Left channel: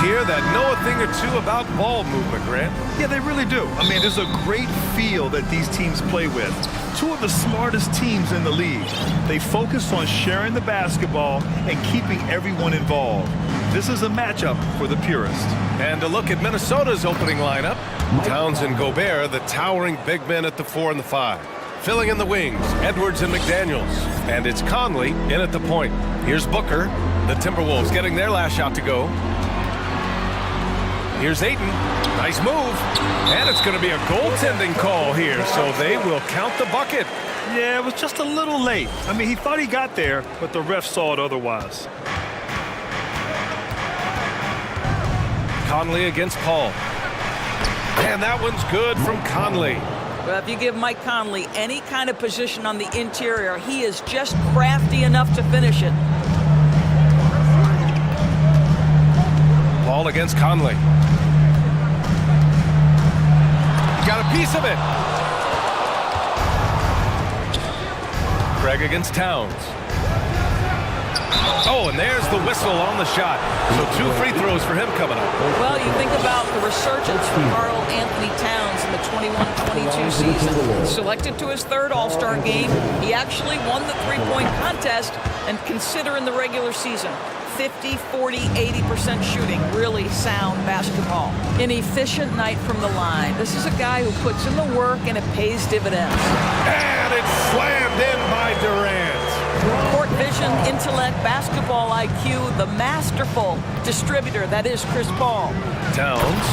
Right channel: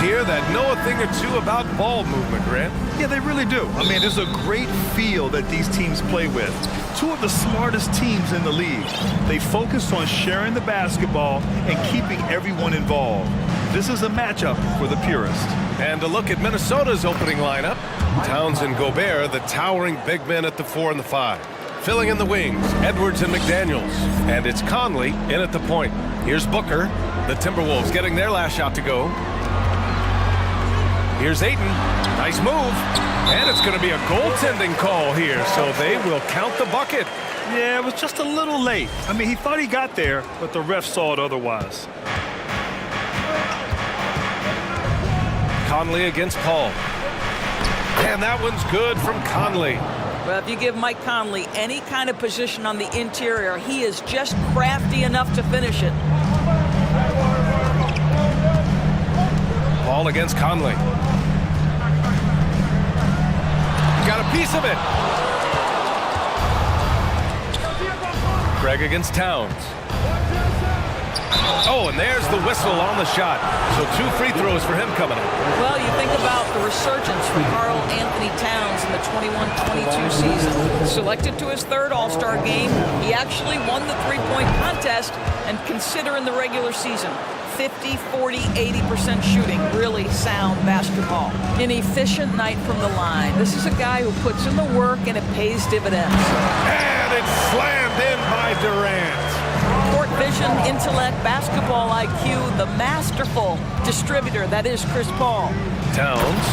Here that know a thing or two about ball movement, Grant. Yeah, they really do. I mean, there's a great feel that these teams play with. Two of the smartest teams in the league. They focus on sharing the basketball and keeping everyone involved. This is a matchup for the purist. And a look at Minnesota's opening lineup. Towns and Gobert, the towering big men at the 4 and the 5. Filling in the wings, Edwards and McDaniels. And it's Conley in at the point. Here's Booker. The Timberwolves getting their last shot to go. Here's Ayton. Nice move. And it's going to be a goaltending call here, so they will count the bucket. Yeah, it was just a little late. I mean, he thought he got there, but the ref saw it otherwise. Conley against Paul. And that one's good from Conley. Well, if you give Mike Conley any kind of position on the interior, he is just crafty enough to finish it. Paul against Conley. He got a piece of it. Greg against Towns. Oh, and there's the whistle on the shot. So 2 free throws for him coming up. Well, you think about the resurgence for Karl Anthony Towns in the 21-22 season. Selected to his 3rd All-Star game, he actually won the three-point contest, and consider in the regular season. 50, 40, 80% shooting. Really sound basketball. An efficient night from the line. This is a guy who puts in the work and it pays dividends. And it's slammed in by Durant. Court vision, intellect, basketball IQ, the masterful distributor that is Chris Paul. Towns.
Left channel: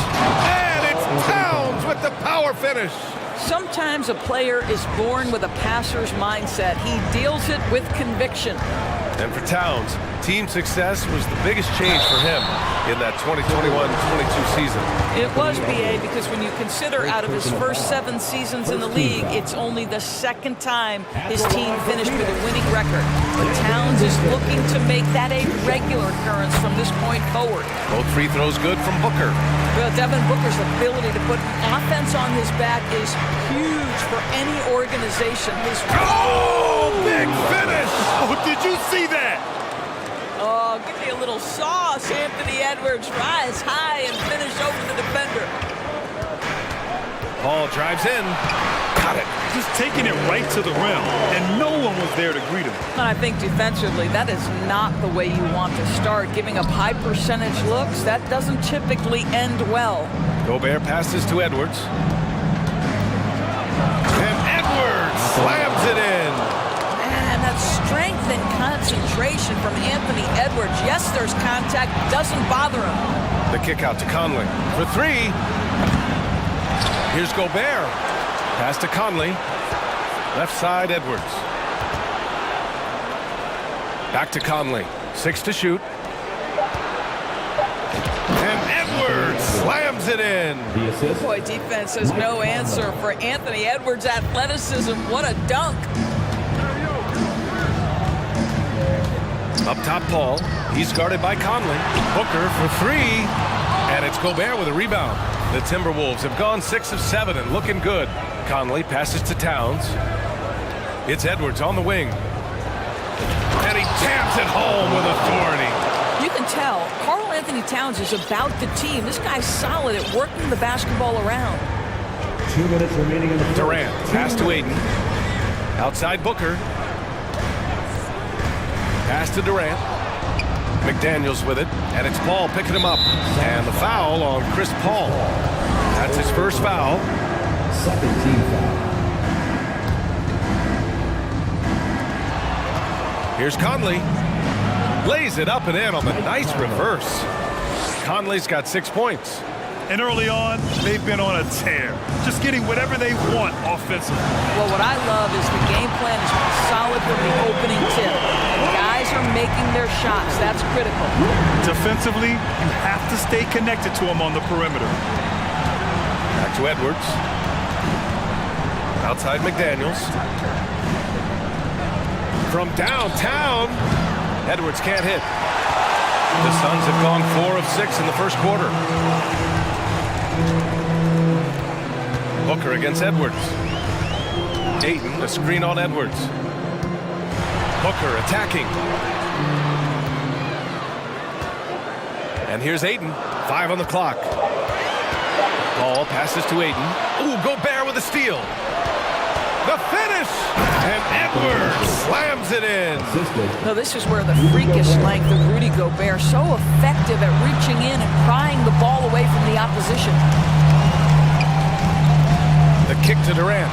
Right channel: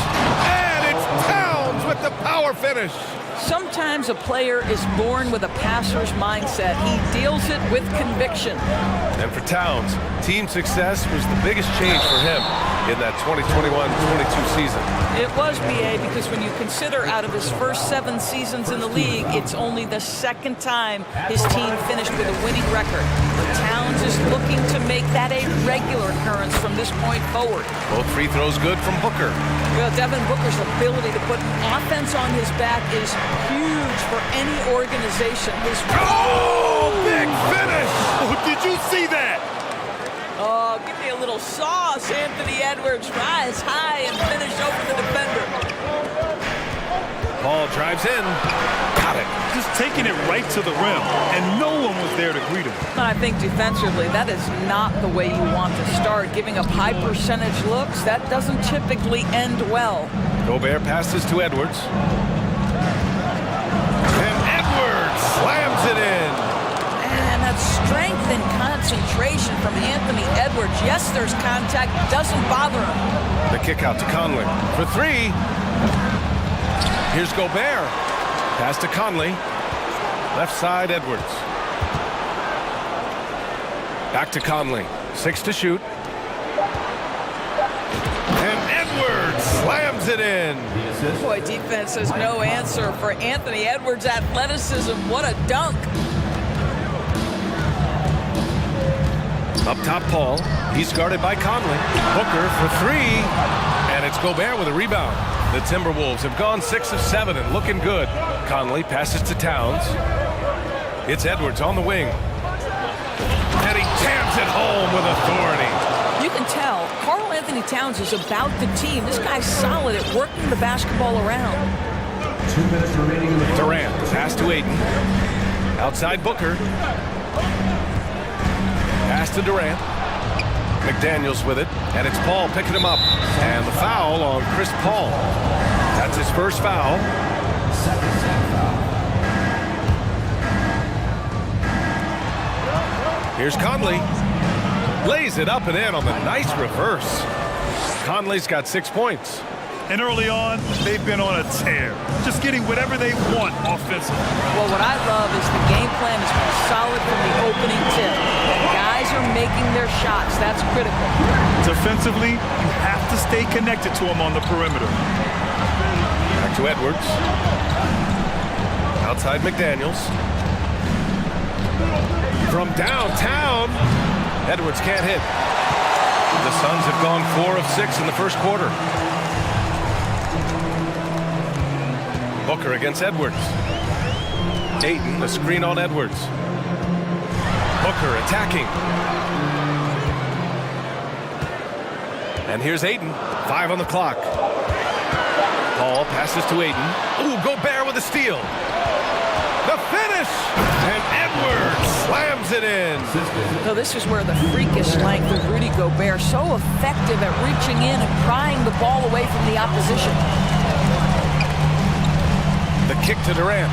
And it's Towns with the power finish. Sometimes a player is born with a passer's mindset. He deals it with conviction. And for Towns, team success was the biggest change for him in that 2021-22 season. It was, BA, because when you consider out of his first 7 seasons in the league, it's only the 2nd time his team finished with a winning record. But Towns is looking to make that a regular occurrence from this point forward. Both free throws good from Booker. Well, Devin Booker's ability to put an offense on his back is huge for any organization. Oh, big finish! Oh, did you see that? Oh, give me a little sauce, Anthony Edwards. Rise high and finish over the defender. Paul drives in. Got it. Just taking it right to the rim, and no one was there to greet him. And I think defensively, that is not the way you want to start. Giving up high percentage looks, that doesn't typically end well. Gobert passes to Edwards. And Edwards slams it in. Man, that strength and concentration from Anthony Edwards. Yes, there's contact, doesn't bother him. The kick out to Conley for 3. Here's Gobert. Pass to Conley. Left side, Edwards. Back to Conley. 6 to shoot. And Edwards slams it in. Boy, defense has no answer for Anthony Edwards' athleticism. What a dunk. Up top, Paul. He's guarded by Conley. Booker for 3. And it's Gobert with a rebound. The Timberwolves have gone 6 of 7 and looking good. Conley passes to Towns. It's Edwards on the wing. And he jams it home with authority. You can tell Karl Anthony Towns is about the team. This guy's solid at working the basketball around. 2 minutes remaining in the Durant, pass to Ayton. Outside Booker. Pass to Durant. McDaniels with it, and it's Paul picking him up. And the foul on Chris Paul. That's his first foul. 2nd team foul. Here's Conley. Lays it up and in on the nice reverse. Conley's got 6 points. And early on, they've been on a tear. Just getting whatever they want offensively. Well, what I love is the game plan has been solid from the opening tip. And guys are making their shots. That's critical. Defensively, you have to stay connected to them on the perimeter. Back to Edwards. Outside McDaniels. From downtown, Edwards can't hit. The Suns have gone 4 of 6 in the first quarter. Booker against Edwards. Ayton, a screen on Edwards. Booker attacking. And here's Ayton. 5 on the clock. Paul passes to Ayton. Ooh, Gobert with a steal. The finish! And Edwards slams it in. So this is where the freakish length of Rudy Gobert, so effective at reaching in and prying the ball away from the opposition. The kick to Durant.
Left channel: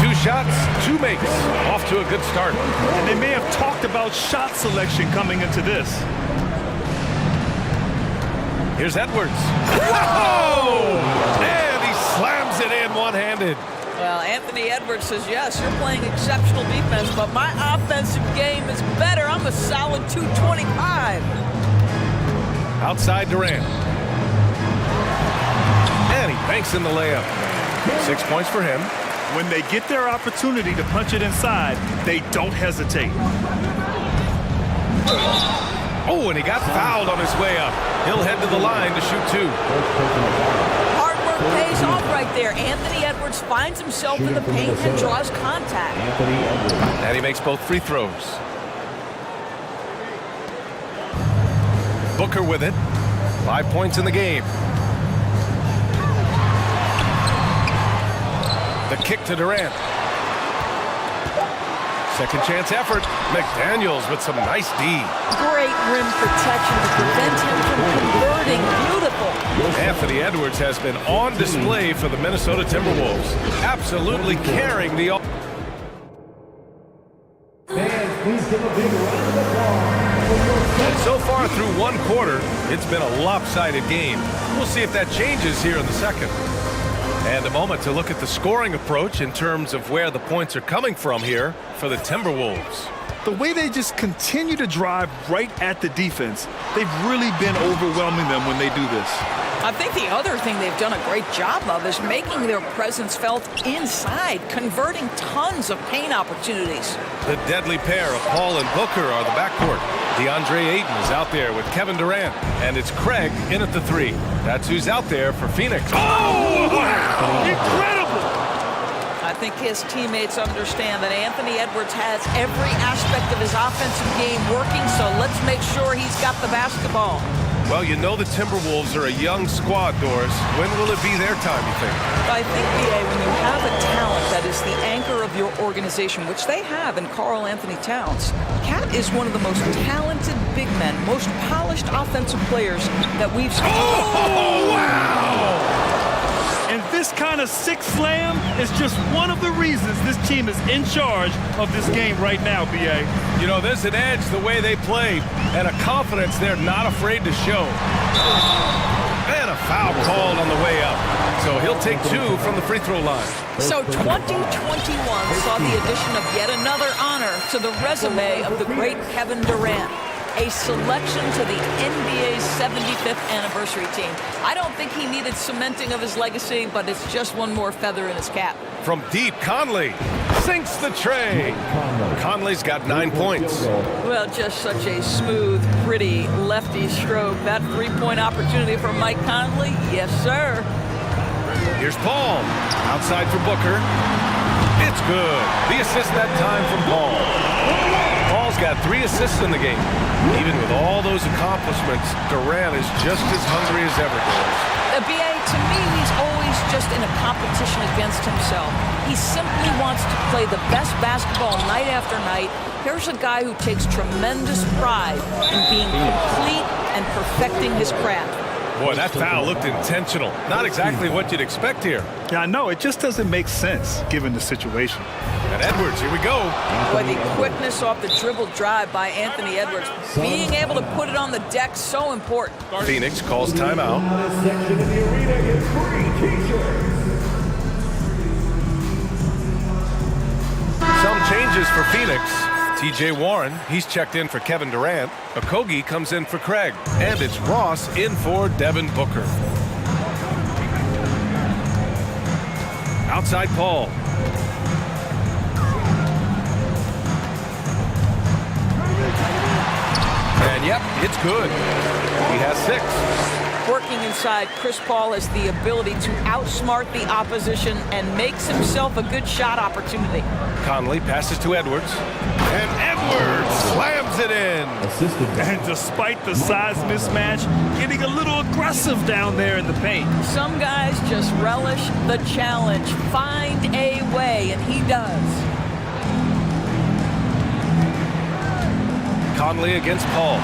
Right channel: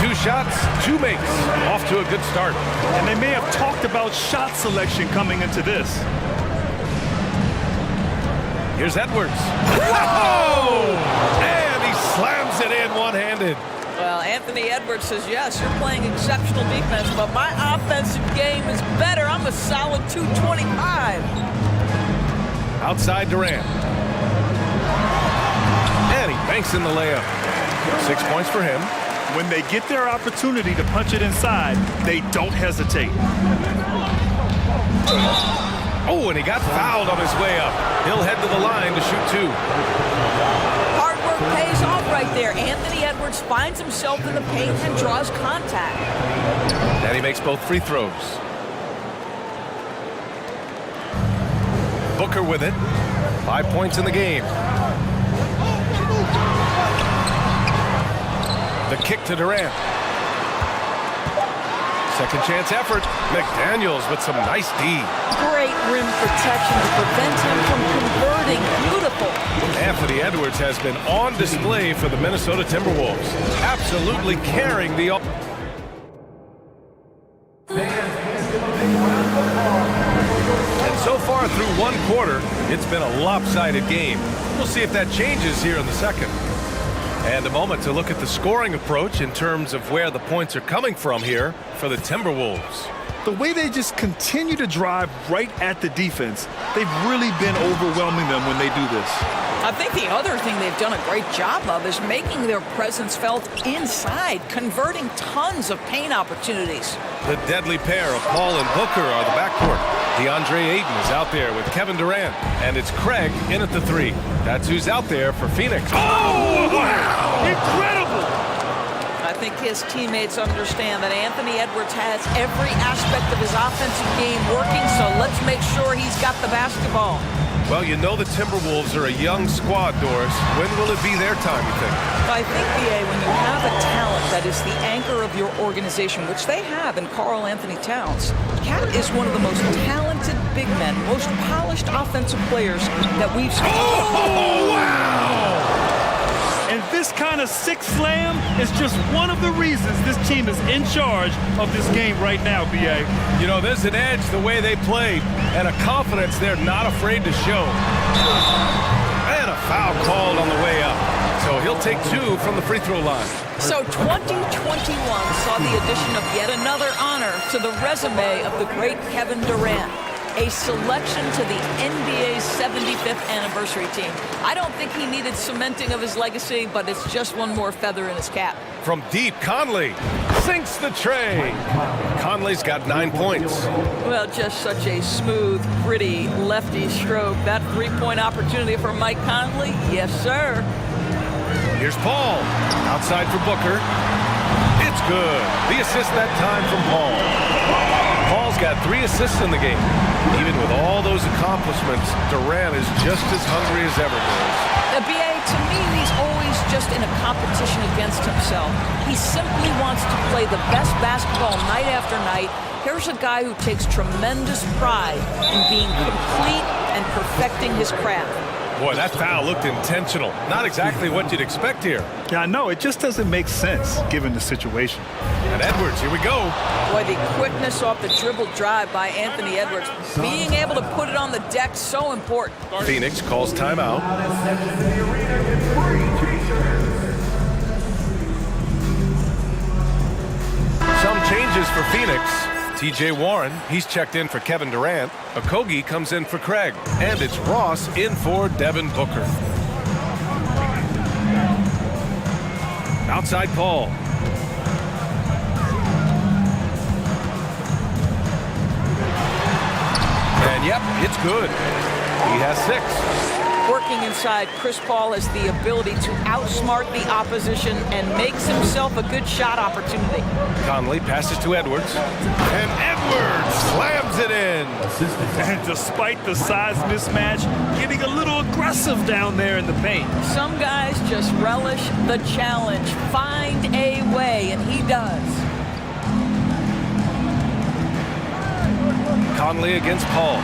2 shots, 2 makes. Off to a good start. And they may have talked about shot selection coming into this. Here's Edwards. Whoa! And he slams it in one-handed. Well, Anthony Edwards says, yes, you're playing exceptional defense, but my offensive game is better. I'm a solid 225. Outside Durant. And he banks in the layup. 6 points for him. When they get their opportunity to punch it inside, they don't hesitate. Oh, and he got fouled on his way up. He'll head to the line to shoot 2. Hard work pays off right there. Anthony Edwards finds himself in the paint and draws contact. And he makes both free throws. Booker with it. 5 points in the game. The kick to Durant. Second chance effort. McDaniels with some nice D. Great rim protection to prevent him from converting. Beautiful. Anthony Edwards has been on display for the Minnesota Timberwolves. Absolutely carrying the... And so far through one quarter, it's been a lopsided game. We'll see if that changes here in the second. And a moment to look at the scoring approach in terms of where the points are coming from here for the Timberwolves. The way they just continue to drive right at the defense, they've really been overwhelming them when they do this. I think the other thing they've done a great job of is making their presence felt inside, converting tons of paint opportunities. The deadly pair of Paul and Booker are the backcourt. DeAndre Ayton is out there with Kevin Durant, and it's Craig in at the 3. That's who's out there for Phoenix. Oh, wow! Incredible! I think his teammates understand that Anthony Edwards has every aspect of his offensive game working, so let's make sure he's got the basketball. Well, you know the Timberwolves are a young squad, Doris. When will it be their time, you think? I think, B.A., when you have a talent that is the anchor of your organization, which they have in Karl Anthony Towns, Cat is one of the most talented big men, most polished offensive players that we've seen. Oh, wow! And this kind of sick slam is just one of the reasons this team is in charge of this game right now, B.A. You know, there's an edge the way they played and a confidence they're not afraid to show. And a foul called on the way up. So he'll take 2 from the free throw line. So 2021 saw the addition of yet another honor to the resume of the great Kevin Durant. A selection to the NBA's 75th anniversary team. I don't think he needed cementing of his legacy, but it's just one more feather in his cap. From deep, Conley sinks the tray. Conley's got 9 points. Well, just such a smooth, pretty lefty stroke. That three-point opportunity for Mike Conley, yes, sir. Here's Paul. Outside for Booker. It's good. The assist that time from Paul. Paul's got 3 assists in the game. Even with all those accomplishments, Durant is just as hungry as ever, Doris. B.A., to me, he's always just in a competition against himself. He simply wants to play the best basketball night after night. Here's a guy who takes tremendous pride in being complete and perfecting his craft. Boy, that foul looked intentional. Not exactly what you'd expect here. Yeah, I know. It just doesn't make sense given the situation. And Edwards, here we go. Boy, the quickness off the dribble drive by Anthony Edwards. Being able to put it on the deck, so important. Phoenix calls timeout. Some changes for Phoenix. T.J. Warren, he's checked in for Kevin Durant. Okogie comes in for Craig. And it's Ross in for Devin Booker. Outside Paul. And yep, it's good. He has 6. Working inside, Chris Paul has the ability to outsmart the opposition and makes himself a good shot opportunity. Conley passes to Edwards. And Edwards slams it in. Assisted by And despite the size mismatch, getting a little aggressive down there in the paint. Some guys just relish the challenge. Find a way, and he does. Conley against Paul.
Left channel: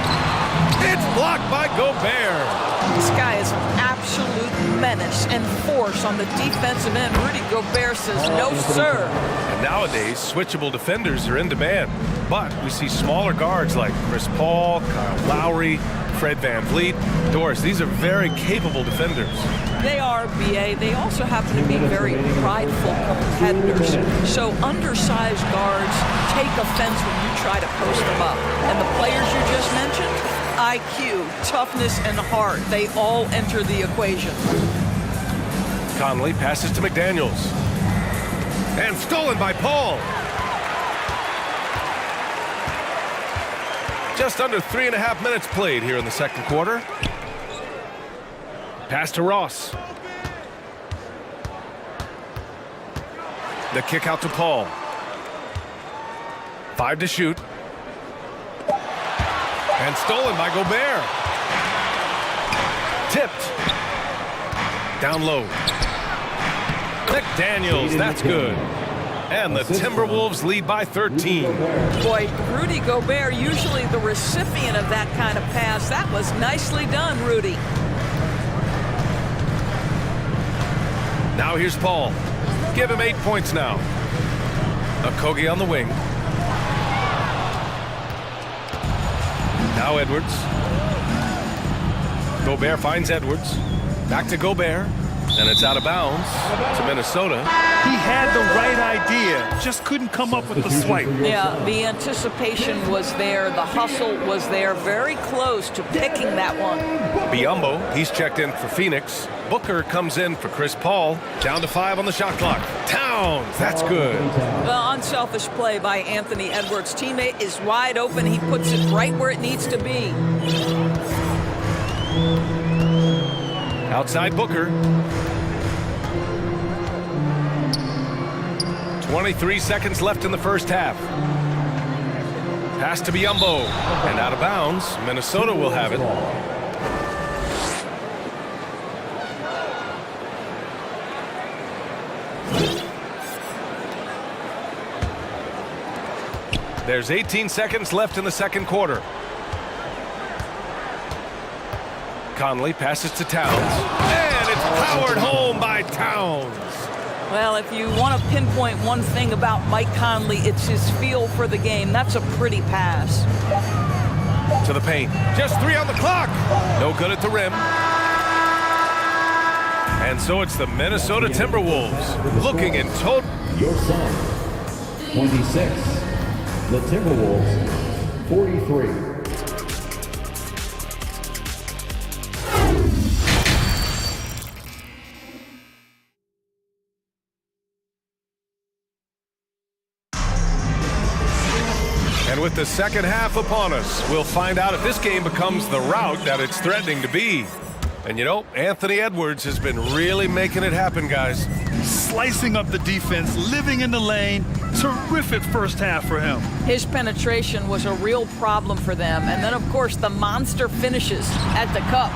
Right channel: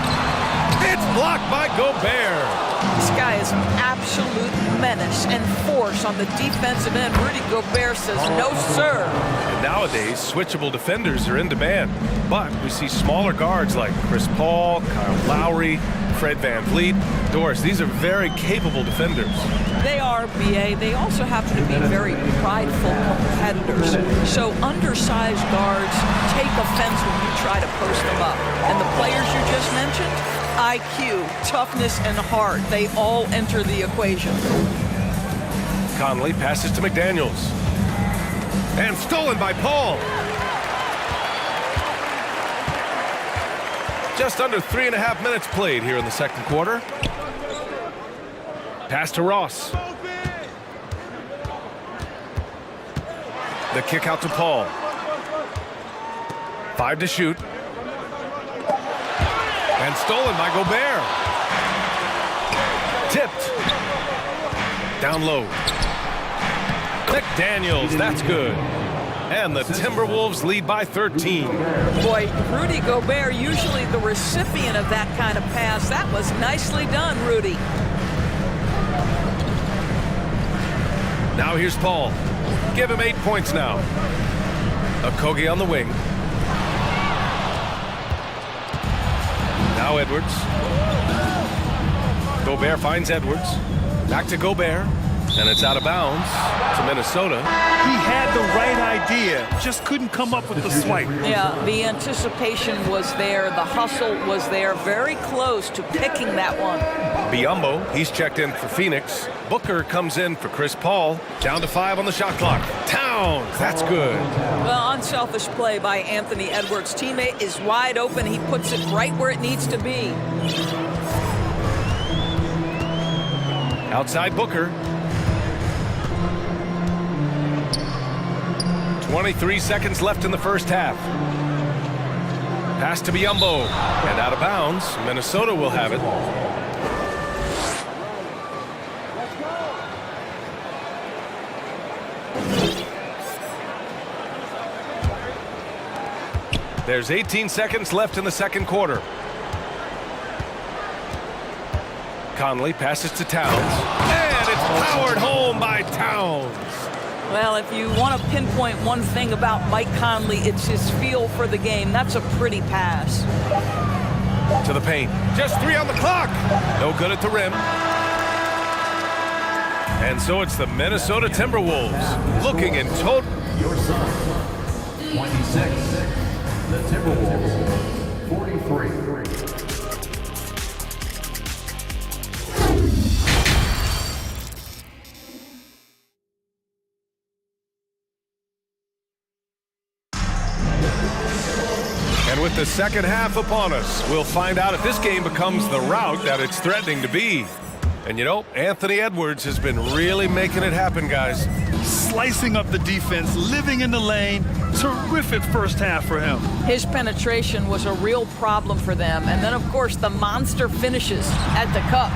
It's blocked by Gobert. This guy is an absolute menace and force on the defensive end. Rudy Gobert says, no, sir. And nowadays, switchable defenders are in demand. But we see smaller guards like Chris Paul, Kyle Lowry, Fred VanVleet. Doris, these are very capable defenders. They are, BA. They also happen to be very prideful competitors. So undersized guards take offense when you try to post them up. And the players you just mentioned, IQ, toughness, and heart, they all enter the equation. Conley passes to McDaniels. And stolen by Paul. Just under 3.5 minutes played here in the second quarter. Pass to Ross. The kick out to Paul. 5 to shoot. And stolen by Gobert. Tipped. Down low. McDaniels, that's good. And the Timberwolves lead by 13. Boy, Rudy Gobert, usually the recipient of that kind of pass. That was nicely done, Rudy. Now here's Paul. Give him 8 points now. Okogie on the wing. Now Edwards. Gobert finds Edwards. Back to Gobert. And it's out of bounds to Minnesota. He had the right idea, just couldn't come up with the swipe. Yeah, the anticipation was there. The hustle was there. Very close to picking that one. Biyombo, he's checked in for Phoenix. Booker comes in for Chris Paul. Down to 5 on the shot clock. Towns, that's good. Well, unselfish play by Anthony Edwards. Teammate is wide open. He puts it right where it needs to be. Outside Booker. 23 seconds left in the first half. Pass to Biyombo. And out of bounds. Minnesota will have it. There's 18 seconds left in the second quarter. Conley passes to Towns. And it's powered home by Towns. Well, if you want to pinpoint one thing about Mike Conley, it's his feel for the game. That's a pretty pass. To the paint. Just 3 on the clock. No good at the rim. And so it's the Minnesota Timberwolves looking in total. your son. 26. The Timberwolves, 43. And with the second half upon us, we'll find out if this game becomes the rout that it's threatening to be. And you know, Anthony Edwards has been really making it happen, guys. Slicing up the defense, living in the lane. Terrific first half for him. His penetration was a real problem for them. And then, of course, the monster finishes at the cup.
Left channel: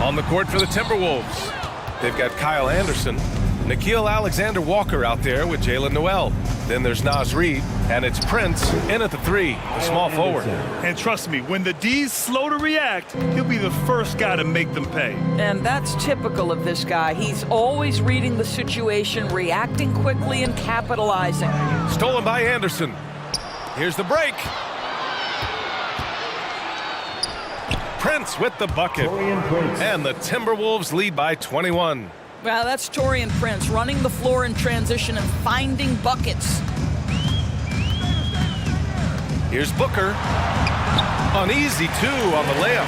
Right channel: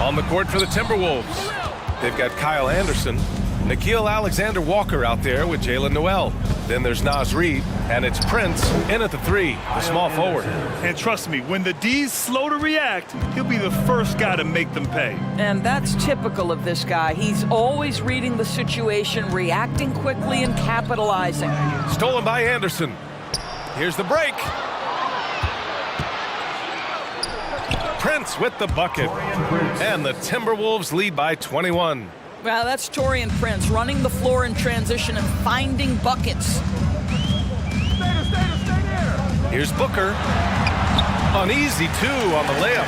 On the court for the Timberwolves, they've got Kyle Anderson, Nickeil Alexander-Walker out there with Jalen Noel. Then there's Naz Reid, and it's Prince in at the 3, the small forward. And trust me, when the D's slow to react, he'll be the first guy to make them pay. And that's typical of this guy. He's always reading the situation, reacting quickly, and capitalizing. Stolen by Anderson. Here's the break. Prince with the bucket. And the Timberwolves lead by 21. Well, that's Taurean Prince running the floor in transition and finding buckets. Here's Booker. Uneasy 2 on the layup.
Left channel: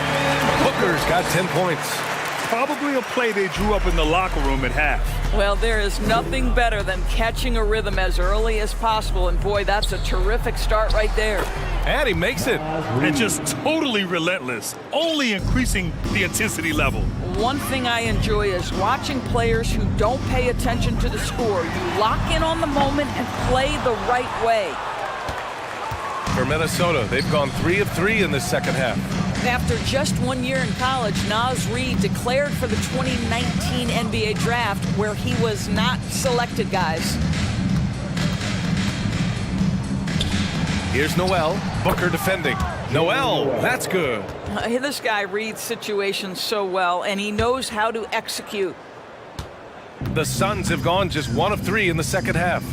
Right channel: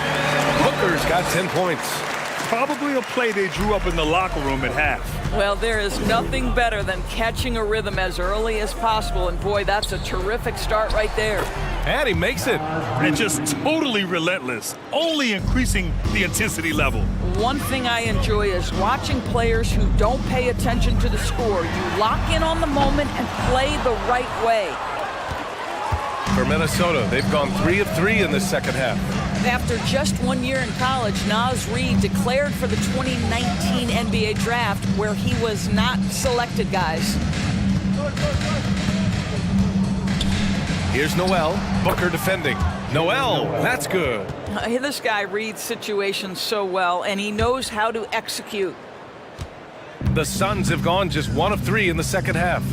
Booker's got 10 points. Probably a play they drew up in the locker room at half. Well, there is nothing better than catching a rhythm as early as possible, and boy, that's a terrific start right there. And he makes it. And just totally relentless, only increasing the intensity level. One thing I enjoy is watching players who don't pay attention to the score. You lock in on the moment and play the right way. For Minnesota, they've gone 3 of 3 in this second half. After just 1 year in college, Naz Reid declared for the 2019 NBA draft, where he was not selected, guys. Here's Noel. Booker defending. Noel, that's good. This guy reads situations so well, and he knows how to execute. The Suns have gone just 1 of 3 in the second half.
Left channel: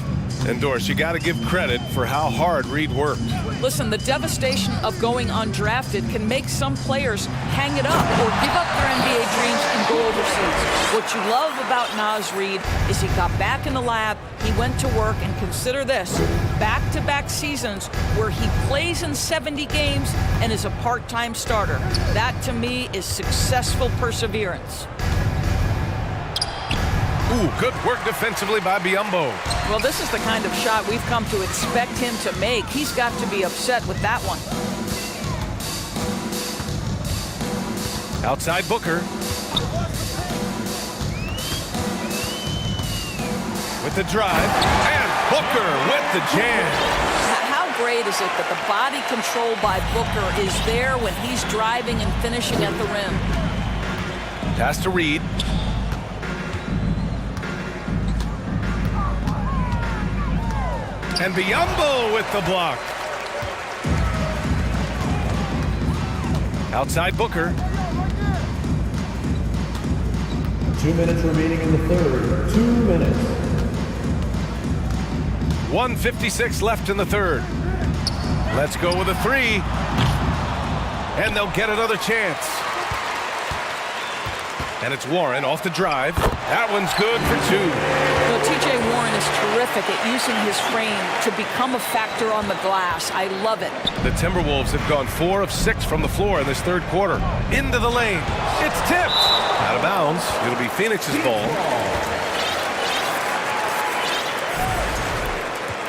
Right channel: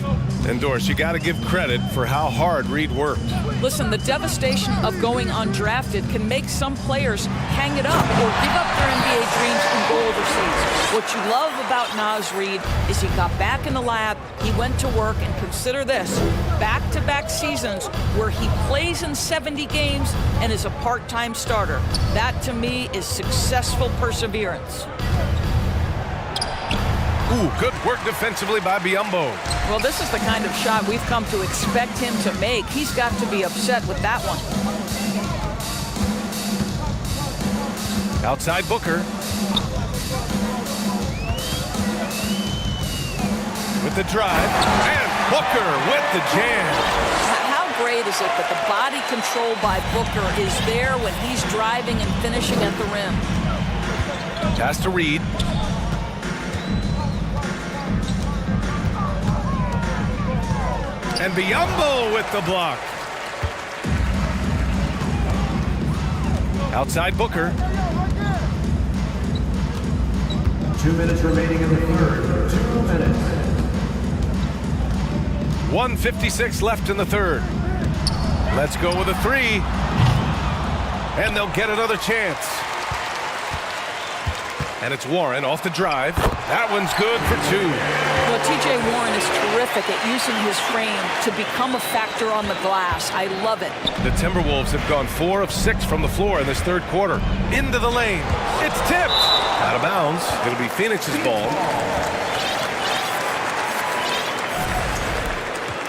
And Doris, you got to give credit for how hard Reid worked. Listen, the devastation of going undrafted can make some players hang it up or give up their NBA dreams and go overseas. What you love about Naz Reid is he got back in the lab, he went to work, and consider this, back-to-back seasons where he plays in 70 games and is a part-time starter. That, to me, is successful perseverance. Ooh, good work defensively by Biyombo. Well, this is the kind of shot we've come to expect him to make. He's got to be upset with that one. Outside Booker. With the drive. And Booker with the jam. How great is it that the body control by Booker is there when he's driving and finishing at the rim? Pass to Reid. And Biyombo with the block. Outside Booker. 2 minutes remaining in the third. 2 minutes. 1:56 left in the third. Let's go with a 3. And they'll get another chance. And it's Warren off the drive. That one's good for 2. Well, T.J. Warren is terrific at using his frame to become a factor on the glass. I love it. The Timberwolves have gone 4 of 6 from the floor in this third quarter. Into the lane. It's tipped. Out of bounds. It'll be Phoenix's ball.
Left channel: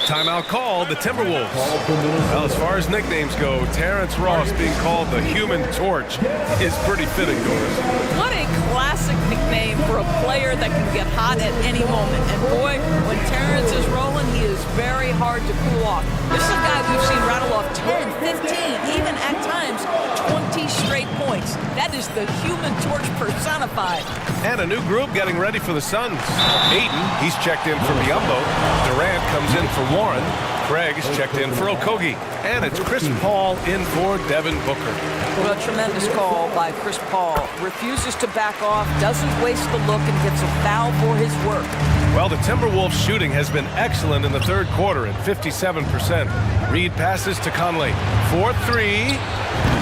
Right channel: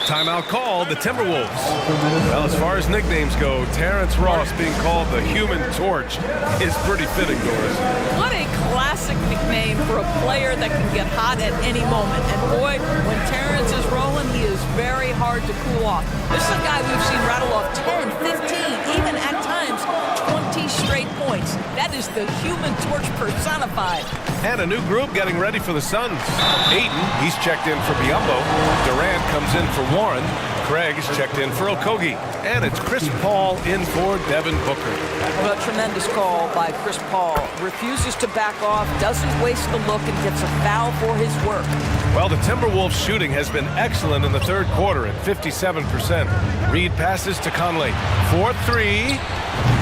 Timeout called, the Timberwolves. Well, as far as nicknames go, Terrence Ross being called the Human Torch is pretty fitting, Doris. What a classic nickname for a player that can get hot at any moment. And boy, when Terrence is rolling, he is very hard to cool off. This is a guy we've seen rattle off 10, 15, even at times 20 straight points. That is the Human Torch personified. And a new group getting ready for the Suns. Ayton, he's checked in for Biyombo. Durant comes in for Warren. Craig is checked in for Okogie. And it's Chris Paul in for Devin Booker. Well, a tremendous call by Chris Paul. Refuses to back off, doesn't waste the look, and gets a foul for his work. Well, the Timberwolves shooting has been excellent in the third quarter at 57%. Reid passes to Conley. 4-3.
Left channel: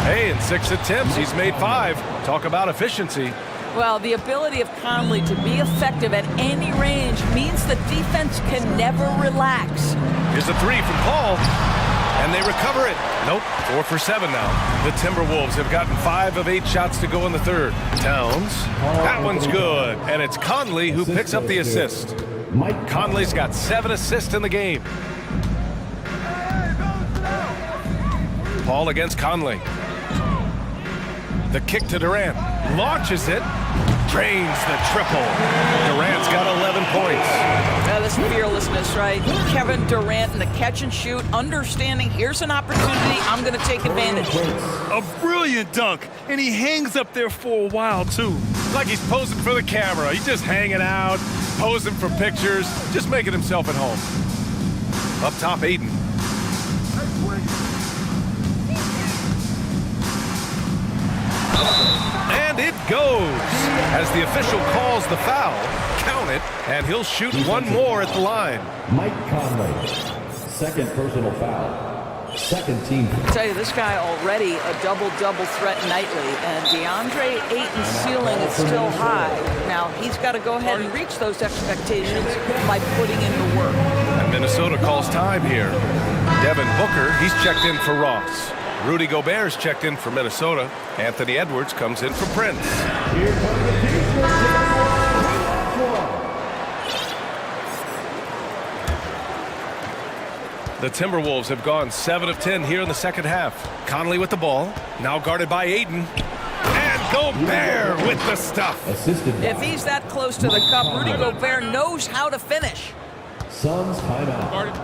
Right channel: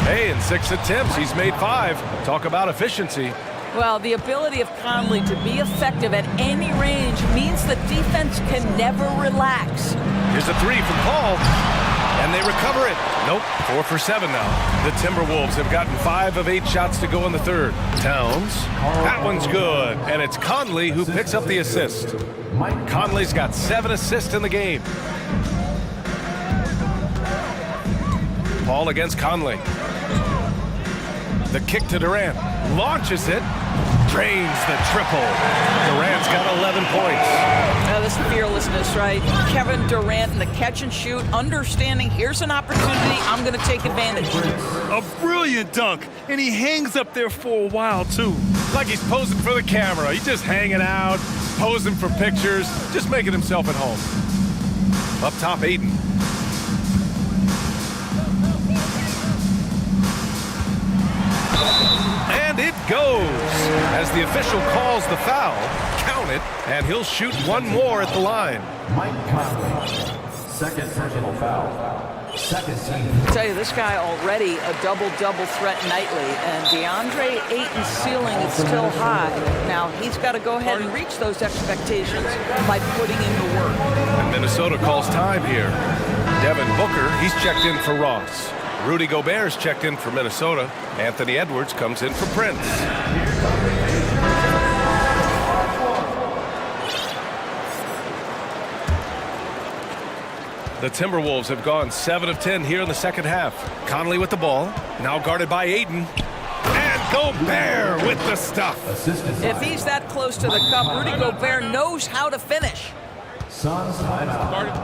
Hey, in 6 attempts, he's made 5. Talk about efficiency. Well, the ability of Conley to be effective at any range means the defense can never relax. Here's a 3 from Paul. And they recover it. Nope, 4 for 7 now. The Timberwolves have gotten 5 of 8 shots to go in the third. Towns. That one's good. And it's Conley who picks up the assist. Conley's got 7 assists in the game. Paul against Conley. The kick to Durant. Launches it. Drains the triple. Durant's got 11 points. Now, this fearlessness, right? Kevin Durant in the catch and shoot, understanding here's an opportunity, I'm going to take advantage. A brilliant dunk, and he hangs up there for a while, too. Like he's posing for the camera. He's just hanging out, posing for pictures, just making himself at home. Up top, Ayton. And it goes. As the official calls the foul, count it, and he'll shoot one more at the line. Mike Conley, second personal foul. Second team. I tell you, this guy already a double-double threat nightly, and DeAndre Ayton's ceiling is still high. Now, he's got to go ahead and reach those expectations by putting in the work. And Minnesota calls time here. Devin Booker, he's checked in for Ross. Rudy Gobert's checked in for Minnesota. Anthony Edwards comes in for Prince. The Timberwolves have gone 7 of 10 here in the second half. Conley with the ball, now guarded by Ayton. And Gobert with the stuff. If he's that close to the cup, Rudy Gobert knows how to finish. Suns timeout. Guarded.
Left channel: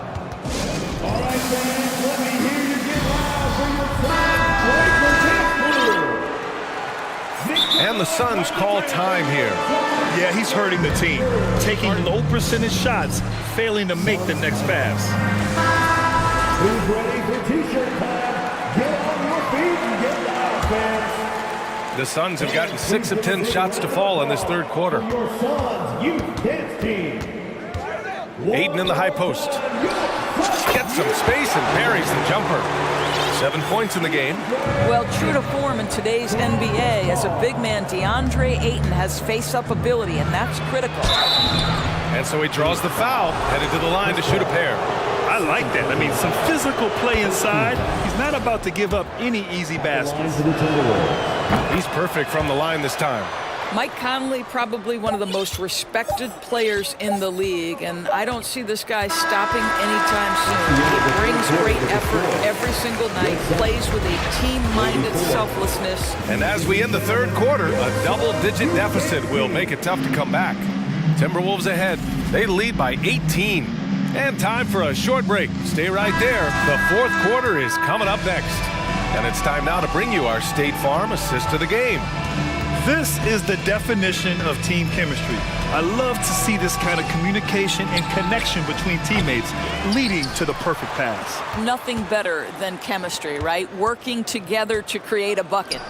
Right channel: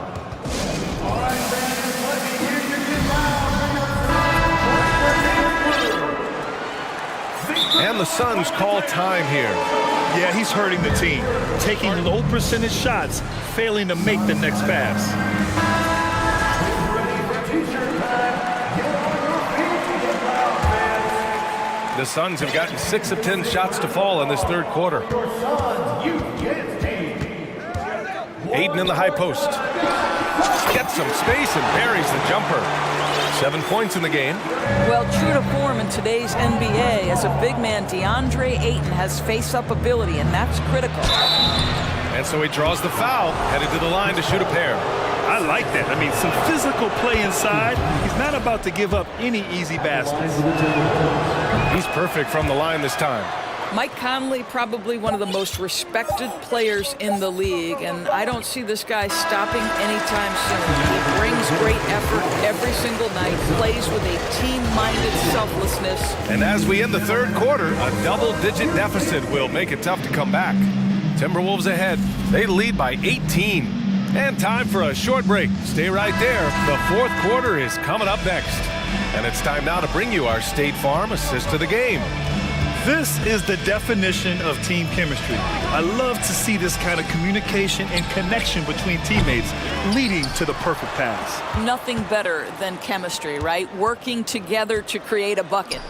And the Suns call time here. Yeah, he's hurting the team. Taking low percentage shots, failing to make the next pass. T-shirt time. Get on your feet and get loud, fans. The Suns have gotten 6 of 10 shots to fall in this third quarter. Your Suns youth dance team. Ayton in the high post. Gets some space and buries the jumper. 7 points in the game. Well, true to form in today's NBA, as a big man, DeAndre Ayton has face-up ability, and that's critical. And so he draws the foul, headed to the line to shoot a pair. I like that. I mean, some physical play inside. He's not about to give up any easy baskets. He's perfect from the line this time. Mike Conley, probably one of the most respected players in the league, and I don't see this guy stopping anytime soon. He brings great effort every single night, plays with a team-minded selflessness. And as we end the third quarter, a double-digit deficit will make it tough to come back. Timberwolves ahead. They lead by 18. And time for a short break. Stay right there. The fourth quarter is coming up next. And it's time now to bring you our State Farm assist to the game. This is the definition of team chemistry. I love to see this kind of communication and connection between teammates leading to the perfect pass. Nothing better than chemistry, right? Working together to create a bucket.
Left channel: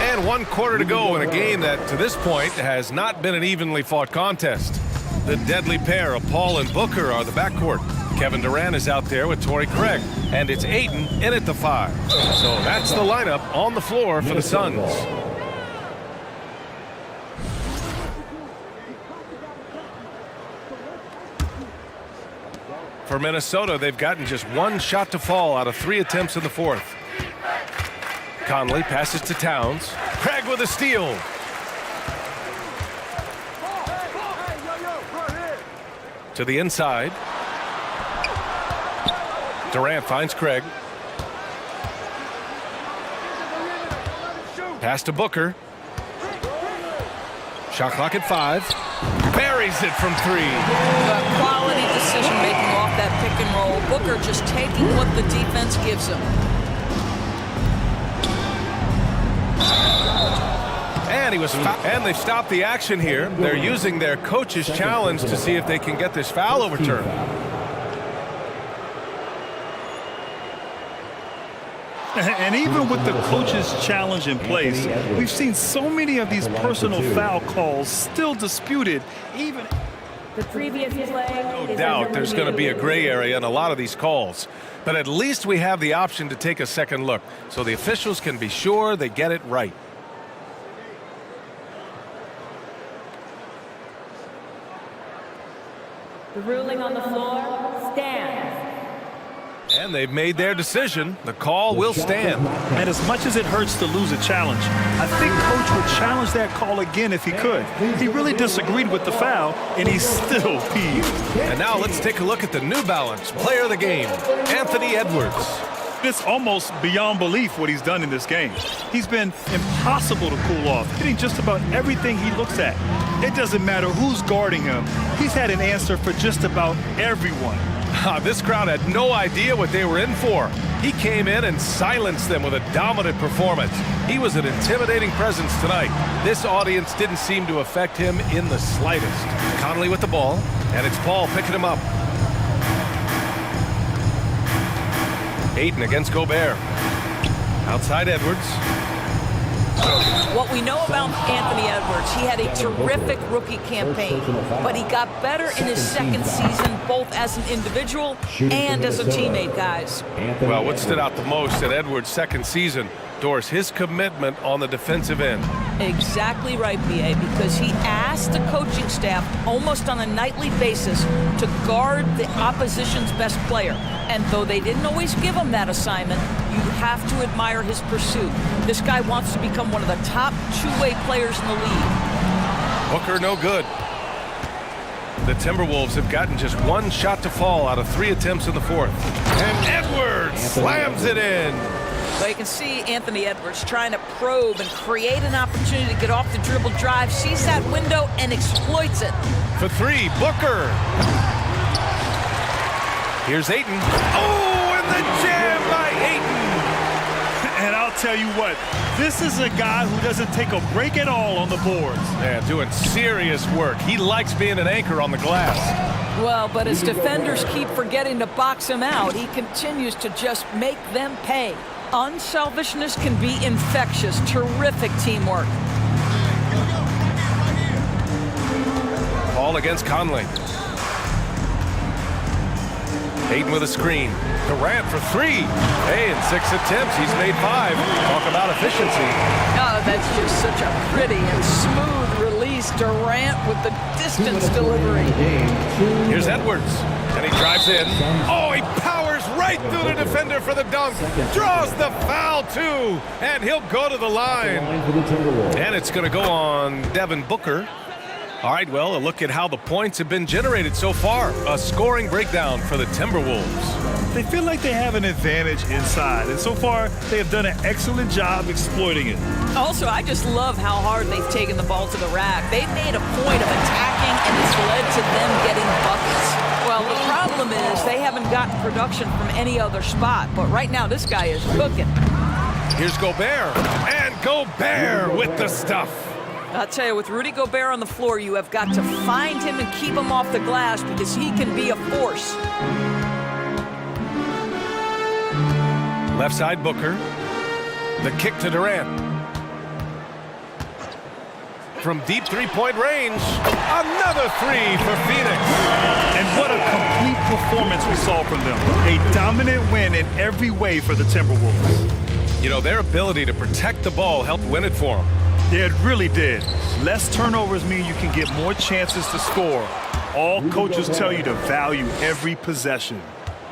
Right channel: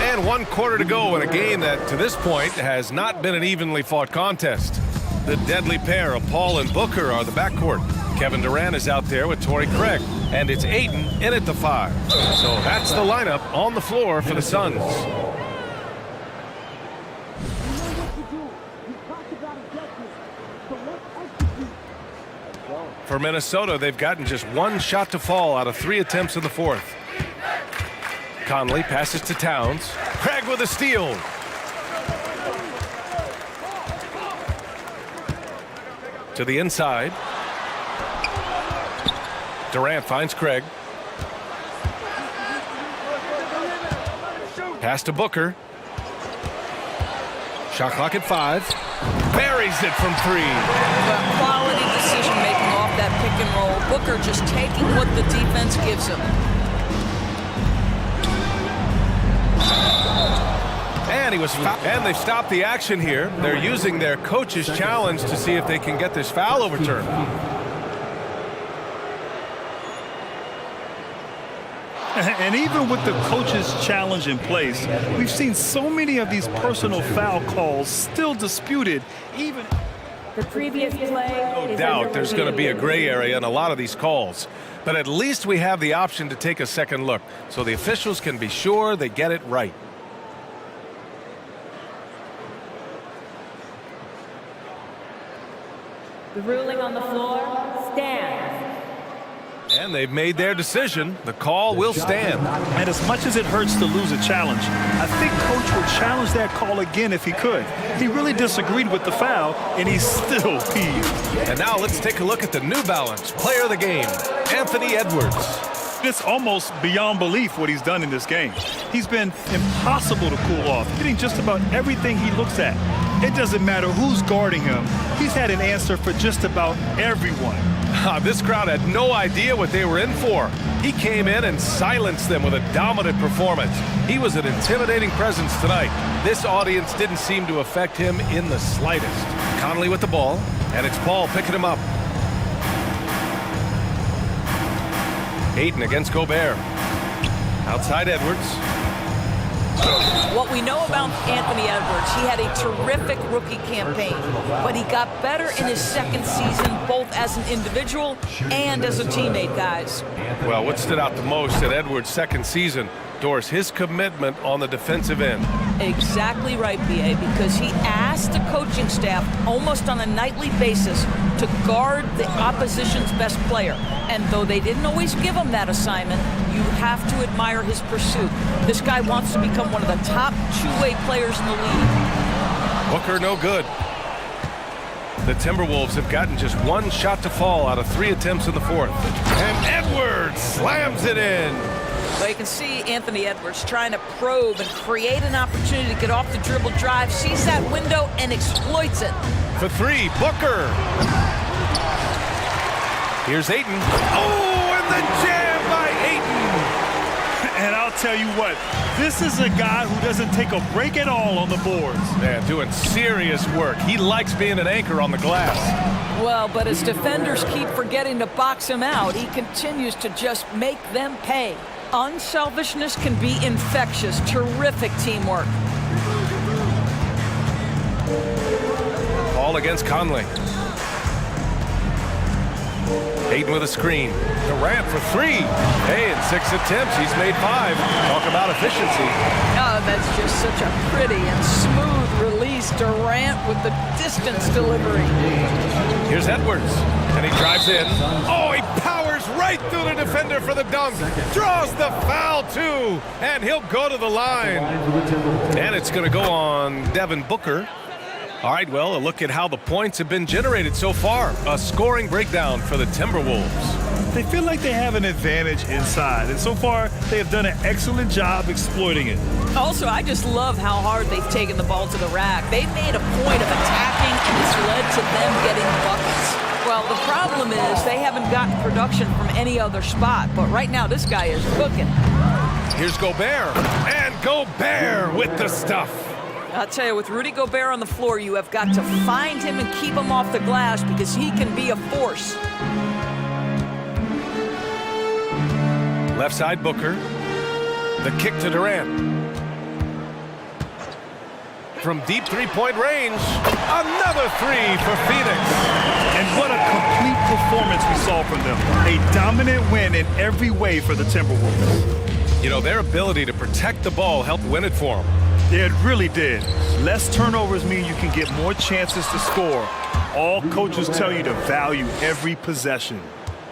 And 1 quarter to go in a game that, to this point, has not been an evenly fought contest. The deadly pair of Paul and Booker are the backcourt. Kevin Durant is out there with Torrey Craig. And it's Ayton in at the 5. So that's the lineup on the floor for the Suns. For Minnesota, they've gotten just 1 shot to fall out of 3 attempts in the fourth. Conley passes to Towns. Craig with a steal. To the inside. Durant finds Craig. Pass to Booker. Shot clock at 5. Buries it from 3. Quality decision-making off that pick and roll. Booker just taking what the defense gives him. And he was and they've stopped the action here. They're using their coach's challenge to see if they can get this foul overturned. And even with the coach's challenge in place, we've seen so many of these personal foul calls still disputed, even... The previous play. No doubt there's going to be a gray area in a lot of these calls. But at least we have the option to take a second look, so the officials can be sure they get it right. The ruling on the floor stands. And they've made their decision. The call will stand. And as much as it hurts to lose a challenge, I think Coach would challenge that call again if he could. He really disagreed with the foul, and he's still peeved. And now let's take a look at the New Balance player of the game, Anthony Edwards. It's almost beyond belief what he's done in this game. He's been impossible to cool off, hitting just about everything he looks at. It doesn't matter who's guarding him. He's had an answer for just about everyone. This crowd had no idea what they were in for. He came in and silenced them with a dominant performance. He was an intimidating presence tonight. This audience didn't seem to affect him in the slightest. Conley with the ball, and it's Paul picking him up. Ayton against Gobert. Outside Edwards. What we know about Anthony Edwards, he had a terrific rookie campaign, but he got better in his second season, both as an individual and as a teammate, guys. Well, what stood out the most at Edwards' second season, Doris, his commitment on the defensive end. Exactly right, B.A., because he asked the coaching staff almost on a nightly basis to guard the opposition's best player. And though they didn't always give him that assignment, you have to admire his pursuit. This guy wants to become one of the top two-way players in the league. Booker no good. The Timberwolves have gotten just one shot to fall out of 3 attempts in the fourth. And Edwards slams it in. Well, you can see Anthony Edwards trying to probe and create an opportunity to get off the dribble drive, sees that window and exploits it. For 3, Booker. Here's Ayton. Oh, and the jam by Ayton. And I'll tell you what, this is a guy who doesn't take a break at all on the boards. Yeah, doing serious work. He likes being an anchor on the glass. Well, but as defenders keep forgetting to box him out, he continues to just make them pay. Unselfishness can be infectious. Terrific teamwork. Ball against Conley. Ayton with a screen. Durant for 3. Hey, in 6 attempts, he's made 5. Talk about efficiency. Oh, that's just such a pretty and smooth release. Durant with the distance delivery. Here's Edwards, and he drives in. Oh, he powers right through the defender for the dunk. Draws the foul, too, and he'll go to the line. And it's going to go on Devin Booker. All right, well, a look at how the points have been generated so far. A scoring breakdown for the Timberwolves. They feel like they have an advantage inside, and so far they have done an excellent job exploiting it. Also, I just love how hard they've taken the ball to the rack. They've made a point of attacking, and it's led to them getting buckets. Well, the problem is they haven't gotten production from any other spot, but right now this guy is cooking. Here's Gobert, and Gobert with the stuff. I'll tell you, with Rudy Gobert on the floor, you have got to find him and keep him off the glass because he can be a force. Left side, Booker. The kick to Durant. From deep three-point range, another 3 for Phoenix. And what a complete performance we saw from them. A dominant win in every way for the Timberwolves. You know, their ability to protect the ball helped win it for them. Yeah, it really did. Less turnovers mean you can get more chances to score. All coaches tell you to value every possession.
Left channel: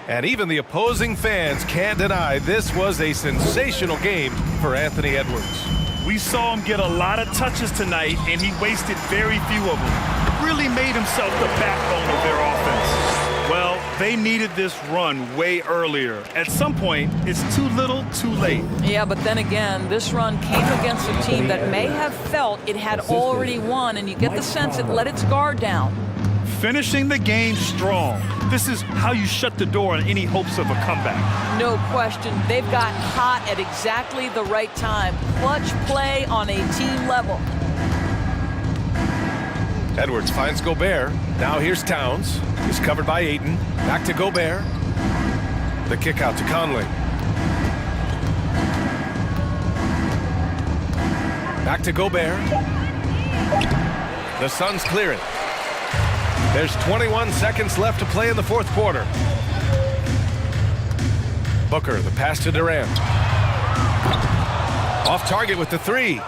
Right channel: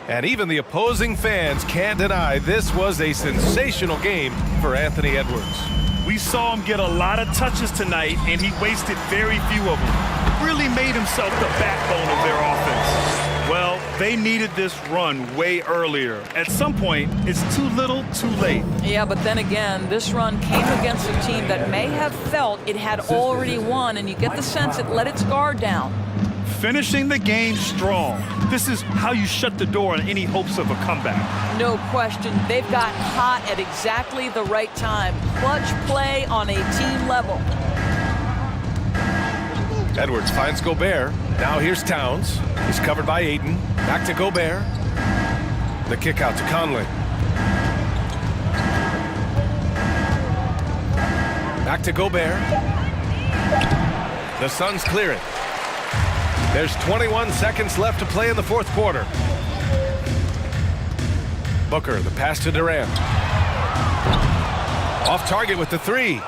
And even the opposing fans can't deny this was a sensational game for Anthony Edwards. We saw him get a lot of touches tonight, and he wasted very few of them. Really made himself the backbone of their offense. Well, they needed this run way earlier. At some point, it's too little, too late. Yeah, but then again, this run came against a team that may have felt it had already won, and you get the sense it let its guard down. Finishing the game strong. This is how you shut the door on any hopes of a comeback. No question. They've gotten hot at exactly the right time. Clutch play on a team level. Edwards finds Gobert. Now here's Towns. He's covered by Ayton. Back to Gobert. The kick out to Conley. Back to Gobert. The Suns clear it. There's 21 seconds left to play in the fourth quarter. Booker, the pass to Durant. Off target with the 3.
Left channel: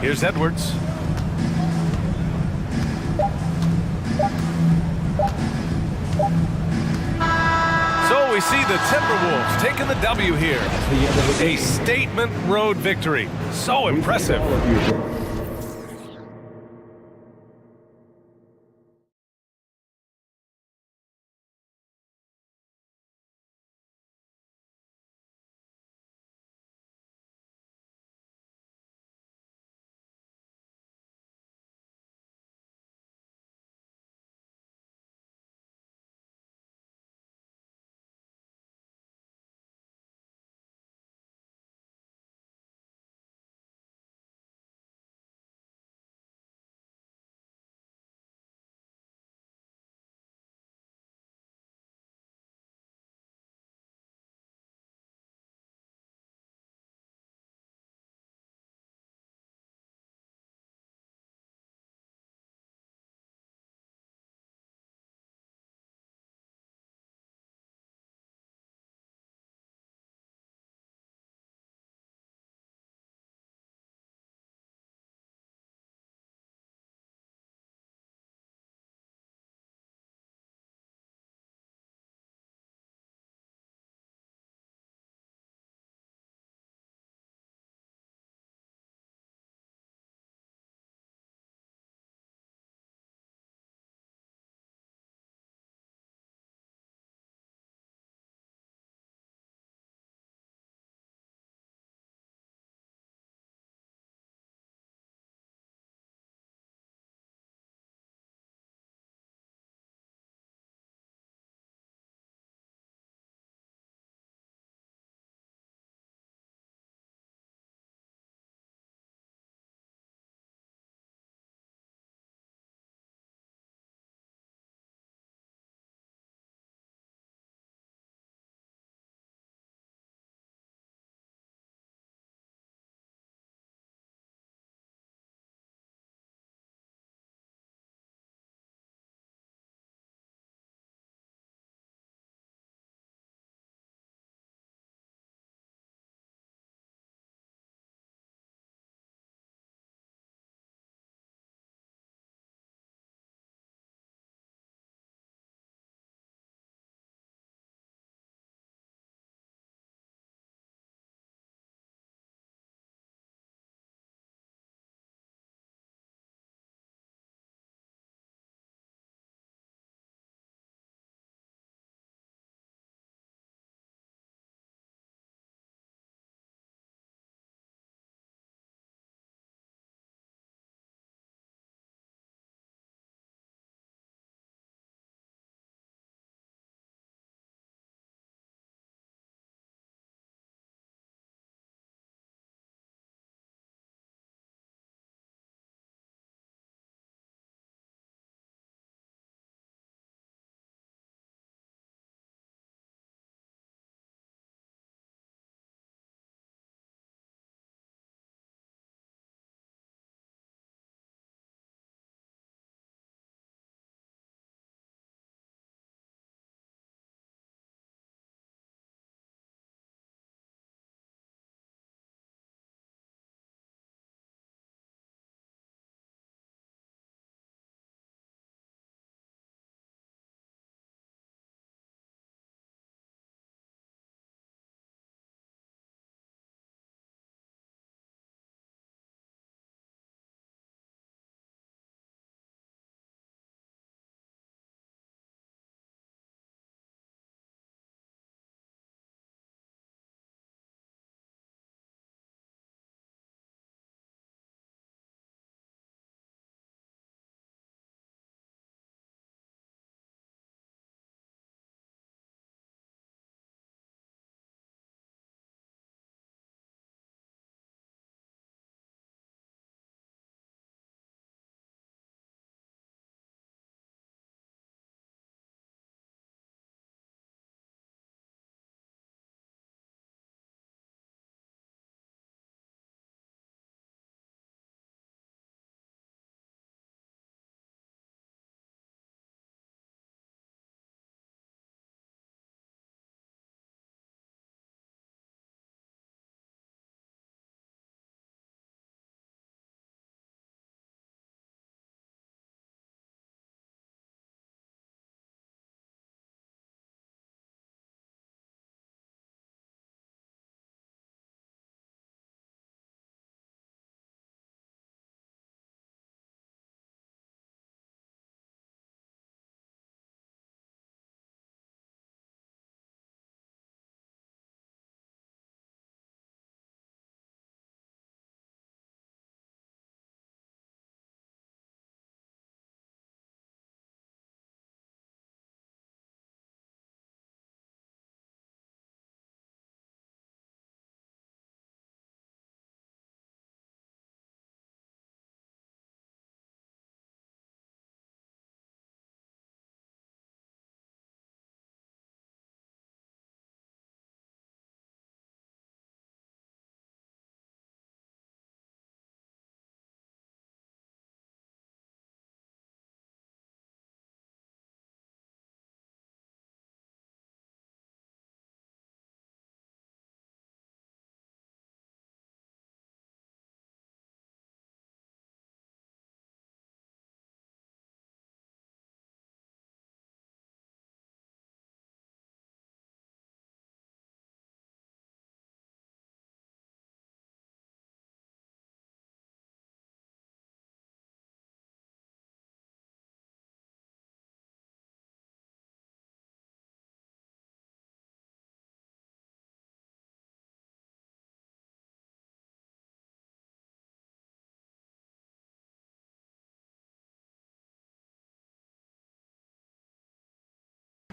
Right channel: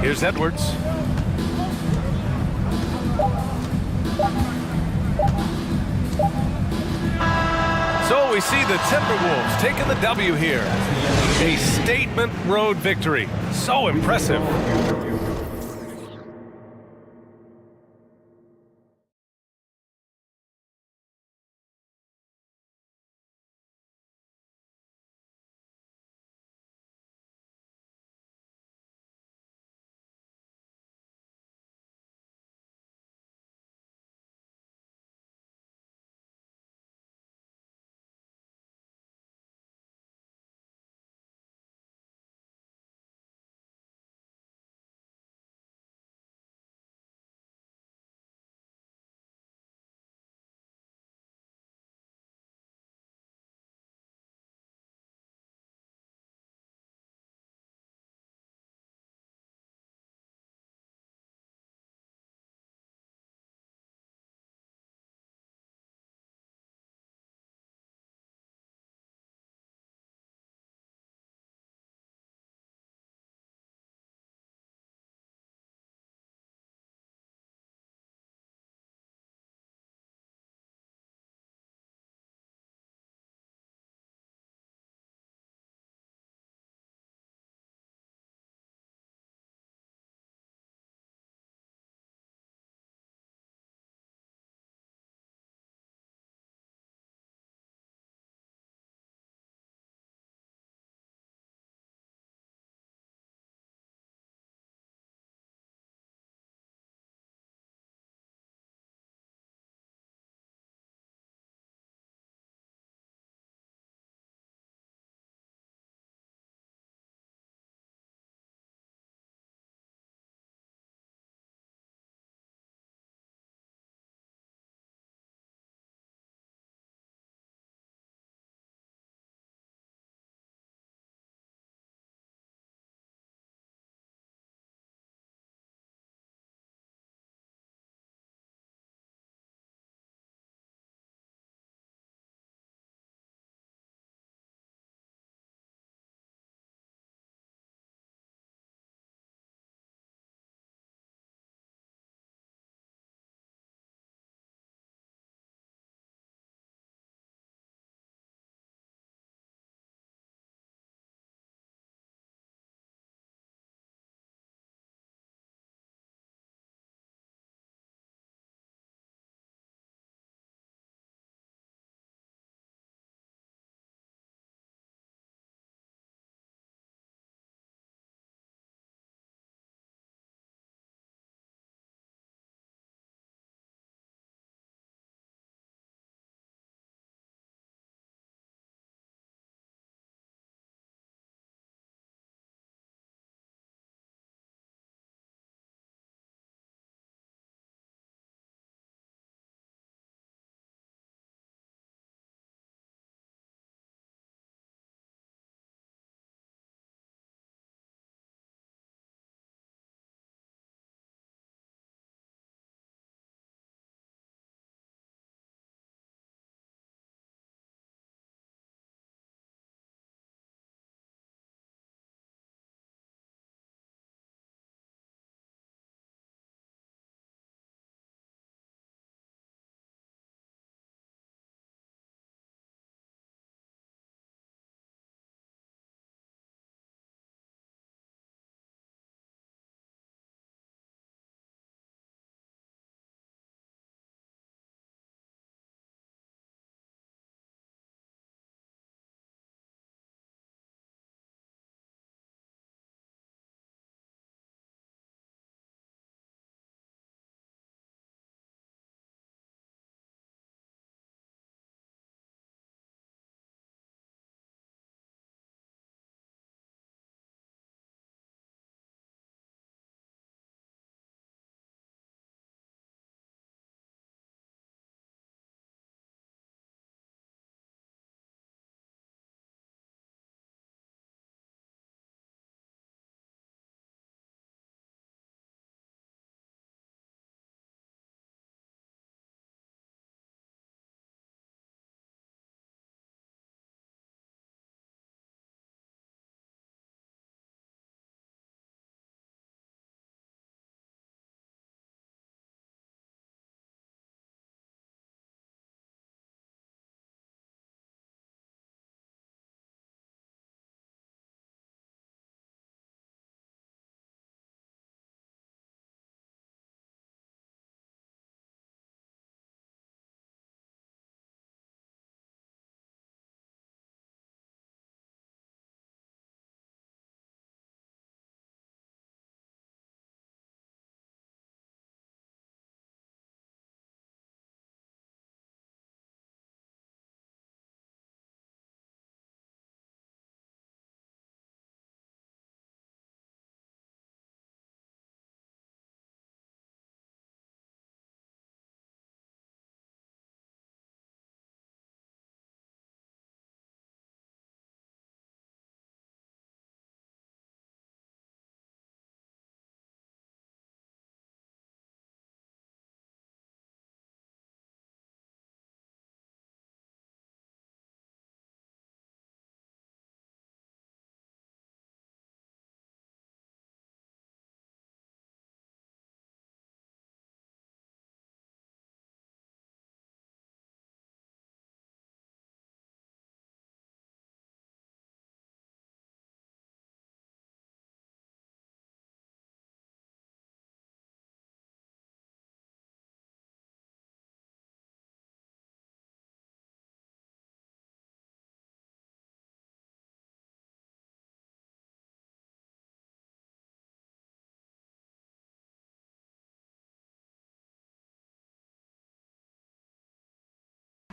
Here's Edwards. So we see the Timberwolves taking the W here. A statement road victory. So impressive.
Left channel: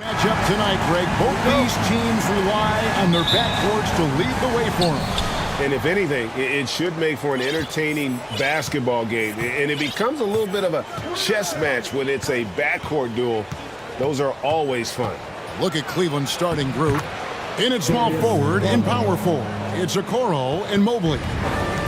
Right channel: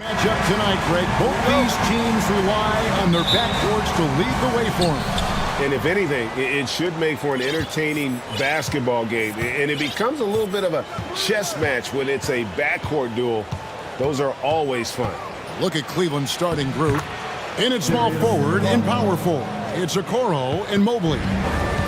Matchup tonight, Greg. Both these teams rely on their backboards to lead the way for them. And if anything, it should make for an entertaining basketball game. And it becomes a little bit of a chess match when it's a backcourt duel. Those are always fun. Look at Cleveland's starting group. In at small forward and power forward, it's Okoro and Mobley.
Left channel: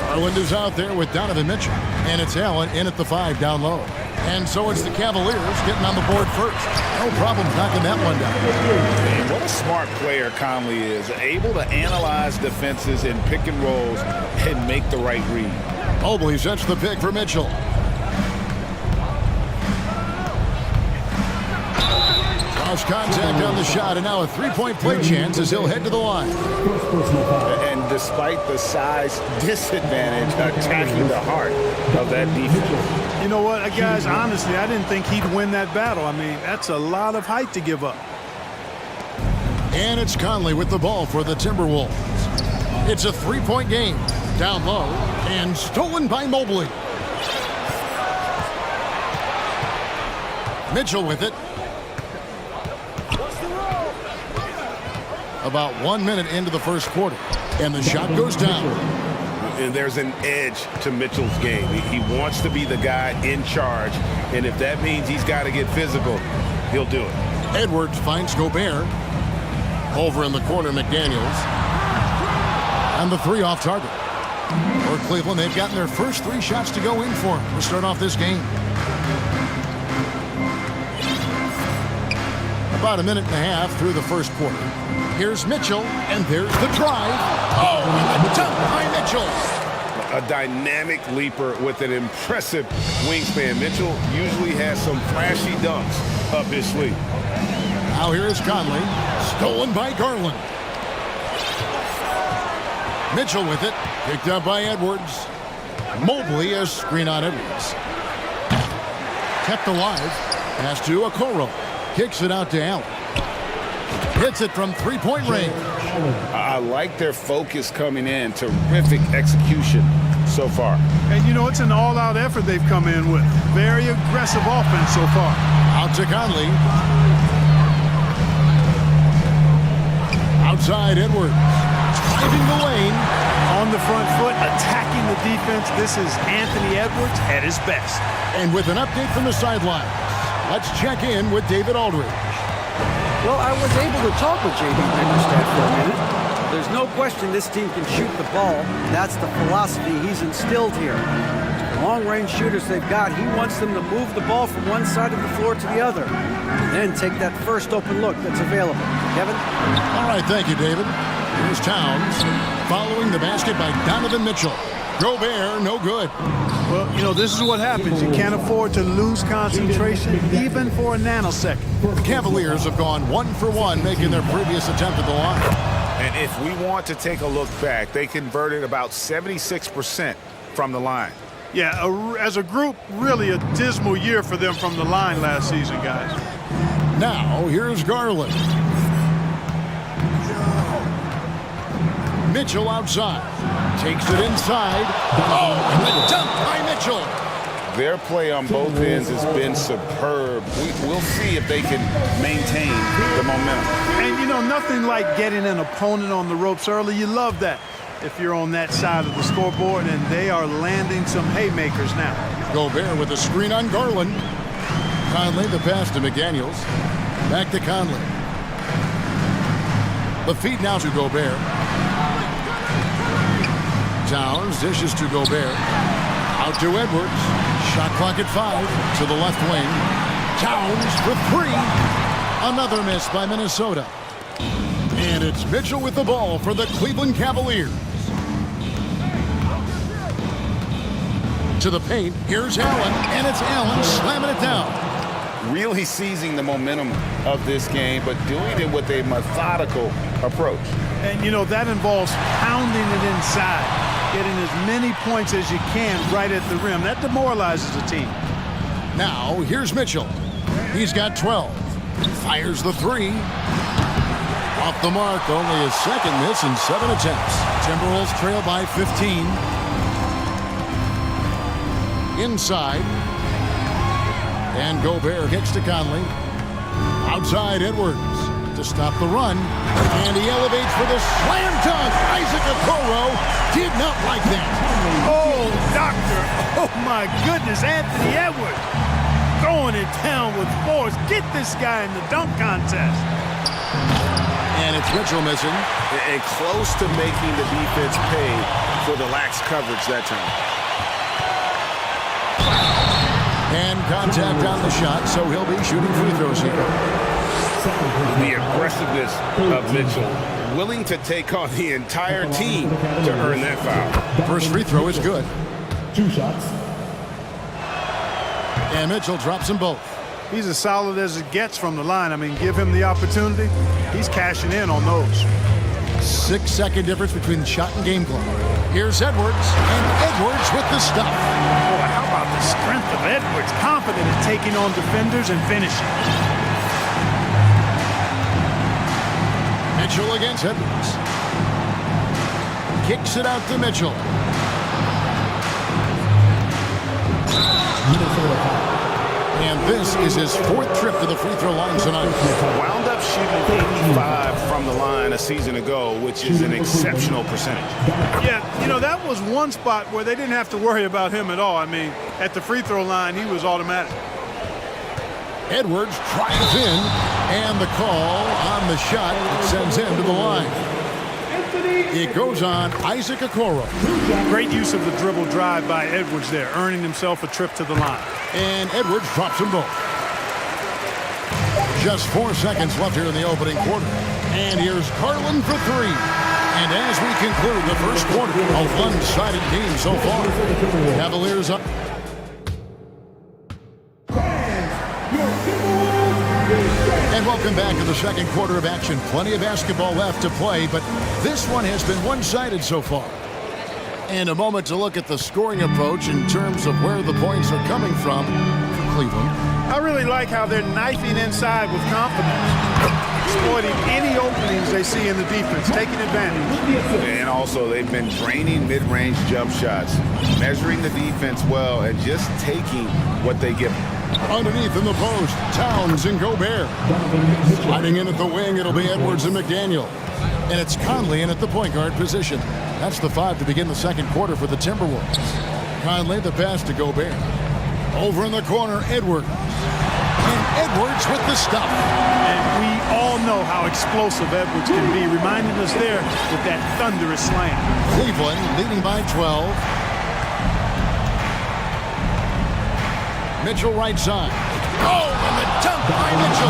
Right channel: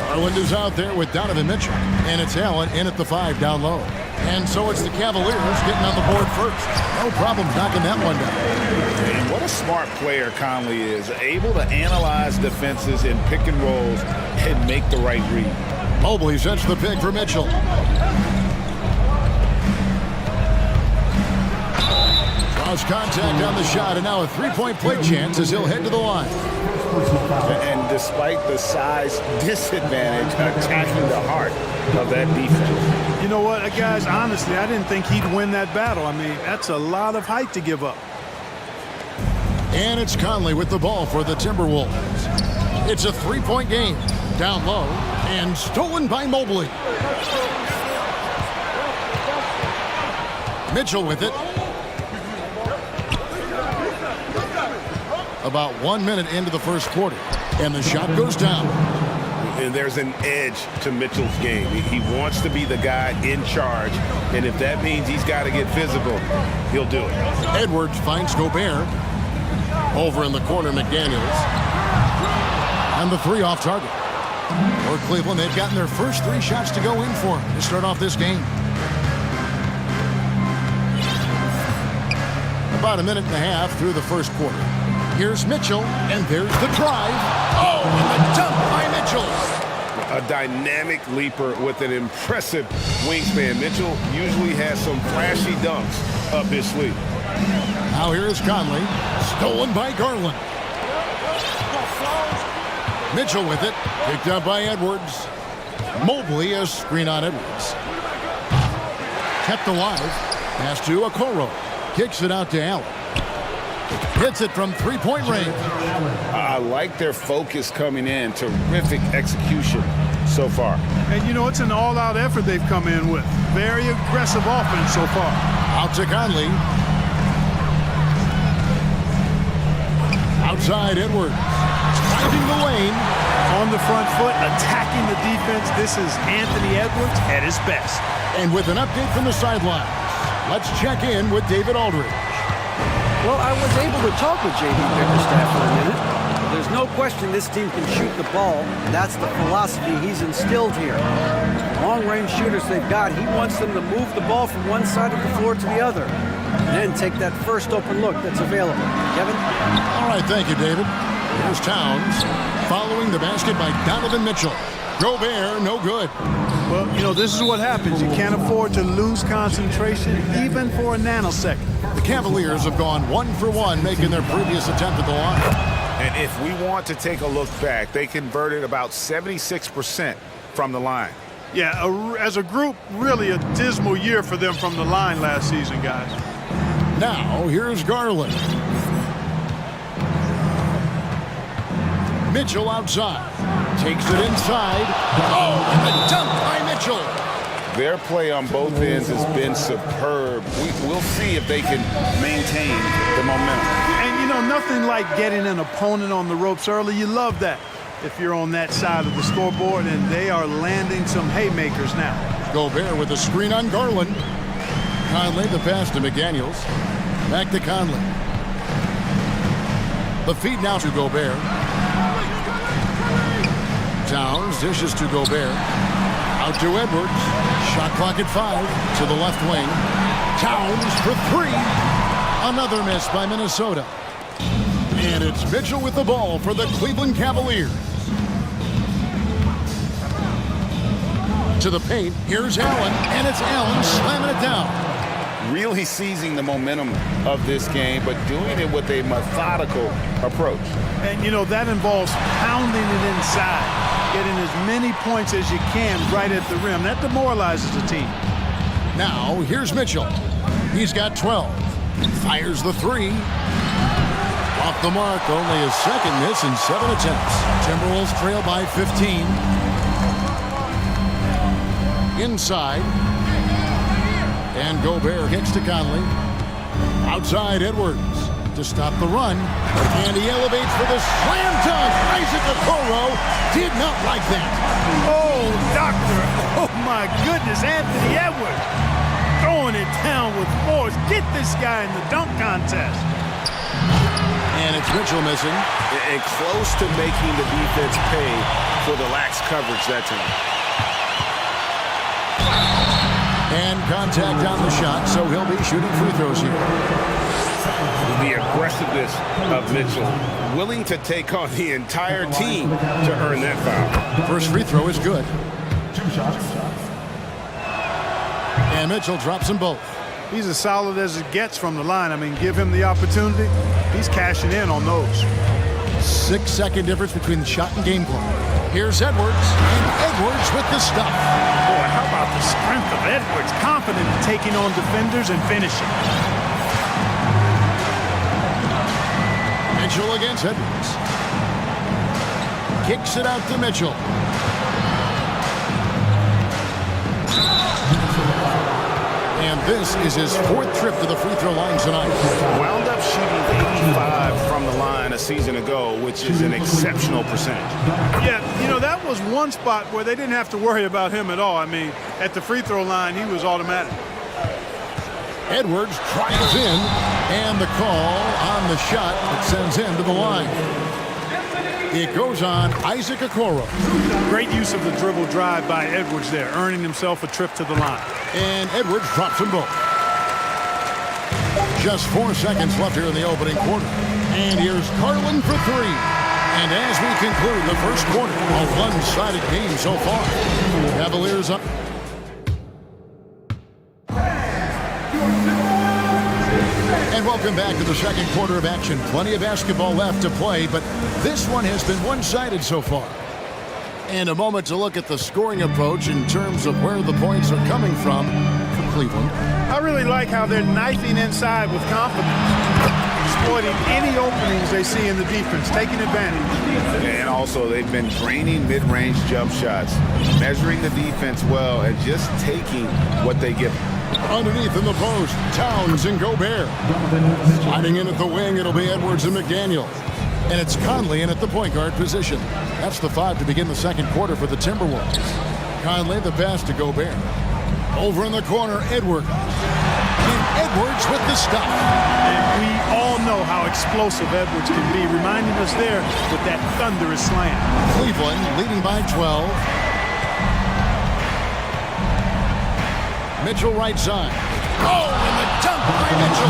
Garland is out there with Donovan Mitchell. And it's Allen in at the 5 down low. And so it's the Cavaliers getting on the board first. No problems knocking that one down. And what a smart player Conley is. Able to analyze defenses in pick and rolls and make the right read. Mobley sets the pick for Mitchell. Cross contact on the shot, and now a three-point play chance as he'll head to the line. And despite the size disadvantage, attacking the heart of that defense. You know what, guys, honestly, I didn't think he'd win that battle. I mean, that's a lot of height to give up. And it's Conley with the ball for the Timberwolves. It's a three-point game. Down low, and stolen by Mobley. Mitchell with it. About 1 minute into the first quarter, and the shot goes down. And there's an edge to Mitchell's game. He wants to be the guy in charge, and if that means he's got to get physical, he'll do it. Edwards finds Gobert. Over in the corner, McDaniels. And the three off target. For Cleveland, they've gotten their first 3 shots to go in for to start off this game. About a minute and a half through the first quarter. Here's Mitchell, and there's the drive. Oh, and the dunk by Mitchell. A dynamic leaper with an impressive wingspan. Mitchell usually has some flashy dunks up his sleeve. Now here's Conley, stolen by Garland. Mitchell with it, picked up by Edwards. Mobley, a screen on Edwards. Kept alive, pass to Okoro. Kicks it out to Allen. Hits it from three-point range. I like their focus coming in. Terrific execution so far. And, you know, it's an all-out effort they've come in with. Very aggressive offense so far. Out to Conley. Outside Edwards. Driving the lane. On the front foot, attacking the defense. This is Anthony Edwards at his best. And with an update from the sidelines, let's check in with David Aldridge. Well, I was able to talk with J.D. Bickerstaff for a minute. There's no question this team can shoot the ball. That's the philosophy he's instilled here. The long-range shooters they've got, he wants them to move the ball from one side of the floor to the other. And then take that first open look that's available. Kevin? All right, thank you, David. Here's Towns, following the basket by Donovan Mitchell. Gobert, no good. Well, you know, this is what happens. You can't afford to lose concentration, even for a nanosecond. The Cavaliers have gone 1 for 1, making their previous attempt at the line. And if we want to take a look back, they converted about 76% from the line. Yeah, as a group, really a dismal year for them from the line last season, guys. Now, here's Garland. Mitchell outside. Takes it inside. Oh, and the dunk by Mitchell. Their play on both ends has been superb. We'll see if they can maintain the momentum. And, you know, nothing like getting an opponent on the ropes early. You love that if you're on that side of the scoreboard, and they are landing some haymakers now. Gobert with a screen on Garland. Conley, the pass to McDaniels. Back to Conley. The feed now to Gobert. Towns dishes to Gobert. Out to Edwards. Shot clock at 5 to the left wing. Towns for 3. Another miss by Minnesota. And it's Mitchell with the ball for the Cleveland Cavaliers. To the paint. Here's Allen. And it's Allen slamming it down. Really seizing the momentum of this game, but doing it with a methodical approach. And, you know, that involves pounding it inside, getting as many points as you can right at the rim. That demoralizes the team. Now, here's Mitchell. He's got 12. Fires the 3. Off the mark, only his second miss in 7 attempts. Timberwolves trail by 15. Inside. And Gobert kicks to Conley. Outside Edwards to stop the run. And he elevates for the slam dunk. Isaac Okoro did not like that. Oh, doctor. Oh, my goodness. Anthony Edwards throwing it down with force. Get this guy in the dunk contest. And it's Mitchell missing. And close to making the defense pay for the lax coverage that time. And contact on the shot, so he'll be shooting free throws here. The aggressiveness of Mitchell, willing to take on the entire team to earn that foul. First free throw is good. 2 shots. And Mitchell drops them both. He's as solid as it gets from the line. I mean, give him the opportunity. He's cashing in on those. 6-second difference between the shot and game clock. Here's Edwards, and Edwards with the stuff. Boy, how about the strength of Edwards? Confident in taking on defenders and finishing. Mitchell against Edwards. Kicks it out to Mitchell. And this is his 4th trip to the free throw line tonight. Wound up shooting 85 from the line a season ago, which is an exceptional percentage. Yeah, you know, that was one spot where they didn't have to worry about him at all. I mean, at the free throw line, he was automatic. Edwards tries in, and the call on the shot that sends him to the line. It goes on Isaac Okoro. Great use of the dribble drive by Edwards there, earning himself a trip to the line. And Edwards drops them both. Just 4 seconds left here in the opening quarter. And here's Garland for 3. And as we conclude the first quarter, a one-sided game so far. Cavaliers up. And welcome back to the second quarter of action. Plenty of basketball left to play, but this one has been one-sided so far. And a moment to look at the scoring approach in terms of where the points are coming from for Cleveland. I really like how they're knifing inside with confidence, exploiting any openings they see in the defense, taking advantage. And also, they've been draining mid-range jump shots, measuring the defense well, and just taking what they give them. Underneath in the post, Towns and Gobert. Sliding in at the wing, it'll be Edwards and McDaniel. And it's Conley in at the point guard position. That's the 5 to begin the second quarter for the Timberwolves. Conley, the pass to Gobert. Over in the corner, Edwards. And Edwards with the stuff. And we all know how explosive Edwards can be, reminding us there with that thunderous slam. Cleveland leading by 12. Mitchell right side. Oh, and the dunk by Mitchell.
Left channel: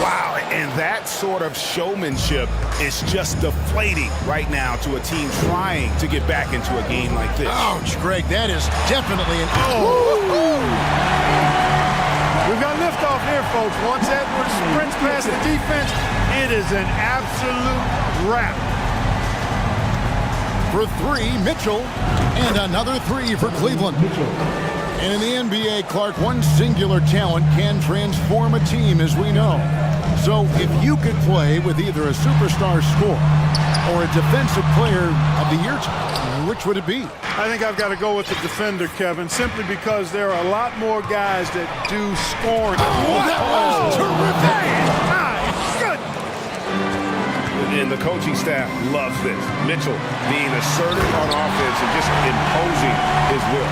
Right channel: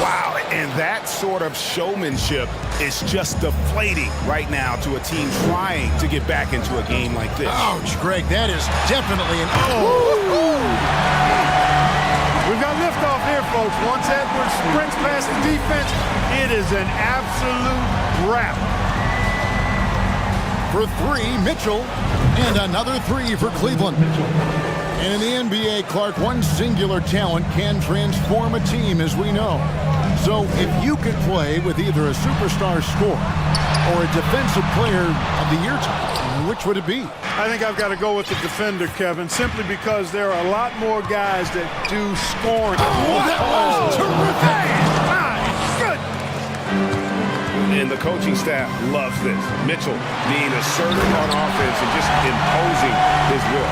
Wow, and that sort of showmanship is just deflating right now to a team trying to get back into a game like this. Ouch, Greg, that is definitely an We've got liftoff here, folks. Once Edwards sprints past the defense, it is an absolute wrap. For 3, Mitchell, and another 3 for Cleveland. And in the NBA, Clark, one singular talent can transform a team, as we know. So if you could play with either a superstar scorer or a defensive player of the year title, which would it be? I think I've got to go with the defender, Kevin, simply because there are a lot more guys that do scoring. Oh, that was terrific! My goodness! And the coaching staff loves this. Mitchell being assertive on offense and just imposing his will.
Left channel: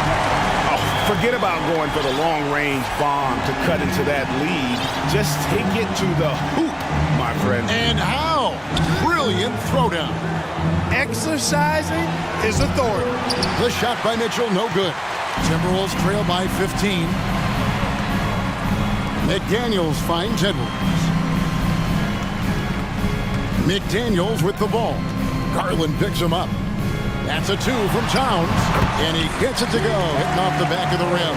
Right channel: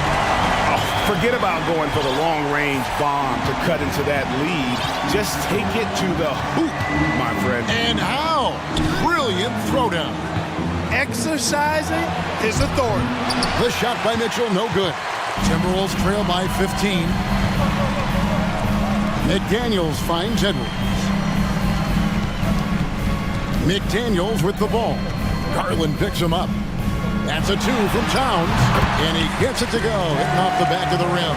Forget about going for the long-range bomb to cut into that lead. Just take it to the hoop, my friend. And how? Brilliant throwdown. Exercising his authority. The shot by Mitchell, no good. Timberwolves trail by 15. McDaniels finds Edwards. McDaniels with the ball. Garland picks him up. That's a 2 from Towns, and he gets it to go, hitting off the back of the rim.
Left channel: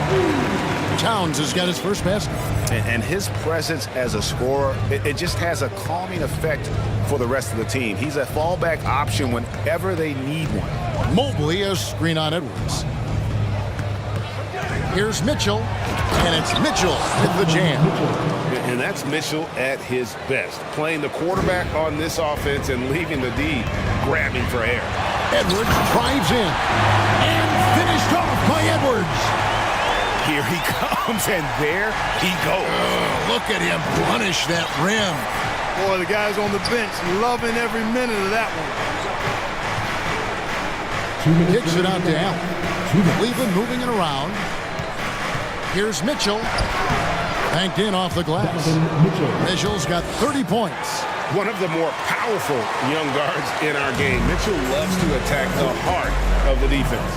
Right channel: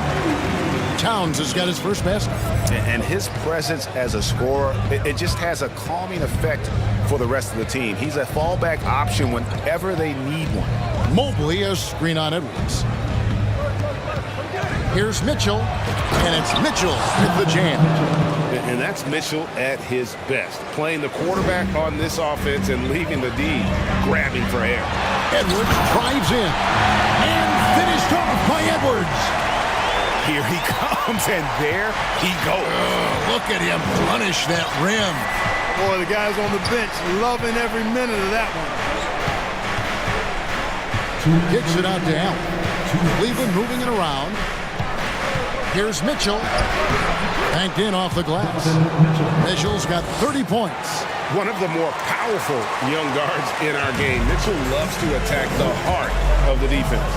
Towns has got his first basket. And his presence as a scorer, it just has a calming effect for the rest of the team. He's a fallback option whenever they need one. Mobley a screen on Edwards. Here's Mitchell, and it's Mitchell with the jam. And that's Mitchell at his best, playing the quarterback on this offense and leaving the D grabbing for air. Edwards drives in, and finished off by Edwards. Here he comes, and there he goes. Oh, look at him punish that rim. Boy, the guys on the bench loving every minute of that one. Kicks it out to Allen. Cleveland moving it around. Here's Mitchell. Banked in off the glass. Mitchell's got 30 points. One of the more powerful young guards in our game. Mitchell loves to attack the heart of the defense.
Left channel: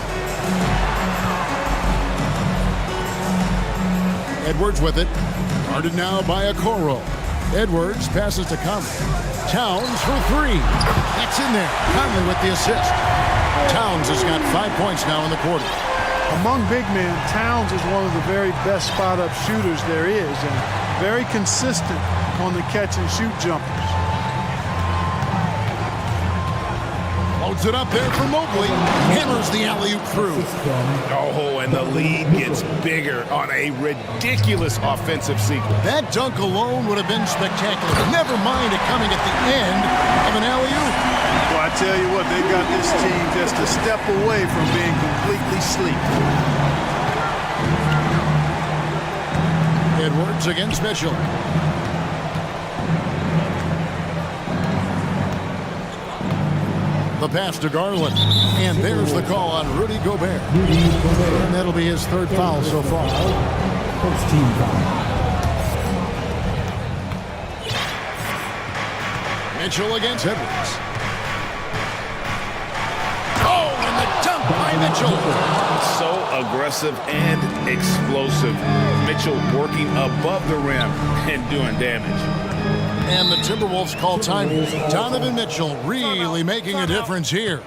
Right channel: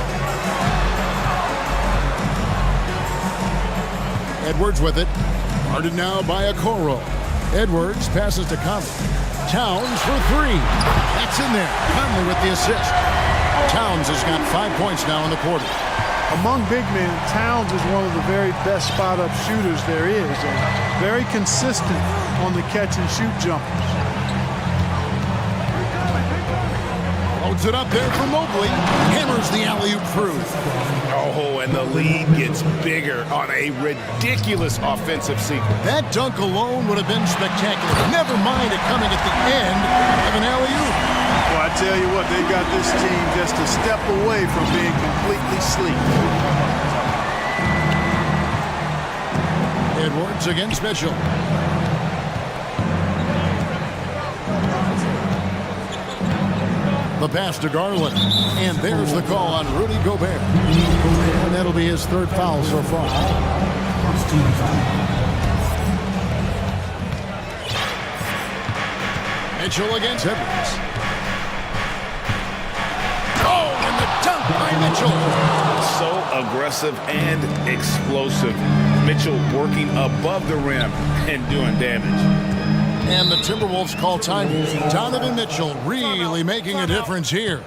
Edwards with it. Guarded now by Okoro. Edwards passes to Conley. Towns for three. That's in there. Conley with the assist. Towns has got 5 points now in the quarter. Among big men, Towns is one of the very best spot-up shooters there is, and very consistent on the catch-and-shoot jumpers. Loads it up there for Mobley. Hammers the alley-oop through. Oh, and the lead gets bigger on a ridiculous offensive sequence. That dunk alone would have been spectacular. Never mind it coming at the end of an alley-oop. Well, I tell you what, they got this team just a step away from being completely asleep. Edwards against Mitchell. The pass to Garland. And there's the call on Rudy Gobert. And that'll be his third foul so far. First team foul. Mitchell against Edwards. Oh, and the dunk by Mitchell. So aggressive and explosive. Mitchell working above the rim and doing damage. And the Timberwolves call time. Donovan Mitchell really making a difference here.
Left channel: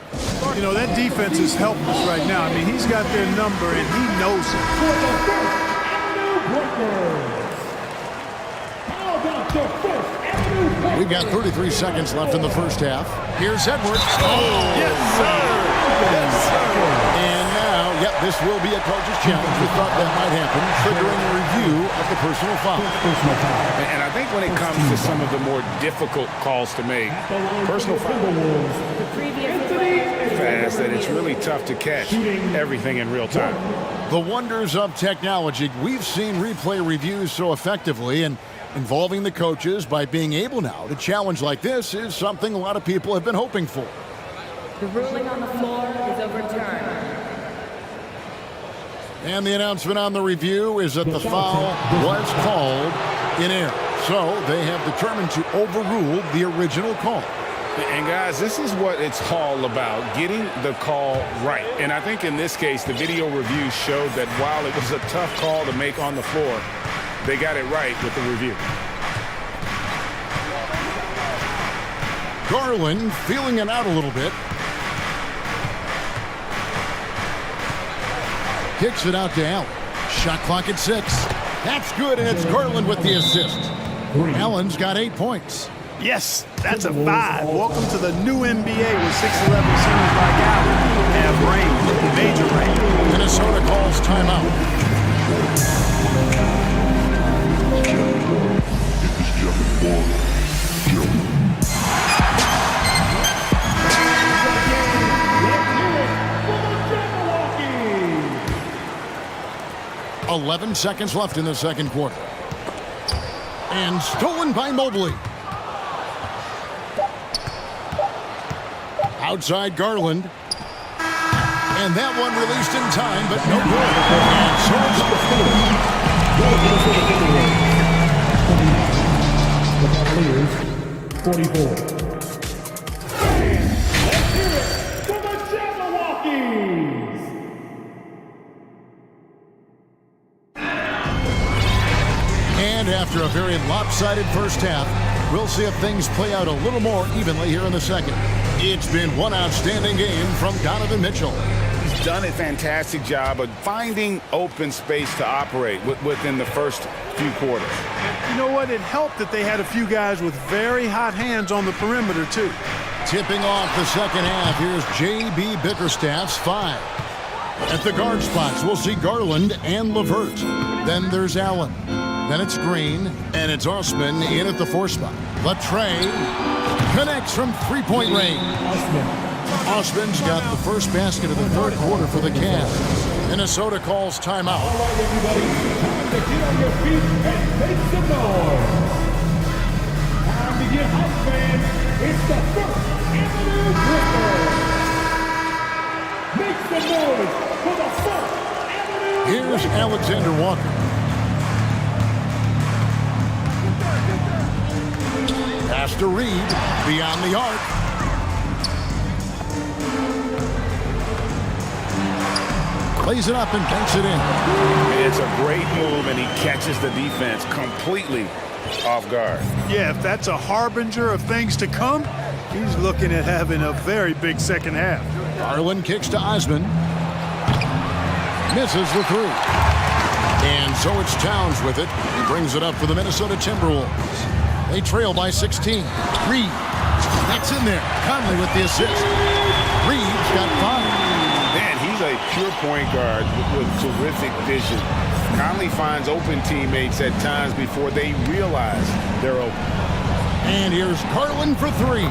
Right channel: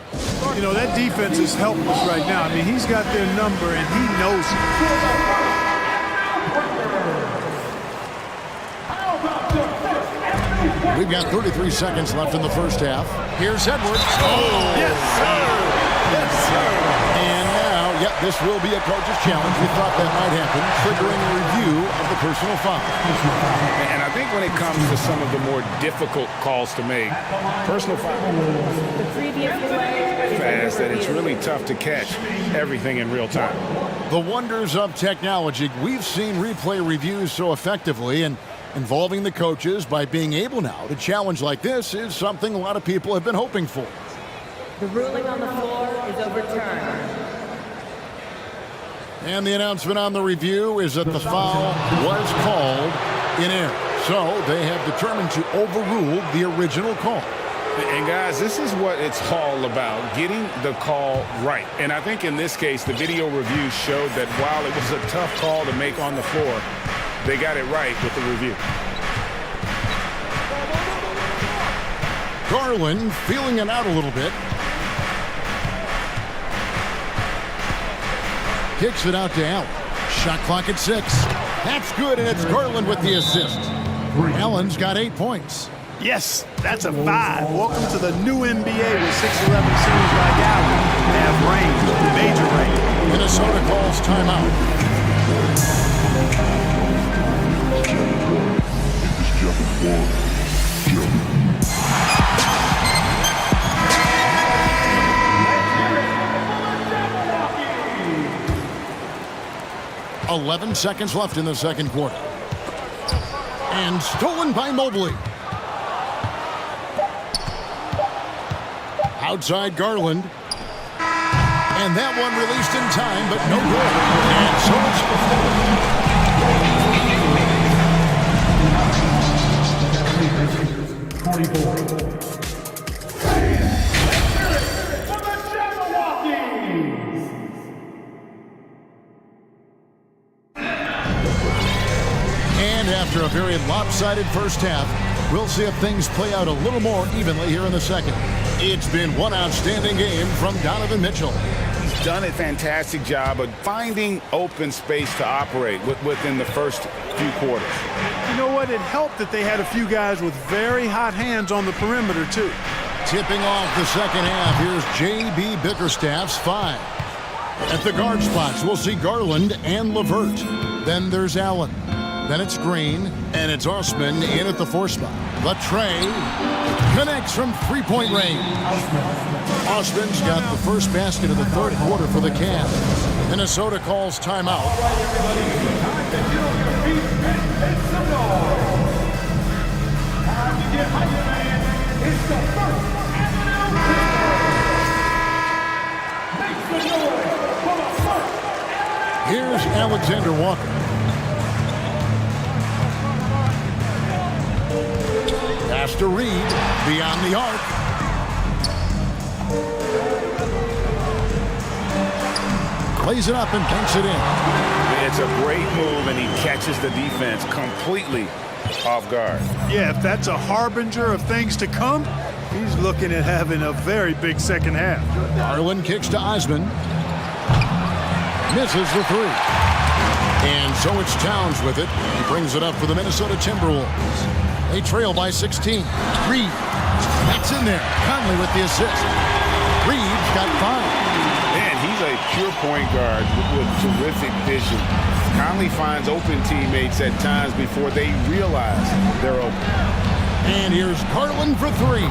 You know, that defense is helpless right now. I mean, he's got their number, and he knows it. We've got 33 seconds left in the first half. Here's Edwards. Oh, yes, sir. Yes, sir. And now, this will be a coach's challenge. We thought that might happen, triggering a review of the personal foul. And I think when it comes to some of the more difficult calls to make, personal foul The previous play is fast under that it's review. really tough to catch everything in real time. The wonders of technology. We've seen replay reviews so effectively, and involving the coaches by being able now to challenge like this is something a lot of people have been hoping for. The ruling on the floor is overturned. And the announcement on the review is that the foul was called in error. So they have determined to overrule the original call. And guys, this is what it's all about, getting the call right. And I think in this case, the video review showed that while it was a tough call to make on the floor, they got it right with the review. Garland feeling it out a little bit. Kicks it out to Allen. Shot clock at 6. That's good, and it's Garland with the assist. Allen's got 8 points. Yes, that's a 5. Welcome to the new NBA with 6'11" centers like Allen have range, major range. Minnesota calls timeout. Let's 11 seconds left in the second quarter. And stolen by Mobley. Outside Garland. And that one released in time, but no good. And so it's... 44. For the Jabberwockies! And after a very lopsided first half, we'll see if things play out a little more evenly here in the second. It's been one outstanding game from Donovan Mitchell. He's done a fantastic job of finding open space to operate within the first few quarters. You know what? It helped that they had a few guys with very hot hands on the perimeter, too. Tipping off the second half, here's J.B. Bickerstaff's 5. At the guard spots, we'll see Garland and LeVert. Then there's Allen. Then it's Green, and it's Osman in at the 4 spot. Latre connects from three-point range. Osman's got the first basket of the third quarter for the Cavs. Minnesota calls timeout. All right, everybody, time to get on your feet and make some noise. Time to get hype, fans. It's the First Avenue Whistle. Make some noise for the First Avenue. Here's Alexander Walker. Pass to Reed, beyond the arc. Plays it up and banks it in. It's a great move, and he catches the defense completely off guard. Yeah, if that's a harbinger of things to come, he's looking at having a very big second half. Garland kicks to Osman. Misses the three. And so it's Towns with it. He brings it up for the Minnesota Timberwolves. They trail by 16. Reed. That's in there. Conley with the assist. Reed's got 5. Man, he's a pure point guard with terrific vision. Conley finds open teammates at times before they realize they're open. And here's Garland for 3.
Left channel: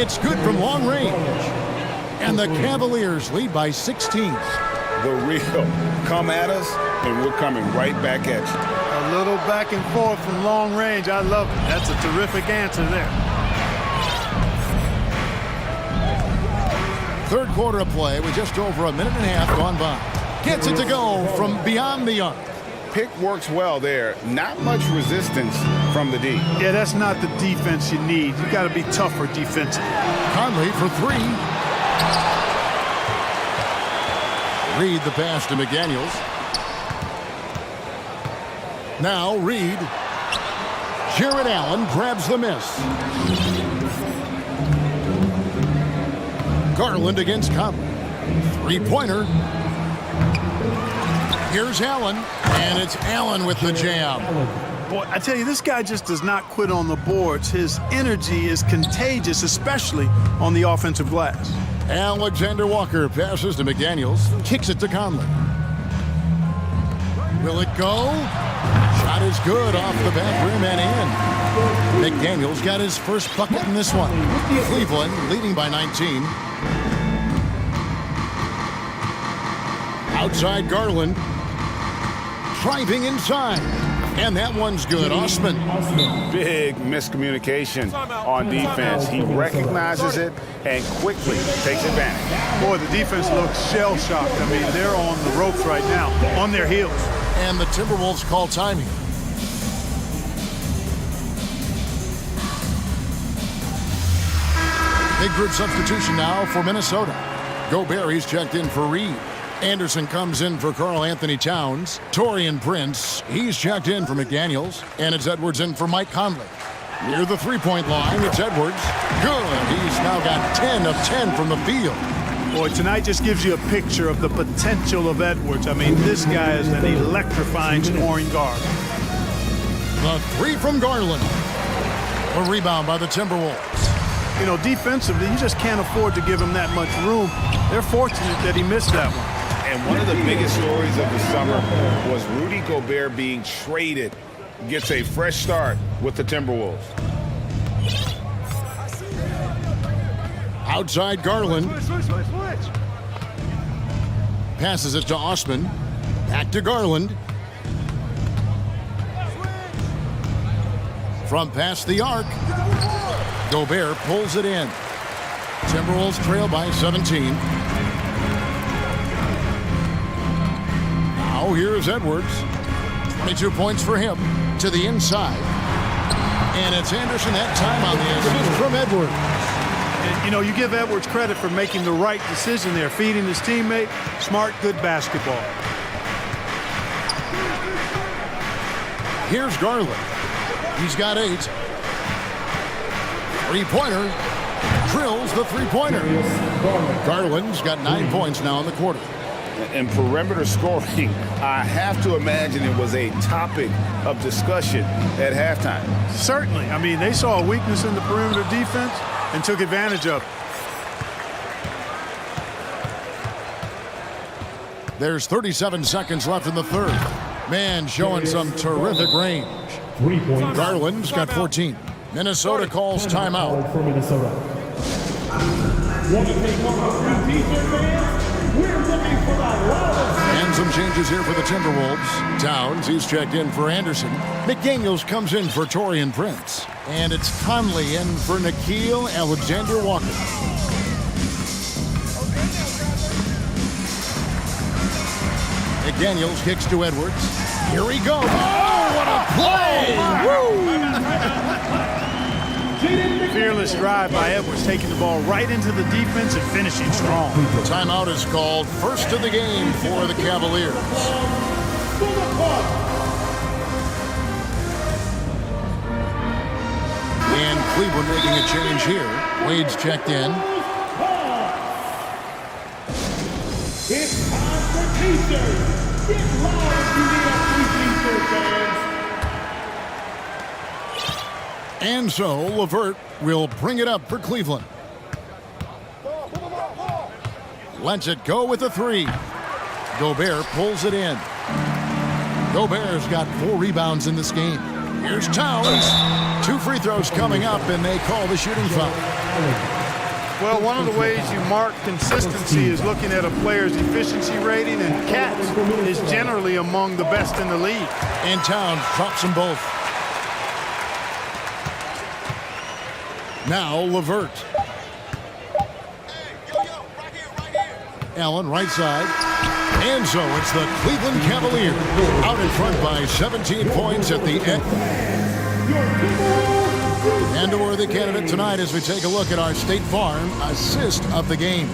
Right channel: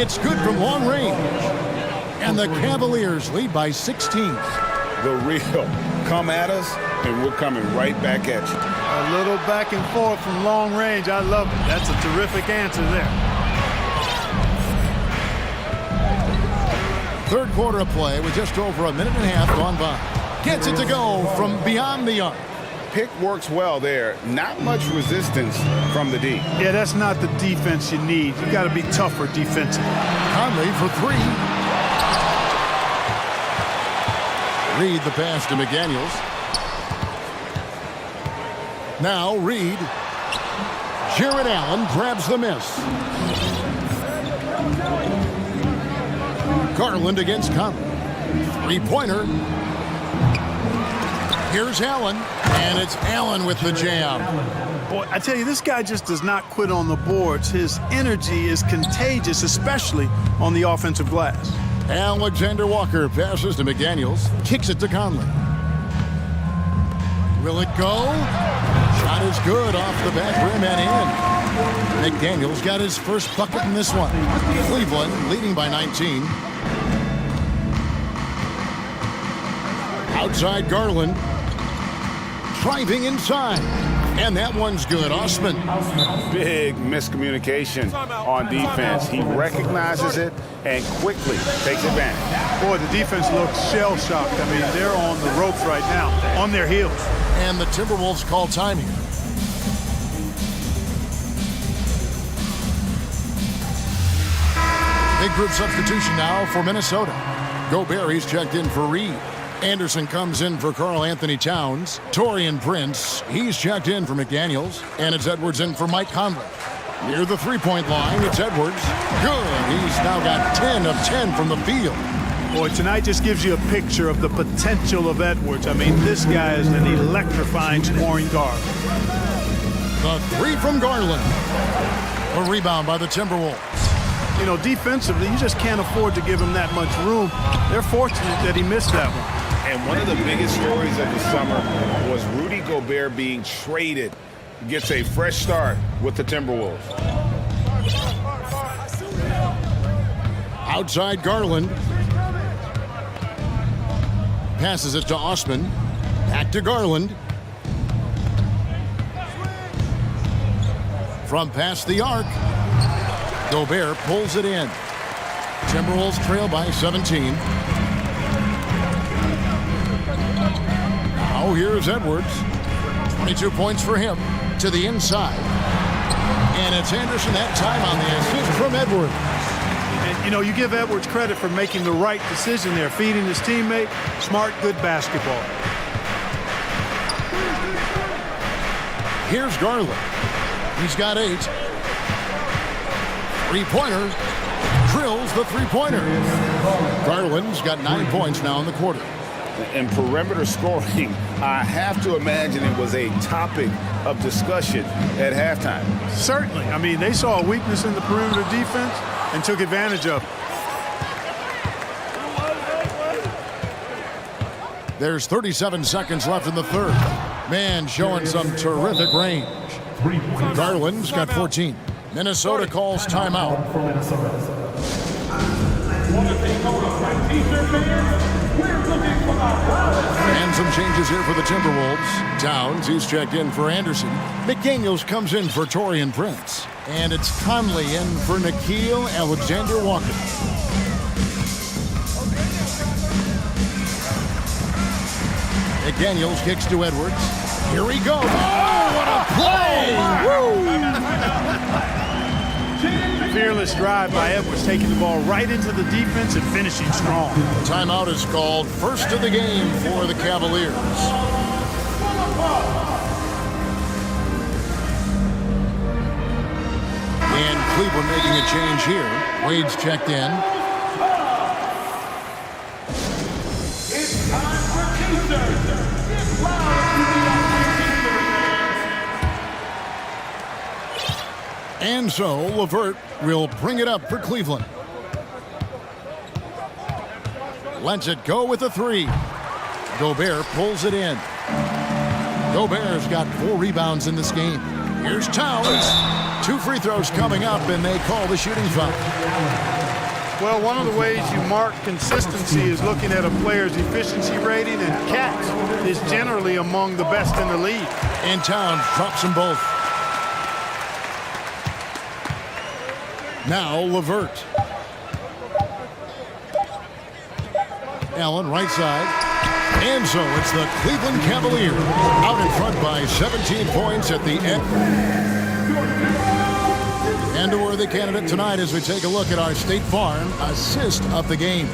It's good from long range. And the Cavaliers lead by 16. The real come at us, and we're coming right back at you. A little back and forth from long range. I love it. That's a terrific answer there. Third quarter of play with just over a minute and a half gone by. Gets it to go from beyond the arc. Pick works well there. Not much resistance from the D. Yeah, that's not the defense you need. You got to be tougher defensively. Conley for 3. Reed the pass to McDaniels. Now Reed. Jared Allen grabs the miss. Garland against Conley. 3-pointer. Here's Allen, and it's Allen with the jam. Boy, I tell you, this guy just does not quit on the boards. His energy is contagious, especially on the offensive glass. Alexander Walker passes to McDaniels, kicks it to Conley. Will it go? Shot is good off the back rim and in. McDaniels got his first bucket in this one. Cleveland leading by 19. Outside Garland. Driving inside. And that one's good. Osman. Big miscommunication on defense. He recognizes it and quickly takes advantage. Boy, the defense looks shell-shocked. I mean, they're on the ropes right now, on their heels. And the Timberwolves call time here. Big group substitution now for Minnesota. Gobert, he's checked in for Reed. Anderson comes in for Karl Anthony Towns. Taurean Prince, he's checked in for McDaniels. And it's Edwards in for Mike Conley. Near the three-point line, it's Edwards. Good. He's now got 10 of 10 from the field. Boy, tonight just gives you a picture of the potential of Edwards. I mean, this guy is an electrifying scoring guard. The 3 from Garland. A rebound by the Timberwolves. You know, defensively, you just can't afford to give him that much room. They're fortunate that he missed that one. And one of the biggest stories of the summer was Rudy Gobert being traded. Gets a fresh start with the Timberwolves. Outside Garland. Passes it to Osman. Back to Garland. From past the arc. Gobert pulls it in. Timberwolves trail by 17. Now here's Edwards. 22 points for him to the inside. And it's Anderson that time on the assist from Edwards. And, you know, you give Edwards credit for making the right decision there, feeding his teammate. Smart, good basketball. Here's Garland. He's got 8. Three-pointer. Drills the three-pointer. Garland's got 9 points now in the quarter. And perimeter scoring, I have to imagine it was a topic of discussion at halftime. Certainly. I mean, they saw a weakness in the perimeter defense and took advantage of it. There's 37 seconds left in the third. Man showing some terrific range. Garland's got 14. Minnesota calls timeout. For Minnesota. Want to take over Defense fans? We're looking for the loudest. Hands some changes here for the Timberwolves. Towns, he's checked in for Anderson. McDaniels comes in for Torian Prince. And it's Conley in for Nickeil Alexander-Walker. McDaniels kicks to Edwards. Here he goes. Oh, what a play! Woo! Fearless drive by Edwards, taking the ball right into the defense and finishing strong. Timeout is called. First of the game for the Cavaliers. And Cleveland making a change here. Wade's checked in. It's time for T-shirts. Get loud to the T-shirt fans. And so LeVert will bring it up for Cleveland. Lets it go with a three. Gobert pulls it in. Gobert's got 4 rebounds in this game. Here's Towns. 2 free throws coming up, and they call the shooting foul. Well, one of the ways you mark consistency is looking at a player's efficiency rating, and Cats is generally among the best in the league. And Towns drops them both. Now LeVert. Allen right side. And so it's the Cleveland Cavaliers out in front by 17 points at the end. And a worthy candidate tonight as we take a look at our State Farm assist of the game.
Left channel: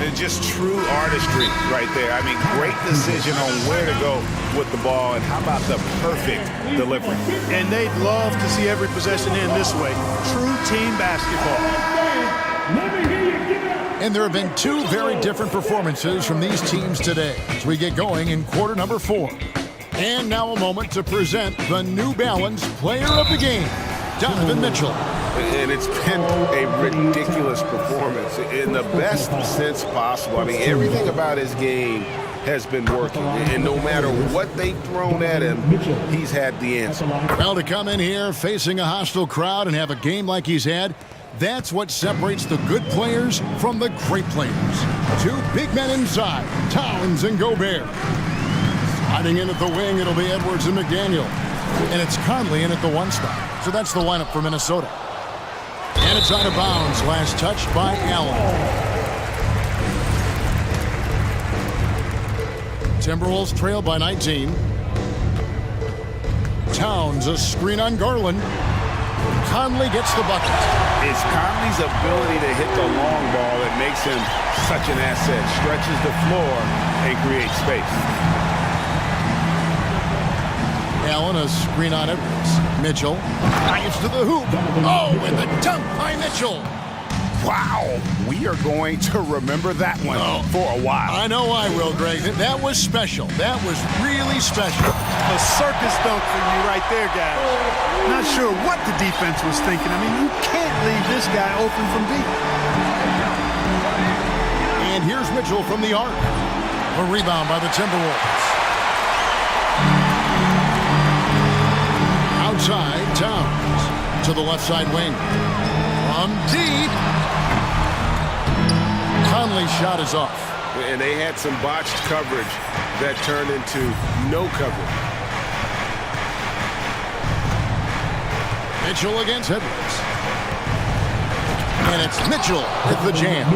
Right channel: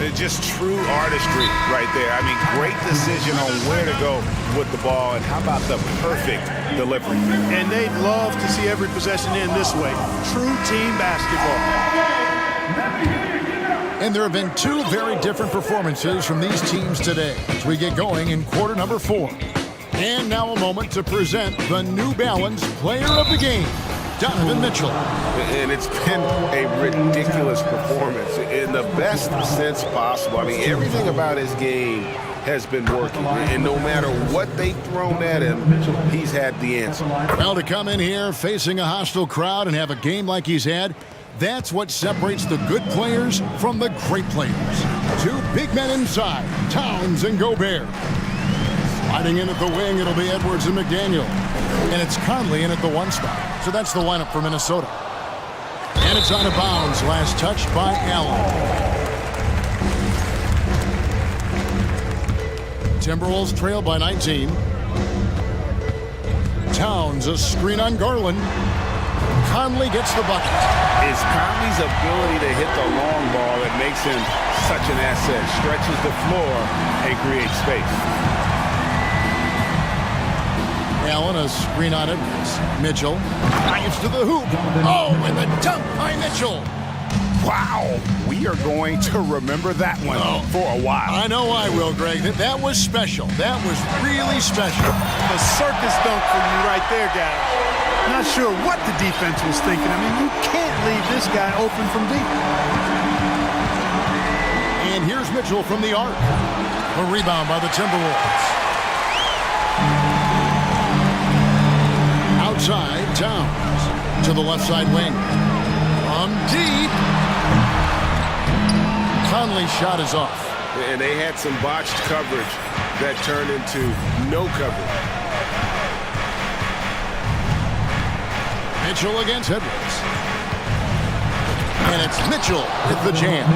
It's just true artistry right there. I mean, great decision on where to go with the ball, and how about the perfect delivery. And they'd love to see every possession end this way. True team basketball. And there have been 2 very different performances from these teams today as we get going in quarter number 4. And now a moment to present the New Balance Player of the Game, Donovan Mitchell. And it's been a ridiculous performance in the best sense possible. I mean, everything about his game has been working. And no matter what they've thrown at him, he's had the answer. Well, to come in here facing a hostile crowd and have a game like he's had, that's what separates the good players from the great players. 2 big men inside, Towns and Gobert. Sliding in at the wing, it'll be Edwards and McDaniel. And it's Conley in at the 1 spot. So that's the lineup for Minnesota. And it's out of bounds. Last touch by Allen. Timberwolves trail by 19. Towns, a screen on Garland. Conley gets the bucket. It's Conley's ability to hit the long ball that makes him such an asset. Stretches the floor and creates space. Allen, a screen on Edwards. Mitchell dives to the hoop. Oh, and the dunk by Mitchell. Wow, we are going to remember that one for a while. I know I will, Greg. That was special. That was really special. A circus dunk for you right there, guys. Not sure what the defense was thinking. I mean, you can't leave this guy open from deep. And here's Mitchell from the arc. A rebound by the Timberwolves. Outside, Towns to the left side wing. From deep. Conley's shot is off. And they had some botched coverage that turned into no coverage. Mitchell against Edwards. And it's Mitchell with the jam.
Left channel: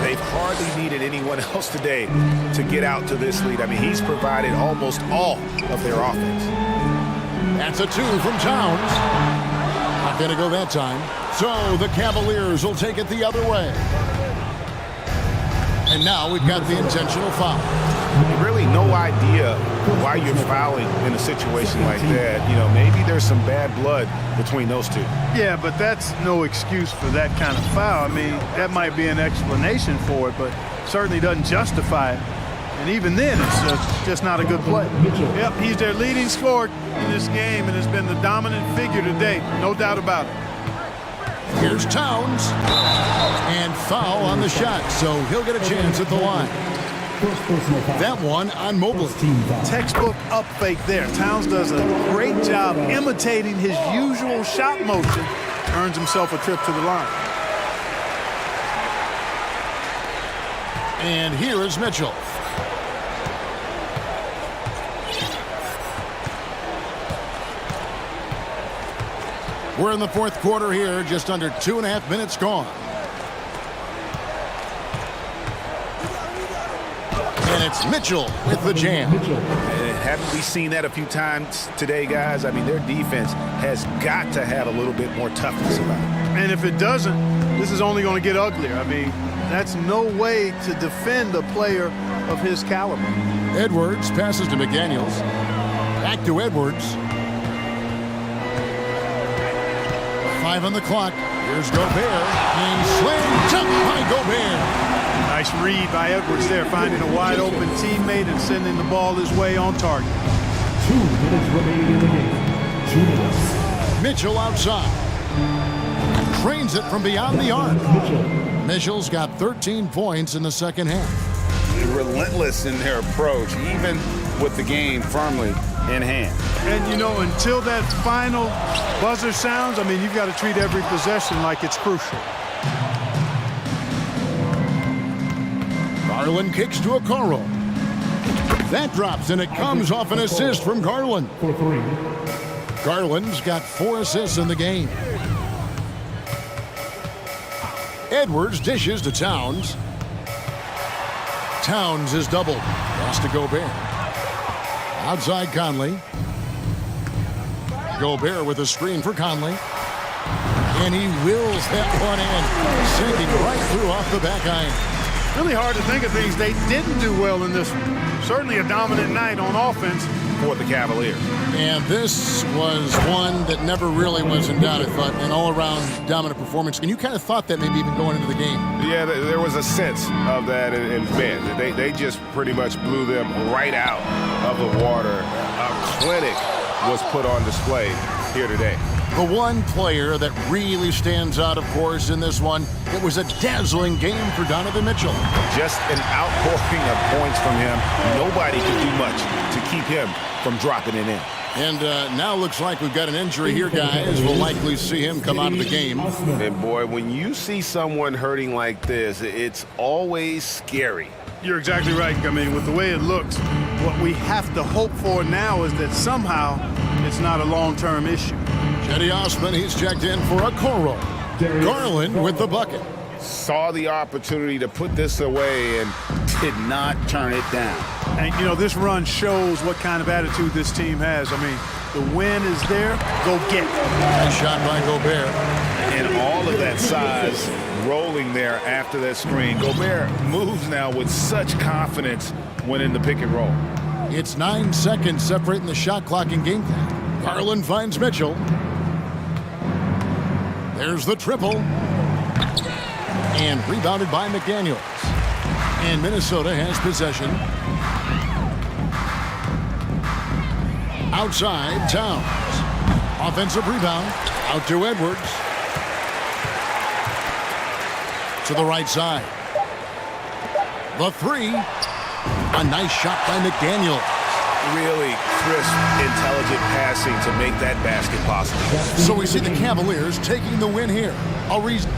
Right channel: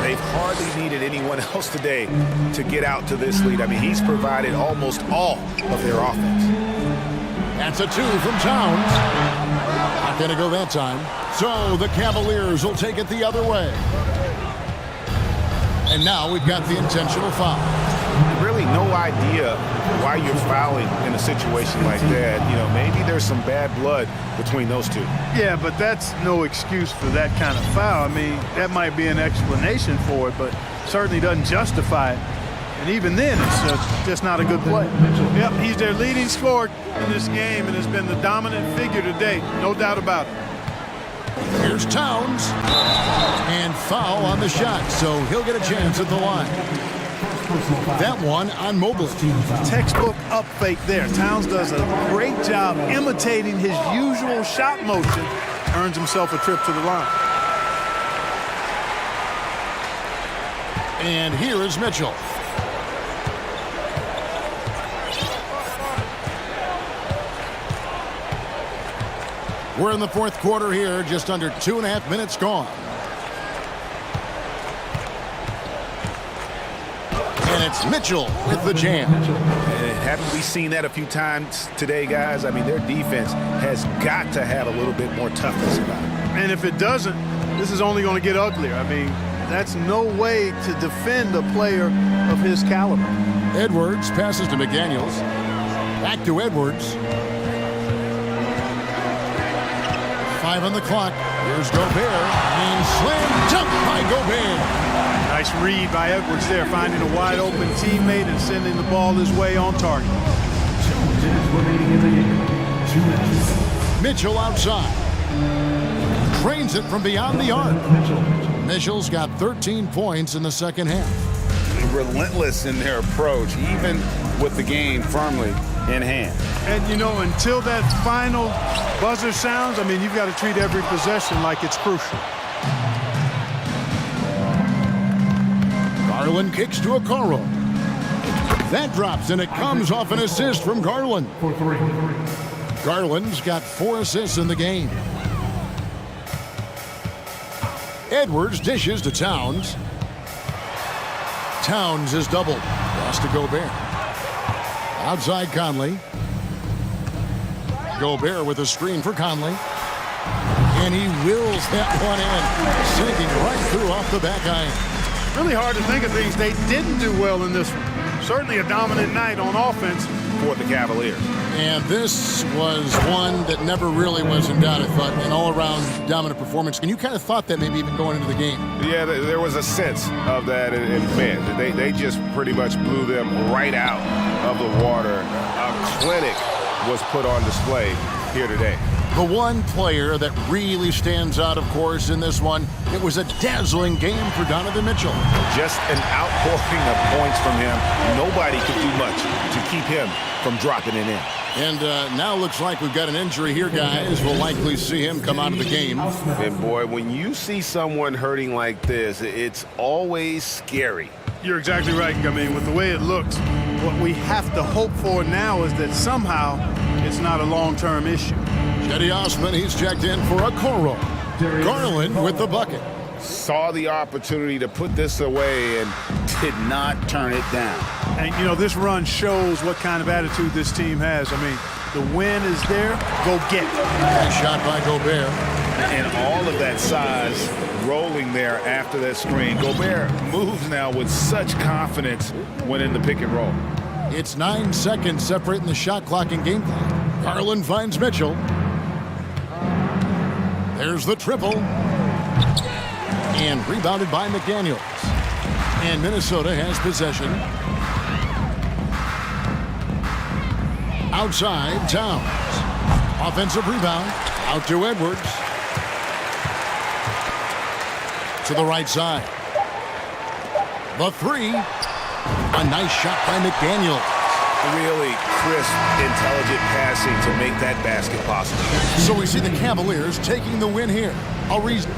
They've hardly needed anyone else today to get out to this lead. I mean, he's provided almost all of their offense. That's a 2 from Towns. Not going to go that time. So the Cavaliers will take it the other way. And now we've got the intentional foul. Really no idea why you're fouling in a situation like that. You know, maybe there's some bad blood between those two. Yeah, but that's no excuse for that kind of foul. I mean, that might be an explanation for it, but certainly doesn't justify it. And even then, it's just not a good play. Yep, he's their leading scorer in this game and has been the dominant figure today, no doubt about it. Here's Towns. And foul on the shot, so he'll get a chance at the line. That one on Mobley. Textbook up fake there. Towns does a great job imitating his usual shot motion. Earns himself a trip to the line. And here is Mitchell. We're in the fourth quarter here, just under 2.5 minutes gone. And it's Mitchell with the jam. Haven't we seen that a few times today, guys? I mean, their defense has got to have a little bit more toughness about it. And if it doesn't, this is only going to get uglier. I mean, that's no way to defend a player of his caliber. Edwards passes to McDaniels. Back to Edwards. 5 on the clock. Here's Gobert. And slam dunk by Gobert. Nice read by Edwards there, finding a wide-open teammate and sending the ball his way on target. 2 minutes remaining in the game. 2 minutes. Mitchell outside. Drains it from beyond the arc. Mitchell's got 13 points in the second half. Relentless in their approach, even with the game firmly in hand. And, you know, until that final buzzer sounds, I mean, you've got to treat every possession like it's crucial. Garland kicks to Okoro. That drops, and it comes off an assist from Garland. For 3. Garland's got 4 assists in the game. Edwards dishes to Towns. Towns is doubled. Pass to Gobert. Outside Conley. Gobert with a screen for Conley. And he wills that one in, sinking right through off the back iron. Really hard to think of things they didn't do well in this one. Certainly a dominant night on offense For the Cavaliers. And this was one that never really was in doubt, I thought, an all-around dominant performance. And you kind of thought that maybe even going into the game. Yeah, there was a sense of that, and man, they just pretty much blew them right out of the water. A clinic was put on display here today. The one player that really stands out, of course, in this one, it was a dazzling game for Donovan Mitchell. Just an outpouring of points from him. Nobody could do much to keep him from dropping it in. And now looks like we've got an injury here, guys. We'll likely see him come out of the game. And boy, when you see someone hurting like this, it's always scary. You're exactly right. I mean, with the way it looks, what we have to hope for now is that somehow it's not a long-term issue. Cedi Osman, he's checked in for Okoro. Garland with the bucket. Saw the opportunity to put this away and did not turn it down. And, you know, this run shows what kind of attitude this team has. I mean, the win is there. Go get it. Nice shot by Gobert. And all of that size rolling there after that screen. Gobert moves now with such confidence when in the pick and roll. It's 9 seconds separating the shot clock and game clock. Garland finds Mitchell. There's the triple. And rebounded by McDaniels. And Minnesota has possession. Outside, Towns. Offensive rebound. Out to Edwards. To the right side. The three. A nice shot by McDaniels. Really crisp, intelligent passing to make that basket possible. So we see the Cavaliers taking the win here. A reason.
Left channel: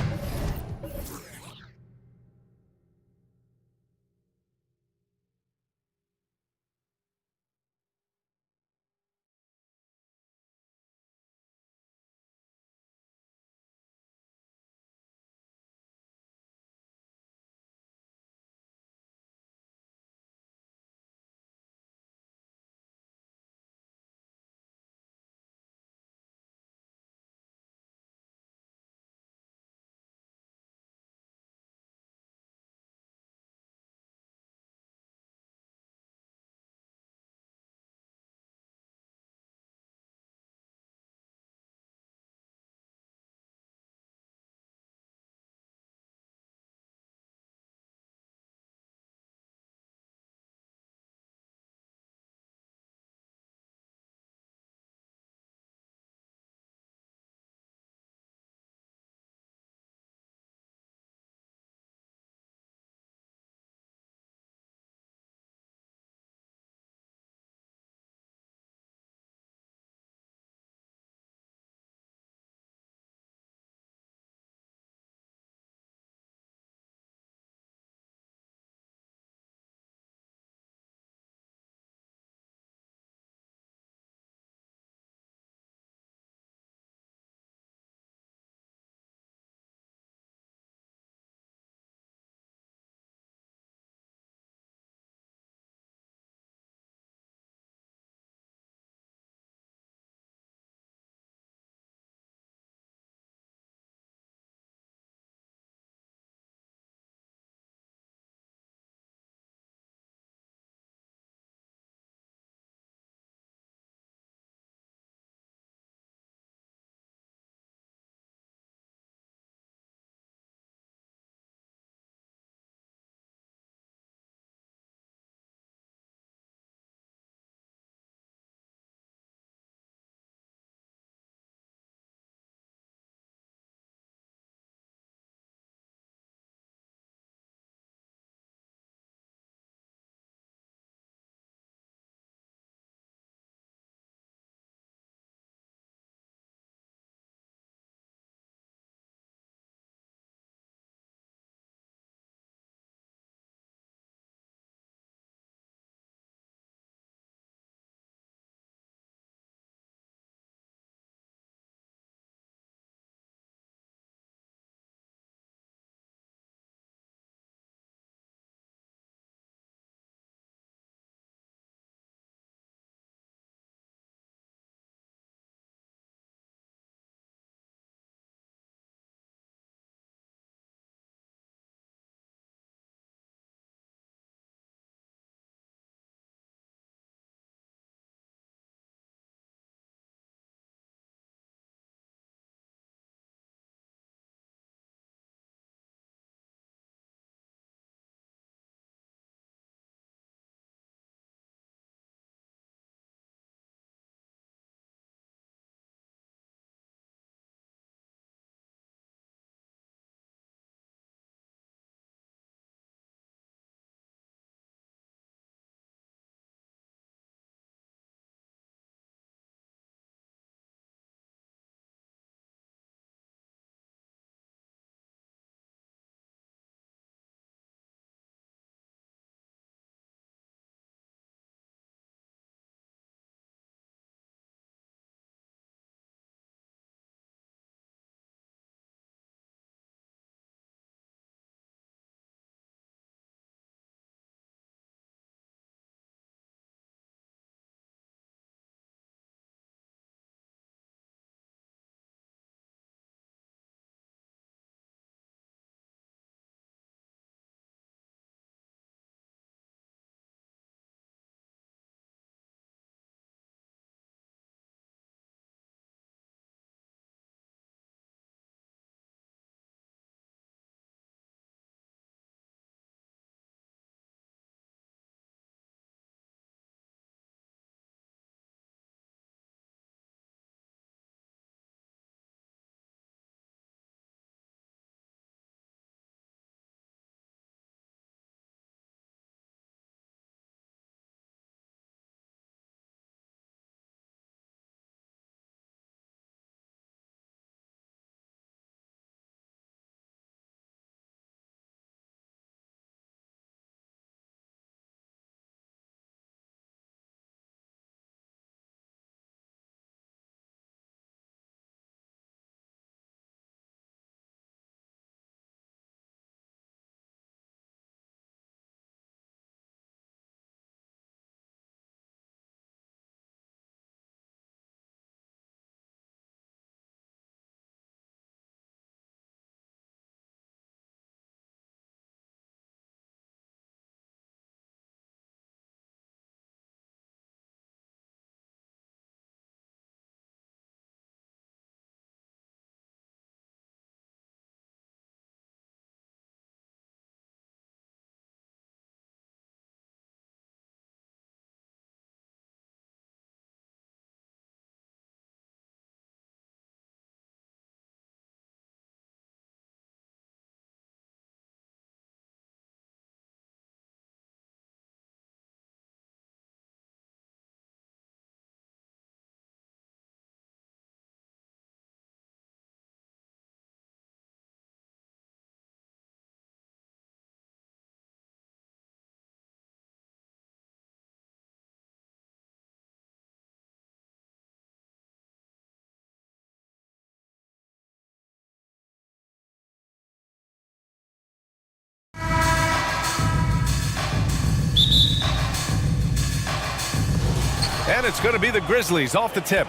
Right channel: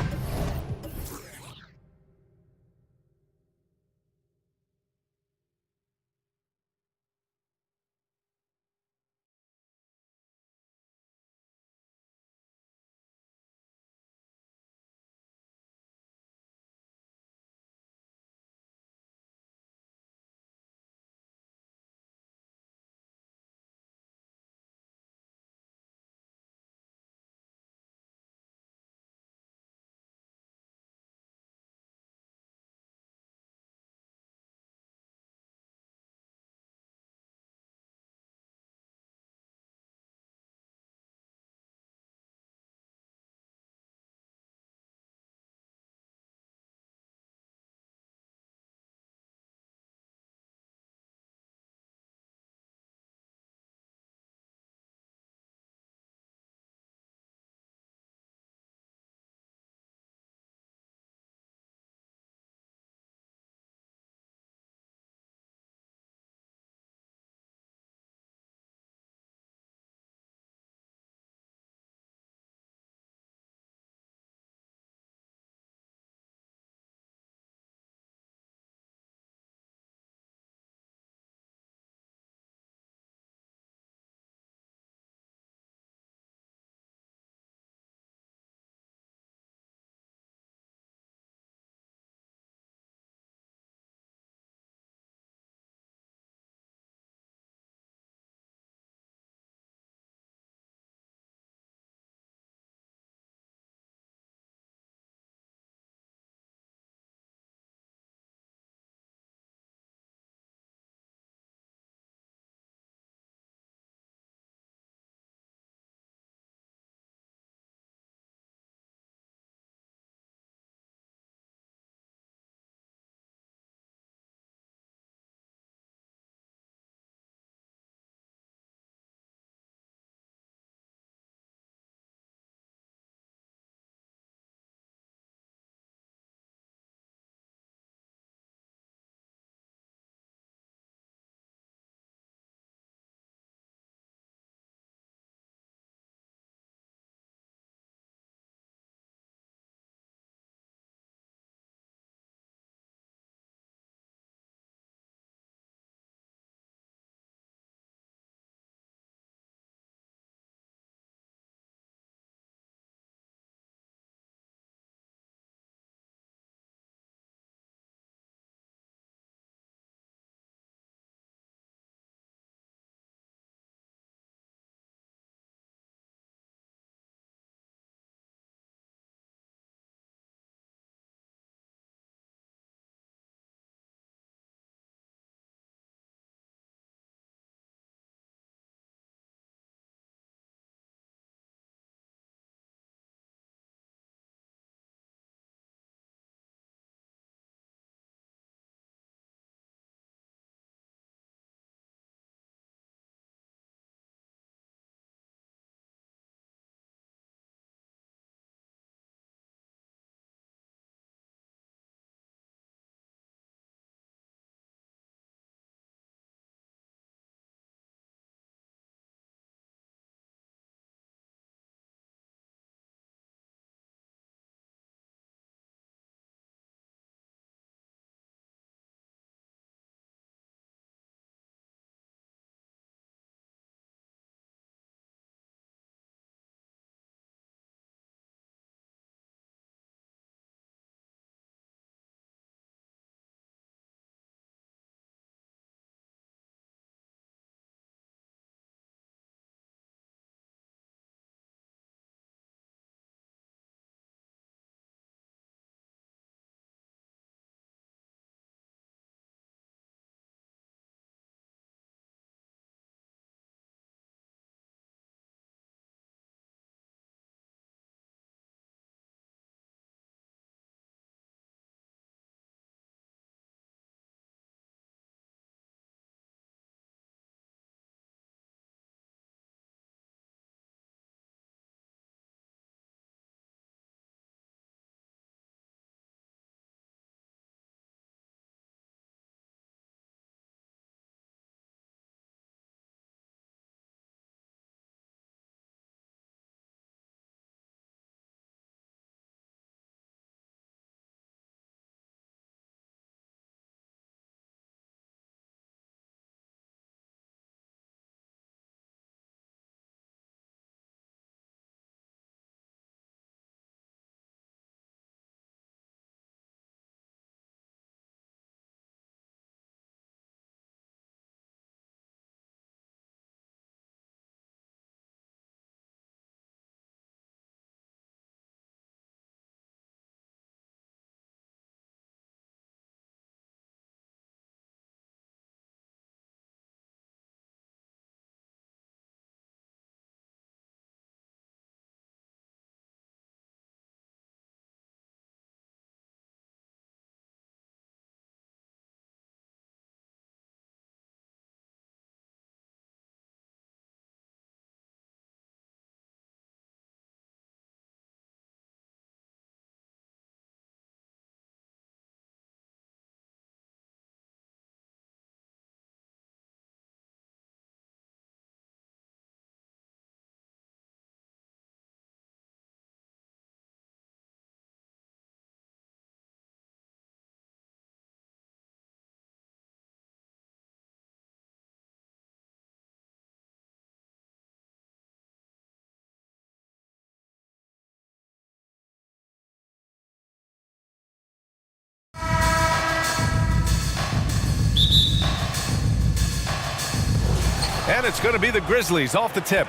And it's going to be the Grizzlies off the tip.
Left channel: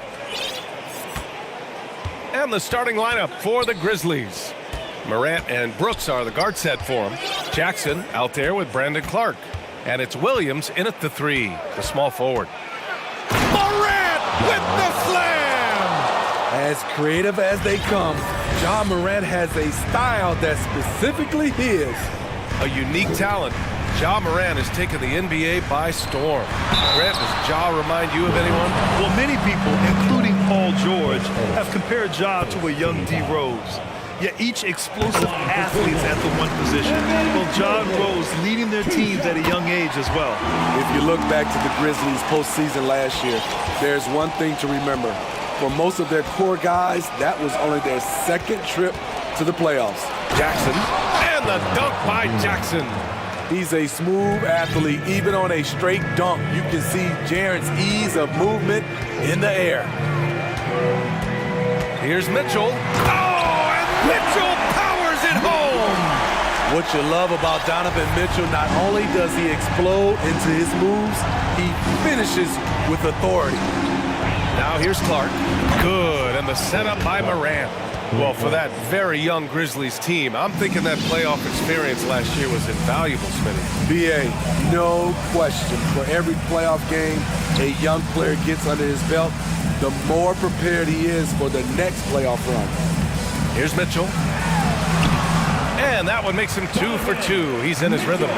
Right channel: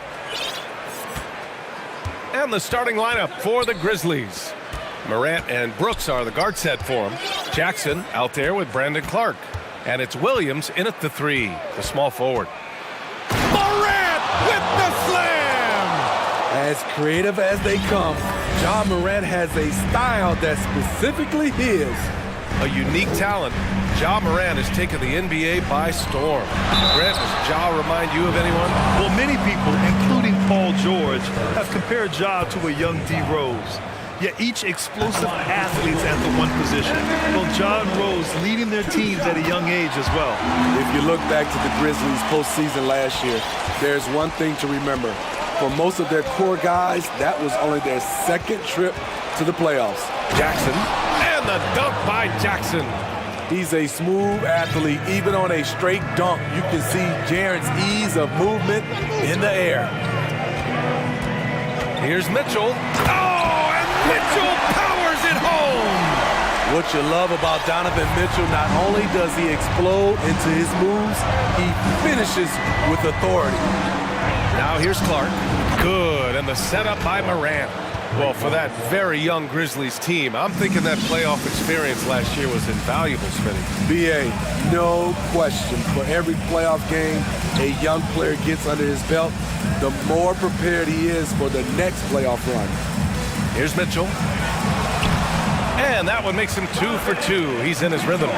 And the starting lineup for the Grizzlies. Morant and Brooks are the guard set for him. Jackson out there with Brandon Clark. And it's Williams in at the 3, the small forward. Morant with the slam! As creative as they come, Ja Morant has a style that's specifically his. A unique talent. Ja Morant has taken the NBA by storm. Grant, does Ja remind you of anyone? Well, many people, including Paul George, have compared Ja to a young D. Rose. Yet each explosive athlete's at the one position. Well, Ja and Rose leading their teams at a young age as well. If you look back to the Grizzlies postseason last year, there's one thing to remember. For most of their core guys, that was only their second trip to the playoffs. Jackson, and the dunk by Jackson. He's a smooth athlete. Even on a straight dunk, you can see Jaren's ease of movement in the air. Here's Mitchell. Oh, and Mitchell powers it home. What you love about Donovan Mitchell, not only does he explode into his moves, he finishes with authority. Now here's Clark. Good, and the setup by Morant. Well, for that very young Grizzlies team, I'm thinking that playoff experience last year was invaluable, Smitty. B.A., no question. For every playoff game a young player gets under his belt, the more prepared he is for the next playoff run. Here's Mitchell. And that one makes him 2 for 2. He's in his rhythm.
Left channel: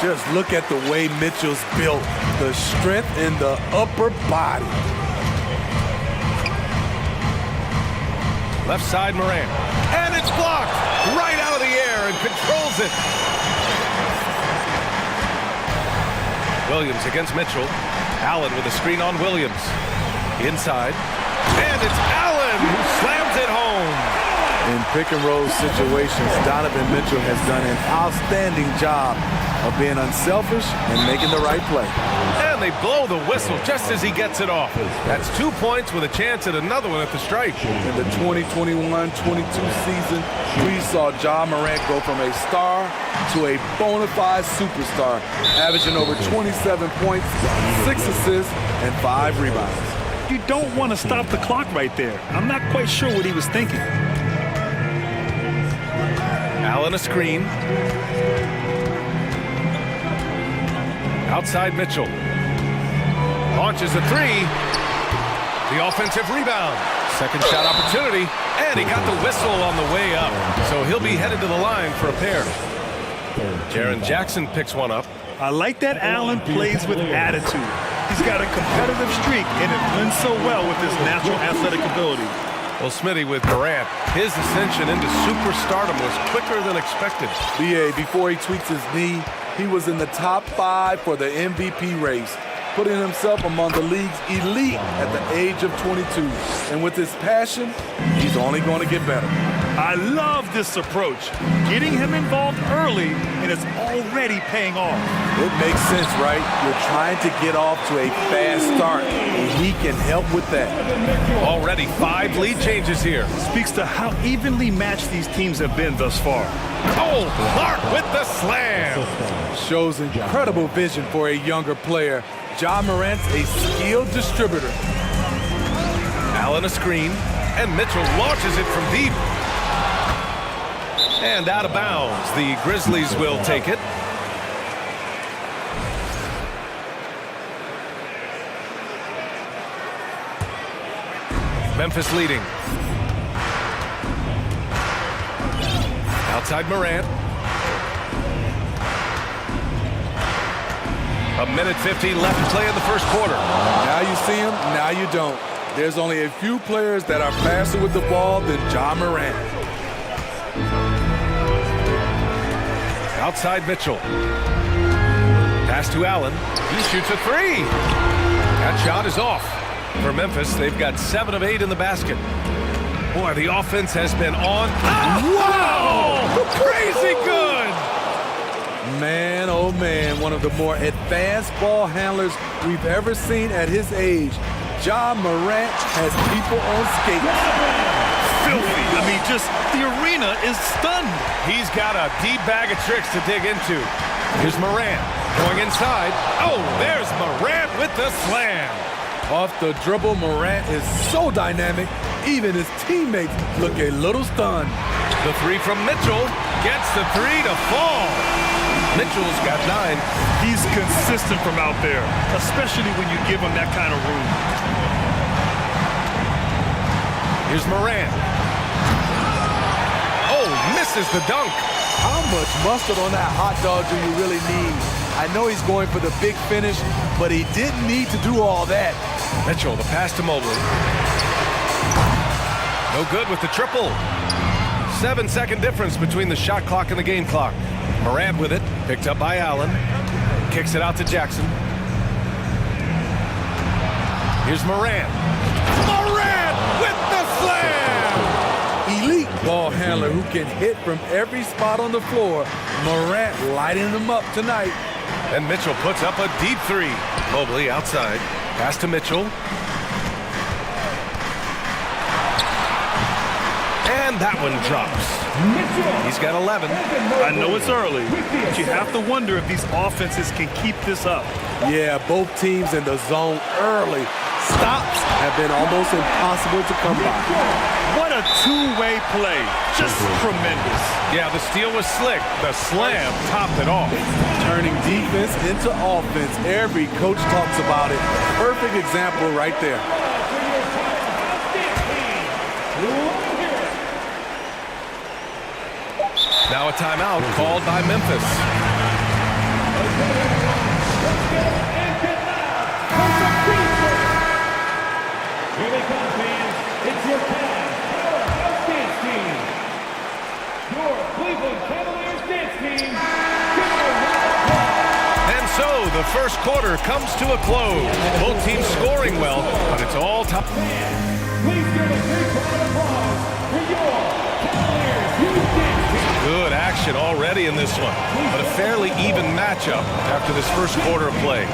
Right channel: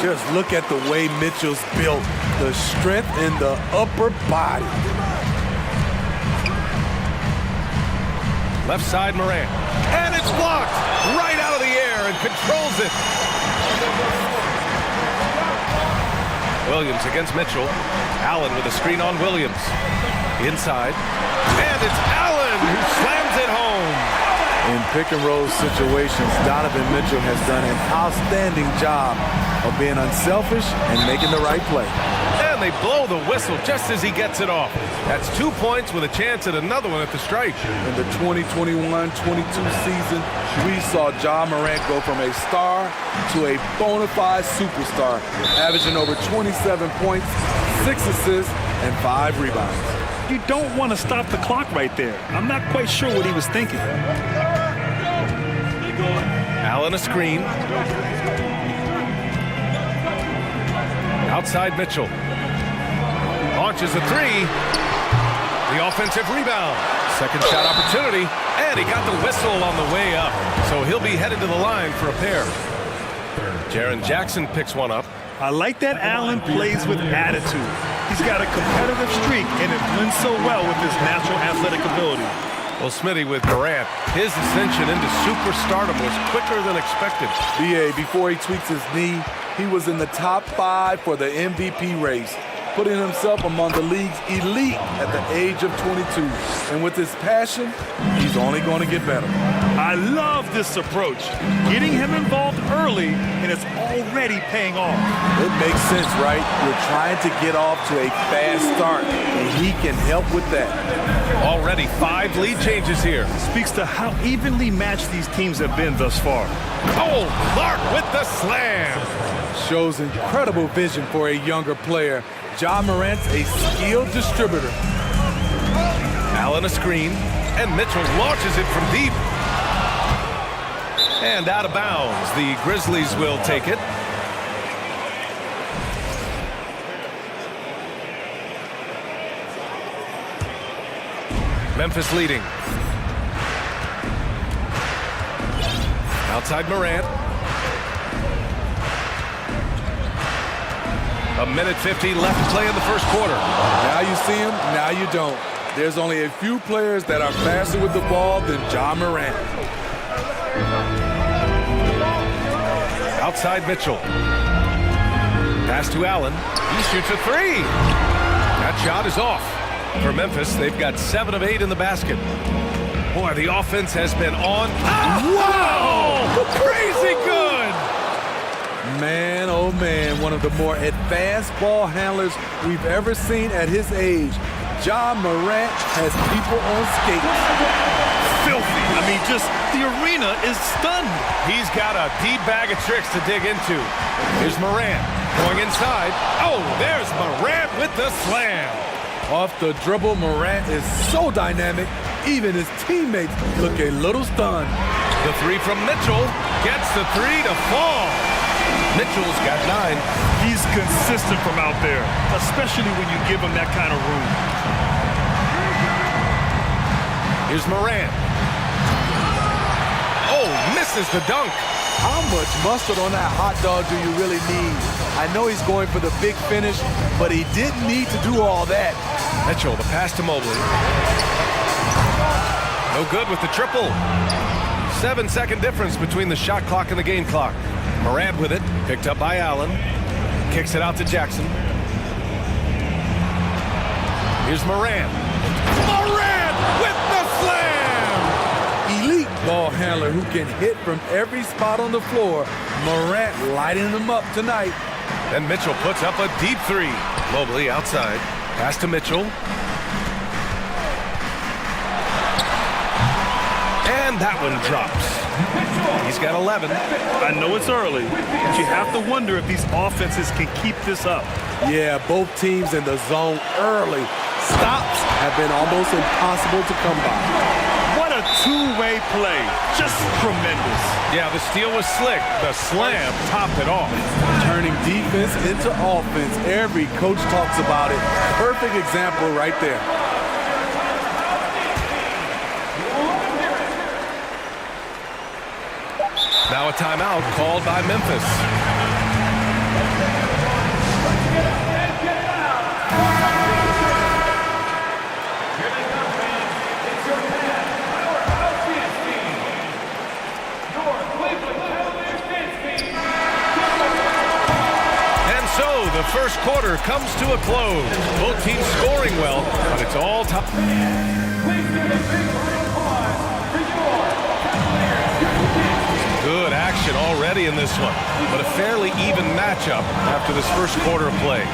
Just look at the way Mitchell's built. The strength in the upper body. Left side, Morant. And it's blocked right out of the air and controls it. Williams against Mitchell. Allen with a screen on Williams. Inside. And it's Allen who slams it home. In pick and roll situations, Donovan Mitchell has done an outstanding job of being unselfish and making the right play. And they blow the whistle just as he gets it off. That's 2 points with a chance at another one at the stripe. In the 2021-22 season, we saw Ja Morant go from a star to a bona fide superstar, averaging over 27 points, 6 assists, and 5 rebounds. You don't want to stop the clock right there. I'm not quite sure what he was thinking. Allen a screen. Outside Mitchell. Launches a 3. The offensive rebound. Second shot opportunity. And he got the whistle on the way up. So he'll be headed to the line for a pair. Jaren Jackson picks one up. I like that Allen plays with attitude. He's got a competitive streak, and it blends so well with his natural athletic ability. Well, Smitty, with Morant, his ascension into superstardom was quicker than expected. B.A., before he tweaks his knee, he was in the top 5 for the MVP race, putting himself among the league's elite at the age of 22. And with his passion, he's only going to get better. I love this approach. Getting him involved early, and it's already paying off. It makes sense, right? You're trying to get off to a fast start, and he can help with that. Already 5 lead changes here. Speaks to how evenly matched these teams have been thus far. Oh, Clark with the slam. Shows incredible vision for a younger player. Ja Morant's a skilled distributor. Allen a screen, and Mitchell launches it from deep. And out of bounds. The Grizzlies will take it. Memphis leading. Outside Morant. A minute 50 left to play in the first quarter. Now you see him, now you don't. There's only a few players that are faster with the ball than Ja Morant. Outside Mitchell. Pass to Allen. He shoots a 3. That shot is off. For Memphis, they've got 7 of 8 in the basket. Boy, the offense has been on. Oh, wow! Crazy good! Man, oh man, one of the more advanced ball handlers we've ever seen at his age. Ja Morant has people on skates. Filthy. I mean, just the arena is stunned. He's got a deep bag of tricks to dig into. Here's Morant going inside. Oh, there's Morant with the slam. Off the dribble, Morant is so dynamic, even his teammates look a little stunned. The three from Mitchell gets the three to fall. Mitchell's got 9. He's consistent from out there, especially when you give him that kind of room. Here's Morant. Oh, misses the dunk. How much mustard on that hot dog do you really need? I know he's going for the big finish, but he didn't need to do all that. Mitchell, the pass to Mobley. No good with the triple. 7-second difference between the shot clock and the game clock. Morant with it, picked up by Allen. Kicks it out to Jackson. Here's Morant. Morant with the slam! Elite ball handler who can hit from every spot on the floor. Morant lighting them up tonight. Then Mitchell puts up a deep three. Mobley outside. Pass to Mitchell. And that one drops. He's got 11. I know it's early, but you have to wonder if these offenses can keep this up. Yeah, both teams in the zone early. Stops have been almost impossible to come by. What a two-way play. Just tremendous. Yeah, the steal was slick. The slam topped it off. Turning defense into offense. Every coach talks about it. Perfect example right there. Now a timeout called by Memphis. Here they come, fans. It's your Cavs Powerhouse Dance Team. Your Cleveland Cavaliers Dance Team. And so the first quarter comes to a close. Both teams scoring well, but it's all top. Please give a big round of applause for your Cavaliers Dance Team. Good action already in this one, but a fairly even matchup after this first quarter of play.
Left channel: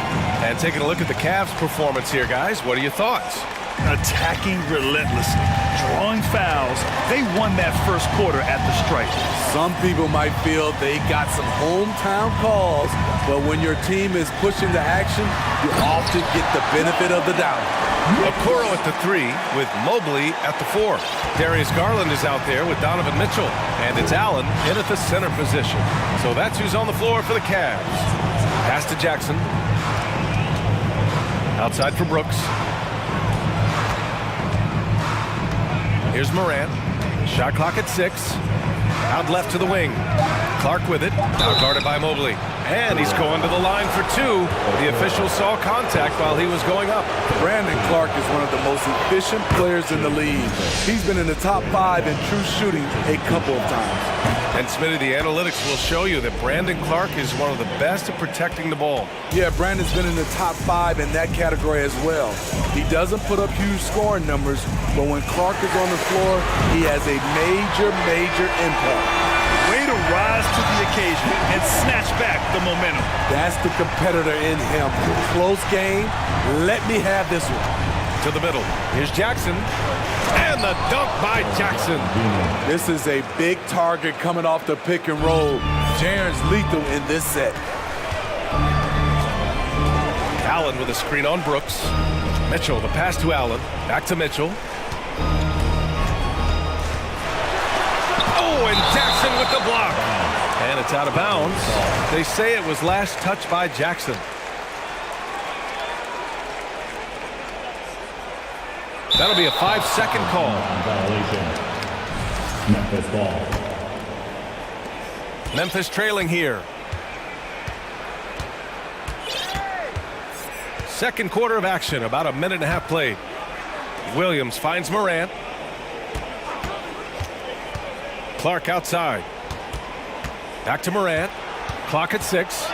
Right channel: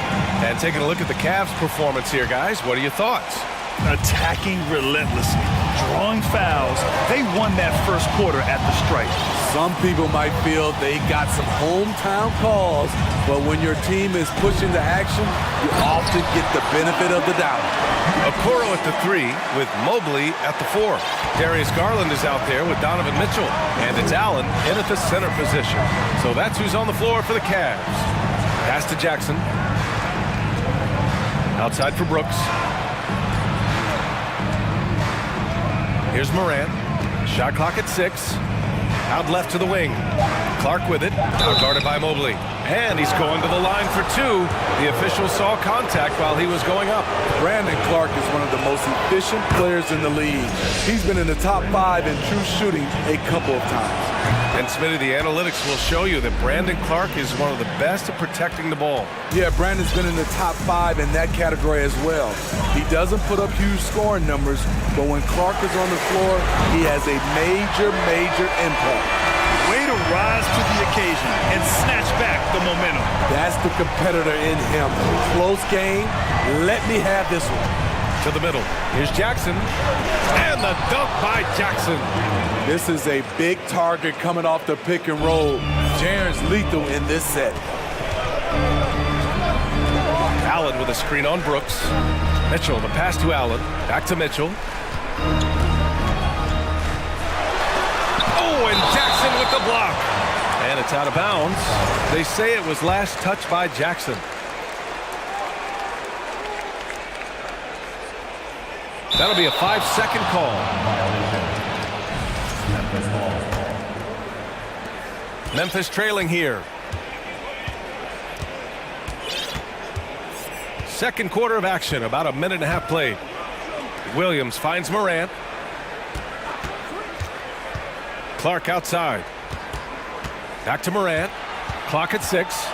And taking a look at the Cavs' performance here, guys, what are your thoughts? Attacking relentlessly, drawing fouls. They won that first quarter at the stripe. Some people might feel they got some hometown calls, but when your team is pushing the action, you often get the benefit of the doubt. Okoro at the 3 with Mobley at the 4. Darius Garland is out there with Donovan Mitchell, and it's Allen in at the center position. So that's who's on the floor for the Cavs. Pass to Jackson. Outside for Brooks. Here's Morant. Shot clock at 6. Out left to the wing. Clark with it. Out guarded by Mobley. And he's going to the line for 2. The official saw contact while he was going up. Brandon Clark is one of the most efficient players in the league. He's been in the top 5 in true shooting a couple of times. And Smitty, the analytics will show you that Brandon Clark is one of the best at protecting the ball. Yeah, Brandon's been in the top 5 in that category as well. He doesn't put up huge scoring numbers, but when Clark is on the floor, he has a major impact. Way to rise to the occasion and snatch back the momentum. That's the competitor in him. Close game. Let me have this one. To the middle. Here's Jackson. And the dunk by Jackson. This is a big target coming off the pick and roll. Jaren's lethal in this set. Allen with a screen on Brooks. Mitchell, the pass to Allen. Back to Mitchell. Oh, and Jackson with the block. And it's out of bounds. They say it was last touched by Jackson. That'll be a 5-second call. Memphis ball. Memphis trailing here. Second quarter of action, about a minute and a half played. Williams finds Morant. Clark outside. Back to Morant. Clock at 6.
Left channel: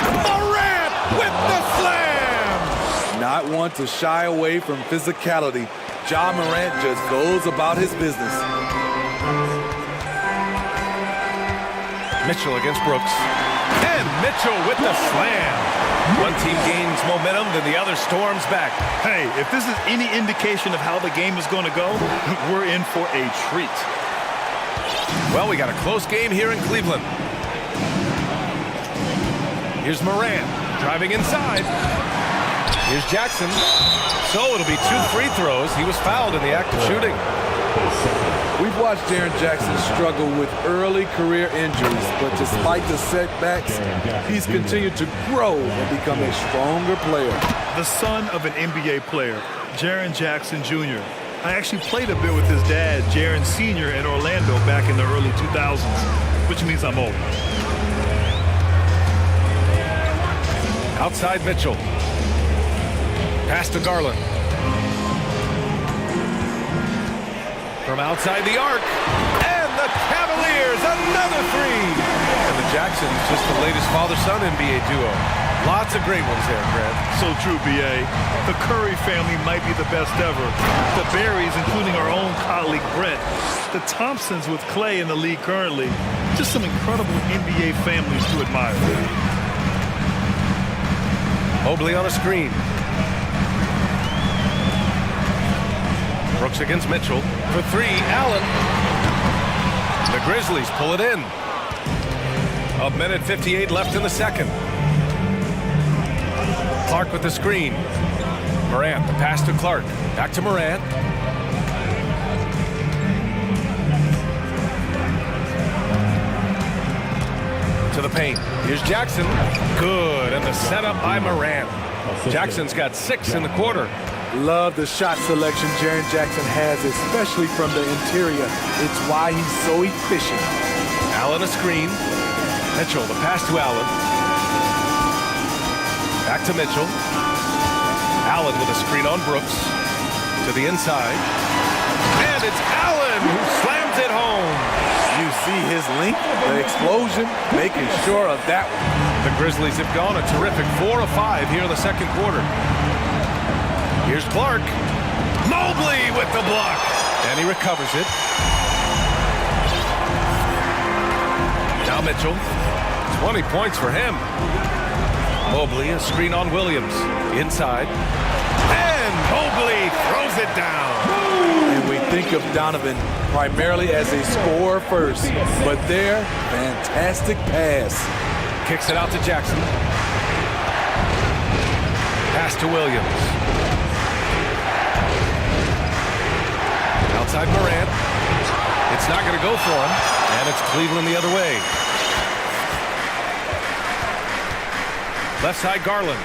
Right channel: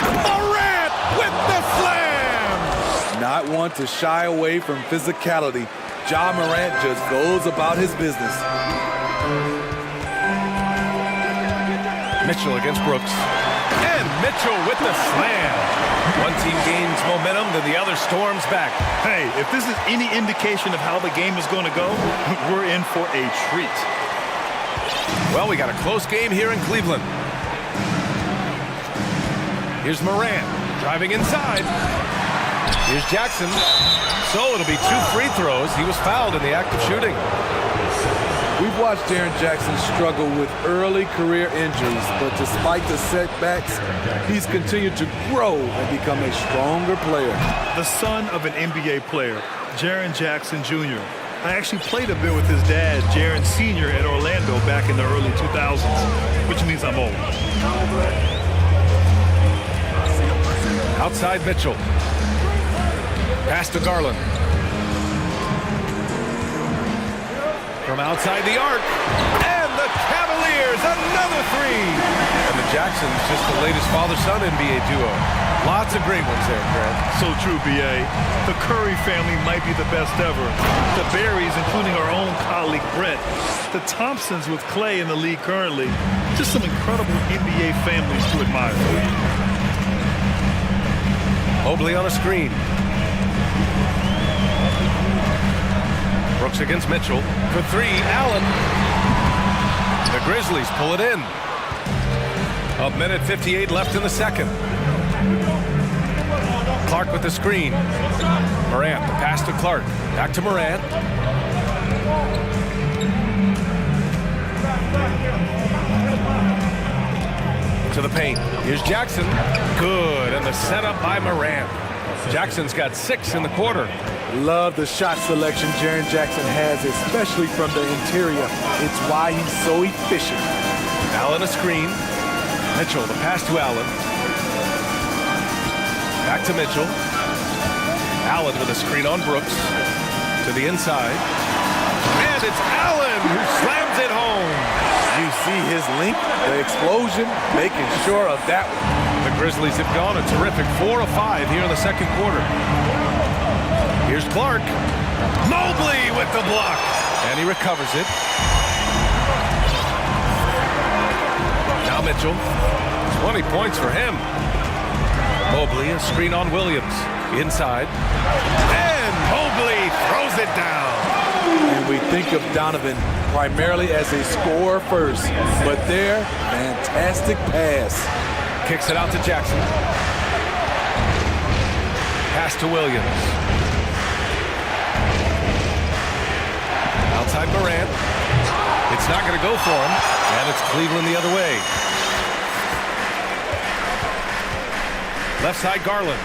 Morant with the slam! Not one to shy away from physicality. Ja Morant just goes about his business. Mitchell against Brooks. And Mitchell with the slam. One team gains momentum, then the other storms back. Hey, if this is any indication of how the game is going to go, we're in for a treat. Well, we got a close game here in Cleveland. Here's Morant driving inside. Here's Jackson. So it'll be 2 free throws. He was fouled in the act of shooting. We've watched Jaren Jackson struggle with early career injuries, but despite the setbacks, he's continued to grow and become a stronger player. The son of an NBA player, Jaren Jackson Jr. I actually played a bit with his dad, Jaren Sr. in Orlando back in the early 2000s, which means I'm old. Outside Mitchell. Pass to Garland. From outside the arc. And the Cavaliers, another 3. And the Jacksons, just the latest father-son NBA duo. Lots of great ones there, Grant. So true, B.A. The Curry family might be the best ever. The Berrys, including our own colleague Brett. The Thompsons with Clay in the league currently. Just some incredible NBA families to admire. Mobley on a screen. Brooks against Mitchell. For 3, Allen. The Grizzlies pull it in. 1:58 left in the second. Clark with the screen. Morant, the pass to Clark. Back to Morant. To the paint. Here's Jackson. Good, and the setup by Morant. Jackson's got 6 in the quarter. Love the shot selection Jaren Jackson has, especially from the interior. It's why he's so efficient. Allen a screen. Mitchell, the pass to Allen. Back to Mitchell. Allen with a screen on Brooks. To the inside. And it's Allen who slams it home. You see his length, the explosion, making sure of that one. The Grizzlies have gone a terrific 4 of 5 here in the second quarter. Here's Clark. Mobley with the block. And he recovers it. Now Mitchell. 20 points for him. Mobley, a screen on Williams. Inside. And Mobley throws it down. And we think of Donovan primarily as a scorer first, but there, fantastic pass. Kicks it out to Jackson. Pass to Williams. Outside Morant. It's not going to go for him, and it's Cleveland the other way. Left side Garland.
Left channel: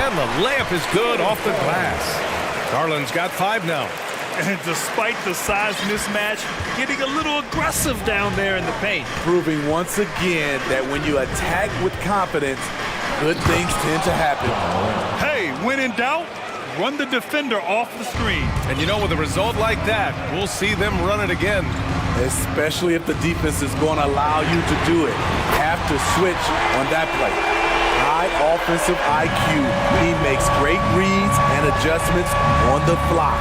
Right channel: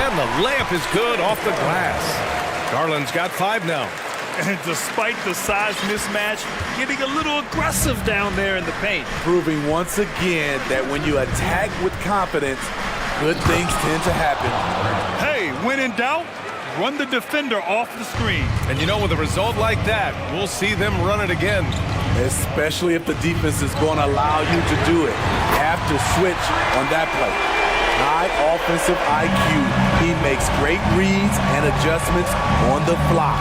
And the layup is good off the glass. Garland's got 5 now. And despite the size mismatch, getting a little aggressive down there in the paint. Proving once again that when you attack with confidence, good things tend to happen. Hey, when in doubt, run the defender off the screen. And you know, with a result like that, we'll see them run it again. Especially if the defense is going to allow you to do it. Have to switch on that play. High offensive IQ. He makes great reads and adjustments on the fly.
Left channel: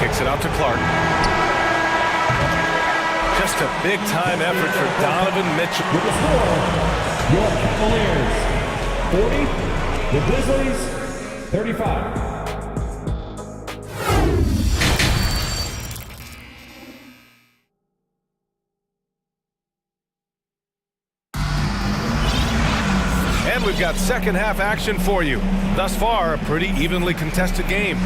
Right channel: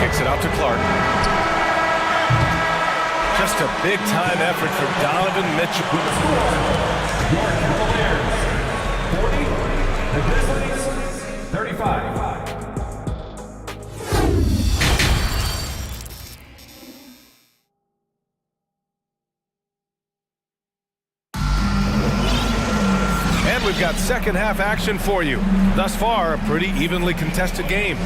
Kicks it out to Clark. Just a big-time effort for Donovan Mitchell. Your Cavaliers, 40. The Grizzlies, 35. And we've got second half action for you. Thus far, a pretty evenly contested game.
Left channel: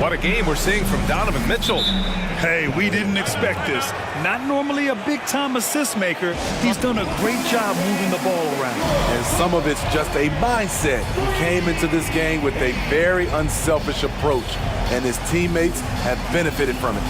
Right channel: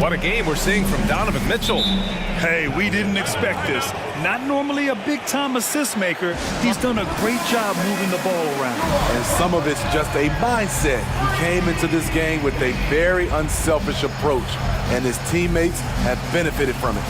What a game we're seeing from Donovan Mitchell. Hey, we didn't expect this. Not normally a big-time assist maker. He's done a great job moving the ball around. And some of it's just a mindset. He came into this game with a very unselfish approach, and his teammates have benefited from it.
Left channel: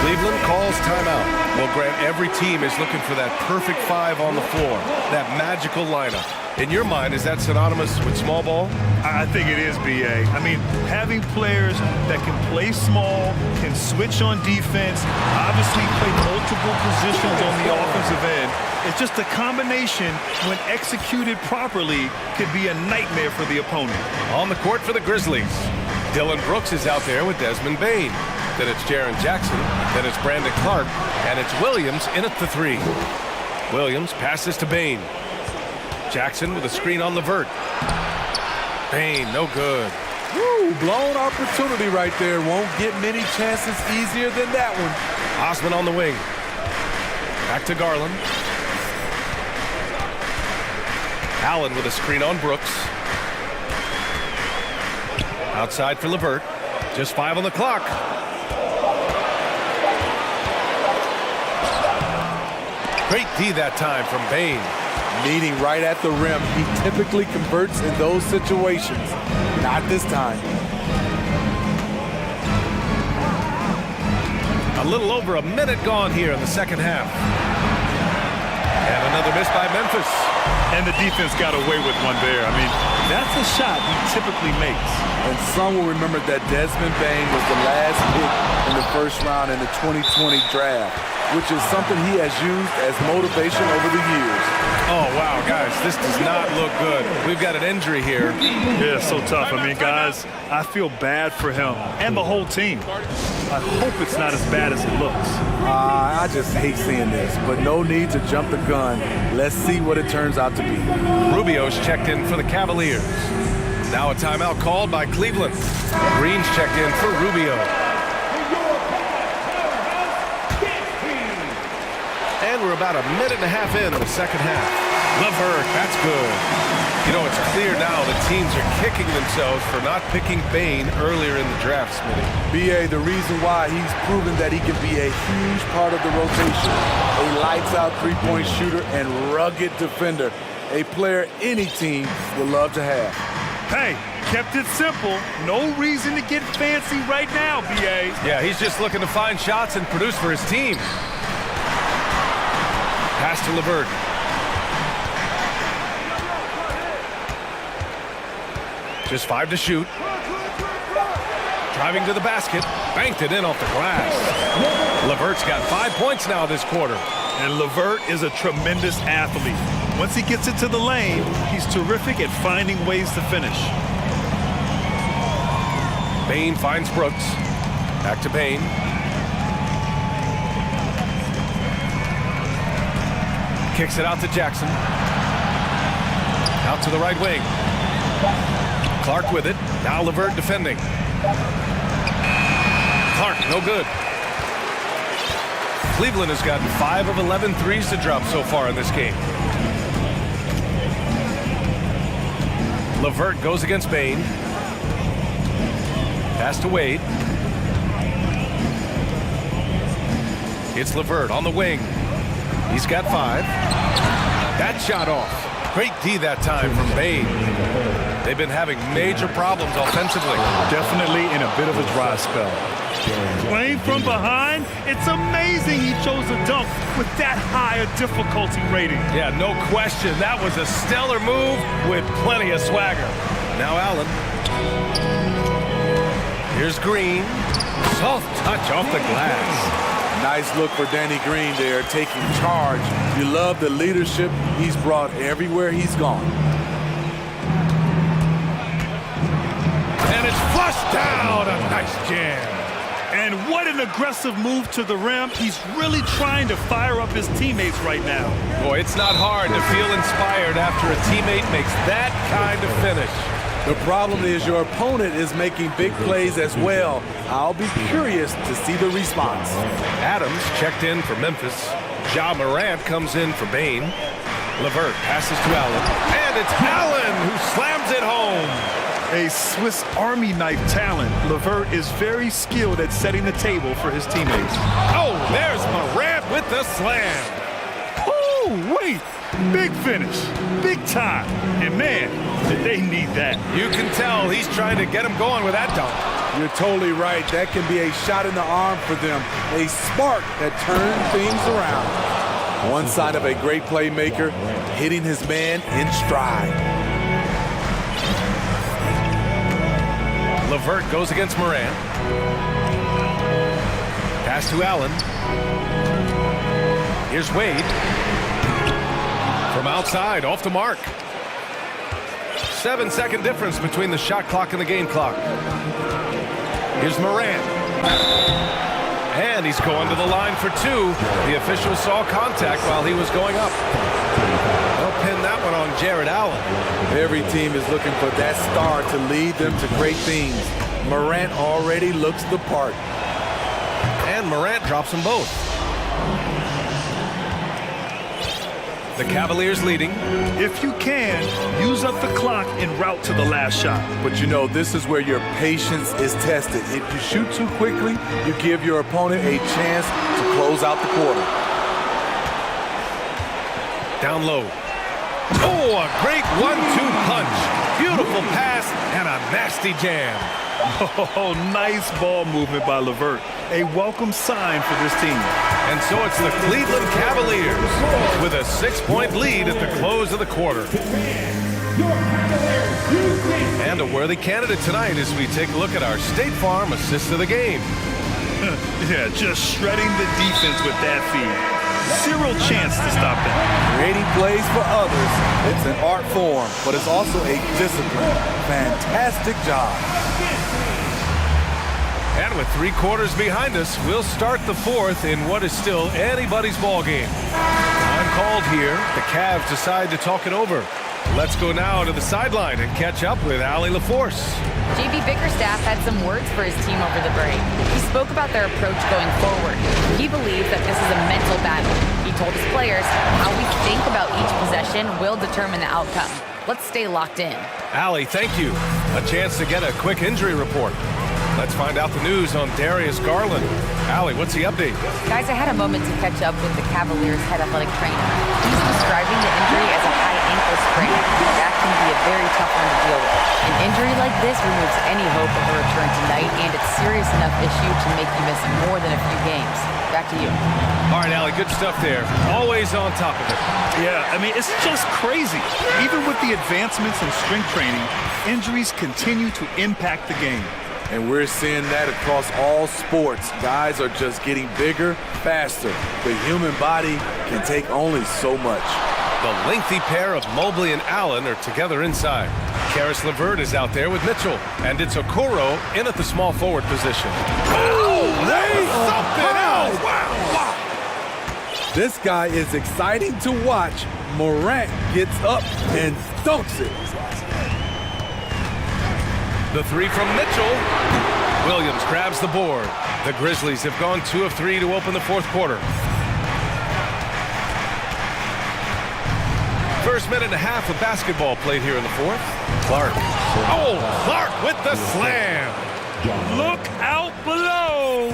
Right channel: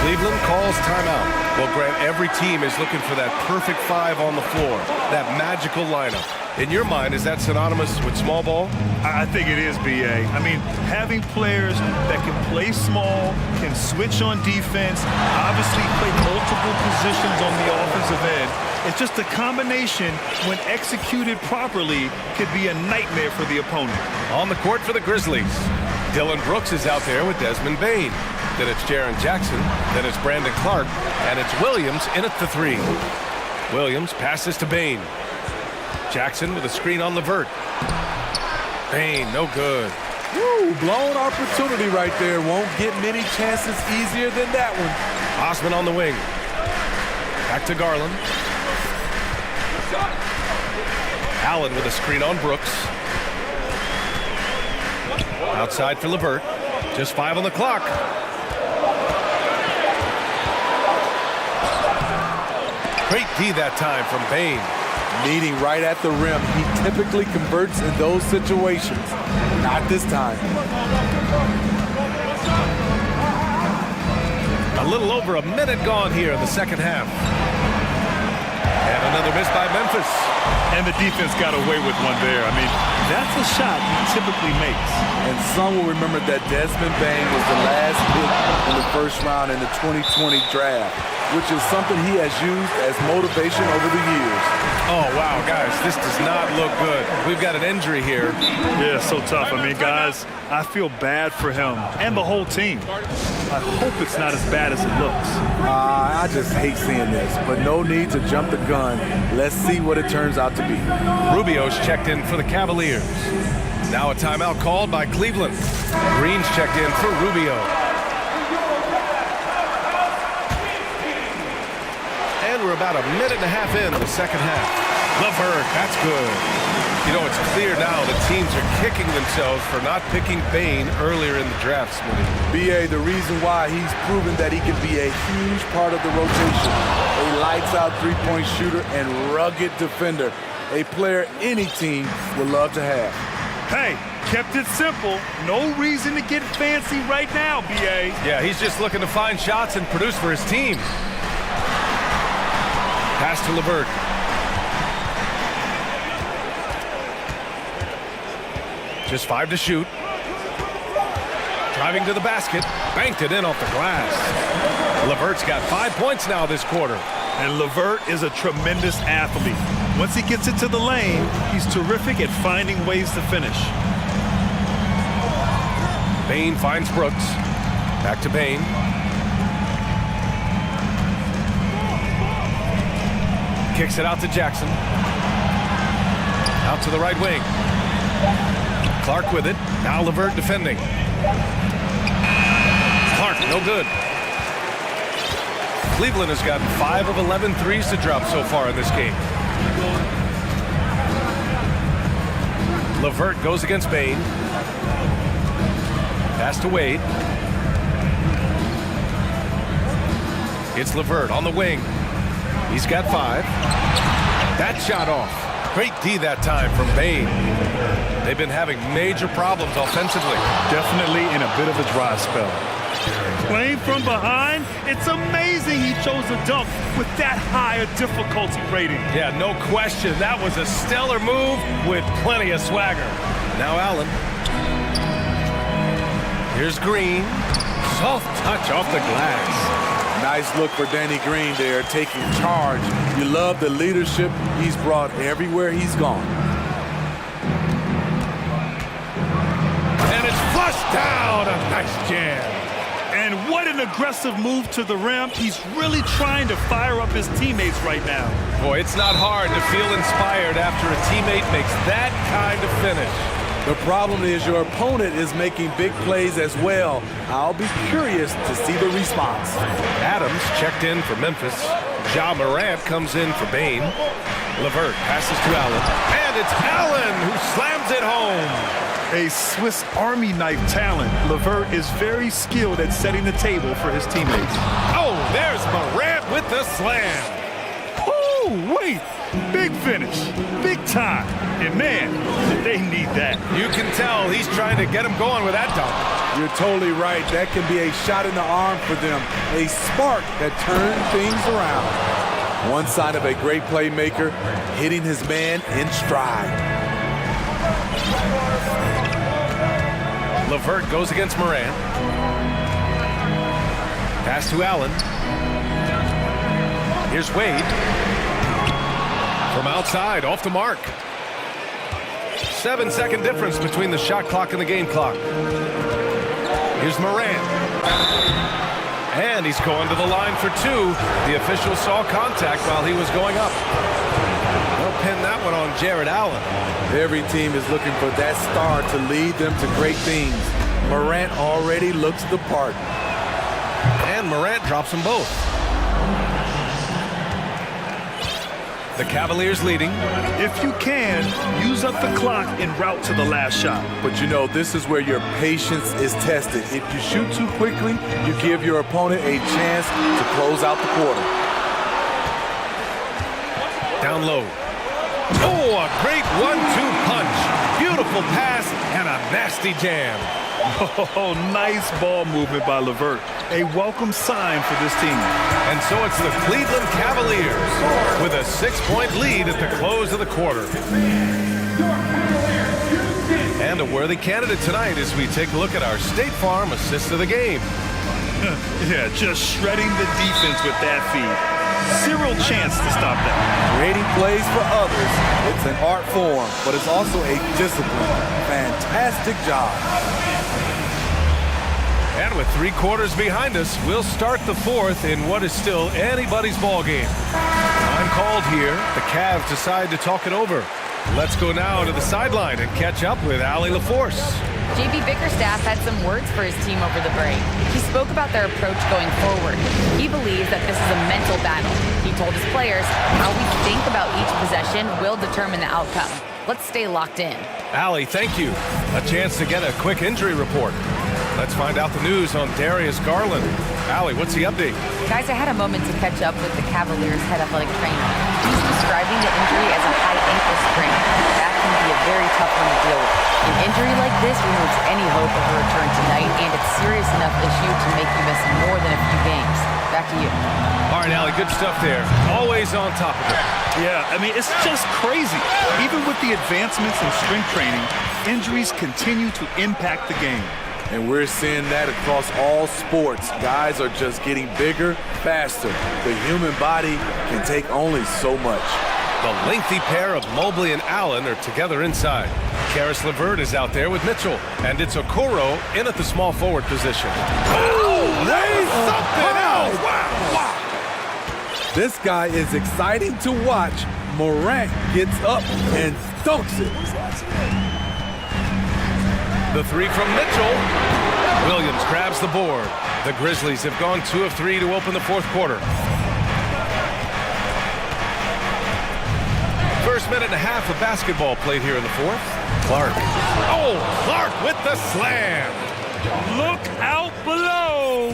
Cleveland calls timeout. Well, Grant, every team is looking for that perfect 5 on the floor, that magical lineup. In your mind, is that synonymous with small ball? I think it is, B.A. I mean, having players that can play small, can switch on defense, obviously play multiple positions on the offensive end. It's just a combination, when executed properly, could be a nightmare for the opponent. On the court for the Grizzlies, Dillon Brooks is out there with Desmond Bane. Then it's Jaren Jackson, then it's Brandon Clark, and it's Williams in at the 3. Williams passes to Bane. Jackson with a screen on Levert. Bane, no good. Woo, blown opportunity right there. Won't get many chances easier than that one. Osman on the wing. Back to Garland. Allen with a screen on Brooks. Outside for LeVert. Just 5 on the clock. Great D that time from Bane. Meeting right at the rim. He typically converts in those situations. Not this time. A little over a minute gone here in the second half. And another miss by Memphis. And the defense got away with one there. I mean, that's a shot he typically makes. And some will remember that Desmond Bane was the last pick in the first round in the 2020 draft, which is something he has used as motivation over the years. Oh, wow, guys, this does not look good. We've got an injury here. Yeah, so tough. I mean, guys, I feel bad for him and the whole team. I hope it's not as bad as it looks. I just hate seeing this, but no need to jump the gun. Let's see what it turns out to be. Rubio's checked in for the Cavaliers. Now a timeout called by Cleveland. Green's checked in for Rubio. And we're about a minute and a half in the second half. LeVert, that's good. You know, it's clear now the teams are kicking themselves for not picking Bane earlier in the draft, Smitty. B.A., the reason why he's proven that he can be a huge part of the rotation. A lights-out three-point shooter and rugged defender. A player any team would love to have. Hey, kept it simple. No reason to get fancy right now, B.A. Yeah, he's just looking to find shots and produce for his team. Pass to LeVert. Just 5 to shoot. Driving to the basket. Banked it in off the glass. LeVert's got 5 points now this quarter. And LeVert is a tremendous athlete. Once he gets into the lane, he's terrific at finding ways to finish. Bane finds Brooks. Back to Bane. Kicks it out to Jackson. Out to the right wing. Clark with it. Now LeVert defending. Clark, no good. Cleveland has gotten 5 of 11 threes to drop so far in this game. LeVert goes against Bane. Pass to Wade. It's LeVert on the wing. He's got 5. That shot off. Great D that time from Bane. They've been having major problems offensively. Definitely in a bit of a dry spell. Playing from behind, it's amazing he chose a dunk with that higher difficulty rating. Yeah, no question. That was a stellar move with plenty of swagger. Now Allen. Here's Green. Soft touch off the glass. Nice look for Danny Green there, taking charge. You love the leadership he's brought everywhere he's gone. And it's flushed down. A nice jam. And what an aggressive move to the rim. He's really trying to fire up his teammates right now. Boy, it's not hard to feel inspired after a teammate makes that kind of finish. The problem is your opponent is making big plays as well. I'll be curious to see the response. Adams checked in for Memphis. Ja Morant comes in for Bane. LeVert passes to Allen. And it's Allen who slams it home. A Swiss Army knife talent. LeVert is very skilled at setting the table for his teammates. Oh, there's Morant with the slam. Oh, wait. Big finish. Big time. And man, did they need that. You can tell he's trying to get him going with that dunk. You're totally right. That can be a shot in the arm for them. A spark that turns things around. One sign of a great playmaker, hitting his man in stride. LeVert goes against Morant. Pass to Allen. Here's Wade. From outside, off the mark. 7-second difference between the shot clock and the game clock. Here's Morant. And he's going to the line for 2. The official saw contact while he was going up. They'll pin that one on Jared Allen. Every team is looking for that star to lead them to great things. Morant already looks the part. And Morant drops them both. The Cavaliers leading. If you can, use up the clock en route to the last shot. But you know, this is where your patience is tested. If you shoot too quickly, you give your opponent a chance to close out the quarter. Down low. Oh, a great 1-2 punch. Beautiful pass and a nasty jam. Oh, nice ball movement by LeVert. A welcome sign for this team. And so it's the Cleveland Cavaliers with a 6-point lead at the close of the quarter. And a worthy candidate tonight as we take a look at our State Farm assist of the game. Yeah, just shredding the defense with that feed. Zero chance to stop that. Creating plays for others, it's an art form, but it's also a discipline. Fantastic job. And with 3 quarters behind us, we'll start the fourth in what is still anybody's ball game. Time called here. The Cavs decide to talk it over. Let's go now to the sideline and catch up with Allie LaForce. JB Bickerstaff had some words for his team over the break. He spoke about their approach going forward. He believes that this is a mental battle. He told his players how we think about each possession will determine the outcome. Let's stay locked in. Allie, thank you. A chance to get a quick injury report. Let's find out the news on Darius Garland. Allie, what's the update? Guys, I had a moment to catch up with the Cavaliers' head athletic trainer. He's describing the injury as a high ankle sprain. That can be a very tough one to deal with. An injury like this removes any hope of a return tonight, and it's a serious enough issue to make you miss more than a few games. Back to you. All right, Allie, good stuff there. Always on top of it. Yeah, I mean, it's just crazy. Even with the advancements in strength training, injuries continue to impact the game. And we're seeing that across all sports. Guys are just getting bigger, faster. The human body can take only so much. The lengthy pair of Mobley and Allen are together inside. Karis LeVert is out there with Mitchell. And it's Okoro in at the small forward position. Oh, that was something else! Wow! This guy is exciting to watch. Morant gets up and dunks it. The 3 from Mitchell. Williams grabs the board. The Grizzlies have gone 2 of 3 to open the fourth quarter. First minute and a half of basketball played here in the fourth. Clark. Oh, Clark with the slam. Look out below.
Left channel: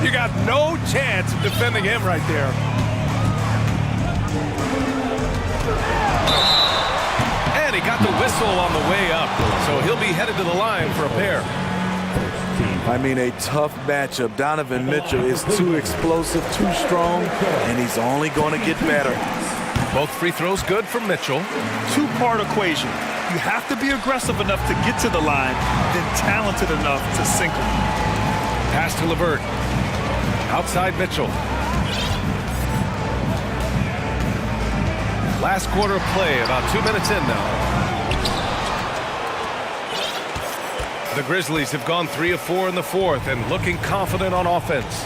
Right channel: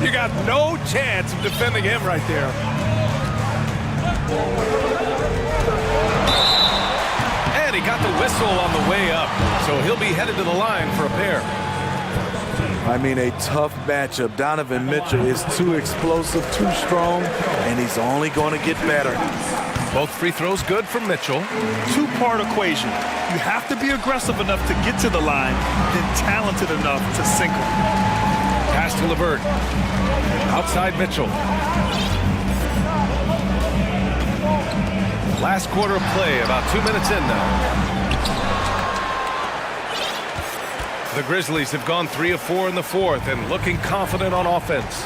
You got no chance of defending him right there. And he got the whistle on the way up, so he'll be headed to the line for a pair. I mean, a tough matchup. Donovan Mitchell is too explosive, too strong, and he's only going to get better. Both free throws good for Mitchell. Two-part equation. You have to be aggressive enough to get to the line, then talented enough to sink them. Pass to LeVert. Outside Mitchell. Last quarter of play, about 2 minutes in now. The Grizzlies have gone 3 of 4 in the fourth and looking confident on offense.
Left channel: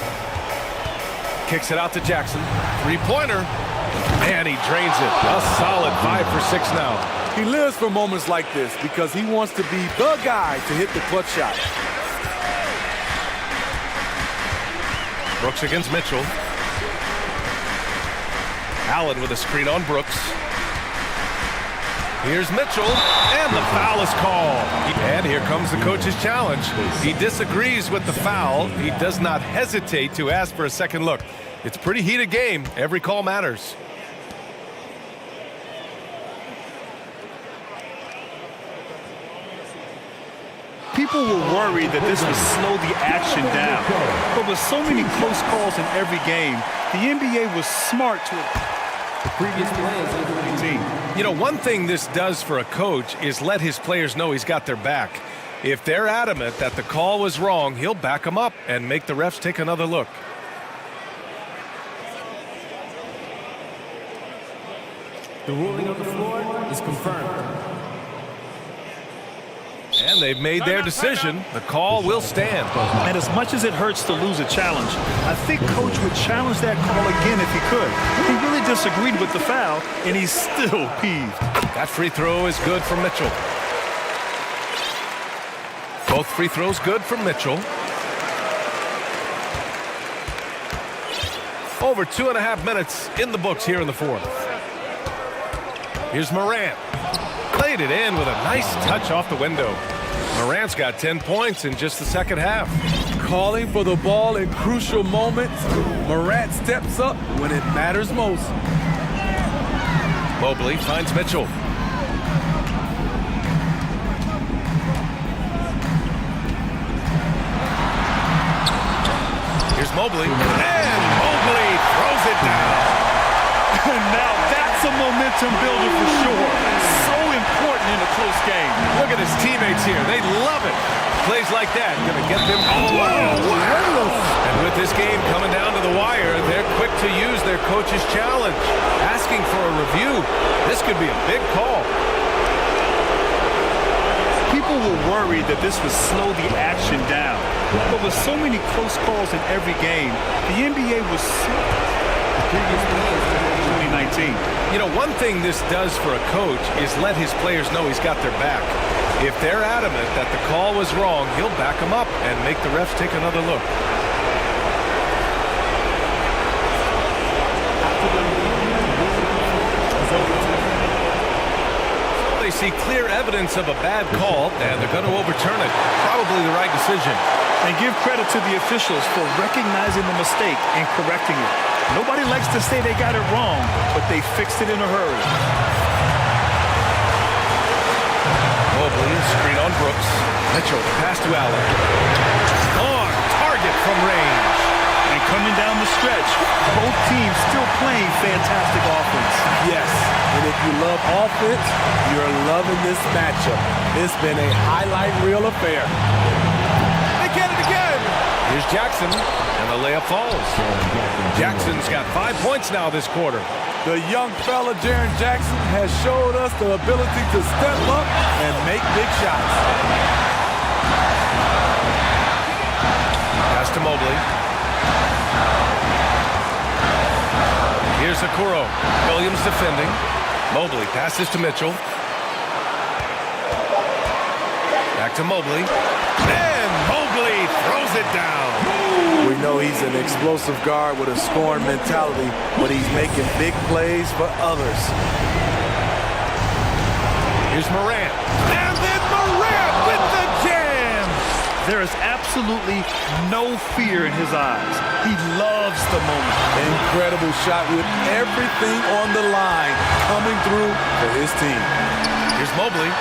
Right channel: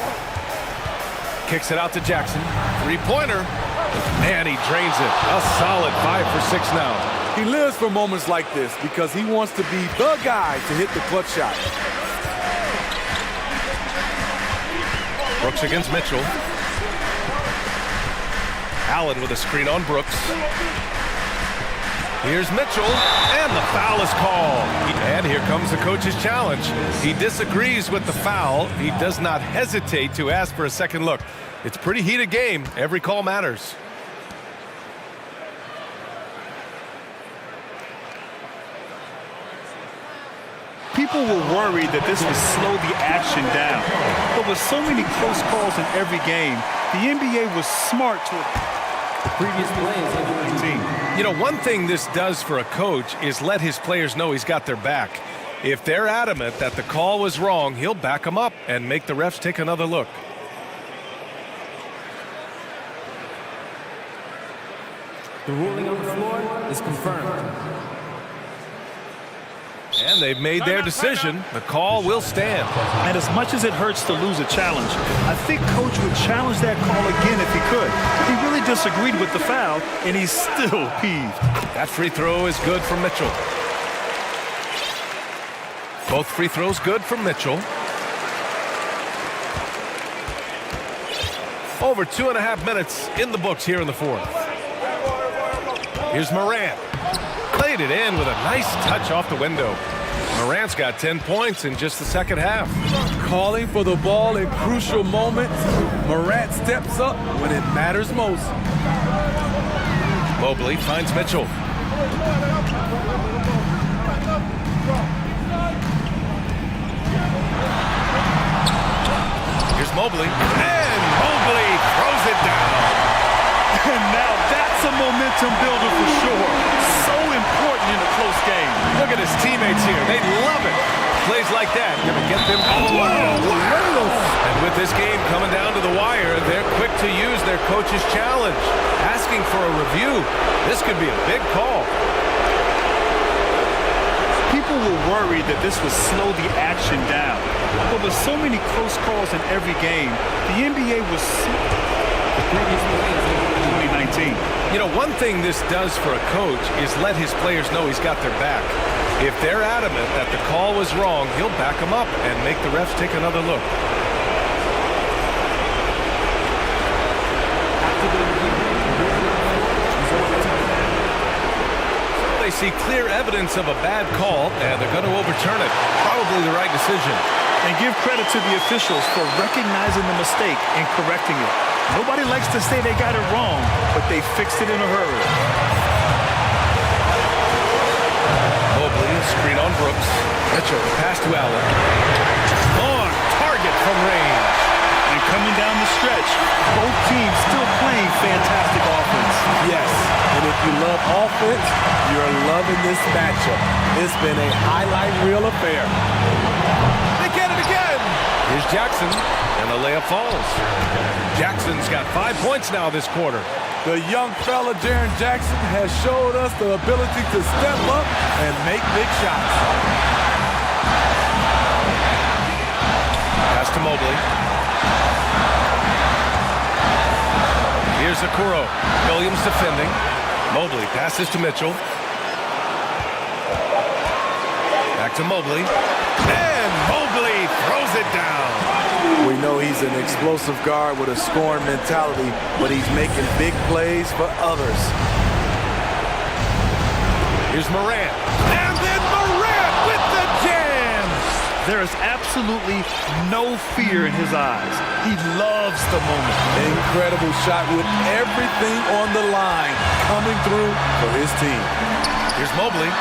Kicks it out to Jackson. 3-pointer. And he drains it. A solid 5 for 6 now. He lives for moments like this because he wants to be the guy to hit the clutch shot. Brooks against Mitchell. Allen with a screen on Brooks. Here's Mitchell, and the foul is called. And here comes the coach's challenge. He disagrees with the foul. He does not hesitate to ask for a second look. It's a pretty heated game. Every call matters. People were worried that this would slow the action down. But with so many close calls in every game, the NBA was smart to the previous play is 19. You know, one thing this does for a coach is let his players know he's got their back. If they're adamant that the call was wrong, he'll back them up and make the refs take another look. The ruling on the floor is confirmed. And they've made their decision. The call will stand. And as much as it hurts to lose a challenge, I think Coach would challenge that call again if he could. He really disagreed with the foul, and he's still peeved. That free throw is good for Mitchell. Both free throws good for Mitchell. Over 2.5 minutes in the books here in the fourth. Here's Morant. Played it in with a nice touch off the window. Morant's got 10 points in just the second half. Calling for the ball in crucial moments. Morant steps up when it matters most. Mobley finds Mitchell. Here's Mobley. And Mobley throws it down. And now that's a momentum builder for sure. So important in a close game. Look at his teammates here. They love it. Plays like that going to get them. And with this game coming down to the wire, they're quick to use their coach's challenge. Asking for a review. This could be a big call. People were worried that this would slow the action down. But with so many close calls in every game, the NBA was the previous players in 2019. You know, one thing this does for a coach is let his players know he's got their back. If they're adamant that the call was wrong, he'll back them up and make the refs take another look. After the review, the ruling on the floor is overturned. They see clear evidence of a bad call, and they're going to overturn it. Probably the right decision. And give credit to the officials for recognizing the mistake and correcting it. Nobody likes to say they got it wrong, but they fixed it in a hurry. Mobley, a screen on Brooks. Mitchell, the pass to Allen. On target from range. And coming down the stretch, both teams still playing fantastic offense. Yes, and if you love offense, you're loving this matchup. It's been a highlight reel affair. They get it again. Here's Jackson, and the layup falls. Jackson's got 5 points now this quarter. The young fella, Jaren Jackson, has showed us the ability to step up and make big shots. Pass to Mobley. Here's Okoro. Williams defending. Mobley passes to Mitchell. Back to Mobley. And Mobley throws it down. We know he's an explosive guard with a scoring mentality, but he's making big plays for others. Here's Morant. And then Morant with the jam. There is absolutely no fear in his eyes. He loves the moment. Incredible shot with everything on the line coming through for his team. Here's Mobley.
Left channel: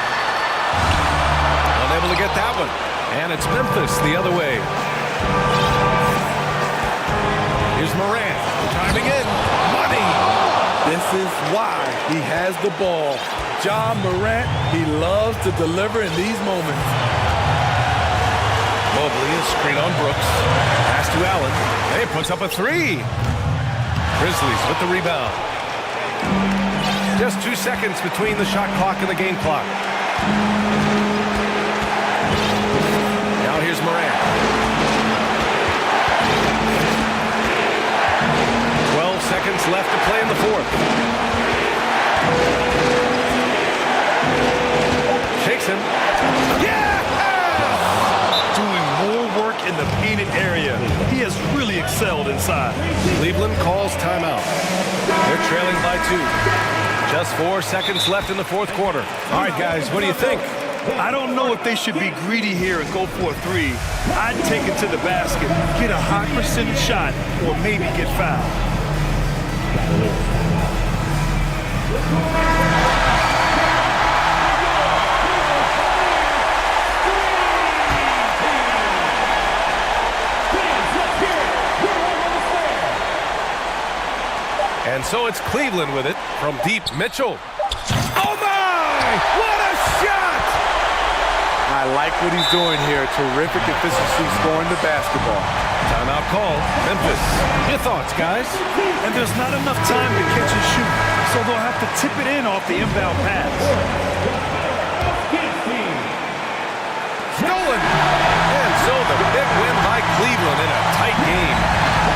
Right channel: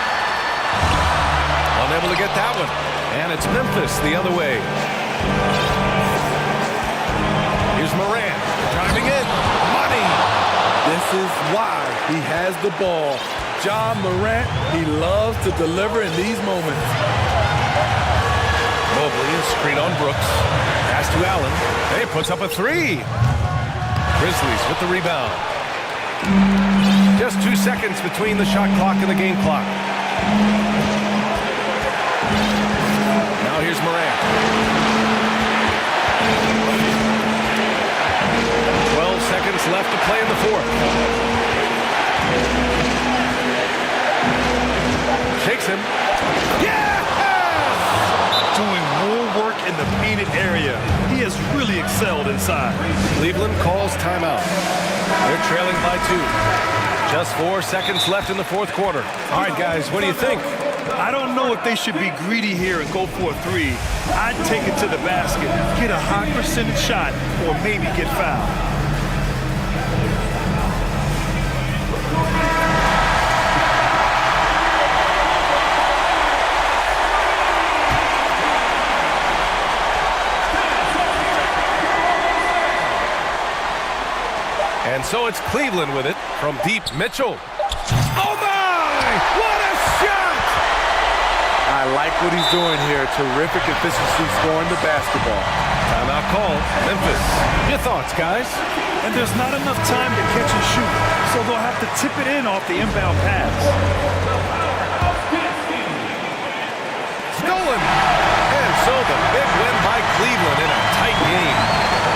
Unable to get that one. And it's Memphis the other way. Here's Morant. Driving in. Money. This is why he has the ball. John Morant, he loves to deliver in these moments. Mobley, a screen on Brooks. Pass to Allen. And he puts up a three. Grizzlies with the rebound. Just 2 seconds between the shot clock and the game clock. Now here's Morant. 12 seconds left to play in the fourth. Shakes him. Yeah! Doing more work in the painted area. He has really excelled inside. Cleveland calls timeout. They're trailing by 2. Just 4 seconds left in the fourth quarter. All right, guys, what do you think? I don't know if they should be greedy here and go for a three. I'd take it to the basket, get a high percentage shot, or maybe get fouled. And so it's Cleveland with it from deep. Mitchell. Oh my! What a shot! I like what he's doing here. Terrific efficiency scoring the basketball. Timeout call. Memphis. Your thoughts, guys? And there's not enough time to catch and shoot, so they'll have to tip it in off the inbound pass. Stolen! And so the big win by Cleveland in a tight game.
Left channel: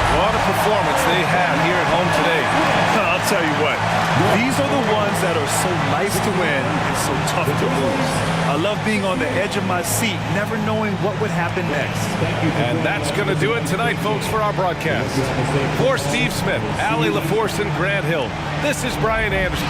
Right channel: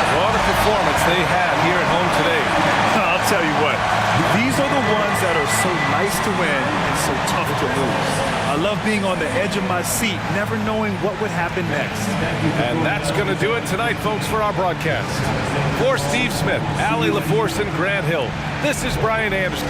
What a performance they had here at home today. I'll tell you what, these are the ones that are so nice to win and so tough to lose. I love being on the edge of my seat, never knowing what would happen next. And that's going to do it tonight, folks, for our broadcast. For Steve Smith, Allie LaForce, and Grant Hill, this is Brian Anderson.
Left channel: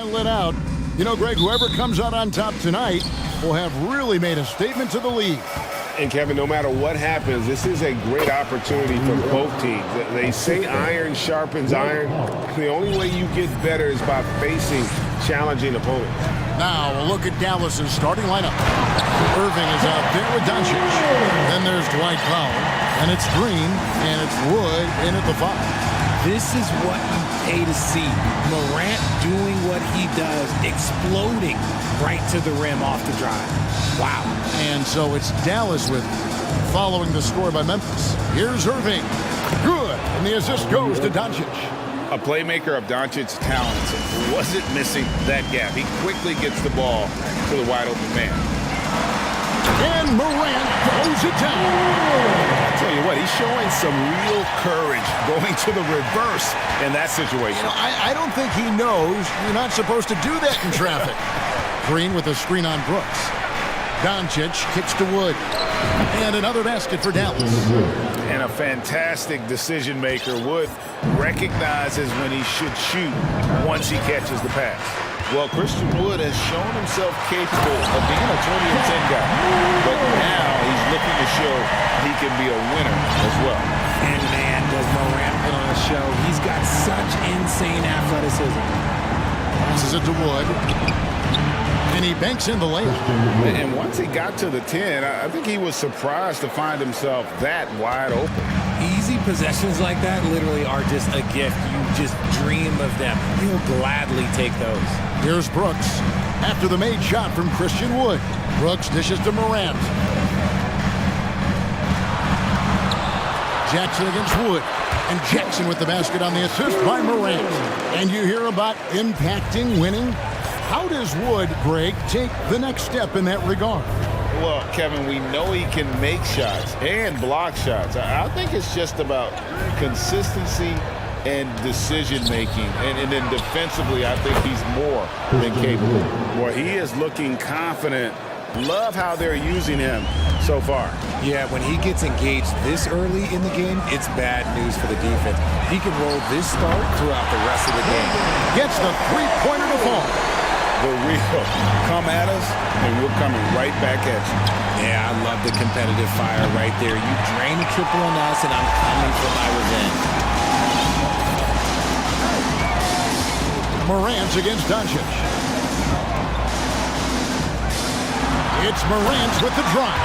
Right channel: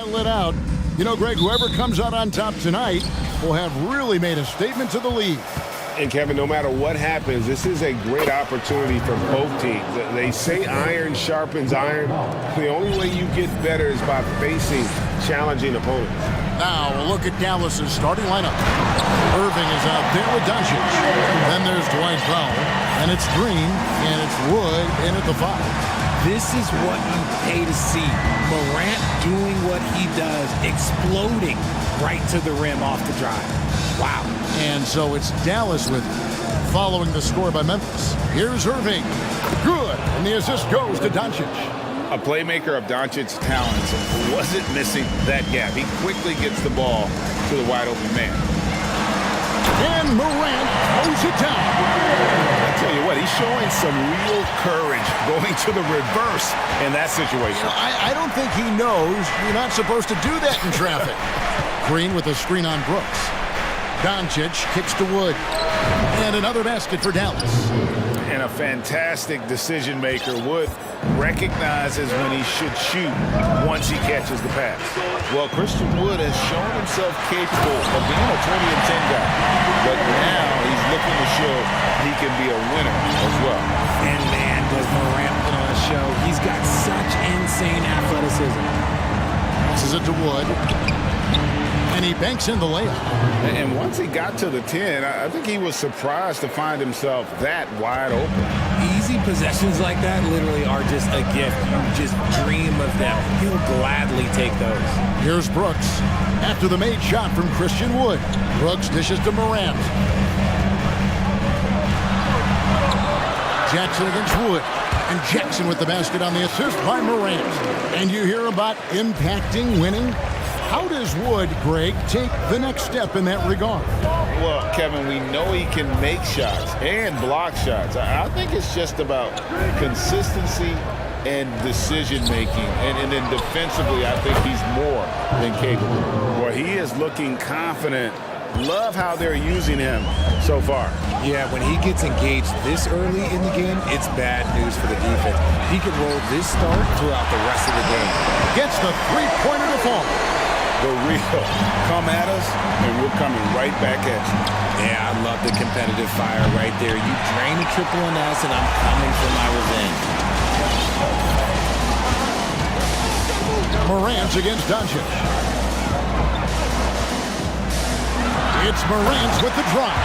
Lit out. You know, Greg, whoever comes out on top tonight will have really made a statement to the league. And Kevin, no matter what happens, this is a great opportunity for both teams. They say iron sharpens iron. The only way you get better is by facing challenging opponents. Now, a look at Dallas's starting lineup. Irving is out there with Doncic. Then there's Dwight Powell, and it's Green, and it's Wood in at the 5. This is what you pay to see. Morant doing what he does, exploding right to the rim off the drive. Wow. And so it's Dallas with following the score by Memphis. Here's Irving. Good. And the assist goes to Doncic. A playmaker of Doncic's talents wasn't missing that gap. He quickly gets the ball to the wide open man. And Morant throws it down. I tell you what, he's showing some real courage going to the reverse in that situation. You know, I don't think he knows you're not supposed to do that in traffic. Green with a screen on Brooks. Doncic kicks to Wood. And another basket for Dallas. And a fantastic decision maker. Wood recognizes when he should shoot once he catches the pass. Well, Christian Wood has shown himself capable of being a 20 and 10 guy. But now he's looking to show he can be a winner as well. And man, does Morant put on a show. He's got such insane athleticism. Passes it to Wood. And he banks in the layup. And once he got to the 10, I think he was surprised to find himself that wide open. Easy possessions like that literally are just a gift. You just dream of them. He'll gladly take those. Here's Brooks after the made shot from Christian Wood. Brooks dishes to Morant. Jackson against Wood. And Jackson with the basket on the assist by Morant. And you hear about impacting, winning. How does Wood, Greg, take the next step in that regard? Well, Kevin, we know he can make shots and block shots. I think it's just about consistency and decision-making. And then defensively, I think he's more than capable. Well, he is looking confident. Love how they're using him so far. Yeah, when he gets engaged this early in the game, it's bad news for the defense. He can roll this start throughout the rest of the game. Gets the three-pointer to fall. The real come at us, and we're coming right back at you. Yeah, I love the competitive fire right there. You drain a triple on us, and I'm coming for my revenge. Morant against Doncic. It's Morant with the drive.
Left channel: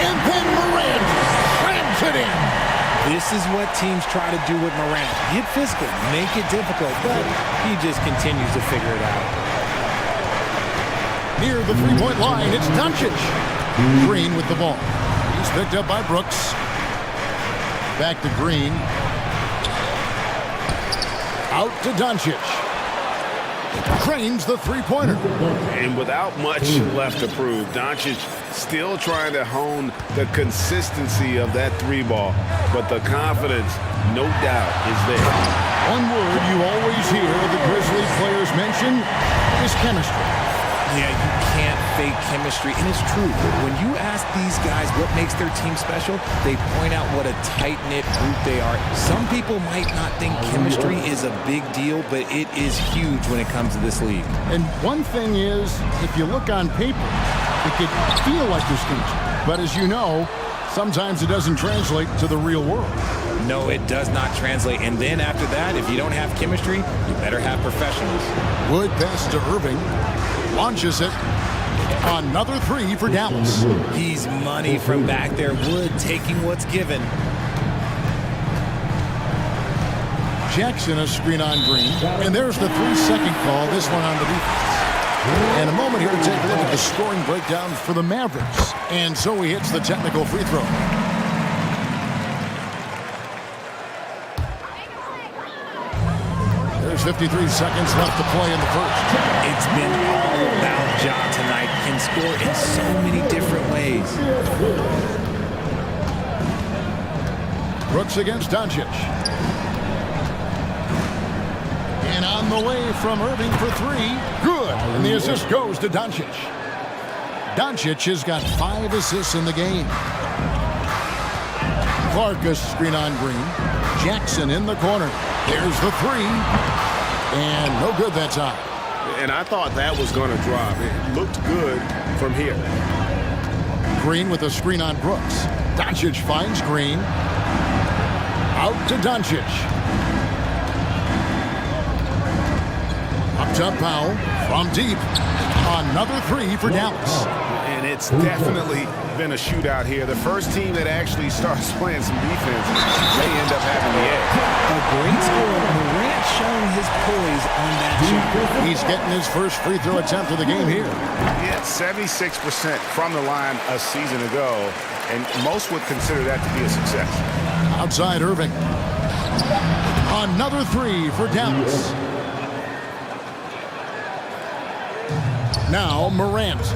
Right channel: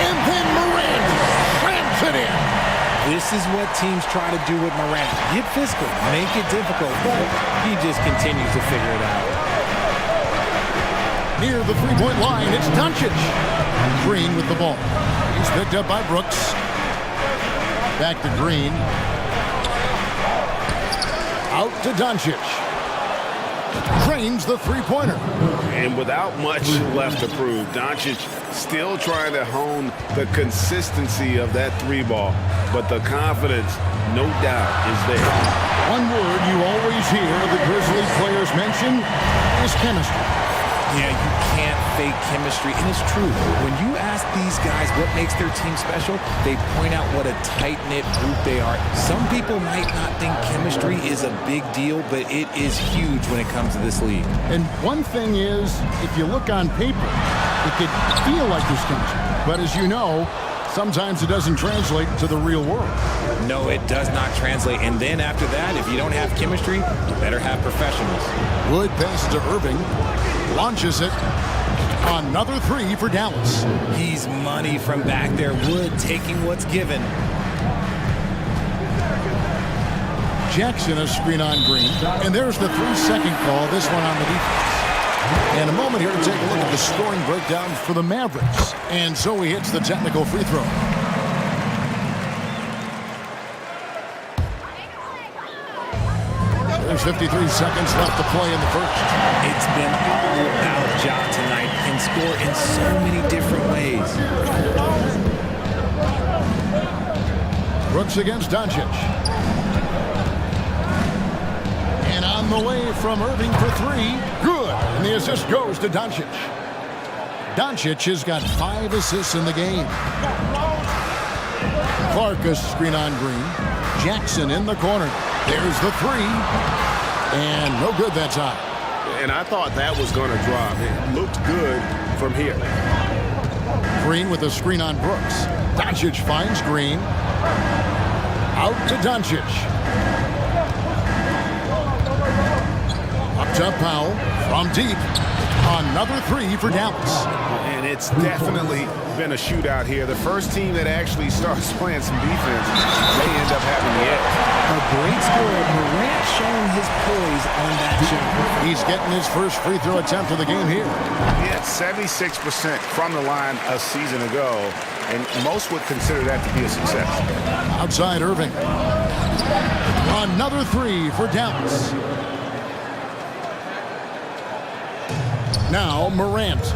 And then Morant slams it in. This is what teams try to do with Morant. Get physical, make it difficult, but he just continues to figure it out. Near the three-point line, it's Doncic. Green with the ball. He's picked up by Brooks. Back to Green. Out to Doncic. Drains the three-pointer. And without much left to prove, Doncic still trying to hone the consistency of that three ball. But the confidence, no doubt, is there. One word you always hear the Grizzlies players mention is chemistry. Yeah, you can't fake chemistry, and it's true. When you ask these guys what makes their team special, they point out what a tight-knit group they are. Some people might not think chemistry is a big deal, but it is huge when it comes to this league. And one thing is, if you look on paper, it could feel like there's chemistry. But as you know, sometimes it doesn't translate to the real world. No, it does not translate. And then after that, if you don't have chemistry, you better have professionals. Wood passes to Irving. Launches it. Another three for Dallas. He's money from back there. Wood taking what's given. Jackson a screen on Green. And there's the 3-second call, this one on the defense. And a moment here to take a look at the scoring breakdown for the Mavericks. And so he hits the technical free throw. There's 53 seconds left to play in the first. It's been all about Ja tonight. Can score in so many different ways. Brooks against Doncic. And on the way from Irving for three. Good. And the assist goes to Doncic. Doncic has got 5 assists in the game. Clark a screen on Green. Jackson in the corner. There's the three. And no good that time. And I thought that was going to drop. It looked good from here. Green with a screen on Brooks. Doncic finds Green. Out to Doncic. Up top, Powell from deep. Another three for Dallas. And it's definitely been a shootout here. The first team that actually starts playing some defense may end up having the edge. A great score. Morant showing his poise on that shot. He's getting his first free throw attempt of the game here. He had 76% from the line a season ago, and most would consider that to be a success. Outside Irving. Another three for Dallas. Now Morant.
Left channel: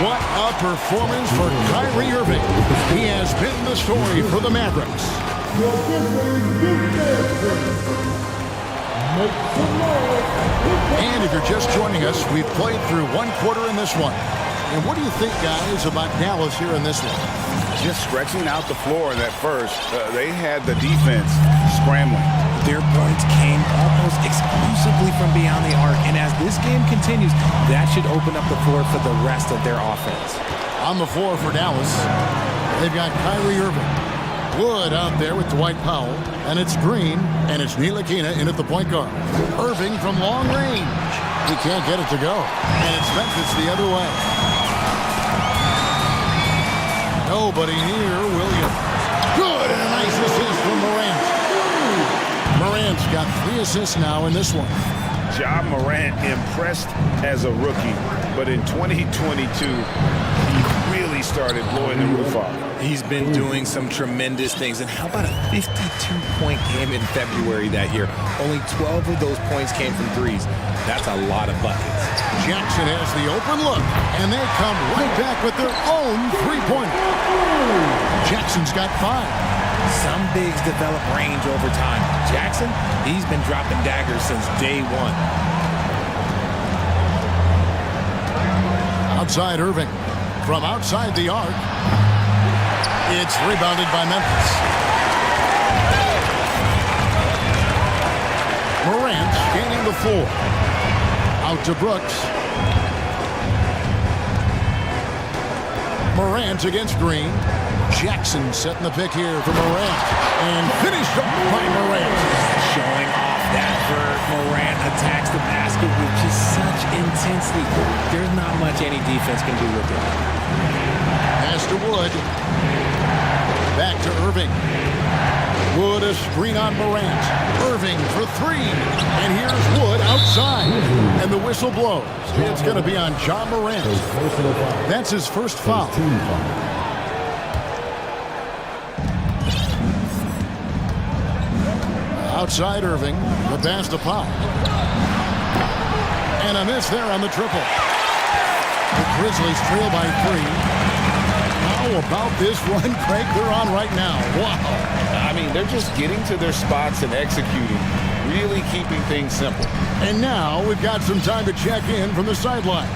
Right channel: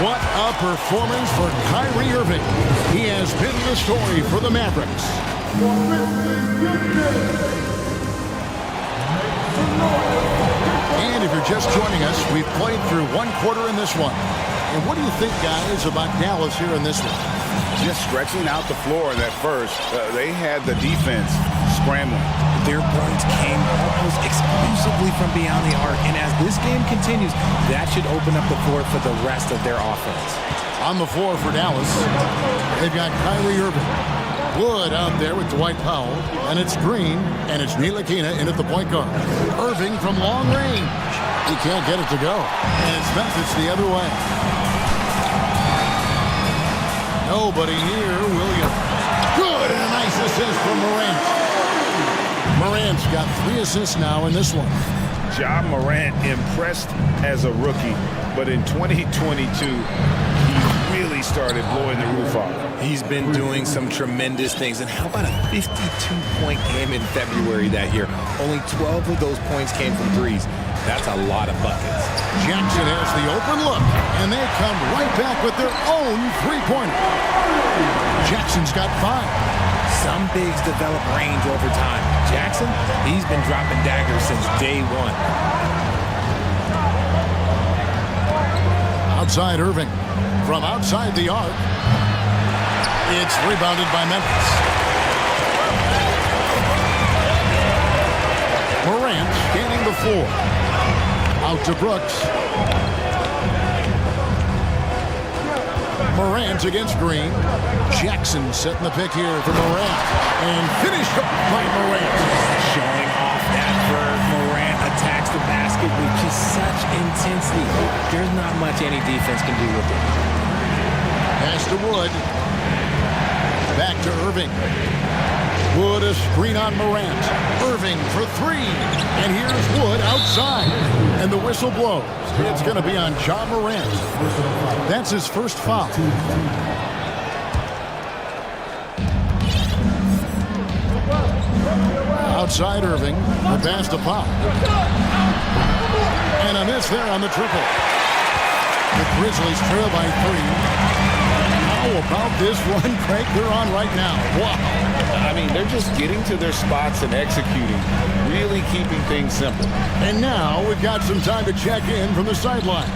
What a performance for Kyrie Irving. He has been the story for the Mavericks. And if you're just joining us, we've played through one quarter in this one. And what do you think, guys, about Dallas here in this one? Just stretching out the floor in that first. They had the defense scrambling. Their points came almost exclusively from beyond the arc. And as this game continues, that should open up the floor for the rest of their offense. On the floor for Dallas, they've got Kyrie Irving. Wood out there with Dwight Powell. And it's Green, and it's Ntilikina in at the point guard. Irving from long range. He can't get it to go. And it's Memphis the other way. Nobody near Williams. Good, and a nice assist from Morant. Morant's got 3 assists now in this one. Ja Morant impressed as a rookie, but in 2022, he really started blowing the roof off. He's been doing some tremendous things. And how about a 52-point game in February that year? Only 12 of those points came from threes. That's a lot of buckets. Jackson has the open look, and they come right back with their own three-pointer. Jackson's got 5. Some bigs develop range over time. Jackson, he's been dropping daggers since day one. Outside Irving. From outside the arc. It's rebounded by Memphis. Morant scanning the floor. Out to Brooks. Morant against Green. Jackson setting the pick here for Morant. And finished off by Morant. Showing off that verve. Morant attacks the basket with just such intensity. There's not much any defense can do with it. Pass to Wood. Back to Irving. Wood a screen on Morant. Irving for 3. And here's Wood outside. And the whistle blows. It's going to be on Ja Morant. That's his first foul. Outside Irving. The pass to Powell. And a miss there on the triple. The Grizzlies trail by 3. How about this run, Craig, they're on right now? Wow. I mean, they're just getting to their spots and executing, really keeping things simple. And now we've got some time to check in from the sideline.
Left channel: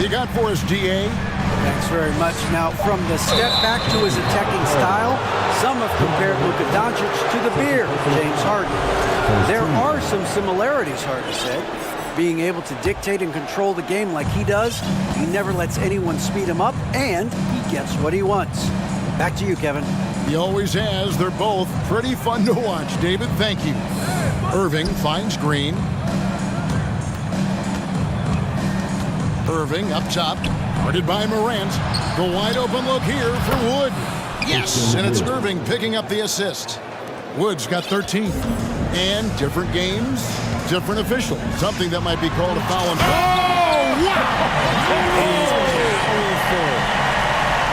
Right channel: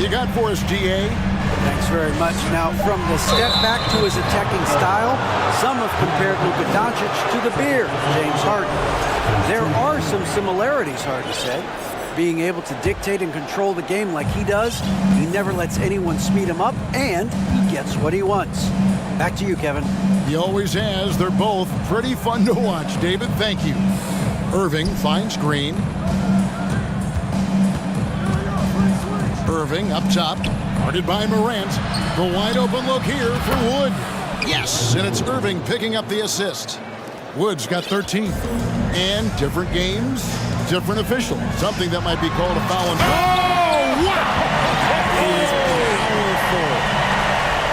You got for us, DA? Thanks very much. Now, from the step back to his attacking style, some have compared Luka Doncic to the beard, James Harden. There are some similarities, Harden said. Being able to dictate and control the game like he does, he never lets anyone speed him up, and he gets what he wants. Back to you, Kevin. He always has. They're both pretty fun to watch. David, thank you. Irving finds Green. Irving up top, guarded by Morant. The wide open look here for Wood. Yes, and it's Irving picking up the assist. Wood's got 13. And different games, different officials. Something that might be called a foul. Oh, wow! That is powerful.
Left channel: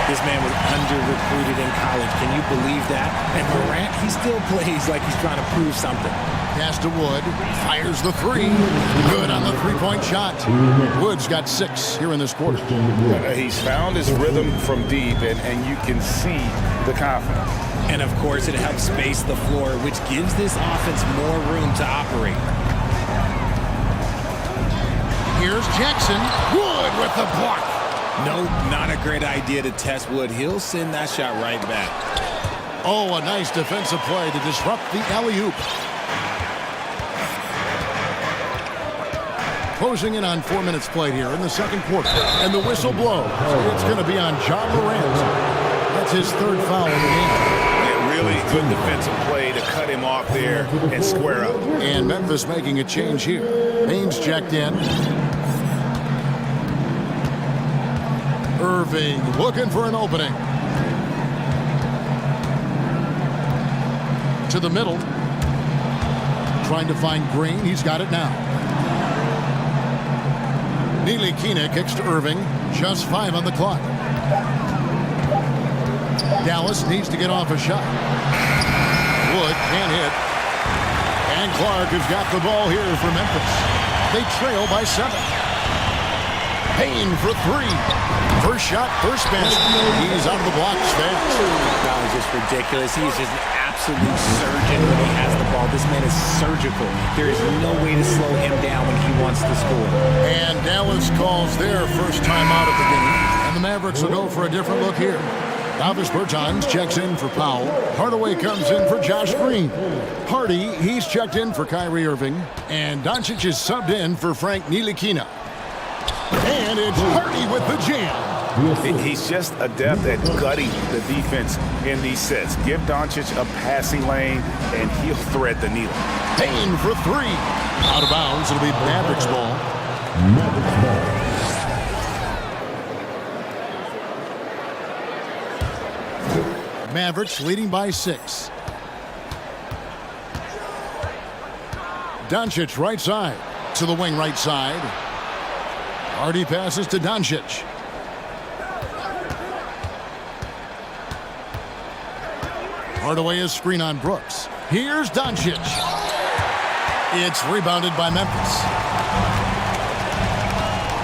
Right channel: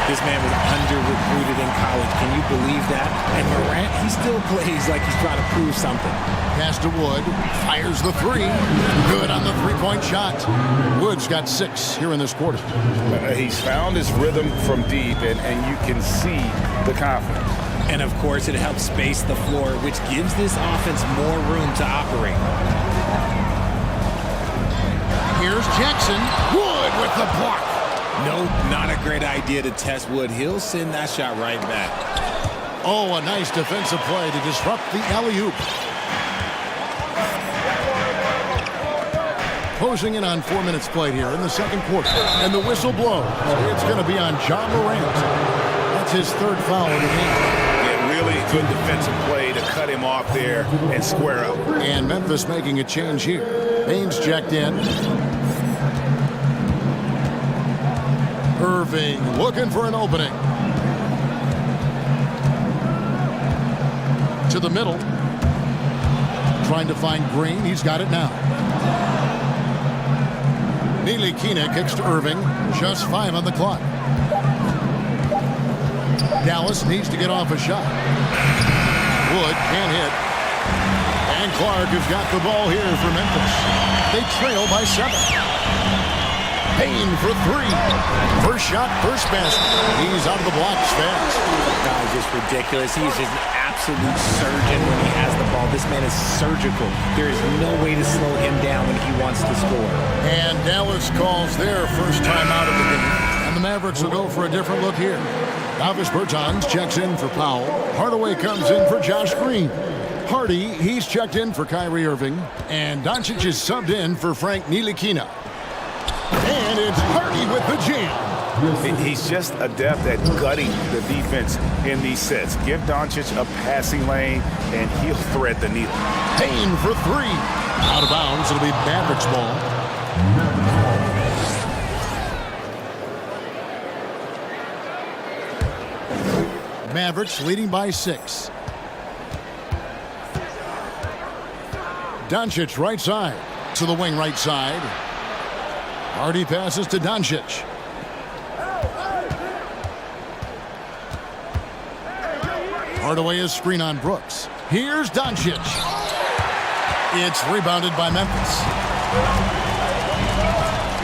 This man was under-recruited in college. Can you believe that? And Morant, he still plays like he's trying to prove something. Pass to Wood. Fires the 3. Good on the three-point shot. Wood's got 6 here in this quarter. He's found his rhythm from deep, and you can see the confidence. And, of course, it helps space the floor, which gives this offense more room to operate. Here's Jackson. Wood with the block. Nope, not a great idea to test Wood. He'll send that shot right back. Oh, a nice defensive play to disrupt the alley-oop. Closing in on 4 minutes played here in the second quarter. And the whistle blows. It's going to be on John Morant. That's his third foul of the game. Yeah, really good defensive play to cut him off there and square up. And Memphis making a change here. Baines checked in. Irving looking for an opening. To the middle. Trying to find Green. He's got it now. Ntilikina kicks to Irving. Just 5 on the clock. Dallas needs to get off a shot. Wood can't hit. And Clark has got the ball here for Memphis. They trail by 7. Payne for 3. First shot, first basket. He's out of the blocks fast. God, it's just ridiculous. He's just an absolute surgeon when he has the ball. This man is surgical. There is no way to slow him down when he wants to score. And Dallas calls their first time out of the game. And the Mavericks will go for a different look here. Davis Bertans checks in for Powell. Hardaway comes in for Josh Green. Hardy, he's checked in for Kyrie Irving. And Doncic is subbed in for Frank Ntilikina. And it's Hardy with the jam. He's just adept at gutting the defense in these sets. Give Doncic a passing lane, and he'll thread the needle. Payne for 3. Out of bounds. It'll be Mavericks ball. Mavericks leading by 6. Doncic right side. To the wing right side. Hardy passes to Doncic. Hardaway is screen on Brooks. Here's Doncic. It's rebounded by Memphis.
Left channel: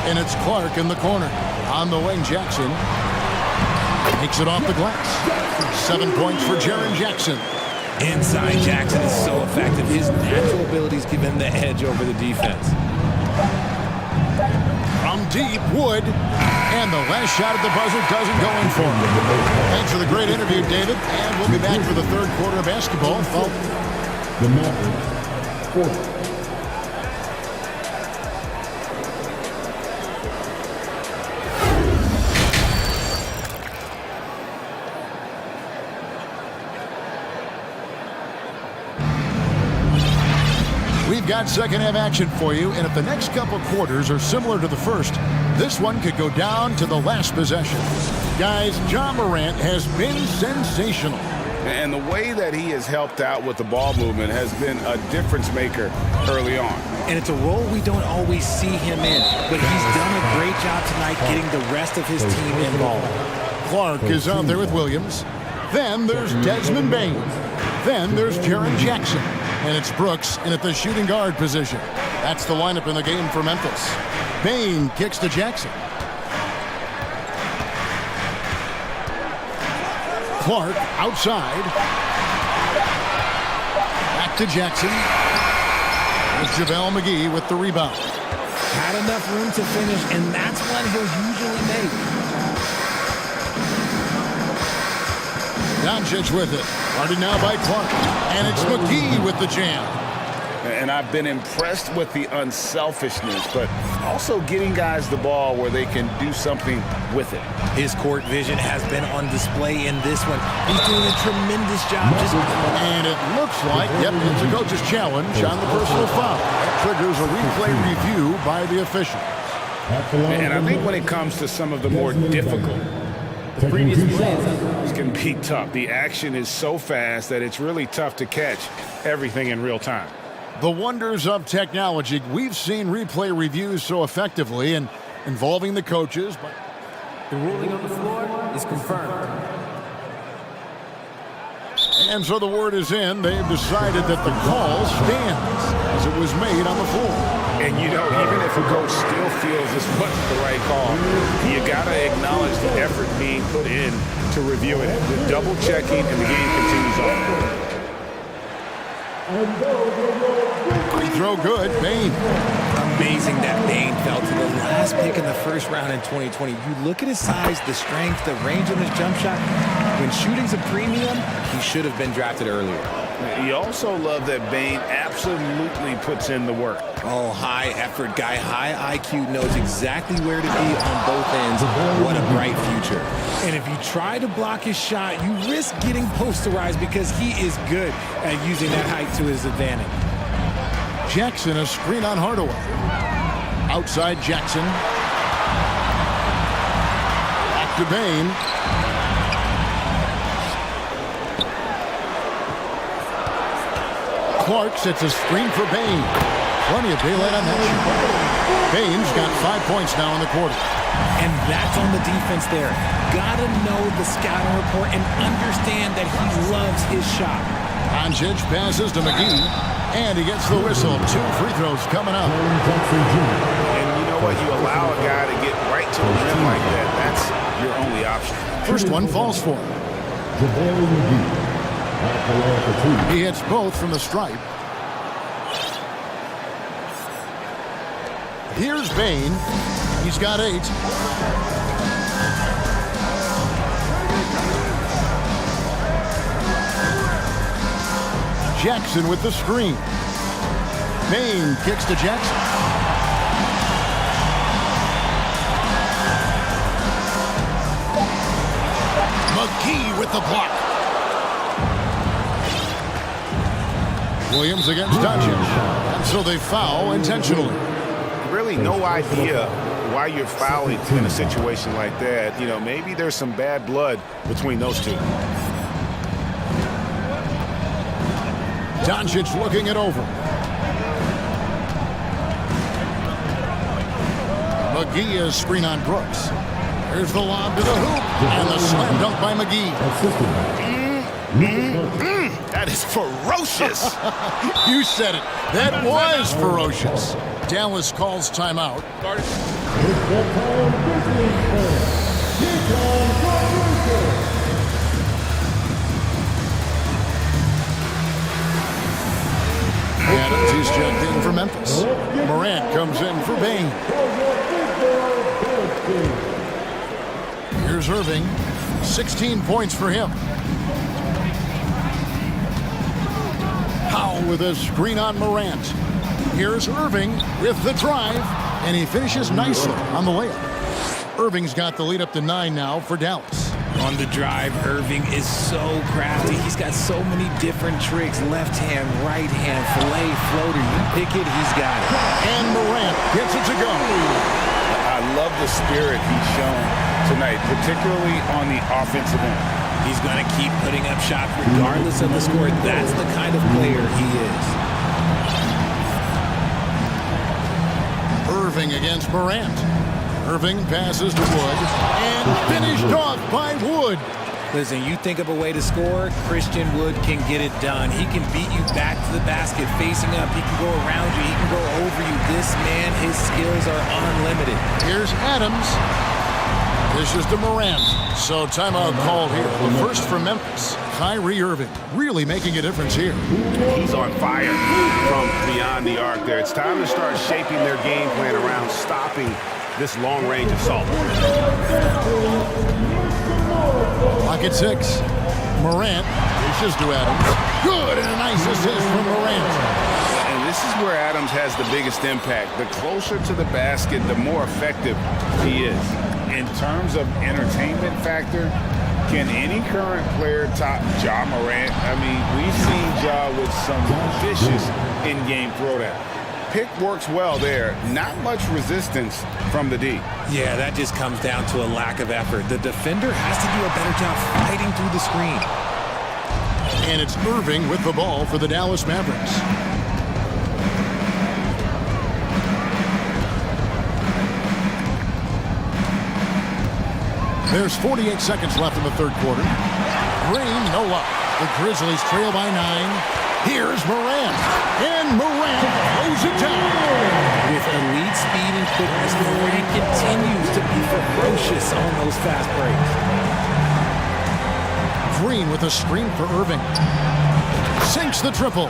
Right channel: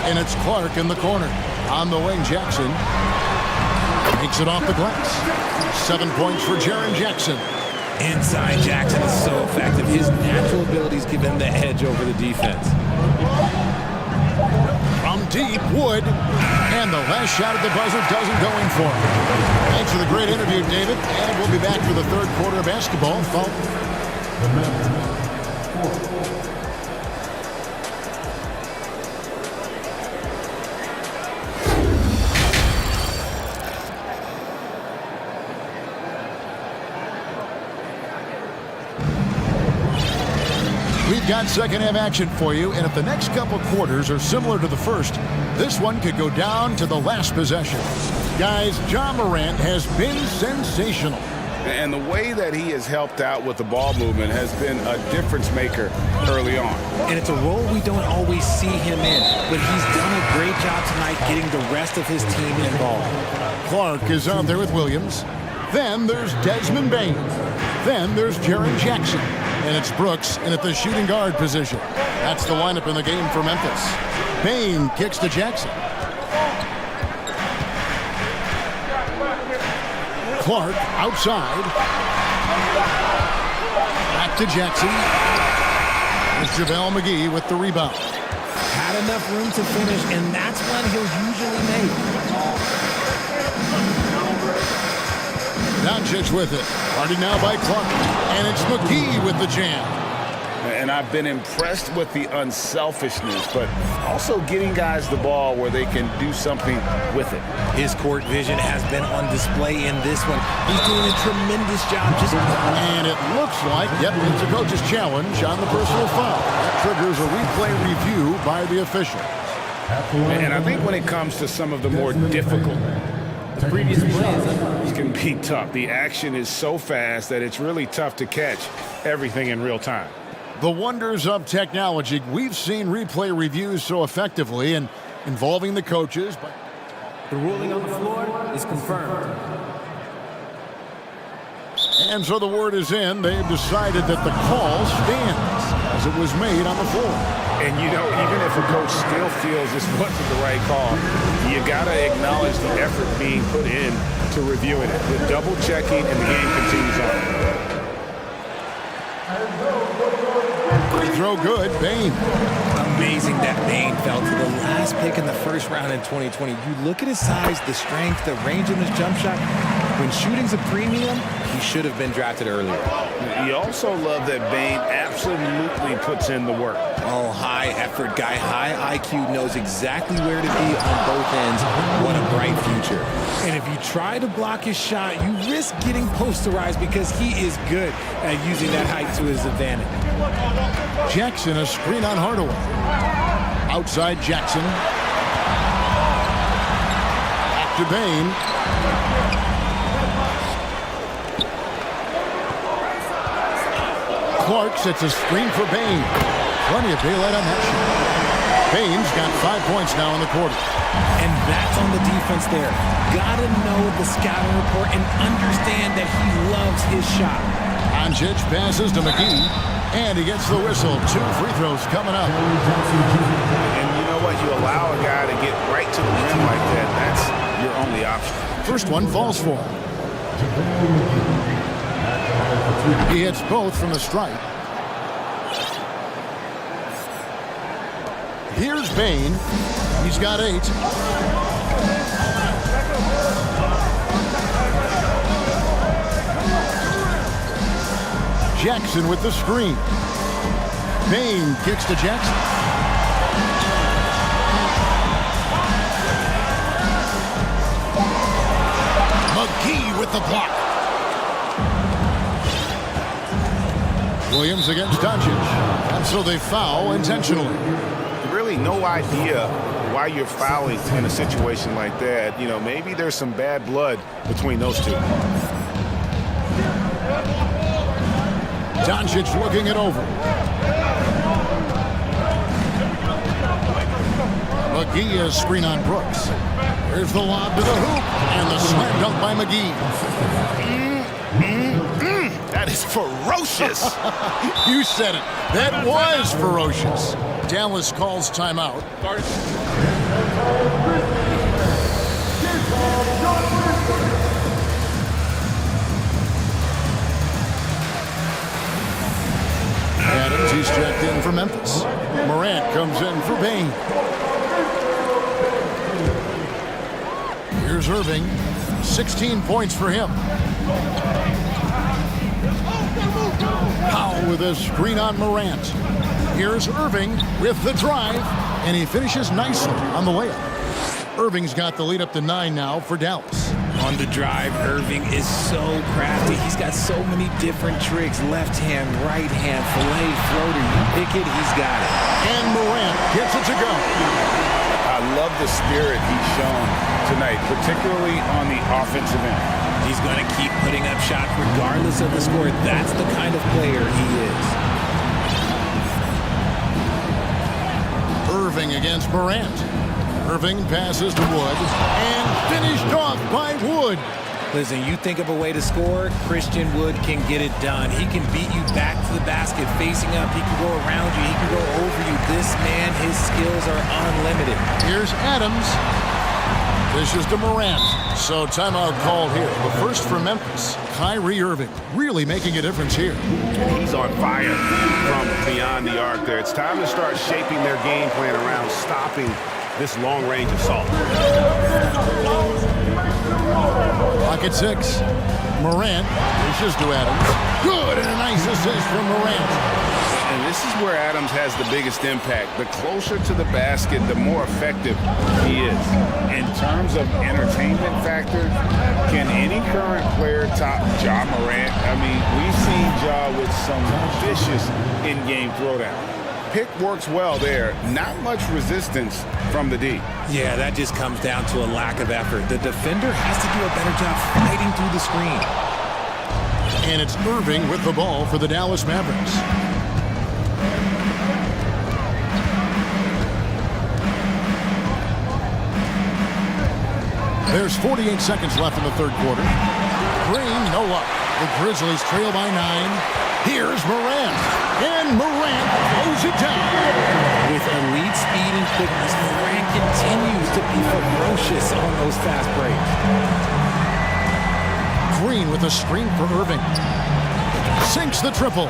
And it's Clark in the corner. On the wing, Jackson makes it off the glass. 7 points for Jaren Jackson. Inside Jackson is so effective. His natural abilities give him the edge over the defense. From deep, Wood. And the last shot at the buzzer doesn't go in for him. Thanks for the great interview, David. And we'll be back for the third quarter of basketball. We've got second half action for you, and if the next couple quarters are similar to the first, this one could go down to the last possession. Guys, John Morant has been sensational. And the way that he has helped out with the ball movement has been a difference maker early on. And it's a role we don't always see him in, but he's done a great job tonight getting the rest of his team involved. Clark is out there with Williams. Then there's Desmond Bain. Then there's Jaren Jackson. And it's Brooks in at the shooting guard position. That's the lineup in the game for Memphis. Bain kicks to Jackson. Clark outside. Back to Jackson. There's JaVale McGee with the rebound. Had enough room to finish, and that's one he'll usually make. Doncic with it. Guarded now by Clark. And it's McGee with the jam. And I've been impressed with the unselfishness, but also getting guys the ball where they can do something with it. His court vision has been on display in this one. He's doing a tremendous job. And it looks like, it's a coach's challenge on the personal foul. That triggers a replay review by the officials. And I think when it comes to some of the more difficult, the previous play is under. It can be tough. The action is so fast that it's really tough to catch everything in real time. The wonders of technology. We've seen replay reviews so effectively and involving the coaches. But the ruling on the floor is confirmed. And so the word is in. They've decided that the call stands as it was made on the floor. And, you know, even if a coach still feels this wasn't the right call, you got to acknowledge the effort being put in to reviewing it. The double checking, and the game continues on. Free throw good. Bain. Amazing that Bain fell to the last pick in the first round in 2020. You look at his size, the strength, the range on his jump shot. When shooting's a premium, he should have been drafted earlier. You also love that Bane absolutely puts in the work. Oh, high effort guy, high IQ, knows exactly where to be on both ends. What a bright future. And if you try to block his shot, you risk getting posterized because he is good at using that height to his advantage. Jackson, a screen on Hardaway. Outside Jackson. Back to Bane. Clark sets a screen for Bane. Plenty of daylight on that shot. Bane's got 5 points now in the quarter. And that's on the defense there. Gotta know the scouting report and understand that he loves his shot. Doncic passes to McGee, and he gets the whistle. 2 free throws coming up. And you know what? You allow a guy to get right to the rim like that. That's your only option. First one falls for him. He hits both from the stripe. Here's Bane. He's got 8. Jackson with the screen. Bane kicks to Jackson. McGee with the block. Williams against Doncic. And so they foul intentionally. Really no idea why you're fouling in a situation like that. You know, maybe there's some bad blood between those two. Doncic looking it over. McGee is screen on Brooks. Here's the lob to the hoop, and the slam dunk by McGee. That is ferocious. You said it. That was ferocious. Dallas calls timeout. Adams, he's checked in for Memphis. Morant comes in for Bane. Here's Irving. 16 points for him. Powell with a screen on Morant. Here's Irving with the drive, and he finishes nicely on the layup. Irving's got the lead up to 9 now for Dallas. On the drive, Irving is so crafty. He's got so many different tricks. Left hand, right hand, fillet, floater. You pick it, he's got it. And Morant gets it to go. I love the spirit he's shown tonight, particularly on the offensive end. He's going to keep putting up shots regardless of the score. That's the kind of player he is. Irving against Morant. Irving passes to Wood and finished off by Wood. Listen, you think of a way to score, Christian Wood can get it done. He can beat you back to the basket facing up. He can go around you. He can go over you. This man, his skills are unlimited. Here's Adams. Dishes to Morant. So timeout called here. The first for Memphis. Kyrie Irving really making a difference here. He's on fire from beyond the arc there. It's time to start shaping their game plan around stopping this long-range assault. Clock at 6. Morant dishes to Adams. Good, and a nice assist from Morant. And this is where Adams has the biggest impact. The closer to the basket, the more effective he is. In terms of entertainment factor, can any current player top Ja Morant? I mean, we've seen Ja with some vicious in-game throwdown. Pick works well there. Not much resistance from the D. Yeah, that just comes down to a lack of effort. The defender has to do a better job fighting through the screen. And it's Irving with the ball for the Dallas Mavericks. There's 48 seconds left in the third quarter. Green, no luck. The Grizzlies trail by 9. Here's Morant. And Morant throws it down. With elite speed and quickness, Morant continues to be ferocious on those fast breaks. Green with a screen for Irving. sinks the triple.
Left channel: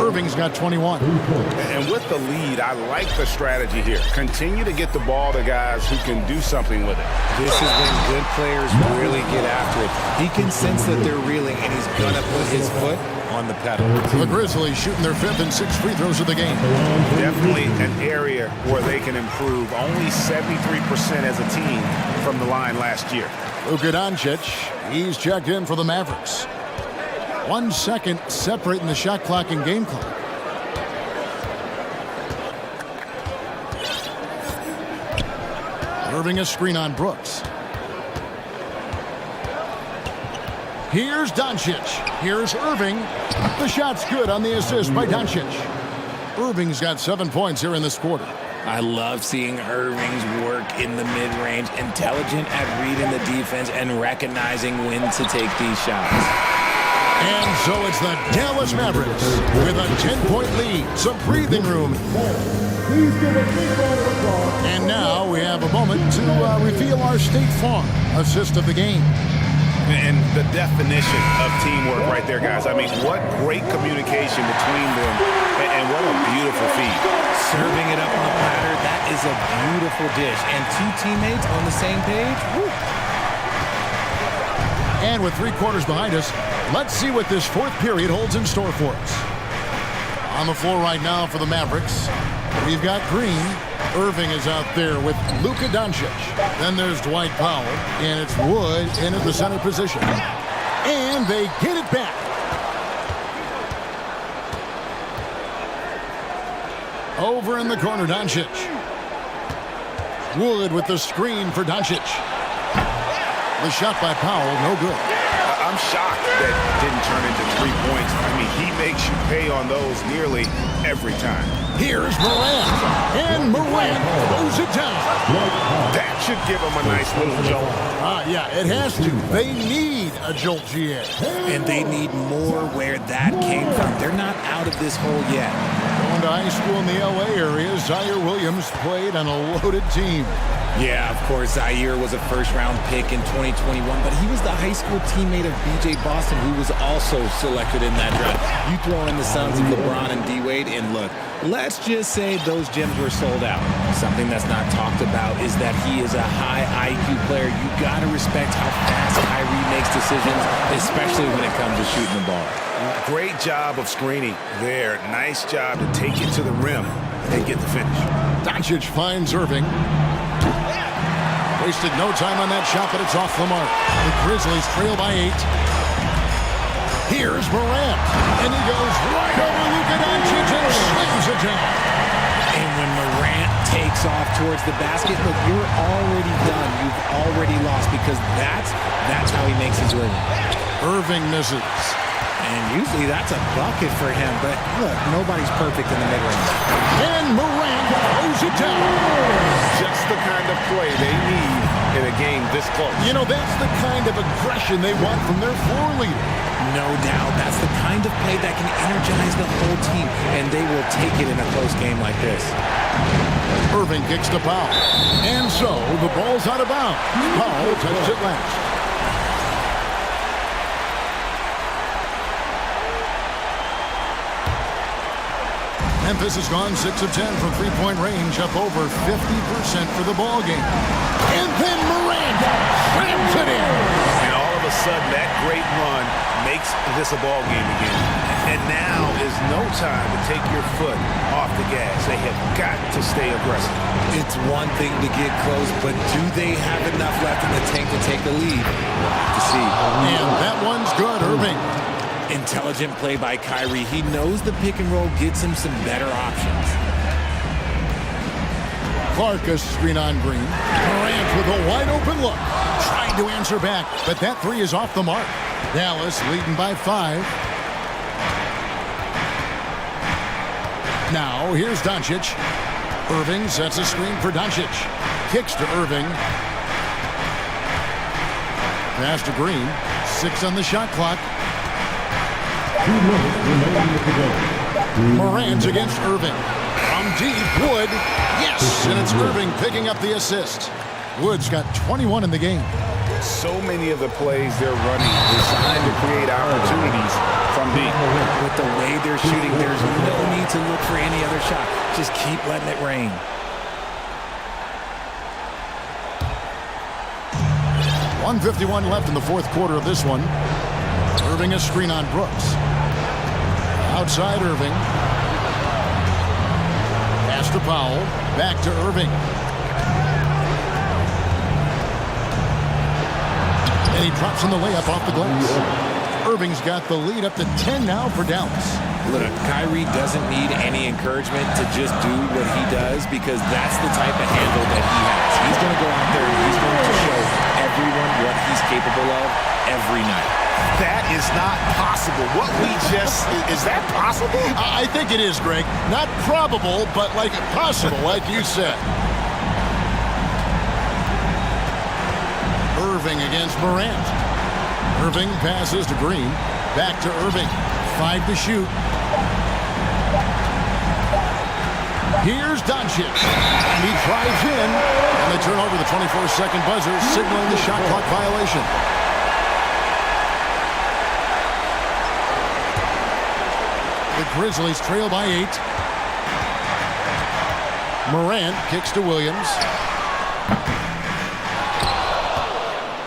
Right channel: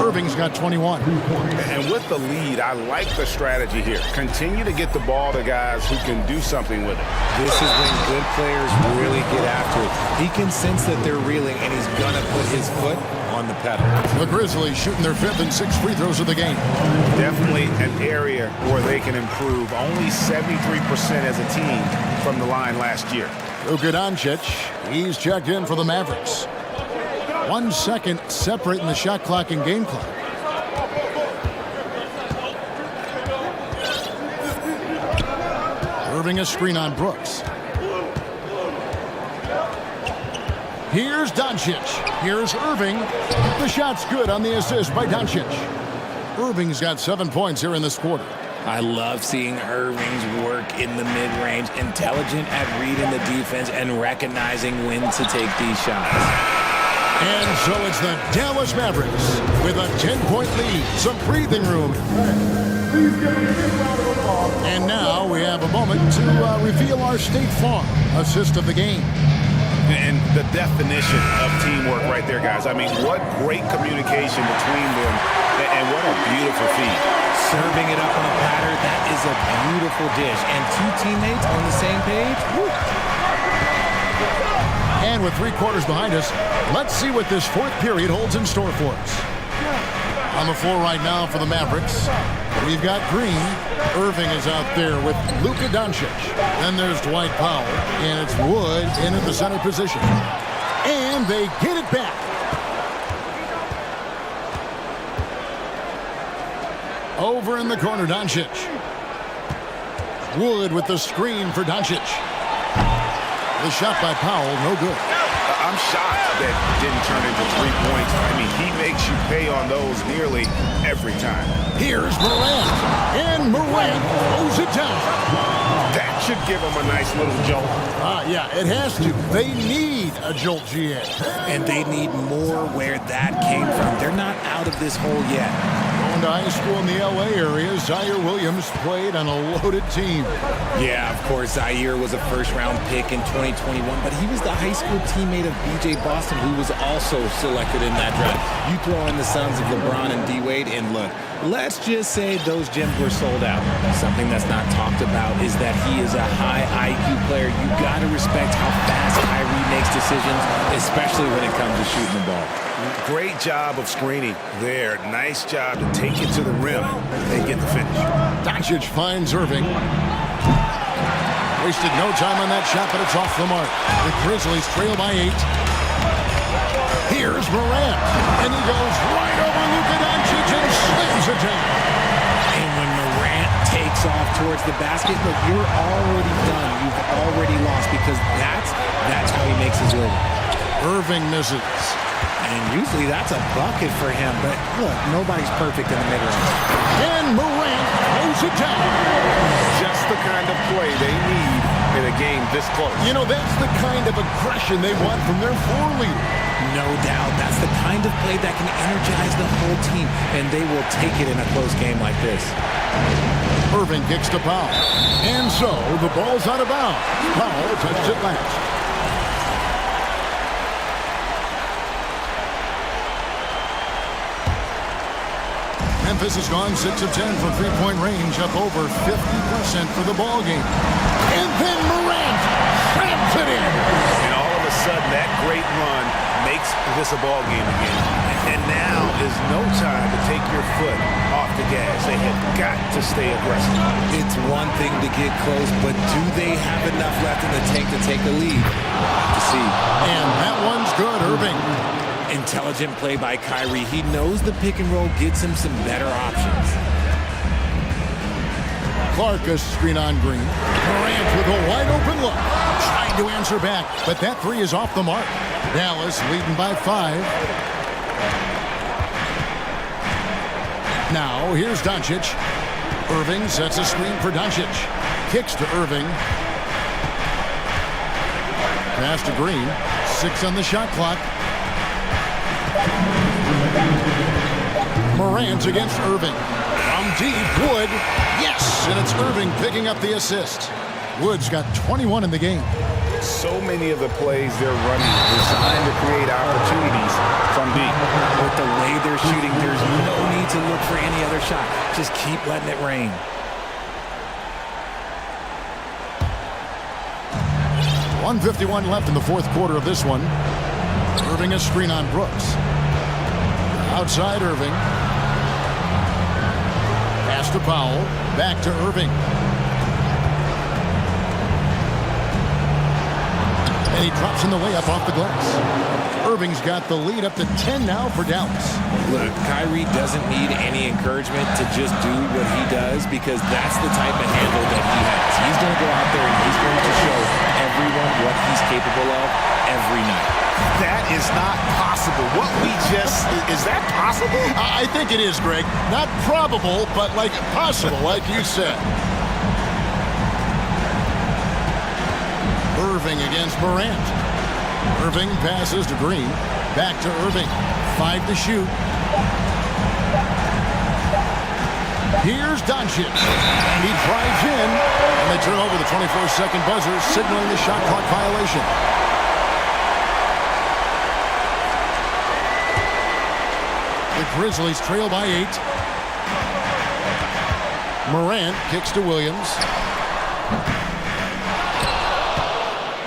Irving's got 21. And with the lead, I like the strategy here. Continue to get the ball to guys who can do something with it. This is when good players really get after it. He can sense that they're reeling, and he's going to put his foot on the pedal. The Grizzlies shooting their 5th and 6th free throws of the game. Definitely an area where they can improve. Only 73% as a team from the line last year. Luka Doncic, he's checked in for the Mavericks. 1 second separating the shot clock and game clock. Irving a screen on Brooks. Here's Doncic. Here's Irving. The shot's good on the assist by Doncic. Irving's got 7 points here in this quarter. I love seeing Irving's work in the mid-range, intelligent at reading the defense and recognizing when to take these shots. And so it's the Dallas Mavericks with a 10-point lead, some breathing room. And now we have a moment to reveal our State Farm assist of the game. And the definition of teamwork right there, guys. I mean, what great communication between them, and what a beautiful feed. Serving it up on a platter, that is a beautiful dish. And 2 teammates on the same page. Woo. And with 3 quarters behind us, let's see what this 4th period holds in store for us. On the floor right now for the Mavericks, we've got Green. Irving is out there with Luka Doncic. Then there's Dwight Powell, and it's Wood in at the center position. And they get it back. Over in the corner, Doncic. Wood with the screen for Doncic. The shot by Powell, no good. I'm shocked that didn't turn into 3 points. I mean, he makes you pay on those nearly every time. Here's Morant, and Morant throws it down. That should give him a nice little jolt. Yeah, it has to. They need a jolt, GA. And they need more where that came from. They're not out of this hole yet. Going to high school in the LA area, Zaire Williams played on a loaded team. Yeah, of course, Zaire was a first-round pick in 2021, but he was the high school teammate of B.J. Boston, who was also selected in that draft. You throw in the sons of LeBron and D-Wade, and look, let's just say those gyms were sold out. Something that's not talked about is that he is a high IQ player. You got to respect how fast Kyrie makes decisions, especially when it comes to shooting the ball. Great job of screening there. Nice job to take it to the rim and get the finish. Doncic finds Irving. Wasted no time on that shot, but it's off the mark. The Grizzlies trail by 8. Here's Morant, and he goes right over Luka Doncic and slams it down. And when Morant takes off towards the basket, look, you're already done. You've already lost, because that's how he makes his living. Irving misses. And usually that's a bucket for him, but look, nobody's perfect in the mid-range. And Morant throws it down. Just the kind of play they need in a game this close. You know, that's the kind of aggression they want from their floor leader. No doubt. That's the kind of play that can energize the whole team, and they will take it in a close game like this. Irving kicks to Powell. And so the ball's out of bounds. Powell touched it last. Memphis has gone 6 of 10 from three-point range, up over 50% for the ball game. And then Morant slams it in. And all of a sudden, that great run makes this a ball game again. And now is no time to take your foot off the gas. They have got to stay aggressive. It's one thing to get close, but do they have enough left in the tank to take the lead? We'll have to see. And that one's good, Irving. Intelligent play by Kyrie. He knows the pick and roll gets him some better options. Clark a screen on Green. Morant with a wide open look. Trying to answer back, but that 3 is off the mark. Dallas leading by 5. Now here's Doncic. Irving sets a screen for Doncic. Kicks to Irving. Pass to Green. 6 on the shot clock. Morant against Irving. From deep, Wood. Yes, and it's Irving picking up the assist. Wood's got 21 in the game. So many of the plays they're running designed to create opportunities from deep. With the way they're shooting, there's no need to look for any other shot. Just keep letting it rain. .151 left in the fourth quarter of this one. Irving a screen on Brooks. Outside Irving. Pass to Powell. Back to Irving. And he drops in the layup off the glass. Irving's got the lead up to 10 now for Dallas. Look, Kyrie doesn't need any encouragement to just do what he does because that's the type of handle that he has. He's going to go out there and he's going to show everyone what he's capable of every night. That is not possible. What we just... is that possible? I think it is, Greg. Not probable, but like possible, like you said. Irving against Morant. Irving passes to Green. Back to Irving. 5 to shoot. Here's Doncic. And he drives in. And they turn over the 24-second buzzer, signaling the shot clock violation. The Grizzlies trail by 8. Morant kicks to Williams.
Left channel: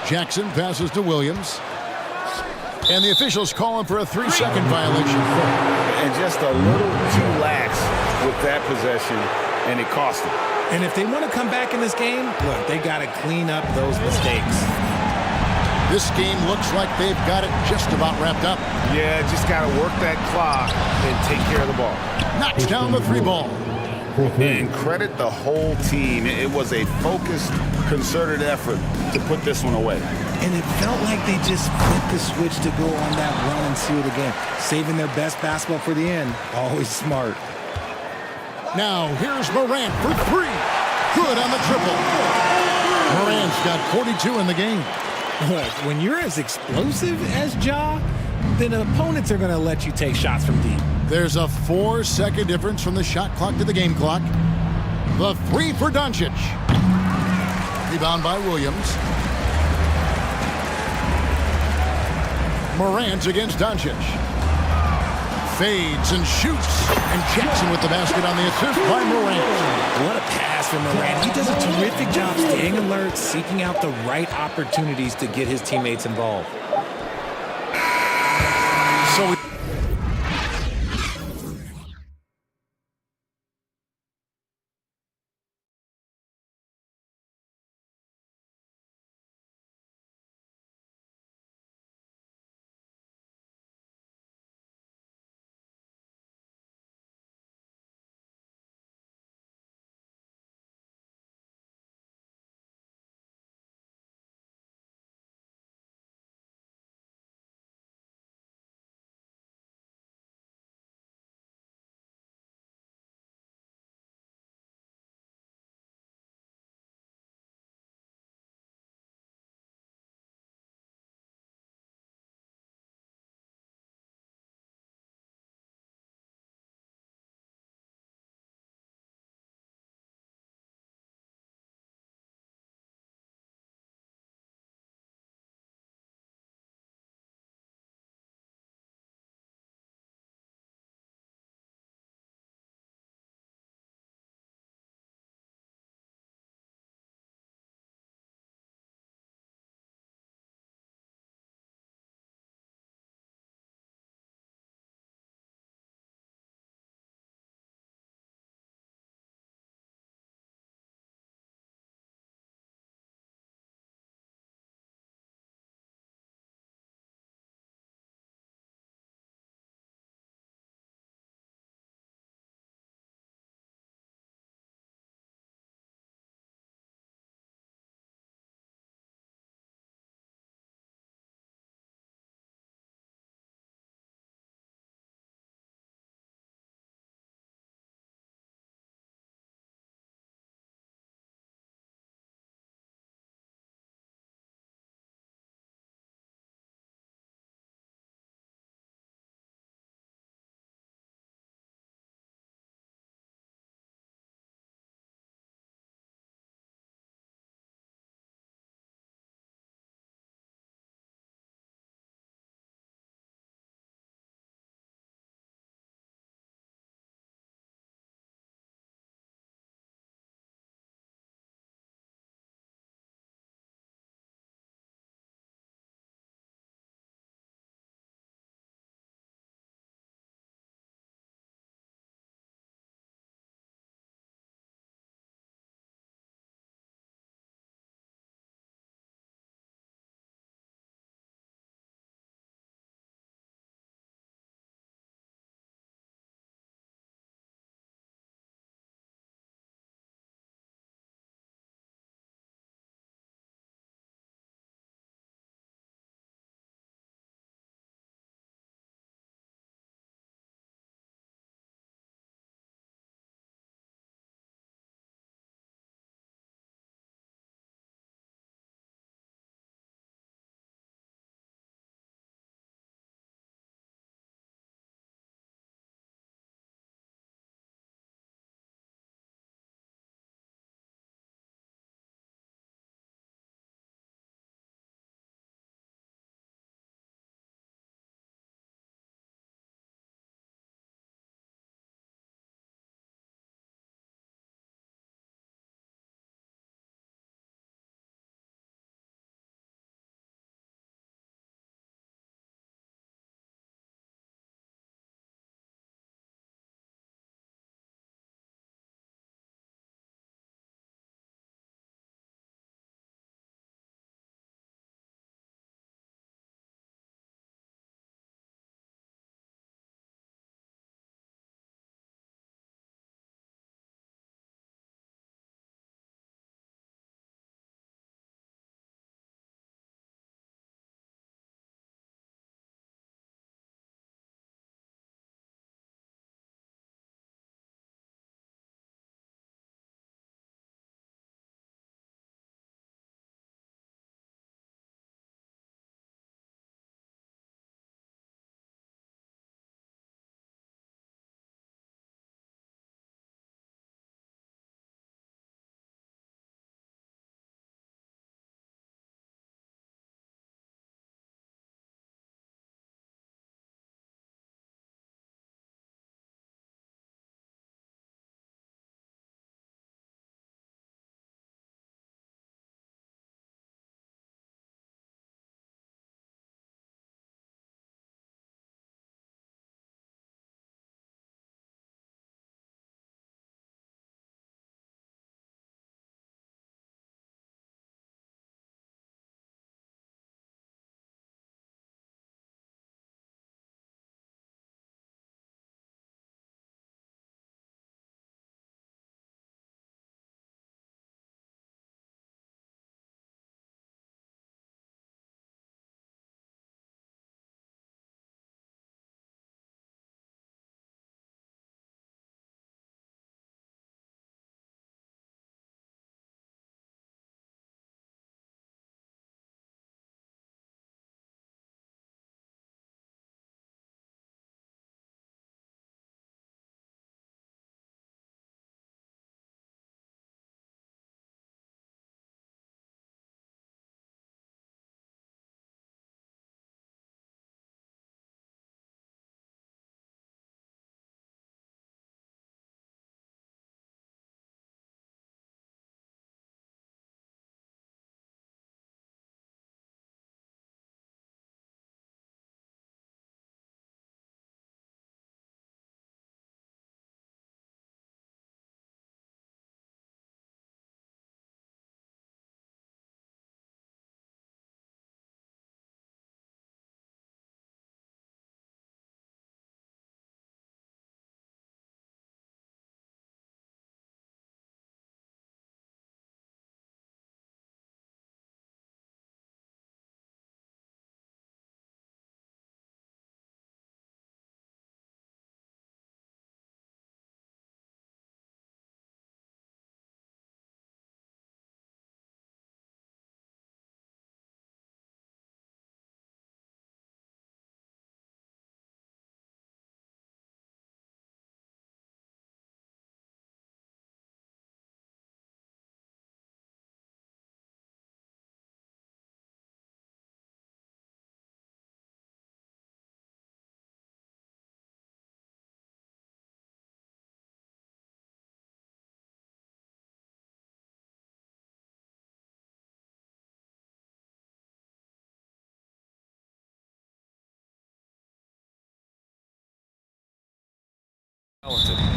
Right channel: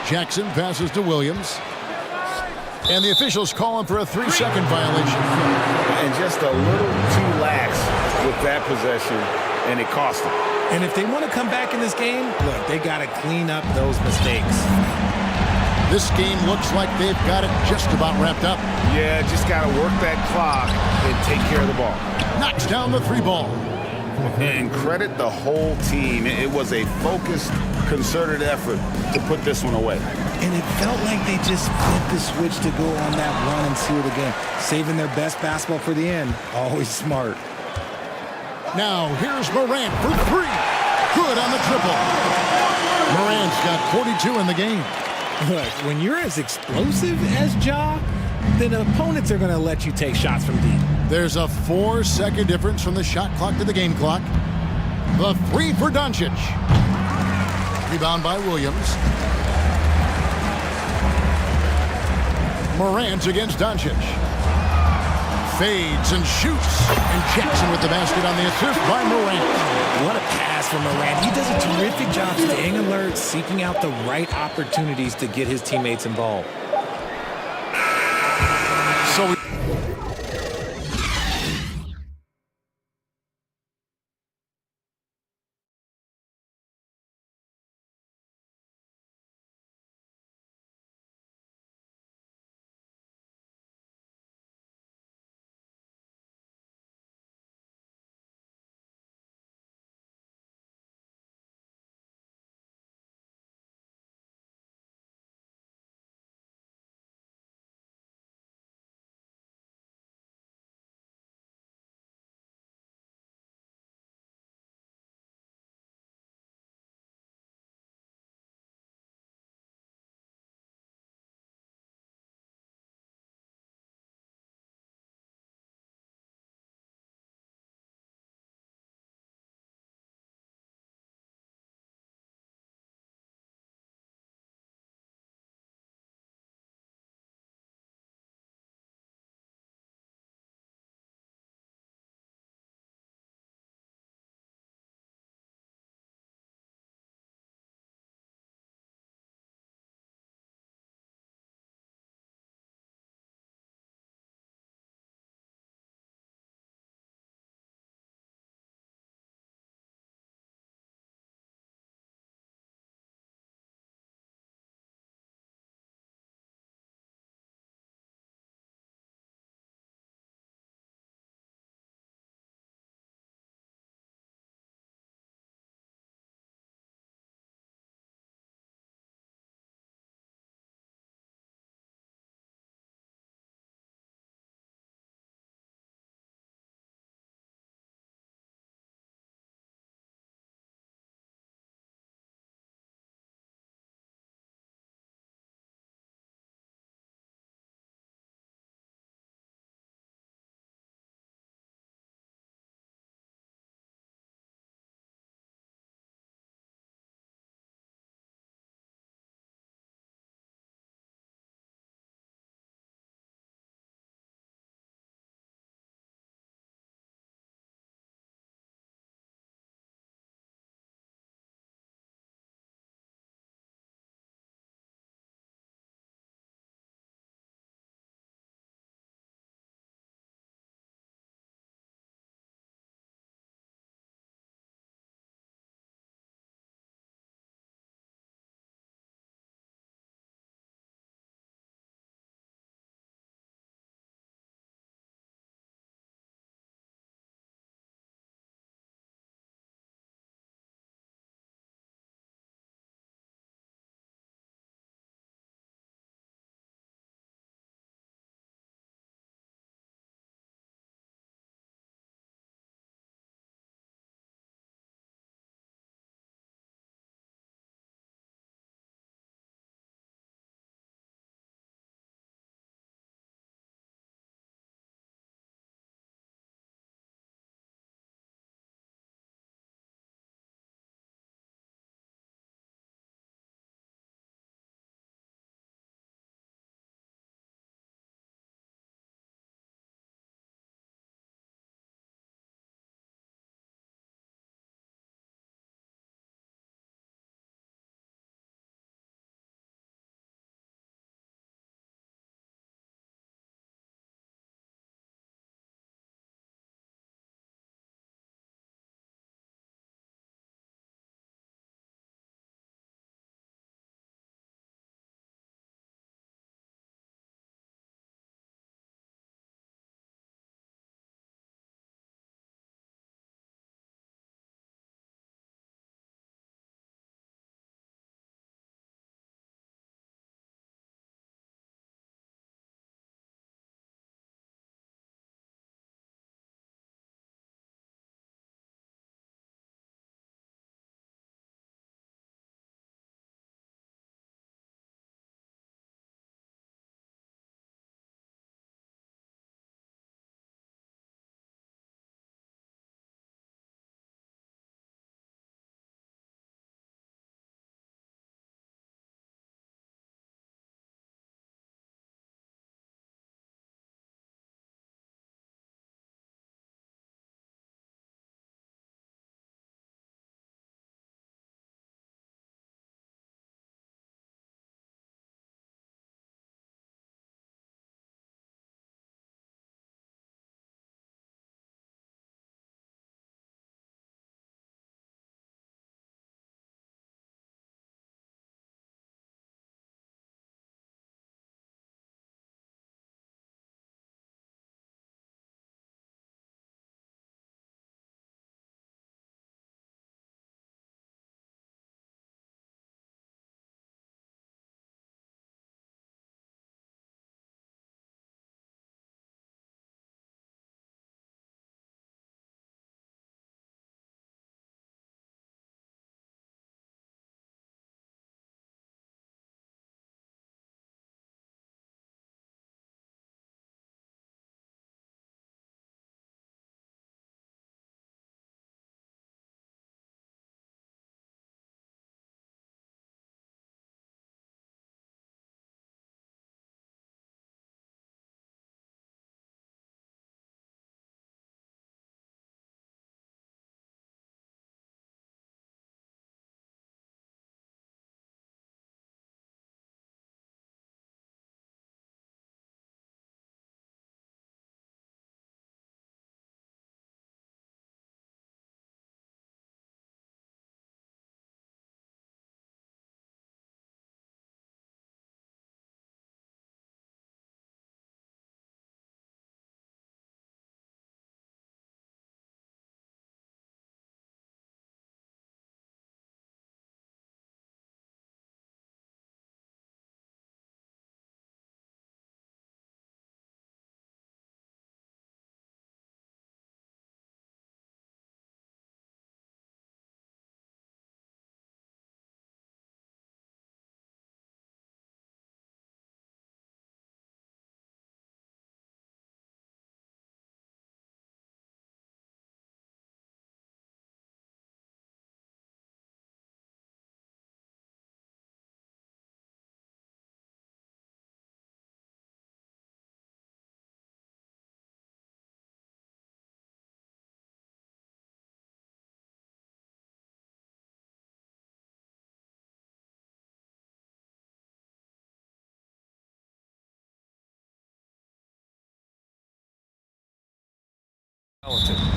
Jackson passes to Williams. And the officials call him for a 3-second violation. And just a little too lax with that possession, and it cost them. And if they want to come back in this game, look, they got to clean up those mistakes. This game looks like they've got it just about wrapped up. Yeah, just got to work that clock and take care of the ball. Knocks down the 3 ball. And credit the whole team. It was a focused, concerted effort to put this one away. And it felt like they just flipped the switch to go on that run and seal the game. Saving their best basketball for the end. Always smart. Now, here's Morant for 3. Good on the triple. Morant's got 42 in the game. Look, when you're as explosive as Ja, then opponents are going to let you take shots from deep. There's a 4-second difference from the shot clock to the game clock. The 3 for Doncic. Rebound by Williams. Morant against Doncic. Fades and shoots. And Jackson with the basket on the assist by Morant. What a pass from Morant. He does a terrific job staying alert, seeking out the right opportunities to get his teammates involved. So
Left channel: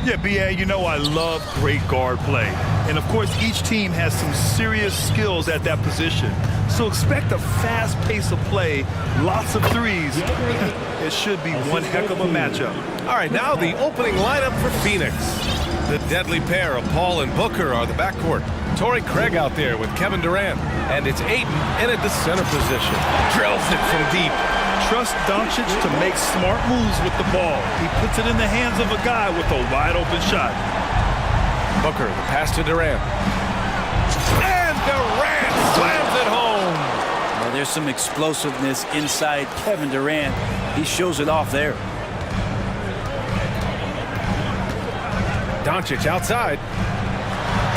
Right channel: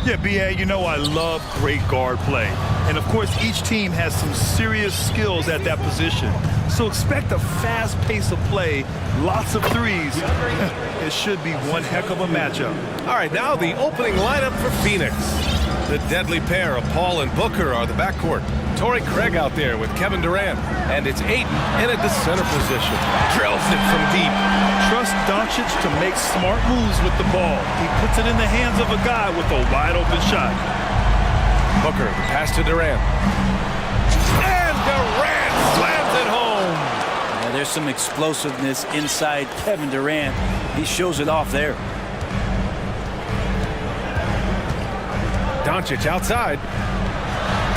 Yeah, B.A., you know I love great guard play. And, of course, each team has some serious skills at that position. So expect a fast pace of play, lots of threes. It should be one heck of a matchup. All right, now the opening lineup for Phoenix. The deadly pair of Paul and Booker are the backcourt. Torrey Craig out there with Kevin Durant. And it's Ayton in at the center position. Drills it from deep. Trust Doncic to make smart moves with the ball. He puts it in the hands of a guy with a wide-open shot. Booker, the pass to Durant. And Durant slams it home. Now there's some explosiveness inside Kevin Durant. He shows it off there. Doncic outside.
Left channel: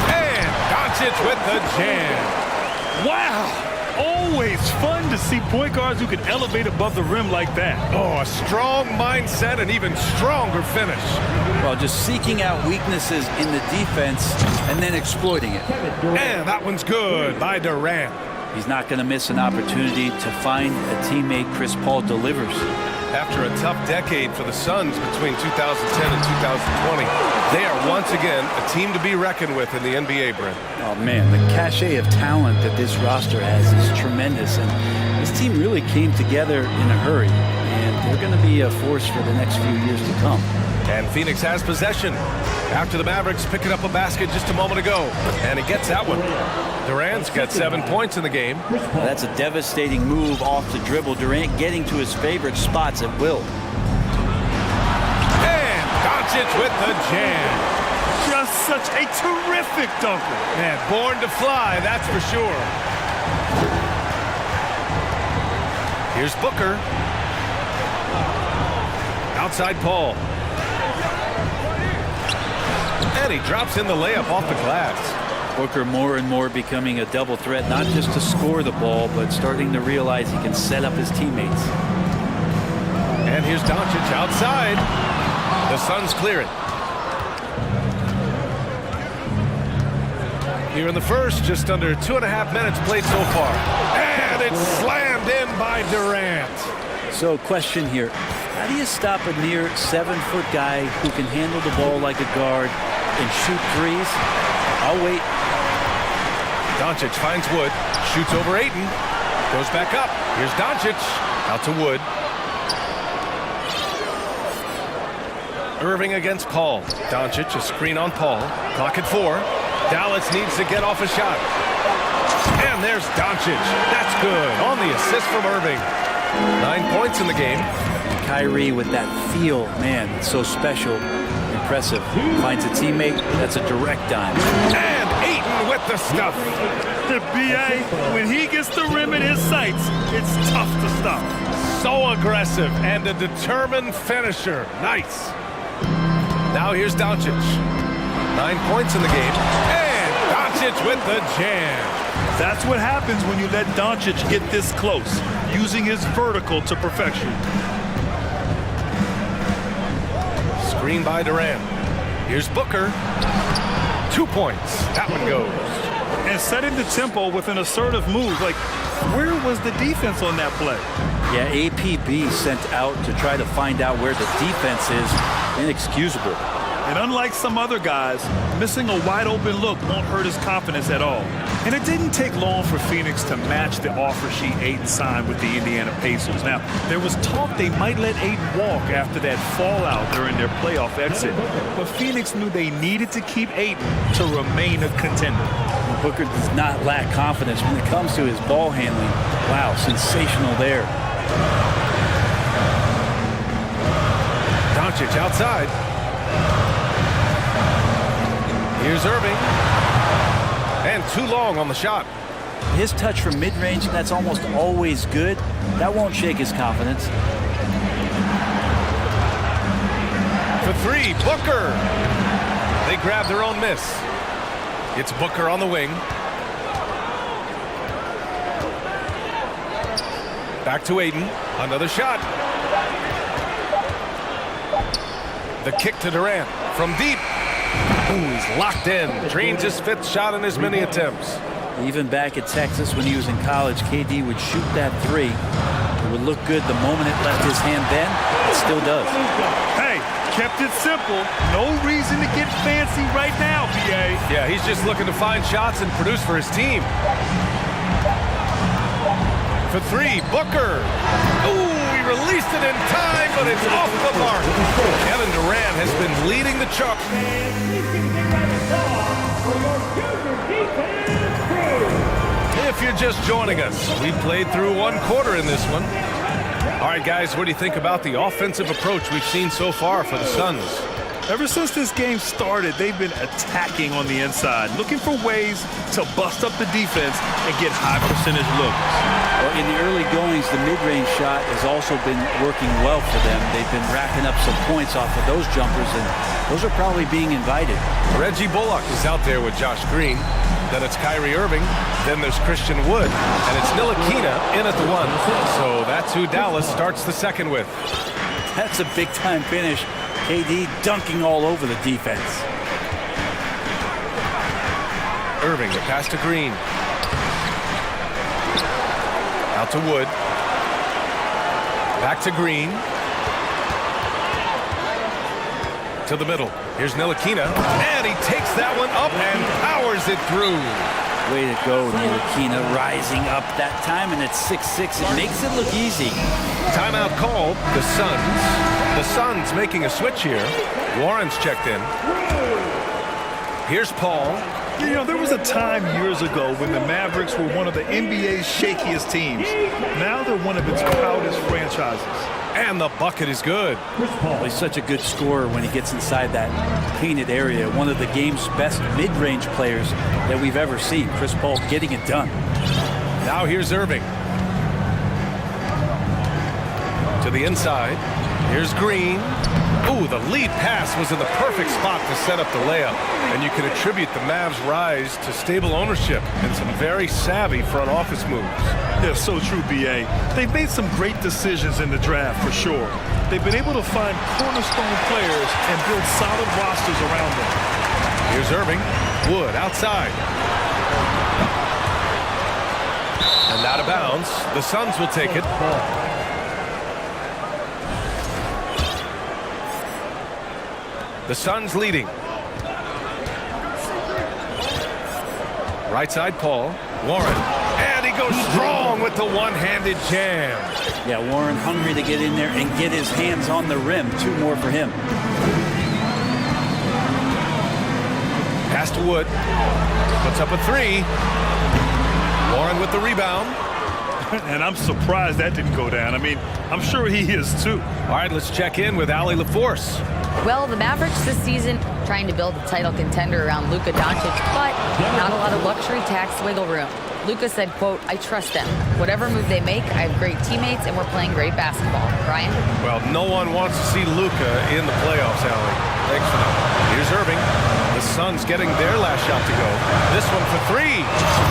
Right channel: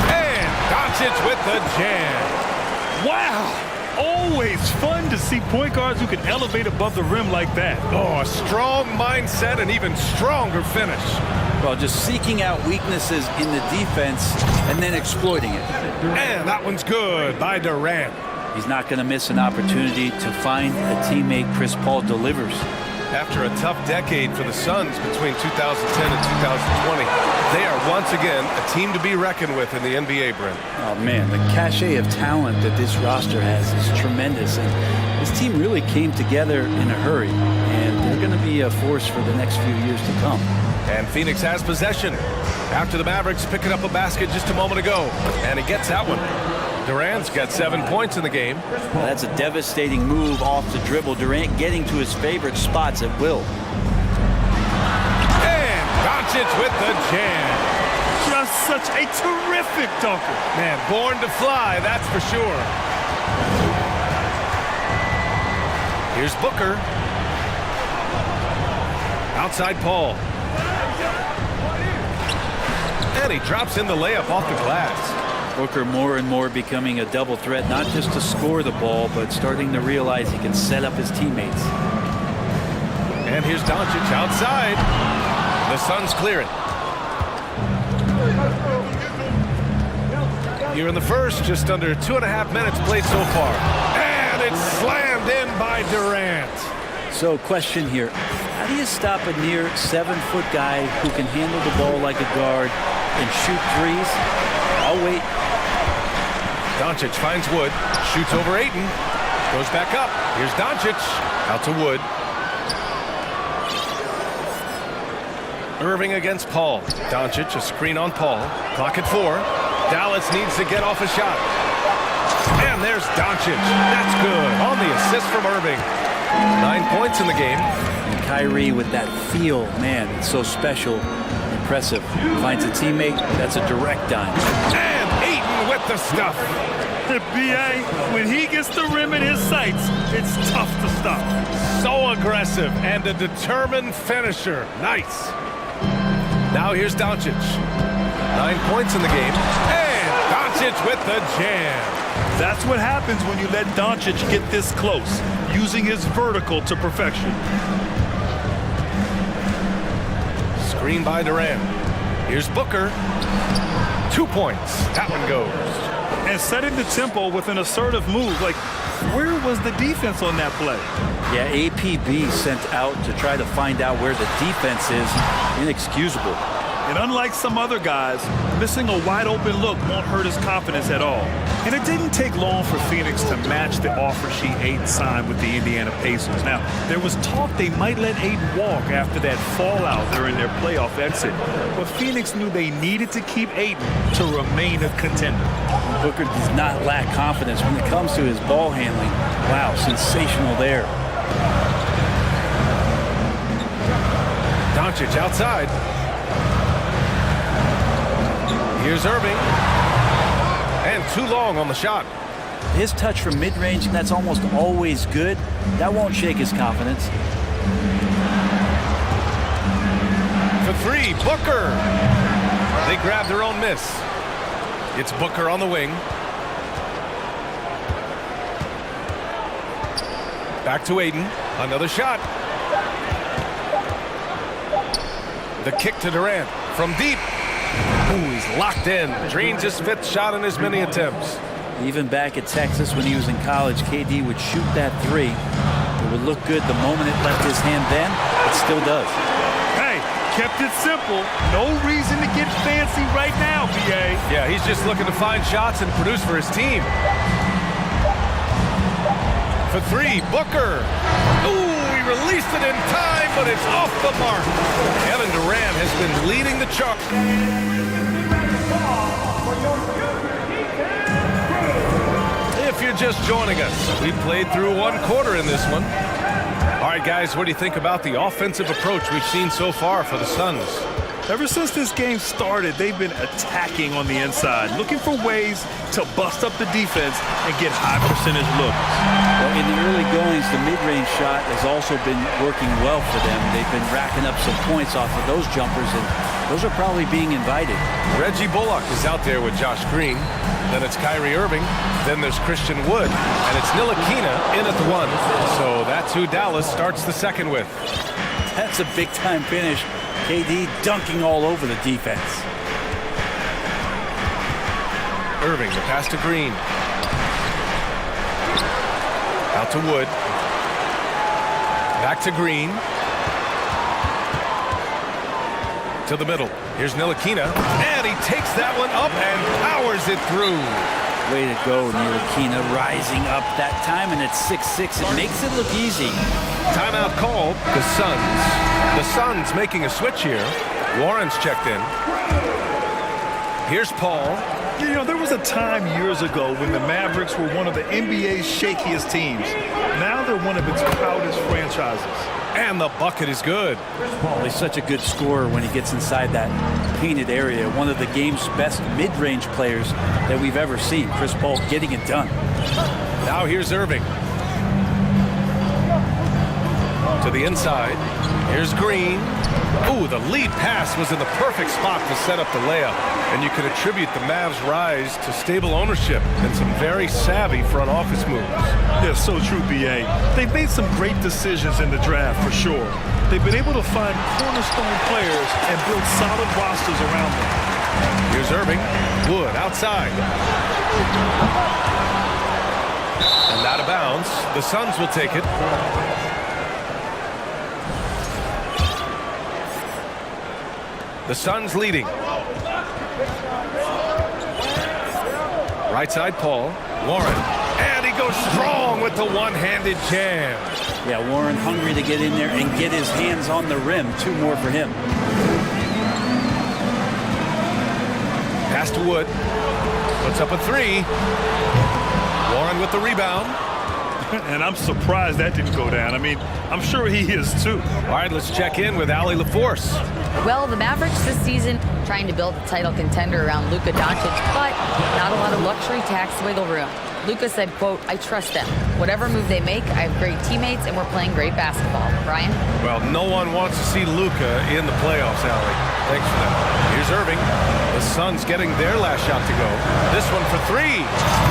And Doncic with the jam. Wow! Always fun to see point guards who can elevate above the rim like that. Oh, a strong mindset and even stronger finish. Well, just seeking out weaknesses in the defense and then exploiting it. And that one's good by Durant. He's not going to miss an opportunity to find a teammate. Chris Paul delivers. After a tough decade for the Suns between 2010 and 2020, they are once again a team to be reckoned with in the NBA, Brent. Oh, man, the cachet of talent that this roster has is tremendous, and this team really came together in a hurry, and they're going to be a force for the next few years to come. And Phoenix has possession after the Mavericks picking up a basket just a moment ago, and he gets that one. Durant's got 7 points in the game. Now, that's a devastating move off the dribble. Durant getting to his favorite spots at will. And Doncic with the jam. Just such a terrific dunker. Man, born to fly, that's for sure. Here's Booker. Outside Paul. And he drops in the layup off the glass. Booker more and more becoming a double threat, not just to score the ball, but starting to realize he can set up his teammates. And here's Doncic outside. The Suns clear it. Here in the first, just under 2.5 minutes played so far. And it's slammed in by Durant. So, question here. How do you stop a near 7-foot guy who can handle the ball like a guard and shoot threes? I'll wait. Doncic finds Wood, shoots over Ayton, goes back up. Here's Doncic, out to Wood. Irving against Paul. Doncic, a screen on Paul. Clock at 4. Dallas needs to get off a shot. And there's Doncic. That's good. On the assist from Irving. 9 points in the game. And Kyrie with that feel, man, it's so special. Impressive. Finds a teammate. That's a direct dime. And Ayton with the stuff. B.A., when he gets the rim in his sights, it's tough to stop. So aggressive and a determined finisher. Nice. Now here's Doncic. 9 points in the game. And Doncic with the jam. That's what happens when you let Doncic get this close, using his vertical to perfection. Screen by Durant. Here's Booker. 2 points. That one goes. And setting the tempo with an assertive move. Like, where was the defense on that play? Yeah, APB sent out to try to find out where the defense is. Inexcusable. And unlike some other guys, missing a wide-open look won't hurt his confidence at all. And it didn't take long for Phoenix to match the offer sheet Ayton signed with the Indiana Pacers. Now, there was talk they might let Ayton walk after that fallout during their playoff exit. But Phoenix knew they needed to keep Ayton to remain a contender. Booker does not lack confidence when it comes to his ball handling. Wow, sensational there. Doncic outside. Here's Irving. And too long on the shot. His touch from mid-range, that's almost always good. That won't shake his confidence. For 3, Booker. They grab their own miss. It's Booker on the wing. Back to Ayton. Another shot. The kick to Durant from deep. Ooh, he's locked in. Drains his 5th shot in as many attempts. Even back at Texas when he was in college, KD would shoot that 3. It would look good the moment it left his hand then. It still does. Hey, Kept it simple. No reason to get fancy right now, BA. Yeah, he's just looking to find shots and produce for his team. For three, Booker. Ooh, he released it in time, but it's off the mark. Kevin Durant has been leading the charge. If you're just joining us, we played through one quarter in this one. All right, guys, what do you think about the offensive approach we've seen so far for the Suns? Ever since this game started, they've been attacking on the inside, looking for ways to bust up the defense and get high percentage looks. Well, in the early goings, the mid-range shot has also been working well for them. They've been racking up some points off of those jumpers, and those are probably being invited. Reggie Bullock is out there with Josh Green. Then it's Kyrie Irving. Then there's Christian Wood. And it's Ntilikina in at the one. So that's who Dallas starts the second with. That's a big-time finish. KD dunking all over the defense. Irving, the pass to Green. Out to Wood. Back to Green. To the middle. Here's Ntilikina. And he takes that one up and powers it through. Way to go, Ntilikina, rising up that time, and it's 6-6. It makes it look easy. Timeout called. The Suns. The Suns making a switch here. Warren's checked in. Here's Paul. You know, there was a time years ago when the Mavericks were one of the NBA's shakiest teams. Now they're one of its proudest franchises. And the bucket is good. Well, he's such a good scorer when he gets inside that painted area. One of the game's best mid-range players that we've ever seen. Chris Paul getting it done. Now here's Irving. To the inside. Here's Green. Ooh, the lead pass was in the perfect spot to set up the layup. And you can attribute the Mavs' rise to stable ownership and some very savvy front office moves. Yeah, so true, BA. They've made some great decisions in the draft, for sure. They've been able to find cornerstone players and build solid rosters around them. Here's Irving. Wood outside. And out of bounds. The Suns will take it. The Suns leading. Right side, Paul. Warren. And he goes strong with the one-handed jam. Yeah, Warren hungry to get in there and get his hands on the rim. Two more for him. Pass to Wood. Puts up a three. Warren with the rebound. And I'm surprised that didn't go down. I mean, I'm sure he is too. All right, let's check in with Allie LaForce. Well, the Mavericks this season trying to build a title contender around Luka Doncic, but not a lot of luxury tax wiggle room. Luka said, quote, "I trust them. Whatever move they make, I have great teammates and we're playing great basketball." Brian? Well, no one wants to see Luka in the playoffs, Allie. Thanks for that. Here's Irving. The Suns getting their last shot to go. This one for three.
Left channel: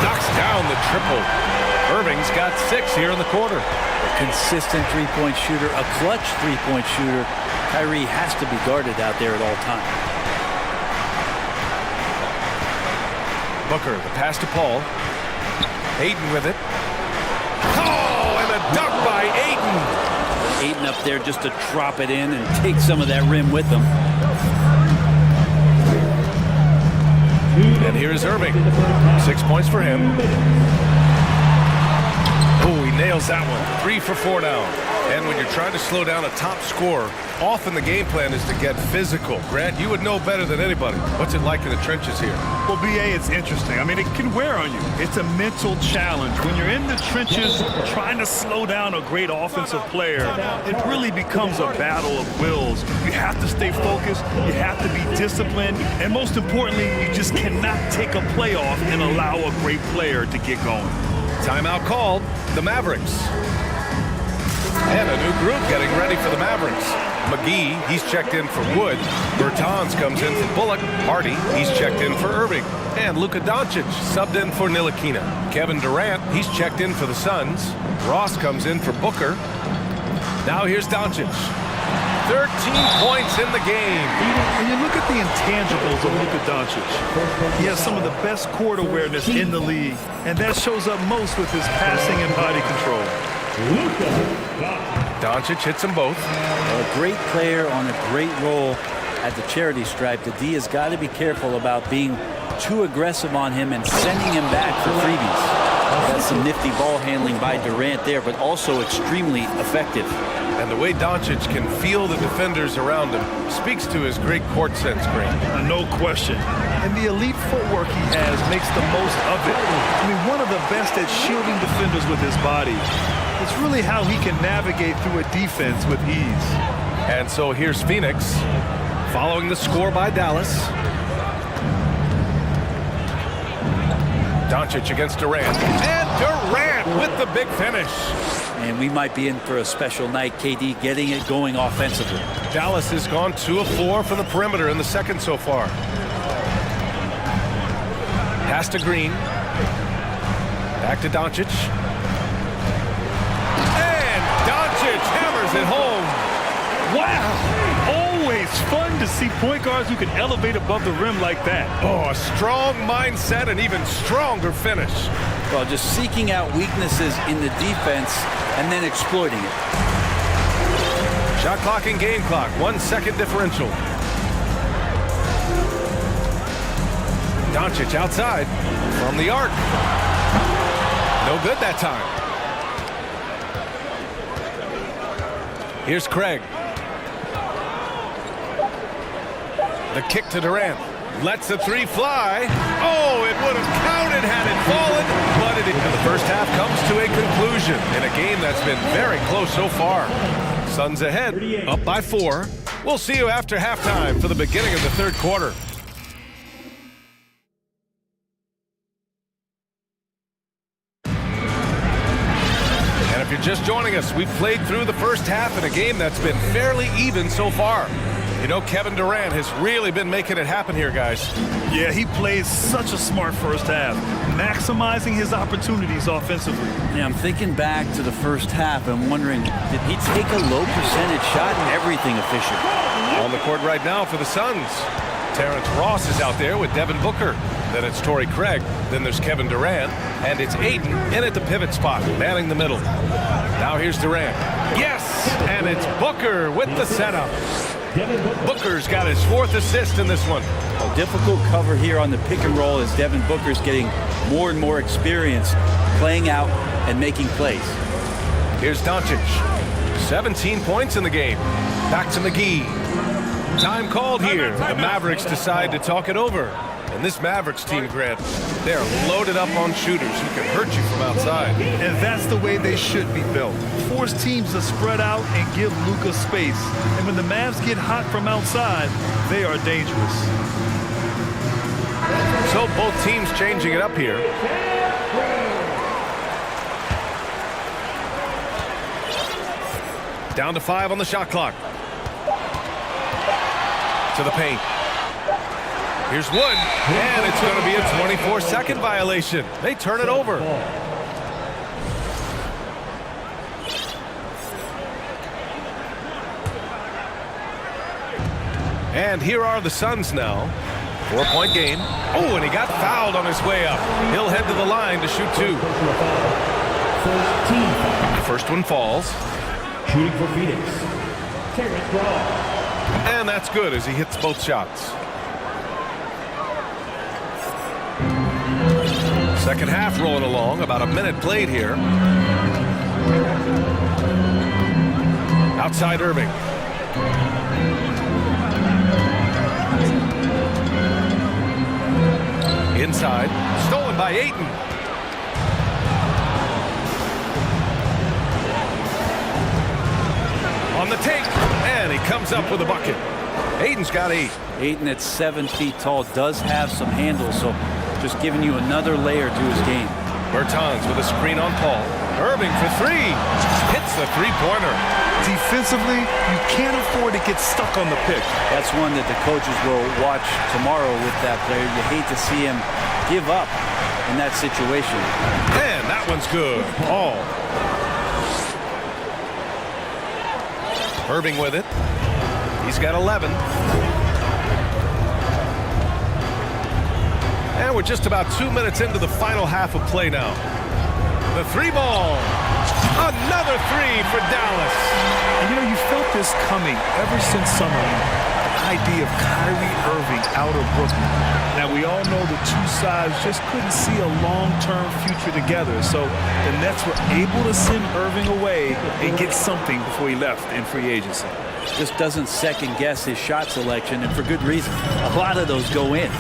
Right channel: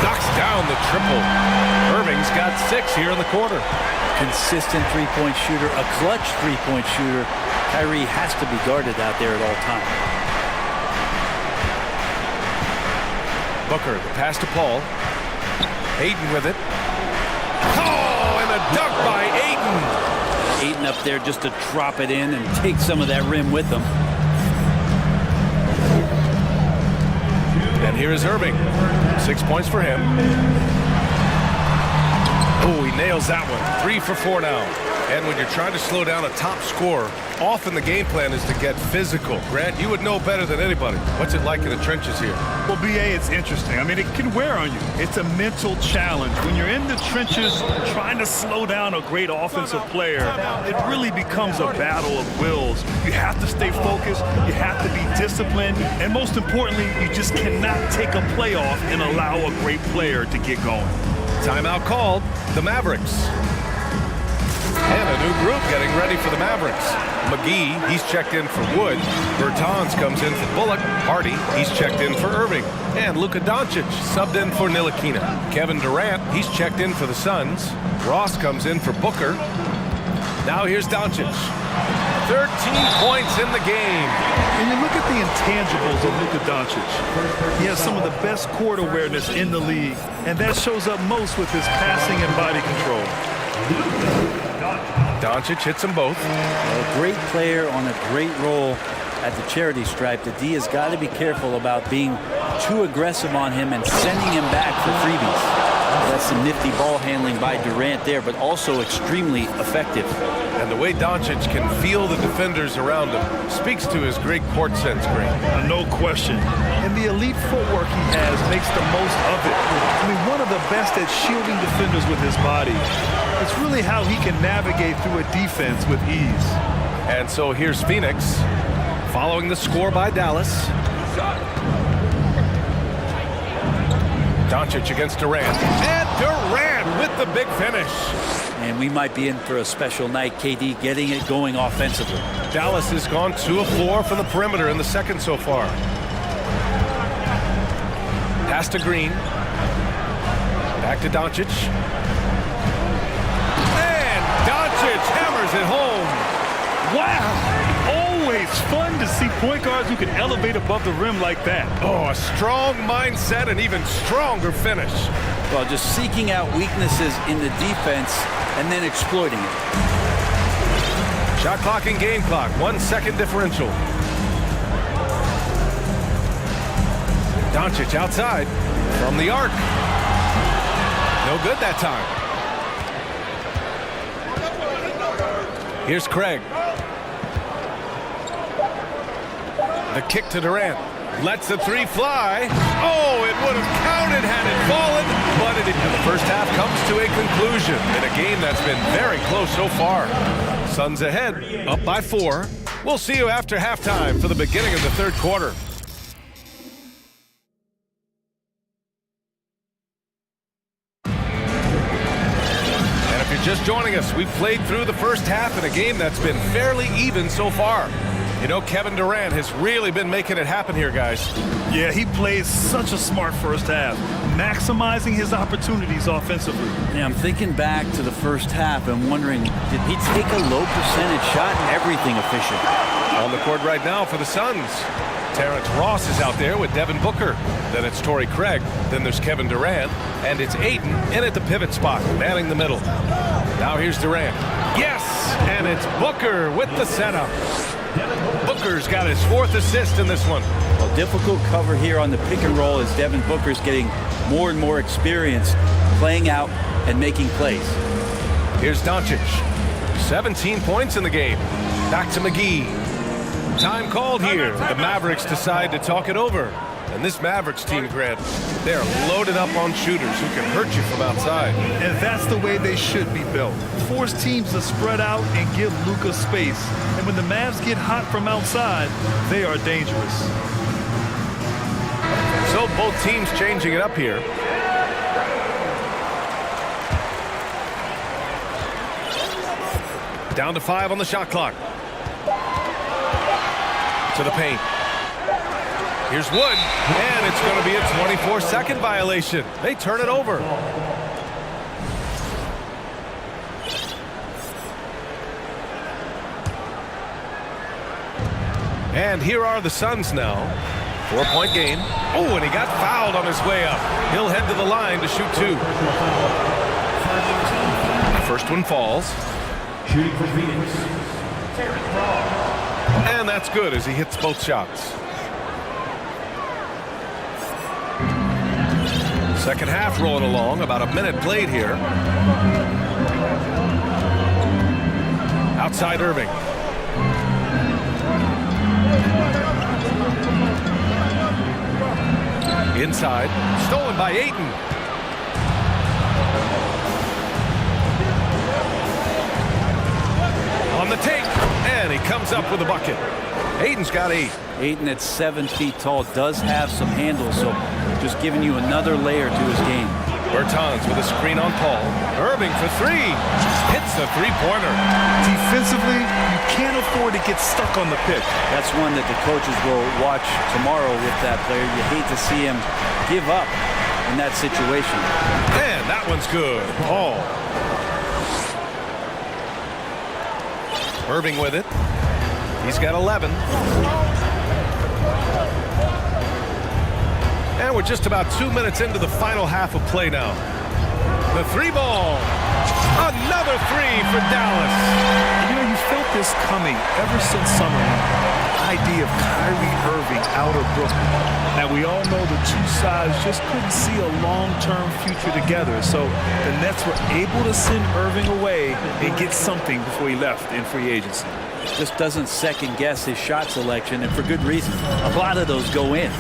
Knocks down the triple. Irving's got 6 here in the quarter. A consistent three-point shooter, a clutch three-point shooter. Kyrie has to be guarded out there at all times. Booker, the pass to Paul. Ayton with it. Oh, and the dunk by Ayton. Ayton up there just to drop it in and take some of that rim with him. And here is Irving. 6 points for him. Oh, he nails that one. 3 for 4 now. And when you're trying to slow down a top scorer, often the game plan is to get physical. Grant, you would know better than anybody. What's it like in the trenches here? Well, BA, it's interesting. I mean, it can wear on you. It's a mental challenge. When you're in the trenches trying to slow down a great offensive player, it really becomes a battle of wills. You have to stay focused. You have to be disciplined. And most importantly, you just cannot take a play off and allow a great player to get going. Timeout called. The Mavericks. And a new group getting ready for the Mavericks. McGee, he's checked in for Wood. Bertans comes in for Bullock. Hardy, he's checked in for Irving. And Luka Doncic subbed in for Ntilikina. Kevin Durant, he's checked in for the Suns. Ross comes in for Booker. Now here's Doncic. 13 points in the game. And you look at the intangibles of Luka Doncic. He has some of the best court awareness in the league, and that shows up most with his passing and body control. Doncic hits them both. A great player on a great role at the charity stripe. The D has got to be careful about being too aggressive on him and sending him back for freebies. That's some nifty ball handling by Durant there, but also extremely effective. And the way Doncic can feel the defenders around him speaks to his great court sense, Green. No question. And the elite footwork he has makes the most of it. I mean, one of the best at shielding defenders with his body. It's really how he can navigate through a defense with ease. And so here's Phoenix, following the score by Dallas. Doncic against Durant. And Durant with the big finish. And we might be in for a special night, KD getting it going offensively. Dallas has gone 2 of 4 from the perimeter in the second so far. Pass to Green. Back to Doncic. And Doncic hammers it home. Wow! Always fun to see point guards who can elevate above the rim like that. Oh, a strong mindset and even stronger finish. Well, just seeking out weaknesses in the defense and then exploiting it. Shot clock and game clock, 1 second differential. Doncic outside from the arc. No good that time. Here's Craig. The kick to Durant. Lets the three fly. Oh, it would have counted had it fallen, but it didn't. And the first half comes to a conclusion in a game that's been very close so far. Suns ahead, up by 4. We'll see you after halftime for the beginning of the third quarter. And if you're just joining us, we've played through the first half in a game that's been fairly even so far. You know, Kevin Durant has really been making it happen here, guys. Yeah, he plays such a smart first half, maximizing his opportunities offensively. Yeah, I'm thinking back to the first half and wondering, did he take a low percentage shot? Everything efficient. On the court right now for the Suns. Terrence Ross is out there with Devin Booker. Then it's Torrey Craig. Then there's Kevin Durant. And it's Ayton in at the pivot spot, manning the middle. Now here's Durant. Yes! And it's Booker with the setup. Booker's got his 4th assist in this one. Well, difficult cover here on the pick and roll as Devin Booker's getting more and more experience playing out and making plays. Here's Doncic. 17 points in the game. Back to McGee. Time called here. The Mavericks decide to talk it over. And this Mavericks team, Grant, they're loaded up on shooters who can hurt you from outside. And that's the way they should be built. Force teams to spread out and give Luka space. And when the Mavs get hot from outside, they are dangerous. So both teams changing it up here. Down to 5 on the shot clock. To the paint. Here's Wood, and it's going to be a 24-second violation. They turn it over. And here are the Suns now. 4-point game. Oh, and he got fouled on his way up. He'll head to the line to shoot 2. The first one falls. Shooting for Phoenix, Terrence Ross. And that's good as he hits both shots. Second half rolling along, about a minute played here. Outside Irving. Inside, stolen by Ayton. On the take, and he comes up with a bucket. Ayton's got 8. Ayton at 7 feet tall does have some handles, so just giving you another layer to his game. Bertans with a screen on Paul. Irving for 3. Hits the three-pointer. Defensively, you can't afford to get stuck on the pick. That's one that the coaches will watch tomorrow with that player. You hate to see him give up in that situation. And that one's good. Paul. Irving with it. He's got 11. And we're just about 2 minutes into the final half of play now. The 3 ball. Another three for Dallas. And you know, you felt this coming ever since summer league. The idea of Kyrie Irving out of Brooklyn. Now, we all know the two sides just couldn't see a long-term future together. So the Nets were able to send Irving away and get something before he left in free agency. Just doesn't second-guess his shot selection, and for good reason. A lot of those go in.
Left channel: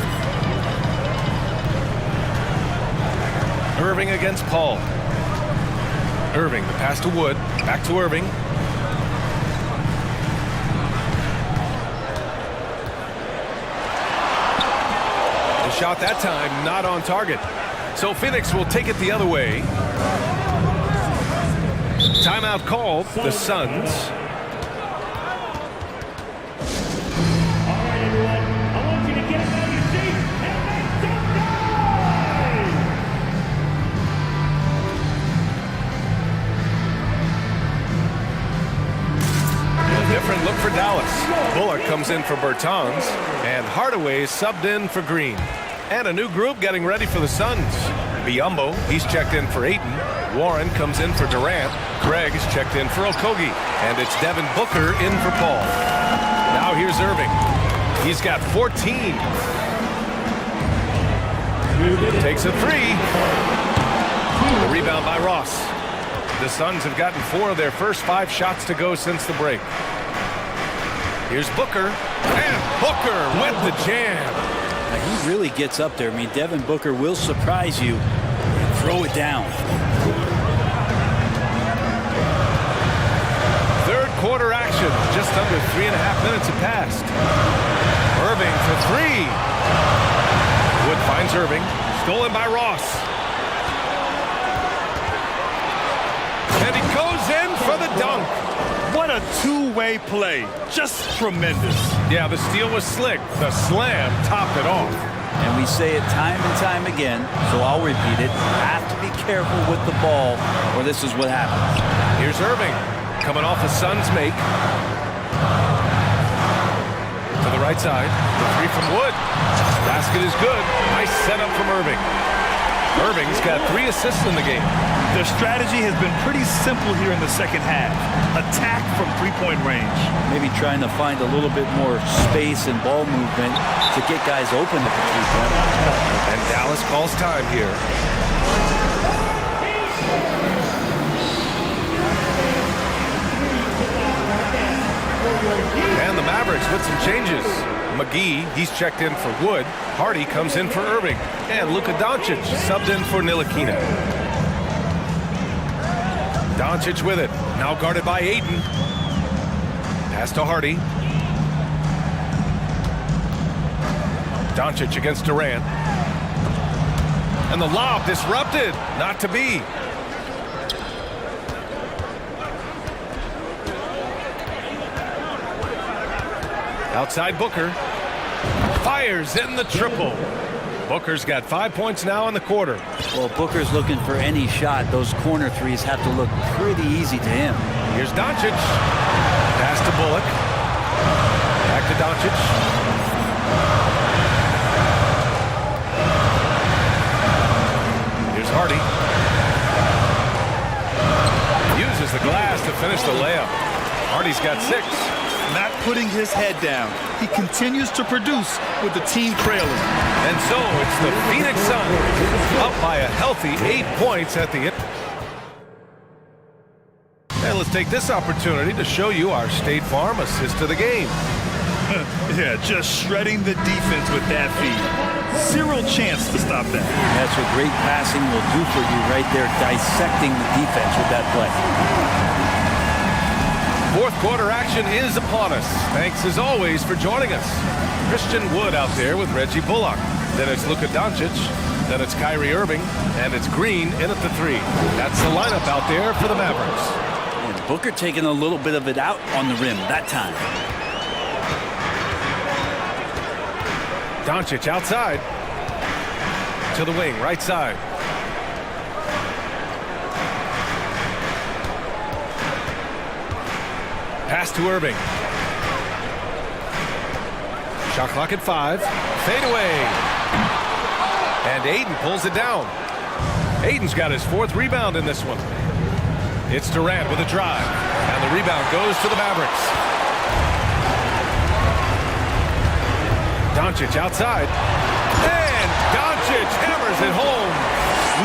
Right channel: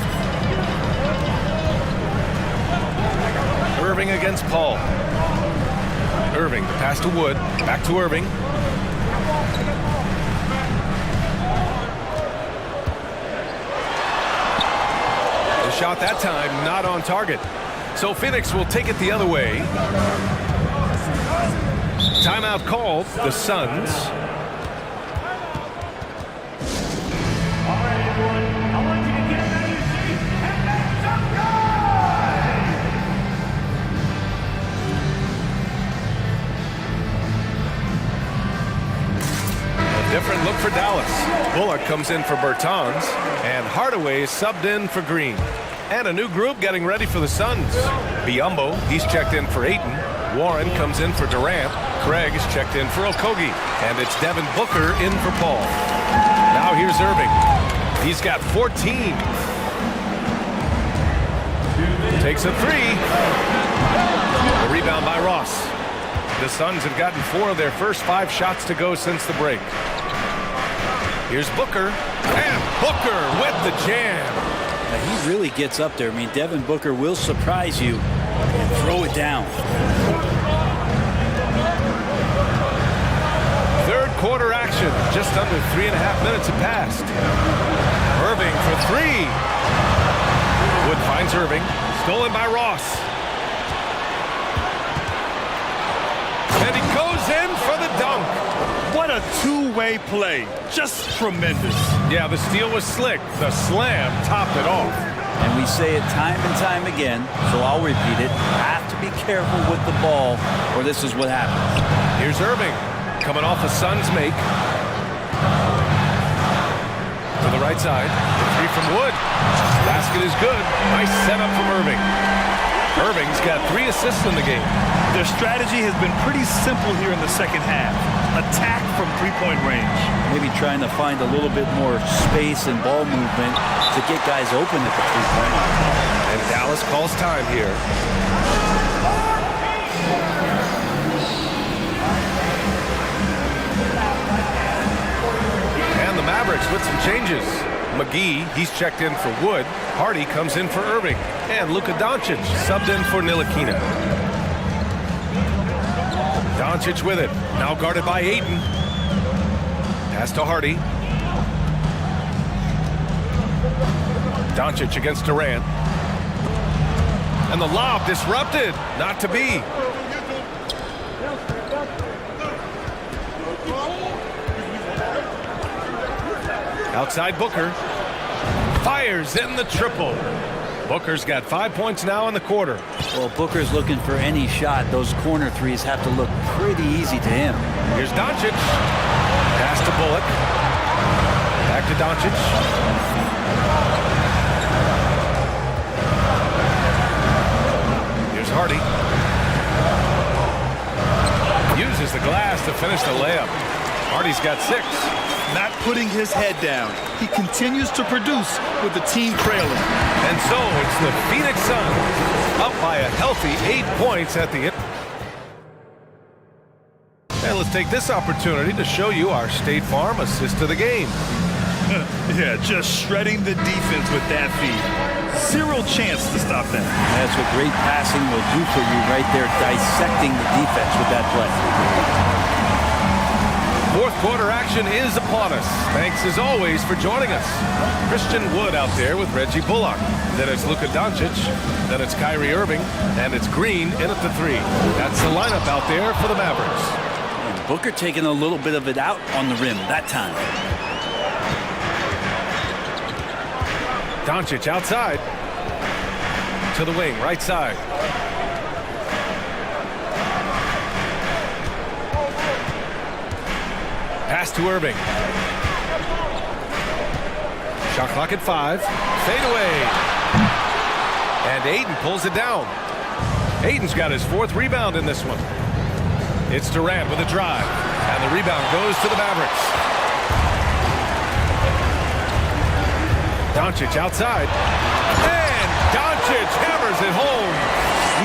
Irving against Paul. Irving, the pass to Wood. Back to Irving. The shot that time not on target. So Phoenix will take it the other way. Timeout called. The Suns. Different look for Dallas. Bullock comes in for Bertans, and Hardaway is subbed in for Green. And a new group getting ready for the Suns. Biyombo, he's checked in for Ayton. Warren comes in for Durant. Craig is checked in for Okogie. And it's Devin Booker in for Paul. Now here's Irving. He's got 14. Takes a three. The rebound by Ross. The Suns have gotten 4 of their first 5 shots to go since the break. Here's Booker, and Booker with the jam. Now he really gets up there. I mean, Devin Booker will surprise you and throw it down. Third quarter action. Just under 3.5 minutes have passed. Irving for 3. Wood finds Irving. Stolen by Ross. And he goes in for the dunk. What a two-way play. Just tremendous. Yeah, the steal was slick. The slam topped it off. And we say it time and time again, so I'll repeat it. Have to be careful with the ball, or this is what happens. Here's Irving, coming off a Suns make. To the right side, the 3 from Wood. Basket is good. Nice setup from Irving. Irving's got 3 assists in the game. Their strategy has been pretty simple here in the second half. Attack from three-point range. Maybe trying to find a little bit more space and ball movement to get guys open at the three-point line. And Dallas calls time here. And the Mavericks with some changes. McGee, he's checked in for Wood. Hardy comes in for Irving. And Luka Doncic subbed in for Ntilikina. Doncic with it. Now guarded by Ayton. Pass to Hardy. Doncic against Durant. And the lob disrupted. Not to be. Outside Booker. Fires in the triple. Booker's got 5 points now in the quarter. Well, Booker's looking for any shot. Those corner threes have to look pretty easy to him. Here's Doncic. Pass to Bullock. Back to Doncic. Here's Hardy. Uses the glass to finish the layup. Hardy's got 6. Not putting his head down. He continues to produce with the team trailing. And so it's the Phoenix Suns up by a healthy 8 points at the end. And let's take this opportunity to show you our State Farm assist of the game. Yeah, just shredding the defense with that feed. Zero chance to stop that. That's what great passing will do for you right there, dissecting the defense with that play. Fourth quarter action is upon us. Thanks as always for joining us. Christian Wood out there with Reggie Bullock. Then it's Luka Doncic. Then it's Kyrie Irving. And it's Green in at the 3. That's the lineup out there for the Mavericks. And Booker taking a little bit of it out on the rim that time. Doncic outside. To the wing, right side. Pass to Irving. Shot clock at 5. Fade away. And Ayton pulls it down. Ayton's got his 4th rebound in this one. It's Durant with a drive. And the rebound goes to the Mavericks. Doncic outside. And Doncic hammers it home.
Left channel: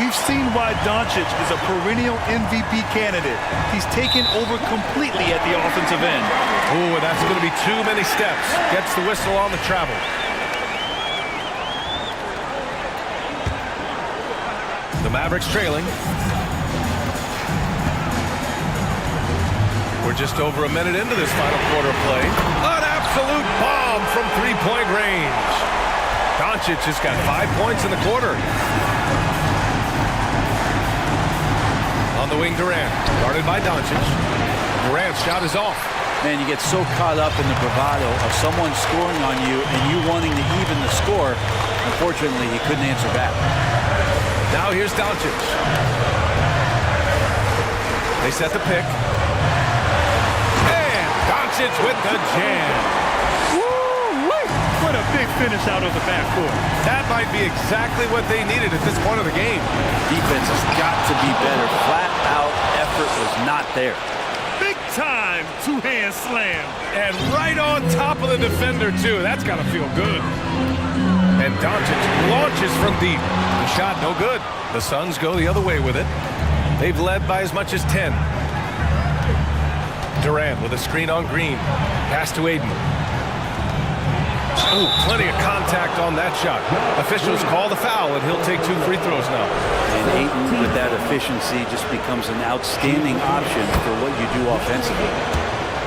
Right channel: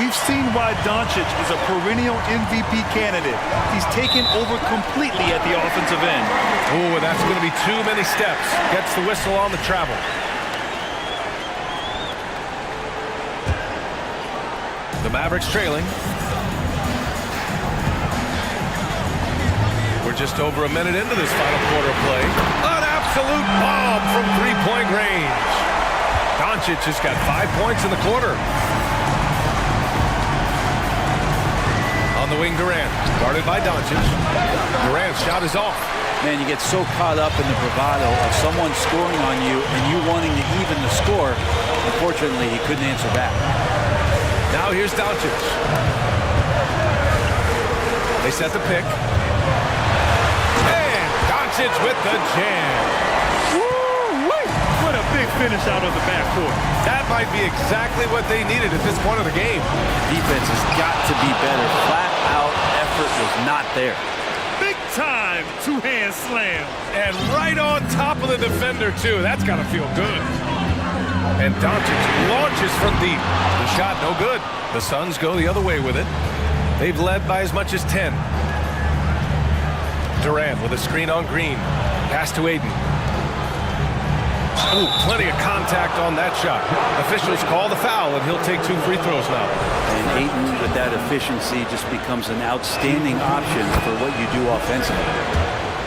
We've seen why Doncic is a perennial MVP candidate. He's taken over completely at the offensive end. Oh, that's going to be too many steps. Gets the whistle on the travel. The Mavericks trailing. We're just over a minute into this final quarter play. An absolute bomb from three-point range. Doncic has got 5 points in the quarter. On the wing, Durant. Guarded by Doncic. Durant's shot is off. Man, you get so caught up in the bravado of someone scoring on you and you wanting to even the score. Unfortunately, he couldn't answer back. Now here's Doncic. They set the pick. And Doncic with the jam. Woo-wee! What a big finish out of the backcourt. That might be exactly what they needed at this point of the game. Defense has got to be better. Flat out effort was not there. Big time two-hand slam. And right on top of the defender, too. That's got to feel good. And Doncic launches from deep. The shot no good. The Suns go the other way with it. They've led by as much as 10. Durant with a screen on Green. Pass to Aiden. Ooh, plenty of contact on that shot. Officials call the foul, and he'll take 2 free throws now. And Ayton, with that efficiency, just becomes an outstanding option for what you do offensively.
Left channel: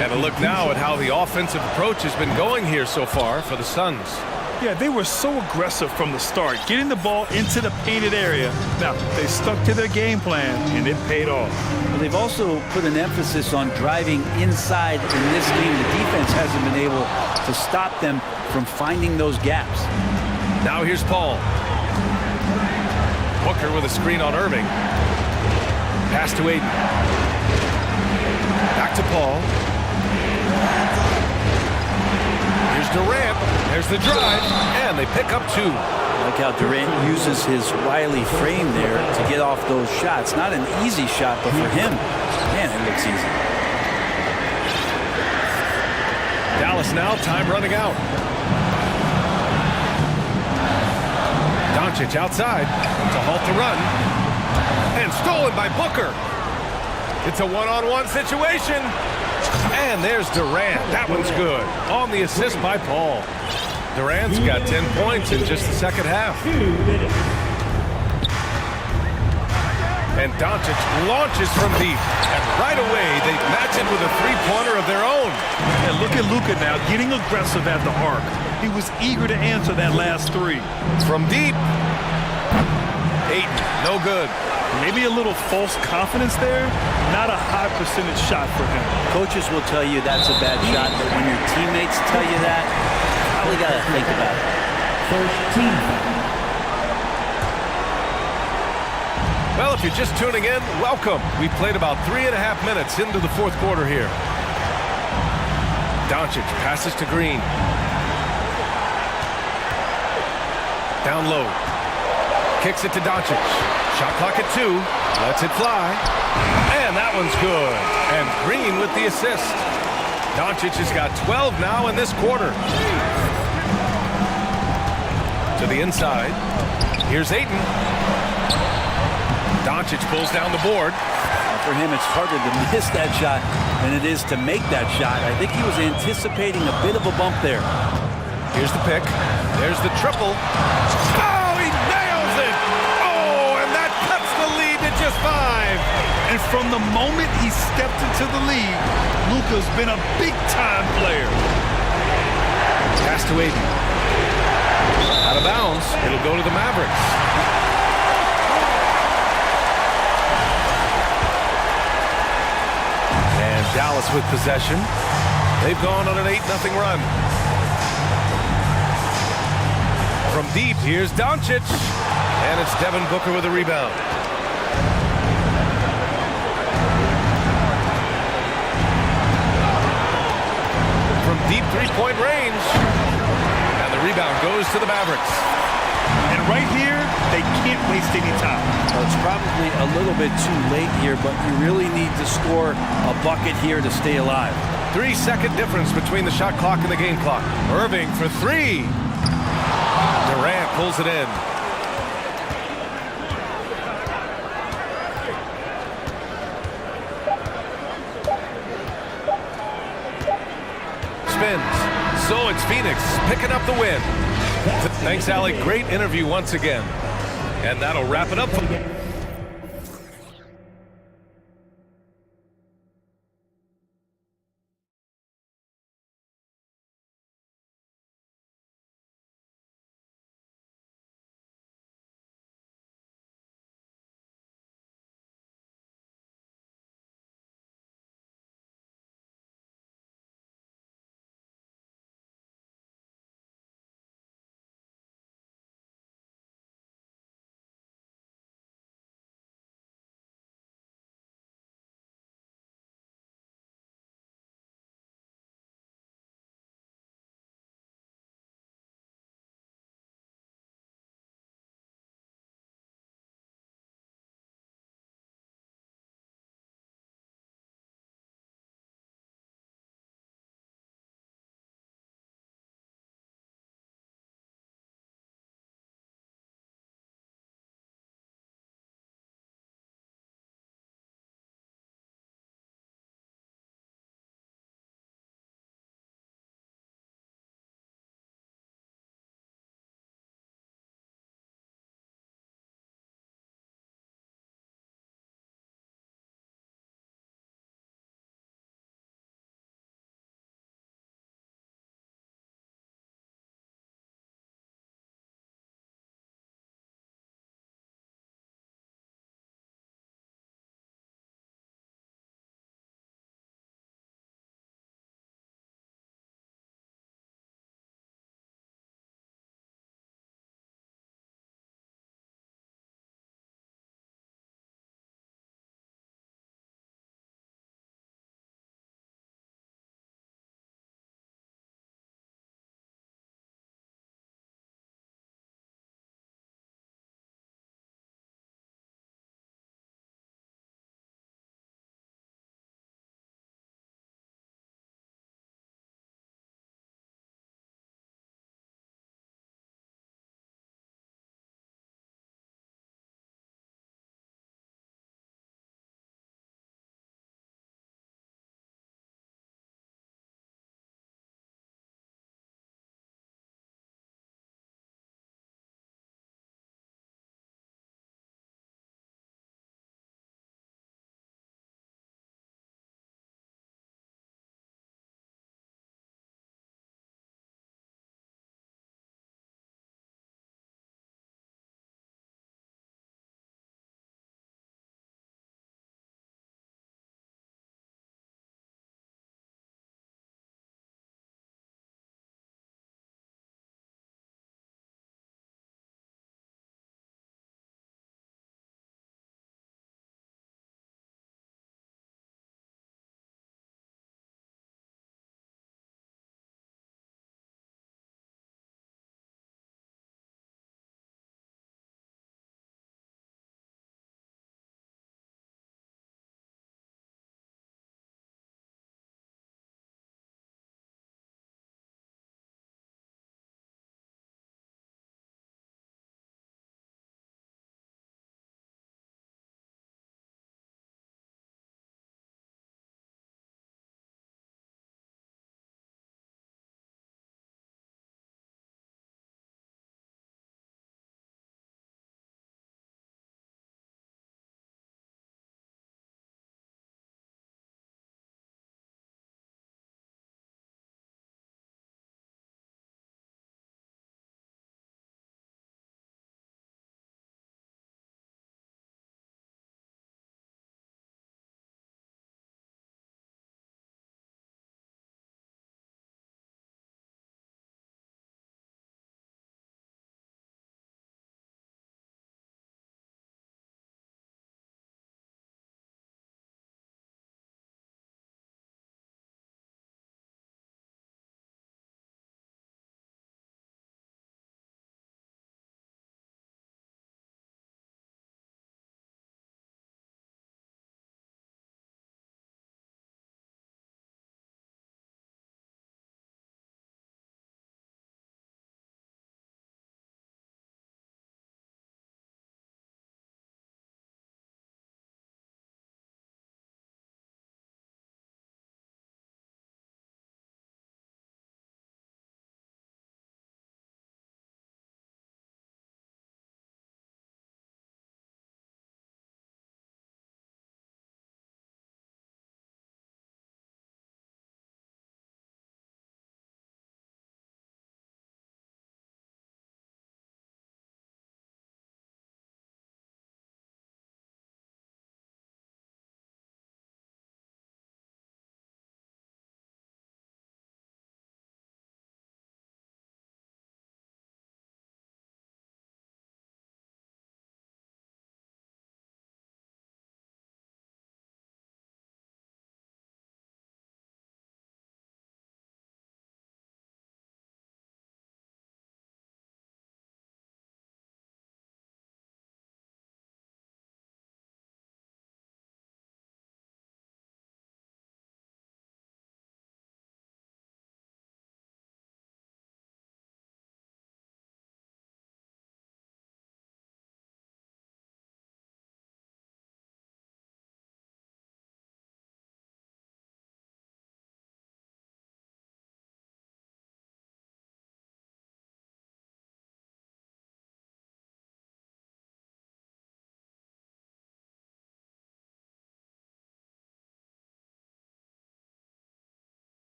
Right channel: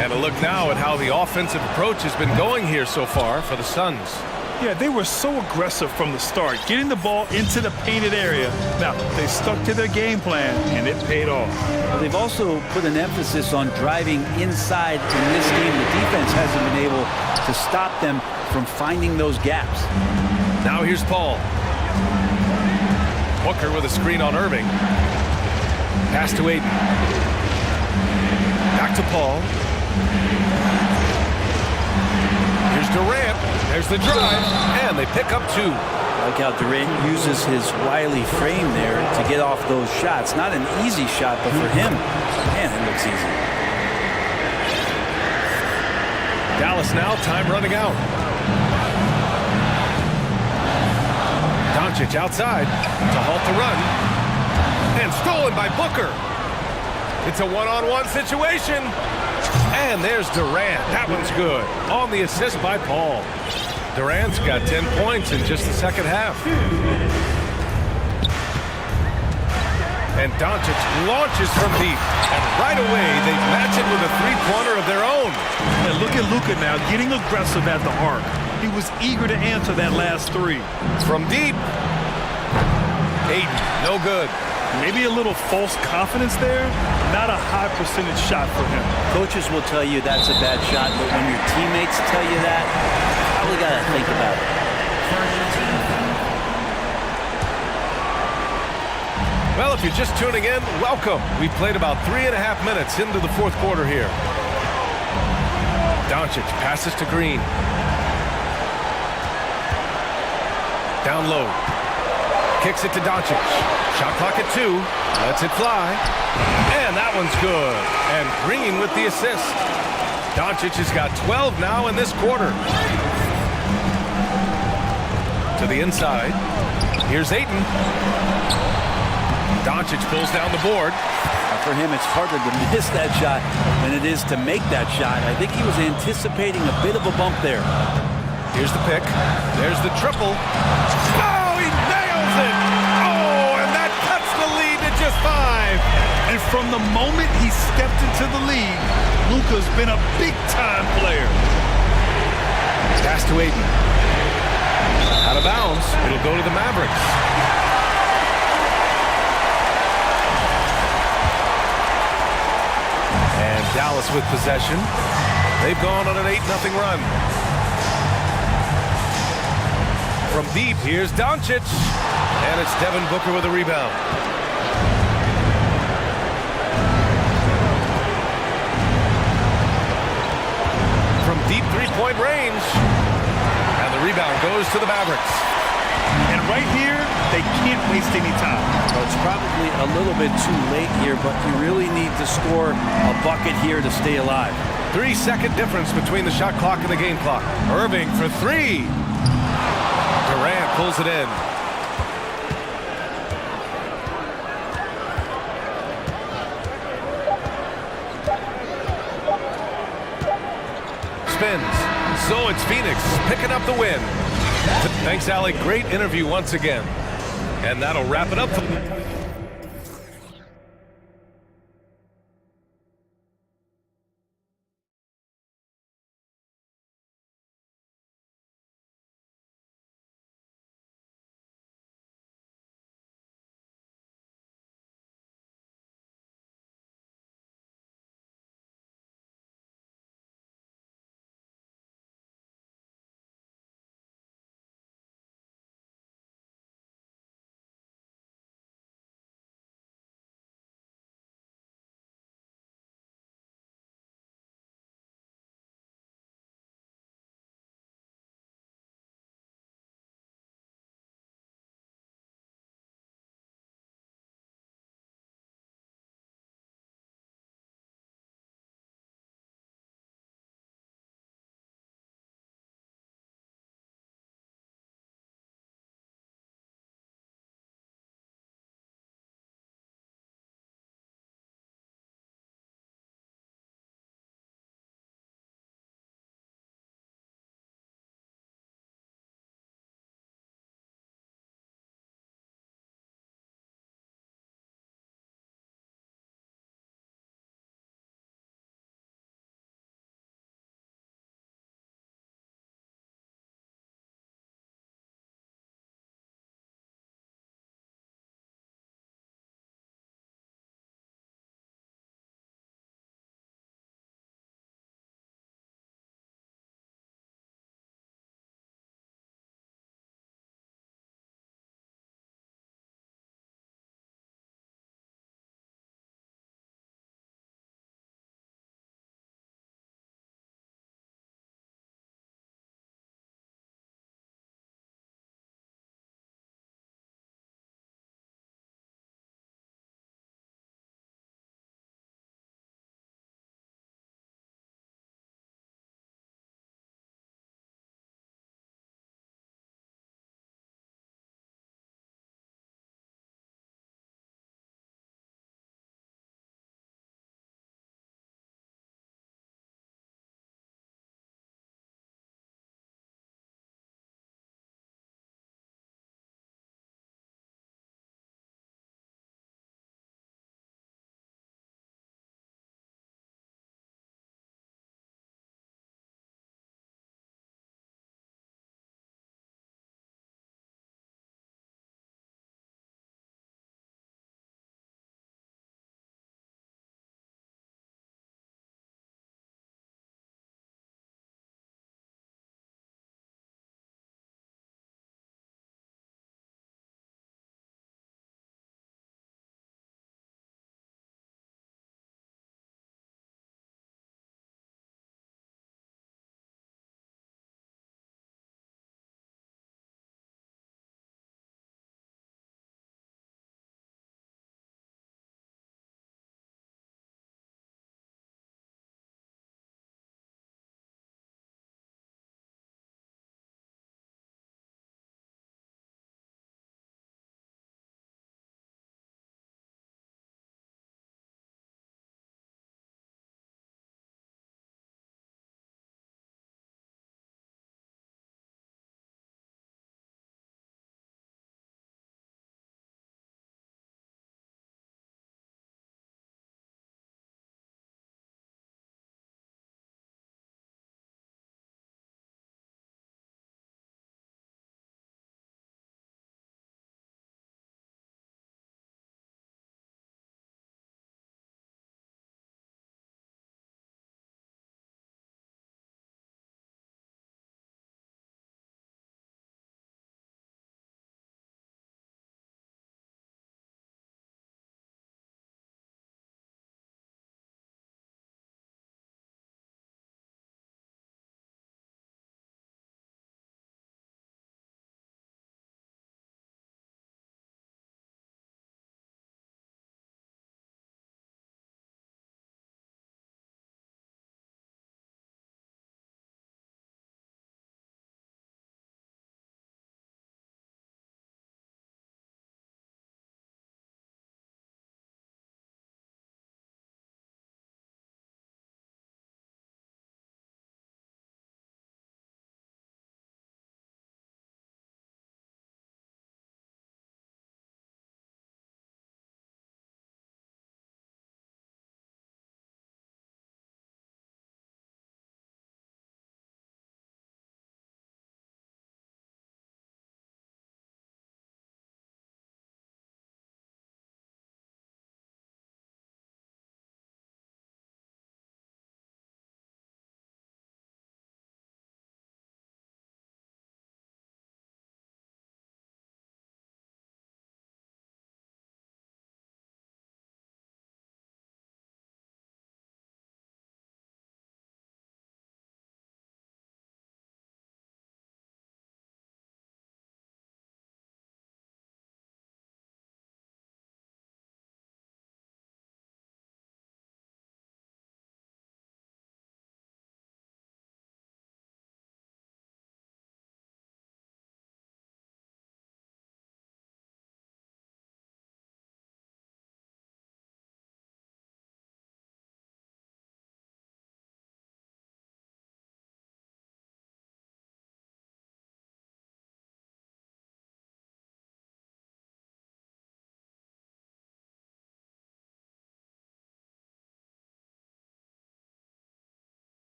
And a look now at how the offensive approach has been going here so far for the Suns. Yeah, they were so aggressive from the start, getting the ball into the painted area. Now, they stuck to their game plan, and it paid off. Well, they've also put an emphasis on driving inside in this game. The defense hasn't been able to stop them from finding those gaps. Now here's Paul. Booker with a screen on Irving. Pass to Aiden. Back to Paul. Here's Durant. There's the drive, and they pick up 2. I like how Durant uses his wily frame there to get off those shots. Not an easy shot, but for him, man, it looks easy. Dallas now, time running out. Doncic outside to halt the run. And stolen by Booker. It's a one-on-one situation. And there's Durant. That one's good. On the assist by Paul. Durant's got 10 points in just the second half. And Doncic launches from deep. And right away, they match it with a three-pointer of their own. And look at Luka now getting aggressive at the arc. He was eager to answer that last 3. From deep. Aiden, no good. Maybe a little false confidence there. Not a high percentage shot for him. Coaches will tell you that's a bad shot, but when your teammates tell you that, you probably got to think about it. First team foul. Well, if you're just tuning in, welcome. We've played about 3.5 minutes into the fourth quarter here. Doncic passes to Green. Down low. Kicks it to Doncic. Shot clock at 2. Lets it fly. And that one's good. And Green with the assist. Doncic has got 12 now in this quarter. To the inside. Here's Ayton. Doncic pulls down the board. For him, it's harder to miss that shot than it is to make that shot. I think he was anticipating a bit of a bump there. Here's the pick. There's the triple. Oh, he nails it! Oh, and that cuts the lead to just 5. And from the moment he stepped into the league, Luka's been a big-time player. Pass to Aiden. Out of bounds. It'll go to the Mavericks. And Dallas with possession. They've gone on an 8-0 run. From deep, here's Doncic. And it's Devin Booker with a rebound. From deep three-point range. And the rebound goes to the Mavericks. And right here, they can't waste any time. Well, it's probably a little bit too late here, but you really need to score a bucket here to stay alive. 3-second difference between the shot clock and the game clock. Irving for three. Durant pulls it in. Spins. So it's Phoenix picking up the win. Thanks, Allie. Great interview once again. And that'll wrap it up.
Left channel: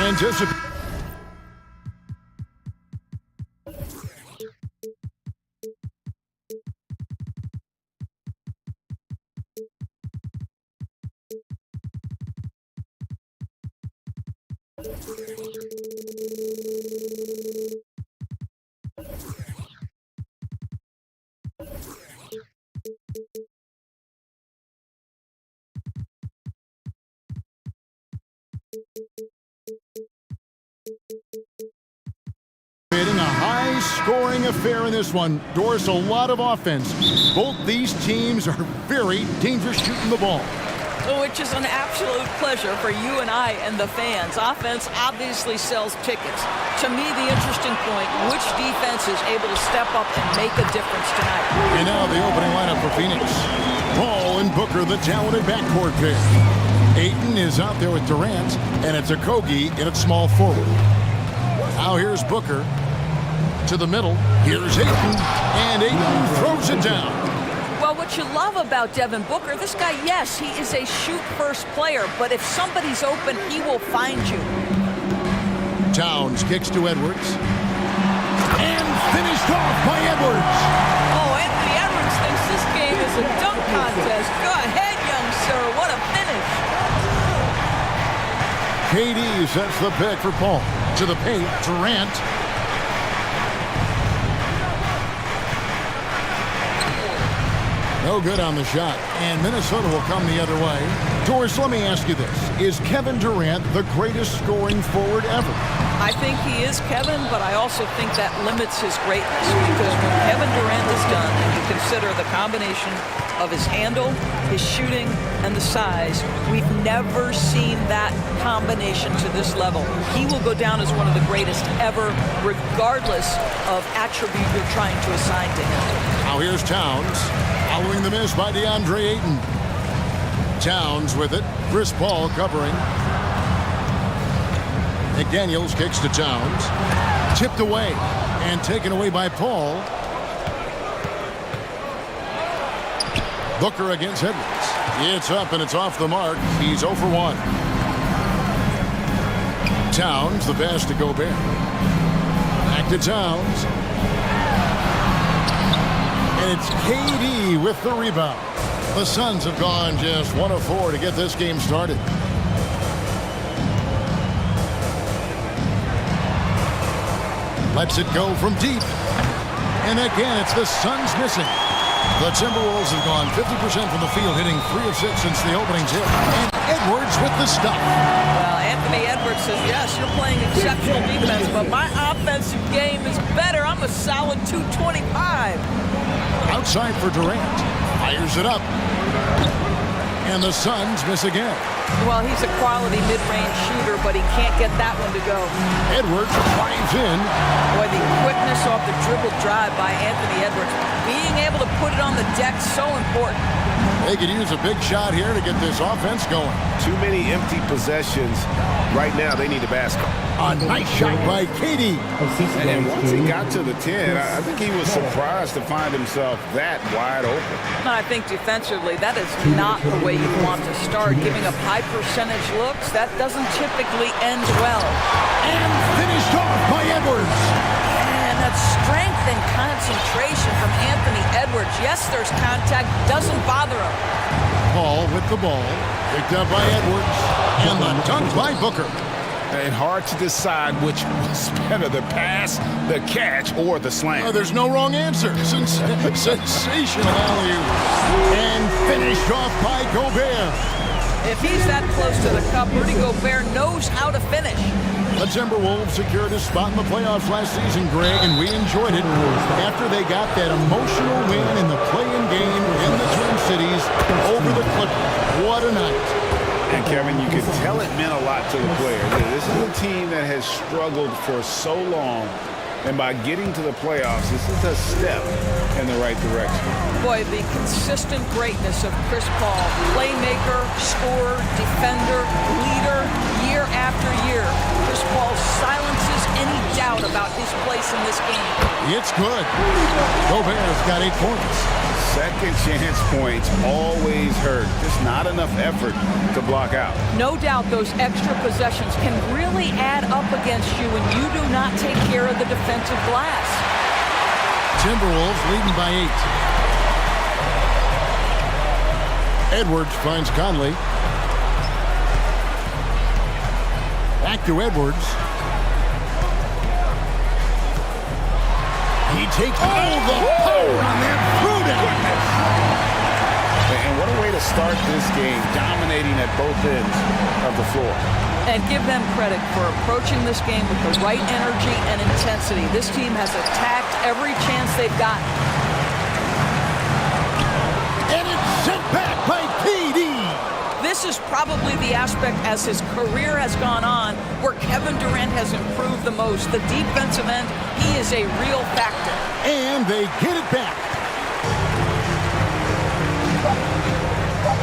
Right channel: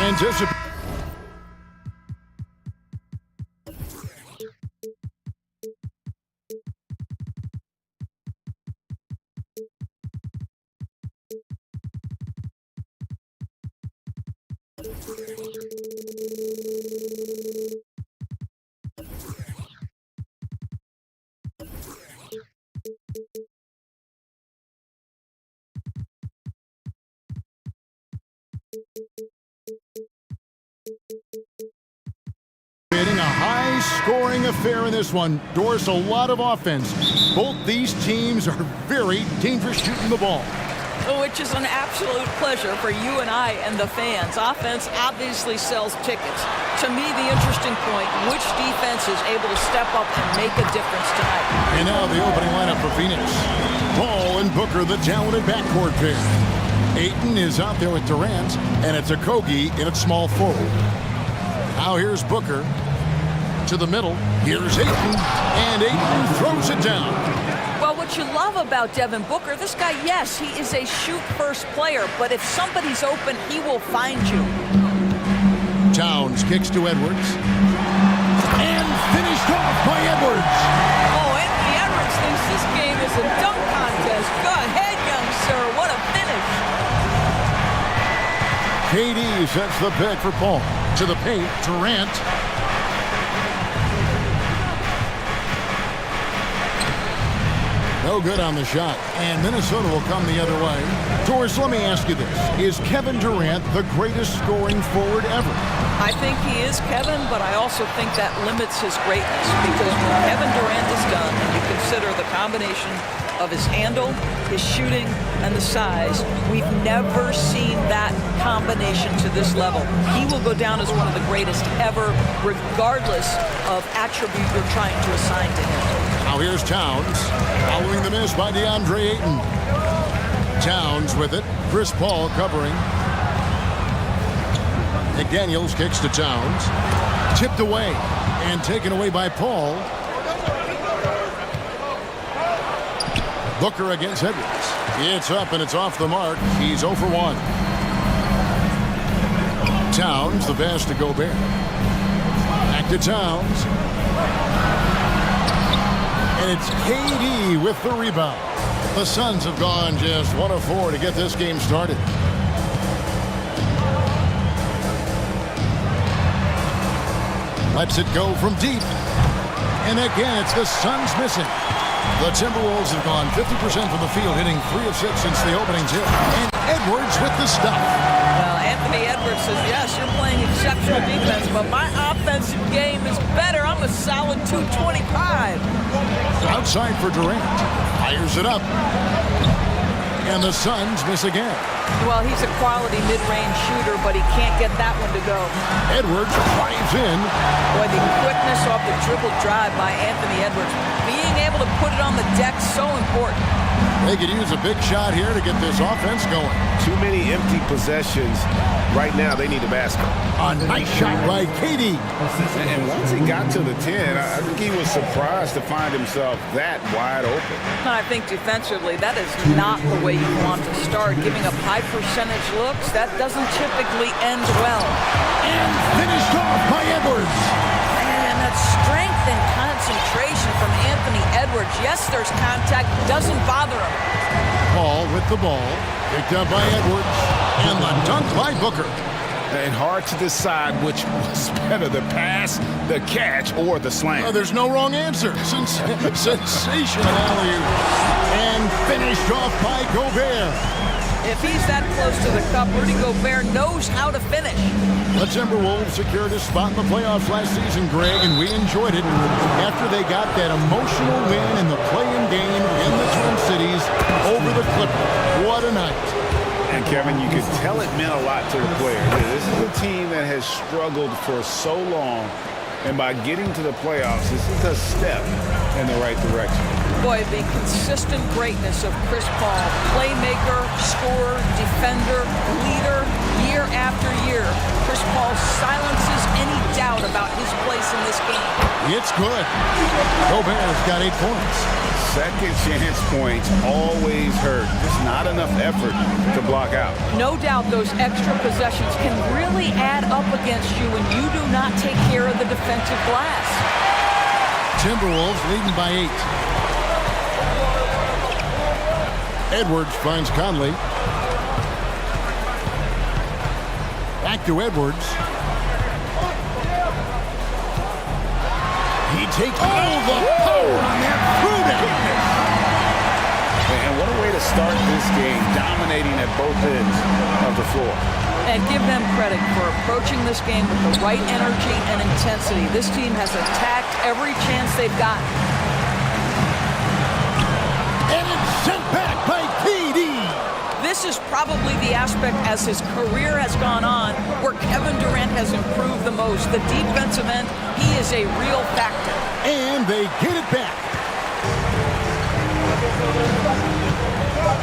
Anticipate. A high-scoring affair in this one. Doris, a lot of offense. Both these teams are very dangerous shooting the ball. Which is an absolute pleasure for you and I and the fans. Offense obviously sells tickets. To me, the interesting point, which defense is able to step up and make a difference tonight? And now the opening lineup for Phoenix. Paul and Booker, the talented backcourt pair. Ayton is out there with Durant, and it's Okogie in at small forward. Now here's Booker. To the middle, here's Ayton, and Ayton throws it down. Well, what you love about Devin Booker, this guy, yes, he is a shoot-first player, but if somebody's open, he will find you. Towns kicks to Edwards, and finished off by Edwards. Oh, Anthony Edwards thinks this game is a dunk contest. Go ahead, young sir, what a finish. KD sets the pick for Paul. To the paint, Durant. No good on the shot, and Minnesota will come the other way. Doris, let me ask you this. Is Kevin Durant the greatest scoring forward ever? I think he is, Kevin, but I also think that limits his greatness because when Kevin Durant is done and you consider the combination of his handle, his shooting, and the size, we've never seen that combination to this level. He will go down as one of the greatest ever, regardless of attribute you're trying to assign to him. Now here's Towns, following the miss by DeAndre Ayton. Towns with it, Chris Paul covering. McDaniels kicks to Towns, tipped away, and taken away by Paul. Booker against Edwards. It's up and it's off the mark. He's 0 for 1. Towns, the pass to Gobert. Back to Towns. And it's KD with the rebound. The Suns have gone just 1 of 4 to get this game started. Lets it go from deep. And again, it's the Suns missing. The Timberwolves have gone 50% from the field, hitting 3 of 6 since the opening tip. And Edwards with the stuff. Well, Anthony Edwards says, yes, you're playing exceptional defense, but my offensive game is better. I'm a solid 225. Outside for Durant. Fires it up. And the Suns miss again. Well, he's a quality mid-range shooter, but he can't get that one to go. Edwards drives in. Boy, the quickness off the dribble drive by Anthony Edwards. Being able to put it on the deck, so important. They could use a big shot here to get this offense going. Too many empty possessions. Right now, they need a basket. A nice shot by KD. And once he got to the 10, I think he was surprised to find himself that wide open. I think defensively, that is not the way you want to start. Giving up high percentage looks, that doesn't typically end well. And finished off by Edwards. And that strength and concentration from Anthony Edwards. Yes, there's contact, doesn't bother him. Paul with the ball, picked up by Edwards, and the dunk by Booker. And hard to decide which was better, the pass, the catch, or the slam. There's no wrong answer. Sensational alley-oop. And finished off by Gobert. If he's that close to the cup, Rudy Gobert knows how to finish. The Timberwolves secured a spot in the playoffs last season, Greg, and we enjoyed it after they got that emotional win in the play-in game in the Twin Cities over the Clippers. What a night. And, Kevin, you could tell it meant a lot to the players. This is a team that has struggled for so long, and by getting to the playoffs, this is a step in the right direction. Boy, the consistent greatness of Chris Paul, playmaker, scorer, defender, leader, year after year. Chris Paul silences any doubt about his place in this game. It's good. Gobert's got 8 points. Second chance points always hurt. Just not enough effort to block out. No doubt those extra possessions can really add up against you when you do not take care of the defensive glass. Timberwolves leading by 8. Edwards finds Conley. Back to Edwards. He takes all the power on that throwdown. And what a way to start this game, dominating at both ends of the floor. And give them credit for approaching this game with the right energy and intensity. This team has attacked every chance they've gotten. And it's sent back by KD. This is probably the aspect as his career has gone on where Kevin Durant has improved the most. The defensive end, he is a real factor. And they get it back.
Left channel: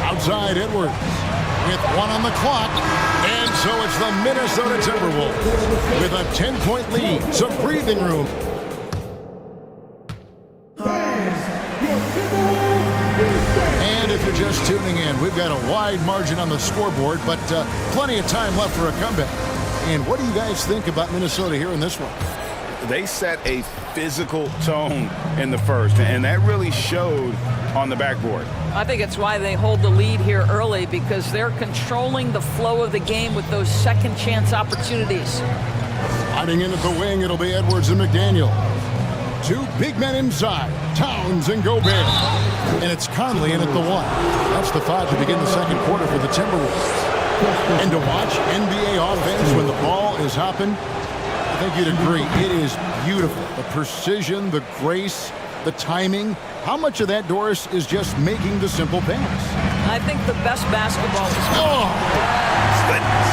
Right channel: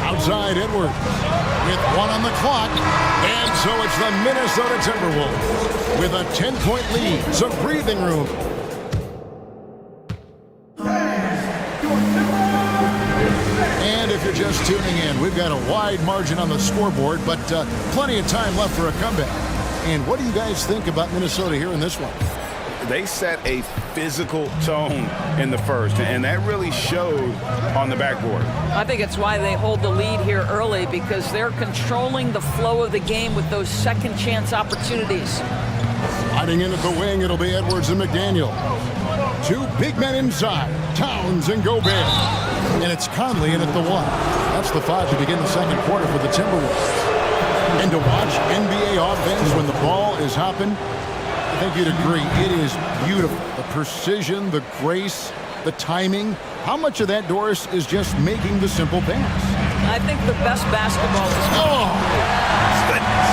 Outside Edwards with 1 on the clock. And so it's the Minnesota Timberwolves with a 10-point lead. Some breathing room. And if you're just tuning in, we've got a wide margin on the scoreboard, but plenty of time left for a comeback. And what do you guys think about Minnesota here in this one? They set a physical tone in the first, and that really showed on the backboard. I think it's why they hold the lead here early, because they're controlling the flow of the game with those second chance opportunities. Sliding in at the wing, it'll be Edwards and McDaniel. 2 big men inside, Towns and Gobert. And it's Conley in at the 1. That's the 5 to begin the second quarter for the Timberwolves. And to watch NBA offense when the ball is hopping, I think you'd agree, it is beautiful. The precision, the grace, the timing. How much of that, Doris, is just making the simple pass? I think the best basketball is... Oh! Goodness.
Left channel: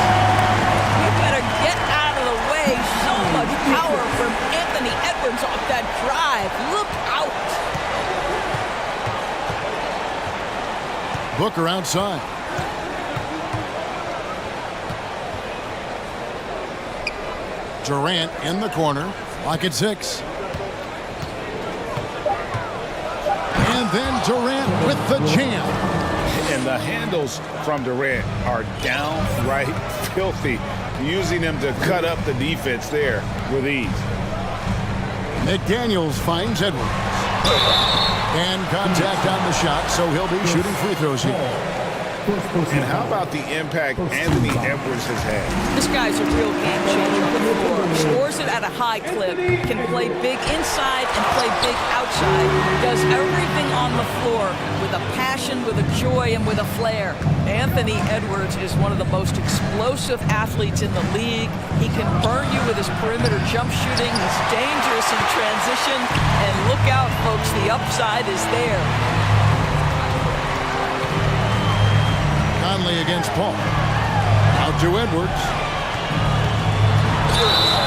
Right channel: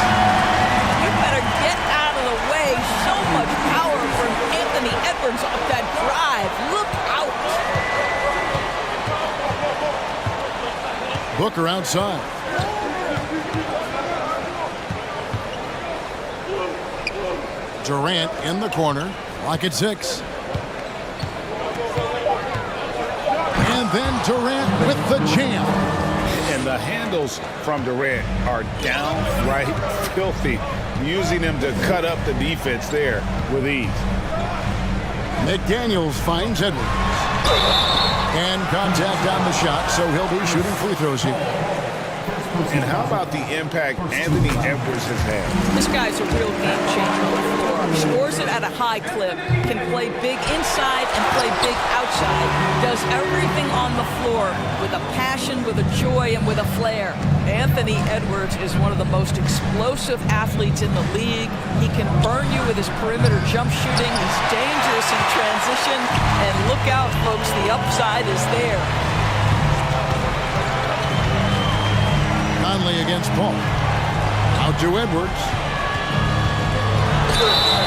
You better get out of the way. So much power from Anthony Edwards off that drive. Look out. Booker outside. Durant in the corner. Lock at 6. And then Durant with the jam. And the handles from Durant are downright filthy, using them to cut up the defense there with ease. McDaniels finds Edwards. And contact on the shot, so he'll be shooting free throws here. And how about the impact Anthony Edwards has had? This guy's a real game changer on the floor. Scores it at a high clip, can play big inside and play big outside. Does everything on the floor with a passion, with a joy, and with a flair. Anthony Edwards is one of the most explosive athletes in the league. He can burn you with his perimeter jump shooting. He's dangerous in transition. And look out, folks, the upside is there. Conley against Paul. Out to Edwards.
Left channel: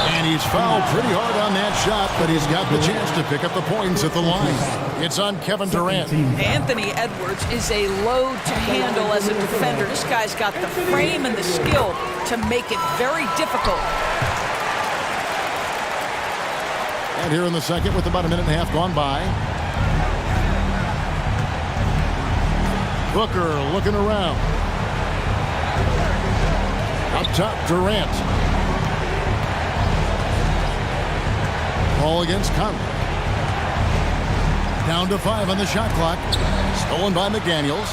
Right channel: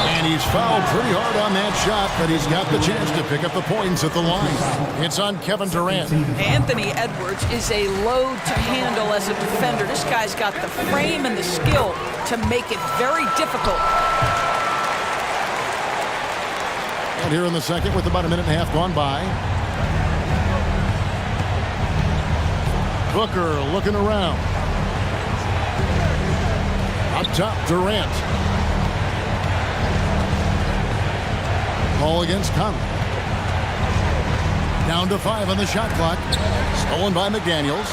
And he's fouled pretty hard on that shot, but he's got the chance to pick up the points at the line. It's on Kevin Durant. Anthony Edwards is a load to handle as a defender. This guy's got the frame and the skill to make it very difficult. And here in the second with about a minute and a half gone by. Booker looking around. Up top, Durant. Ball against Conley. Down to 5 on the shot clock. Stolen by McDaniels.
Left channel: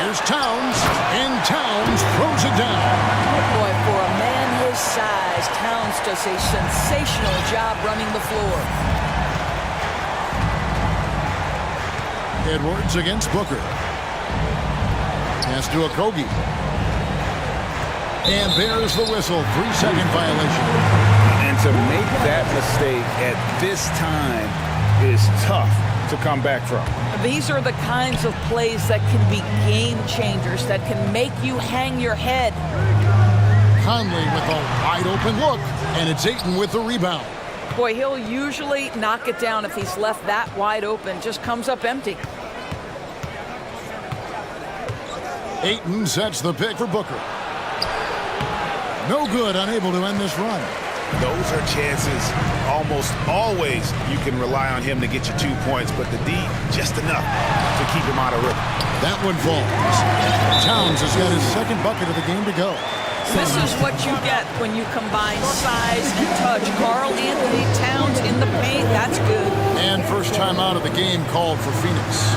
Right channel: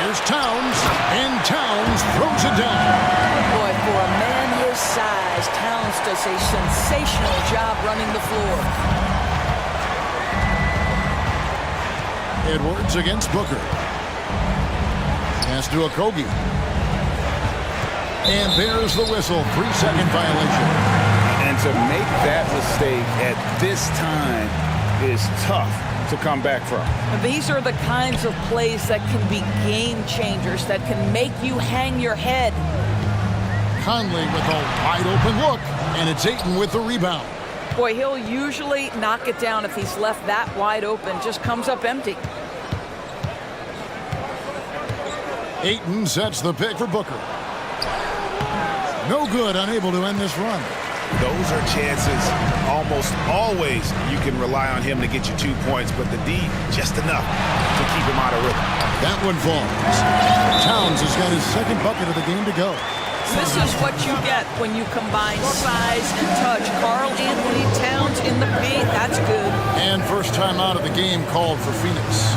Here's Towns, and Towns throws it down. Boy, for a man his size, Towns does a sensational job running the floor. Edwards against Booker. Pass to Okogie. And there's the whistle. 3-second violation. And to make that mistake at this time is tough to come back from. These are the kinds of plays that can be game changers, that can make you hang your head. Conley with a wide open look, and it's Ayton with the rebound. Boy, he'll usually knock it down if he's left that wide open. Just comes up empty. Ayton sets the pick for Booker. No good, unable to end this run. Those are chances almost always you can rely on him to get you 2 points, but the D just enough to keep him out of rhythm. That one falls. Towns has got his second bucket of the game to go. This is what you get when you combine size and touch. Karl Anthony Towns in the paint, that's good. And first time out of the game called for Phoenix.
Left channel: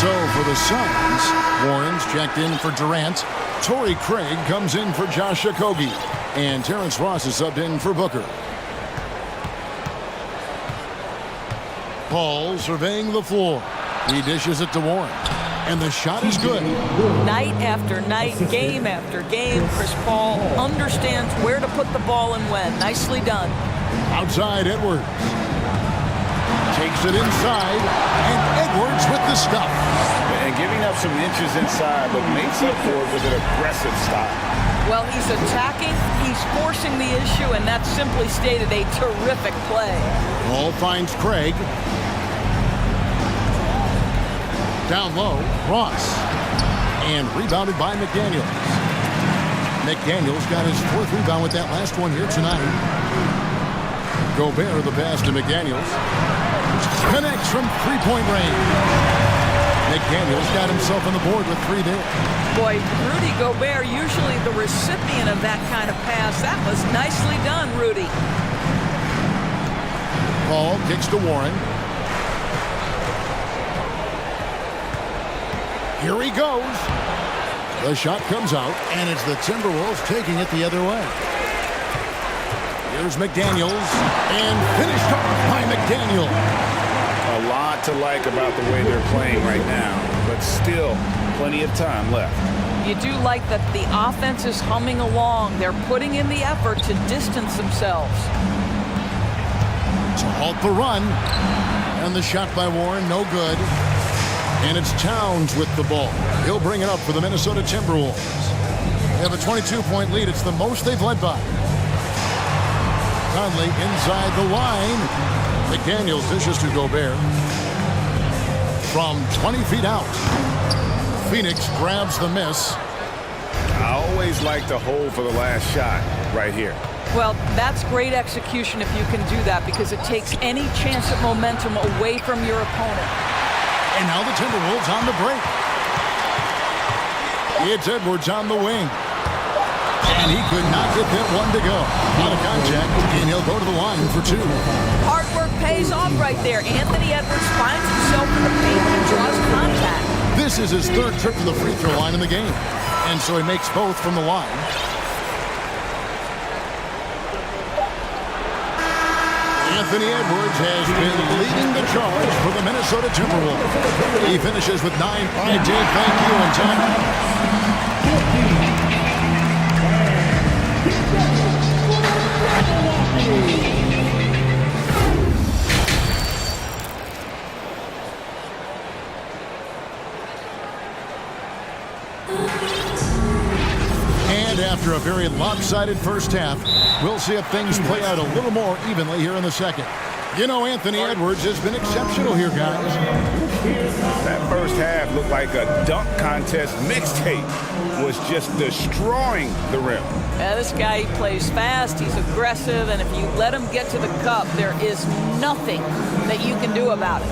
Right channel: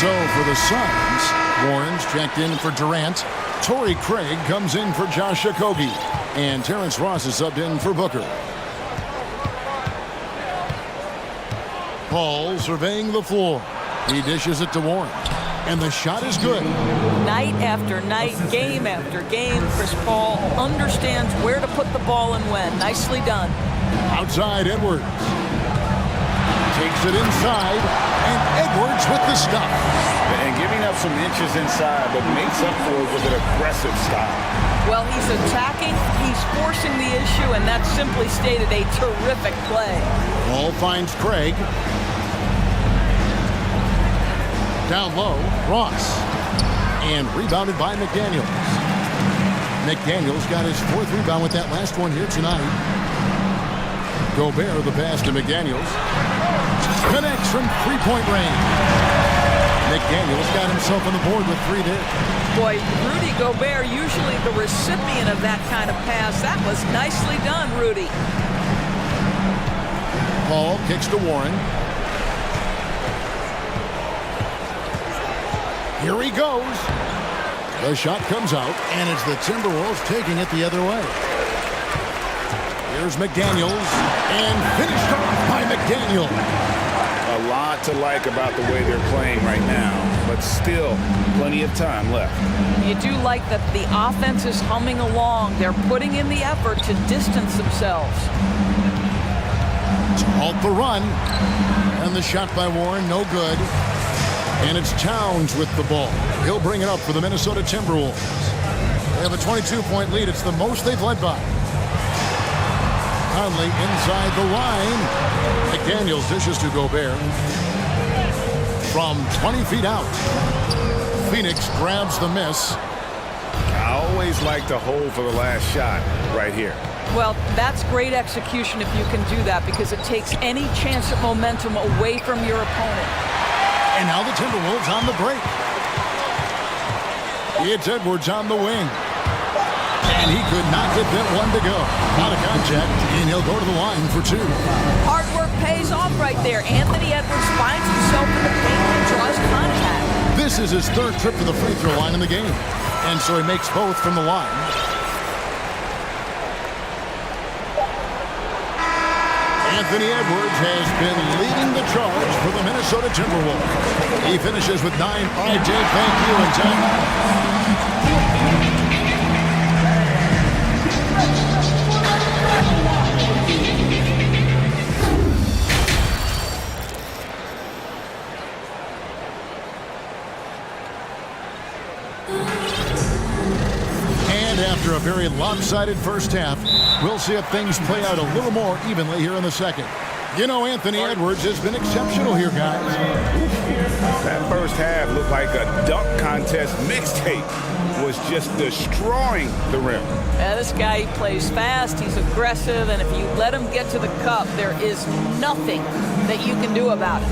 So for the Suns, Warren's checked in for Durant. Torrey Craig comes in for Josh Okogie. And Terrence Ross is subbed in for Booker. Paul surveying the floor. He dishes it to Warren. And the shot is good. Night after night, game after game, Chris Paul understands where to put the ball and when. Nicely done. Outside Edwards. Takes it inside. And Edwards with the stuff. And giving up some inches inside, but makes up for it with an aggressive style. Well, he's attacking, he's forcing the issue, and that's simply stated a terrific play. Ball finds Craig. Down low, Ross. And rebounded by McDaniels. McDaniels got his fourth rebound with that last one here tonight. Gobert the pass to McDaniels. Connects from three-point range. McDaniels got himself on the board with 3 there. Boy, Rudy Gobert, usually the recipient of that kind of pass. That was nicely done, Rudy. Paul kicks to Warren. Here he goes. The shot comes out, and it's the Timberwolves taking it the other way. Here's McDaniels, and finished off by McDaniels. A lot to like about the way they're playing right now, but still plenty of time left. You do like that the offense is humming along. They're putting in the effort to distance themselves. To halt the run. And the shot by Warren, no good. And it's Towns with the ball. He'll bring it up for the Minnesota Timberwolves. They have a 22-point lead. It's the most they've led by. Conley inside the line. McDaniels dishes to Gobert. From 20 feet out. Phoenix grabs the miss. I always like to hold for the last shot right here. Well, that's great execution if you can do that, because it takes any chance at momentum away from your opponent. And now the Timberwolves on the break. It's Edwards on the wing. And he could not get that one to go. Out of contact, and he'll go to the line for 2. Hard work pays off right there. Anthony Edwards finds himself in the paint and draws contact. This is his third trip to the free throw line in the game. And so he makes both from the line. Anthony Edwards has been leading the charge for the Minnesota Timberwolves. He finishes with 9. All right, Dave, thank you. And time. And after a very lopsided first half, we'll see if things play out a little more evenly here in the second. You know, Anthony Edwards has been exceptional here, guys. That first half looked like a dunk contest mixtape. Was just destroying the rim. This guy, he plays fast, he's aggressive, and if you let him get to the cup, there is nothing that you can do about it.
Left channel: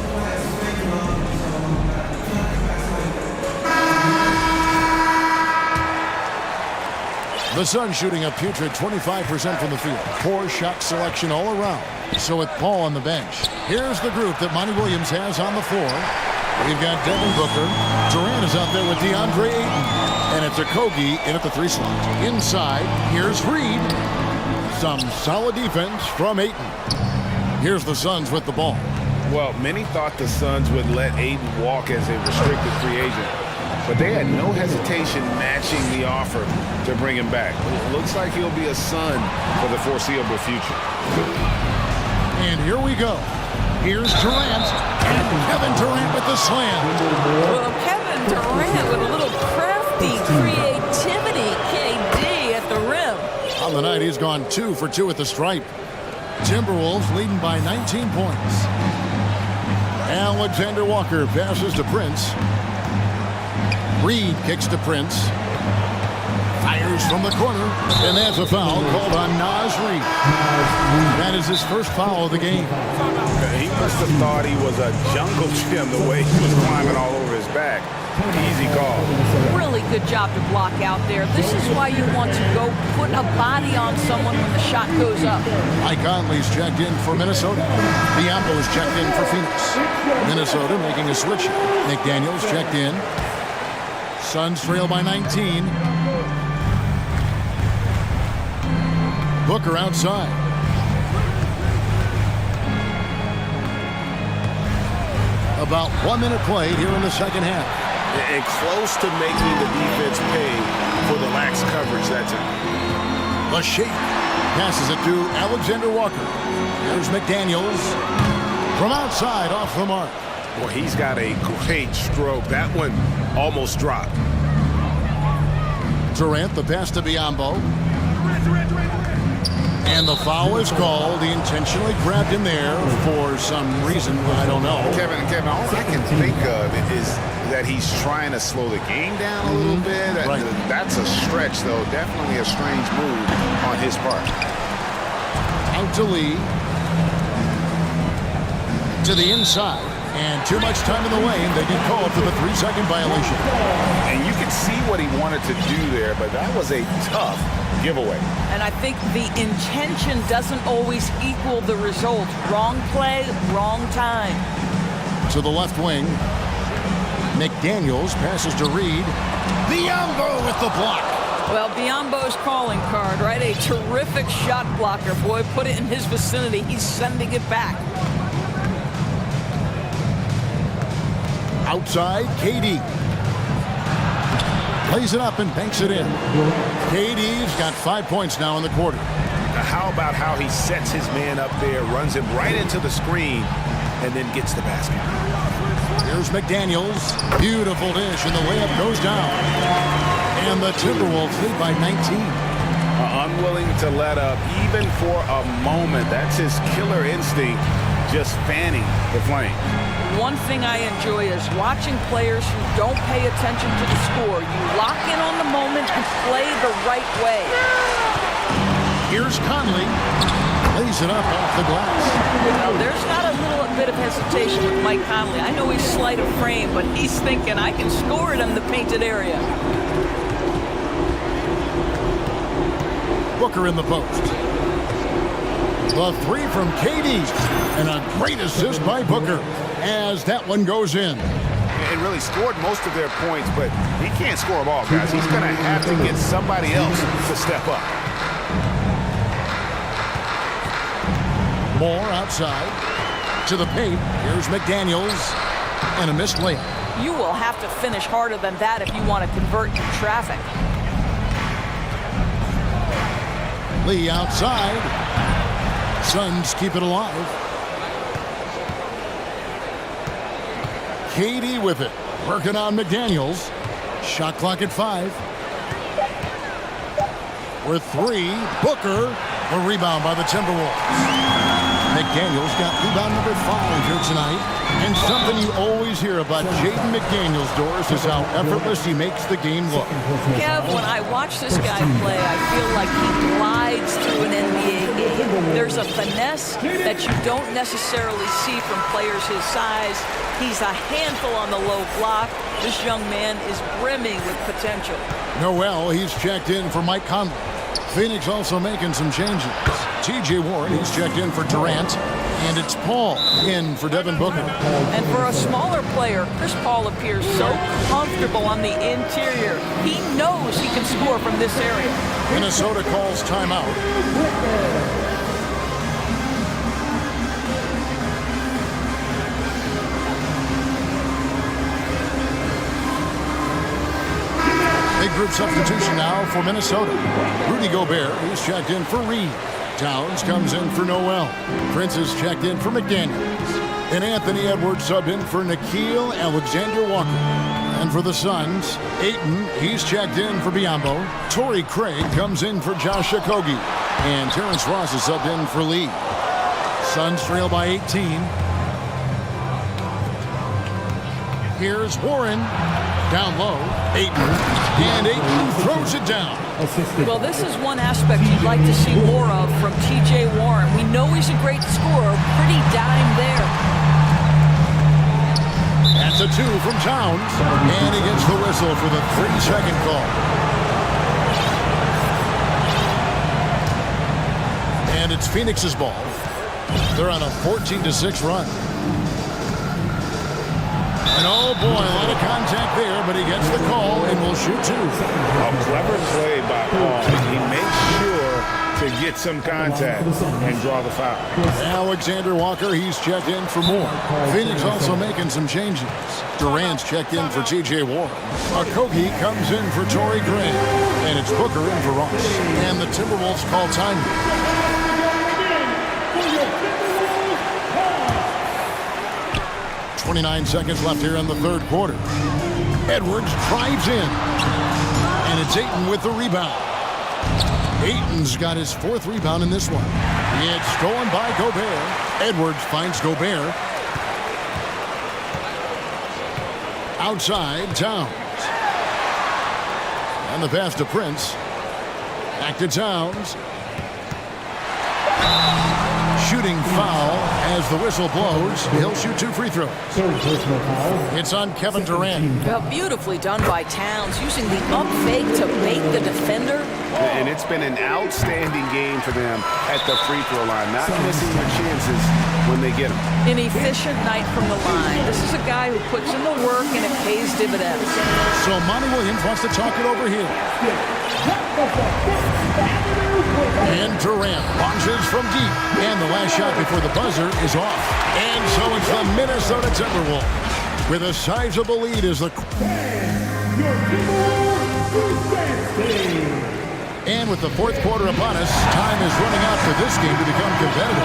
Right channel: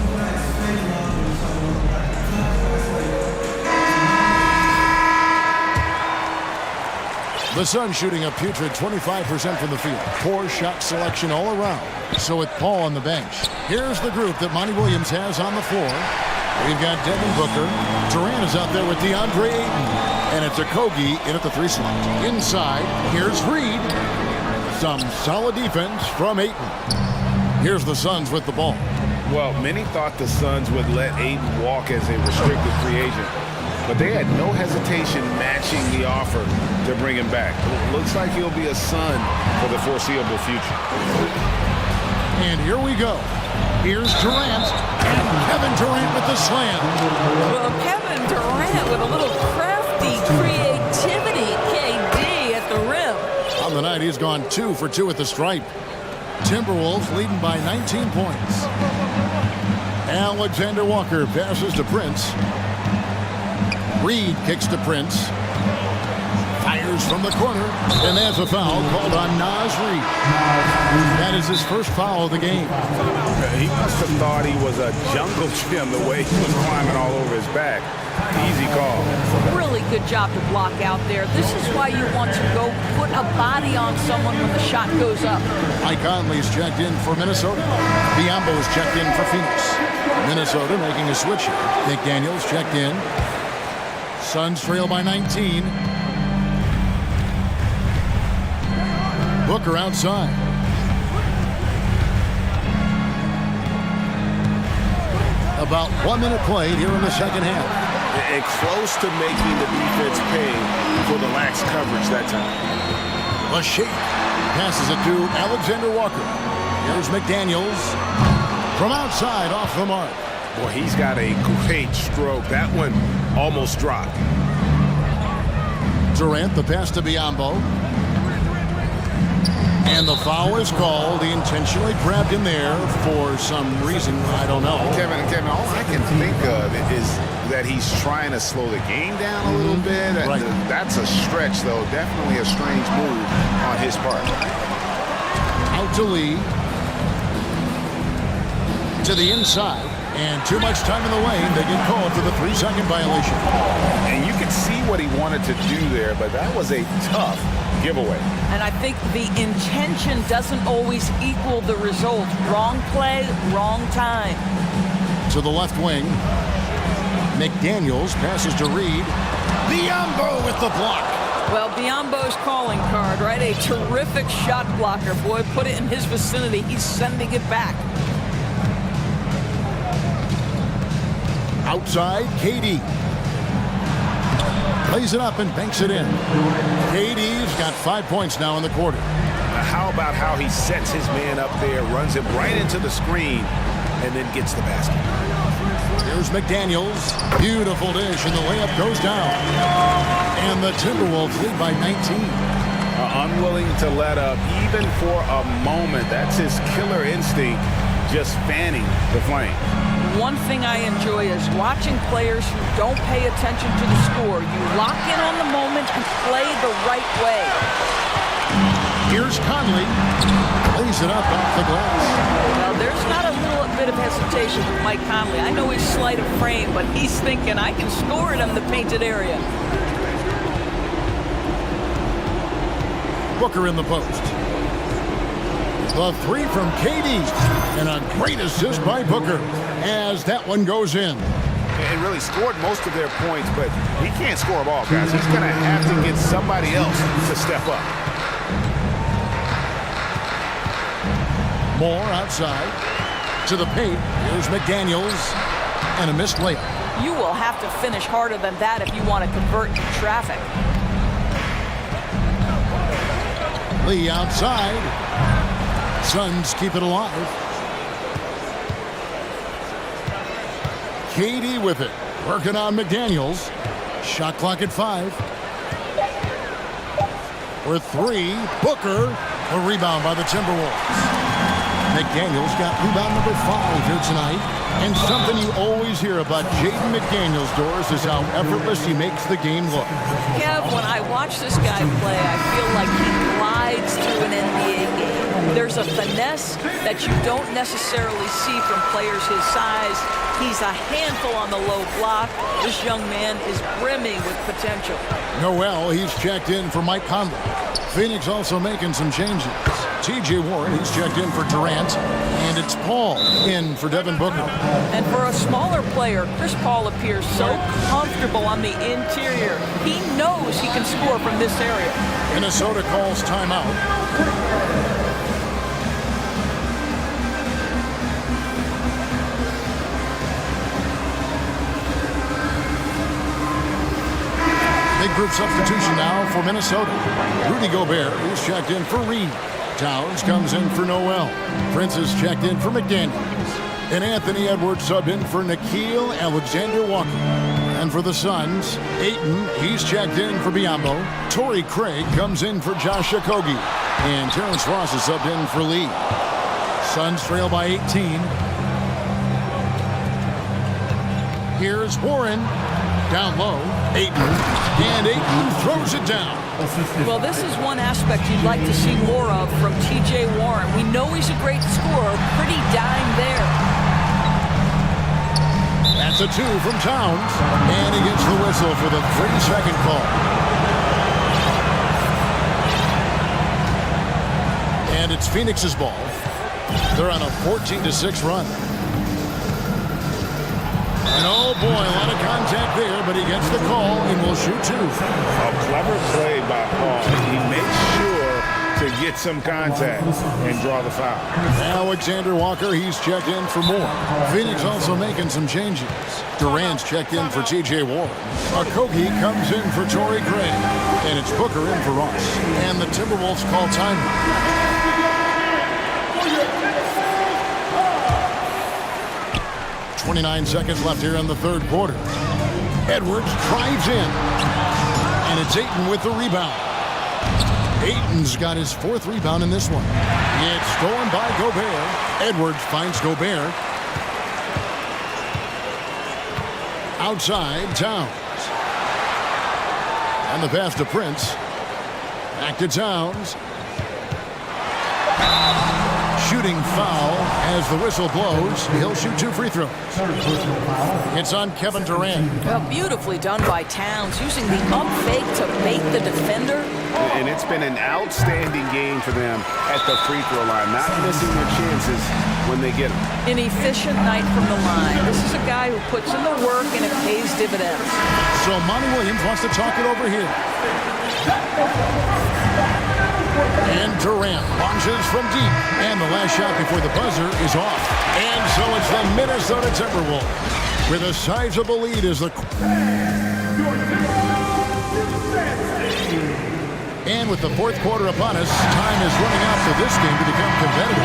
The Suns shooting a putrid 25% from the field. Poor shot selection all around. So with Paul on the bench, here's the group that Monty Williams has on the floor. We've got Devin Booker. Durant is out there with DeAndre Ayton. And it's Okogie in at the 3 slot. Inside, here's Reed. Some solid defense from Ayton. Here's the Suns with the ball. Well, many thought the Suns would let Ayton walk as a restricted free agent, but they had no hesitation matching the offer to bring him back. It looks like he'll be a Sun for the foreseeable future. And here we go. Here's Durant, and Kevin Durant with the slam. Well, Kevin Durant with a little crafty creativity, KD at the rim. On the night, he's gone 2 for 2 at the stripe. Timberwolves leading by 19 points. Alexander Walker passes to Prince. Reed kicks to Prince. Fires from the corner, and that's a foul called on Naz Reed. That is his first foul of the game. He must have thought he was a jungle gym the way he was climbing all over his back. Easy call. Really good job to block out there. This is why you want to go put a body on someone when the shot goes up. Mike Conley's checked in for Minnesota. Biombo's checked in for Phoenix. Minnesota making a switch here. McDaniels checked in. Suns trail by 19. Booker outside. About 1 minute played here in the second half. And close to making the defense pay for the lax coverage that time. Lachey passes it to Alexander Walker. Here's McDaniels from outside off the mark. Boy, he's got a great stroke. That one almost dropped. Durant, the pass to Biombo. And the foul is called. He intentionally grabbed him there for some reason. I don't know. Kevin, all I can think of is that he's trying to slow the game down a little bit. Right. That's a stretch, though. Definitely a strange move on his part. Out to Lee. To the inside. And too much time in the lane. They get called for the 3-second violation. And you can see what he wanted to do there, but that was a tough giveaway. And I think the intention doesn't always equal the result. Wrong play, wrong time. To the left wing. McDaniels passes to Reed. Biombo with the block. Well, Biombo's calling card, right? A terrific shot blocker. Boy, put it in his vicinity. He's sending it back. Outside, KD. Plays it up and banks it in. KD's got 5 points now in the quarter. How about how he sets his man up there, runs him right into the screen, and then gets the basket. Here's McDaniels. Beautiful dish, and the layup goes down. And the Timberwolves lead by 19. Unwilling to let up, even for a moment. That's his killer instinct, just fanning the flames. One thing I enjoy is watching players who don't pay attention to the score. You lock in on the moment and play the right way. Here's Conley. Lays it up off the glass. Well, there's not a little bit of hesitation with Mike Conley. I know he's slight of frame, but he's thinking, I can score it in the painted area. Booker in the post. The three from KD. And a great assist by Booker as that one goes in. And really scored most of their points, but he can't score them all, guys. He's going to have to get somebody else to step up. Moore outside to the paint. Here's McDaniels and a missed layup. You will have to finish harder than that if you want to convert in traffic. Lee outside. Suns keep it alive. KD with it. Working on McDaniels. Shot clock at 5. For 3. Booker. A rebound by the Timberwolves. McDaniels got rebound number 5 here tonight. And something you always hear about Jaden McDaniels, Doris, is how effortless he makes the game look. Kev, when I watch this guy play, I feel like he glides through an NBA game. There's a finesse that you don't necessarily see from players his size. He's a handful on the low block. This young man is brimming with potential. Noel, he's checked in for Mike Conley. Phoenix also making some changes. T.J. Warren, he's checked in for Durant. And it's Paul in for Devin Booker. And for a smaller player, Chris Paul appears so comfortable on the interior. He knows he can score from this area. Minnesota calls timeout. Big group substitution now for Minnesota. Rudy Gobert, he's checked in for Reed. Towns comes in for Noel. Prince is checked in for McDaniels. And Anthony Edwards sub in for Nickeil Alexander Walker. And for the Suns, Ayton, he's checked in for Biyombo. Torrey Craig comes in for Josh Okogie. And Terrence Ross is subbed in for Lee. Suns trail by 18. Here's Warren. Down low, Ayton. And Ayton throws it down. Well, this is one aspect you'd like to see more of from T.J. Warren. We know he's a great scorer. Pretty dime there. That's a 2 from Towns. And he gets the whistle for the 3-second call. And it's Phoenix's ball. They're on a 14-6 run. And oh boy, a lot of contact there, but he gets the call and will shoot 2. A clever play by Paul. He makes sure to get some contact and draw the foul. Alexander Walker, he's checked in for more. Phoenix also making some changes. Durant's checked in for T.J. Warren. Okogie comes in for Torrey Craig. And it's Booker in for Ross. And the Timberwolves call time. 29 seconds left here in the third quarter. Edwards drives in. And it's Ayton with the rebound. Ayton's got his 4th rebound in this one. It's stolen by Gobert. Edwards finds Gobert. Outside, Towns. And the pass to Prince. Back to Towns. Shooting foul as the whistle blows. He'll shoot 2 free throws. It's on Kevin Durant. Well, beautifully done by Towns, using the up fake to bait the defender. And it's been an outstanding game for them at the free throw line, not missing their chances when they get them. An efficient night from the line. This is a guy who puts in the work and it pays dividends. So Monty Williams wants to talk it over here. And Durant launches from deep. And the last shot before the buzzer is off. And so it's the Minnesota Timberwolves with a sizable lead as the... And with the 4th quarter upon us, time is running out for this game to become competitive.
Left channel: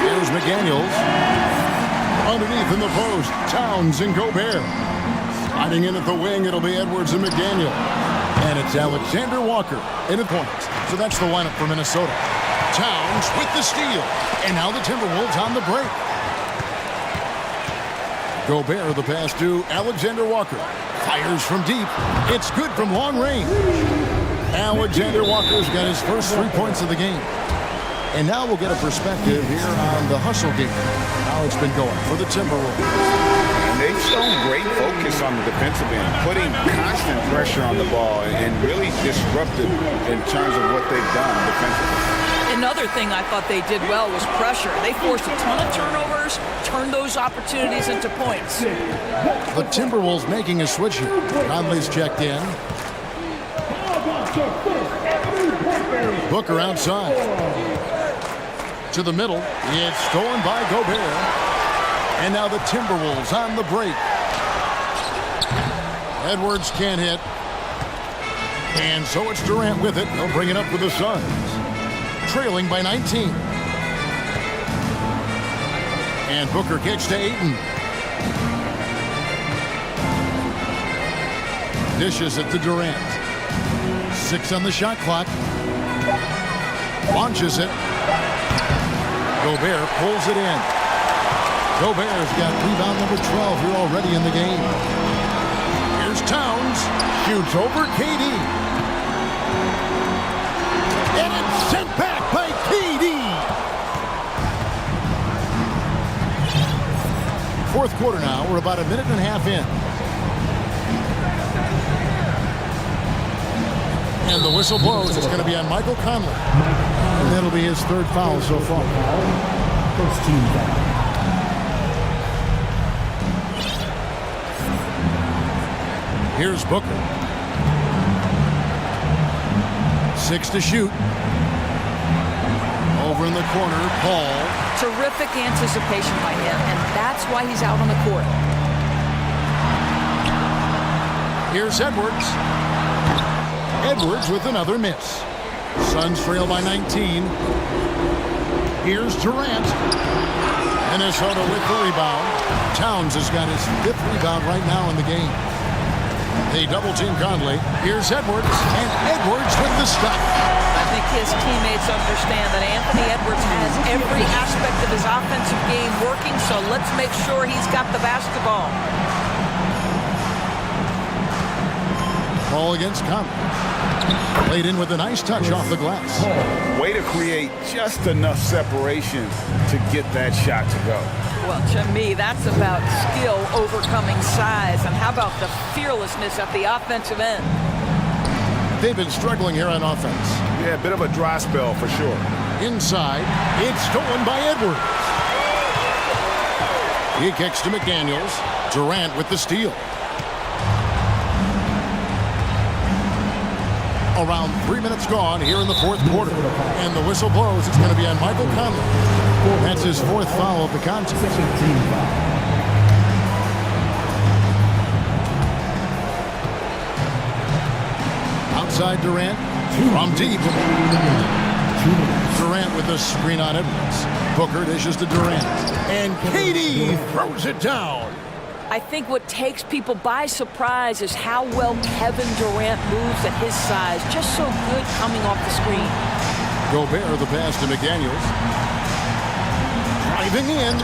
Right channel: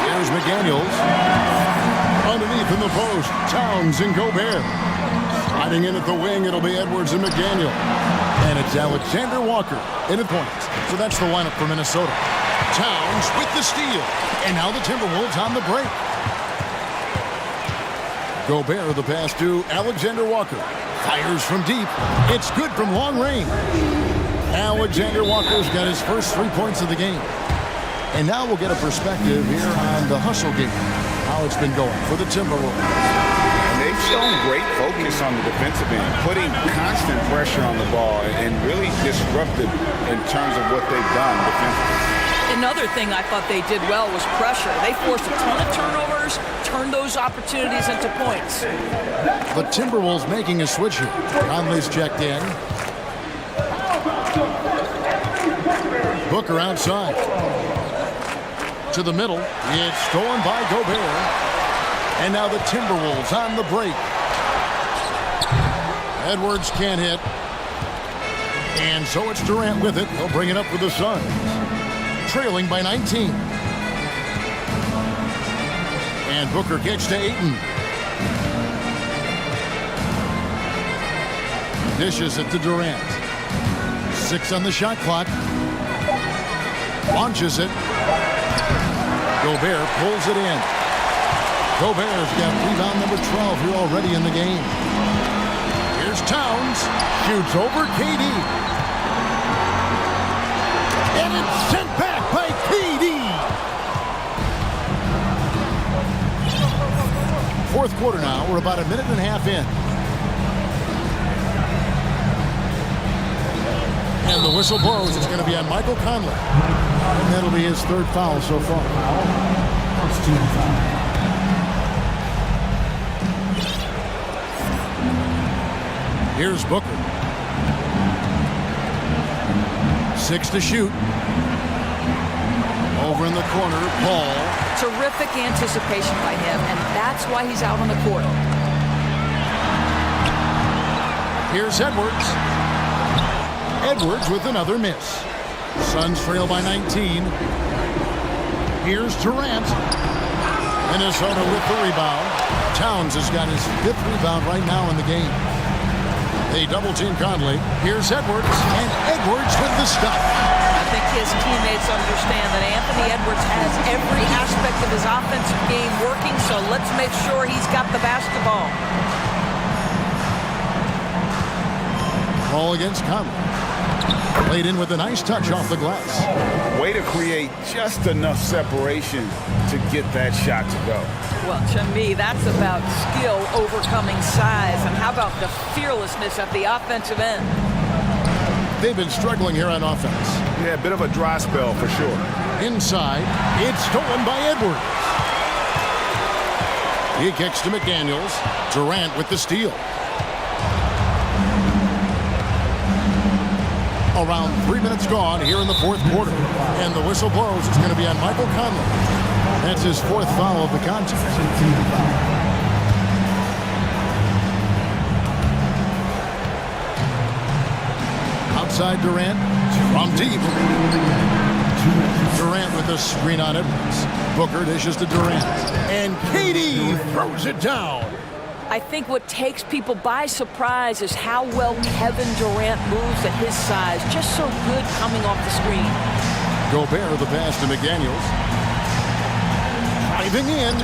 Here's McDaniels. Underneath in the post, Towns and Gobert. Sliding in at the wing, it'll be Edwards and McDaniel. And it's Alexander Walker in the points. So that's the lineup for Minnesota. Towns with the steal. And now the Timberwolves on the break. Gobert the pass to Alexander Walker. Fires from deep. It's good from long range. Alexander Walker's got his first 3 points of the game. And now we'll get a perspective here on the hustle game. How it's been going for the Timberwolves. And they've shown great focus on the defensive end, putting constant pressure on the ball and really disruptive in terms of what they've done defensively. Another thing I thought they did well was pressure. They forced a ton of turnovers, turned those opportunities into points. The Timberwolves making a switch here. Conley's checked in. Booker outside. To the middle. It's stolen by Gobert. And now the Timberwolves on the break. Edwards can't hit. And so it's Durant with it. They'll bring it up with the Suns. Trailing by 19. And Booker kicks to Ayton. Dishes it to Durant. 6 on the shot clock. Launches it. Gobert pulls it in. Gobert's got rebound number 12 here already in the game. Here's Towns. Shoots over KD. And it's sent back by KD. 4th quarter now. We're about a minute and a half in. And the whistle blows. It's going to be on Michael Conley. And that'll be his 3rd foul so far. First team foul. Here's Booker. 6 to shoot. Over in the corner, Paul. Terrific anticipation by him, and that's why he's out on the court. Here's Edwards. Edwards with another miss. Suns trail by 19. Here's Durant. Minnesota with the rebound. Towns has got his 5th rebound right now in the game. They double-team Conley. Here's Edwards, and Edwards with the stop. I think his teammates understand that Anthony Edwards has every aspect of his offensive game working, so let's make sure he's got the basketball. Ball against Conley. Played in with a nice touch off the glass. Way to create just enough separation to get that shot to go. Well, to me, that's about skill overcoming size. And how about the fearlessness at the offensive end? They've been struggling here on offense. Yeah, a bit of a dry spell for sure. Inside, it's stolen by Edwards. He kicks to McDaniels. Durant with the steal. Around 3 minutes gone here in the 4th quarter. And the whistle blows. It's going to be on Michael Conley. That's his 4th foul of the contest. Outside Durant. From deep. Durant with the screen on Edwards. Booker dishes to Durant. And KD throws it down. I think what takes people by surprise is how well Kevin Durant moves at his size. Just so good coming off the screen. Gobert the pass to McDaniels. Driving in.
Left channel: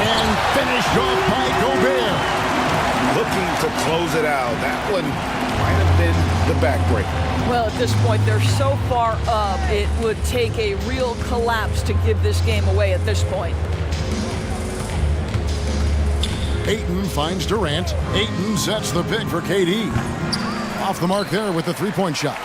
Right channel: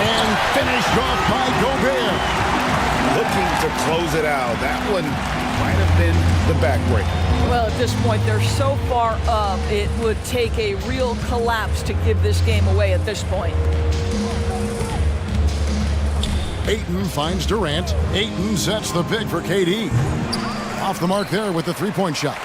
And finished off by Gobert. Looking to close it out. That one might have been the backbreaker. Well, at this point, they're so far up, it would take a real collapse to give this game away at this point. Ayton finds Durant. Ayton sets the pick for KD. Off the mark there with the three-point shot.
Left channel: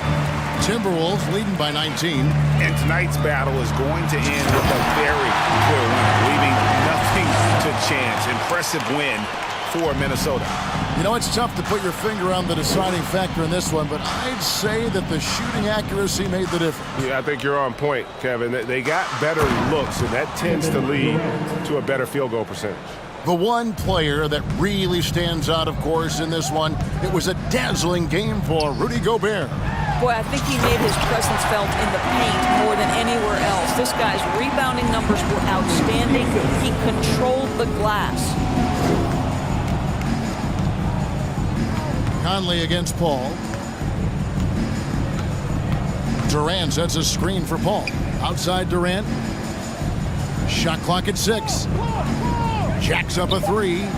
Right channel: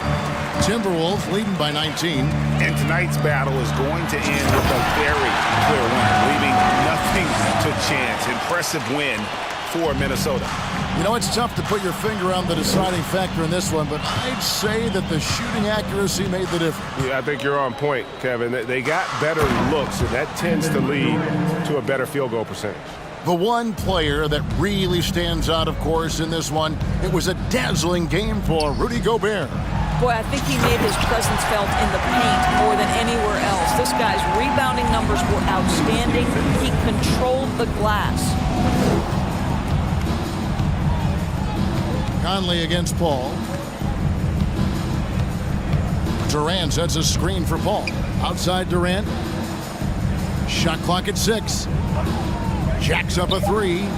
Timberwolves leading by 19. And tonight's battle is going to end with a very clear winner, leaving nothing to chance. Impressive win for Minnesota. You know, it's tough to put your finger on the deciding factor in this one, but I'd say that the shooting accuracy made the difference. Yeah, I think you're on point, Kevin. They got better looks, and that tends to lead to a better field goal percentage. The one player that really stands out, of course, in this one, it was a dazzling game for Rudy Gobert. Boy, I think he made his presence felt in the paint more than anywhere else. This guy's rebounding numbers were outstanding. He controlled the glass. Conley against Paul. Durant sets a screen for Paul. Outside Durant. Shot clock at 6. Jacks up a 3.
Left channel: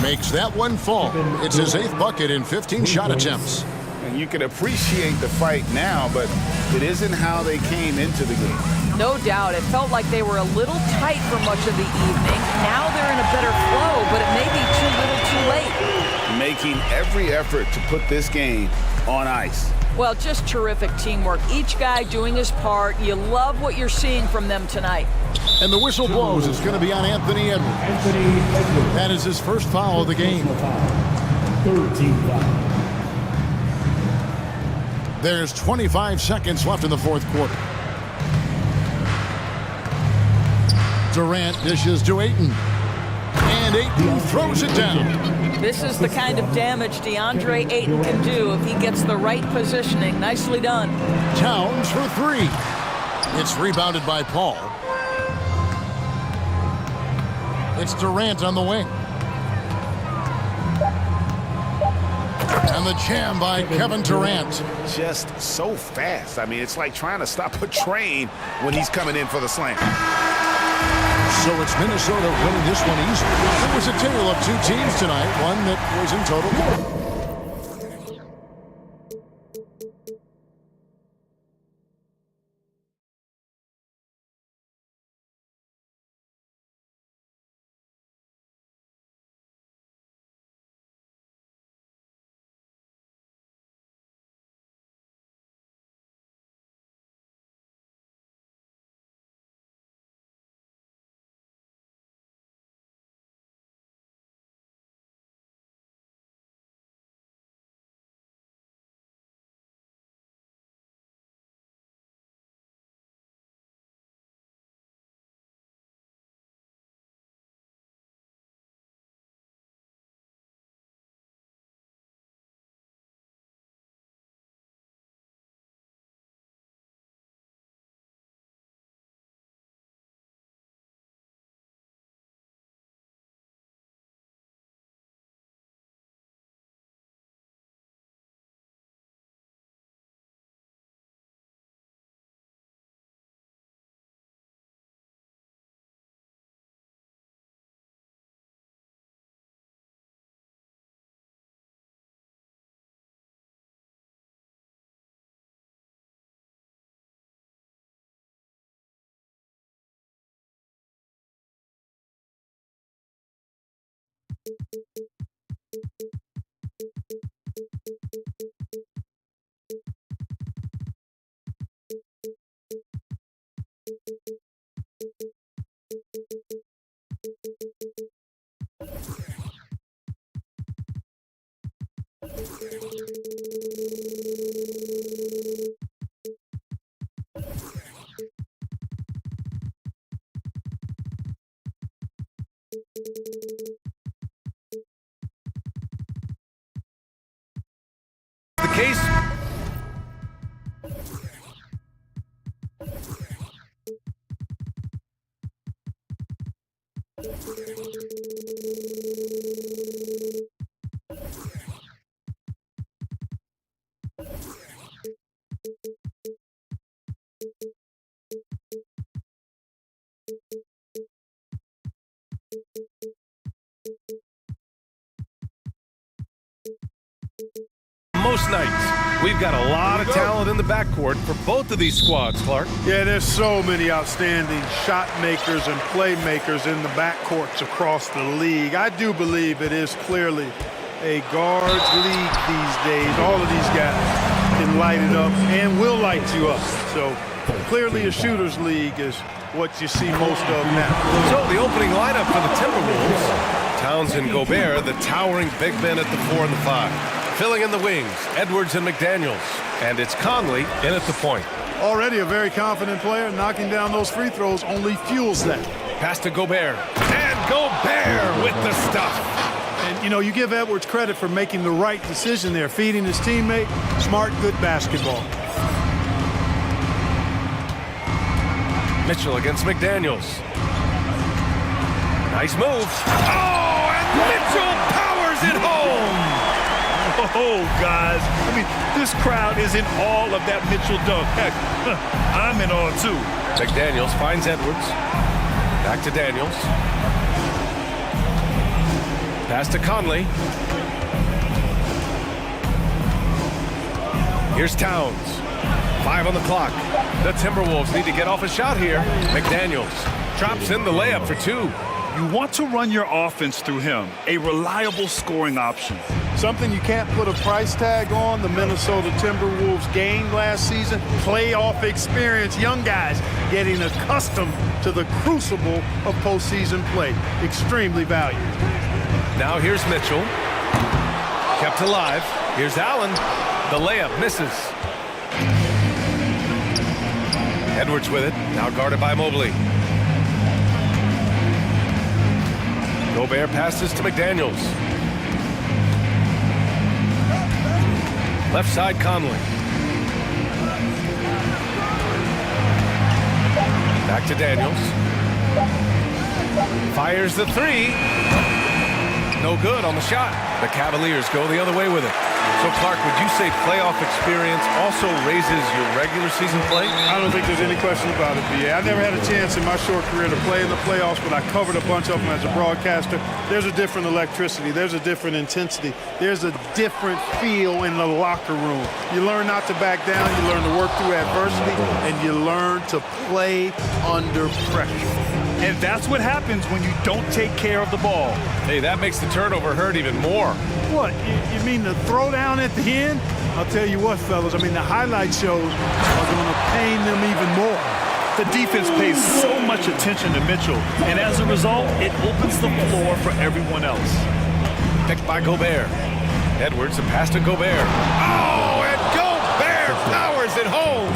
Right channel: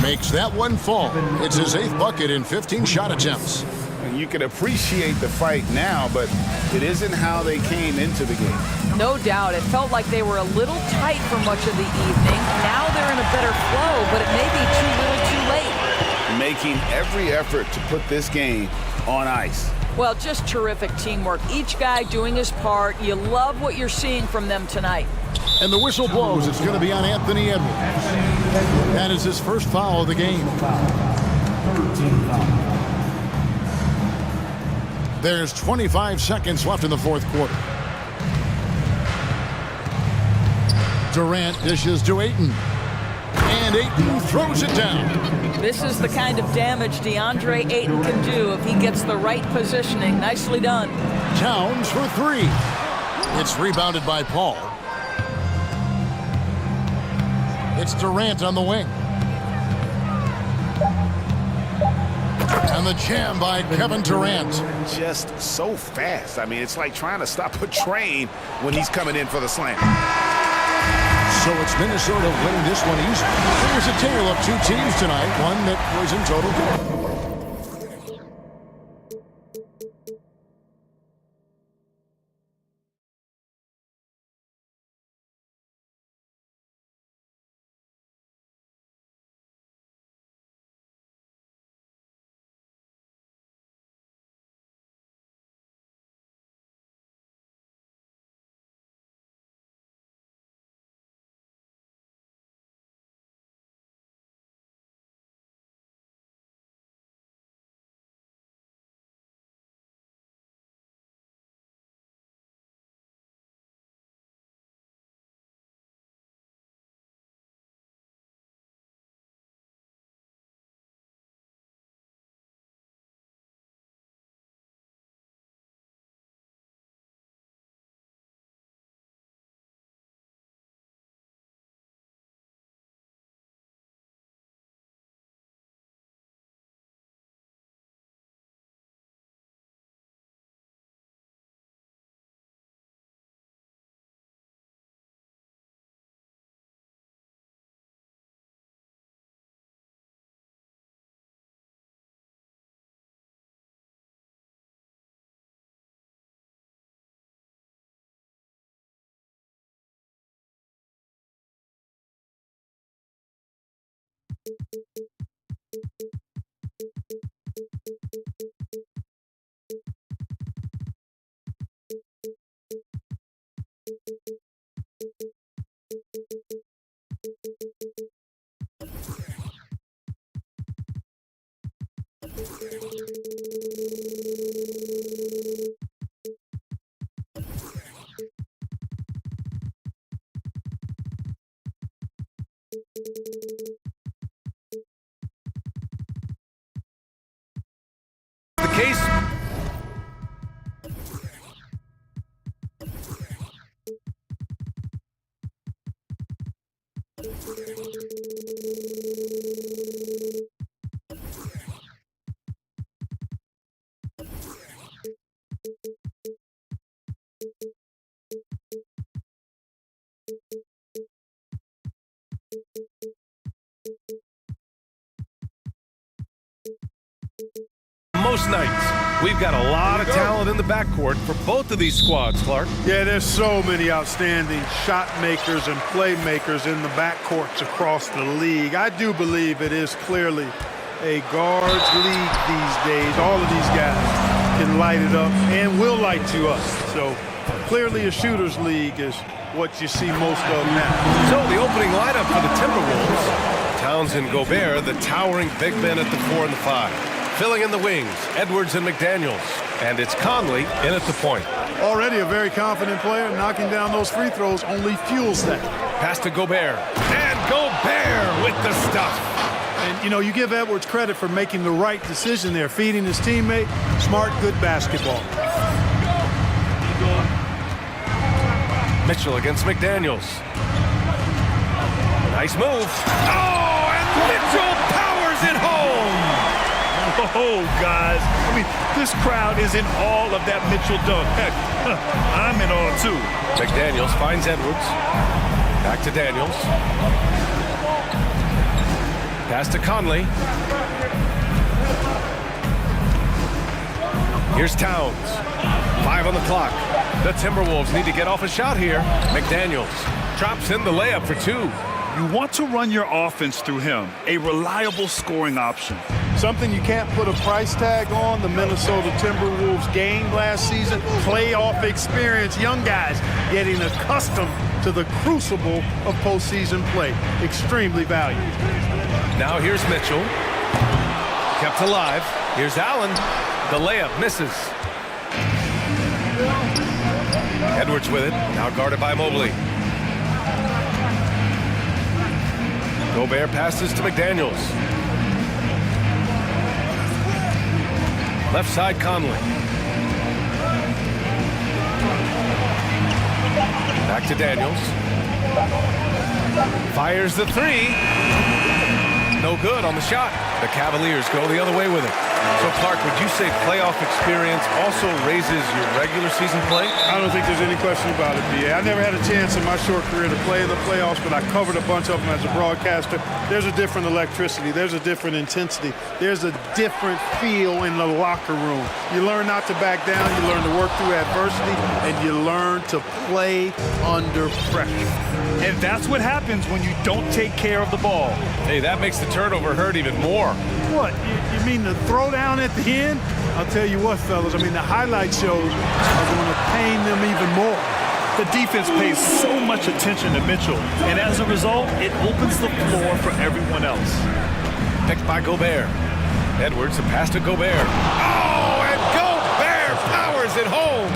Makes that one fall. It's his 8th bucket in 15 shot attempts. And you can appreciate the fight now, but it isn't how they came into the game. No doubt. It felt like they were a little tight for much of the evening. Now they're in a better flow, but it may be too little too late. Making every effort to put this game on ice. Well, just terrific teamwork. Each guy doing his part. You love what you're seeing from them tonight. And the whistle blows. It's going to be on Anthony Edwards. That is his first foul of the game. Third team foul. There's 25 seconds left in the 4th quarter. Durant dishes to Ayton. And Ayton throws it down. This is the kind of damage DeAndre Ayton can do if he gets the right positioning. Nicely done. Towns for 3. It's rebounded by Paul. It's Durant on the wing. And the jam by Kevin Durant. Just so fast. I mean, it's like trying to stop a train when he's coming in for the slam. So it's Minnesota winning this one easily. It was a tale of two teams tonight, one that was in total The case. Most nights, we've got a lot of talent in the backcourt for both of these squads, Clark. Yeah, there's so many outstanding shot makers and playmakers in the backcourts across the league. I do believe it is clearly a guards league these days. All of these guys can light it up and will light you up. So clearly a shooters league is what you see most of now. So the opening lineup for the Timberwolves, Towns and Gobert, the towering big men at the 4 and the 5. Filling in the wings, Edwards and McDaniels. And it's Conley in at the point. Already a very confident player. Knocking down those free throws only fuels that. Pass to Gobert. And Gobert with the stuff. And, you know, you give Edwards credit for making the right decision there, feeding his teammate. Smart, good basketball. Mitchell against McDaniels. Nice move. Oh, and Mitchell powers it home. Oh, guys. I mean, this crowd is in awe of that Mitchell dunk. Heck, I'm in awe, too. McDaniels finds Edwards. Back to Daniels. Pass to Conley. Here's Towns. 5 on the clock. The Timberwolves need to get off a shot here. McDaniels drops in the layup for 2. You want to run your offense through him, a reliable scoring option. Something you can't put a price tag on. The Minnesota Timberwolves gained last season. Playoff experience. Young guys getting accustomed to the crucible of postseason play. Extremely valued. Now here's Mitchell. Kept alive. Here's Allen. The layup misses. Edwards with it. Now guarded by Mobley. Gobert passes to McDaniels. Left side, Conley. Back to Daniels. Fires the 3. No good on the shot. The Cavaliers go the other way with it. So, Clark, would you say playoff experience also raises your regular season play? I don't think there's any question about it, B.A. I never had a chance in my short career to play in the playoffs, but I covered a bunch of them as a broadcaster. There's a different electricity. There's a different intensity. There's a different feel in the locker room. You learn not to back down. You learn to work through adversity, and you learn to play under pressure. And that's what happens when you don't take care of the ball. Hey, that makes the turnover hurt even more. What, you mean the throwdown at the end? I'll tell you what, fellas, I mean, the highlight shows are going to pain them even more. The defense pays so much attention to Mitchell, and as a result, it opens the floor for everyone else. Picked by Gobert. Edwards, a pass to Gobert. Oh, and Gobert powers it home.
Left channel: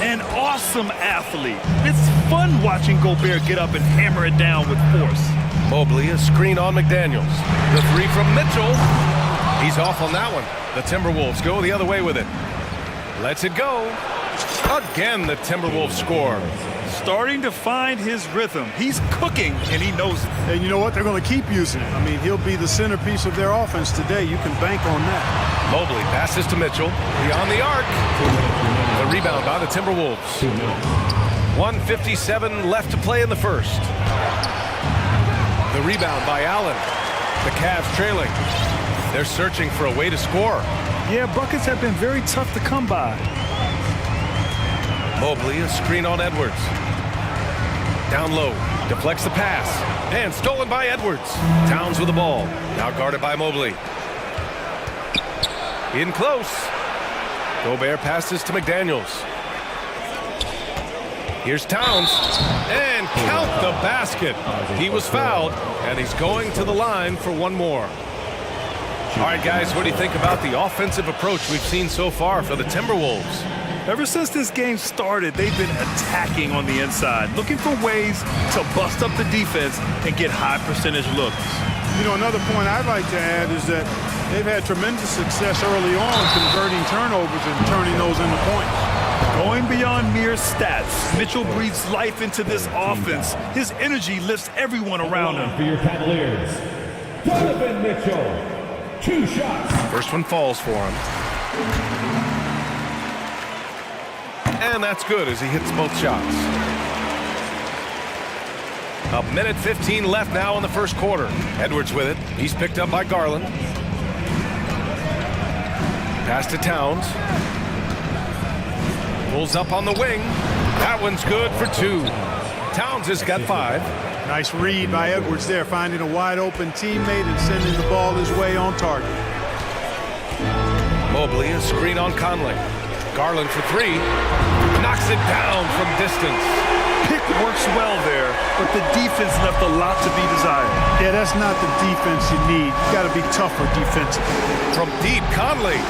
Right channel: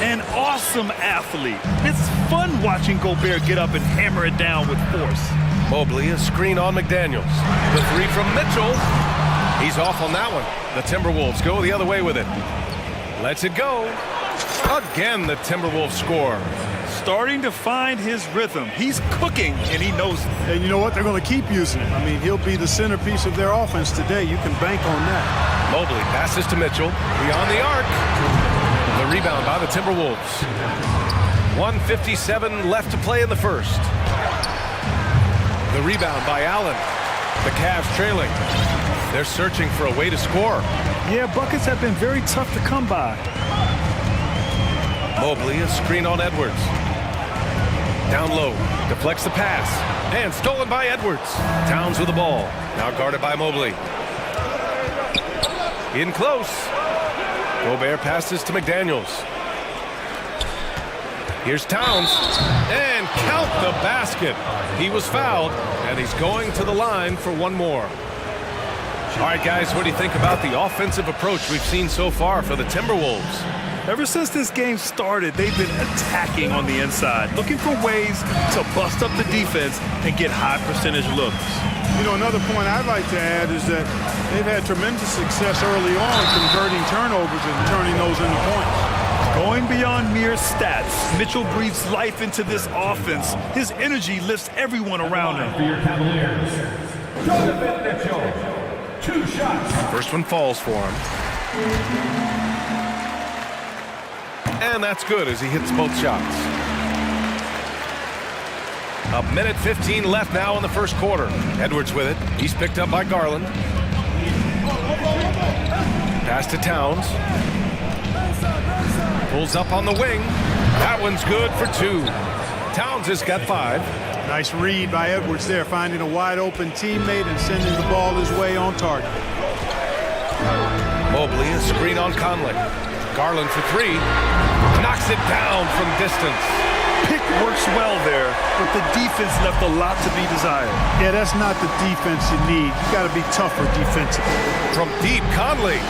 An awesome athlete. It's fun watching Gobert get up and hammer it down with force. Mobley, a screen on McDaniels. The 3 from Mitchell. He's off on that one. The Timberwolves go the other way with it. Lets it go. Again, the Timberwolves score. Starting to find his rhythm. He's cooking, and he knows it. And you know what? They're going to keep using him. I mean, he'll be the centerpiece of their offense today. You can bank on that. Mobley passes to Mitchell. Beyond the arc. The rebound by the Timberwolves. 1:57 left to play in the first. The rebound by Allen. The Cavs trailing. They're searching for a way to score. Yeah, buckets have been very tough to come by. Mobley, a screen on Edwards. Down low, deflects the pass. And stolen by Edwards. Towns with the ball. Now guarded by Mobley. In close. Gobert passes to McDaniels. Here's Towns. And count the basket. He was fouled, and he's going to the line for one more. All right, guys, what do you think about the offensive approach we've seen so far for the Timberwolves? Ever since this game started, they've been attacking on the inside, looking for ways to bust up the defense and get high percentage looks. You know, another point I'd like to add is that they've had tremendous success early on converting turnovers and turning those into points. Going beyond mere stats, Mitchell breathes life into this offense. His energy lifts everyone around him. For your Cavaliers, Donovan Mitchell. 2 shots. First one falls for him. And that's good as he hits both shots. A minute 15 left now in the first quarter. Edwards with it. He's picked up by Garland. Pass to Towns. Pulls up on the wing. That one's good for 2. Towns has got 5. Nice read by Edwards there, finding a wide open teammate and sending the ball his way on target. Mobley, a screen on Conley. Garland for 3. Knocks it down from distance. Pick works well there, but the defense left a lot to be desired. Yeah, that's not the defense you need. You got to be tougher defensively. From deep, Conley.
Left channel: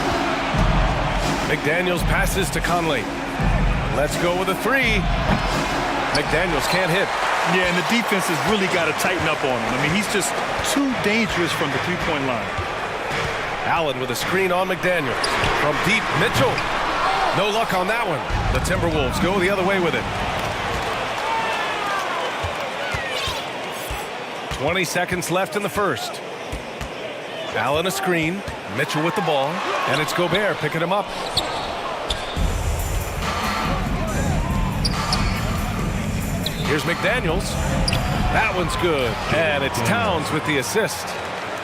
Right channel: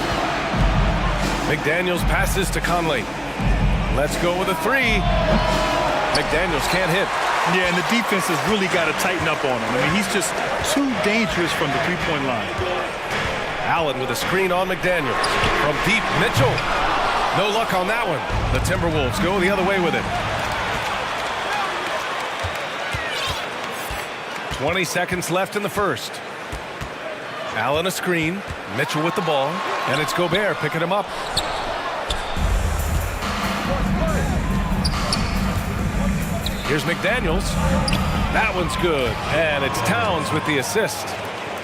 McDaniels passes to Conley. Let's go with a 3. McDaniels can't hit. Yeah, and the defense has really got to tighten up on him. I mean, he's just too dangerous from the three-point line. Allen with a screen on McDaniels. From deep, Mitchell. No luck on that one. The Timberwolves go the other way with it. 20 seconds left in the first. Allen a screen. Mitchell with the ball. And it's Gobert picking him up. Here's McDaniels. That one's good. And it's Towns with the assist.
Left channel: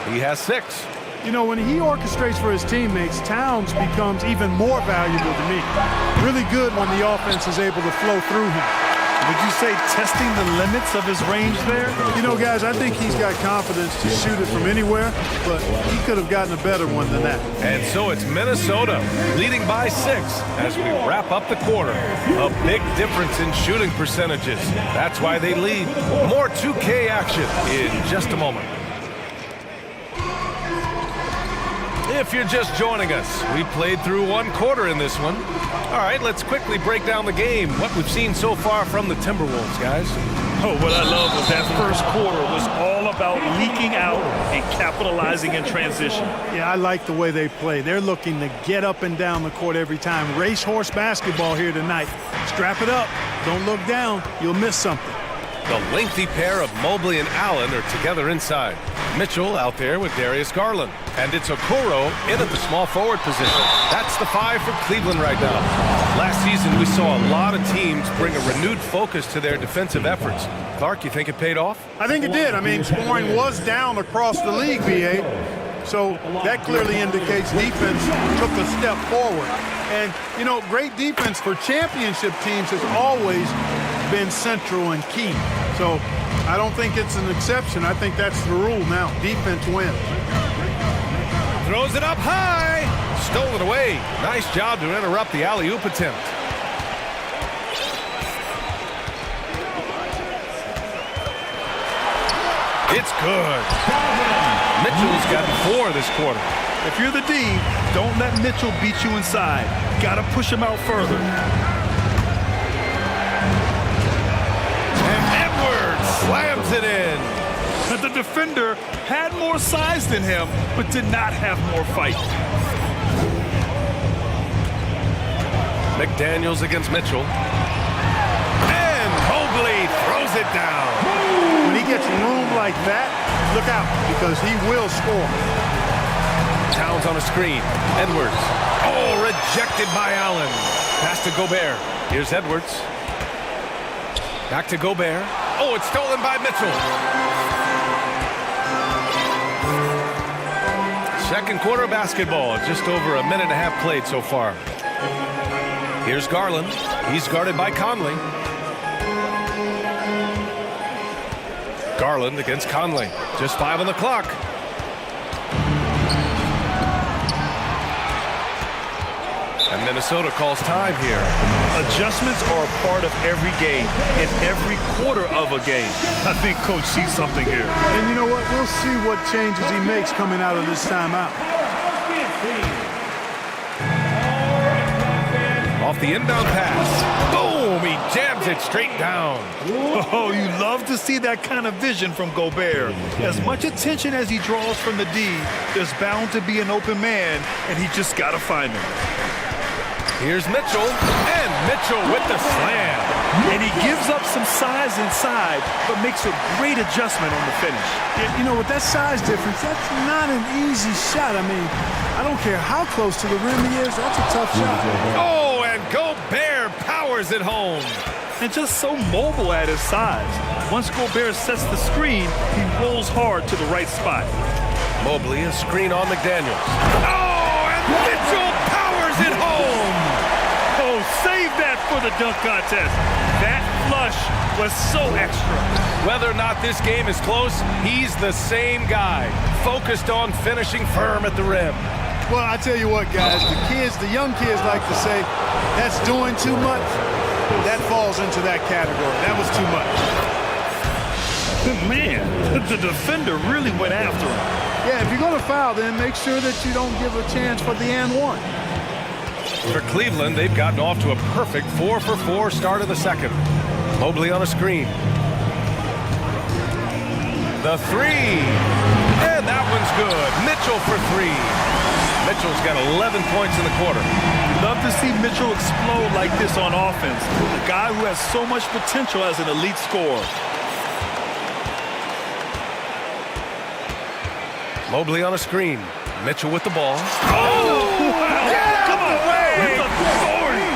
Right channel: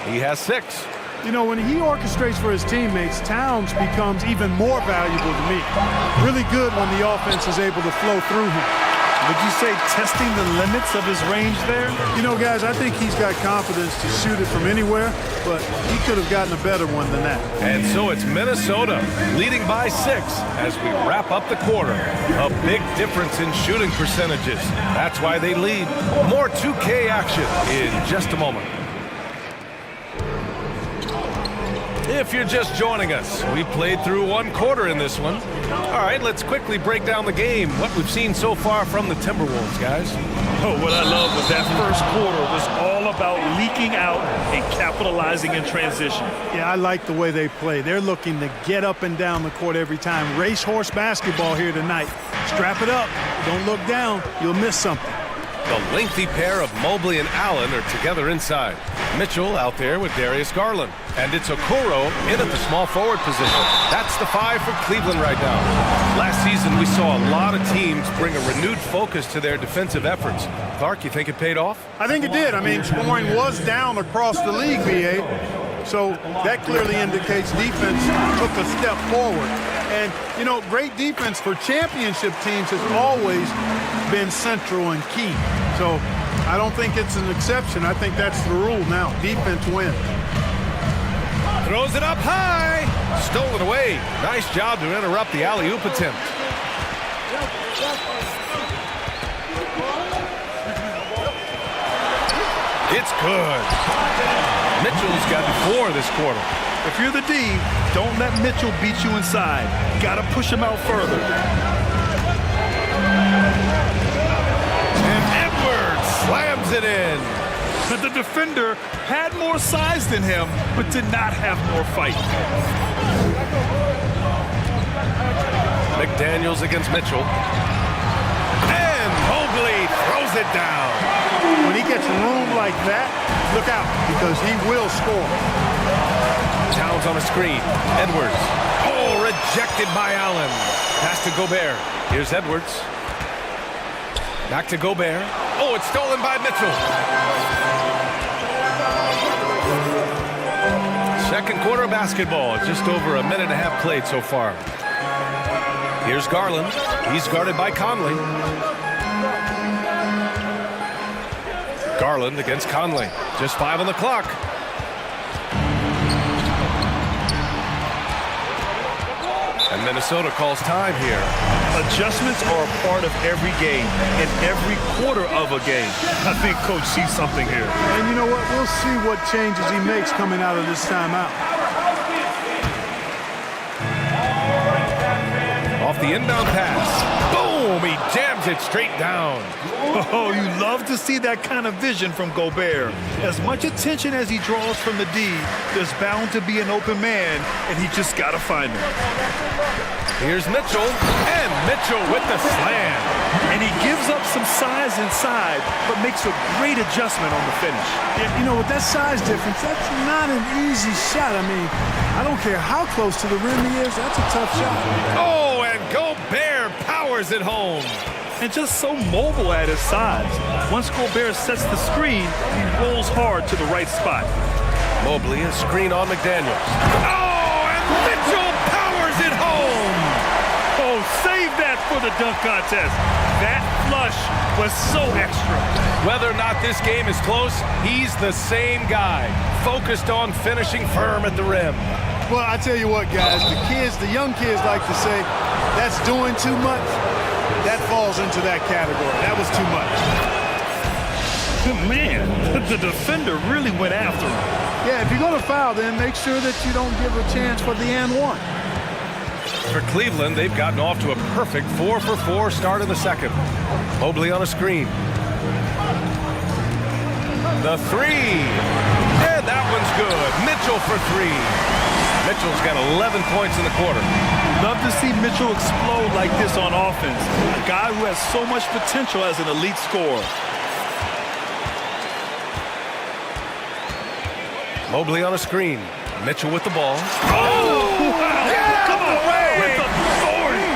He has 6. You know, when he orchestrates for his teammates, Towns becomes even more valuable to me. Really good when the offense is able to flow through him. Would you say testing the limits of his range there? You know, guys, I think he's got confidence to shoot it from anywhere, but he could have gotten a better one than that. And so it's Minnesota leading by 6 as we wrap up the quarter. A big difference in shooting percentages. That's why they lead. More 2K action in just a moment. If you're just joining us, we played through one quarter in this one. All right, let's quickly break down the game, what we've seen so far from the Timberwolves, guys. Oh, what I love was that first quarter was all about leaking out and capitalizing in transition. Yeah, I like the way they play. They're looking to get up and down the court every time. Racehorse basketball here tonight. Strap it up. Don't look down. You'll miss something. The lengthy pair of Mobley and Allen are together inside. Mitchell out there with Darius Garland. And it's Okoro in at the small forward position. That's the 5 for Cleveland right now. Last season, we saw a lot of teams bring a renewed focus to their defensive efforts. Clark, you think it paid off? I think it did. I mean, scoring was down across the league, B.A. So that clearly indicates defense took a step forward. And, you know, great defense for championship teams has always been central and key. So I don't think it's an exception. I think that's the rule now. Defense wins. Throws it up high. Stolen away. Nice job to interrupt the alley-oop attempt. It's good. Mitchell's got 4 this quarter. If you're the D, don't let Mitchell beat you inside. Got to push him out further. And Edwards slams it in. The defender had more size than him, but did not have more fight. McDaniels against Mitchell. And Mobley throws it down. When he gets room like that, look out, because he will score. Towns on a screen. Edwards. Oh, rejected by Allen. Pass to Gobert. Here's Edwards. Back to Gobert. Oh, it's stolen by Mitchell. Second quarter basketball. Just over a minute and a half played so far. Here's Garland. He's guarded by Conley. Garland against Conley. Just 5 on the clock. And Minnesota calls time here. Adjustments are a part of every game and every quarter of a game. I think Coach sees something here. And you know what? We'll see what changes he makes coming out of this timeout. Off the inbound pass. Boom! He jams it straight down. Oh, you love to see that kind of vision from Gobert. As much attention as he draws from the D, there's bound to be an open man, and he just got to find him. Here's Mitchell, and Mitchell with the slam. And he gives up some size inside, but makes a great adjustment on the finish. Yeah, you know, with that size difference, that's not an easy shot. I mean, I don't care how close to the rim he is, that's a tough shot. Oh, and Gobert powers it home. And just so mobile at his size. Once Gobert sets the screen, he rolls hard to the right spot. Mobley, a screen on McDaniels. Oh, and Mitchell powers it home. Oh, save that for the dunk contest. That flush was so extra. Whether or not this game is close, he's the same guy, focused on finishing firm at the rim. Well, I tell you what, guys, the young kids like to say, that's doing too much. That falls into that category. That was too much. Man, the defender really went after him. Yeah, if you're going to foul, then make sure that you don't give a chance for the and one. For Cleveland, they've gotten off to a perfect 4-for-4 start in the second. Mobley on a screen. The three. And that one's good. Mitchell for three. Mitchell's got 11 points in the quarter. You love to see Mitchell explode like this on offense. A guy who has so much potential as an elite scorer. Mobley on a screen. Mitchell with the ball. Oh, wow. Get out of the way! With authority.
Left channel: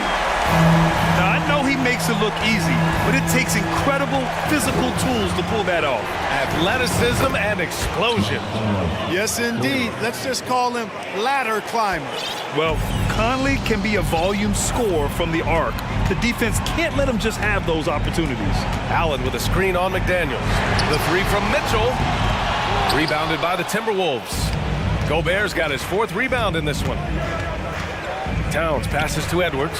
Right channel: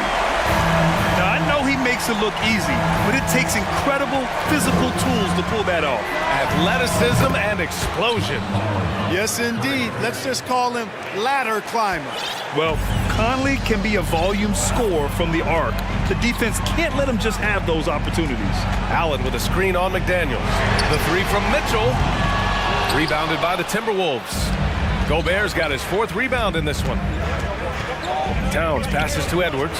Now, I know he makes it look easy, but it takes incredible physical tools to pull that off. Athleticism and explosion. Yes, indeed. Let's just call him ladder climber. Well, Conley can be a volume scorer from the arc. The defense can't let him just have those opportunities. Allen with a screen on McDaniels. The three from Mitchell. Rebounded by the Timberwolves. Gobert's got his fourth rebound in this one. Towns passes to Edwards.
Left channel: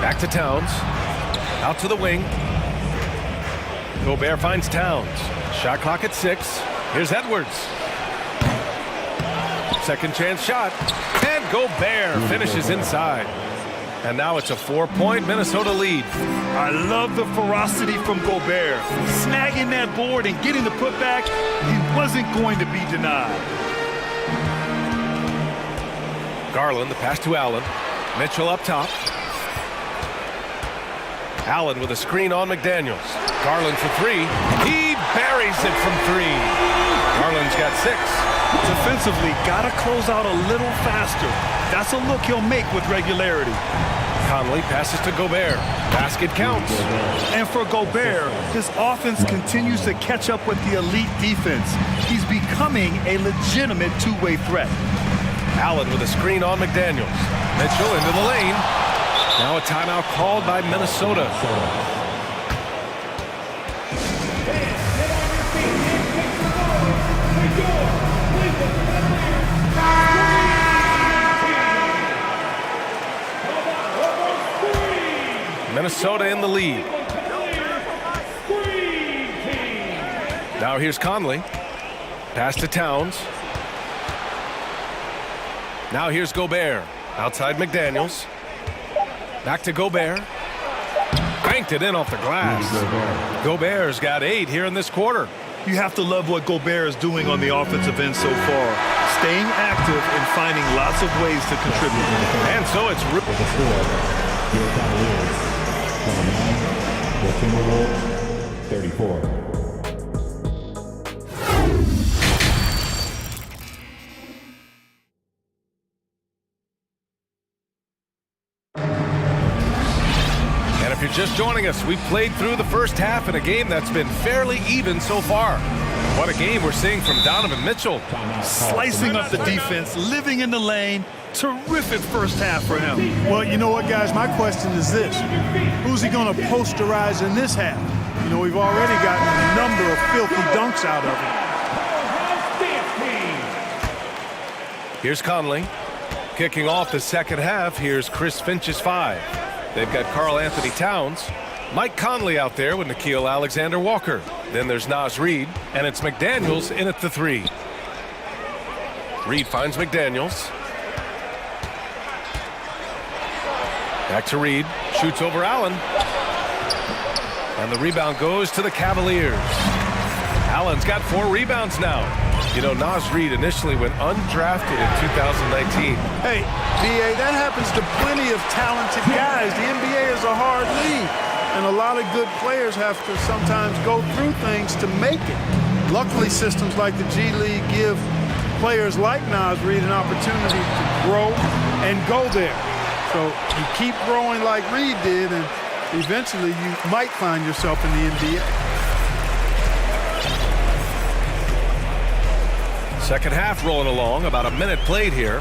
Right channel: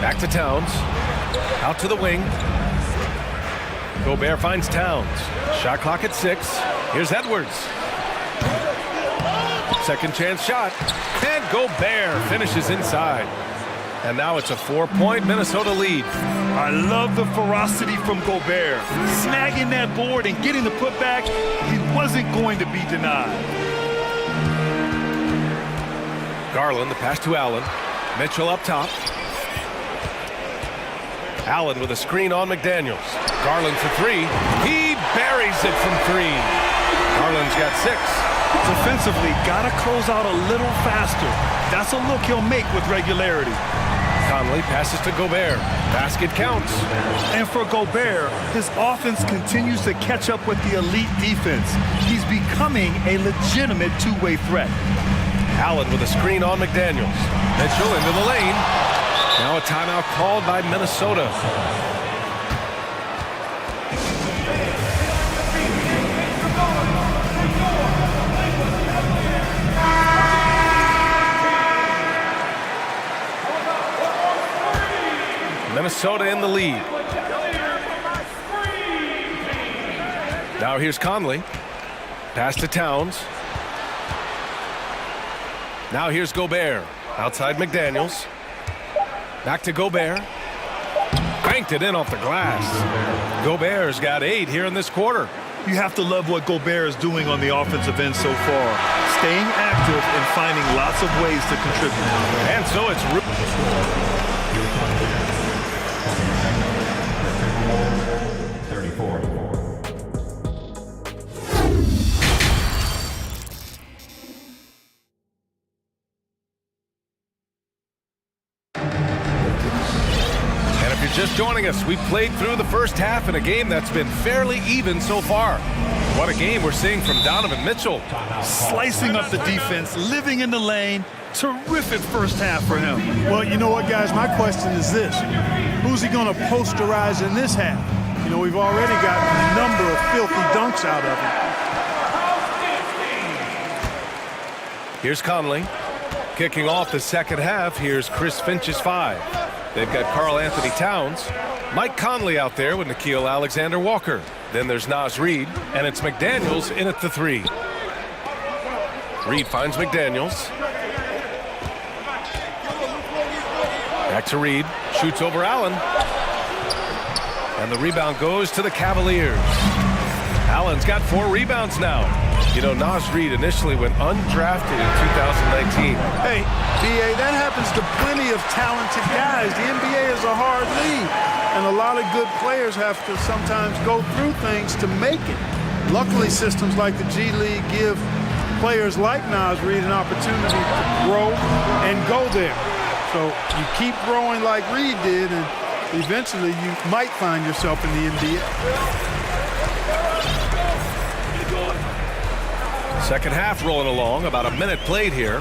Back to Towns. Out to the wing. Gobert finds Towns. Shot clock at 6. Here's Edwards. Second chance shot. And Gobert finishes inside. And now it's a 4-point Minnesota lead. I love the ferocity from Gobert. Snagging that board and getting the putback, he wasn't going to be denied. Garland, the pass to Allen. Mitchell up top. Allen with a screen on McDaniels. Garland for three. He buries it from three. Garland's got 6. Defensively, gotta close out a little faster. That's a look he'll make with regularity. Conley passes to Gobert. Basket counts. And for Gobert, his offense continues to catch up with the elite defense. He's becoming a legitimate two-way threat. Allen with a screen on McDaniels. Mitchell into the lane. Now a timeout called by Minnesota. Minnesota in the lead. Now here's Conley. Pass to Towns. Now here's Gobert. Outside McDaniels. Back to Gobert. Banked it in off the glass. Gobert's got 8 here in this quarter. You have to love what Gobert is doing on the offensive end so far. Staying active and finding lots of ways to contribute. And so it's... Your final leader, the Timberwolves, 34. And if you're just joining us, we've played through the first half in a game that's been fairly even so far. What a game we're seeing from Donovan Mitchell. Slicing up the defense, living in the lane, Terrific first half for him. Well, you know what, guys? My question is this. Who's he going to posterize in this half? You know, we've already gotten a number of filthy dunks out of him. Here's Conley. Kicking off the second half, here's Chris Finch's 5. They've got Karl Anthony Towns, Mike Conley out there with Nickeil Alexander-Walker. Then there's Naz Reid, and it's McDaniels in at the 3. Reid finds McDaniels. Back to Reid, shoots over Allen. And the rebound goes to the Cavaliers. Allen's got 4 rebounds now. You know, Naz Reid initially went undrafted in 2019. Hey, B.A., that happens to plenty of talented guys. The NBA is a hard league, and a lot of good players have to sometimes go through things to make it. Luckily, systems like the G League give players like Naz Reid an opportunity to grow and go there. So you keep growing like Reid did, and eventually you might find yourself in the NBA. Second half rolling along, about a minute played here.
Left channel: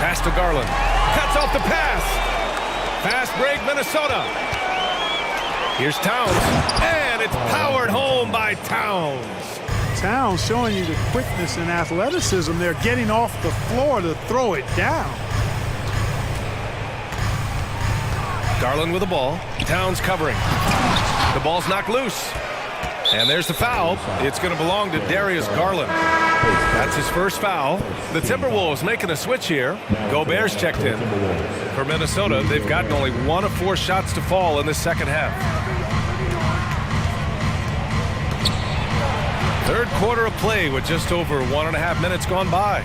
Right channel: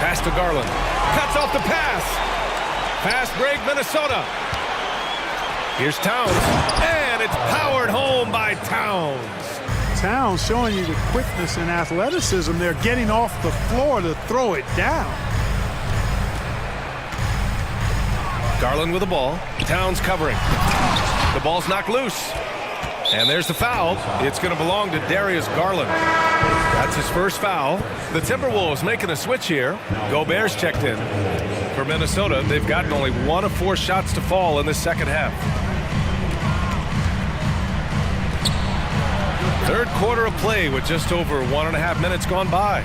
Pass to Garland. Cuts off the pass. Fast break, Minnesota. Here's Towns, and it's powered home by Towns. Towns showing you the quickness and athleticism. They're getting off the floor to throw it down. Garland with the ball. Towns covering. The ball's knocked loose. And there's the foul. It's going to belong to Darius Garland. That's his first foul. The Timberwolves making a switch here. Gobert's checked in. For Minnesota, they've gotten only 1 of 4 shots to fall in the second half. Third quarter of play with just over 1.5 minutes gone by.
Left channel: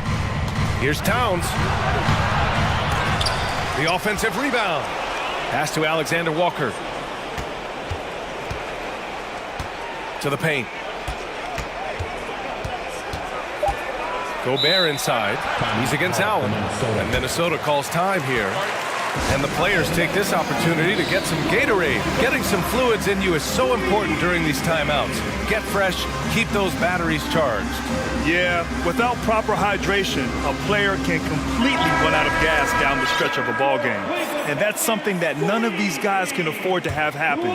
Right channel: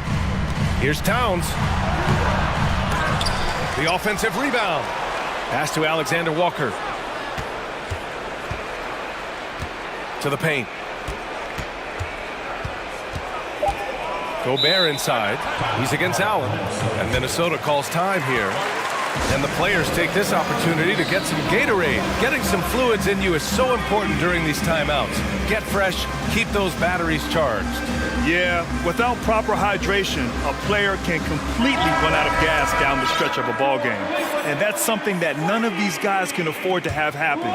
Here's Towns. The offensive rebound. Pass to Alexander-Walker. To the paint. Gobert inside. He's against Allen. And Minnesota calls time here. And the players take this opportunity to get some Gatorade. Getting some fluids in you is so important during these timeouts. Get fresh, keep those batteries charged. Yeah, without proper hydration, a player can completely run out of gas down the stretch of a ball game. And that's something that none of these guys can afford to have happen.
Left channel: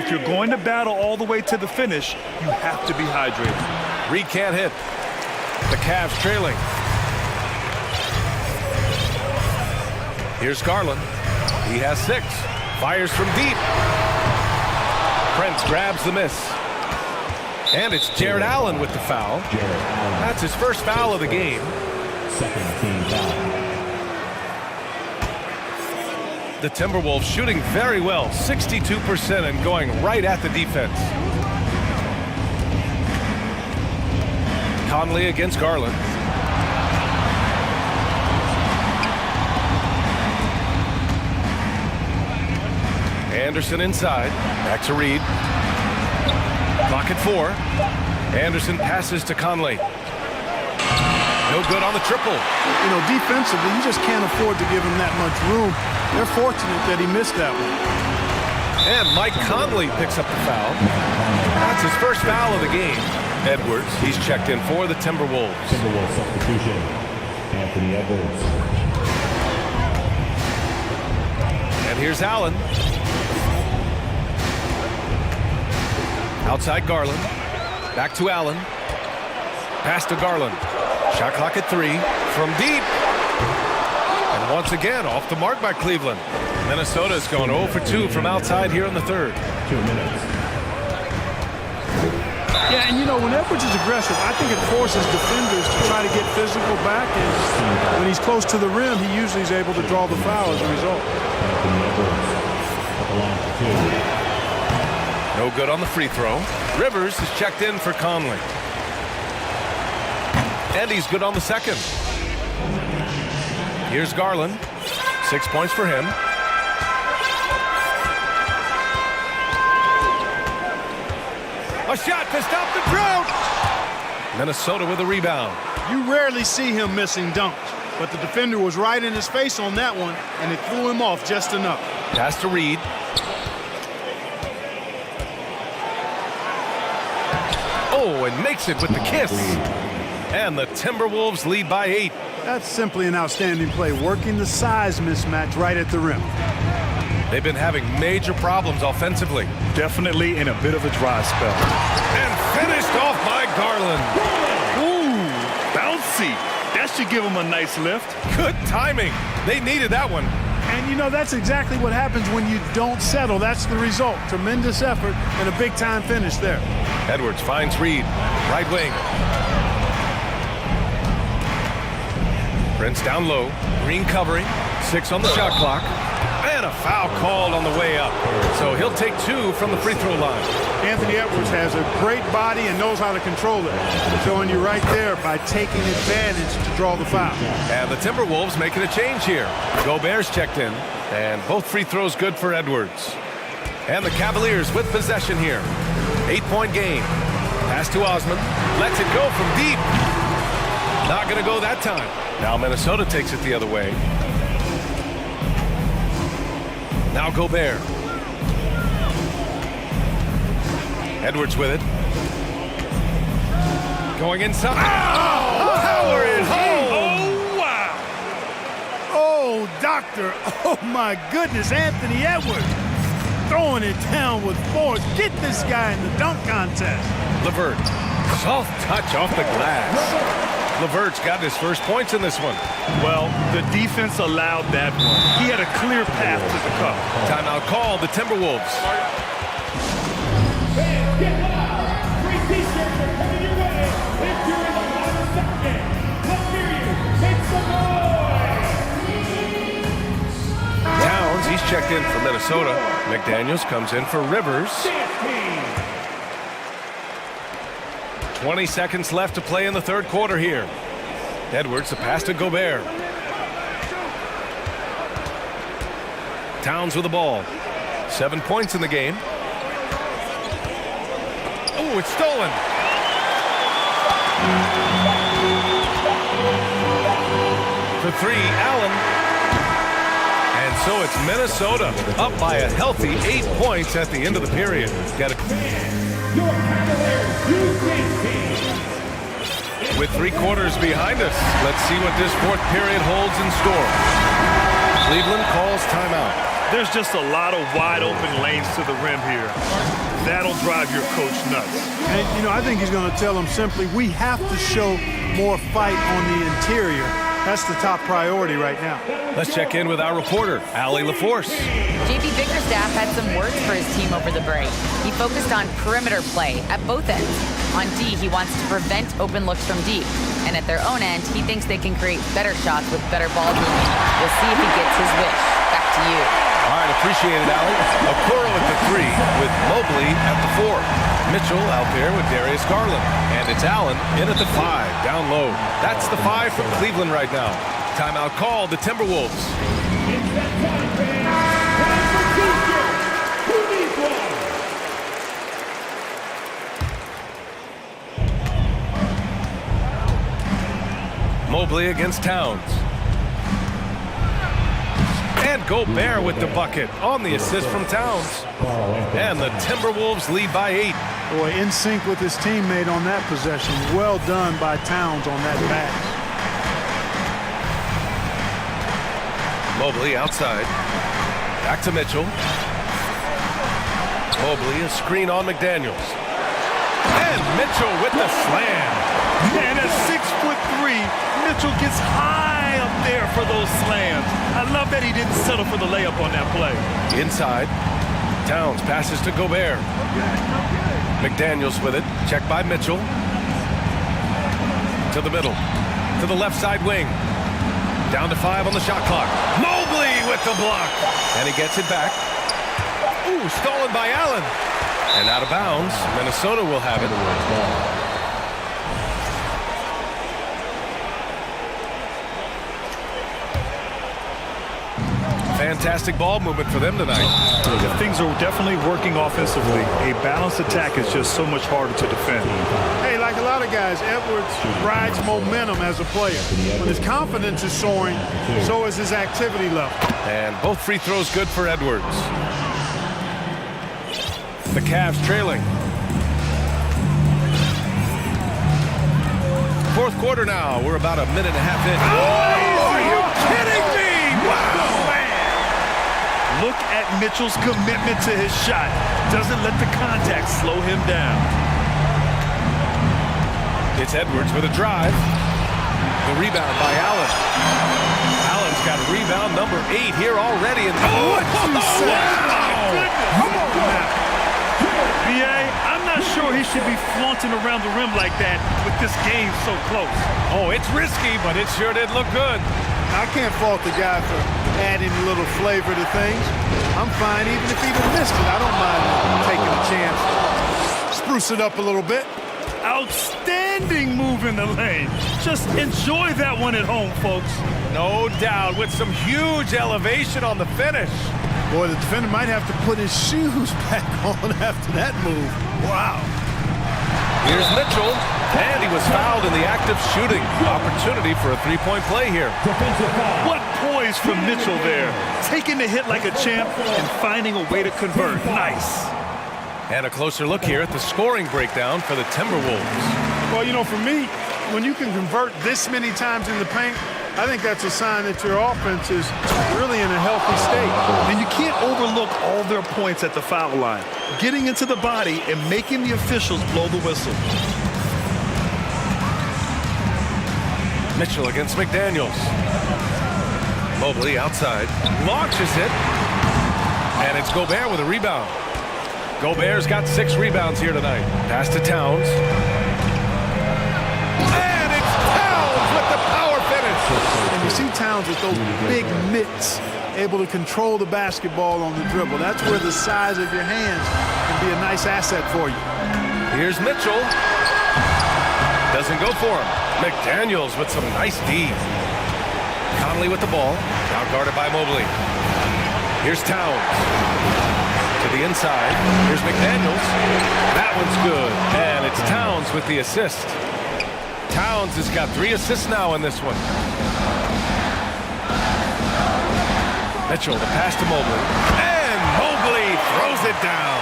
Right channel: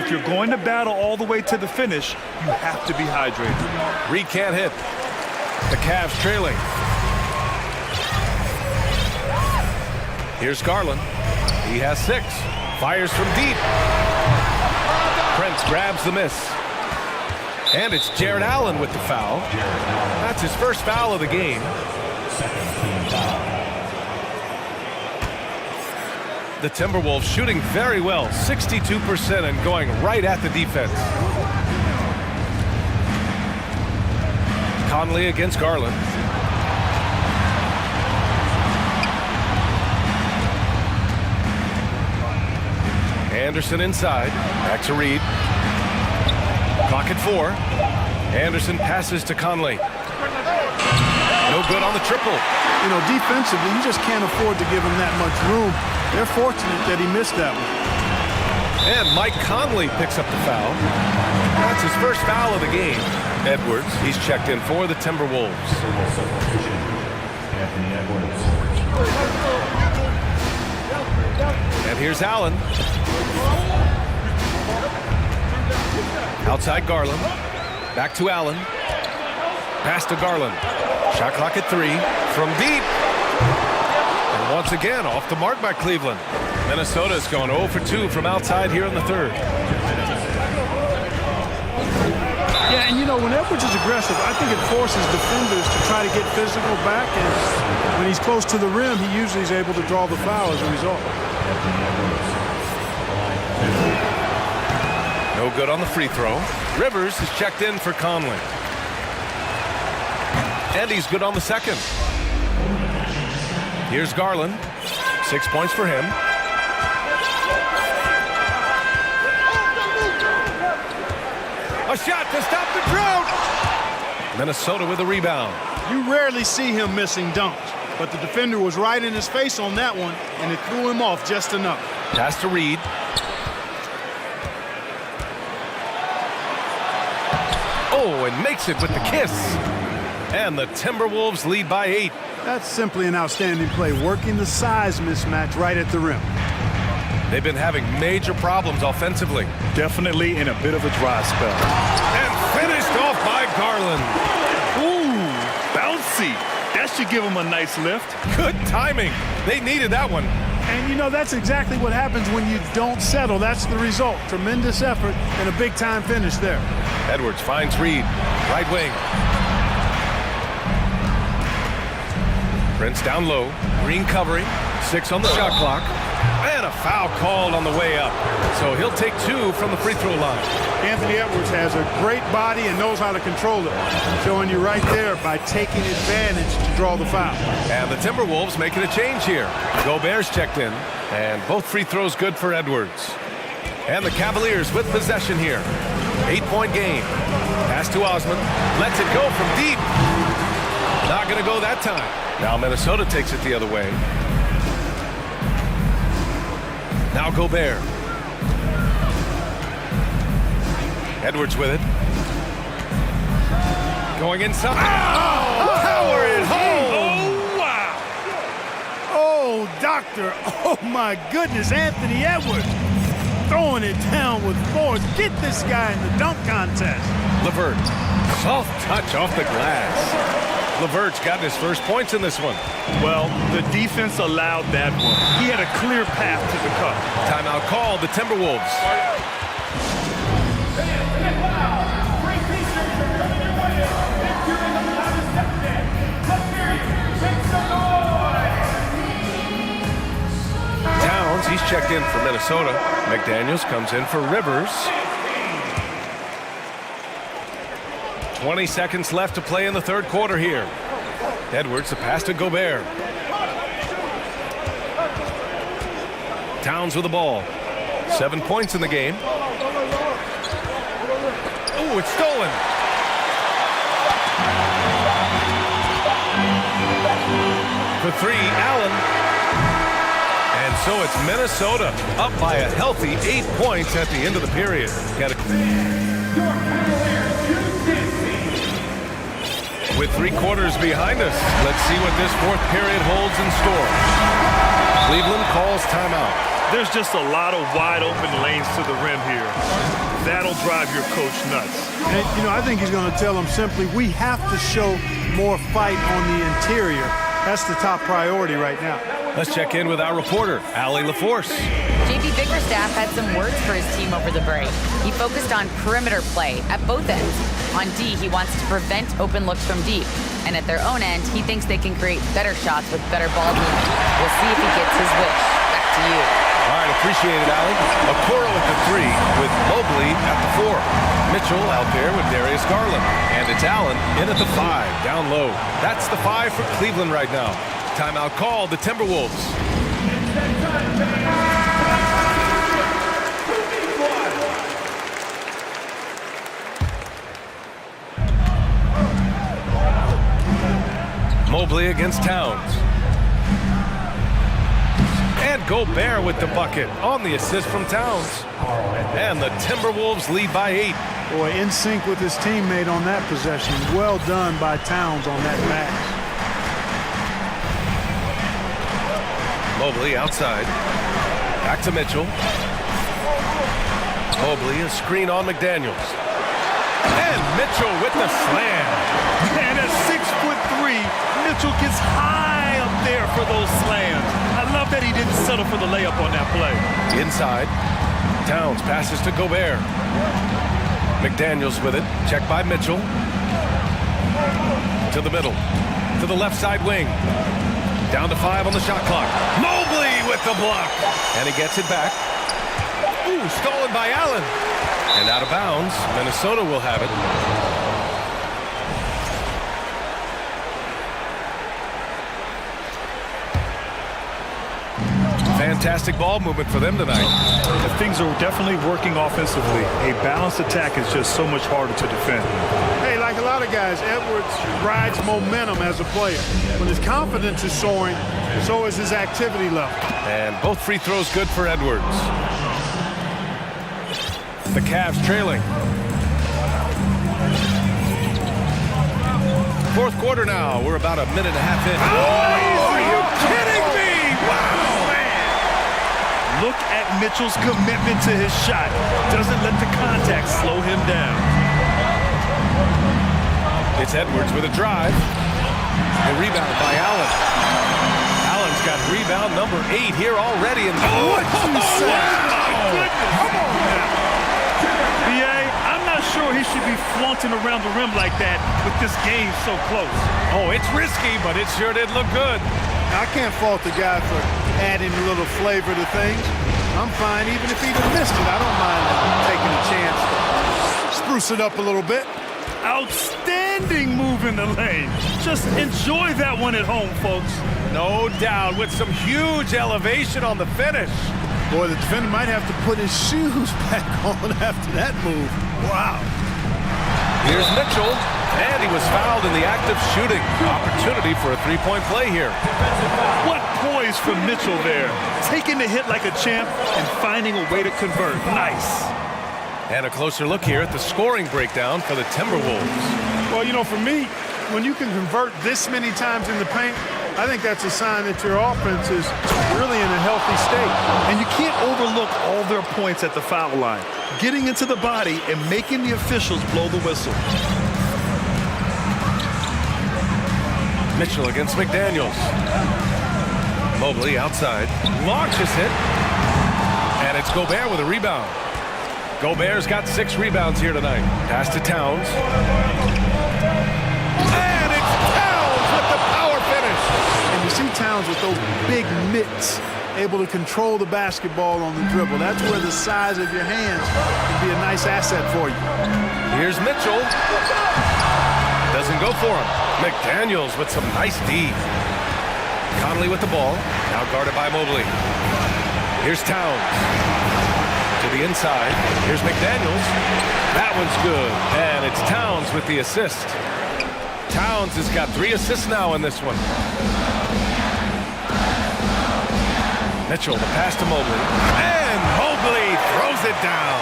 If you're going to battle all the way to the finish, you have to be hydrated. Reid can't hit. The Cavs trailing. Here's Garland. He has 6. Fires from deep. Prince grabs the miss. And it's Jared Allen with the foul. That's his first foul of the game. Second team foul. The Timberwolves shooting very well, 62% and going right at the defense. Conley against Garland. Anderson inside. Back to Reid. Clock at 4. Anderson passes to Conley. No good on the triple. You know, defensively, you just can't afford to give him that much room. They're fortunate that he missed that one. And Mike Conley picks up the foul. That's his first foul of the game. Edwards, he's checked in for the Timberwolves. Timberwolves substitution, Anthony Edwards. And here's Allen. Outside Garland. Back to Allen. Pass to Garland. Shot clock at 3. From deep. And once again, off the mark by Cleveland. Minnesota's going 0 for 2 from outside here in the third. 2 minutes. Yeah, and you know, when Edwards is aggressive, I think it forces defenders to try to get physical back. And when he's close to the rim, he usually is able to draw the foul as a result. Anthony Edwards at the line for 2. No good on the free throw. Rivers is checked in for Conley. And he's good on the second. Here's Garland. 6 points for him. A shot to stop the drought. Minnesota with a rebound. You rarely see him missing dunks, but the defender was right in his face on that one, and it threw him off just enough. Pass to Reid. Oh, and makes it with the kiss. And the Timberwolves lead by 8. That's simply an outstanding play, working the size mismatch right at the rim. They've been having major problems offensively. Definitely in a bit of a dry spell. And finished off by Garland. Ooh, bouncy. That should give him a nice lift. Good timing. They needed that one. And you know, that's exactly what happens when you don't settle. That's the result. Tremendous effort and a big-time finish there. Edwards finds Reed, right wing. Prince down low, Green covering, 6 on the shot clock, and a foul called on the way up. So he'll take 2 from the free throw line. Anthony Edwards has a great body and knows how to control it. Showing you right there by taking advantage to draw the foul. And the Timberwolves making a change here. Gobert's checked in, and both free throws good for Edwards. And the Cavaliers with possession here. 8-point game. Pass to Osman, lets it go from deep. Not gonna go that time. Now Minnesota takes it the other way. Now Gobert. Edwards with it. Going inside. Oh, power it home. Oh, wow. Oh, doctor. Oh, my goodness. Anthony Edwards throwing it down with force. Get this guy in the dunk contest. LeVert. Soft touch off the glass. LeVert's gotten his first points in this one. Well, the defense allowed that one. He had a clear path to the cup. Timeout called, the Timberwolves. Fans, get loud. Free t-shirts are coming your way if you're in the loudest section. Let's hear you. Make some noise. Towns, he's checked in for Minnesota. McDaniels comes in for Rivers. 20 seconds left to play in the third quarter here. Edwards, the pass to Gobert. Towns with the ball. 7 points in the game. Oh, it's stolen. For 3, Allen. And so it's Minnesota up by a healthy 8 points at the end of the period. Got it. Your Cavaliers use this team. With 3 quarters behind us, let's see what this fourth period holds in store. Cleveland calls timeout. There's just a lot of wide open lanes to the rim here. That'll drive your coach nuts. And, you know, I think he's going to tell them simply, we have to show more fight on the interior. That's the top priority right now. Let's check in with our reporter, Allie LaForce. JB Bickerstaff had some words for his team over the break. He focused on perimeter play at both ends. On D, he wants to prevent open looks from deep. And at their own end, he thinks they can create better shots with better ball movement. We'll see if he gets his wish. Back to you. All right, appreciate it, Allie. Okoro at the 3 with Mobley at the 4. Mitchell out there with Darius Garland. And it's Allen in at the 5, down low. That's the 5 for Cleveland right now. Timeout called, the Timberwolves. Mobley against Towns. And Gobert with the bucket on the assist from Towns. And the Timberwolves lead by 8. Boy, in sync with his teammate on that possession. Well done by Towns on that pass. Mobley outside. Back to Mitchell. Mobley, a screen on McDaniels. And Mitchell with the slam. And at 6'3", Mitchell gets high up there for those slams. I love that he didn't settle for the layup on that play. Inside. Towns passes to Gobert. McDaniels with it. Checked by Mitchell. To the middle. To the left side wing. Down to 5 on the shot clock. Mobley with the block. And he gets it back. Ooh, stolen by Allen. And out of bounds. Minnesota will have it. Fantastic ball movement for them tonight. Things are definitely working offensively. A balanced attack is just so much harder to defend. Hey, like a lot of guys, Edwards rides momentum as a player. When his confidence is soaring, so is his activity level. And both free throws good for Edwards. The Cavs trailing. fourth quarter now. We're about a minute and a half in. Oh, are you kidding me? Wow, man. Look at Mitchell's commitment to his shot. Doesn't let the contact slow him down. It's Edwards with a drive. The rebound by Allen. Allen's got rebound number 8 here already. And what you say? Wow. Come on now. B.A., I'm not sure he should be flaunting around the rim like that with this game so close. Oh, it's risky, but it sure did look good. I can't fault the guy for adding a little flavor to things. I'm fine even if he'd have missed it. I don't mind taking a chance to spruce it up a little bit. Outstanding move in the lane. Just enjoy that one at home, folks. No doubt, with some huge elevation on the finish. Boy, the defender might have to put his shoes back on after that move. Wow. Here's Mitchell, and he was fouled in the act of shooting. Opportunity for a three-point play here. What poise from Mitchell there. Taking the hit like a champ and finding a way to convert. Nice. And a closer look here at the scoring breakdown for the Timberwolves. Well, you know, for me, when you can convert this many times in the paint, I think that's a sign that your offense is really in a healthy state. And you can't overlook all their points at the foul line. Getting into the body and making the officials blow the whistle. Mitchell against McDaniels. Mobley outside. Launches it. And it's Gobert with a rebound. Gobert's got 6 rebounds here tonight. Pass to Towns. And it's Towns with the power finish. And you see Towns with those big mitts, able to control the basketball on the dribble. That's where the size of your hands can be a nice asset for you. Here's Mitchell. Doesn't go for him. McDaniels with some nice D. Conley with the ball. Now guarded by Mobley. Here's Towns. To the inside. Here's McDaniels. That one's good. And it's Towns with the assist. Towns has got 3 assists now in this one. Mitchell, the pass to Mobley. And Mobley throws it down.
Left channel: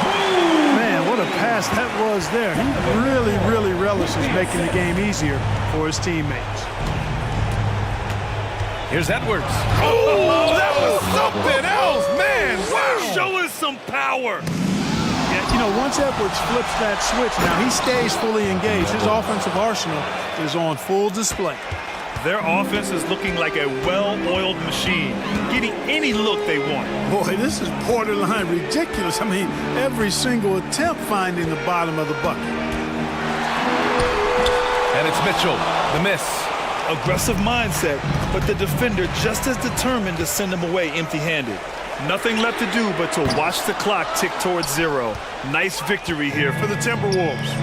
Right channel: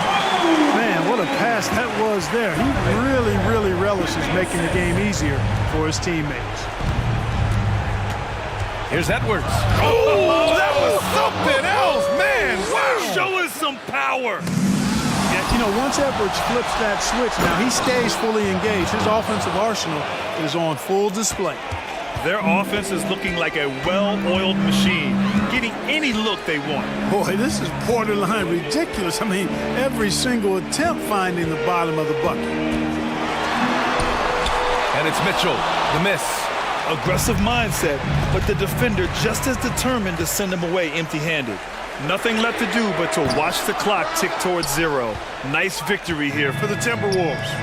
Man, what a pass that was there. He really, really relishes making the game easier for his teammates. Here's Edwards. Oh, that was something else, man. Wow. Show us some power. Yeah, you know, once Edwards flips that switch, now he stays fully engaged. His offensive arsenal is on full display. Their offense is looking like a well-oiled machine, getting any look they want. Boy, this is borderline ridiculous. I mean, every single attempt finding the bottom of the bucket. And it's Mitchell, the miss. Aggressive mindset, but the defender just as determined to send him away empty-handed. Nothing left to do but to watch the clock tick towards 0. Nice victory here for the Timberwolves.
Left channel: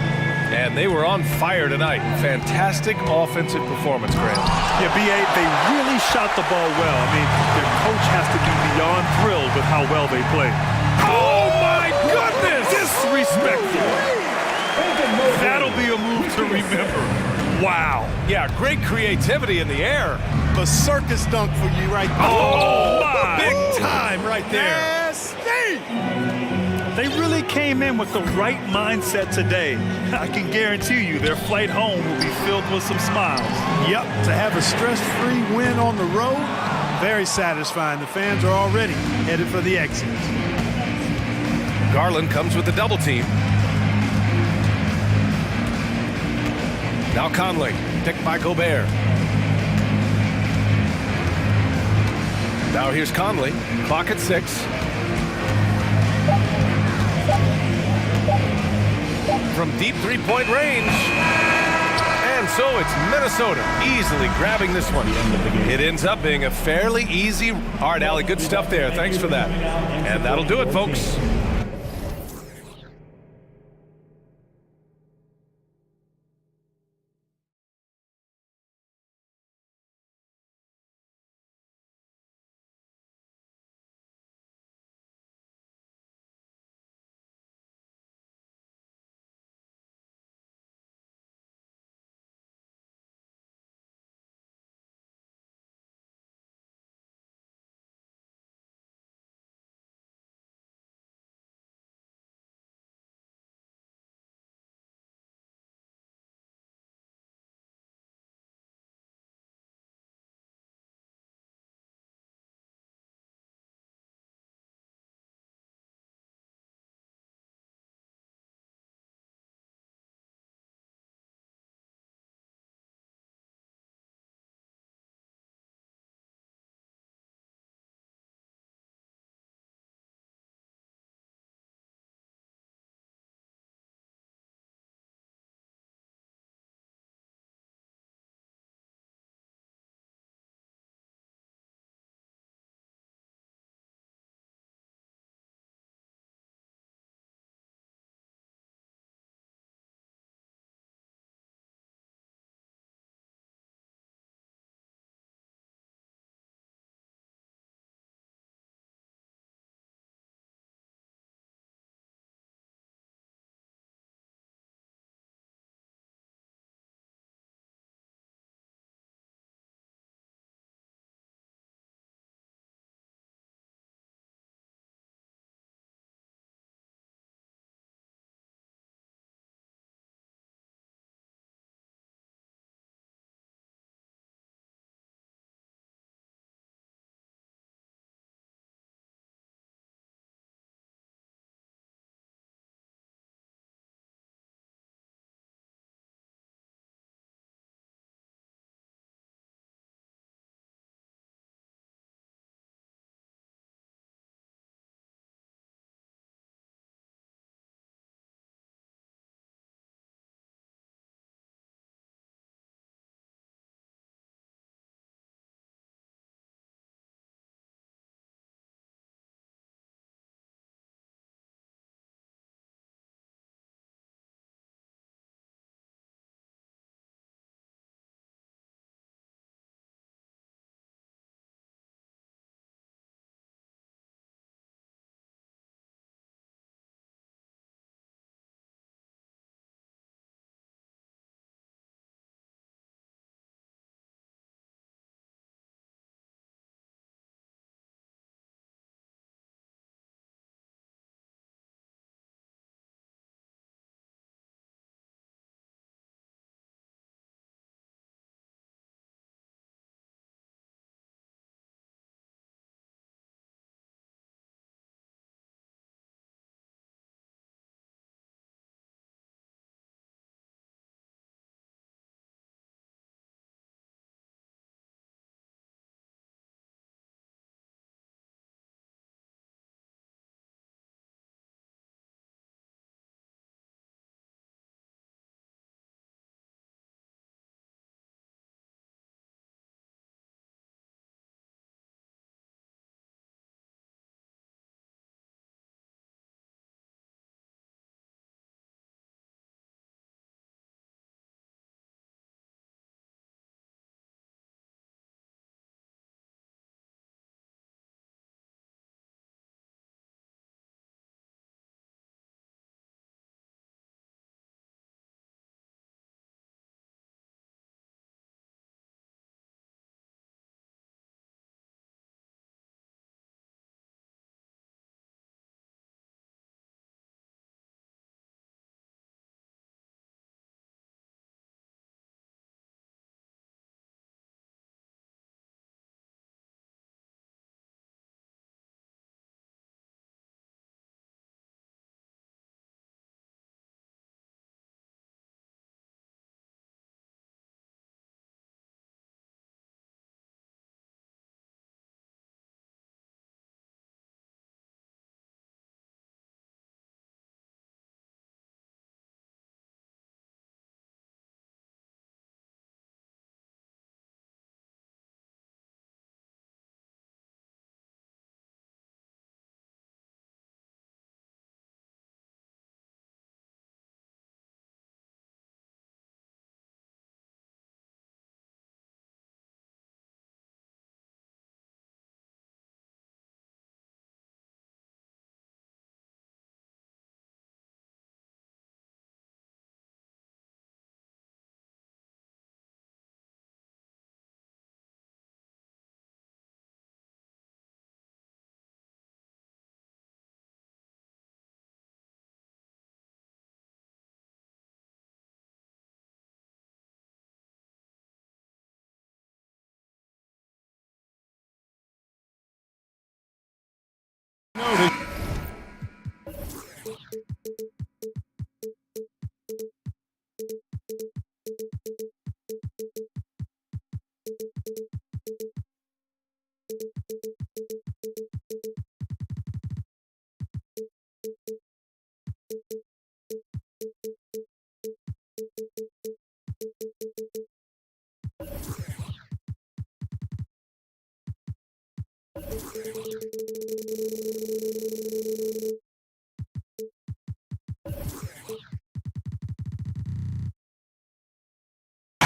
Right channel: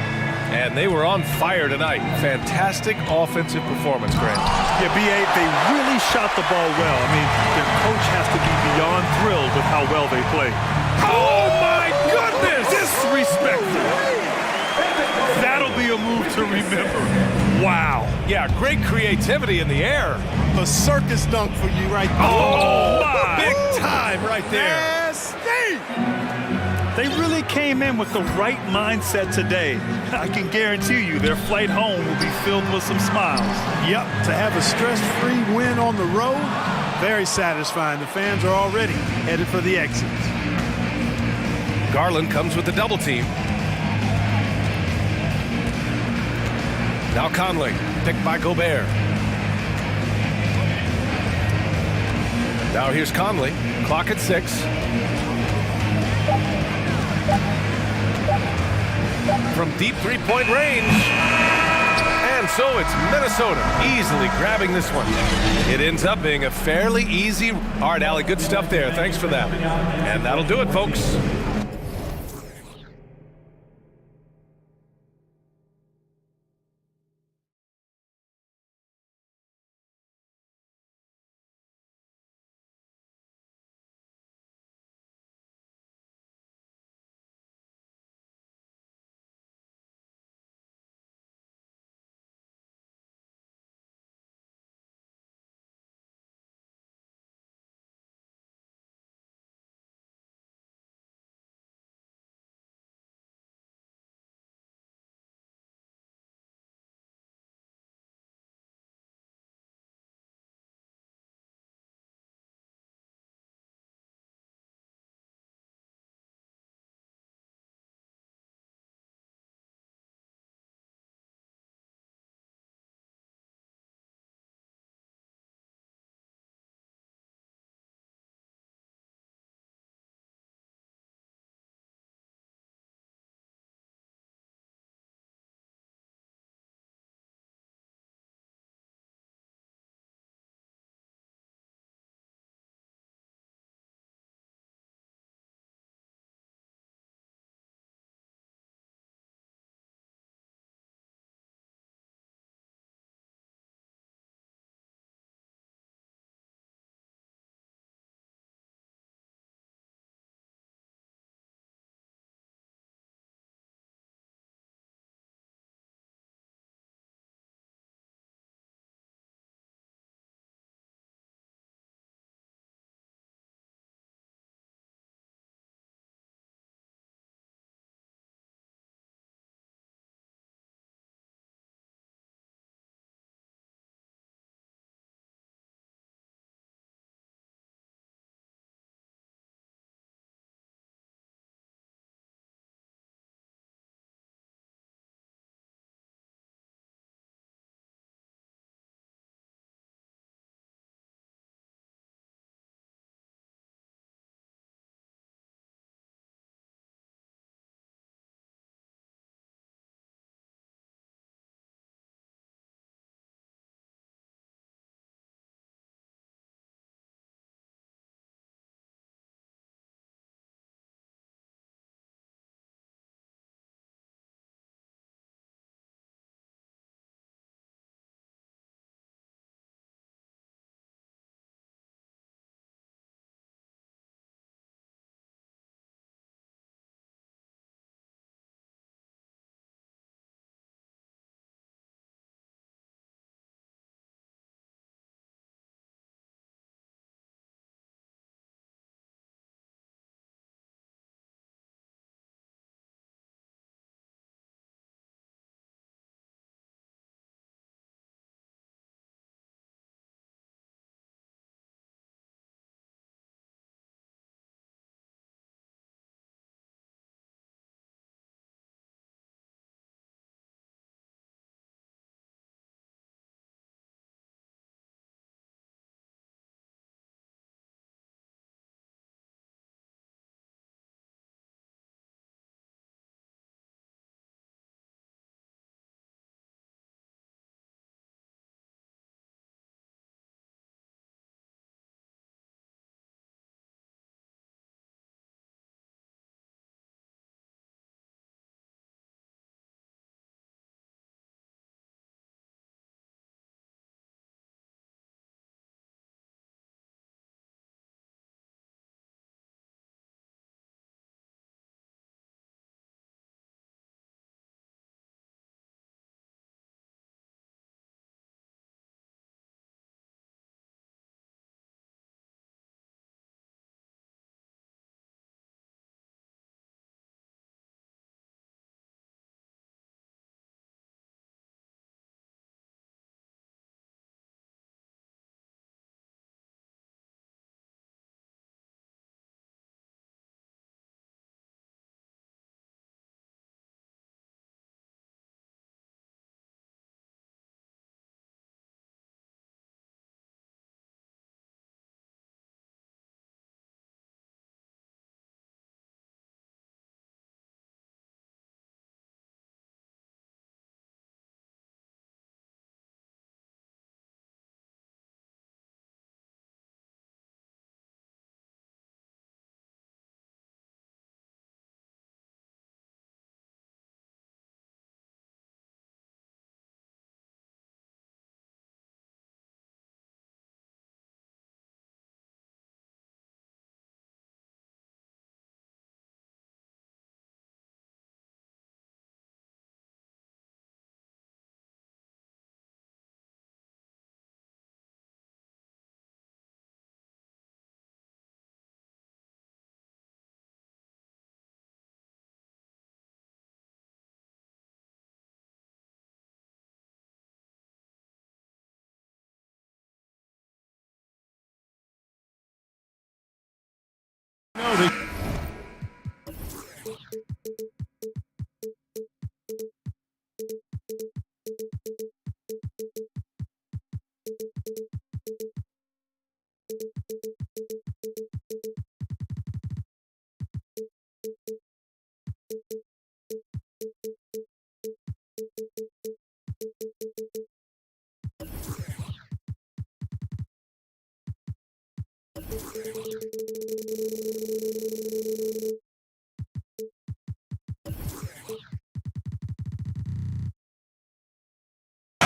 And they were on fire tonight. Fantastic offensive performance, Grant. Yeah, B.A., they really shot the ball well. I mean, their coach has to be beyond thrilled with how well they played. Oh, my goodness! Disrespectful. That'll be a move to remember. Wow. Yeah, great creativity in the air. A circus dunk for you right there. Oh, my. Big time right there. Nasty. They really came in with the right mindset today. I can guarantee you their flight home will be filled with some smiles. Yep, to have a stress-free win on the road, very satisfying. The fans are already headed for the exits. Garland comes with the double team. Now Conley, picked by Gobert. Now here's Conley, clock at 6. From deep three-point range. And so it's Minnesota easily grabbing this one. It ends up being a fairly easy. All right, Allie, good stuff there. Thanks for that. And that'll do it, folks. No, they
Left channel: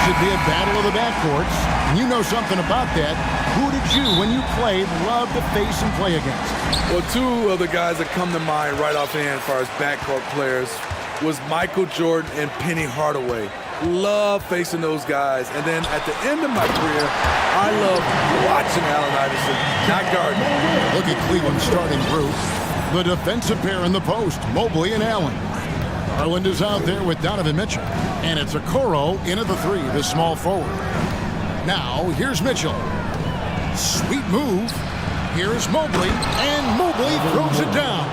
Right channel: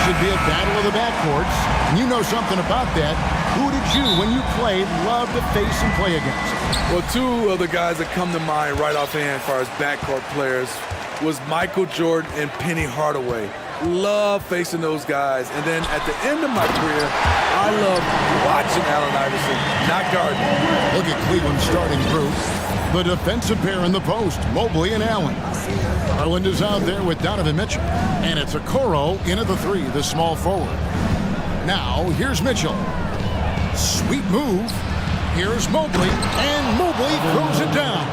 should be a battle of the backcourts, and you know something about that. Who did you, when you played, love to face and play against? Well, two of the guys that come to mind right offhand as far as backcourt players was Michael Jordan and Penny Hardaway. Love facing those guys. And then at the end of my career, I love watching Allen Iverson, not guarding. Look at Cleveland's starting group. The defensive pair in the post, Mobley and Allen. Garland is out there with Donovan Mitchell. And it's Okoro in at the three, the small forward. Now, here's Mitchell. Sweet move. Here's Mobley, and Mobley throws it down.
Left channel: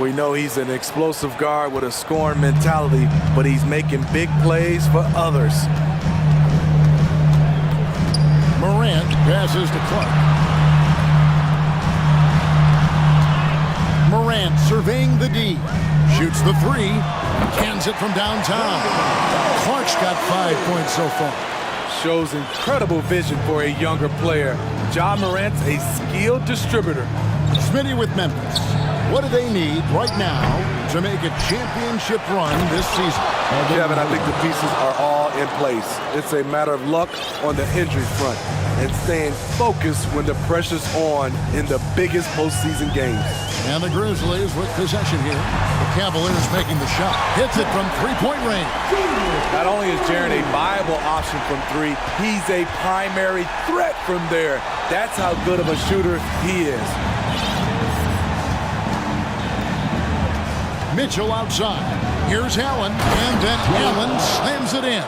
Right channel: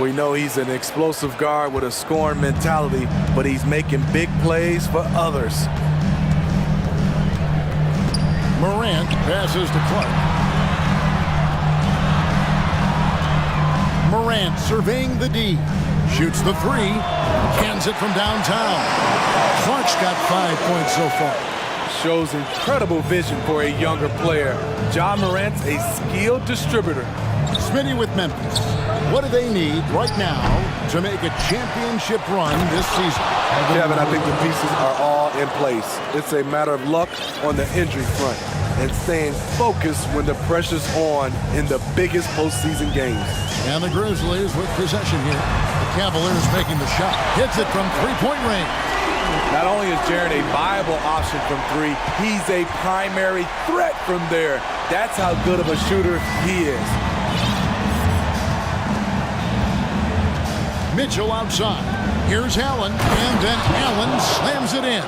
We know he's an explosive guard with a scoring mentality, but he's making big plays for others. Morant passes to Clark. Morant surveying the D. Shoots the three. Cans it from downtown. Clark's got 5 points so far. Shows incredible vision for a younger player. Ja Morant's a skilled distributor. Smitty with Memphis. What do they need right now to make a championship run this season? Kevin, I think the pieces are all in place. It's a matter of luck on the injury front and staying focused when the pressure's on in the biggest postseason games. And the Grizzlies with possession here. The Cavaliers making the shot. Hits it from three-point range. Not only is Jaren a viable option from three, he's a primary threat from there. That's how good of a shooter he is. Mitchell outside. Here's Allen, and then Allen slams it in.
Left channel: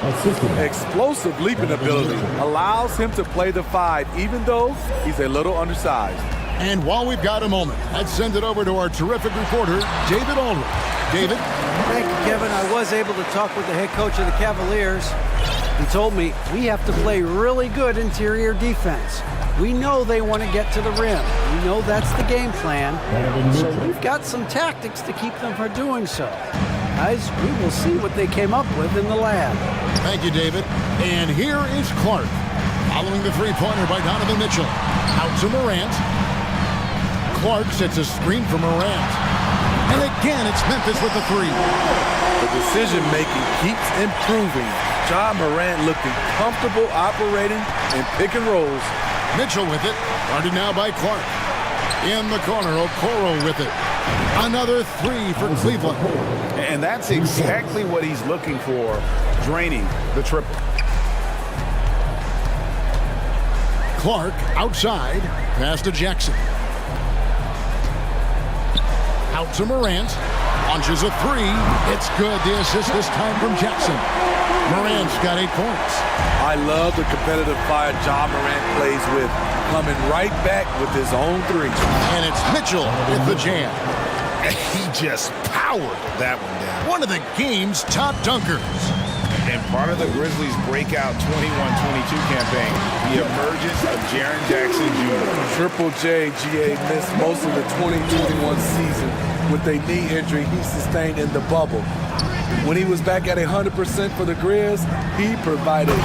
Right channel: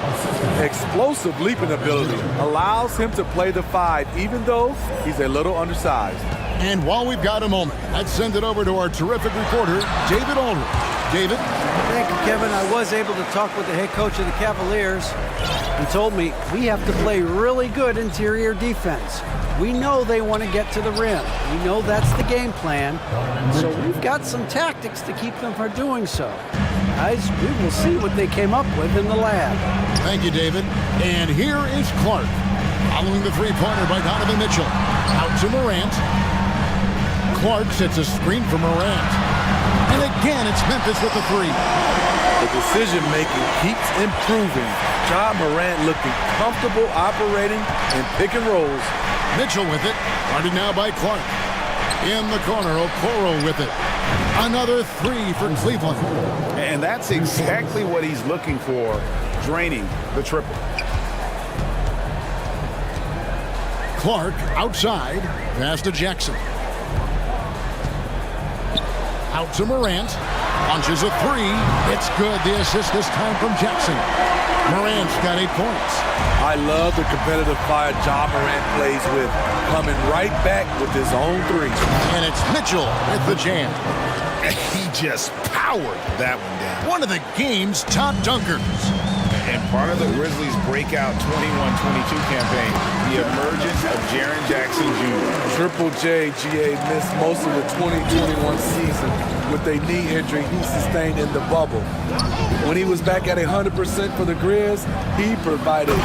Explosive leaping ability allows him to play the five, even though he's a little undersized. And while we've got a moment, let's send it over to our terrific reporter, David Aldridge. David? Thank you, Kevin. I was able to talk with the head coach of the Cavaliers. He told me we have to play really good interior defense. We know they want to get to the rim. We know that's the game plan. So we've got some tactics to keep them from doing so. Guys, we will see what they came up with in the lab. Thank you, David. And here is Clark. Following the three-pointer by Donovan Mitchell. Out to Morant. Clark sets a screen for Morant. And again, it's Memphis with the three. The decision-making keeps improving. Ja Morant looking comfortable operating in pick and rolls. Mitchell with it. Guarded now by Clark. In the corner, Okoro with it. Another three for Cleveland. And that's exactly what he's looking for, draining the triple. Clark outside. Pass to Jackson. Out to Morant. Launches a three. It's good. The assist this time from Jackson. Morant's got 8 points. I love the competitive fire Ja Morant plays with, coming right back with his own three. And it's Mitchell with the jam. He just powered that one down. One of the game's top dunkers. And part of the Grizzlies' breakout 21-22 campaign, the emergence of Jaren Jackson Jr. Triple J, GA missed most of the 2021 season with a knee injury he sustained in the bubble. When he was back at 100% for the Grizz, he provided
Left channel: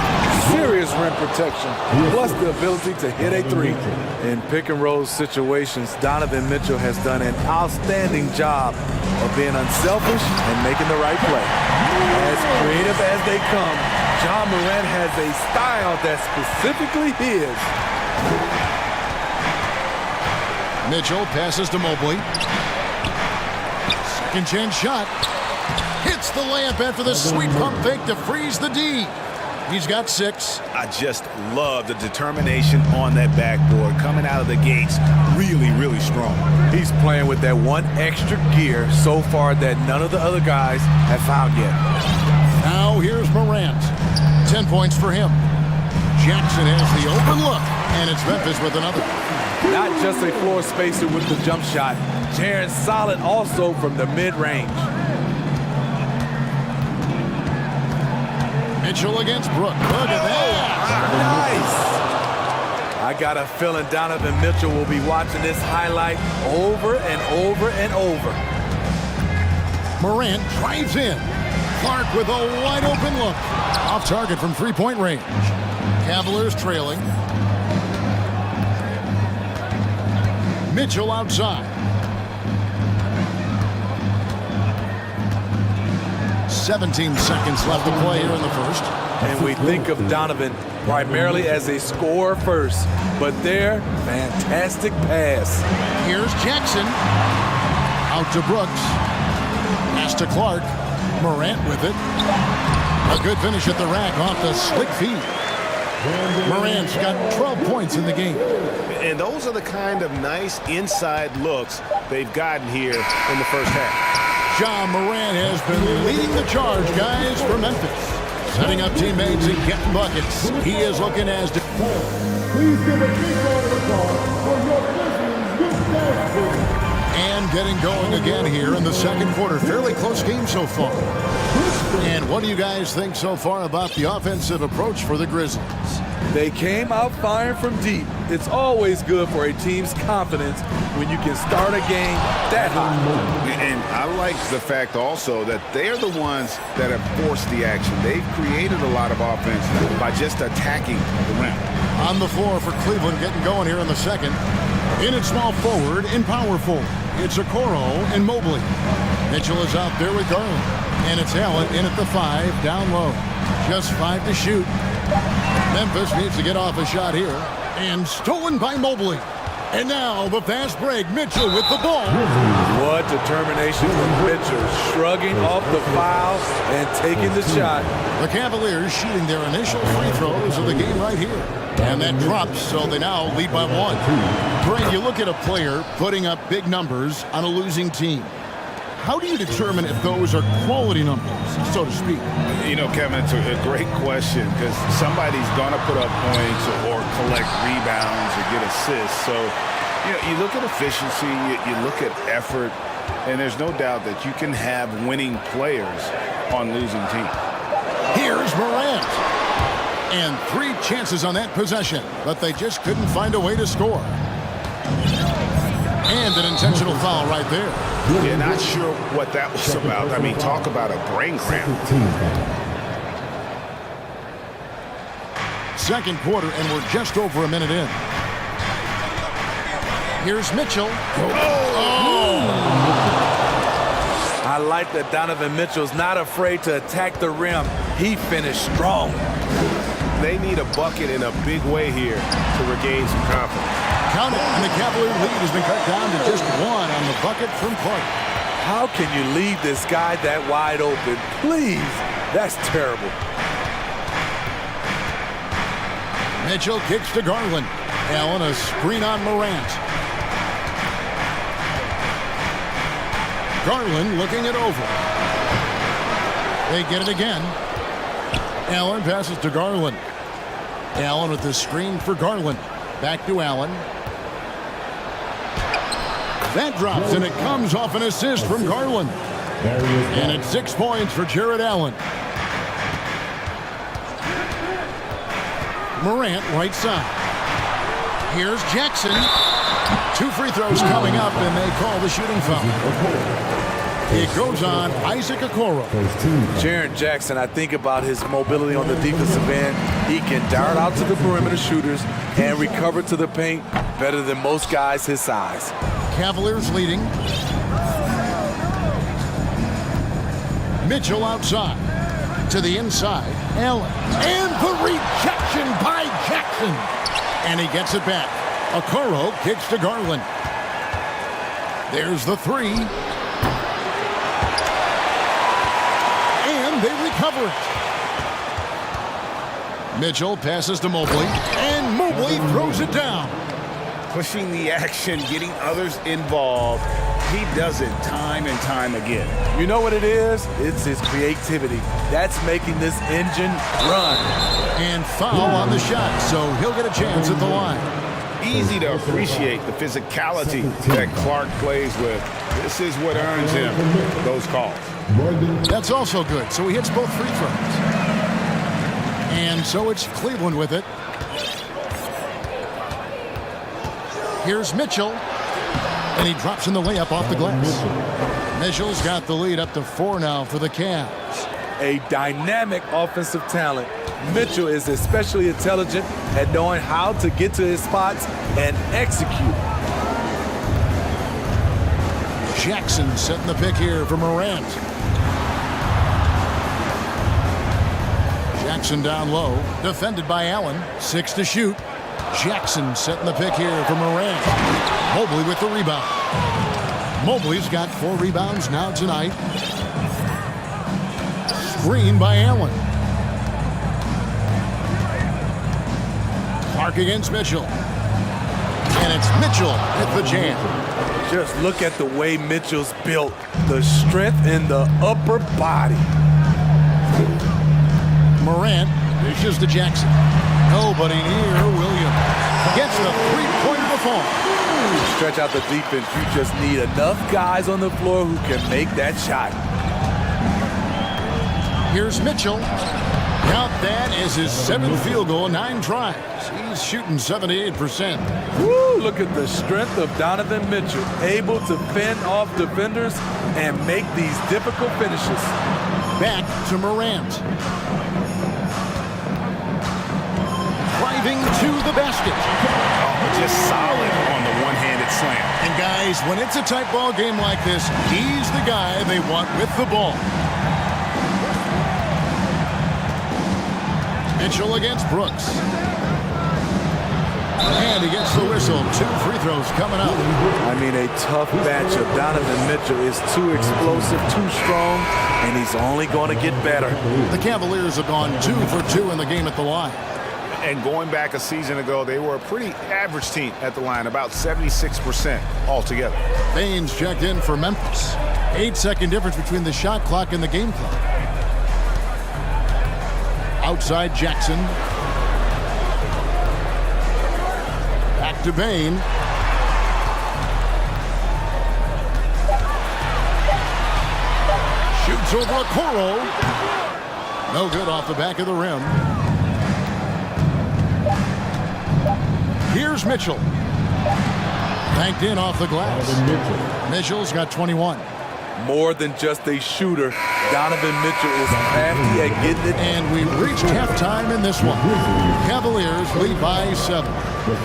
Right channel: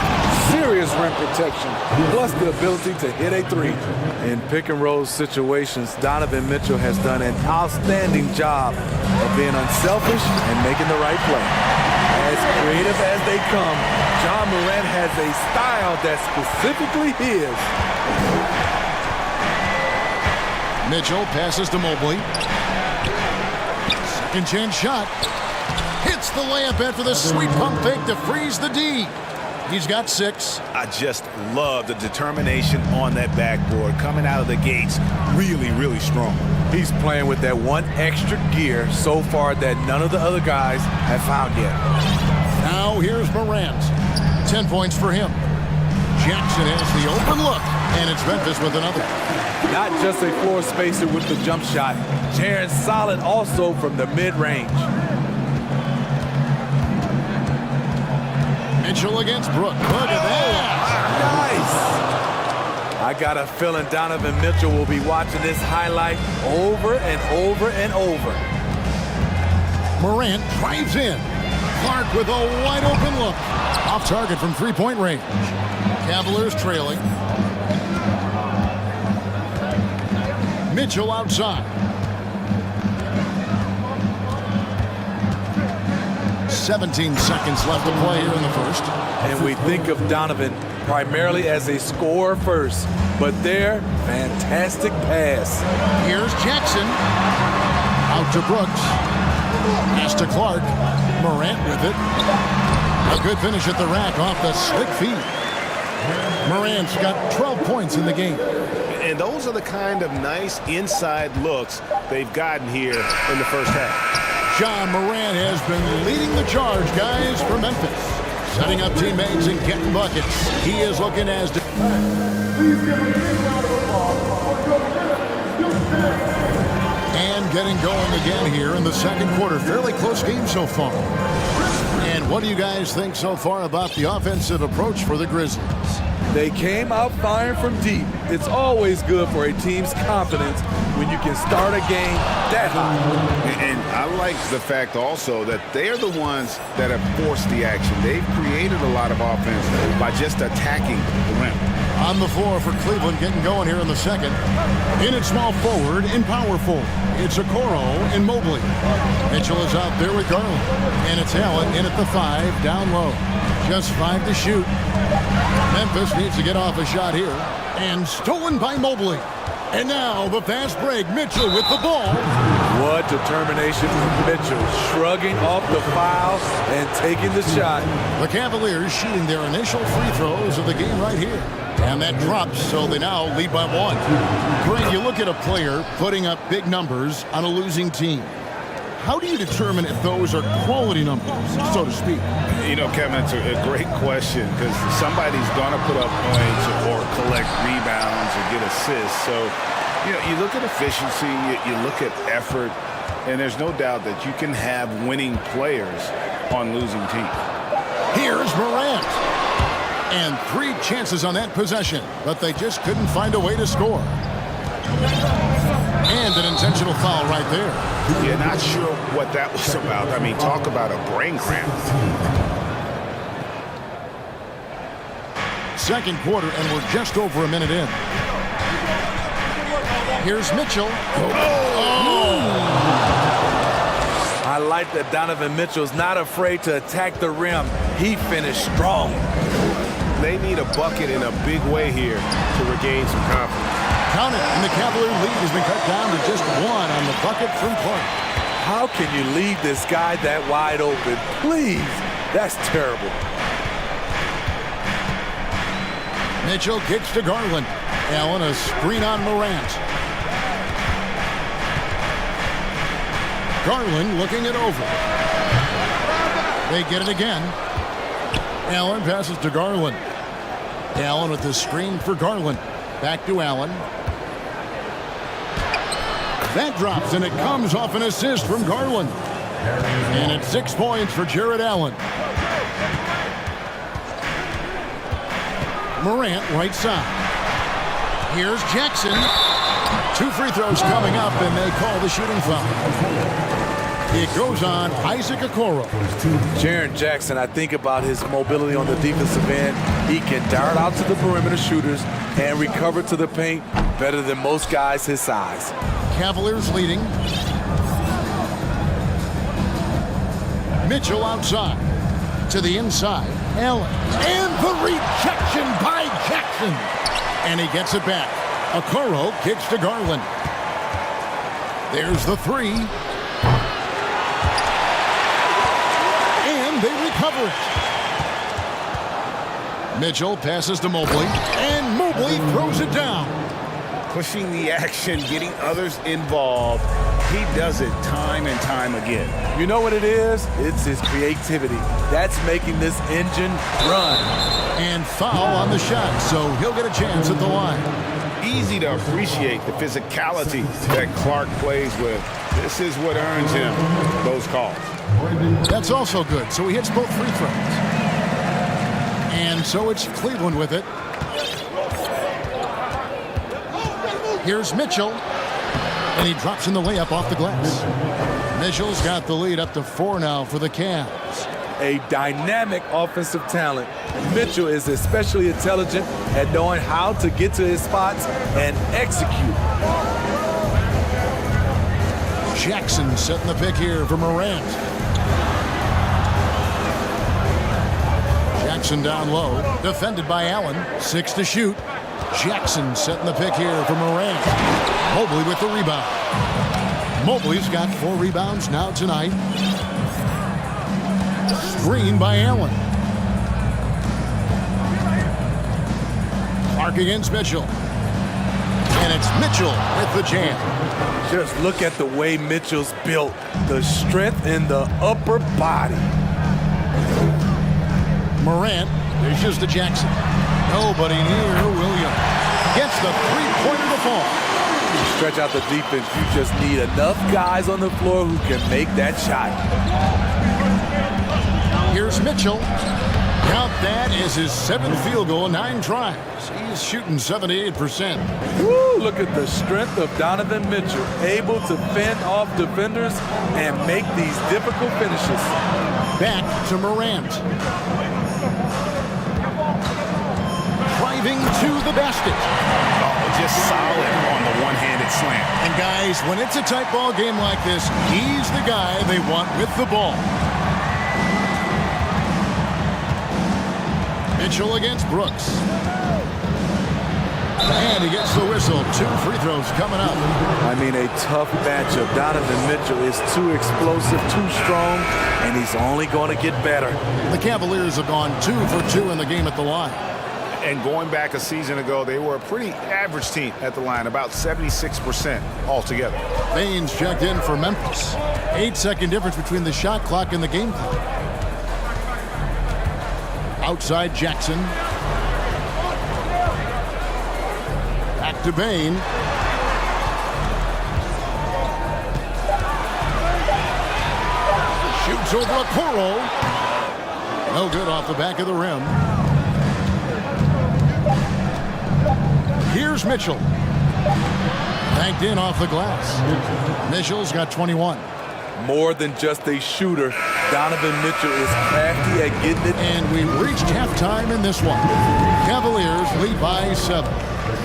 serious rim protection, plus the ability to hit a three. In pick-and-roll situations, Donovan Mitchell has done an outstanding job of being unselfish and making the right play. As creative as they come, Ja Morant has a style that's specifically his. Mitchell passes to Mobley. Second chance shot. Hits the layup after the sweet pump fake to freeze the D. He's got 6. I just love the determination on that backboard. Coming out of the gates really, really strong. He's playing with that one extra gear so far that none of the other guys have found yet. Now here's Morant. 10 points for him. Jackson has the open look, and it's Memphis with another. Not just a floor spacer with the jump shot. Jaren's solid also from the mid-range. Mitchell against Brook. Look at that. Nice. I got a feeling Donovan Mitchell will be watching this highlight over and over and over. Morant drives in. Clark with a wide open look. Off target from three-point range. Cavaliers trailing. Mitchell outside. 17 seconds left to play here in the first. And we think of Donovan primarily as a scorer first, but their fantastic pass. Here's Jackson. Out to Brooks. Pass to Clark. Morant with it. A good finish at the rack off the slick feed. Morant's got 12 points in the game. And those are the kind of nice inside looks they've gotten here in the first half. Ja Morant has been leading the charge, guys, for Memphis. Setting up teammates and getting buckets. He is looking as... Please give a big round of applause for your and getting going again here in the second quarter. Fairly close game so far. And what do you guys think so far about the offensive approach for the Grizzlies? They came out firing from deep. It's always good for a team's confidence when you can start a game that high. And I like the fact also that they're the ones that have forced the action. They've created a lot of offense by just attacking the rim. On the floor for Cleveland, getting going here in the second. In at small forward, in power forward, it's Okoro and Mobley. Mitchell is out there with Garland. And it's Allen in at the 5, down low. Just 5 to shoot. Memphis needs to get off a shot here. And stolen by Mobley. And now the fast break. Mitchell with the ball. What determination from Mitchell. Shrugging off the foul and taking the shot. The Cavaliers shooting their initial free throws of the game right here. And that drops, so they now lead by 1. Greg, you look at a player putting up big numbers on a losing team. How do you determine if those are quality numbers, so to speak? You know, Kevin, it's a great question because somebody's going to put up points or collect rebounds or get assists. So, you know, you look at efficiency, you look at effort, and there's no doubt that you can have winning players on losing teams. Here's Morant. And 3 chances on that possession, but they just couldn't find a way to score. And an intentional foul right there. Yeah, not sure what that was about. I mean, talk about a brain cramp. Second quarter, and we're just over a minute in. Here's Mitchell. I like that Donovan Mitchell's not afraid to attack the rim. He finished strong. They need a bucket in a big way here to regain some confidence. Count it, and the Cavalier lead has been cut down to just 1 on the bucket from Clark. How can you leave this guy that wide open? Please, that's terrible. Mitchell kicks to Garland. Allen, a screen on Morant. Garland looking it over. They get it again. Allen passes to Garland. Allen with the screen for Garland. Back to Allen. That drops, and it comes off an assist from Garland. And it's 6 points for Jared Allen. Morant right side. Here's Jackson. 2 free throws coming up, and they call the shooting foul. It goes on Isaac Okoro. Jaren Jackson, I think about his mobility on the defensive end. He can dart out to the perimeter shooters and recover to the paint better than most guys his size. Cavaliers leading. Mitchell outside. To the inside. Allen. And the rejection by Jackson. And he gets it back. Okoro kicks to Garland. There's the 3. And they recover it. Mitchell passes to Mobley. And Mobley throws it down. Pushing the action, getting others involved. He does it time and time again. You know what it is? It's his creativity. That's making this engine run. And foul on the shot, so he'll get a chance at the line. Easy to appreciate the physicality that Clark plays with. This is what earns him those calls. That's also good, so he hits both free throws. And so it's Cleveland with it. Here's Mitchell, and he drops in the layup off the glass. Mitchell's got the lead up to 4 now for the Cavs. A dynamic offensive talent. Mitchell is especially intelligent at knowing how to get to his spots and execute. Jackson setting the pick here for Morant. Jackson down low, defended by Allen. 6 to shoot. Jackson setting the pick here for Morant. Mobley with the rebound. Mobley's got 4 rebounds now tonight. Screen by Allen. Clark against Mitchell. And it's Mitchell with the jam. Just look at the way Mitchell's built. The strength in the upper body. Morant dishes to Jackson. Nobody near Williams. Gets the three-pointer to fall. To stretch out the defense, you just need enough guys on the floor who can make that shot. Here's Mitchell. Count that as his 7th field goal in 9 tries. He's shooting 78%. Woo, look at the strength of Donovan Mitchell, able to fend off defenders and make these difficult finishes. Back to Morant. Driving to the basket. Oh, just solid on the one-handed slam. And guys, when it's a tight ball game like this, he's the guy they want with the ball. Mitchell against Brooks. And he gets the whistle. 2 free throws coming up. I mean, a tough matchup. Donovan Mitchell is too explosive, too strong, and he's only going to get better. The Cavaliers have gone 2 for 2 in the game at the line. And going back a season ago, they were a pretty average team at the line, about 76% altogether. Baines checked in for Memphis. 8-second difference between the shot clock and the game clock. Outside Jackson. Back to Bain. Shoots over a Okoro. No good off the back of the rim. Here's Mitchell. Banked in off the glass. Mitchell's got 21. More than just a shooter, Donovan Mitchell is crafty at getting it. And we reached halftime in this one. Cavaliers lead by 7.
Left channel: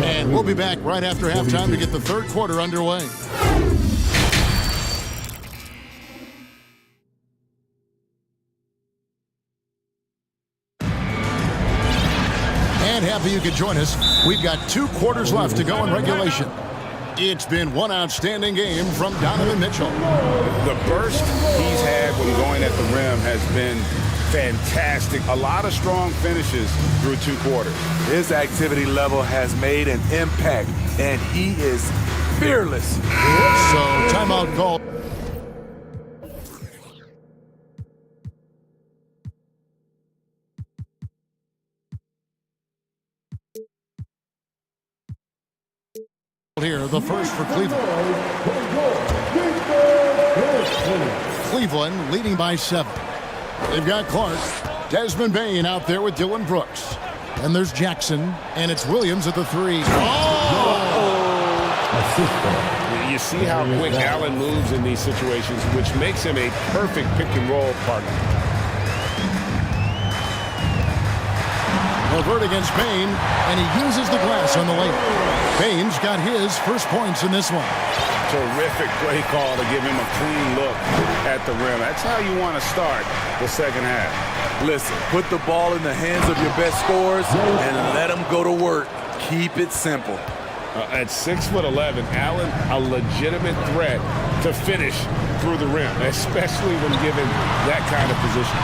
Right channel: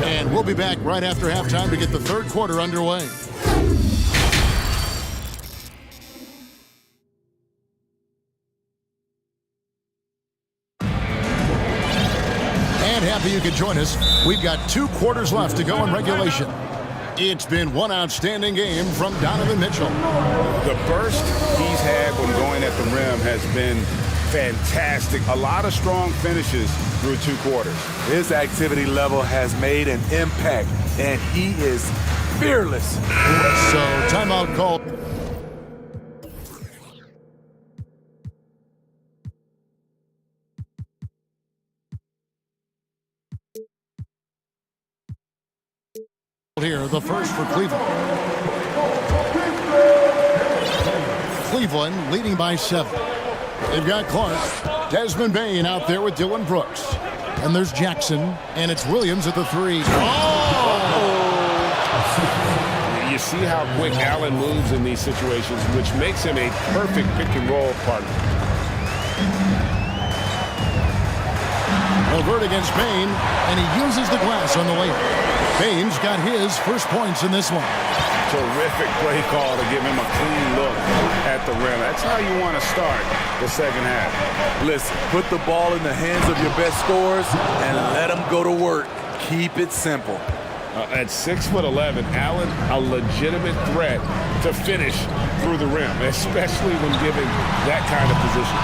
And we'll be back right after halftime to get the third quarter underway. And happy you could join us. We've got 2 quarters left to go in regulation. It's been one outstanding game from Donovan Mitchell. The burst he's had when going at the rim has been fantastic. A lot of strong finishes through 2 quarters. His activity level has made an impact, and he is fearless. So, timeout call. Here, the first for Cleveland. Cleveland leading by 7. They've got Clark, Desmond Bain out there with Dylan Brooks. And there's Jackson, and it's Williams at the 3. Oh! You see how quick Allen moves in these situations, which makes him a perfect pick-and-roll partner. Levert against Bain, and he uses the glass on the layup. Bain's got his first points in this one. Terrific play call to give him a clean look at the rim. That's how you want to start the second half. Listen, put the ball in the hands of your best scorers and let them go to work. Keep it simple. At 6'11", Allen, a legitimate threat to finish through the rim, especially when given that kind of position.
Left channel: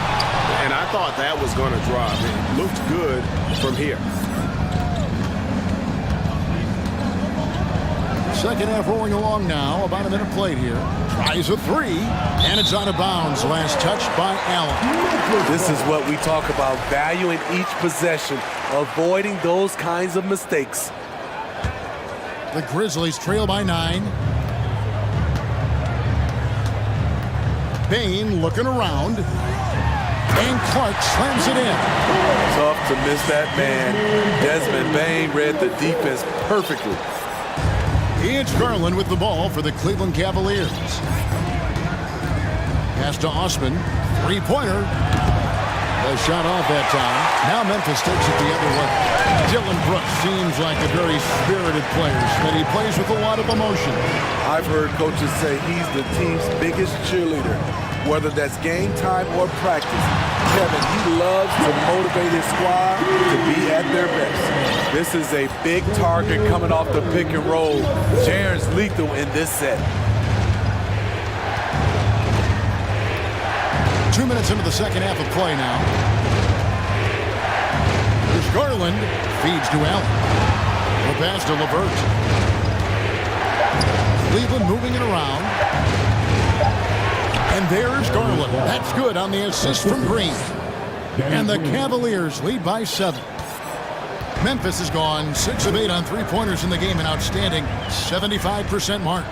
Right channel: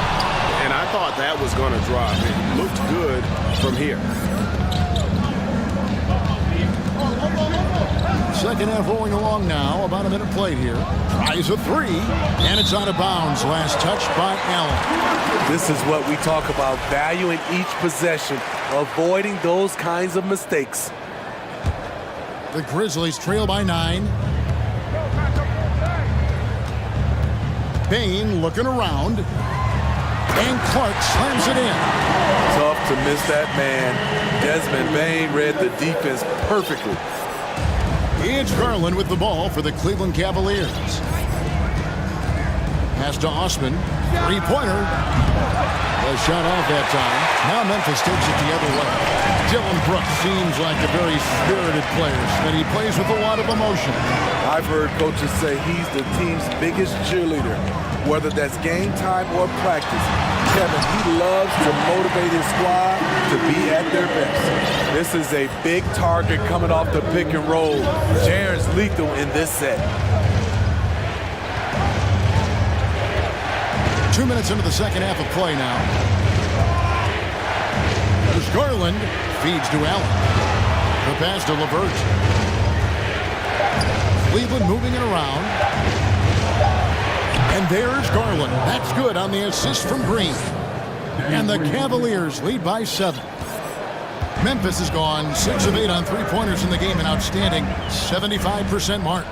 And I thought that was going to drop. It looked good from here. Second half rolling along now. About a minute played here. Tries a three, and it's out of bounds. Last touch by Allen. This is what we talk about, valuing each possession, avoiding those kinds of mistakes. The Grizzlies trail by 9. Bain looking around. And Clark slams it in. Tough to miss that man. Desmond Bain read the defense perfectly. It's Garland with the ball for the Cleveland Cavaliers. Pass to Osman. Three-pointer. The shot off that time. Now Memphis takes it the other way. Dylan Brooks seems like a very spirited player, and he plays with a lot of emotion. I've heard coaches say he's the team's biggest cheerleader, whether that's game time or practice. Kevin, he loves to motivate his squad to be at their best. This is a big target coming off the pick and roll. Jaren's lethal in this set. 2 minutes into the second half of play now. There's Garland. Feeds to Allen. The pass to LeVert. Cleveland moving it around. And there's Garland. That's good on the assist from Green. And the Cavaliers lead by 7. Memphis has gone 6 of 8 on three-pointers in the game, an outstanding 75% mark.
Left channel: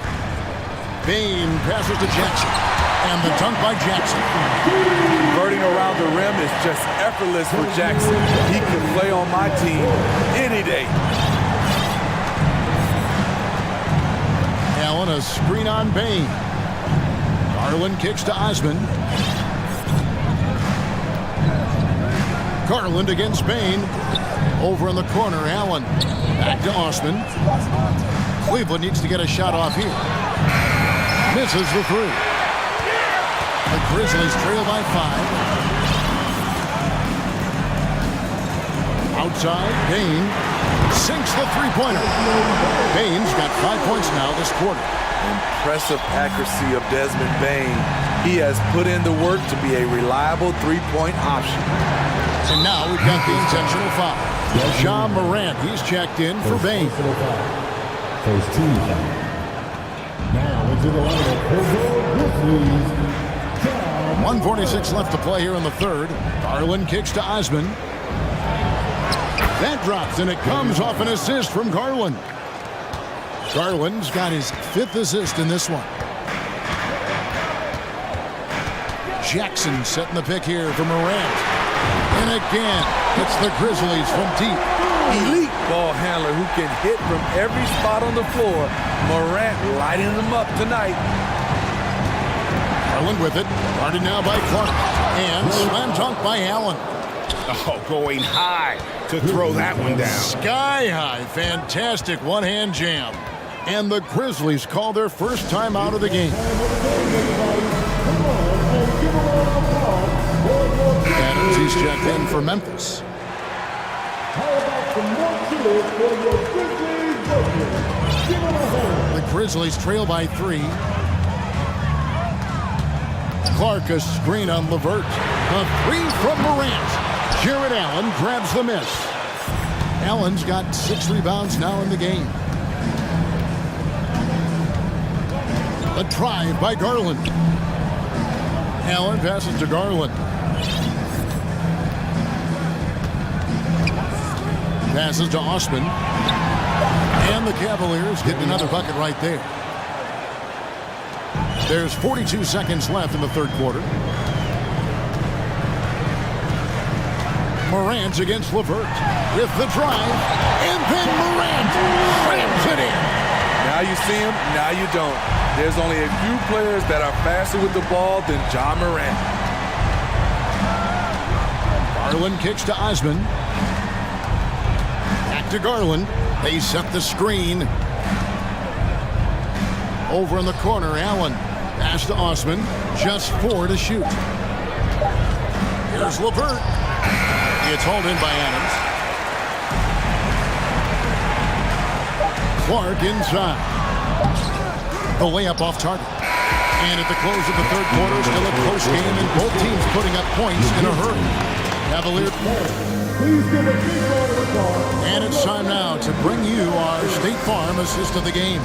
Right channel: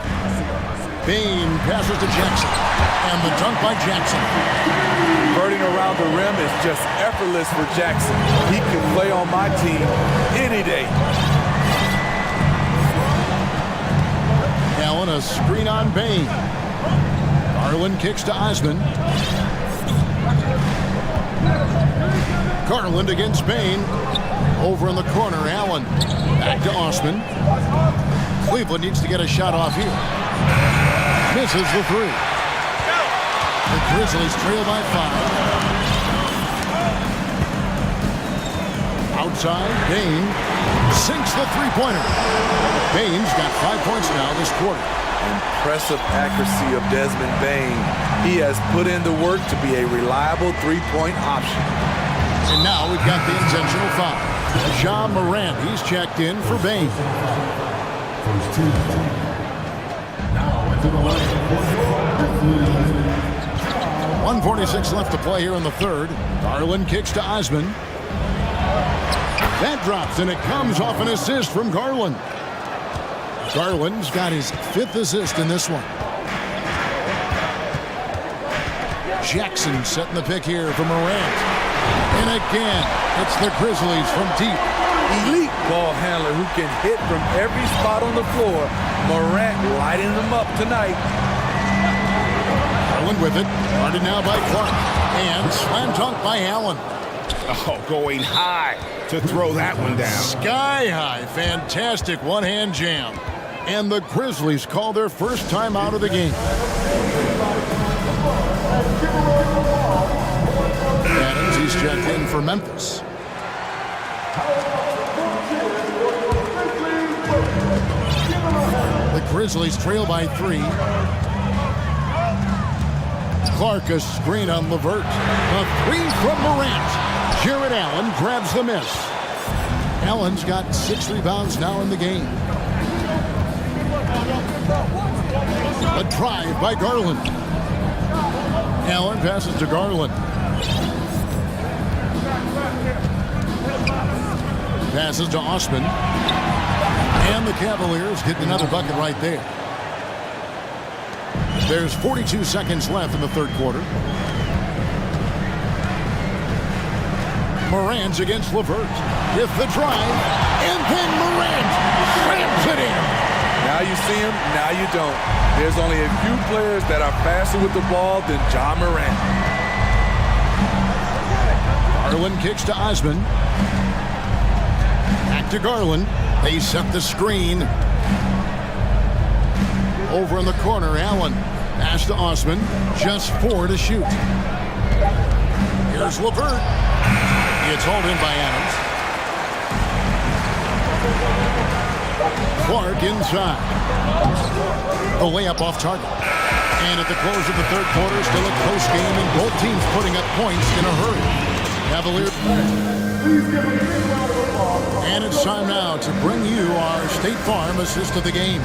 Bain passes to Jackson. And the dunk by Jackson. Converting around the rim is just effortless for Jackson. He can play on my team any day. Allen, a screen on Bain. Garland kicks to Osman. Garland against Bain. Over in the corner, Allen. Back to Osman. Cleveland needs to get a shot off here. Misses the three. The Grizzlies trail by 5. Outside, Bain sinks the three-pointer. Bain's got 5 points now this quarter. Impressive accuracy of Desmond Bain. He has put in the work to be a reliable three-point option. And now we've got the intentional foul. Ja Morant, he's checked in for Bain. First team. Now into the line for the Grizzlies. 1:46 left to play here in the third. Garland kicks to Osman. That drops, and it comes off an assist from Garland. Garland's got his 5th assist in this one. Jackson setting the pick here for Morant. And again, it's the Grizzlies from deep. Elite ball handler who can hit from every spot on the floor. Morant lighting them up tonight. Garland with it. Guarded now by Clark. And slam dunk by Allen. Oh, going high to throw that one down. Sky high. Fantastic one-hand jam. And the Grizzlies call their first time out of the game. Adams, he's checked in for Memphis. The Grizzlies trail by 3. Clark, a screen on LeVert. A three from Morant. Jared Allen grabs the miss. Allen's got 6 rebounds now in the game. A drive by Garland. Allen passes to Garland. Passes to Osman. And the Cavaliers getting another bucket right there. There's 42 seconds left in the third quarter. Morant against LeVert with the drive. And then Morant slams it in. Now you see him, now you don't. There's only a few players that are faster with the ball than Ja Morant. Garland kicks to Osman. Back to Garland. They set the screen. Over in the corner, Allen. Pass to Osman. Just 4 to shoot. Here's LeVert. It's hauled in by Adams. Clark inside. The layup off target. And at the close of the third quarter, still a close game, and both teams putting up points in a hurry. Cavaliers. And it's time now to bring you our State Farm assist of the game.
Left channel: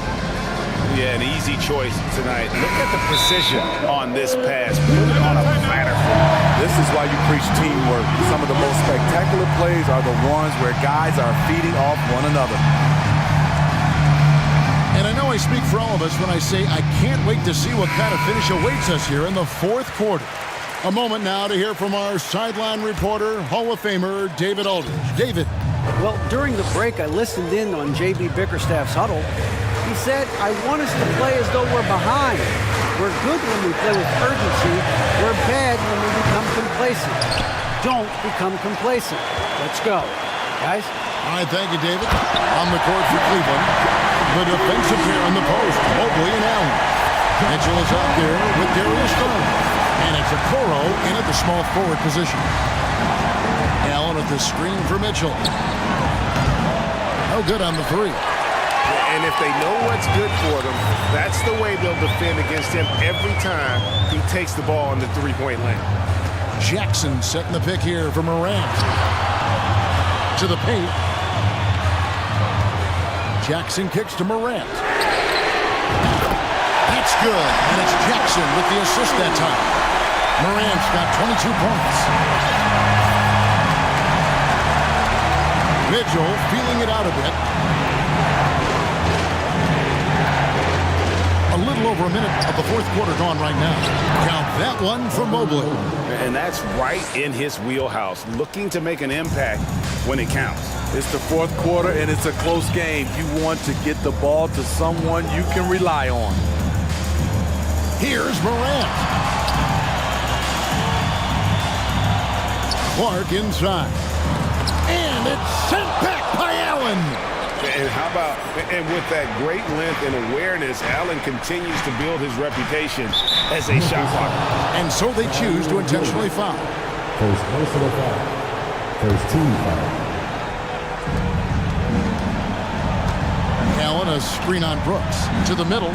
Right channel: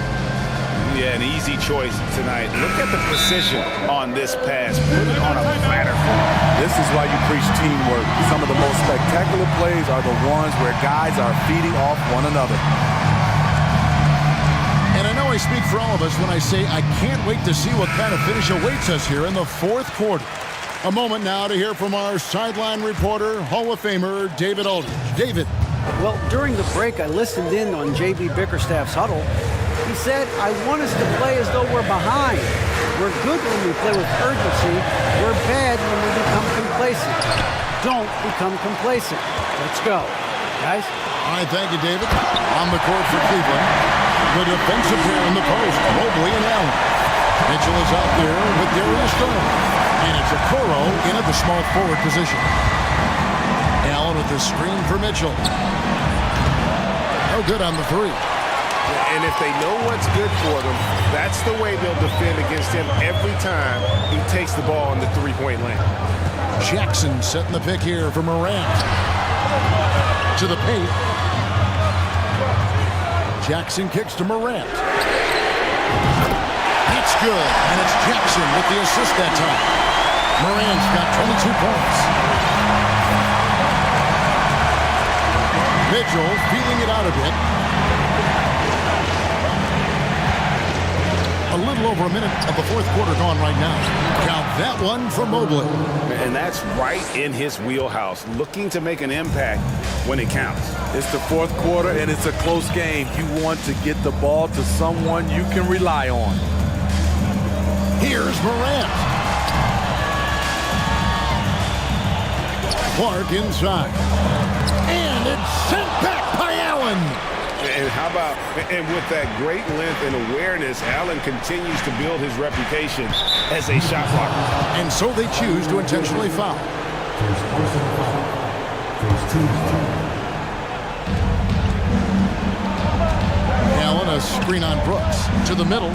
Yeah, an easy choice tonight. Look at the precision on this pass. Put it on a platter for him. This is why you preach teamwork. Some of the most spectacular plays are the ones where guys are feeding off one another. And I know I speak for all of us when I say I can't wait to see what kind of finish awaits us here in the fourth quarter. A moment now to hear from our sideline reporter, Hall of Famer, David Aldridge. David. Well, during the break, I listened in on J.B. Bickerstaff's huddle. He said, I want us to play as though we're behind. We're good when we play with urgency. We're bad when we become complacent. Don't become complacent. Let's go. Guys? All right, thank you, David. On the court for Cleveland, the defensive pair in the post, Mobley and Allen. Mitchell is out there with Darius Garland. And it's Okoro in at the small forward position. Allen with the screen for Mitchell. No good on the three. And if they know what's good for them, that's the way they'll defend against him every time he takes the ball in the three-point lane. Jackson setting the pick here for Morant. To the paint. Jackson kicks to Morant. That's good. And it's Jackson with the assist that time. Morant's got 22 points. Mitchell feeling it out a bit. A little over a minute of the fourth quarter gone right now. Count that one for Mobley. And that's right in his wheelhouse, looking to make an impact when it counts. It's the fourth quarter, and it's a close game. You want to get the ball to someone you can rely on. Here's Morant. Clark inside. And it's sent back by Allen. And how about, and with that great length and awareness, Allen continues to build his reputation as a shot blocker. And so they choose to intentionally foul. First personal foul. First team foul. Allen, a screen on Brooks. To the middle.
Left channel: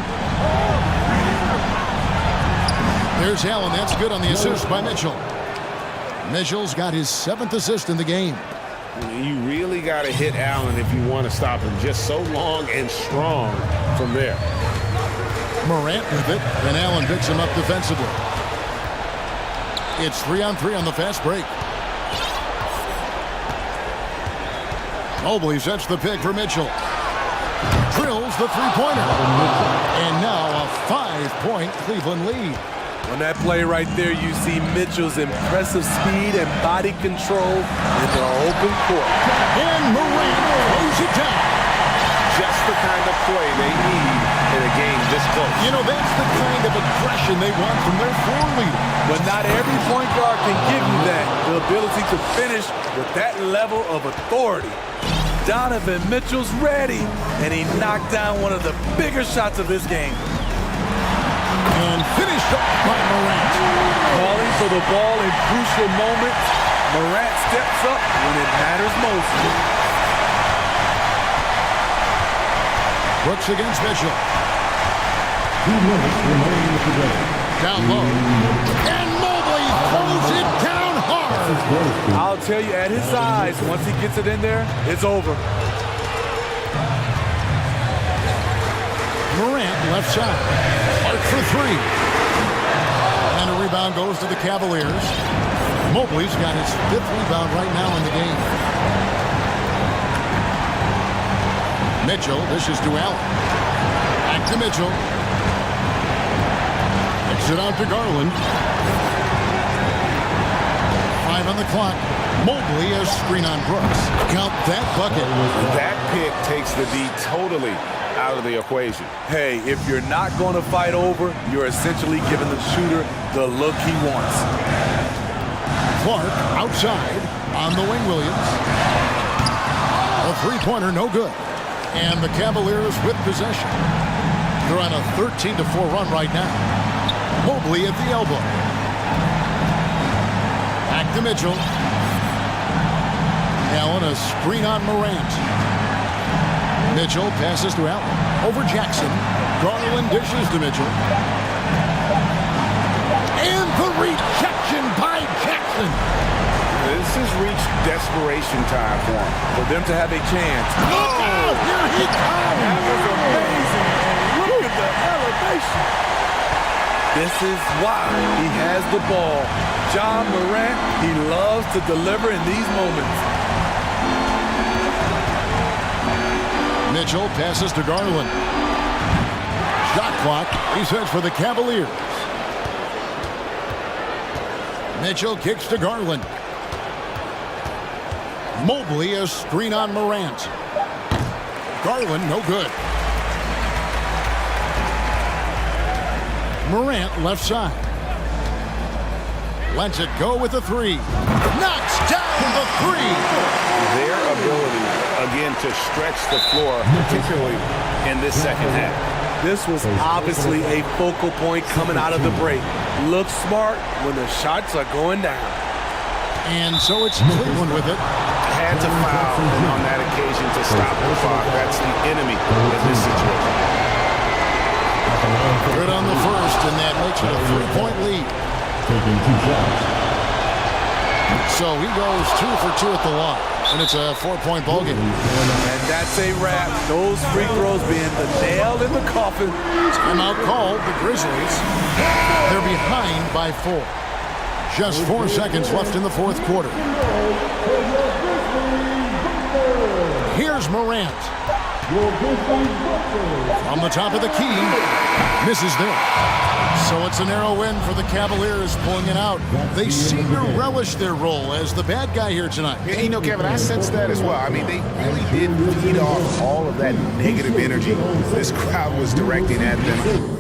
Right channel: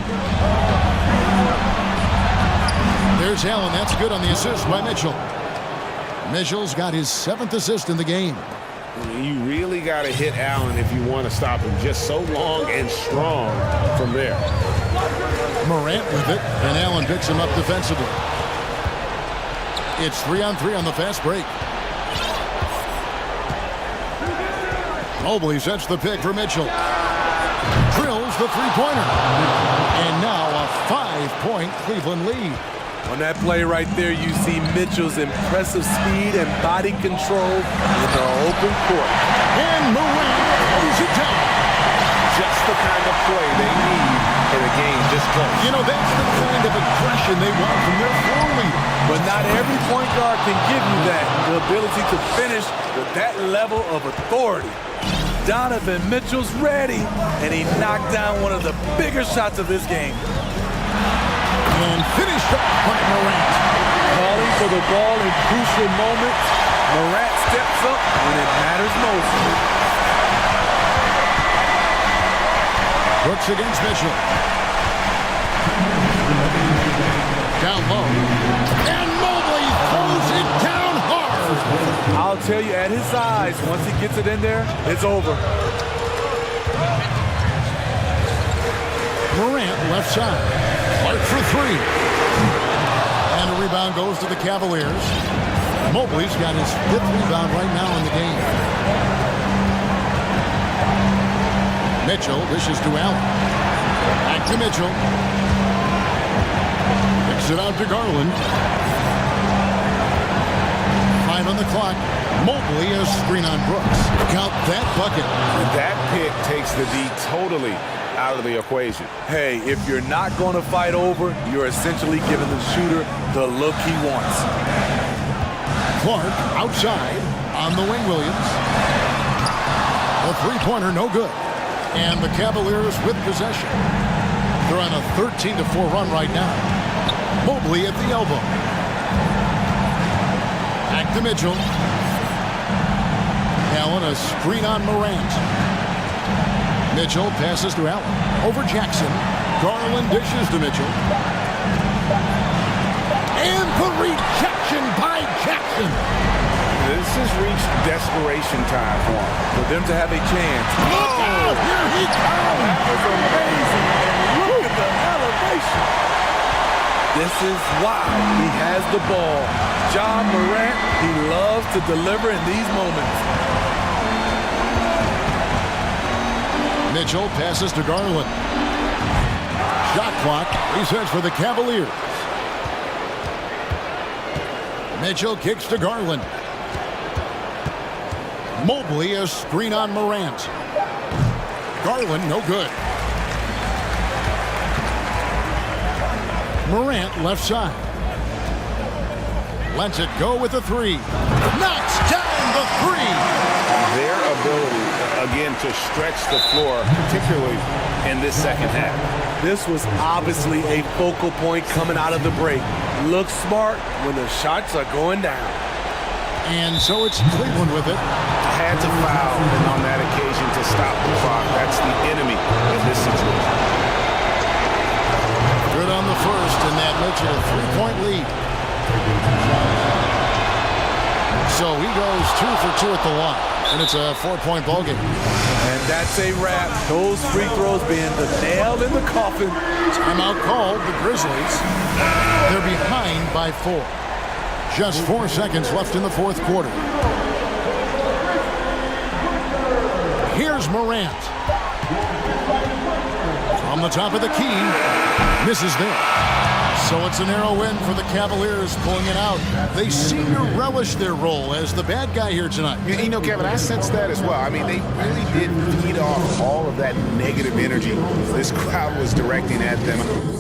There's Allen. That's good on the assist by Mitchell. Mitchell's got his 7th assist in the game. You really got to hit Allen if you want to stop him. Just so long and strong from there. Morant with it, and Allen picks him up defensively. It's 3-on-3 on the fast break. Mobley sets the pick for Mitchell. Drills the three-pointer. And now a 5-point Cleveland lead. On that play right there, you see Mitchell's impressive speed and body control in the open court. And Morant throws it down. Just the kind of play they need in a game this close. You know, that's the kind of aggression they want from their floor leader. But not every point guard can give you that, the ability to finish with that level of authority. Donovan Mitchell's ready, and he knocked down one of the bigger shots of this game. And finished off by Morant. Calling for the ball in crucial moments. Morant steps up when it matters most. Brooks against Mitchell. 2 minutes remaining in the game. Down low. And Mobley throws it down hard. I'll tell you, at his size, once he gets it in there, it's over. Morant left side. Clark for 3. And a rebound goes to the Cavaliers. Mobley's got his 5th rebound right now in the game. Mitchell dishes to Allen. Back to Mitchell. Kicks it out to Garland. 5 on the clock. Mobley a screen on Brooks. Count that bucket. And that pick takes the D totally out of the equation. Hey, if you're not going to fight over, you're essentially giving the shooter the look he wants. Clark outside on the wing, Williams. A three-pointer, no good. And the Cavaliers with possession. They're on a 13-4 run right now. Mobley at the elbow. Back to Mitchell. Allen a screen on Morant. Mitchell passes to Allen. Over Jackson. Garland dishes to Mitchell. And the rejection by Jackson. This has reached desperation time for him. For them to have a chance. Look out! Here he comes! That was amazing. And look at the motivation. This is why he has the ball. Ja Morant, he loves to deliver in these moments. Mitchell passes to Garland. Shot clock resets for the Cavaliers. Mitchell kicks to Garland. Mobley, a screen on Morant. Garland, no good. Morant, left side. Lets it go with a three. Knocks down the three. Their ability, again, to stretch the floor, particularly in this second half. This was obviously a focal point coming out of the break. Look smart when the shots are going down. And so it's Cleveland with it. Had to foul on that occasion to stop the clock. That's the enemy in this situation. Good on the first, and that makes it a 3-point lead. So he goes 2 for 2 at the line, and it's a 4-point ball game. And that's a wrap. Those free throws being the nail in the coffin. Timeout called, the Grizzlies. They're behind by 4. Just 4 seconds left in the fourth quarter. Here's Morant. From the top of the key. Misses there. So it's a narrow win for the Cavaliers, pulling it out. They seem to relish their role as the bad guy here tonight. You know, Kevin, I sense that as well. I mean, they really did feed off all of that negative energy this crowd was directing at them.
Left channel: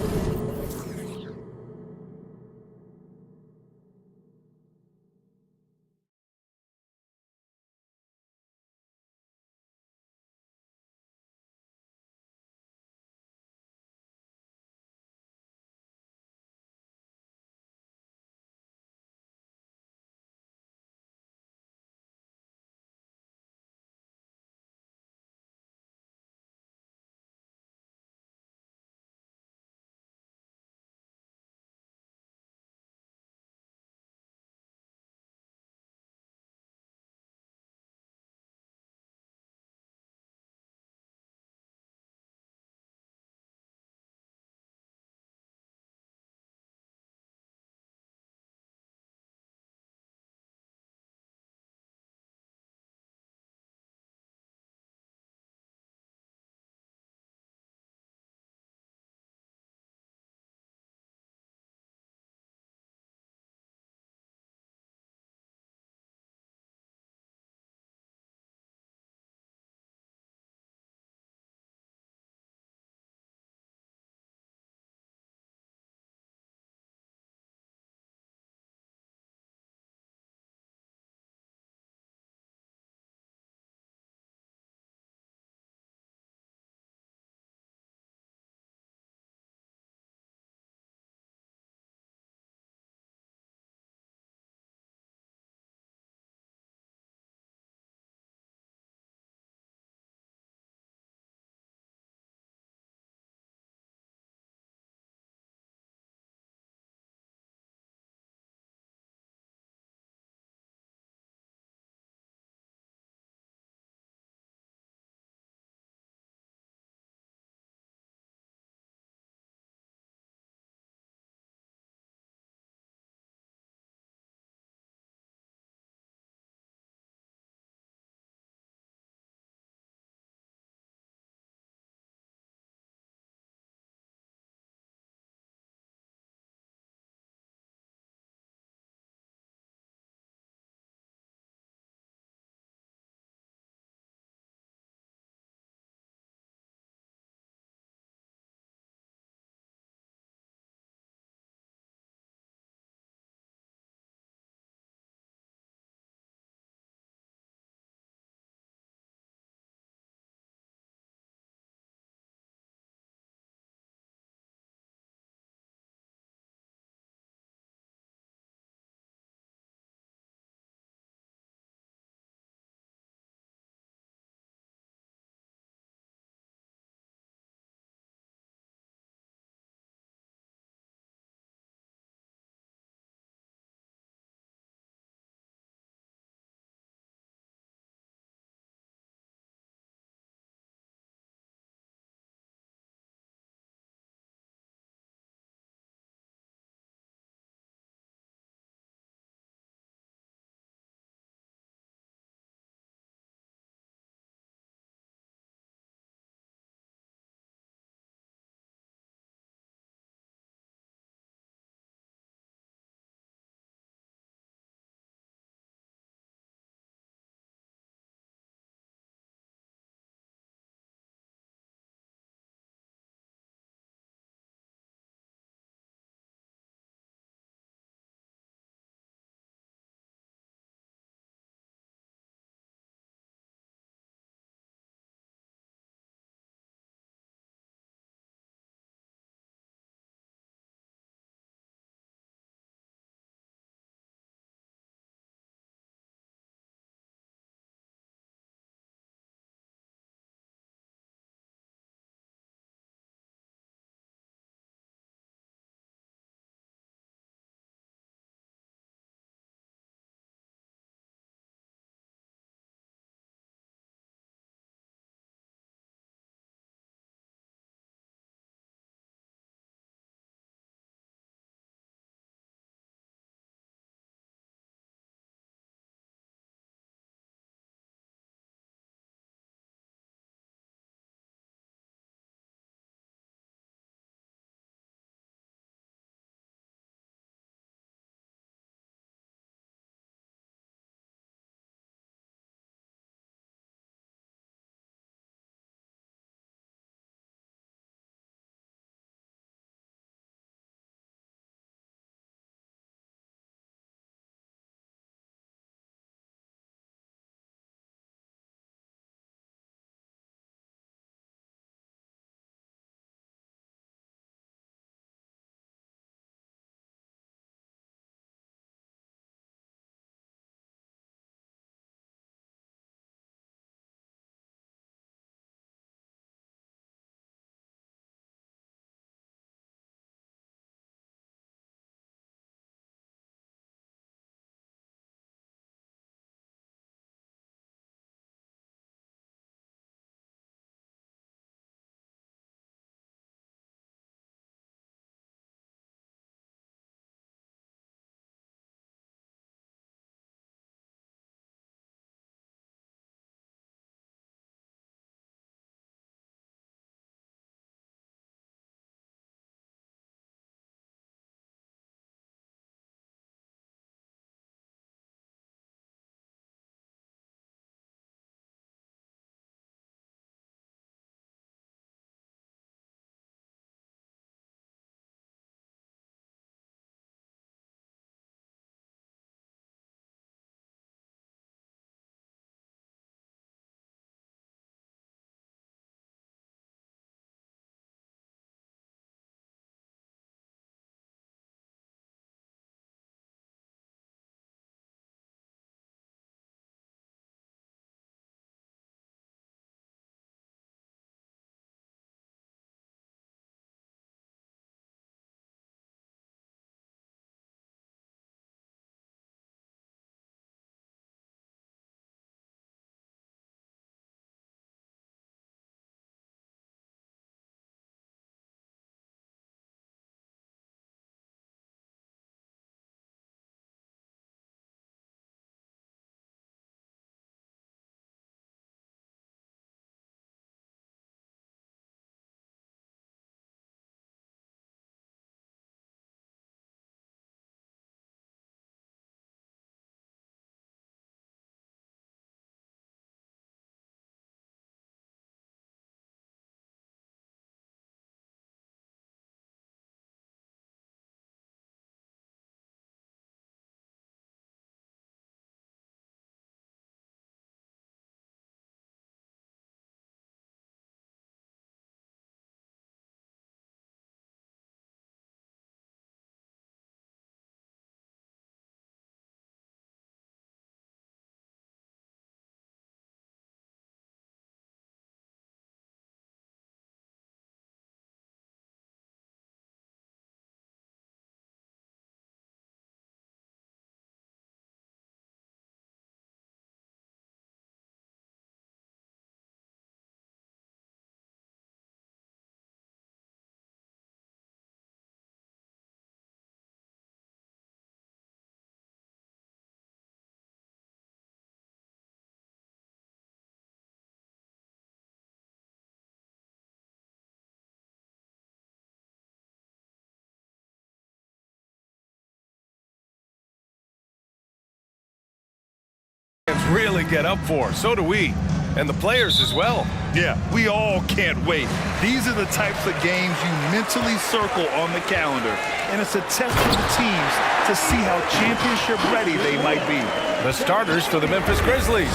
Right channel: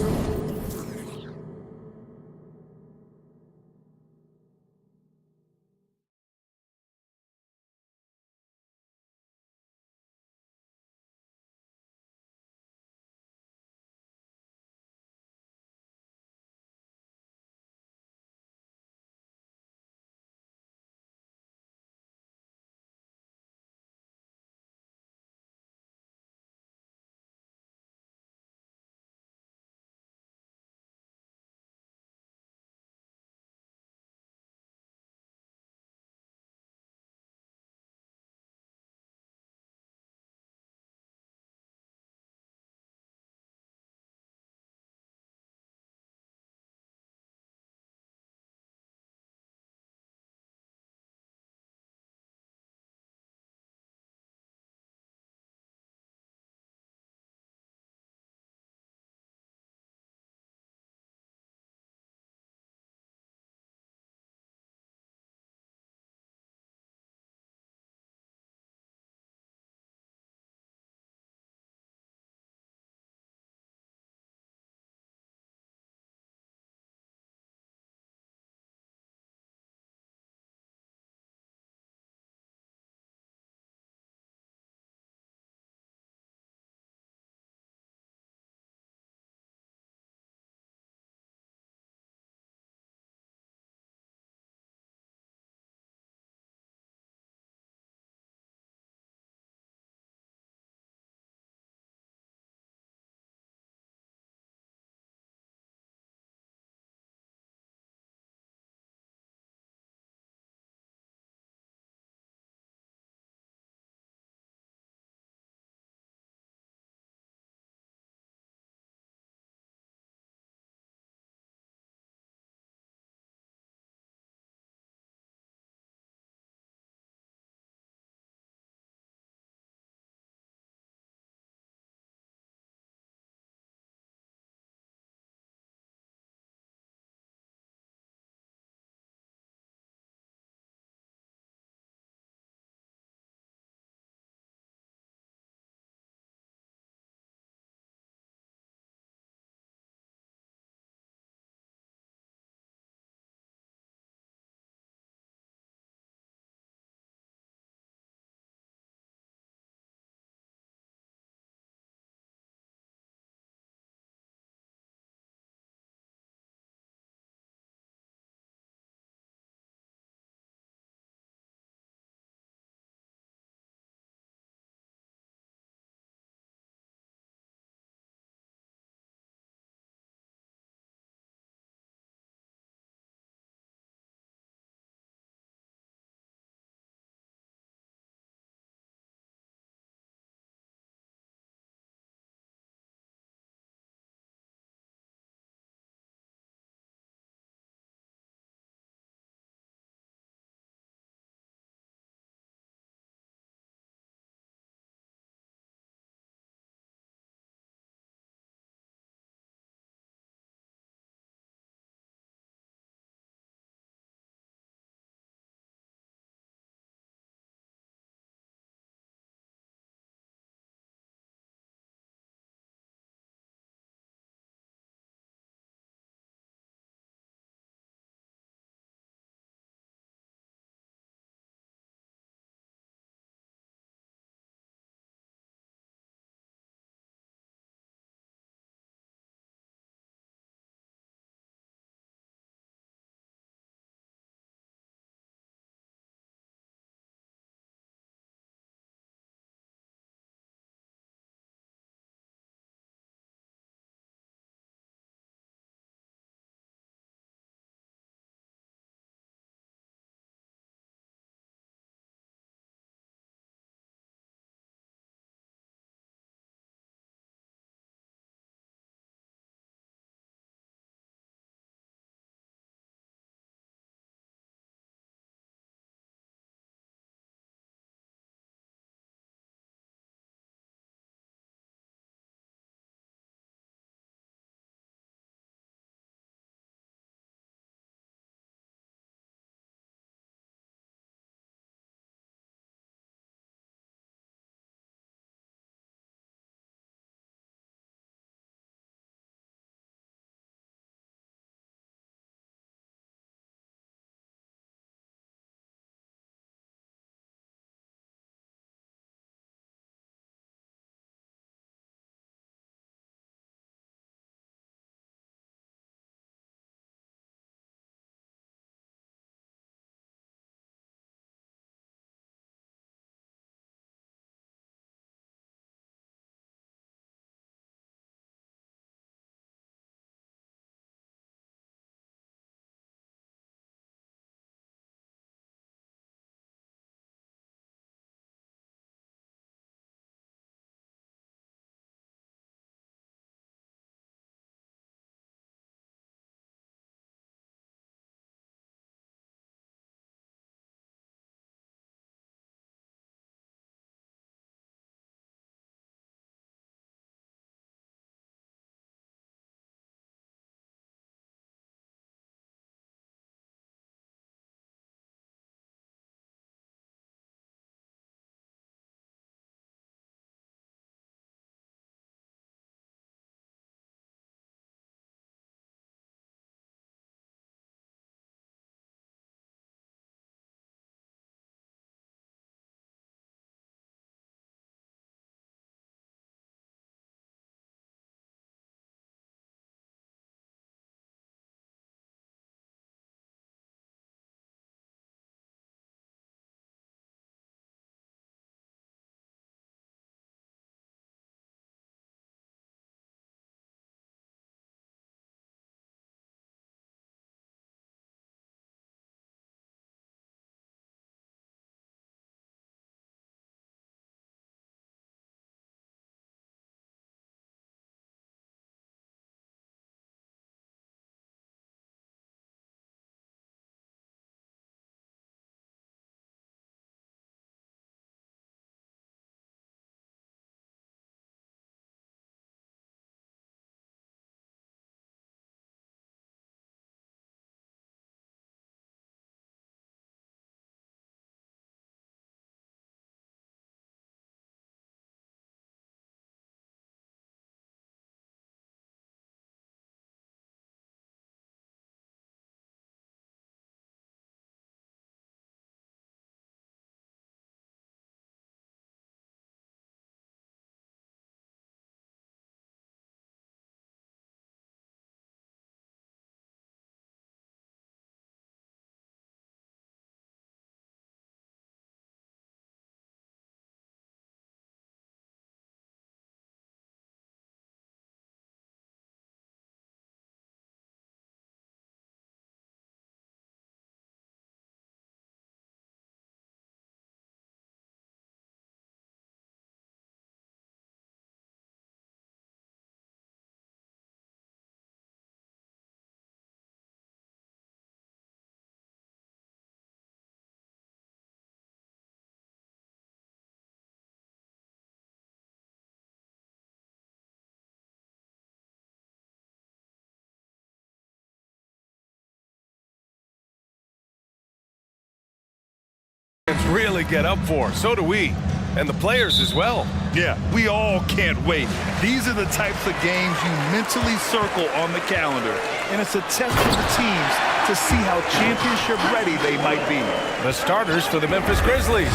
fans really get up for. So do we. And the players as well. Yeah, we all can't wait. These are the types of games you mentally circle on the calendar. And it's a test for the teams to see how championship ready they might be. The starters for the Memphis Grizzlies.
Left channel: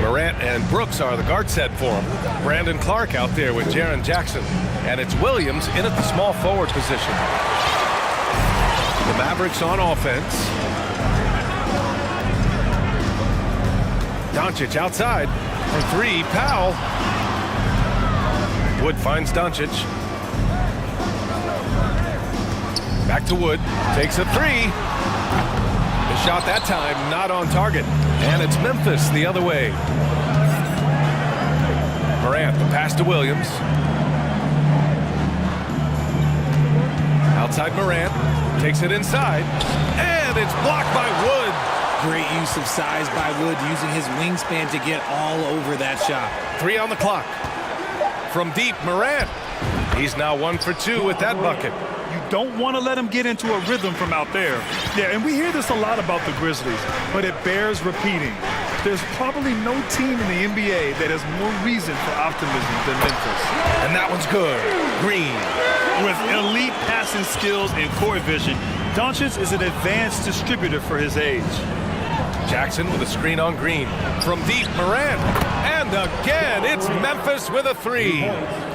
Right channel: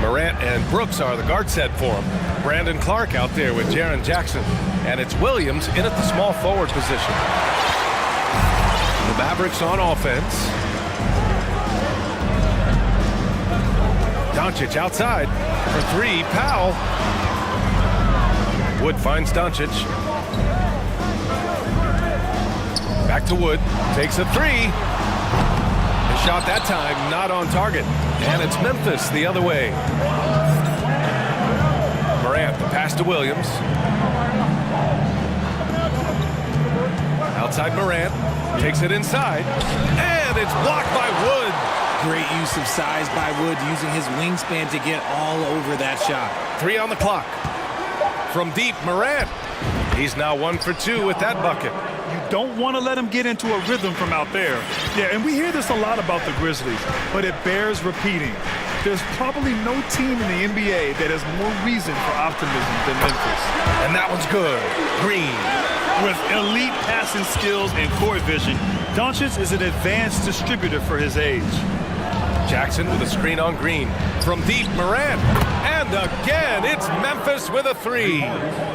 Morant and Brooks are the guard set for him. Brandon Clark out there with Jaren Jackson. And it's Williams in at the small forward position. The Mavericks on offense. Doncic outside for three. Powell. Wood finds Doncic. Back to Wood. Takes a three. The shot that time not on target. And it's Memphis the other way. Morant, the pass to Williams. Outside Morant. Takes it inside. And it's blocked by Wood. Great use of size by Wood, using his wingspan to get all over that shot. 3 on the clock. From deep, Morant. He's now 1 for 2 with that bucket. You don't want to let him get into a rhythm from out there. Yeah, and we hear this a lot about the Grizzlies, but it bears repeating. There's probably no team in the NBA that has more reason for optimism than Memphis. And that one's good. Green. With elite passing skills and court vision, Doncic is an advanced distributor for his age. Jackson with a screen on Green. From deep, Morant. And again, it's Memphis with a three.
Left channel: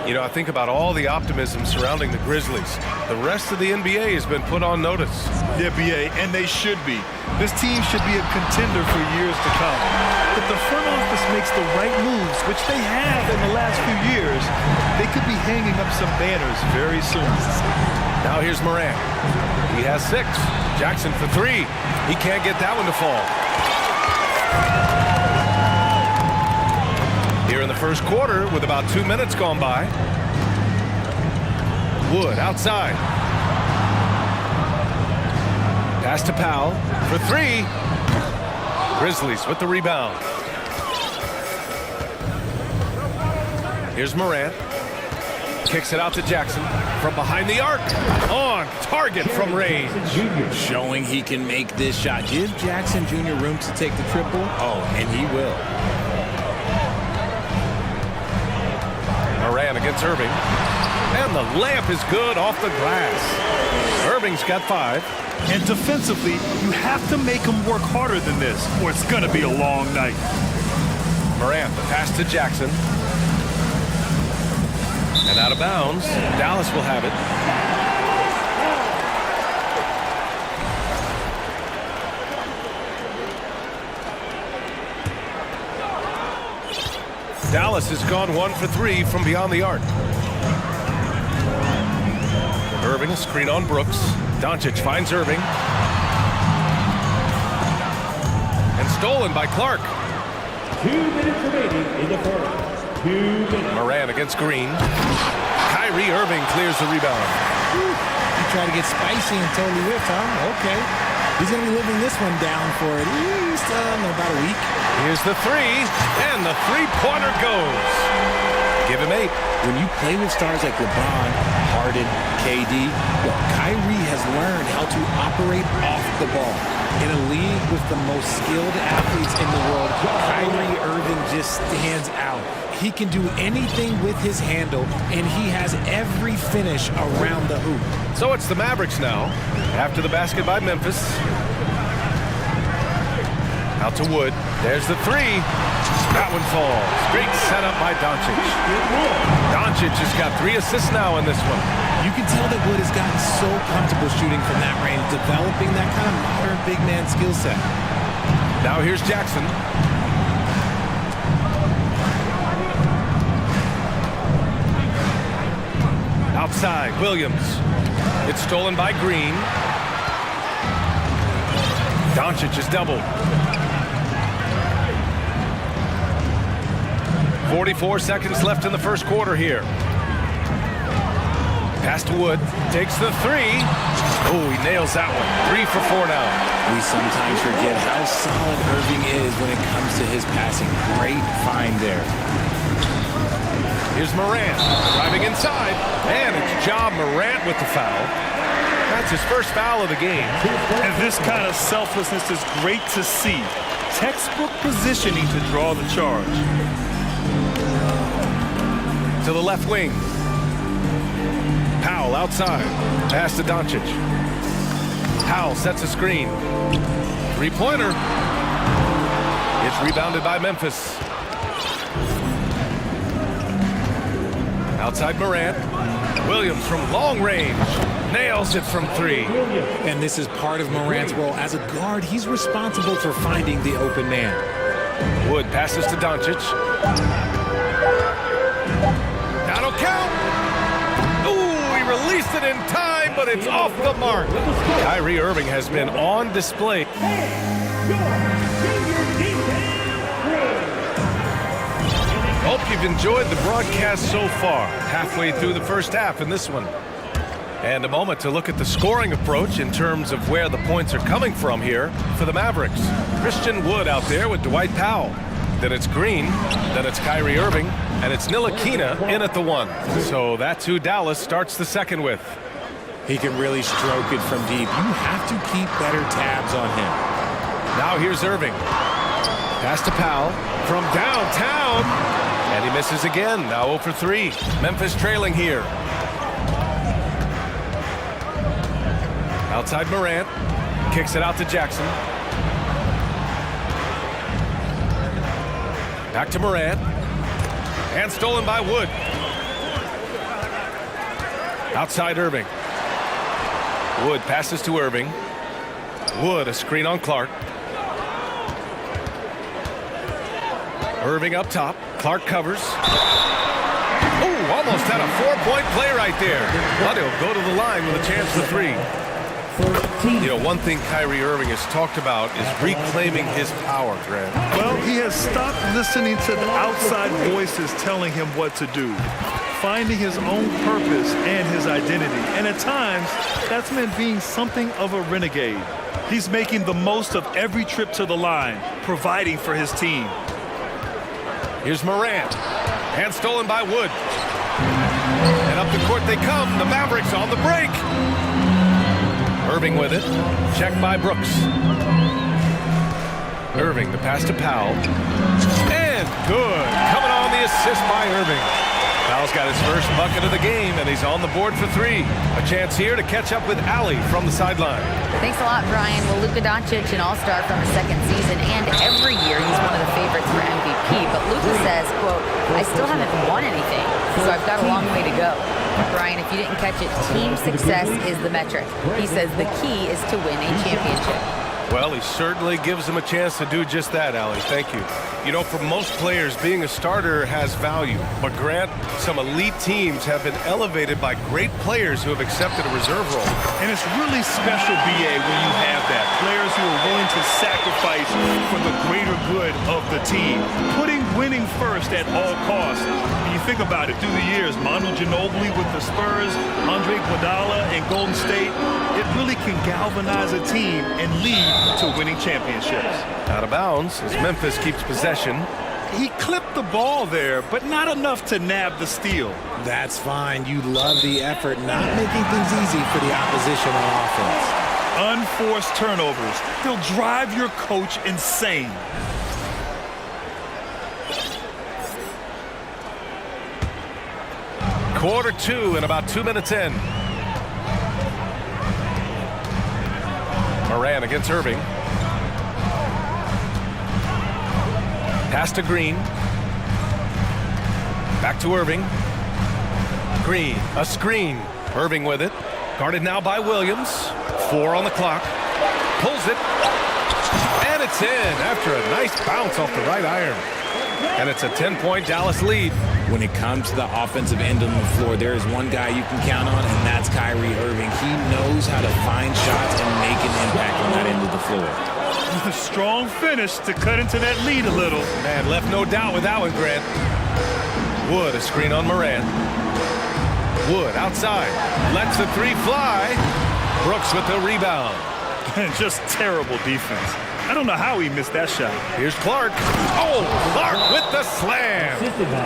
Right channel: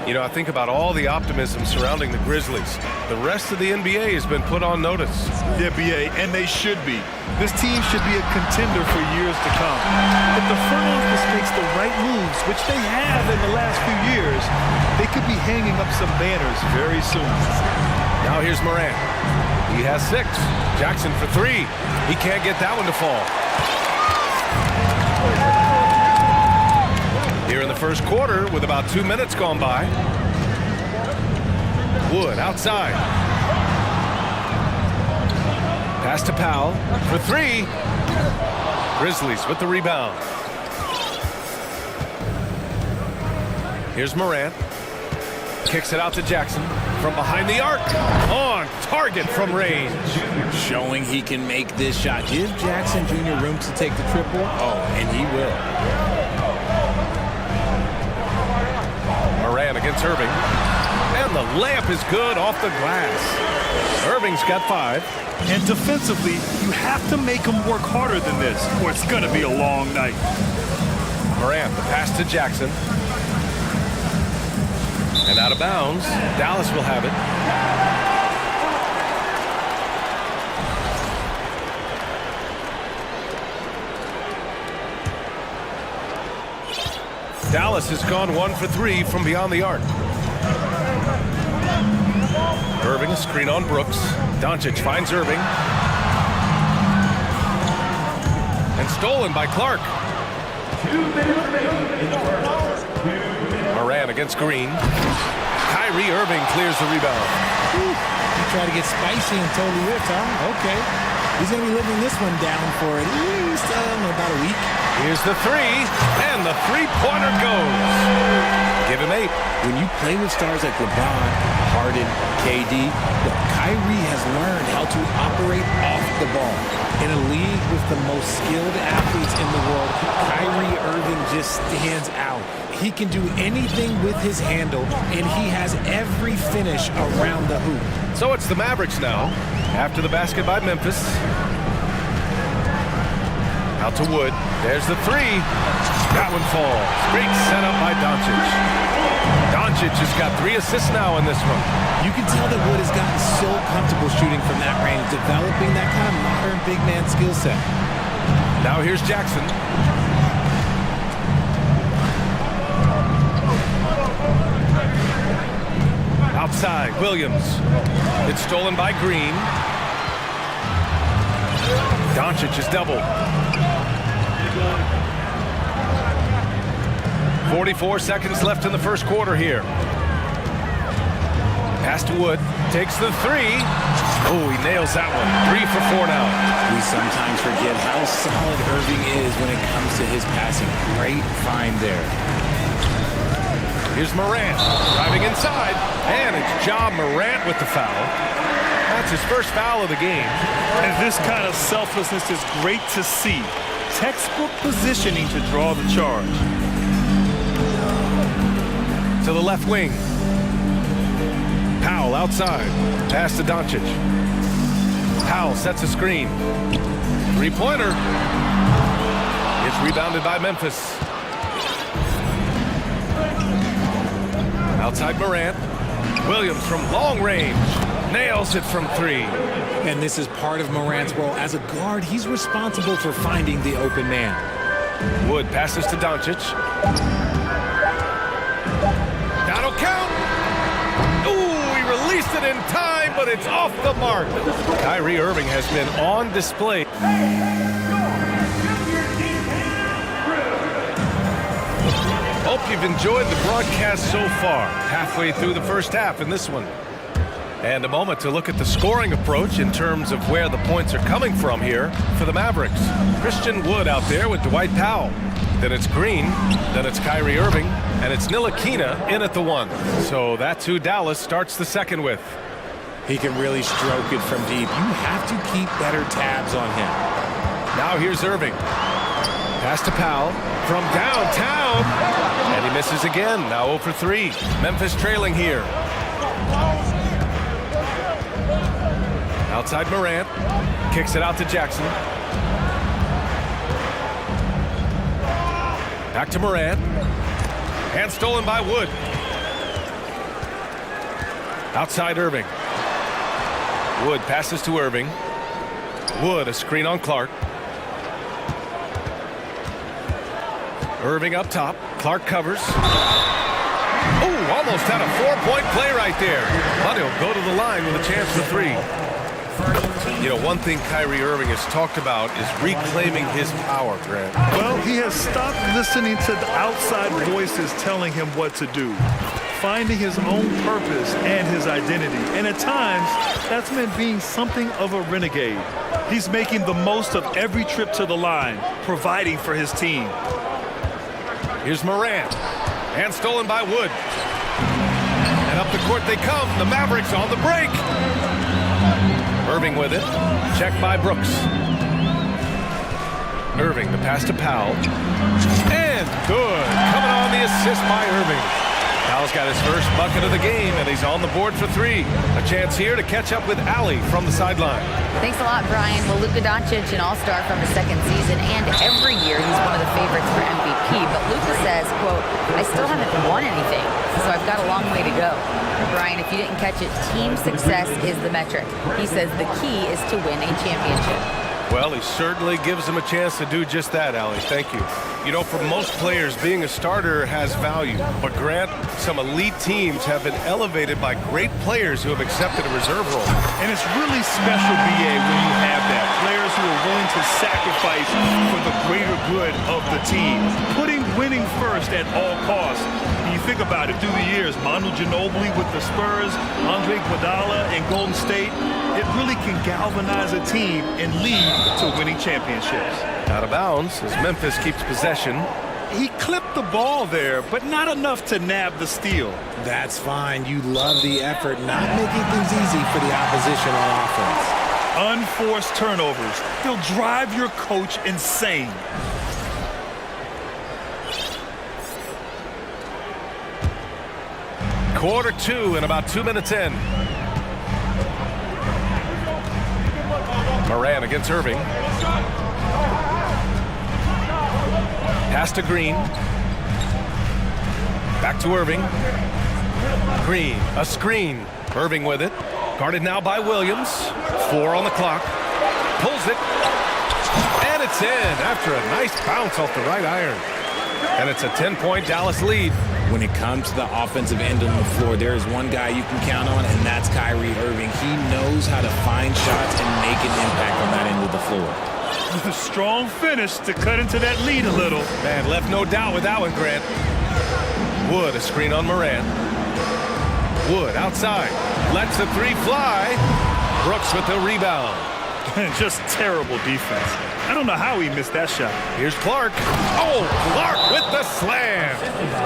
You know, I think about all the optimism surrounding the Grizzlies. The rest of the NBA has been put on notice. The NBA, and they should be. This team should be a contender for years to come. If the front office makes the right moves, which they have in the last few years, they could be hanging up some banners very soon. Now here's Morant. He has 6. Jackson for 3. He can't get that one to fall. Here in the first quarter, with about 2 minutes gone by. Wood outside. Pass to Powell for 3. Grizzlies with the rebound. Here's Morant. Kicks it out to Jackson from behind the arc. On target from range. Showing he can make this shot. Give Jackson Jr. room to take the triple. Oh, and he will. Morant against Irving. And the layup is good off the glass. Irving's got 5. And defensively, you have to make them work harder than this, or it's going to be a long night. Morant, the pass to Jackson. And out of bounds. Dallas will have it. Dallas has gone 1 for 3 from beyond the arc. Irving, a screen on Brooks. Doncic finds Irving. And stolen by Clark. 2 minutes remaining in the first. 2 minutes. Morant against Green. Kyrie Irving clears the rebound. He tried to get spicy and totally whiffed, huh? Okay. He's going to be living this one down for at least about a week. Here's the 3, and the three-pointer goes. Give him 8. When you play with stars like LeBron, Harden, KD, Kyrie has learned how to operate off the ball. In a league with the most skilled athletes in the world, Kyrie Irving just stands out. He can do anything with his handle, and he has every finish around the hoop. So it's the Mavericks now, after the basket by Memphis. Out to Wood. There's the 3. That one falls. Great setup by Doncic. Doncic has got 3 assists now in this one. You can tell that Wood has gotten so comfortable shooting from that range, developing that kind of modern big man skill set. Now here's Jackson. Outside, Williams. It's stolen by Green. Doncic is doubled. 44 seconds left in the first quarter here. Pass to Wood. Takes the 3. Oh, he nails that one. 3 for 4 now. We sometimes forget how solid Irving is when it comes to his passing. Great find there. Here's Morant driving inside. And it's Ja Morant with the foul. That's his first foul of the game. And this kind of selflessness is great to see. Textbook positioning to draw the charge. To the left wing. Powell outside. Pass to Doncic. Powell sets a screen. Three-pointer. It's rebounded by Memphis. Outside Morant. Williams from long range. Nails it from three. And this is part of Morant's role. As a guard, he's responsible for finding the open man. Wood passes to Doncic. That'll count. Ooh, he released it in time, but it's off the mark. Kyrie Irving has been on display. Hope you've enjoyed the broadcast so far. Halfway through the first half in this one. And a moment to look at the scoring approach in terms of where the points are coming from here for the Mavericks. Christian Wood out there with Dwight Powell. Then it's Green, then it's Kyrie Irving, and it's Ntilikina in at the one. So that's who Dallas starts the second with. He can really stroke it from deep. You have to keep better tabs on him. Now here's Irving. Pass to Powell from downtown. And he misses again. Now 0 for 3. Memphis trailing here. Outside Morant. Kicks it out to Jackson. Back to Morant. And stolen by Wood. Outside Irving. Wood passes to Irving. Wood, a screen on Clark. Irving up top. Clark covers. Oh, almost had a 4-point play right there. But he'll go to the line with a chance for three. You know, one thing Kyrie Irving has talked about is reclaiming his power, Grant. Well, he has stopped listening to the outside voices telling him what to do, finding his own purpose and his identity. And at times, that's meant being something of a renegade. He's making the most of every trip to the line, providing for his team. Here's Morant. And stolen by Wood. And up the court they come. The Mavericks on the break. Irving with it. Checked by Brooks. Irving, the pass to Powell. And good. Coming on the assist by Irving. Powell's got his first bucket of the game, and he's on the board for three. A chance here to catch up with Allie from the sideline. Thanks a lot, Brian. Well, Luka Doncic, an all-star from his second season, and every year he's one of the favorites for MVP. But Luka says, quote, I still haven't won anything, so I've got a long way to go. Brian, if you didn't catch it, team success is the metric. He says the key is to win a championship. Well, he certainly gives them a chance to do just that, Allie. Thank you. You know, for most players, being a starter has value. But Grant, some elite teams have been elevated by great players who have accepted a reserve role. And it's really special, BA, when you have that. Players who are willing to sacrifice for the greater good of the team. Putting winning first at all costs. And you think about it, through the years, Manu Ginobili with the Spurs, Andre Iguodala in Golden State, it really can galvanize a team and lead to winning championships. Out of bounds as Memphis keeps possession. He clipped the ball there, but not enough to nab the steal. That's fine. You love the effort, not making things easy for the opposition on offense. Unforced turnovers. They'll drive your coach insane. Quarter two and about 2 minutes in. Morant against Irving. Pass to Green. Back to Irving. Green, a screen. Irving with it. Guarded now by Williams. 4 on the clock. Pulls it. And it's in after a nice bounce off the right iron. And it's a 10-point Dallas lead. When it comes to the offensive end on the floor, there is one guy you can count on, and that's Kyrie Irving. He knows how to find shots and make an impact on that end of the floor. With a strong finish to cut into that lead a little. Man, left no doubt with that one, Grant. Wood, a screen on Morant. Wood outside. Lets the three fly. Brooks with the rebound. Just terrible defense. I don't know how he missed that shot. Here's Clark. Oh, Clark with the slam.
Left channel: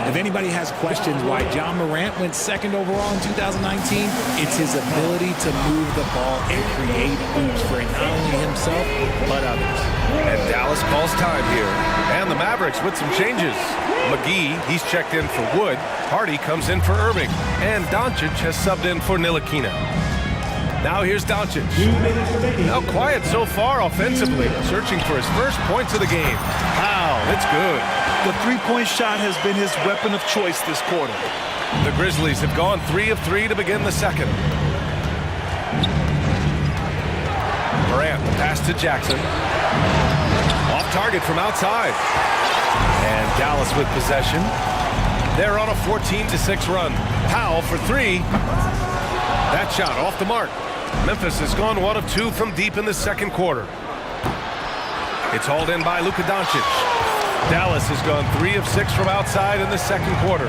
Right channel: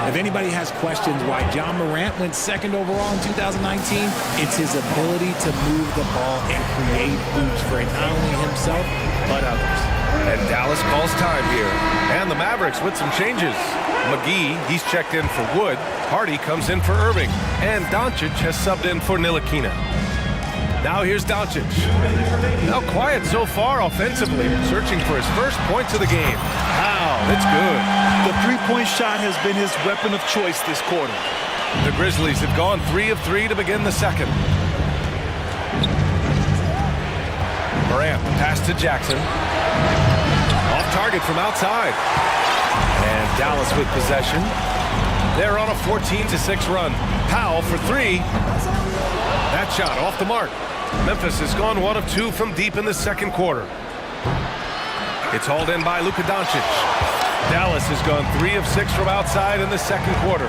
If anybody has questions why John Morant went second overall in 2019, it's his ability to move the ball and create hoops for not only himself, but others. And Dallas calls time here. And the Mavericks with some changes. McGee, he's checked in for Wood. Hardy comes in for Irving. And Doncic has subbed in for Ntilikina. Now here's Doncic. Now quiet so far offensively, searching for his first points of the game. Wow, it's good. The three-point shot has been his weapon of choice this quarter. The Grizzlies have gone 3 of 3 to begin the second. Morant, the pass to Jackson. Off target from outside. And Dallas with possession. They're on a 14-6 run. Powell for 3. That shot off the mark. Memphis has gone 1 of 2 from deep in the second quarter. It's hauled in by Luka Doncic. Dallas has gone 3 of 6 from outside in the second quarter.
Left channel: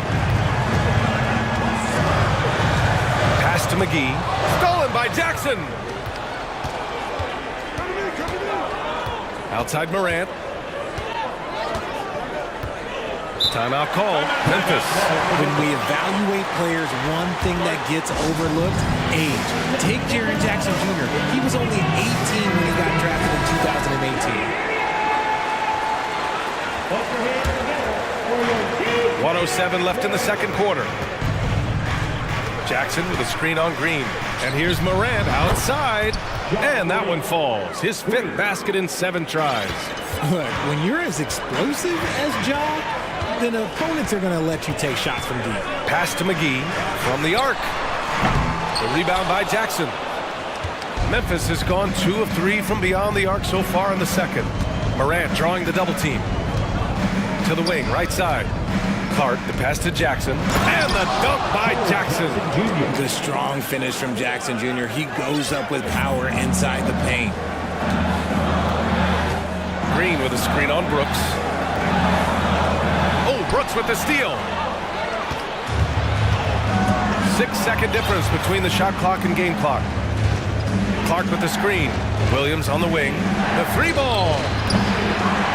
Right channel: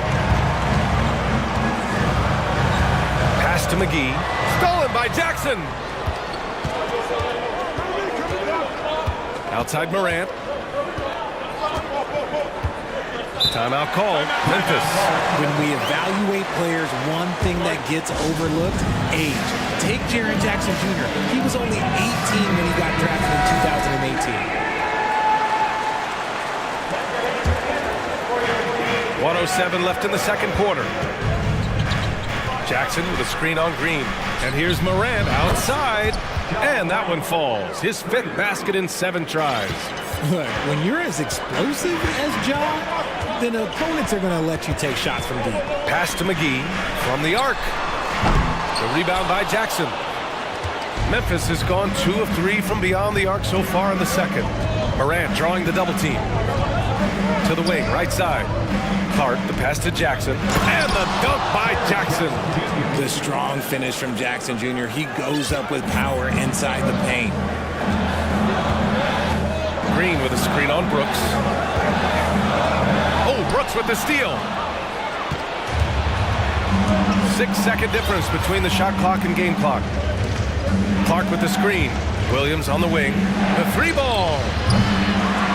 Pass to McGee. Stolen by Jackson. Outside Morant. Timeout call. Memphis. When we evaluate players, one thing that gets overlooked, age. Take Jaren Jackson Jr. He was only 18 when he got drafted in 2018. 1:07 left in the second quarter. Jackson with a screen on Green. And here's Morant outside. And that one falls. His 5th basket in 7 tries. Look, when you're as explosive as Ja, then opponents are going to let you take shots from deep. Pass to McGee from the arc. The rebound by Jackson. Memphis has gone 2 of 3 from beyond the arc so far in the second. Morant drawing the double team. To the wing, right side. Clark, the pass to Jackson. And the dunk by Jackson. The strong finish from Jackson Jr. He goes up with power inside the paint. Green with a screen on Brooks. Oh, Brooks with the steal. 6-second difference between the shot clock and game clock. Clark with the screen. Williams on the wing. The 3-ball.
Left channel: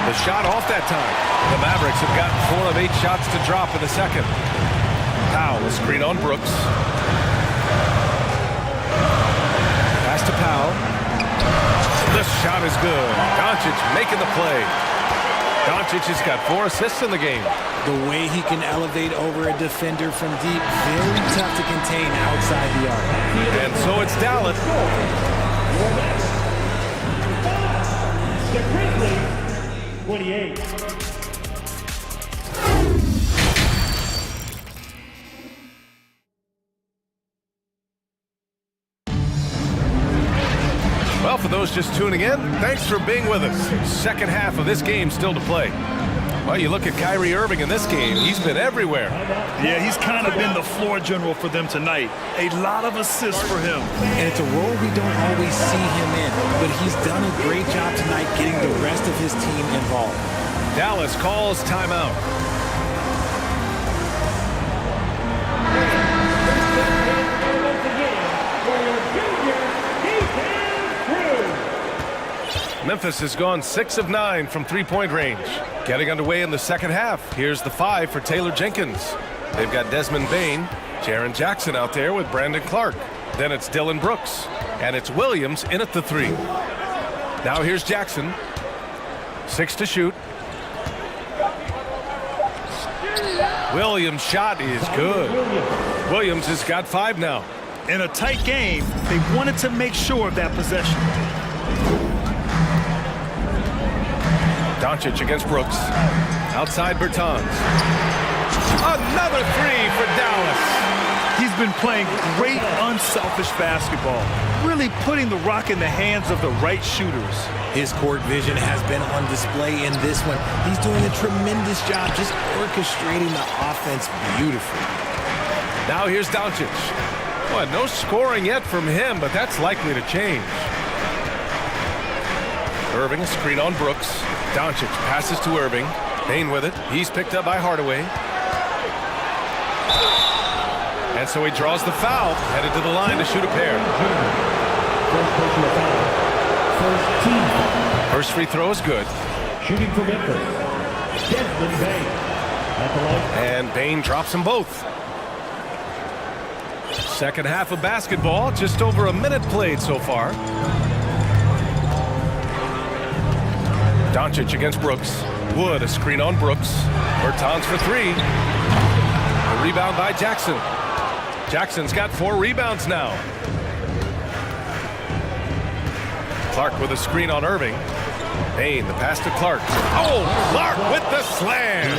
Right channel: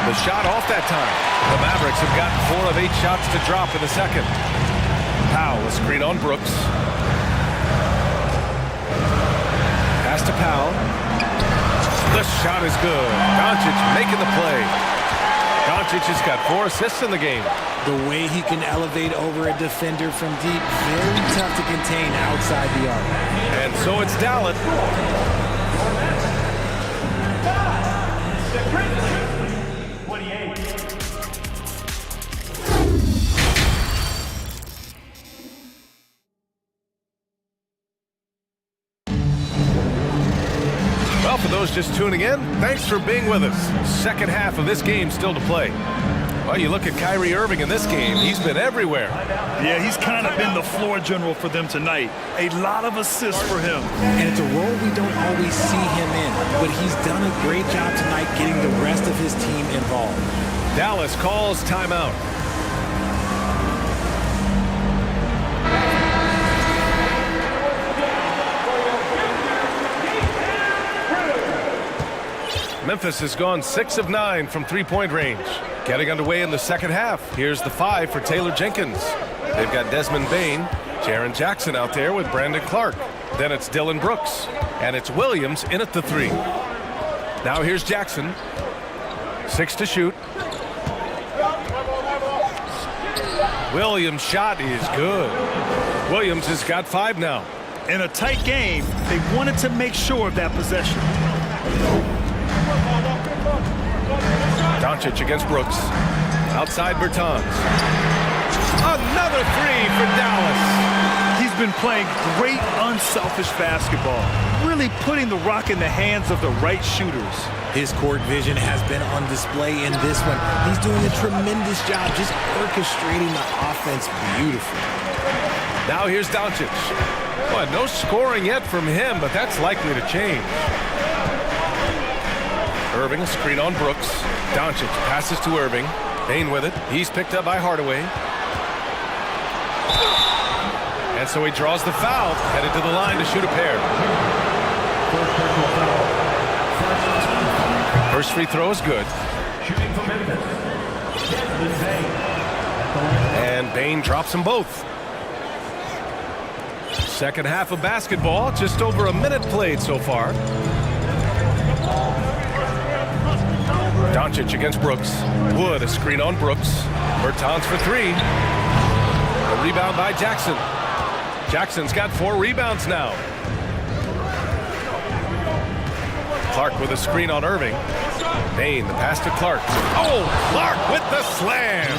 The shot off that time. The Mavericks have gotten 4 of 8 shots to drop in the second. Powell, a screen on Brooks. Pass to Powell. The shot is good. Doncic making the play. Doncic has got 4 assists in the game. The way he can elevate over a defender from deep, very tough to contain outside the arc. And so it's Dallas. Well, for those just tuning in, thanks for being with us. Second half of this game still to play. Well, you look at Kyrie Irving in this game. He's been everywhere. Yeah, he's kind of been the floor general for them tonight. A lot of assists for him. And it's a role we don't always see him in, but he's done a great job tonight getting the rest of his team involved. Dallas calls timeout. Memphis has gone 6 of 9 from three-point range. Getting underway in the second half. Here's the 5 for Taylor Jenkins. They've got Desmond Bane, Jaren Jackson out there with Brandon Clark. Then it's Dylan Brooks. And it's Williams in at the 3. Now here's Jackson. 6 to shoot. Williams' shot is good. Williams has got 5 now. In a tight game, they wanted to make sure of that possession. Doncic against Brooks. Outside Bertans. Another 3 for Dallas. He's been playing great unselfish basketball, really putting the rock in the hands of the right shooters. His court vision has been on display in this one. He's doing a tremendous job just orchestrating the offense beautifully. Now here's Doncic. Well, no scoring yet from him, but that's likely to change. Irving, a screen on Brooks. Doncic passes to Irving. Bane with it. He's picked up by Hardaway. And so he draws the foul, headed to the line to shoot a pair. First free throw is good. Shooting for Memphis, Desmond Bain. At the line. And Bain drops them both. Second half of basketball, just over a minute played so far. Doncic against Brooks. Wood, a screen on Brooks. Bertans for three. A rebound by Jackson. Jackson's got 4 rebounds now. Clark with a screen on Irving. Bain, the pass to Clark. Oh, Clark with the slam.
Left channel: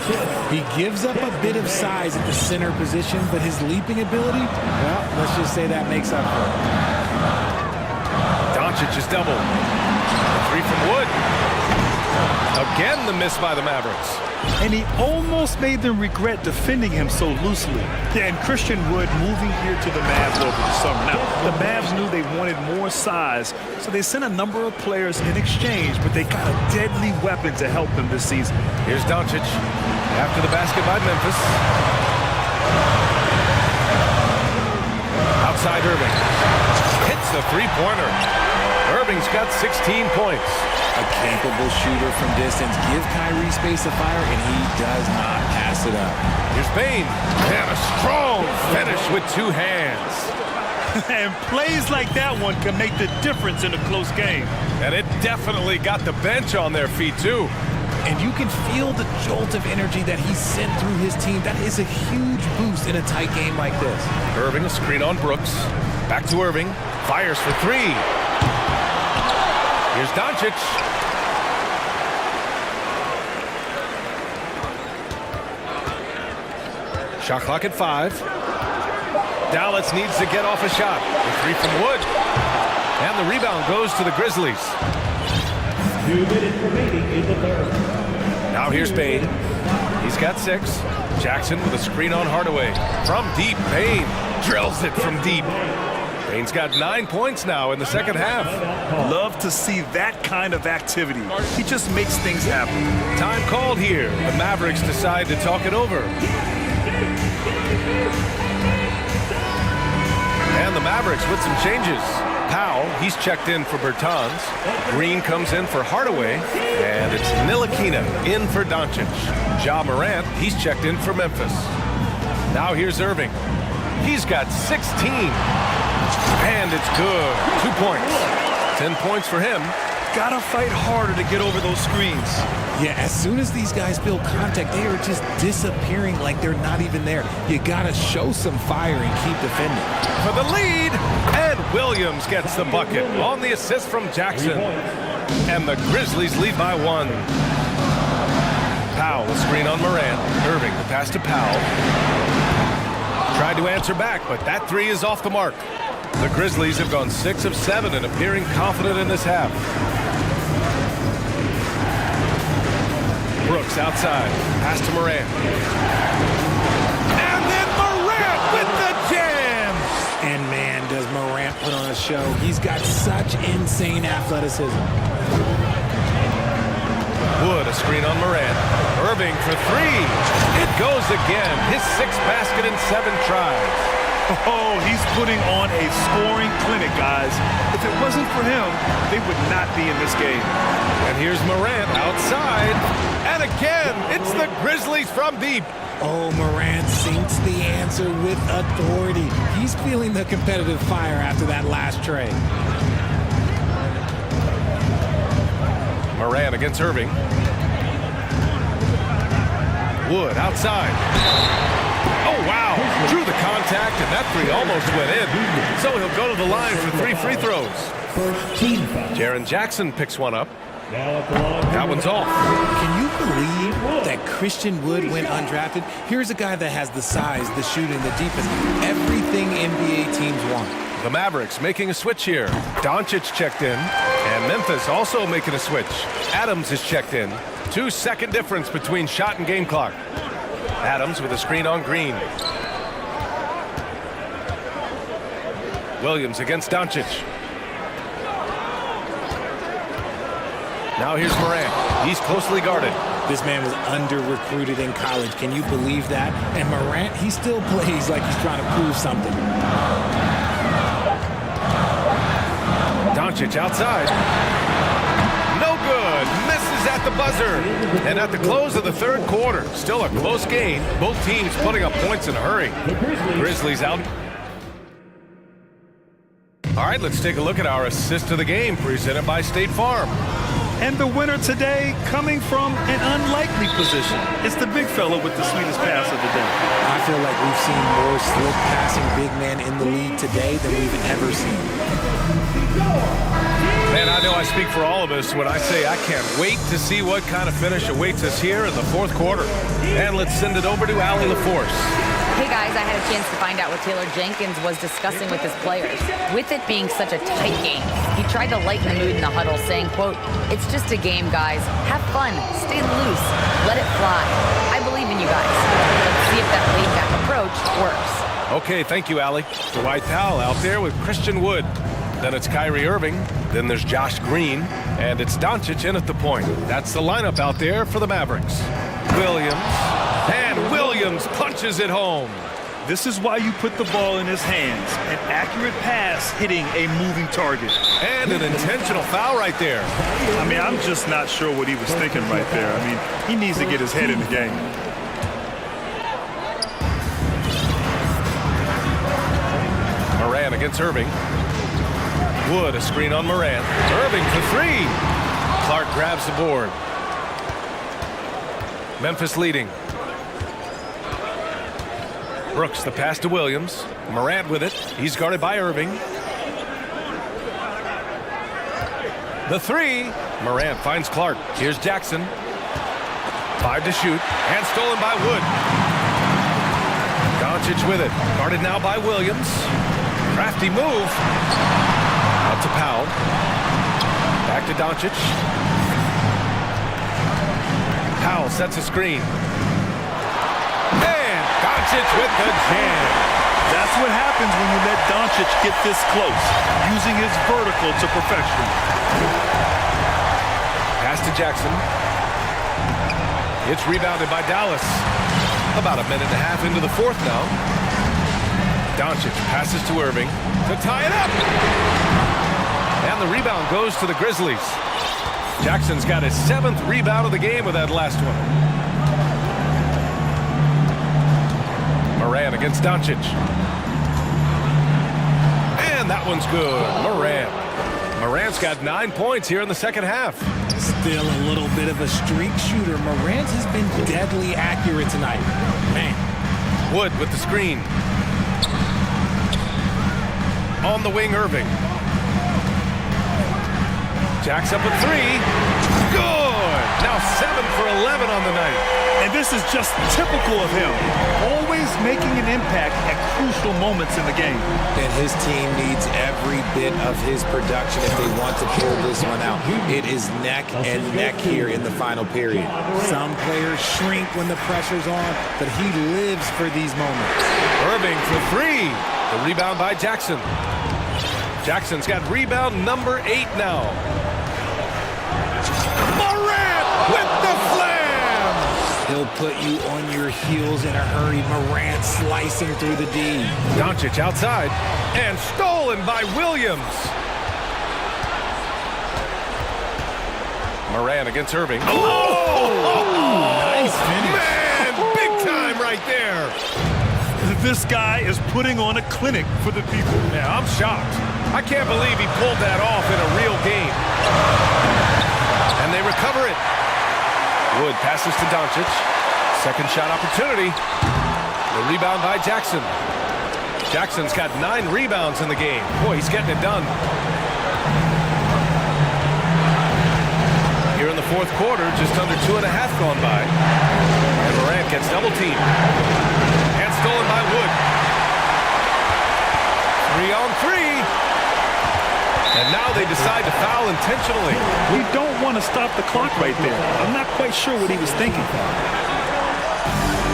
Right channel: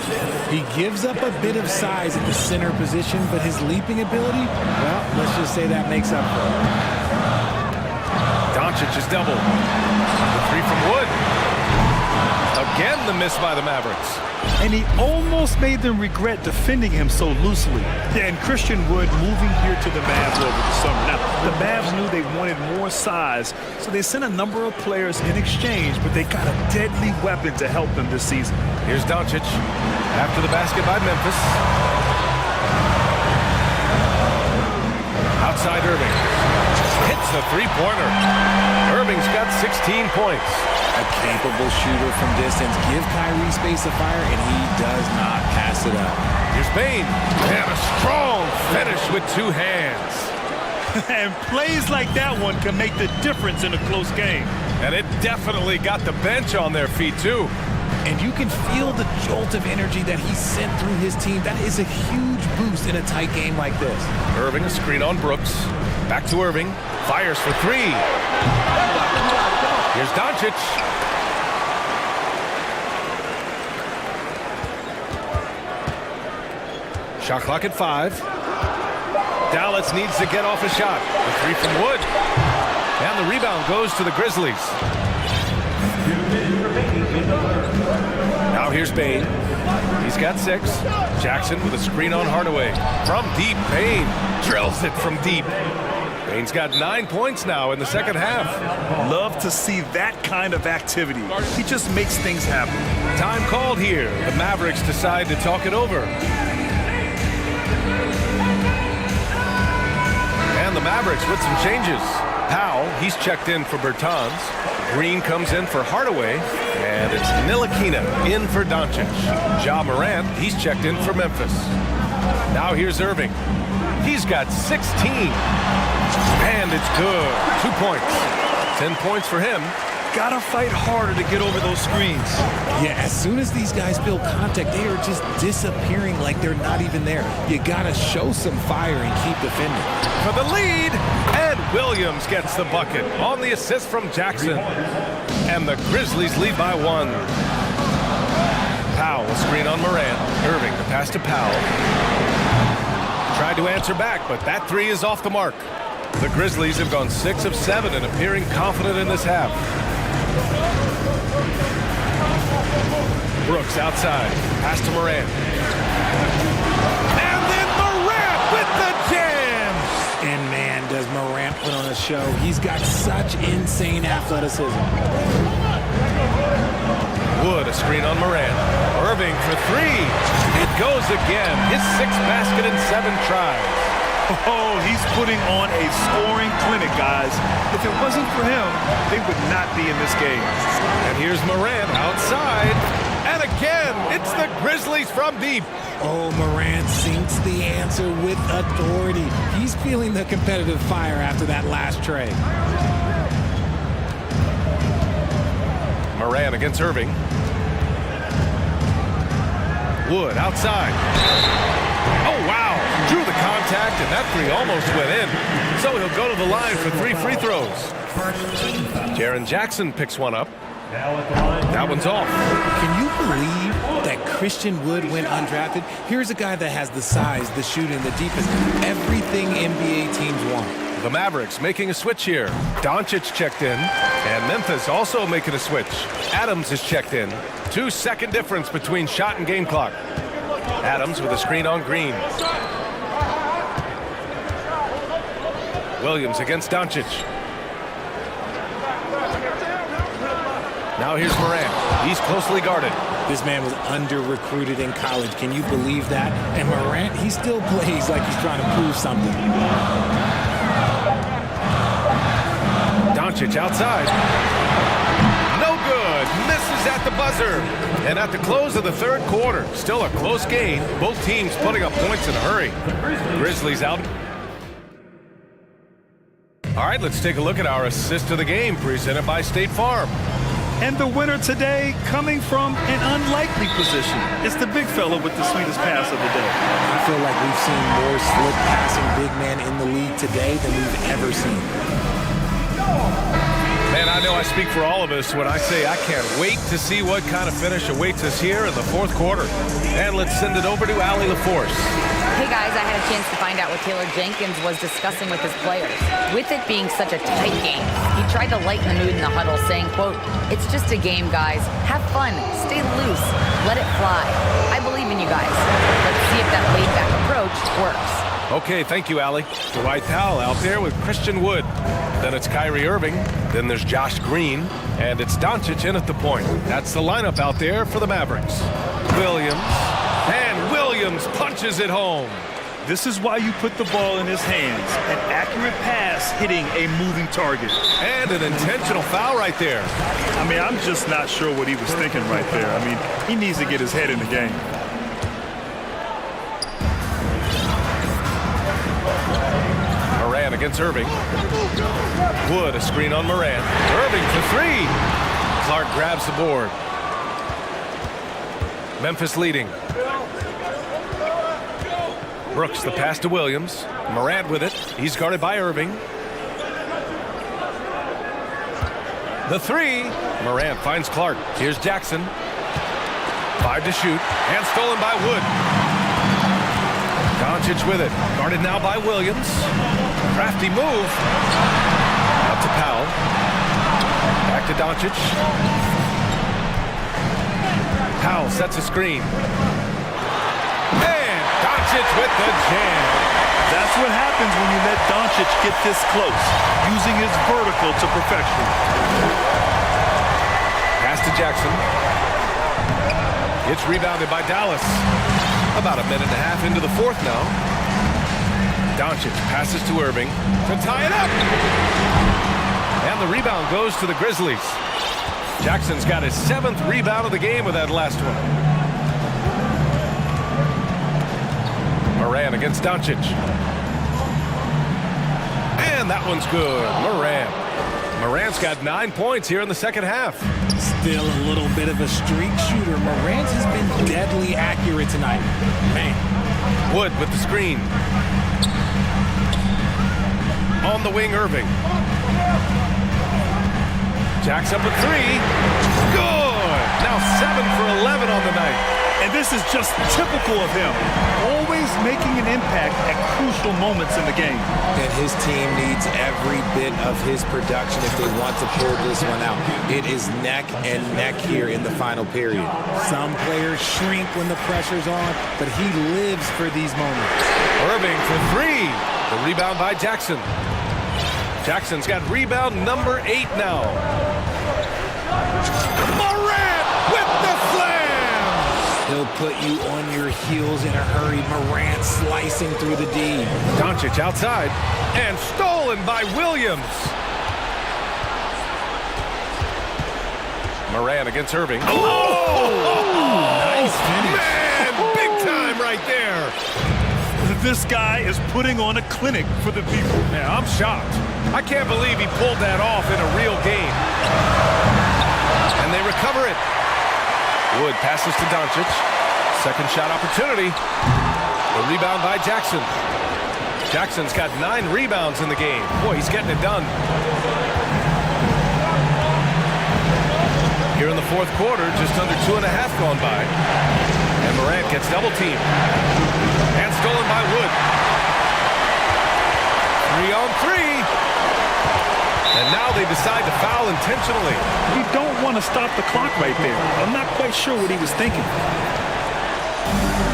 He gives up a bit of size at the center position, but his leaping ability, well, let's just say that makes up for it. Doncic is doubled. The three from Wood. Again, the miss by the Mavericks. And he almost made them regret defending him so loosely. Yeah, and Christian Wood moving here to the Mavs over the summer. Now, the Mavs knew they wanted more size, so they sent a number of players in exchange, but they got a deadly weapon to help them this season. Here's Doncic after the basket by Memphis. Outside Irving. Hits the three-pointer. Irving's got 16 points. A capable shooter from distance. Give Kyrie space to fire, and he does not pass it up. Here's Bain. And a strong finish with 2 hands. And plays like that one can make the difference in a close game. And it definitely got the bench on their feet, too. And you can feel the jolt of energy that he sent through his team. That is a huge boost in a tight game like this. Irving, a screen on Brooks. Back to Irving. Fires for 3. Here's Doncic. Shot clock at 5. Dallas needs to get off a shot. The 3 from Wood. And the rebound goes to the Grizzlies. 2 minutes remaining in the third. Now here's Bain. He's got 6. Jackson with a screen on Hardaway. From deep, Bain drills it from deep. Bain's got 9 points now in the second half. Love to see that kind of activity. He just makes things happen. Time called here. The Mavericks decide to talk it over. And the Mavericks with some changes. Powell, he's checked in for Bertans. Green comes in for Hardaway. And it's Ntilikina in for Doncic. Ja Morant, he's checked in for Memphis. Now here's Irving. He's got 16. And it's good. 2 points. 10 points for him. Gotta fight harder to get over those screens. Yeah, as soon as these guys feel contact, they are just disappearing like they're not even there. You gotta show some fire and keep defending. For the lead, and Williams gets the bucket on the assist from Jackson. And the Grizzlies lead by 1. Powell, a screen on Morant. Irving, the pass to Powell. Tried to answer back, but that 3 is off the mark. The Grizzlies have gone 6 of 7 and appearing confident in this half. Brooks outside. Pass to Morant. And then Morant with the jam! And man, does Morant put on a show. He's got such insane athleticism. Wood, a screen on Morant. Irving for 3. It goes again. His 6th basket in 7 tries. Oh, he's putting on a scoring clinic, guys. If it wasn't for him, they would not be in this game. And here's Morant outside. And again, it's the Grizzlies from deep. Oh, Morant sinks the answer with authority. He's feeling the competitive fire after that last trade. Morant against Irving. Wood outside. Oh, wow. Drew the contact, and that 3 almost went in. So he'll go to the line for 3 free throws. Jaren Jackson picks one up. That one's off. Can you believe that Christian Wood went undrafted? Here's a guy that has the size, the shooting, the defense, everything NBA teams want. The Mavericks making a switch here. Doncic checked in, and Memphis also making a switch. Adams is checked in. 2-second difference between shot and game clock. Adams with a screen on Green. Williams against Doncic. Now here's Morant. He's closely guarded. This man was under-recruited in college. Can you believe that? And Morant, he still plays like he's trying to prove something. Doncic outside. No good. Misses at the buzzer. And at the close of the third quarter, still a close game. Both teams putting up points in a hurry. Grizzlies out. All right, let's take a look at our assist of the game presented by State Farm. And the winner today coming from an unlikely position. It's the big fella with the sweetest pass of the day. I feel like we've seen more slick passing big men in the league today than we've ever seen. Man, I know I speak for all of us when I say I can't wait to see what kind of finish awaits us here in the fourth quarter. And let's send it over to Allie LaForce. Hey guys, I had a chance to find out what Taylor Jenkins was discussing with his players. With it being such a tight game, he tried to lighten the mood in the huddle, saying, quote, "It's just a game, guys. Have fun. Stay loose. Let it fly. I believe in you guys. Let's see if that laid-back approach works." Okay, thank you, Allie. Dwight Powell out there with Christian Wood. Then it's Kyrie Irving. Then there's Josh Green. And it's Doncic in at the point. That's the lineup out there for the Mavericks. Williams. And Williams punches it home. This is why you put the ball in his hands. An accurate pass hitting a moving target. And an intentional foul right there. I mean, I'm just not sure what he was thinking right there. I mean, he needs to get his head in the game. Moran against Irving. Wood, a screen on Moran. Irving for three. Clark grabs the board. Memphis leading. Brooks, the pass to Williams. Morant with it. He's guarded by Irving. The three. Morant finds Clark. Here's Jackson. 5 to shoot. And stolen by Wood. Doncic with it. Guarded now by Williams. Crafty move. Out to Powell. Back to Doncic. Powell sets a screen. And Doncic with the jam. That's what happens when you let Doncic get this close, using his vertical to perfection. Pass to Jackson. It's rebounded by Dallas. About a minute and a half into the fourth now. Doncic passes to Irving to tie it up. And the rebound goes to the Grizzlies. Jackson's got his 7th rebound of the game with that last one. Moran against Doncic. And that one's good. Morant's got 9 points here in the second half. Still a little bit of a streak shooter. Morant has been deadly accurate tonight. Man. Wood with the screen. On the wing, Irving. Jacks up a three. Good! Now 7 for 11 on the night. And this is just typical of him. Always making an impact at crucial moments in the game. And his team needs every bit of his production if they want to pull this one out. It is neck and neck here in the final period. Some players shrink when the pressure's on, but he lives for these moments. Irving for three. The rebound by Jackson. Jackson's got rebound number 8 now. Morant with the slam! He'll put you on your heels in a hurry. Morant slicing through the D. Doncic outside and stolen by Williams. Morant against Irving. Oh! Nice finish. Man, big time right there. This guy is putting on a clinic for the people. Man, I'm shocked. I can't believe he pulled that off in a real game. And they recover it. Wood passes to Doncic. Second shot opportunity. The rebound by Jackson. Jackson's got 9 rebounds in the game. Boy, he's getting it done. Here in the fourth quarter, just under 2.5 gone by. And Morant gets double teamed. And stolen by Wood. 3 on 3. And now they decide to foul intentionally. You don't want to stop the clock right there. I'm not quite sure what he was thinking.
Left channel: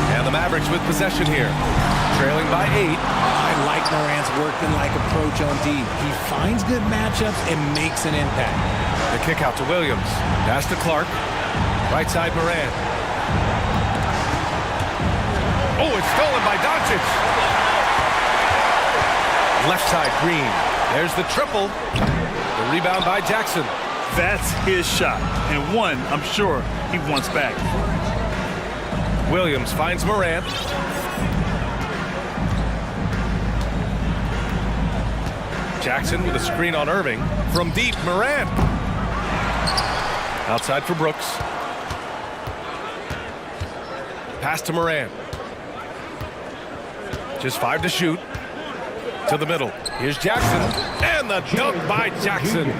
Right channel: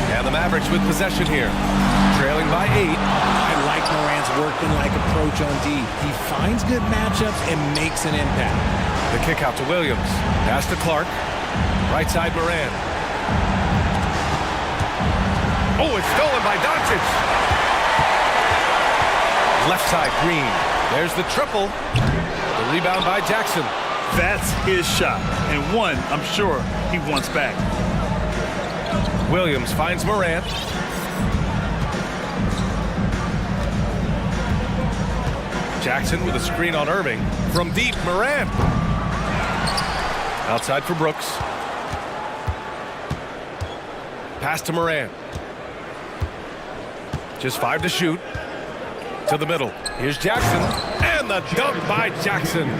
And the Mavericks with possession here. Trailing by 8. I like Morant's workmanlike approach on D. He finds good matchups and makes an impact. The kick out to Williams. Pass to Clark. Right side Morant. Oh, it's stolen by Doncic. Left side Green. There's the triple. The rebound by Jackson. That's his shot, and one I'm sure he wants back. Williams finds Morant. Jackson with a screen on Irving. From deep, Morant. Outside for Brooks. Pass to Morant. Just 5 to shoot. To the middle. Here's Jackson. And the dunk by Jackson.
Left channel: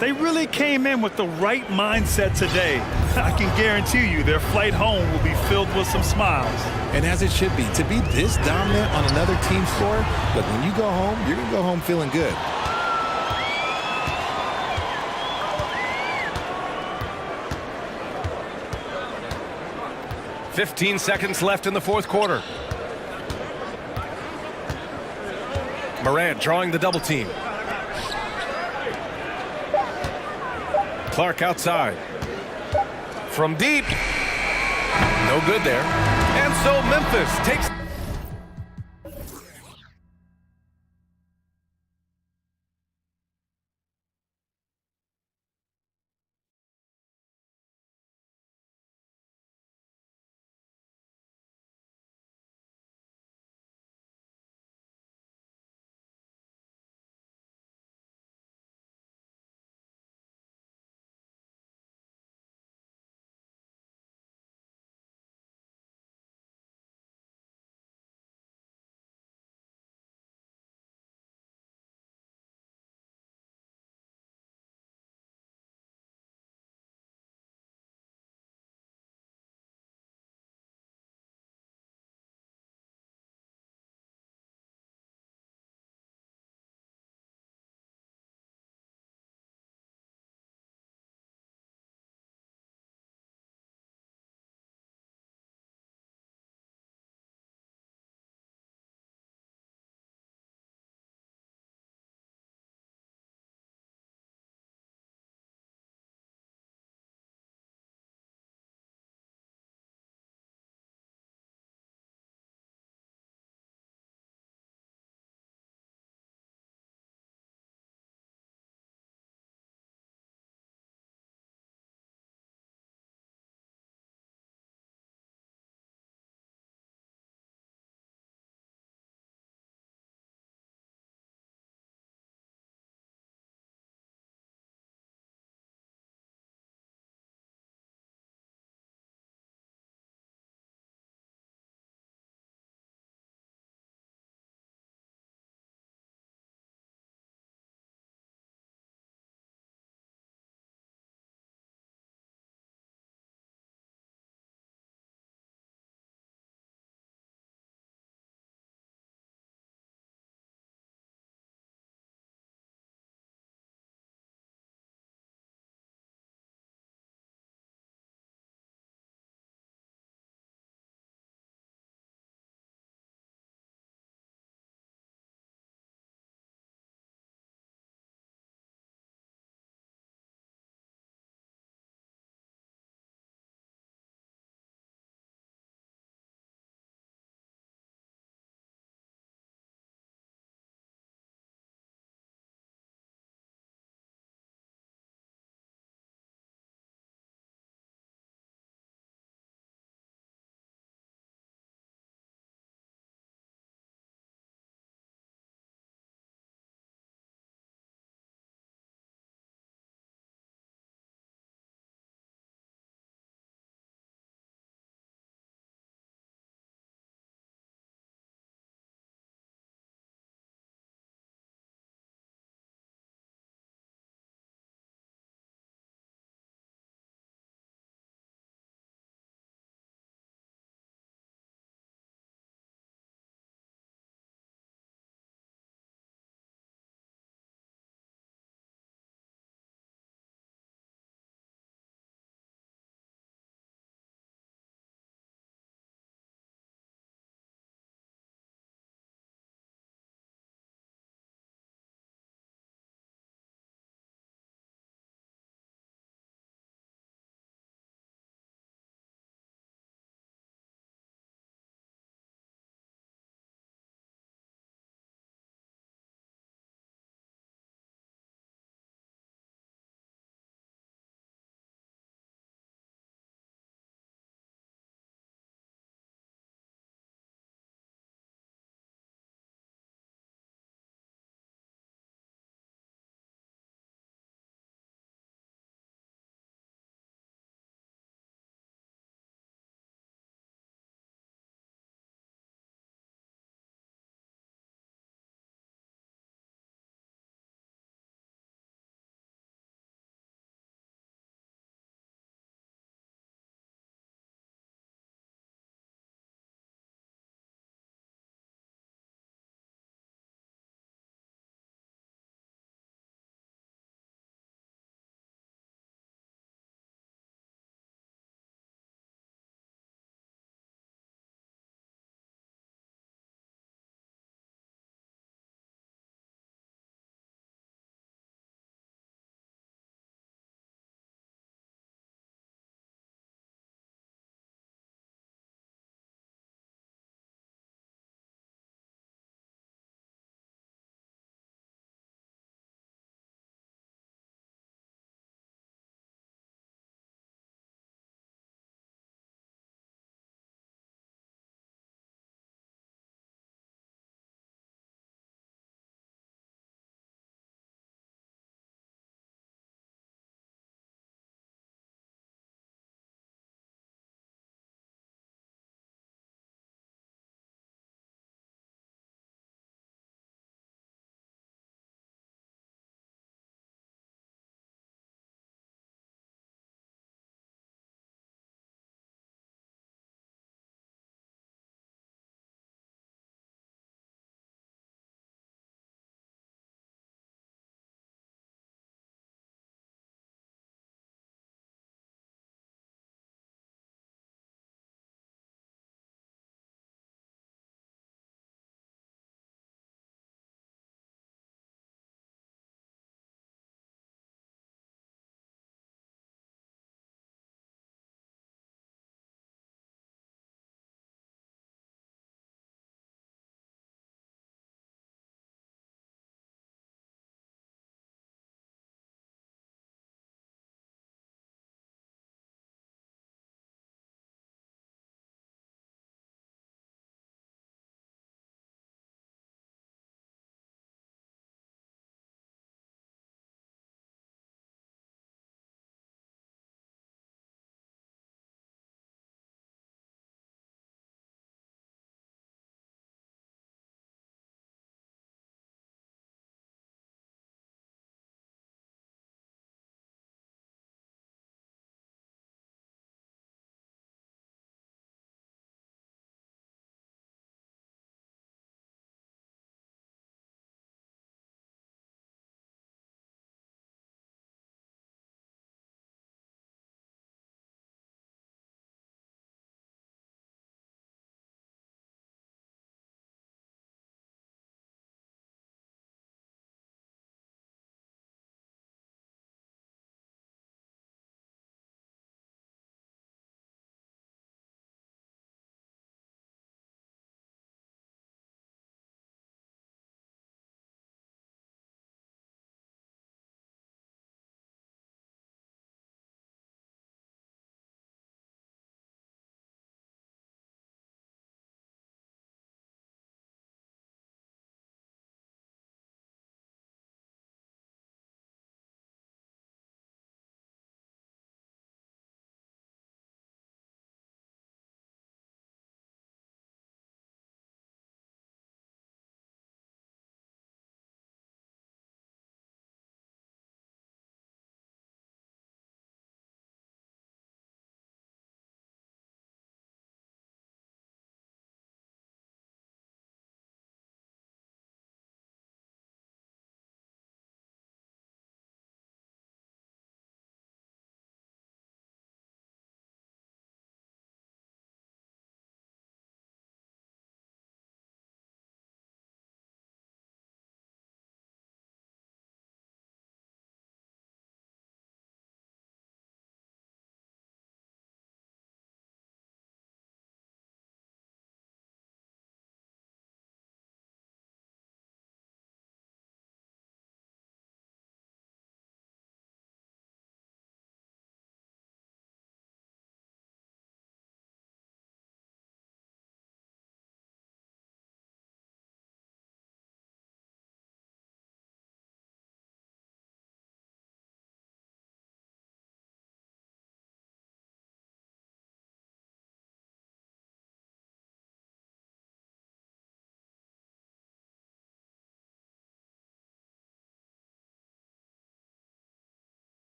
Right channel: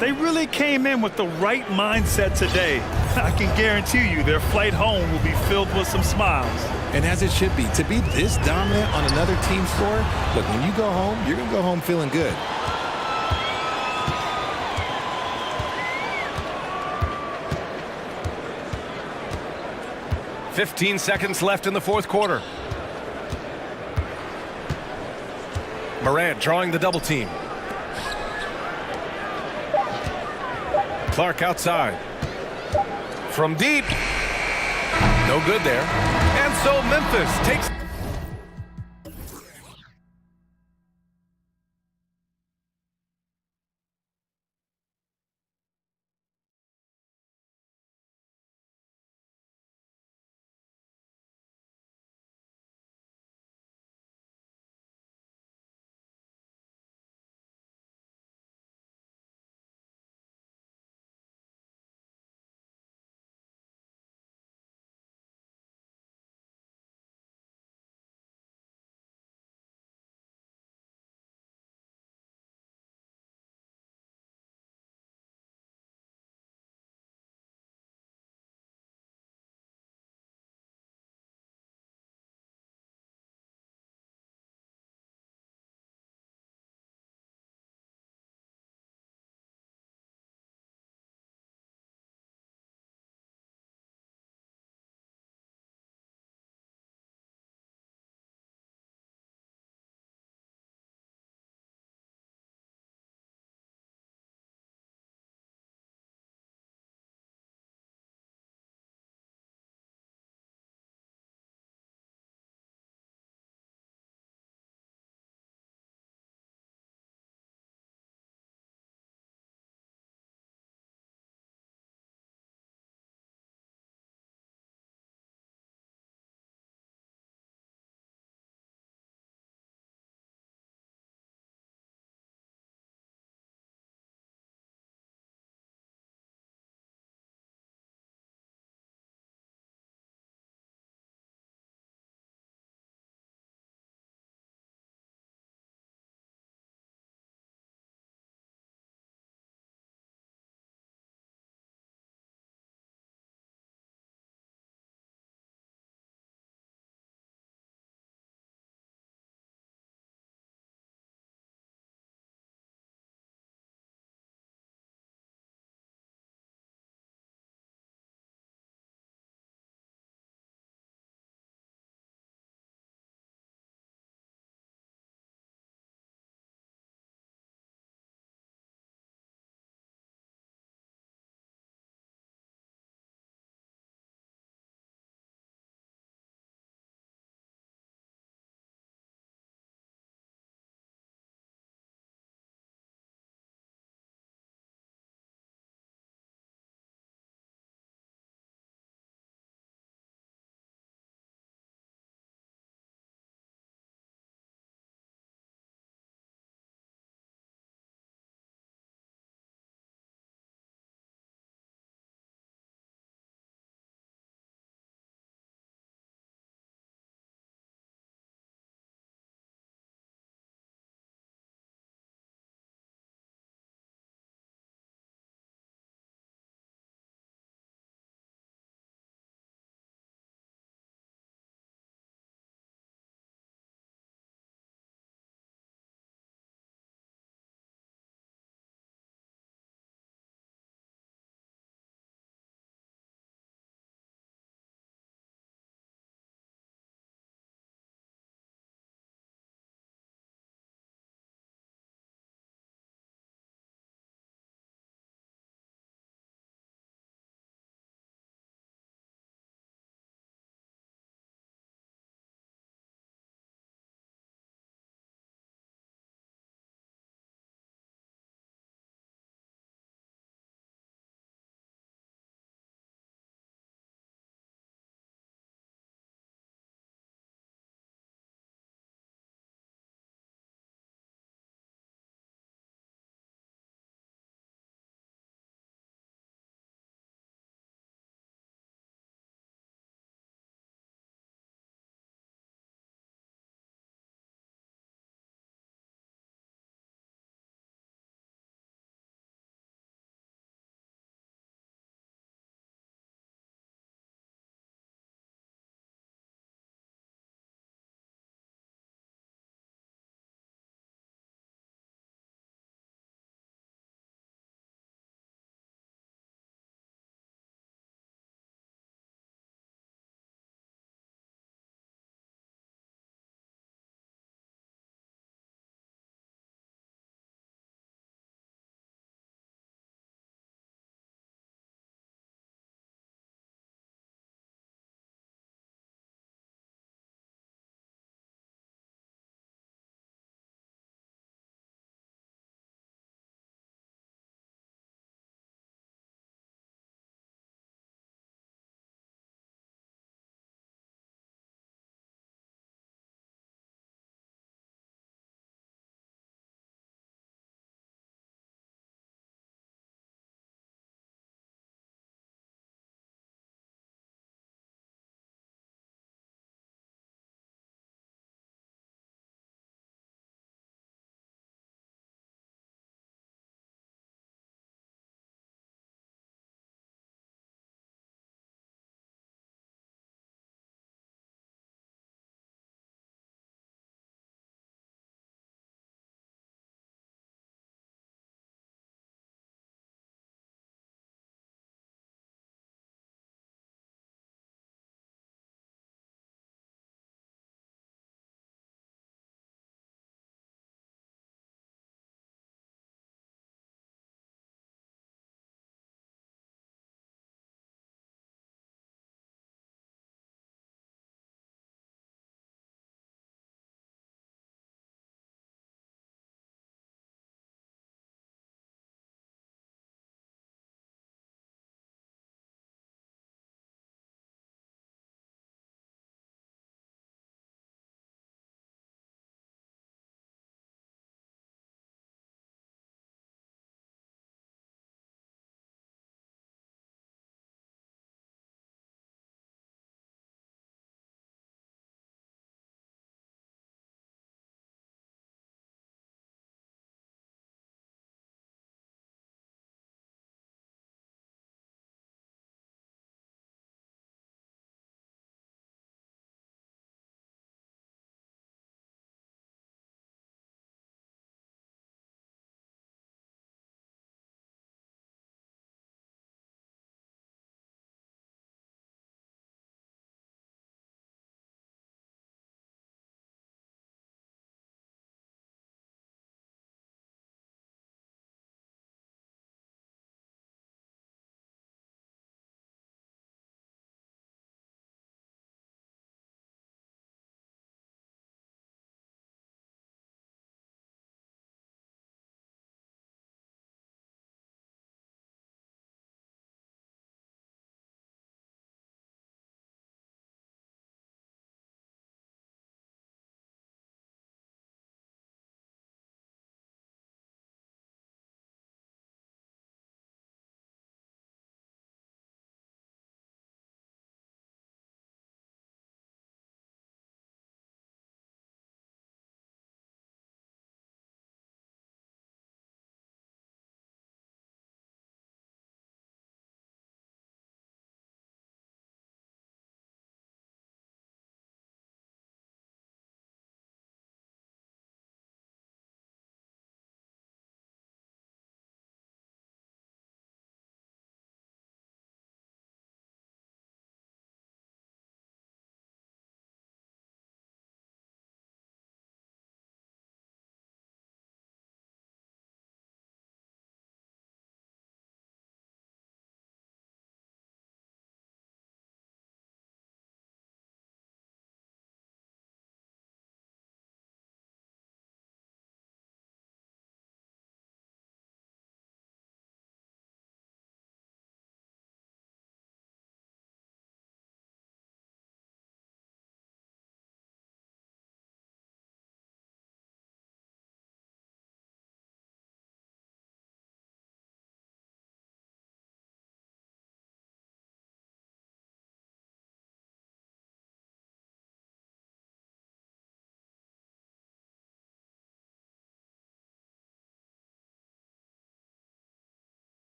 They really came in with the right mindset today. I can guarantee you their flight home will be filled with some smiles. And as it should be. To be this dominant on another team's floor, look, when you go home, you're going to go home feeling good. "15 seconds left in the fourth quarter. Morant drawing the double team. Clark outside. From deep. No good there. And so Memphis takes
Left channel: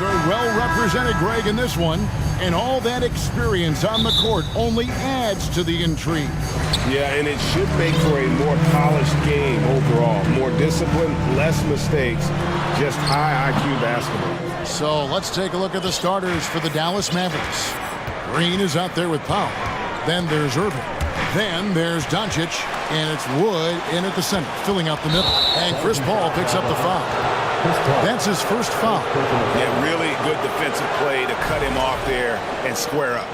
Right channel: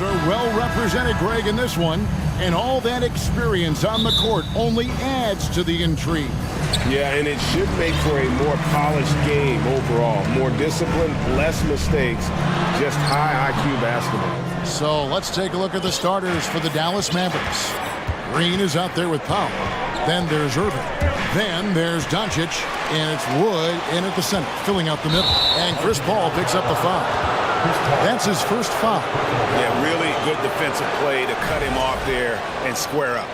Mavs are well represented, Greg, in this one. And all that experience on the court only adds to the intrigue. Yeah, and it should make for a more polished game overall. More discipline, less mistakes, just high IQ basketball. So let's take a look at the starters for the Dallas Mavericks. Green is out there with Powell. Then there's Irving. Then there's Doncic, and it's Wood in at the center, filling out the middle. And Chris Paul picks up the foul. That's his first foul. Yeah, really good defensive play to cut him off there and square up.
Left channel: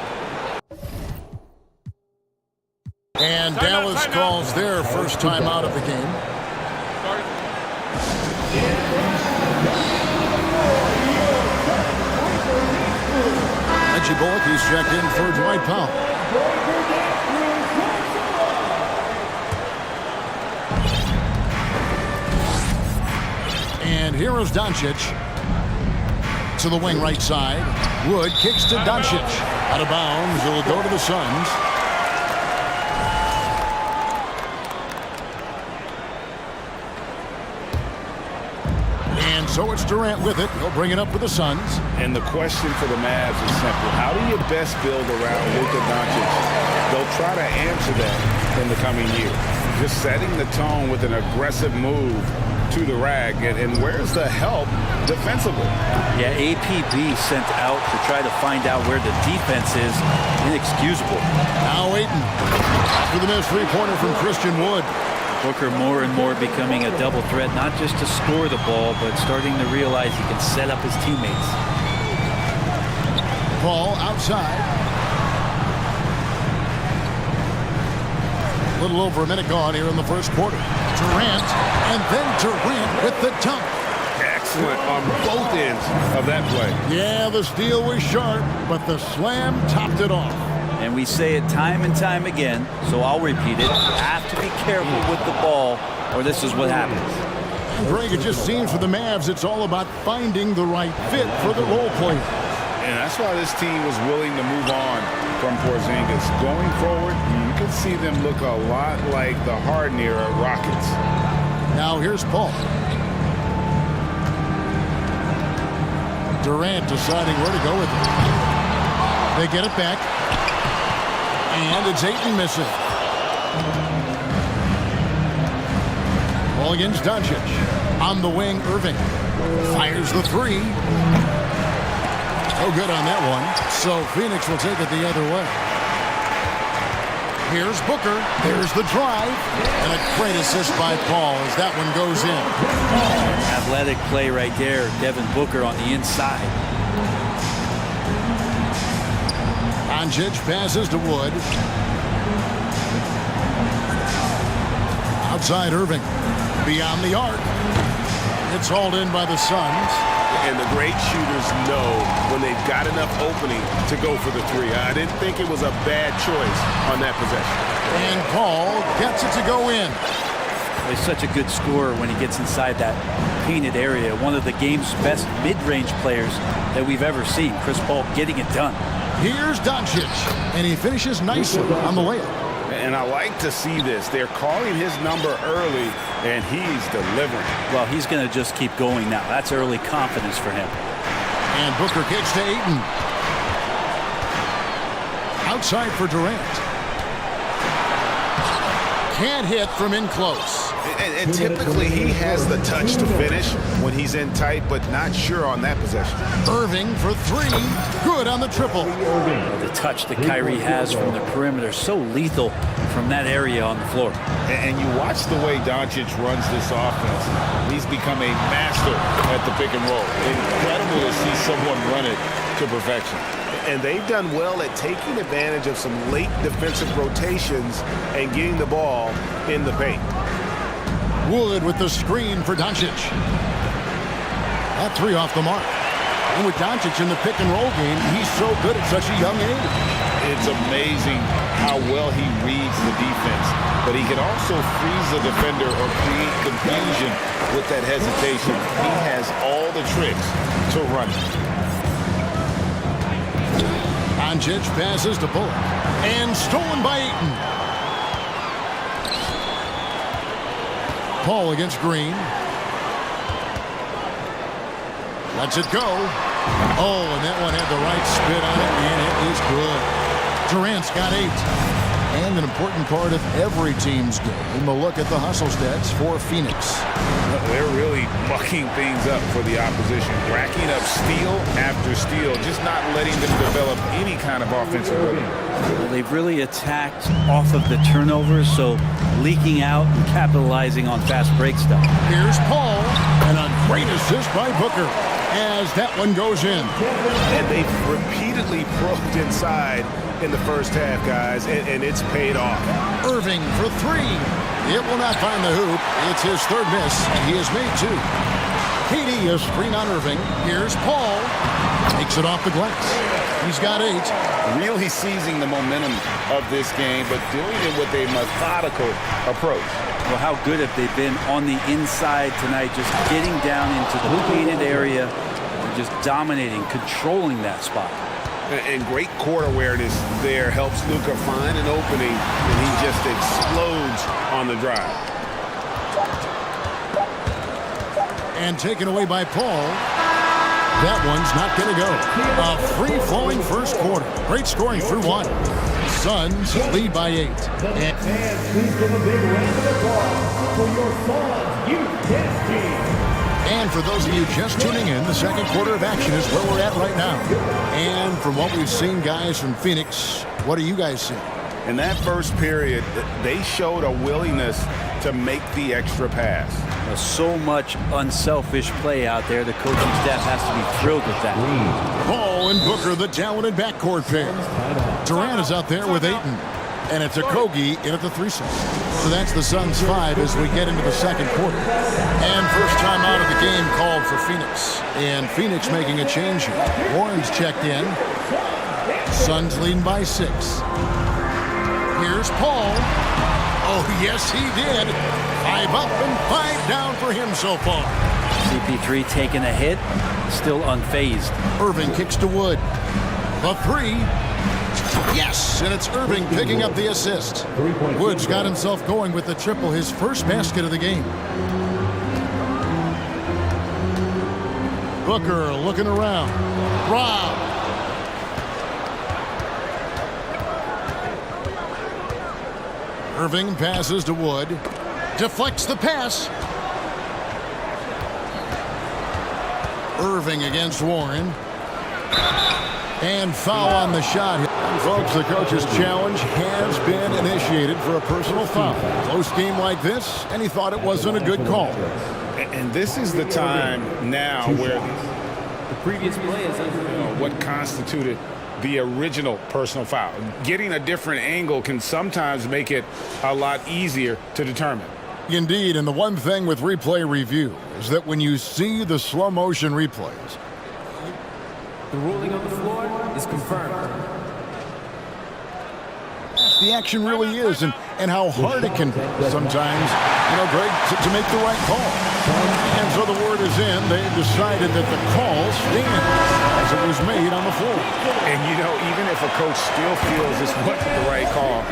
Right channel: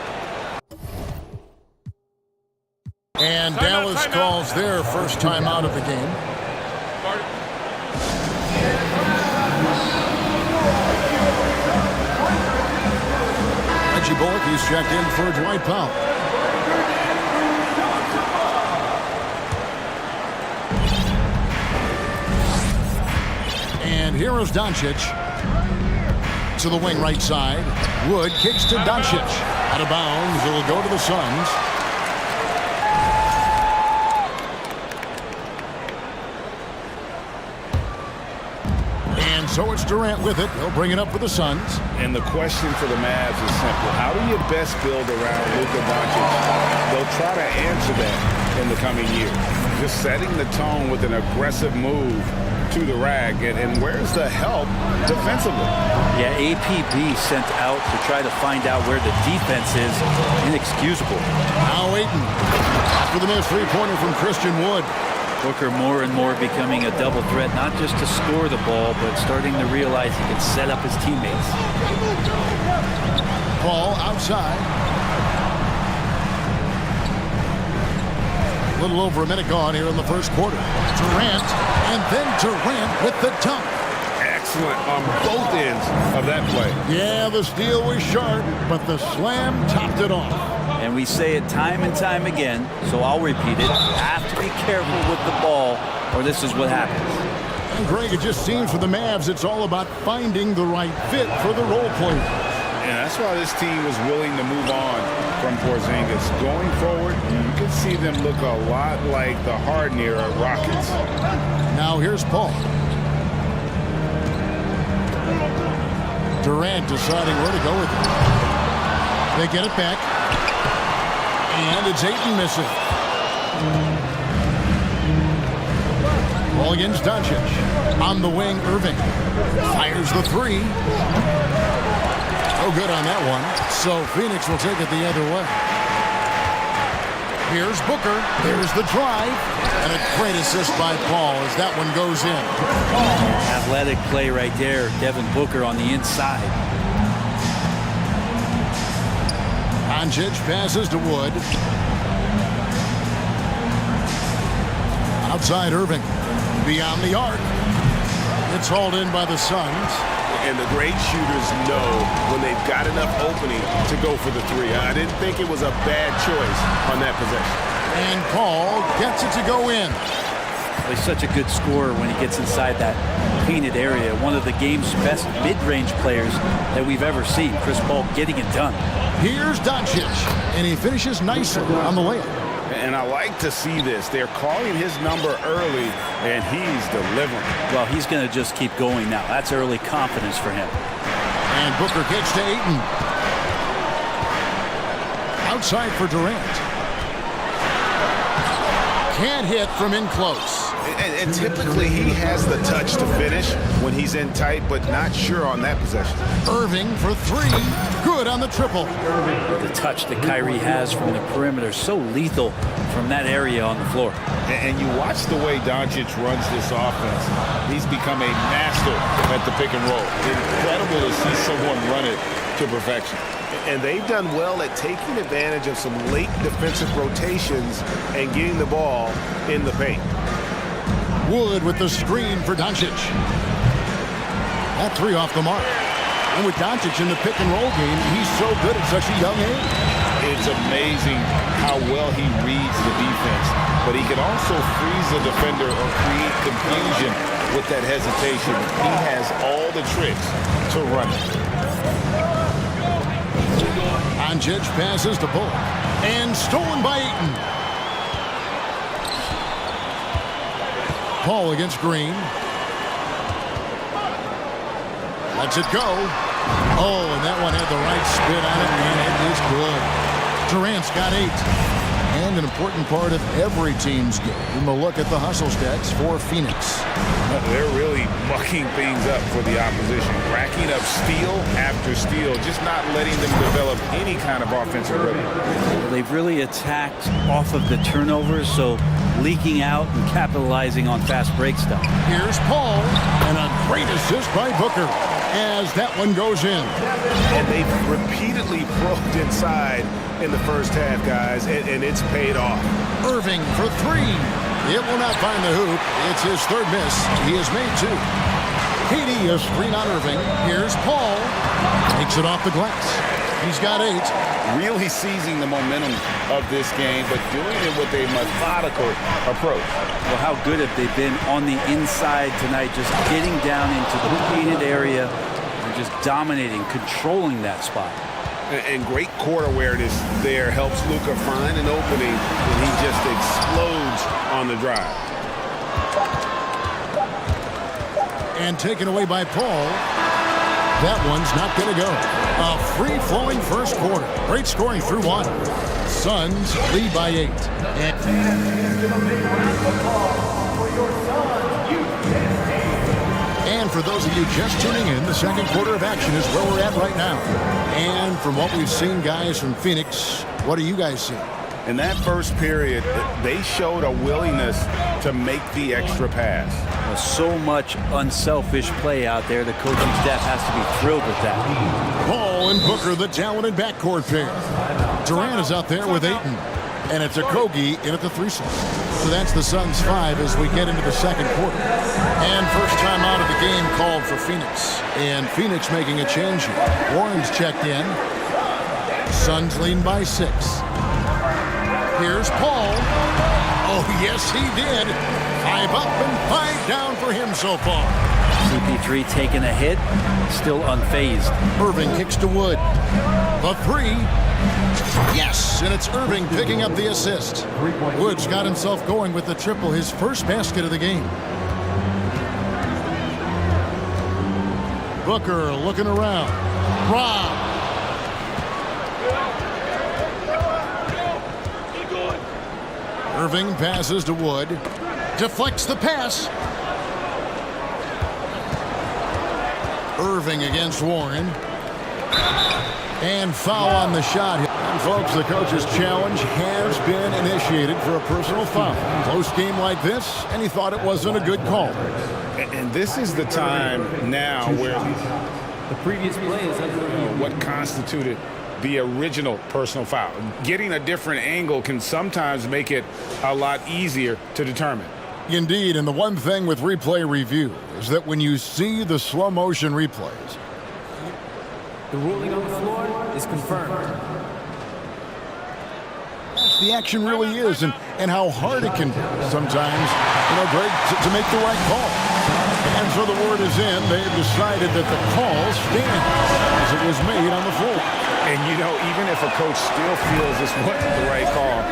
And Dallas calls their first time out of the game. Reggie Bullock, he's checked in for Dwight Powell. And here is Doncic to the wing right side. Wood kicks to Doncic. Out of bounds. It'll go to the Suns. And so it's Durant with it. He'll bring it up for the Suns. And the question for the Mavs is simple. How do you best build around Luka Doncic? They'll try to answer that in the coming year. Just setting the tone with an aggressive move to the rag. And where's the help defensively? Yeah, APB sent out to try to find out where the defense is. Inexcusable. Now Ayton. After the missed three-pointer from Christian Wood. Booker more and more becoming a double threat, not just to score the ball, but starting to realize he can set up his teammates. Paul outside. A little over a minute gone here in the first quarter. Durant, and then Durant with the dunk. Excellent on both ends of that play. Yeah, the steal was sharp, but the slam topped it off. And we say it time and time again, so I'll repeat it. You have to be careful with the ball, or this is what happens. And Greg, it just seems for the Mavs, it's all about finding the right fit for the role players. And that's why this team was willing to move on from Porzingis. Going forward, you can see them look a lot like the Harden era Rockets. Now here's Paul. Durant deciding where to go with it. They get it back. And it's Ayton missing. Ball against Doncic. On the wing, Irving. Fires the three. No good on that one. So Phoenix will take it the other way. Here's Booker. There's the drive. And a great assist by Paul as that one goes in. Athletic play right there. Devin Booker on the inside. Doncic passes to Wood. Outside Irving. Beyond the arc. It's hauled in by the Suns. And the great shooters know when they've got enough opening to go for the three. I didn't think it was a bad choice on that possession. And Paul gets it to go in. Well, he's such a good scorer when he gets inside that painted area. One of the game's best mid-range players that we've ever seen. Chris Paul getting it done. Here's Doncic, and he finishes nicely on the layup. And I like to see this. They're calling his number early, and he's delivering. Well, he's going to just keep going now. That's early confidence for him. And Booker kicks to Ayton. Outside for Durant. Can't hit from in close. And typically he has the touch to finish when he's in tight, but not sure on that possession. Irving for three. Good on the triple. Oh, the touch that Kyrie has from the perimeter, so lethal from that area on the floor. And you watch the way Doncic runs this offense. He's become a master at the pick and roll. Incredible to see someone run it to perfection. And they've done well at taking advantage of some late defensive rotations and getting the ball in the paint. Wood with the screen for Doncic. That three off the mark. And with Doncic in the pick and roll game, he's so good at such a young age. It's amazing how well he reads the defense, but he can also freeze the defender or create confusion with that hesitation. He has all the tricks to run it. Doncic passes to Bullock. And stolen by Ayton. Paul against Green. Lets it go. Oh, and that one had the right spin on it, and it is good. Durant's got 8. And an important part of every team's game, a look at the hustle stats for Phoenix. They're really mucking things up for the opposition, racking up steal after steal, just not letting them develop any kind of offensive rhythm. Well, they've really attacked off of the turnovers, so leaking out and capitalizing on fast break stuff. Here's Paul, and a great assist by Booker as that one goes in. And they've repeatedly probed inside in the first half, guys, and it's paid off. Irving for 3. It will not find the hoop. It's his 3rd miss. He has made 2. KD is screen on Irving. Here's Paul. Takes it off the glass. He's got 8. Really seizing the momentum of this game, but doing it with a methodical approach. Well, how good have they been on the inside tonight, just getting down into the painted area and just dominating, controlling that spot. And great court awareness there helps Luka find an opening, and he just explodes on the drive. And taken away by Paul. That one's not going to go. A free-flowing first quarter. Great scoring through 1. Suns lead by 8. And fans, please give a big round of applause for your Suns Youth Tennis Team. And for those of you just tuning in, the second quarter of action is where we're at right now. And from what we've seen, guys, from Phoenix, what are you guys seeing? In that first period, they showed a willingness to make the extra pass. So much unselfish play out there. The coaching staff has to be thrilled with that. Paul and Booker, the talented backcourt pair. Durant is out there with Ayton. And it's Okogie in at the 3 slot. So that's the Suns 5 as we get into the second quarter. And first time out of the game called for Phoenix. And Phoenix making a change here. Warren's checked in. Suns leading by 6. Here's Paul. Oh, yes, he did. 5 up and 5 down for him so far. CP3 taking a hit, still unfazed. Irving kicks to Wood. The 3. Yes, and it's Irving picking up the assist. Woods got himself going with the triple, his first basket of the game. Booker looking around. Rob. Irving passes to Wood. Deflects the pass. Irving against Warren. And foul on the shot. And folks, the coach's challenge has been initiated for a personal foul. Close game like this, and he thought it wasn't a good call. And this is the time now where the previous play is under what constituted the original personal foul. Getting a different angle can sometimes make it a lot easier to determine. Indeed, and the one thing with replay review is that when you see the slow motion replays, the ruling on the floor is confirmed. The action really is, and how hard it can be sometimes, Greg, to make the right call. And so the word is in. They've decided that the call stands as it was made on the floor. And, even if a coach still feels this wasn't the right call,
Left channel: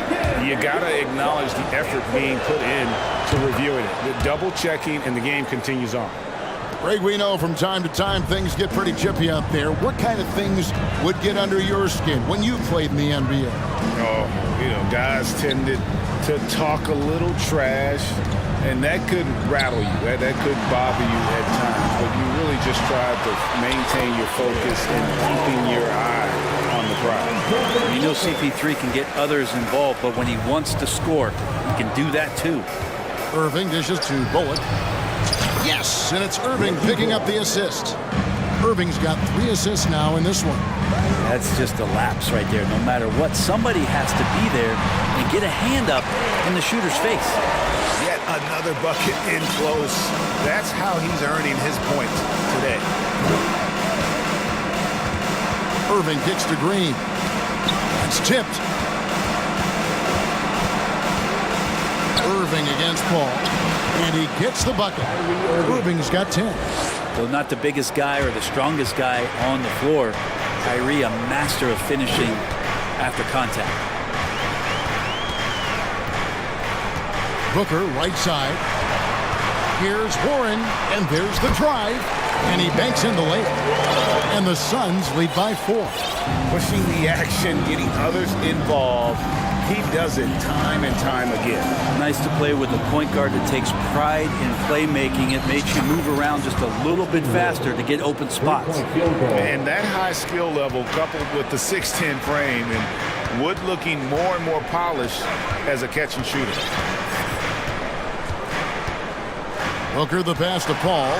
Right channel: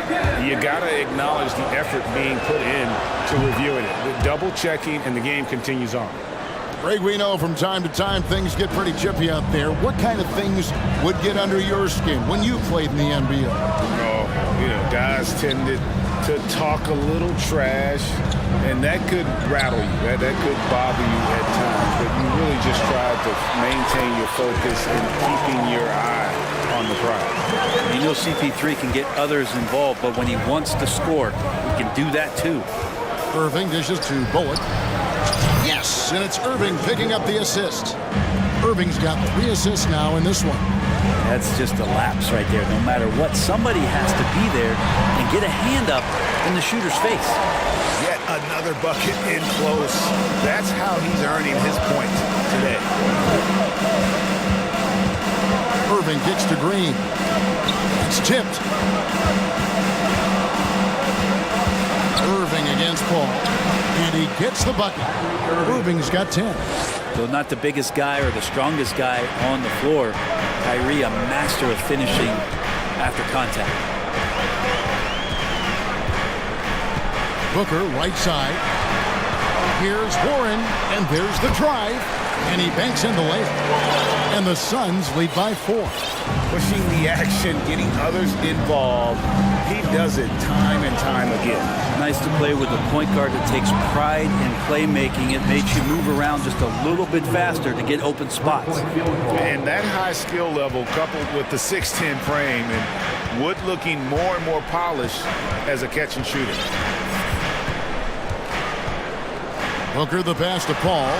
you got to acknowledge the effort being put in to reviewing it. The double checking, and the game continues on. Greg, we know from time to time things get pretty chippy out there. What kind of things would get under your skin when you played in the NBA? Oh, guys tended to talk a little trash, and that could rattle you. That could bother you at times, but you really just tried to maintain your focus and keeping your eye on the prize. CP3 can get others involved, but when he wants to score, he can do that too. Irving dishes to Bullock. Yes, and it's Irving picking up the assist. Irving's got 3 assists now in this one. That's just a lapse right there. No matter what, somebody has to be there and get a hand up in the shooter's face. Yet another bucket in close. That's how he's earning his points today. Irving kicks to Green. It's tipped. Irving against Paul. And he gets the bucket. Irving's got 10. Though not the biggest guy or the strongest guy on the floor, Kyrie a master of finishing after contact. Booker right side. Here's Warren, and there's the drive. And he banks in the layup. And the Suns lead by 4. Pushing the action, getting others involved. He does it time and time again. Nice to play with a point guard that takes pride in playmaking. It makes you move around just a little bit faster to get open spots. And that high skill level coupled with the 6'10 frame and Wood looking more and more polished as a catch and shooter. Booker the pass to Paul.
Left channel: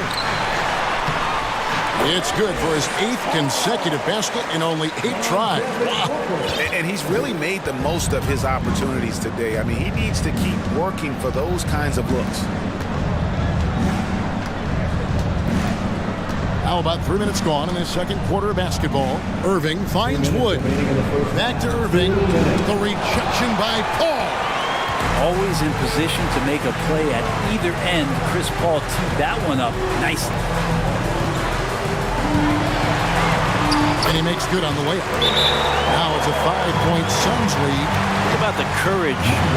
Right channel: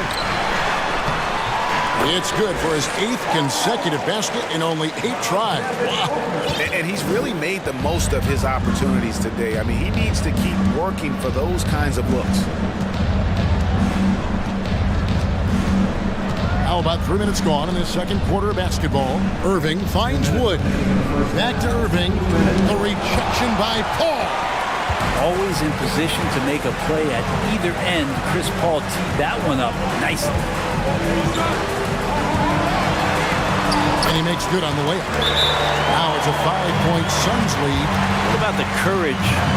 It's good for his 8th consecutive basket in only 8 tries. Wow. And he's really made the most of his opportunities today. I mean, he needs to keep working for those kinds of looks. How about 3 minutes gone in this second quarter of basketball? Irving finds Wood. Back to Irving. The rejection by Paul. Always in position to make a play at either end. Chris Paul teed that one up nicely. And he makes good on the layup. Now it's a 5-point Suns lead. What about the courage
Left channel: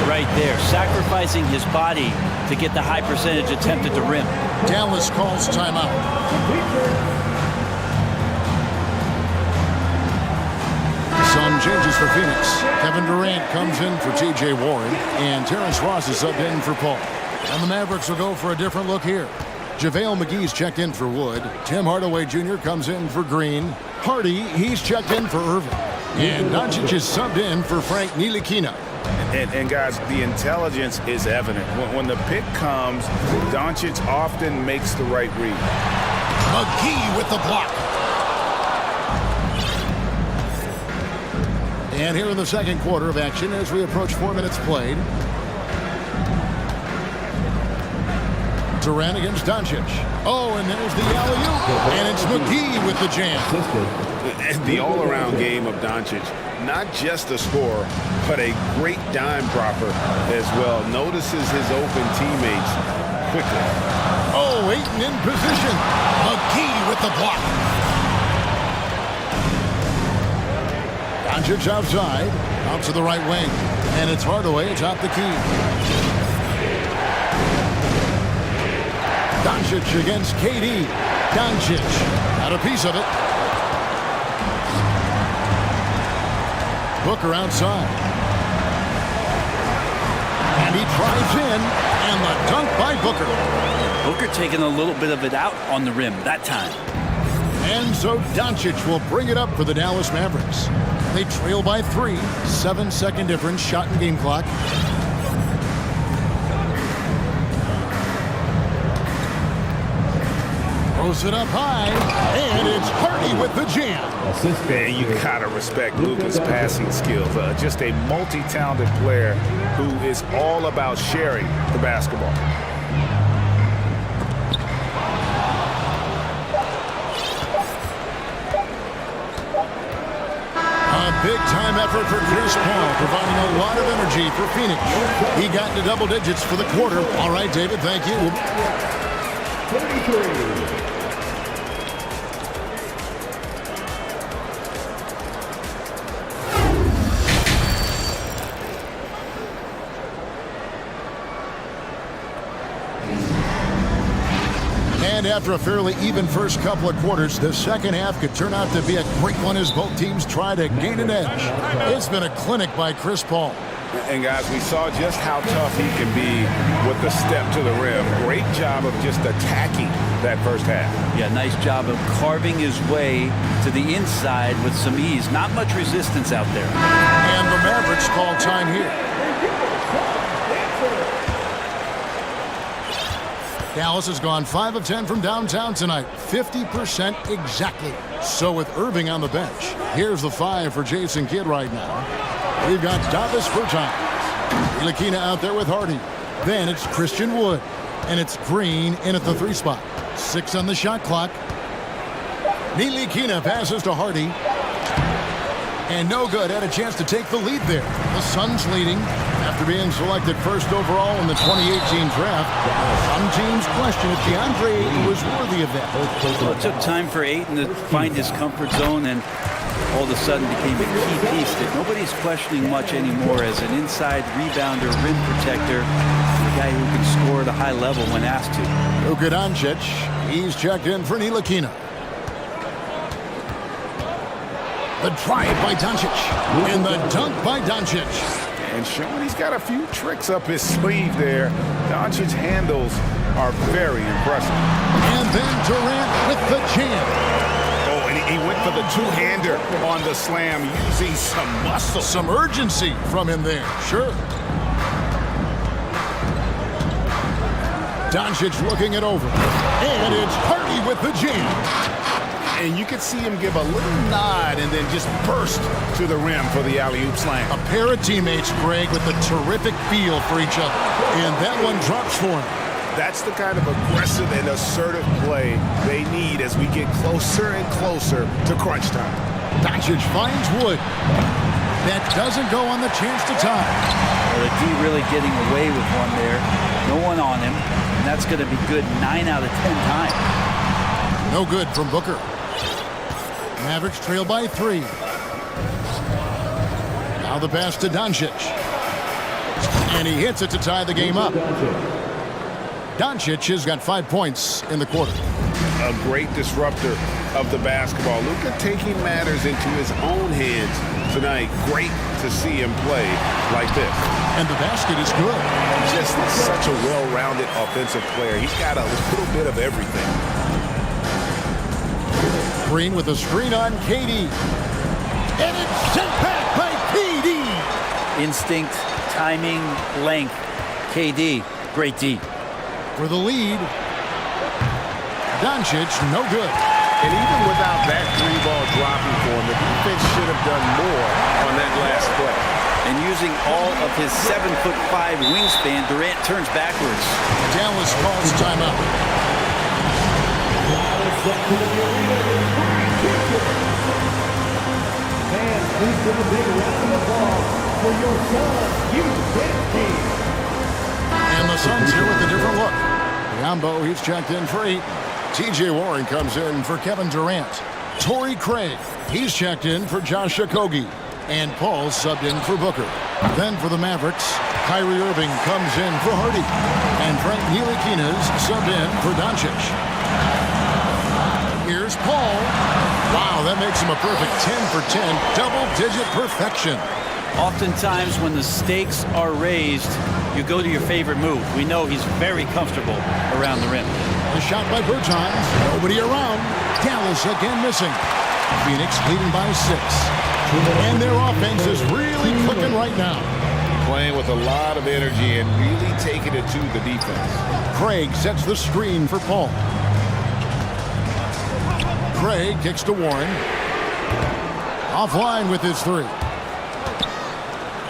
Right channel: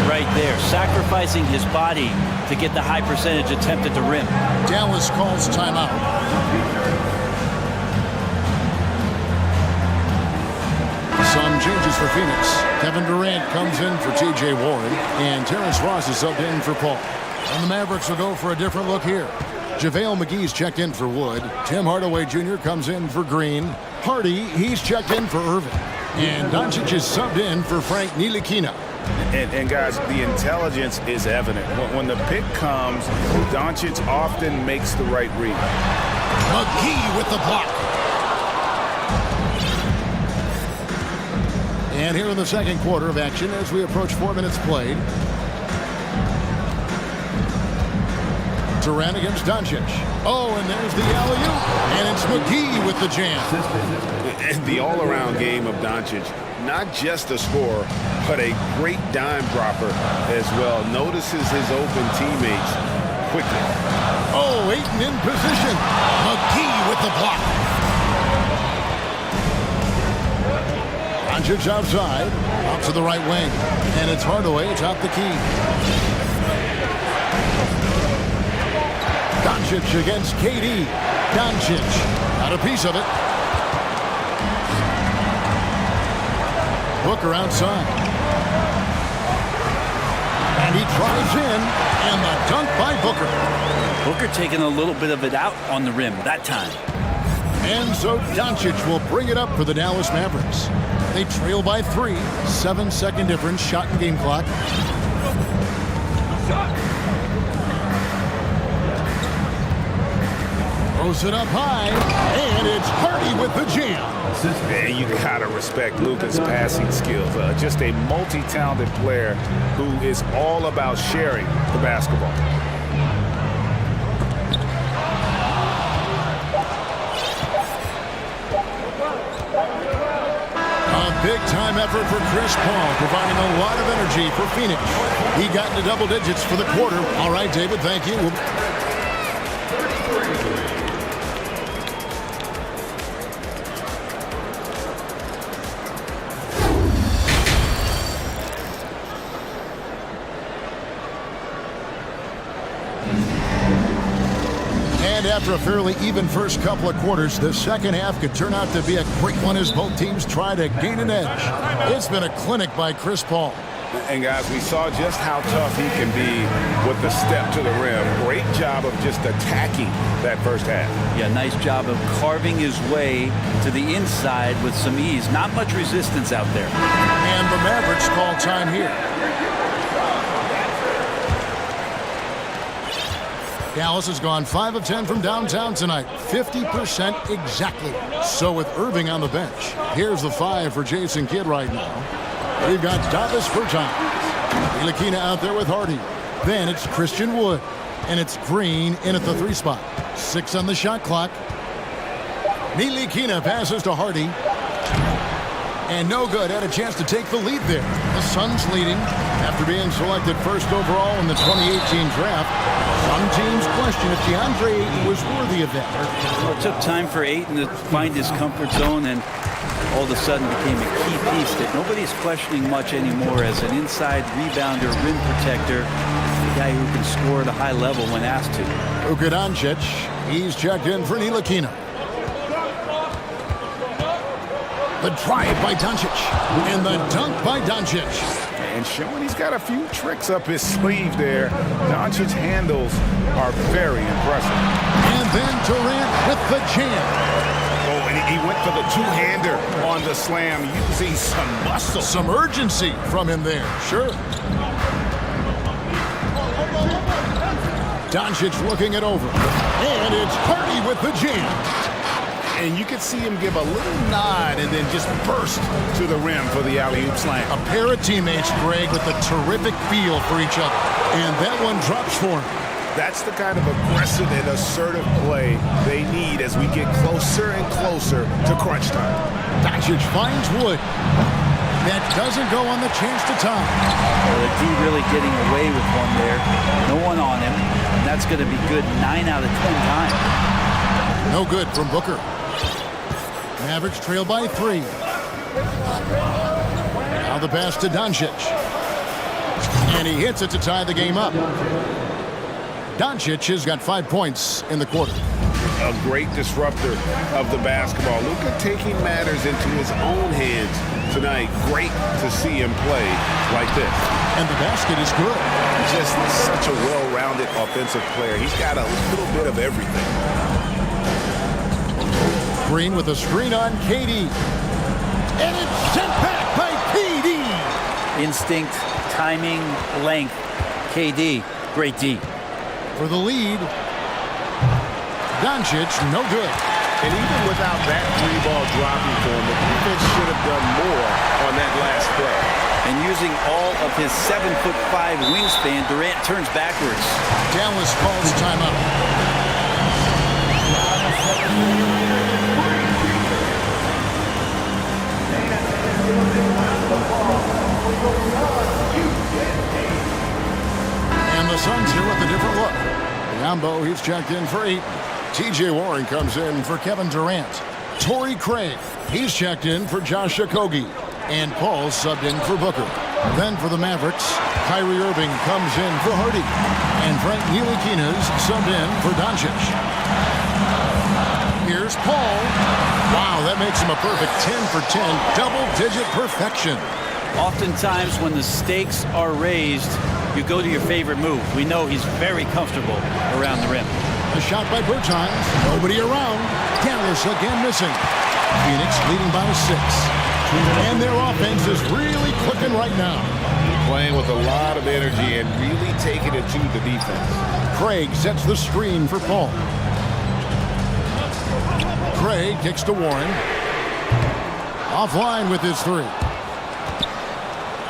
right there? Sacrificing his body to get the high percentage attempt at the rim. Dallas calls timeout. Some changes for Phoenix. Kevin Durant comes in for T.J. Warren, and Terrence Ross is subbed in for Paul. And the Mavericks will go for a different look here. JaVale McGee's checked in for Wood. Tim Hardaway Jr. comes in for Green. Hardy, he's checked in for Irving. And Doncic is subbed in for Frank Ntilikina. And guys, the intelligence is evident. When the pick comes, Doncic often makes the right read. McGee with the block. And here in the second quarter of action as we approach 4 minutes played. Durant against Doncic. Oh, and there's the alley-oop. And it's McGee with the jam. The all-around game of Doncic. Not just a scorer, but a great dime dropper as well. Notices his open teammates quickly. Oh, Ayton in position. McGee with the block. Doncic outside. Out to the right wing. And it's Hardaway atop the key. Doncic against KD. Doncic got a piece of it. Booker outside. And he drives in. And the dunk by Booker. Booker taking a little bit of it out on the rim that time. And so Doncic will bring it up for the Dallas Mavericks. They trail by 3. 7-second difference. Shot and game clock. Throws it up high, and it's Hardy with the jam. Man, you gotta respect Luka's passing skills. Just a multi-talented player who is all about sharing the basketball. A big-time effort for Chris Paul, providing a lot of energy for Phoenix. He got into double digits for the quarter. All right, David, thank you. 33. And after a fairly even first couple of quarters, the second half could turn out to be a great one as both teams try to gain an edge. It's been a clinic by Chris Paul. And guys, we saw just how tough he can be with the step to the rim. Great job of just attacking that first half. Yeah, nice job of carving his way to the inside with some ease. Not much resistance out there. And the Mavericks call time here. Dallas has gone 5 of 10 from downtown tonight. 50% exactly. So with Irving on the bench, here's the 5 for Jason Kidd right now. We've got Davis Bertans. Ntilikina out there with Hardy. Then it's Christian Wood. And it's Green in at the 3 spot. 6 on the shot clock. Ntilikina passes to Hardy. And no good. Had a chance to take the lead there. The Suns leading after being selected first overall in the 2018 draft. Some teams question if DeAndre Ayton was worthy of that. Well, it took time for Ayton to find his comfort zone and all of a sudden became a key piece that nobody's questioning much anymore as an inside rebounder, rim protector, the guy who can score at a high level when asked to. Luka Doncic, he's checked in for Ntilikina. The drive by Doncic, and the dunk by Doncic. And showing he's got a few tricks up his sleeve there. Doncic's handles are very impressive. And then Durant with the jam. Oh, and he went for the two-hander on the slam, using some muscle. Some urgency from him there, sure. Doncic looking it over. And it's Hardy with the jam. And you can see him give a little nod and then just burst to the rim for the alley-oop slam. A pair of teammates, Greg, with a terrific feel for each other. And that one drops for him. That's the kind of aggressive and assertive play they need as we get closer and closer to crunch time. Doncic finds Wood. That doesn't go on the chance to tie. Well, the D really getting away with one there. No one on him. And that's going to be good 9 out of 10 times. No good from Booker. Mavericks trail by 3. Now the pass to Doncic. And he hits it to tie the game up. Doncic has got 5 points in the quarter. A great disruptor of the basketball. Luka taking matters into his own hands tonight. Great to see him play like this. And the basket is good. Just such a well-rounded offensive player. He's got a little bit of everything. Green with a screen on KD. And it's sent back by KD. Instinct, timing, length. KD, great D. For the lead. Doncic, no good. And even without that 3-ball dropping for him, the defense should have done more on that last play. And using all of his 7'5" wingspan, Durant turns backwards. Dallas calls timeout. And the Suns here with a different look. Biombo, he's checked in for 8. TJ Warren comes in for Kevin Durant. Torrey Craig, he's checked in for Josh Okogie. And Paul subbed in for Booker. Then for the Mavericks, Kyrie Irving comes in for Hardy. And Frank Ntilikina's subbed in for Doncic. Here's Paul. Wow, that makes him a perfect 10 for 10, double-digit perfection. Oftentimes when the stakes are raised, you go to your favorite move. We know he's very comfortable around the rim. A shot by Bertans, nobody around. Dallas again missing. Phoenix leading by 6. And their offense is really clicking right now. Playing with a lot of energy and really taking it to the defense. Craig sets the screen for Paul. Craig kicks to Warren. Offline with his 3.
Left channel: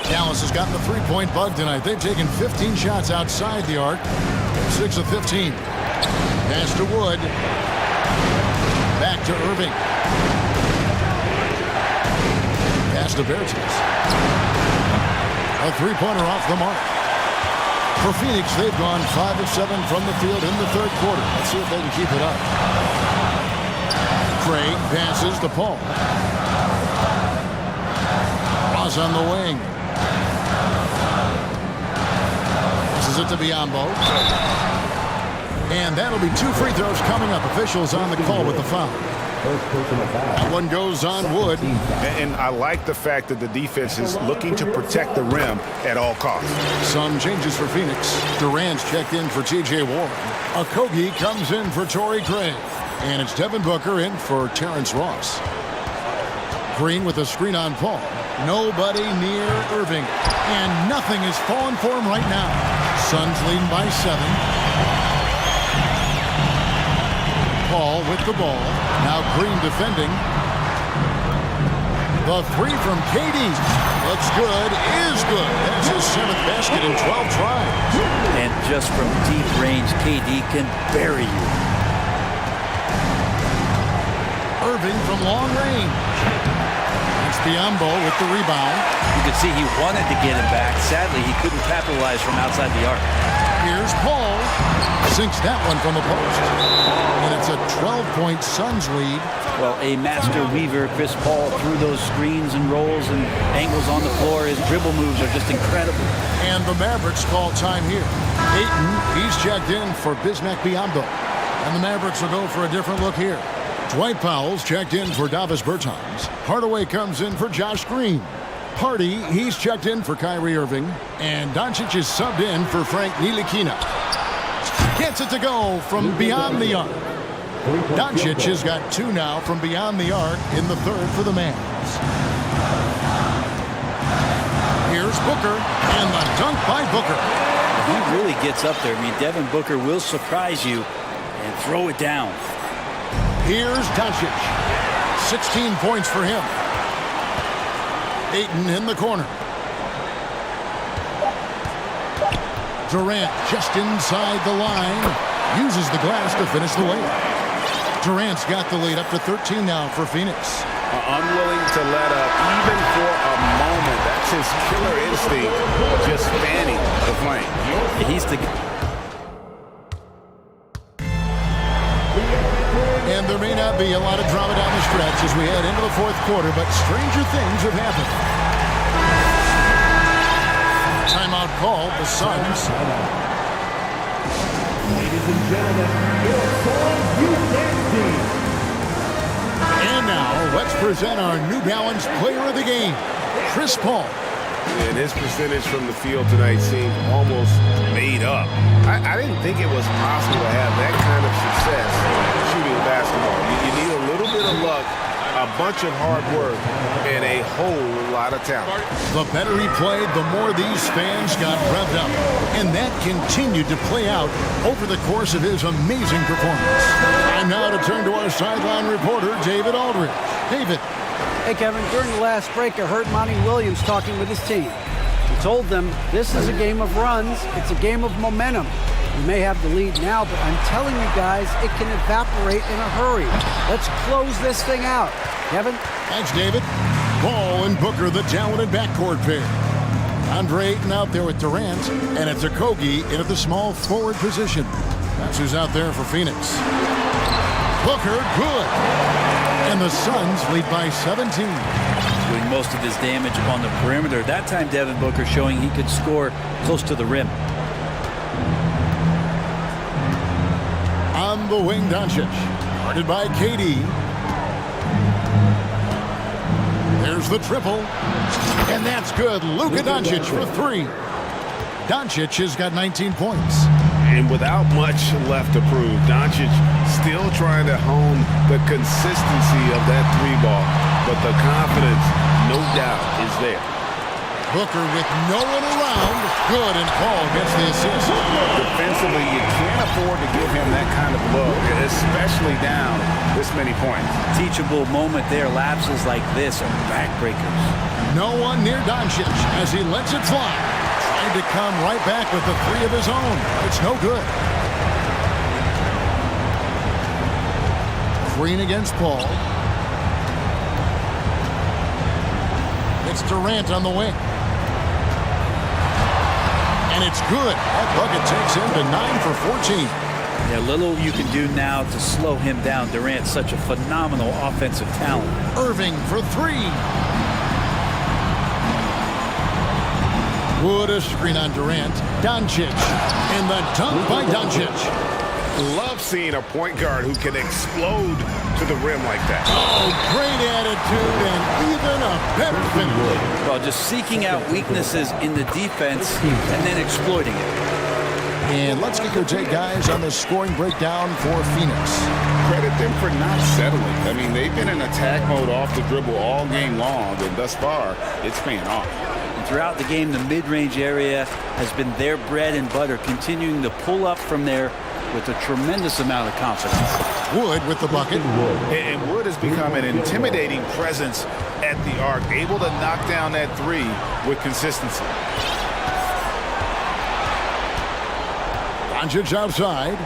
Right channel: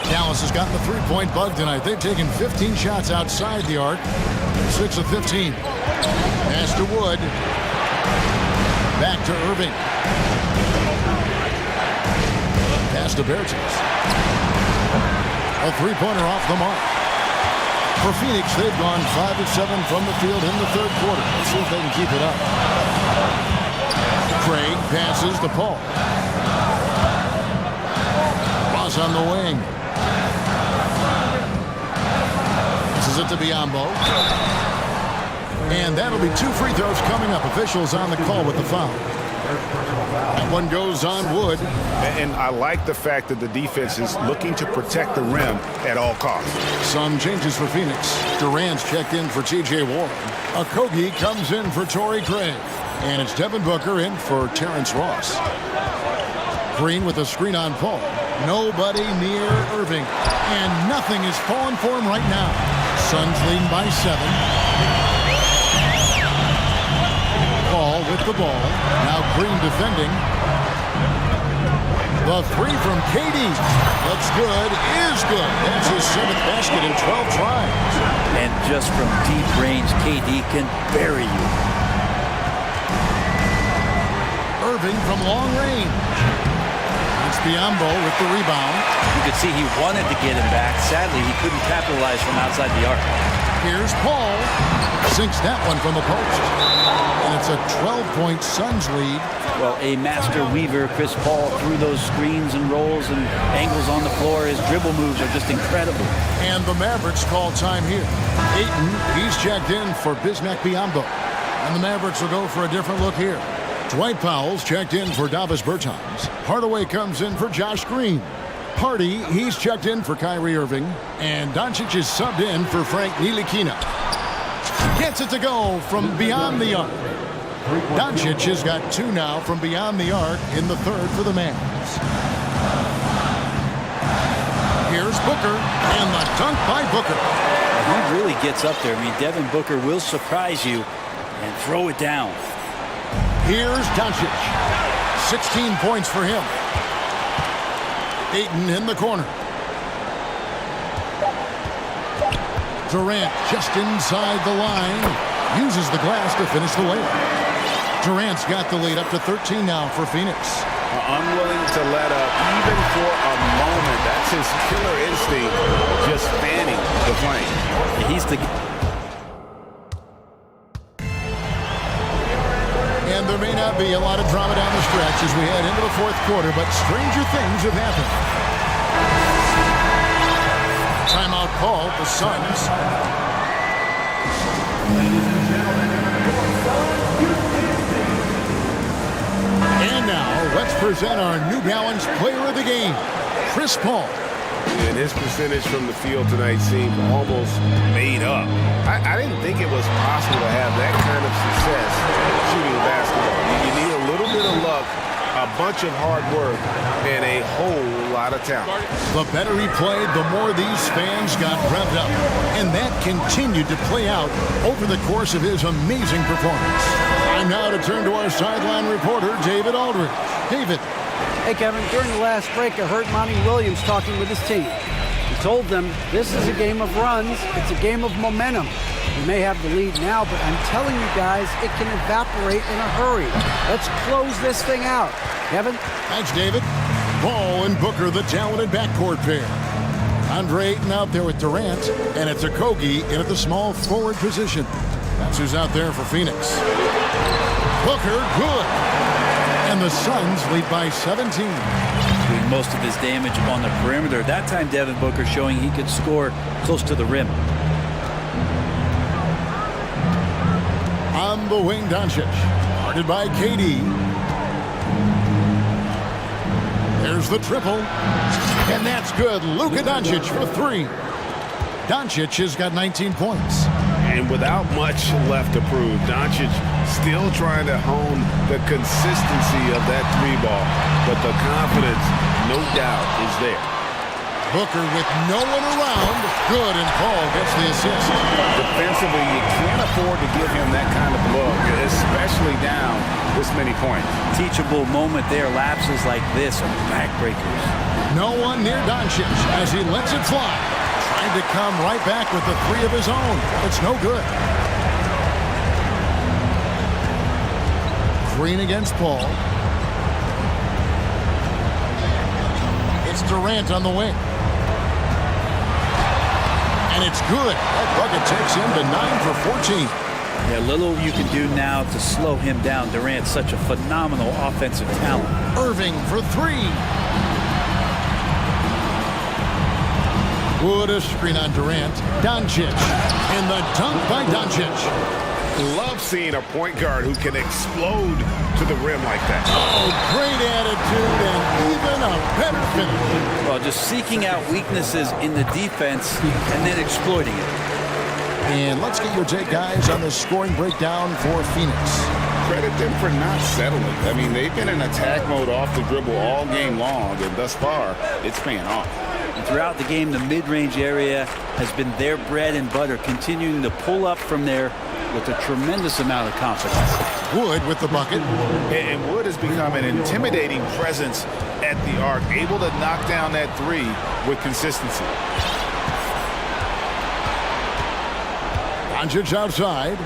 Dallas has gotten the three-point bug tonight. They've taken 15 shots outside the arc. 6 of 15. Pass to Wood. Back to Irving. Pass to Bertans. A three-pointer off the mark. For Phoenix, they've gone 5 of 7 from the field in the third quarter. Let's see if they can keep it up. Craig passes to Paul. Ross on the wing. This is it to Biombo. And that'll be 2 free throws coming up. Officials on the call with the foul. That one goes on Wood. And I like the fact that the defense is looking to protect the rim at all costs. Some changes for Phoenix. Durant's checked in for TJ Warren. Okogie comes in for Torrey Craig. And it's Devin Booker in for Terrence Ross. Green with a screen on Paul. Nobody near Irving. And nothing is falling for him right now. Suns leading by 7. Paul with the ball. Now Green defending. The 3 from KD. Looks good, is good. That's his 7th basket in 12 tries. And just from deep range, KD can bury you. Irving from long range. It's Biombo with the rebound. You could see he wanted to get him back. Sadly, he couldn't capitalize from outside the arc. Here's Paul. Sinks that one from the post. And it's a 12-point Suns lead. Well, a master weaver, Chris Paul, through those screens and rolls and angles on the floor. His dribble moves are just incredible. And the Mavericks call time here. Ayton, he's checked in for Bismack Biyombo. And the Mavericks will go for a different look here. Dwight Powell's checked in for Davis Bertans. Hardaway comes in for Josh Green. Hardy, he's checked in for Kyrie Irving. And Doncic is subbed in for Frank Ntilikina. Gets it to go from beyond the arc. Doncic has got 2 now from beyond the arc in the third for the Mavs. Here's Booker, and the dunk by Booker. He really gets up there. I mean, Devin Booker will surprise you and throw it down. Here's Doncic. 16 points for him. Ayton in the corner. Durant just inside the line. Uses the glass to finish the layup. Durant's got the lead up to 13 now for Phoenix. Unwilling to let up even for a moment. That's his killer instinct, just fanning the flame. He's the... And there may not be a lot of drama down the stretch as we head into the fourth quarter, but stranger things have happened. Timeout called, the Suns. Ladies and gentlemen, your Suns U10 team. And now, let's present our New Balance Player of the Game, Chris Paul. And his percentage from the field tonight seemed almost made up. I didn't think it was possible to have that kind of success shooting basketball. You need a little bit of luck, a bunch of hard work, and a whole lot of talent. The better he played, the more these fans got revved up. And that continued to play out over the course of his amazing performance. Time now to turn to our sideline reporter, David Aldridge. David. Hey, Kevin, during the last break, I heard Monty Williams talking with his team. He told them this is a game of runs. It's a game of momentum. We may have the lead now, but I'm telling you guys, it can evaporate in a hurry. Let's close this thing out. Kevin? Thanks, David. Ball and Booker, the talented backcourt pair. Andre Ayton out there with Durant, and it's Okogie in at the small forward position. That's who's out there for Phoenix. Booker, good. And the Suns lead by 17. Doing most of his damage on the perimeter. That time, Devin Booker showing he could score close to the rim. On the wing, Doncic. Guarded by KD. There's the triple. And that's good. Luka Doncic for 3. Doncic has got 19 points. And without much left to prove, Doncic still trying to hone the consistency of that 3-ball. But the confidence, no doubt, is there. Booker with no one around. Good, and Paul gets the assist. Defensively, you can't afford to give him that kind of look, especially down this many points. Teachable moment there. Lapses like this are backbreakers. No one near Doncic as he lets it fly. Tried to come right back with the 3 of his own, but it's no good. Green against Paul. It's Durant on the wing. And it's good. That bucket takes him to 9 for 14. Yeah, little you can do now to slow him down. Durant's such a phenomenal offensive talent. Irving for 3. Wood a screen on Durant. Doncic. And the dunk by Doncic. Love seeing a point guard who can explode to the rim like that. Oh, great attitude and even a better finish. Well, just seeking out weaknesses in the defense and then exploiting it. And let's get your take, guys, on the scoring breakdown for Phoenix. Credit them for not settling. I mean, they've been in attack mode off the dribble all game long, and thus far, it's paying off. And throughout the game, the mid-range area has been their bread and butter, continuing to pull up from there with a tremendous amount of confidence. Wood with the bucket. And Wood has become an intimidating presence at the arc, able to knock down that 3 with consistency. Doncic outside.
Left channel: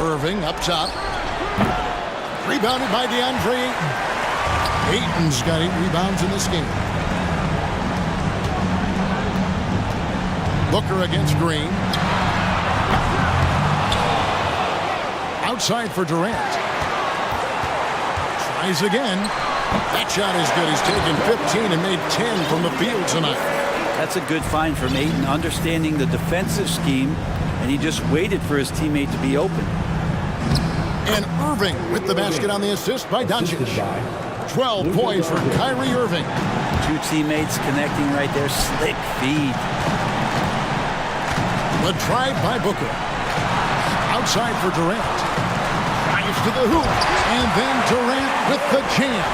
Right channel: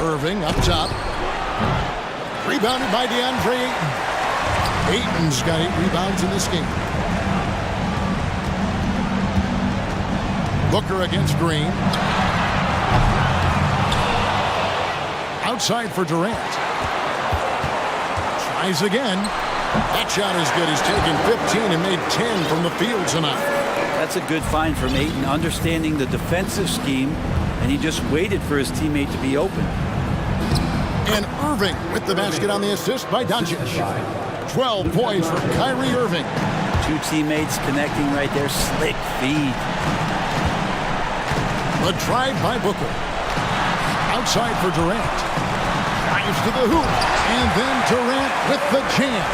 Irving up top. Rebounded by DeAndre Ayton. Ayton's got 8 rebounds in this game. Booker against Green. Outside for Durant. Tries again. That shot is good. He's taken 15 and made 10 from the field tonight. That's a good find from Ayton, understanding the defensive scheme, and he just waited for his teammate to be open. And Irving with the basket on the assist by Doncic. 12 points for Kyrie Irving. Two teammates connecting right there. Slick feed. The drive by Booker. Outside for Durant. Drives to the hoop. And then Durant with the jam.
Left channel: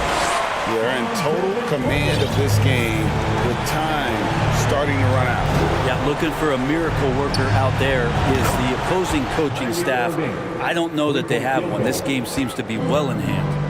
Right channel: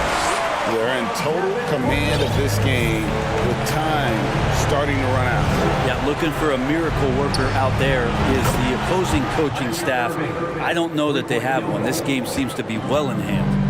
They're in total command of this game with time starting to run out. Yeah, looking for a miracle worker out there is the opposing coaching staff. I don't know that they have one. This game seems to be well in hand.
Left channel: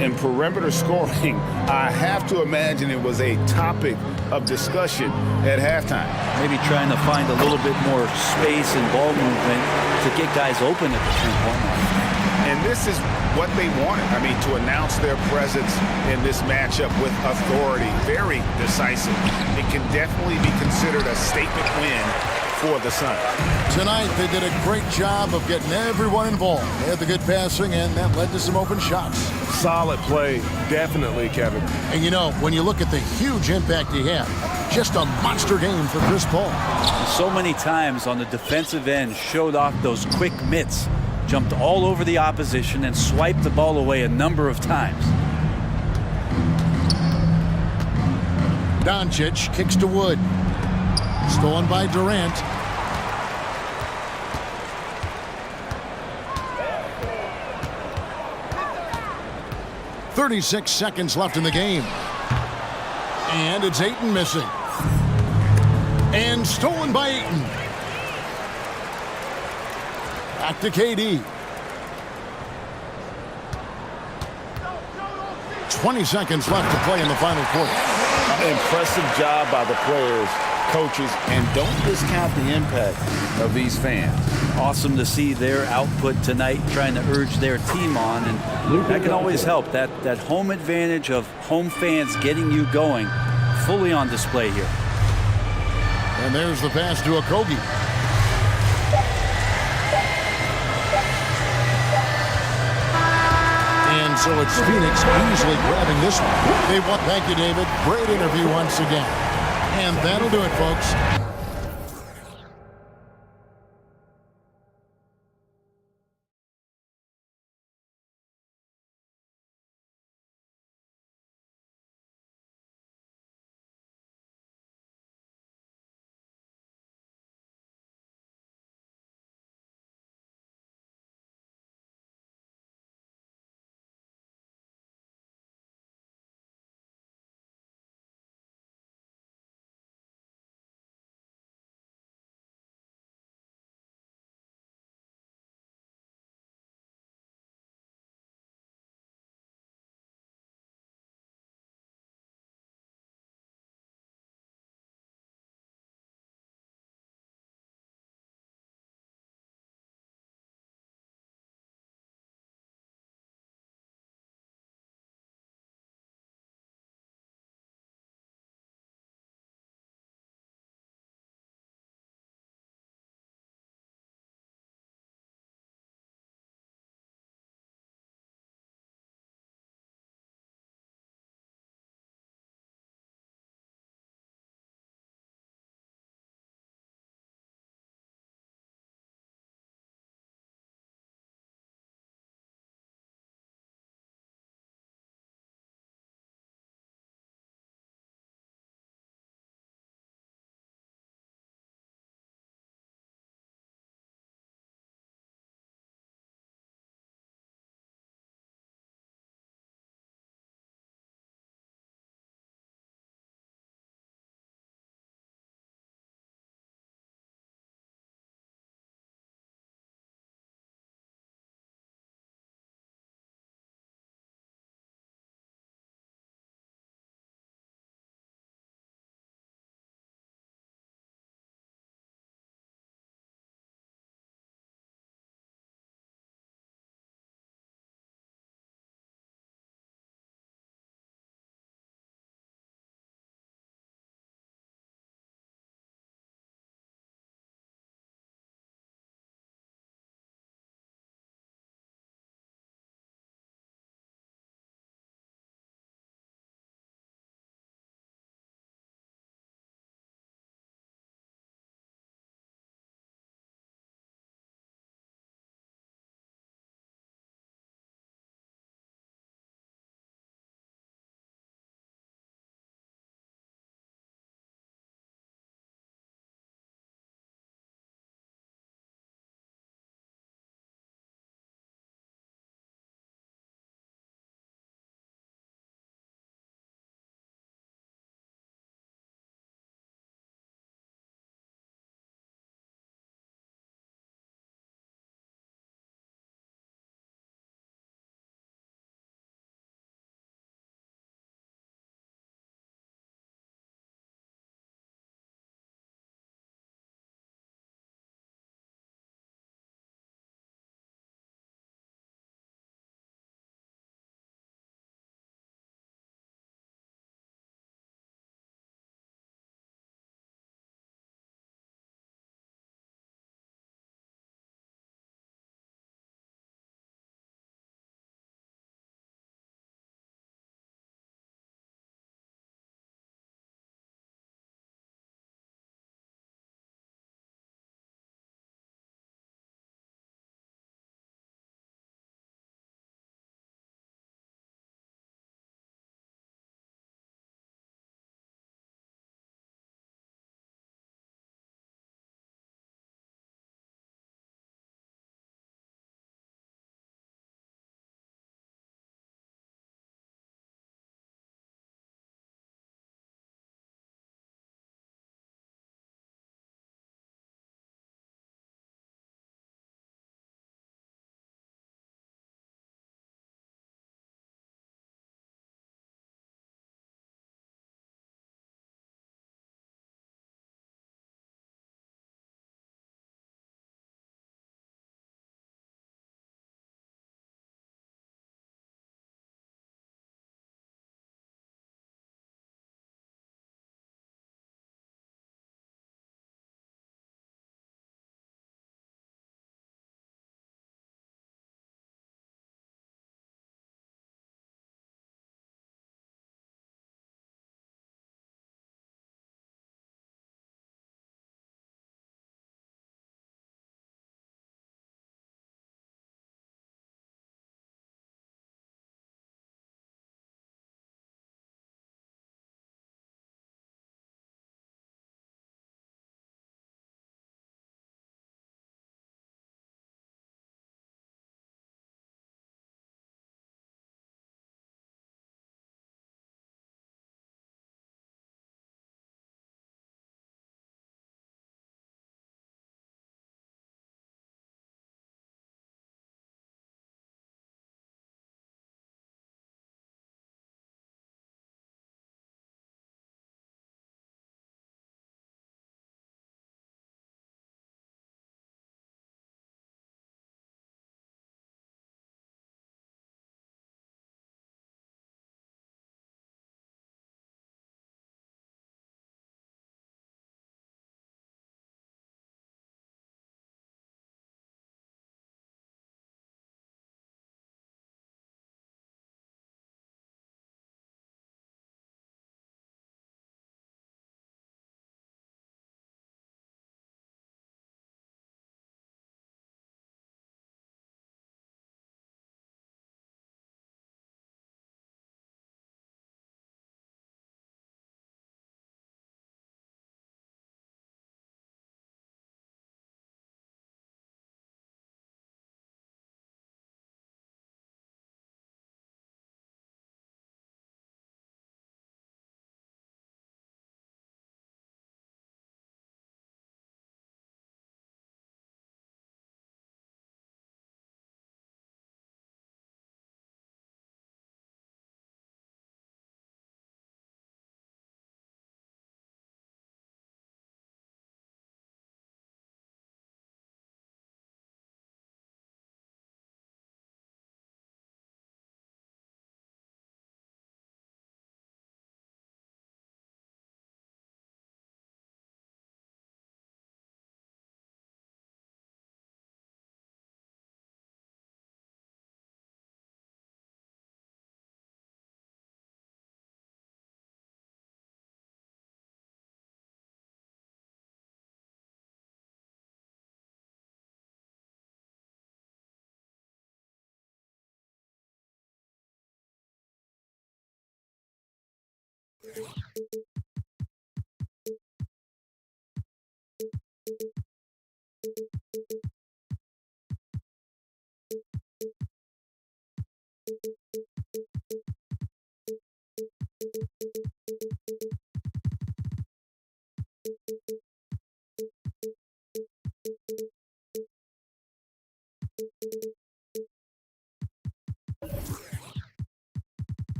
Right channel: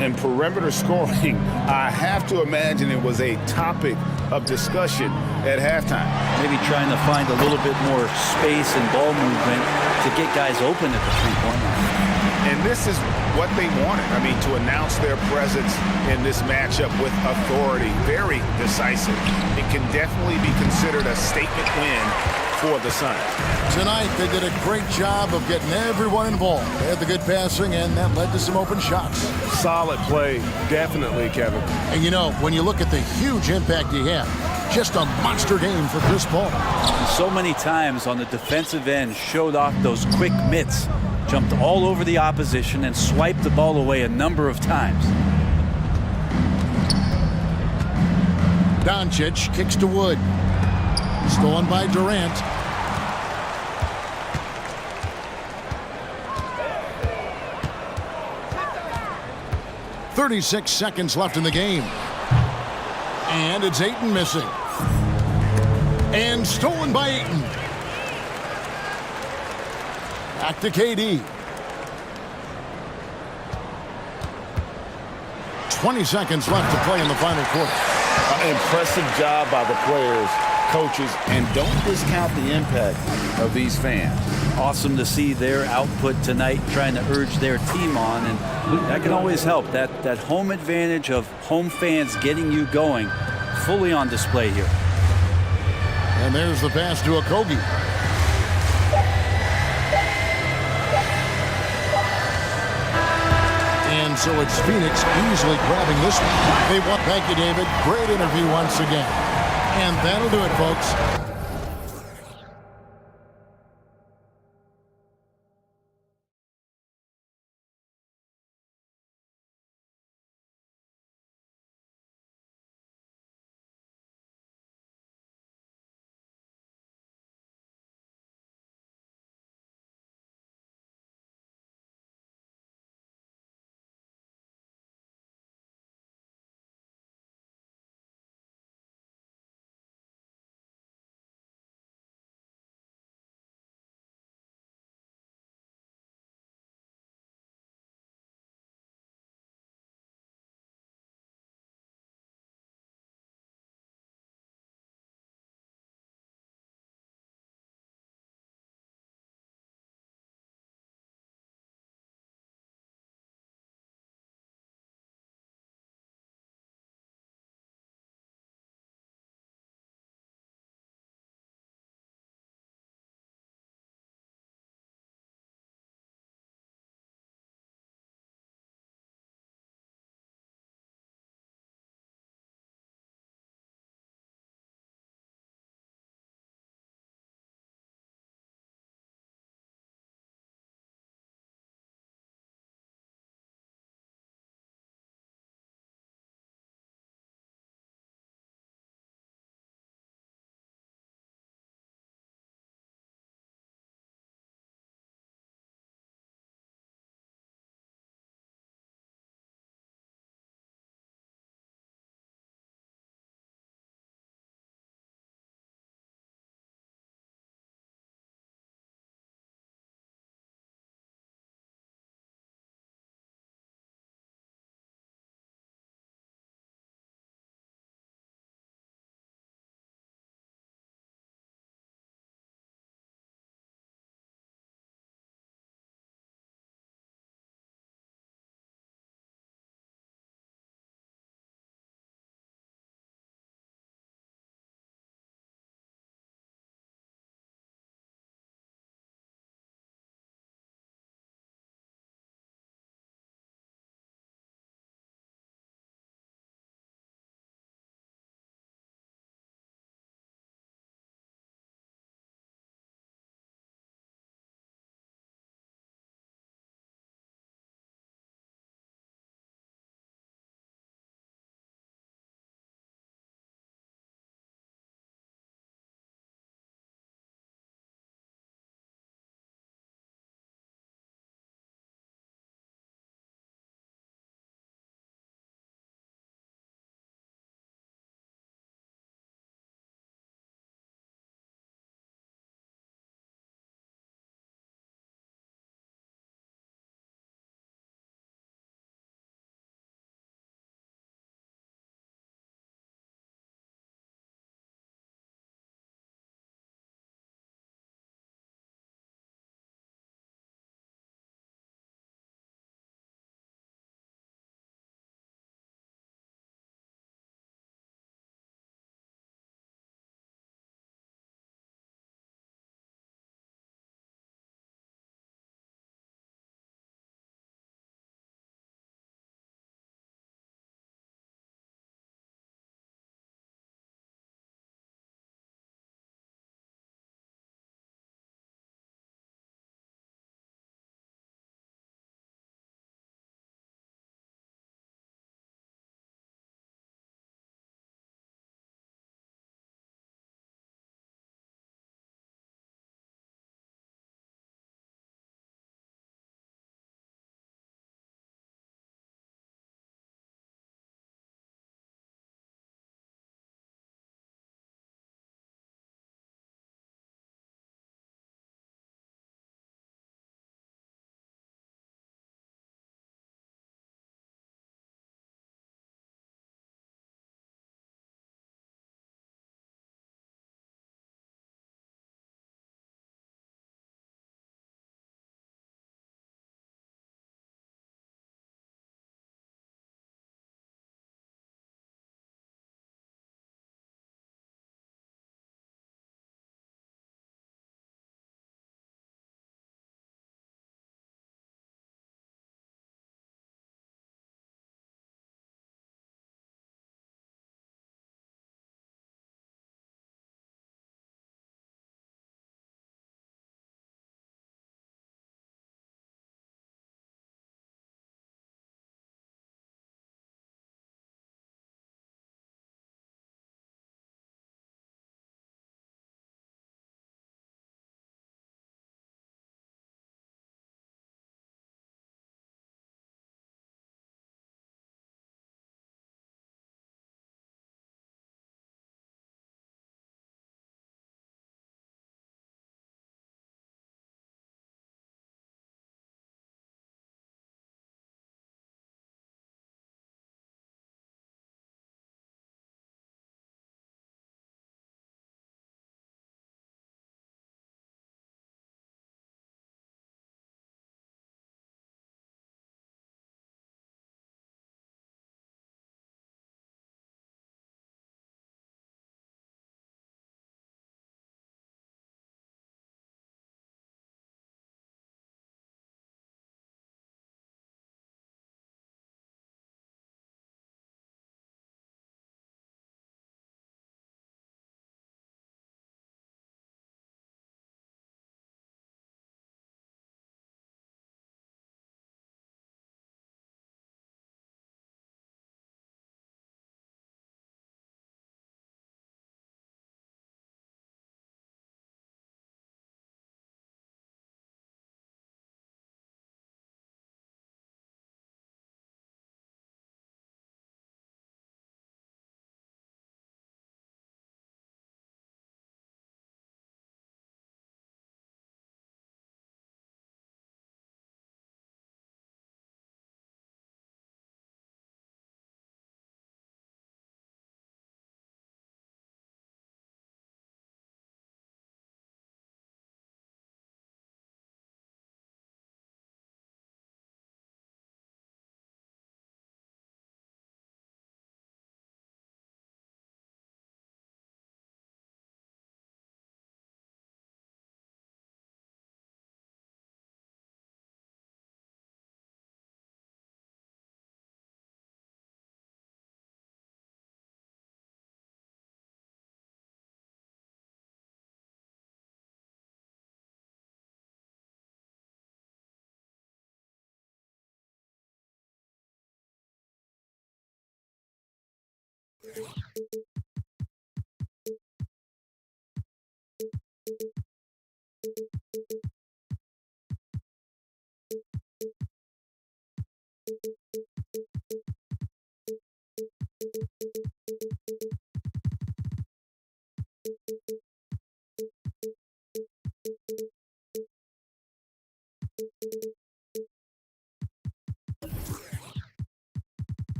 And perimeter scoring, I have to imagine it was a topic of discussion at halftime. Maybe trying to find a little bit more space and ball movement to get guys open at the three-point line. And this is what they wanted. I mean, to announce their presence in this matchup with authority, very decisive. It can definitely be considered a statement win for the Suns. Tonight, they did a great job of getting everyone involved. They had the good passing, and that led to some open shots. Solid play, definitely, Kevin. And you know, when you look at the huge impact he had, just a monster game for Chris Paul. And so many times on the defensive end, showed off those quick mitts, jumped all over the opposition and swiped the ball away a number of times. Doncic kicks to Wood. Stolen by Durant. "36 seconds left in the game. And it's Ayton missing. And stolen by Ayton. Back to KD. 20 seconds left to play in the final quarter. Impressive job by the players, coaches, and don't discount the impact of these fans. Awesome to see their output tonight, trying to urge their team on, and that can always help. That home advantage of home fans getting you going, fully on display here. And there's the pass to Okogie. And so it's Phoenix easily grabbing this one. They want. Thank you, David. Great interview once again. And that'll do it, folks.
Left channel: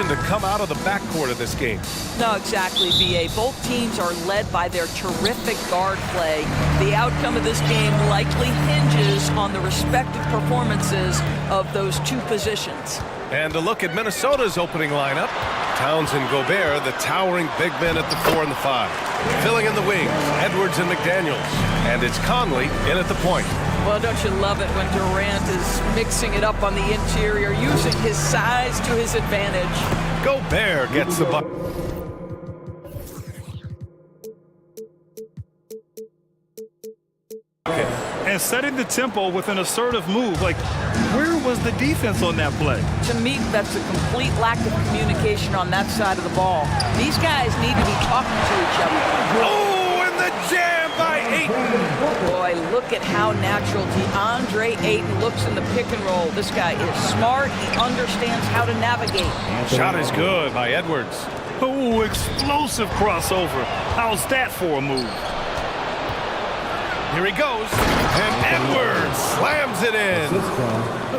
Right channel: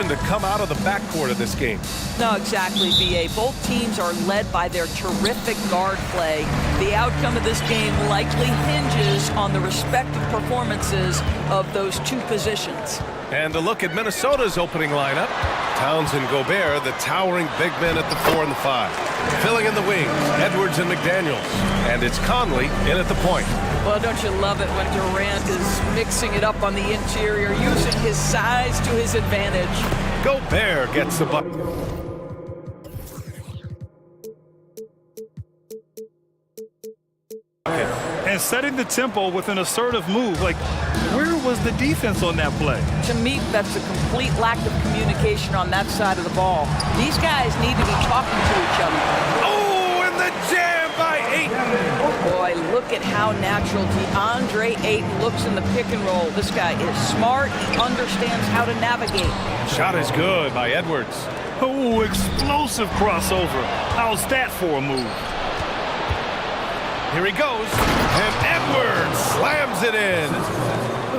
To come out of the backcourt of this game. No, exactly, VA. Both teams are led by their terrific guard play. The outcome of this game likely hinges on the respective performances of those two positions. And a look at Minnesota's opening lineup. Towns and Gobert, the towering big men at the 4 and the 5. Filling in the wings, Edwards and McDaniels. And it's Conley in at the point. Well, don't you love it when Durant is mixing it up on the interior, using his size to his advantage. Gobert gets the bucket. And setting the tempo with an assertive move. Like, where was the defense on that play? To me, that's a complete lack of communication on that side of the ball. These guys need to be talking to each other. Oh, and the jam by Ayton. Boy, look at how natural DeAndre Ayton looks in the pick and roll. This guy is smart. He understands how to navigate. Shot is good by Edwards. Oh, explosive crossover. How's that for a move? Here he goes, and Edwards slams it in.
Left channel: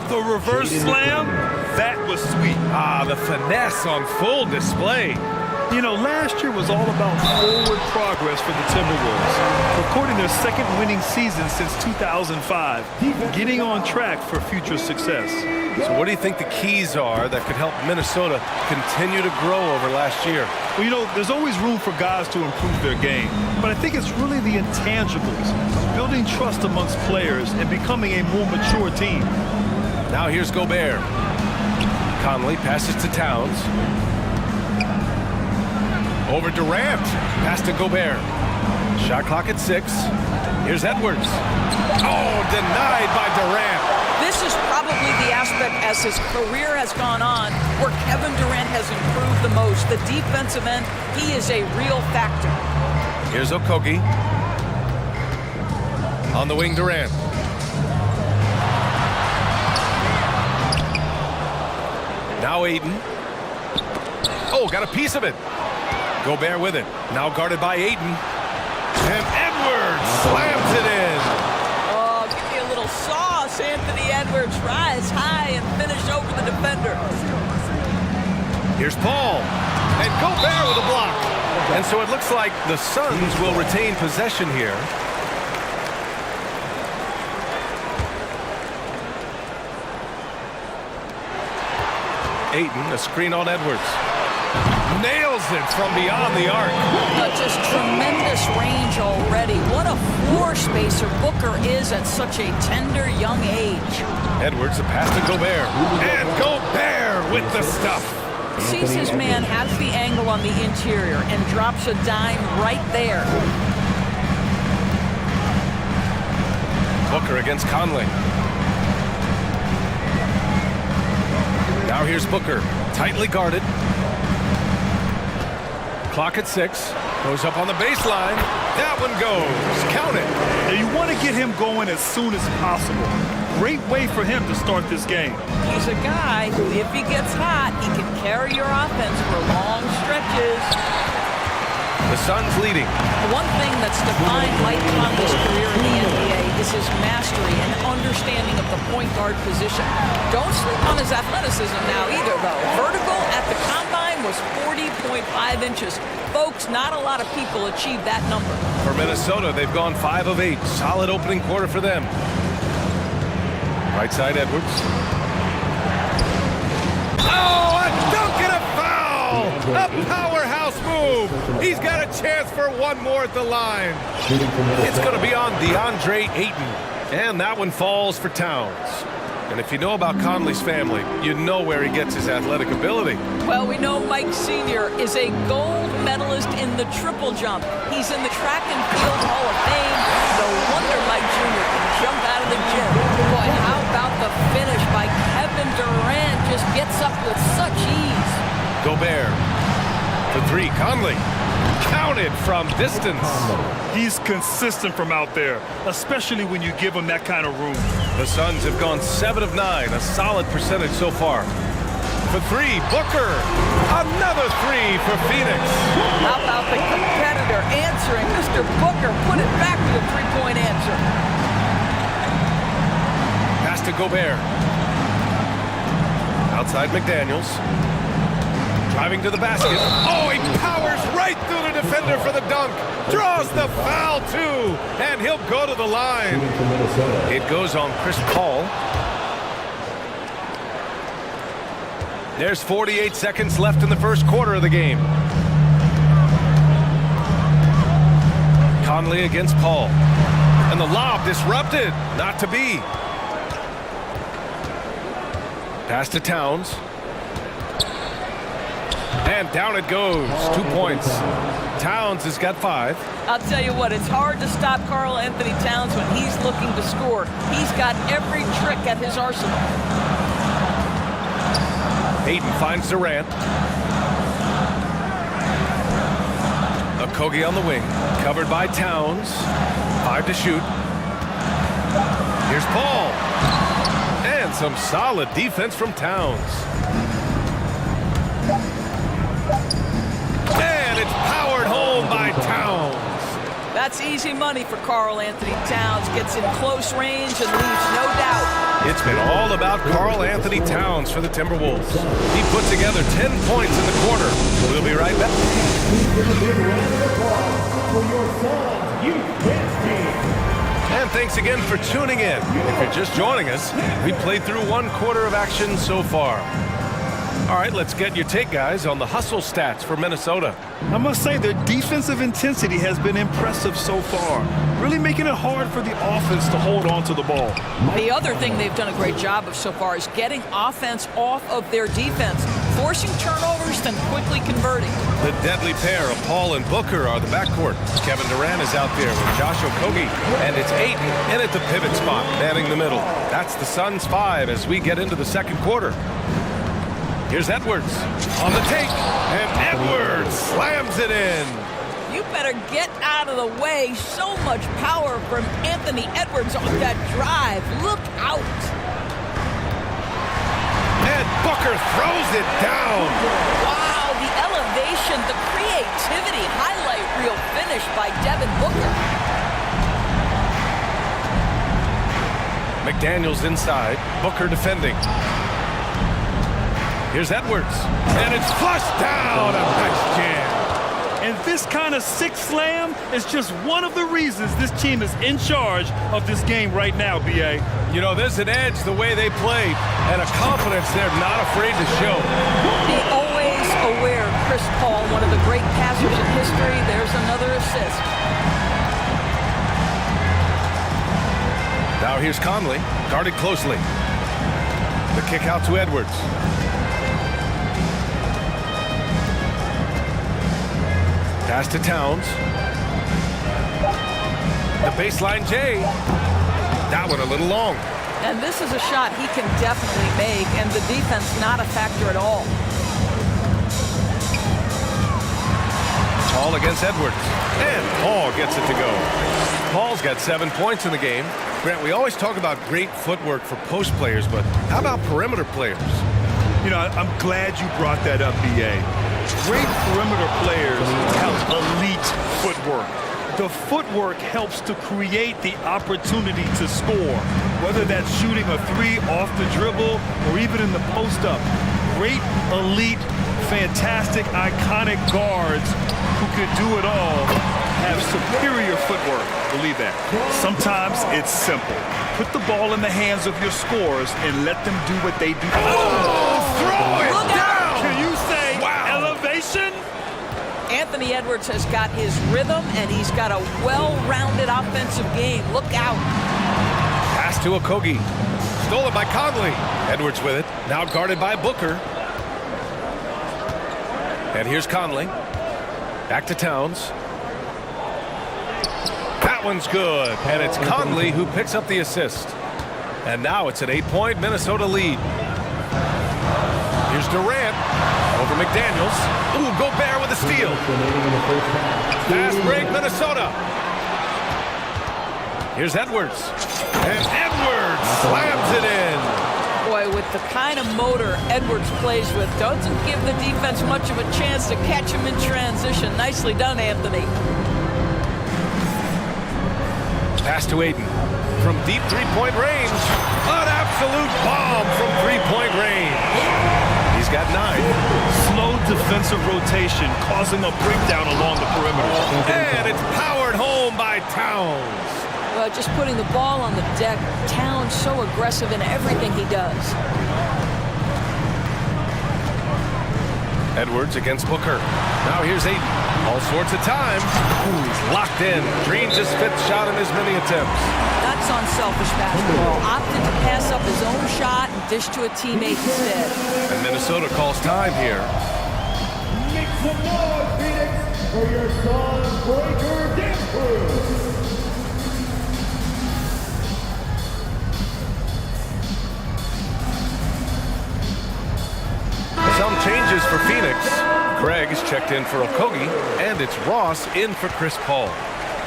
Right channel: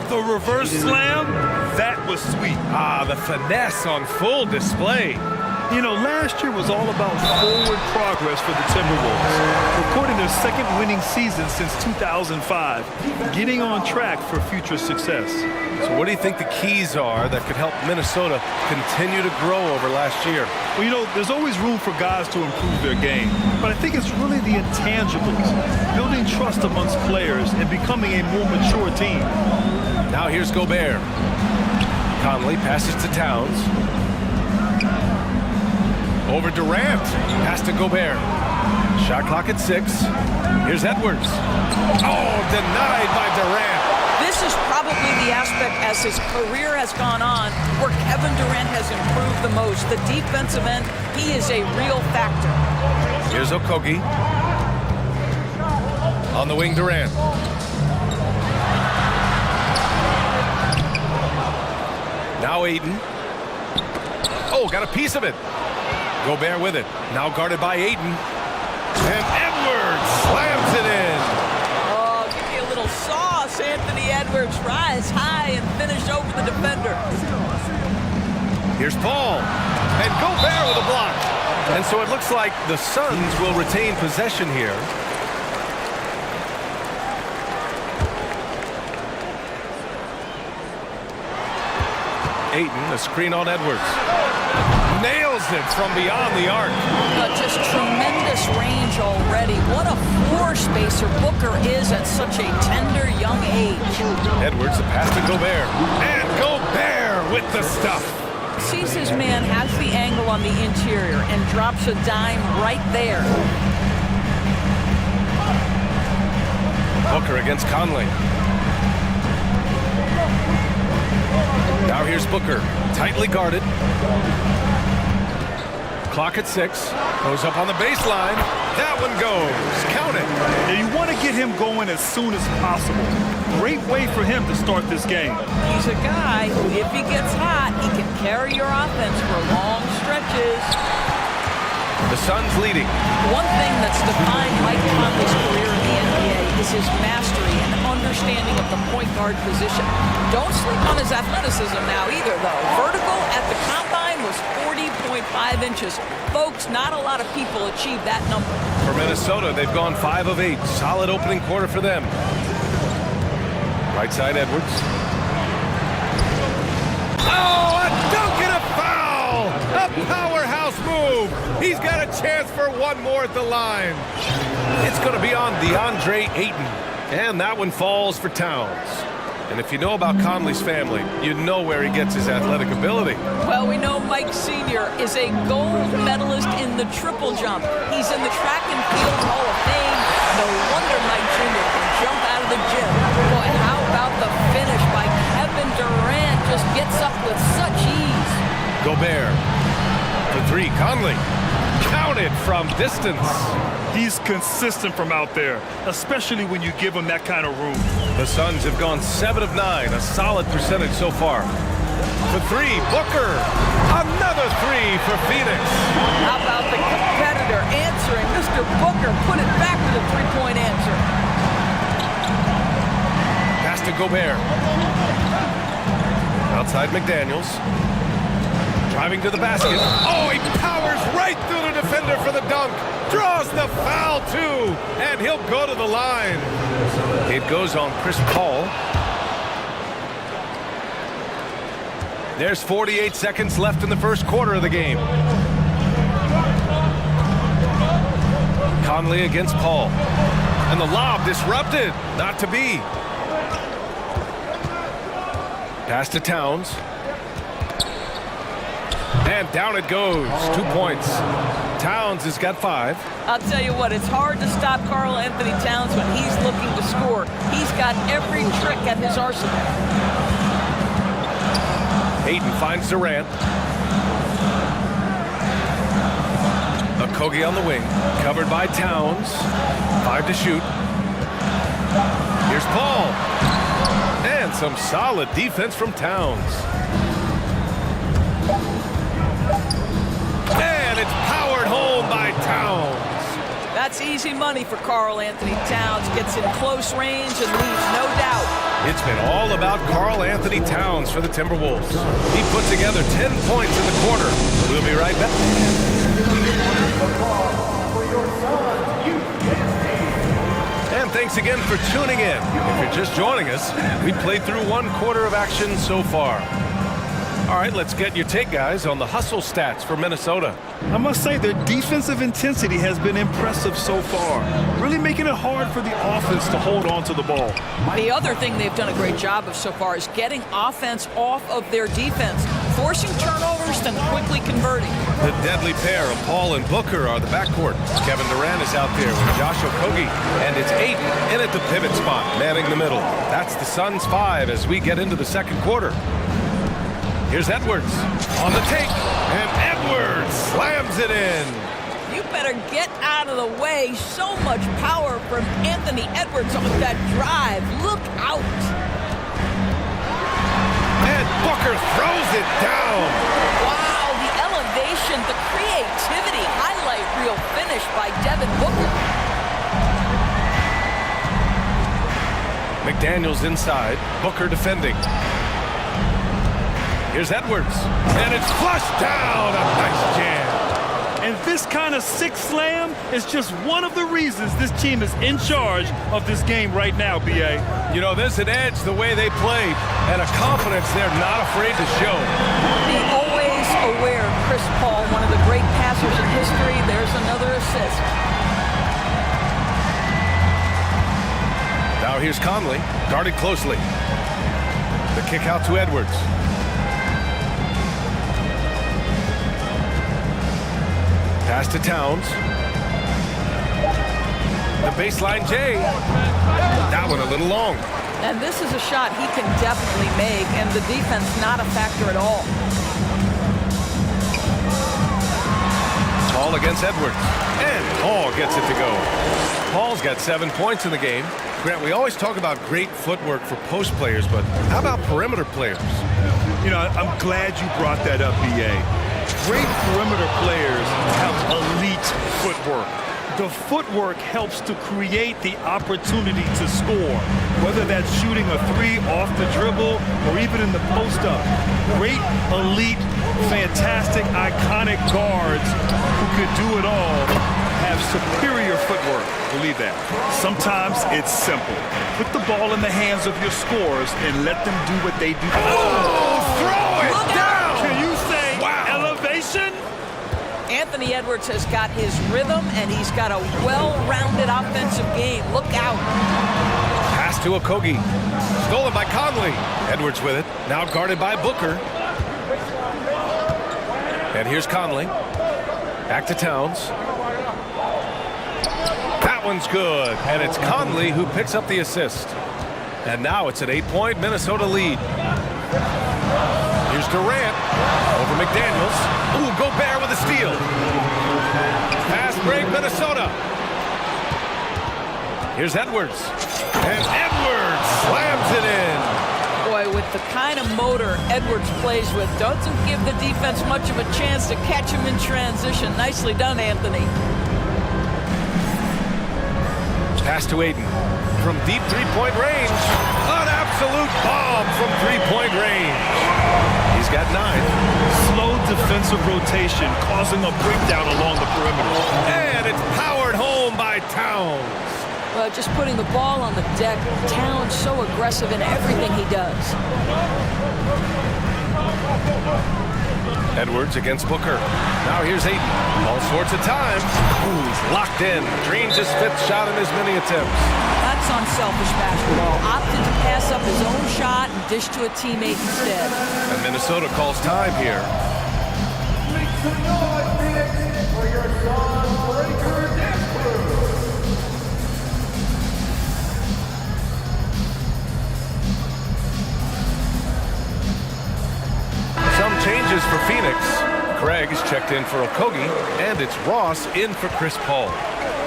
The reverse slam, that was sweet. Ah, the finesse on full display. You know, last year was all about forward progress for the Timberwolves, recording their second winning season since 2005, getting on track for future success. So what do you think the keys are that could help Minnesota continue to grow over last year? Well, you know, there's always room for guys to improve their game, but I think it's really the intangibles, building trust amongst players and becoming a more mature team. Now here's Gobert. Conley passes to Towns. Over Durant. Pass to Gobert. Shot clock at 6. Here's Edwards. Oh, denied by Durant. This is probably the aspect as his career has gone on where Kevin Durant has improved the most. The defensive end, he is a real factor. Here's Okogie. On the wing, Durant. Now Ayton. Oh, got a piece of it. Gobert with it. Now guarded by Ayton. And Edwards slams it in. Oh, give me a little sauce, Anthony Edwards. Rise high and finish over the defender. Here's Paul. And Gobert with a block. And so it looks like the Suns will retain possession here. Ayton, a screen on Edwards. Nails it from beyond the arc. Just tremendous range already. What a floor spacer Booker is at such a tender young age. Edwards, the pass to Gobert. And Gobert with the stuff. Sees his man, has the angle on the interior, and drops a dime right there. Booker against Conley. Now here's Booker, tightly guarded. Clock at 6, goes up on the baseline. That one goes, count it. Now you want to get him going as soon as possible. Great way for him to start this game. He's a guy who, if he gets hot, he can carry your offense for long stretches. The Suns leading. One thing that's defined Mike Conley's career in the NBA is his mastery and understanding of the point guard position. Don't sleep on his athleticism now either, though. Vertical at the combine was 40.5 inches. Folks, not a lot of people achieve that number. For Minnesota, they've gone 5 of 8. Solid opening quarter for them. Right side, Edwards. Oh, a dunk and a foul! A powerhouse move. He's got a chance for one more at the line. It's going to be on DeAndre Ayton. And that one falls for Towns. And if you know about Conley's family, you know where he gets his athletic ability. Well, we know Mike Sr. is a gold medalist in the triple jump. He's in the track and field Hall of Fame. No wonder Mike Jr. can jump out of the gym. Boy, how about the finish by Kevin Durant? Just gets up with such ease. Gobert for 3. Conley counted from distance. He's consistent from out there, especially when you give him that kind of room. The Suns have gone 7 of 9, a solid percentage so far. For 3, Booker. Another 3 for Phoenix. How about the competitor answering? Mr. Booker put it back with a three-point answer. Pass to Gobert. Outside McDaniels. Driving to the basket. Oh, he powers right through the defender for the dunk. Draws the foul, too. And he'll go to the line. It goes on Chris Paul. There's 48 seconds left in the first quarter of the game. Conley against Paul. And the lob disrupted. Not to be. Pass to Towns. And down it goes. 2 points. Towns has got 5. I'll tell you what, it's hard to stop Karl Anthony Towns when he's looking to score. He's got every trick at his arsenal. Hayden finds Durant. Okogie on the wing, covered by Towns. 5 to shoot. Here's Paul. And some solid defense from Towns. And it's powered home by Towns. That's easy money for Karl Anthony Towns. Gets in close range and leaves no doubt. It's been all about Karl Anthony Towns for the Timberwolves. He put together 10 points in the quarter. We'll be right back. And thanks again for tuning in. If you're just joining us, we played through 1 quarter of action so far. All right, let's get your take, guys, on the hustle stats for Minnesota. I must say their defensive intensity has been impressive so far, really making it hard for the offense to hold on to the ball. The other thing they've done a great job of so far is getting offense off of their defense, forcing turnovers, then quickly converting. The deadly pair of Paul and Booker are the backcourt. Kevin Durant is out there with Josh Okogie, and it's Ayton in at the pivot spot, manning the middle. That's the Suns' 5 as we get into the second quarter. Here's Edwards on the take, and Edwards slams it in. You better get out of the way. So much power from Anthony Edwards on that drive. Look out. And Booker throws it down. Wow, the elevation, the creativity, highlight reel finish by Devin Booker. McDaniels inside, Booker defending. Here's Edwards, and it's flushed down. A nice jam. And this kind of sick slam is just one of the reasons this team is in charge of this game right now, B.A. You know, there's an edge the way they played, and a confidence they're not afraid to show. The always aware Chris Paul, one of the great passers in history. There's another assist. Now here's Conley, guarded closely. The kick out to Edwards. Pass to Towns. The baseline J. That one a little long. And this is a shot he can definitely make, and the defense not a factor at all. Paul against Edwards. And Paul gets it to go. Paul's got 7 points in the game. Grant, we always talk about great footwork for post players, but how about perimeter players? You know, I'm glad you brought that up, B.A. Great perimeter players have elite footwork. The footwork helps to create the opportunity to score, whether that's shooting a 3 off the dribble or even in the post-up. Great, elite, fantastic, iconic guards who could do it all have superior footwork. Believe that. Sometimes it's simple. Put the ball in the hands of your scorers and let them do what they do. Oh, throw it Look down! out! Can you say elevation? Anthony Edwards has got his rhythm, and he's got a well-rounded offensive game. Look out. Pass to Okogie. Stolen by Conley. Edwards with it. Now guarded by Booker. And here's Conley. Back to Towns. That one's good. And it's Conley who picks up the assist. And now it's an 8-point Minnesota lead. Here's Durant over McDaniels. Ooh, Gobert with a steal. Fast break, Minnesota. Here's Edwards. And Edwards slams it in. Boy, with the kind of motor Edwards plays with, doesn't give the defense much of a chance to catch him in transition. Nicely done, Anthony. Pass to Ayton. From deep three-point range. An absolute bomb from three-point range. He's He's got 9. Slow defensive rotation causing a breakdown along the perimeter. And it's powered home by Towns. Well, just putting the ball on the deck, Towns so aggressive in everything he does. Edwards against Booker. Now here's Aiden. All sorts of time. Ooh, he's locked in. Dreams his 5th shot in as many attempts. That's unselfish basketball. Opted to pass up his own shot and dish to a teammate instead. And Minnesota calls time here. Make some noise, Phoenix, for your Sun Breaker dance crew. Some changes for Phoenix. Craig is checked in for Okogie, and it's Ross in for Chris Paul.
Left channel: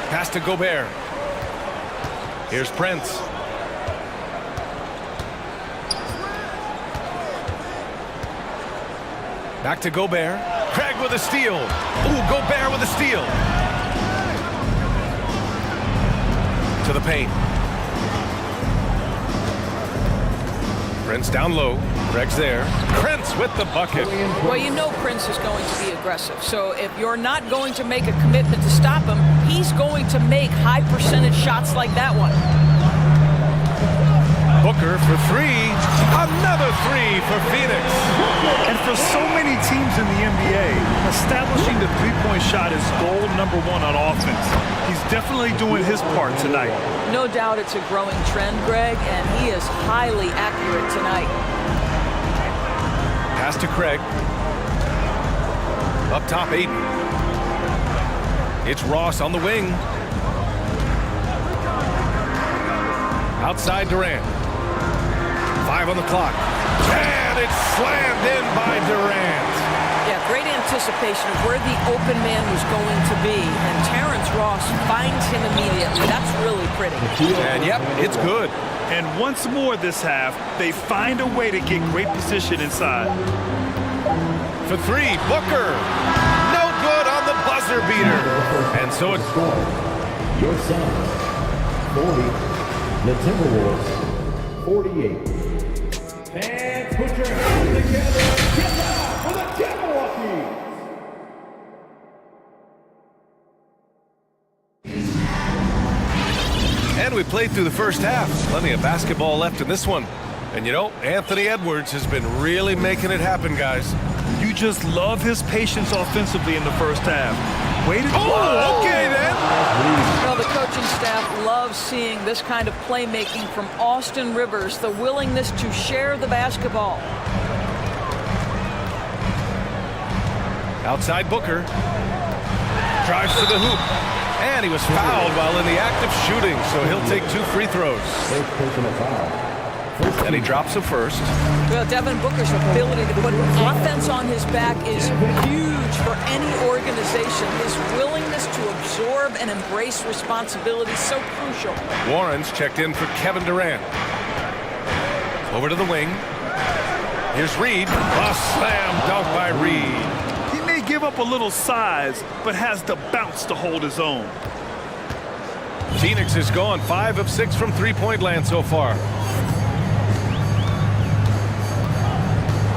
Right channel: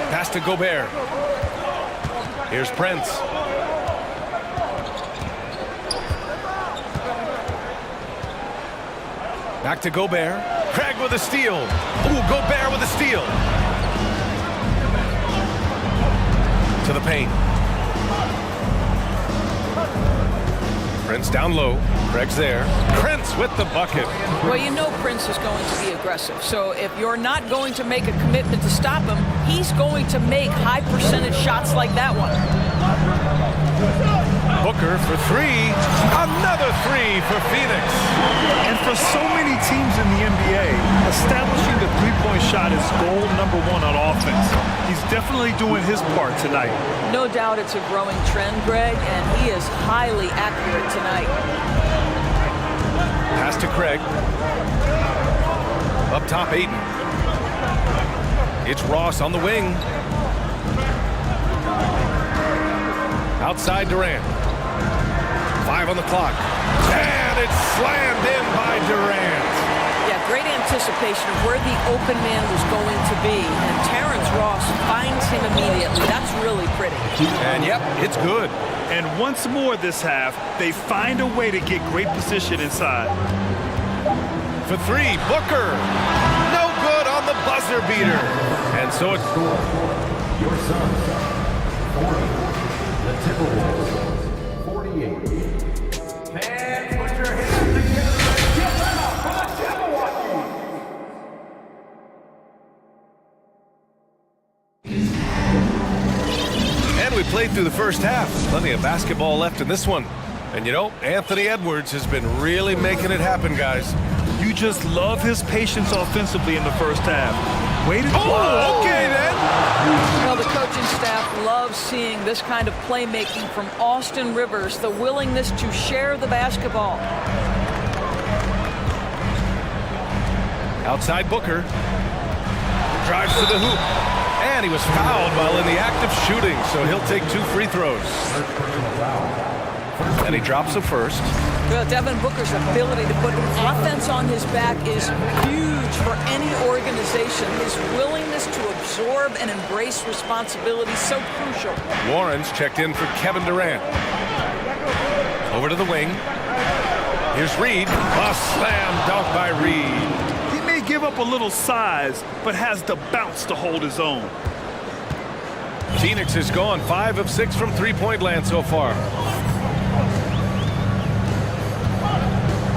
Pass to Gobert. Here's Prince. Back to Gobert. Craig with a steal. Ooh, Gobert with a steal. To the paint. Prince down low. Craig's there. Prince with the bucket. Well, you know Prince is going to be aggressive. So if you're not going to make a commitment to stop him, he's going to make high percentage shots like that one. Booker for 3. Another 3 for Phoenix. And for so many teams in the NBA, establishing the three-point shot is goal #1 on offense. He's definitely doing his part tonight. No doubt it's a growing trend, Greg, and he is highly accurate tonight. Pass to Craig. Up top, Aiden. It's Ross on the wing. Outside Durant. 5 on the clock. And it's slammed in by Durant. Yeah, great anticipation of where the open man was going to be. And Terrence Ross finds him immediately. That's really pretty. And yep, it's good. And once more this half, they find a way to get great position inside. For 3, Booker. No good on the buzzer beater. And so it's... Your Suns, 40. The Timberwolves, 48. And put your hands together and get loud for the Timberwolves. And we played through the first half. Plenty of basketball left in this one. And you know, Anthony Edwards has been really making it happen, guys. You just love his patience offensively in the first half. Way to go. Oh, okay then. Well, the coaching staff loves seeing this kind of playmaking from Austin Rivers, the willingness to share the basketball. Outside Booker. Drives to the hoop. And he was fouled while in the act of shooting, so he'll take 2 free throws. First personal foul. And he drops the first. Well, Devin Booker's ability to put offense on his back is huge for any organization. His willingness to absorb and embrace responsibility is so crucial. Warren's checked in for Kevin Durant. Over to the wing. Here's Reed. A slam dunk by Reed. He may give up a little size, but has the bounce to hold his own. Phoenix has gone 5 of 6 from three-point land so far.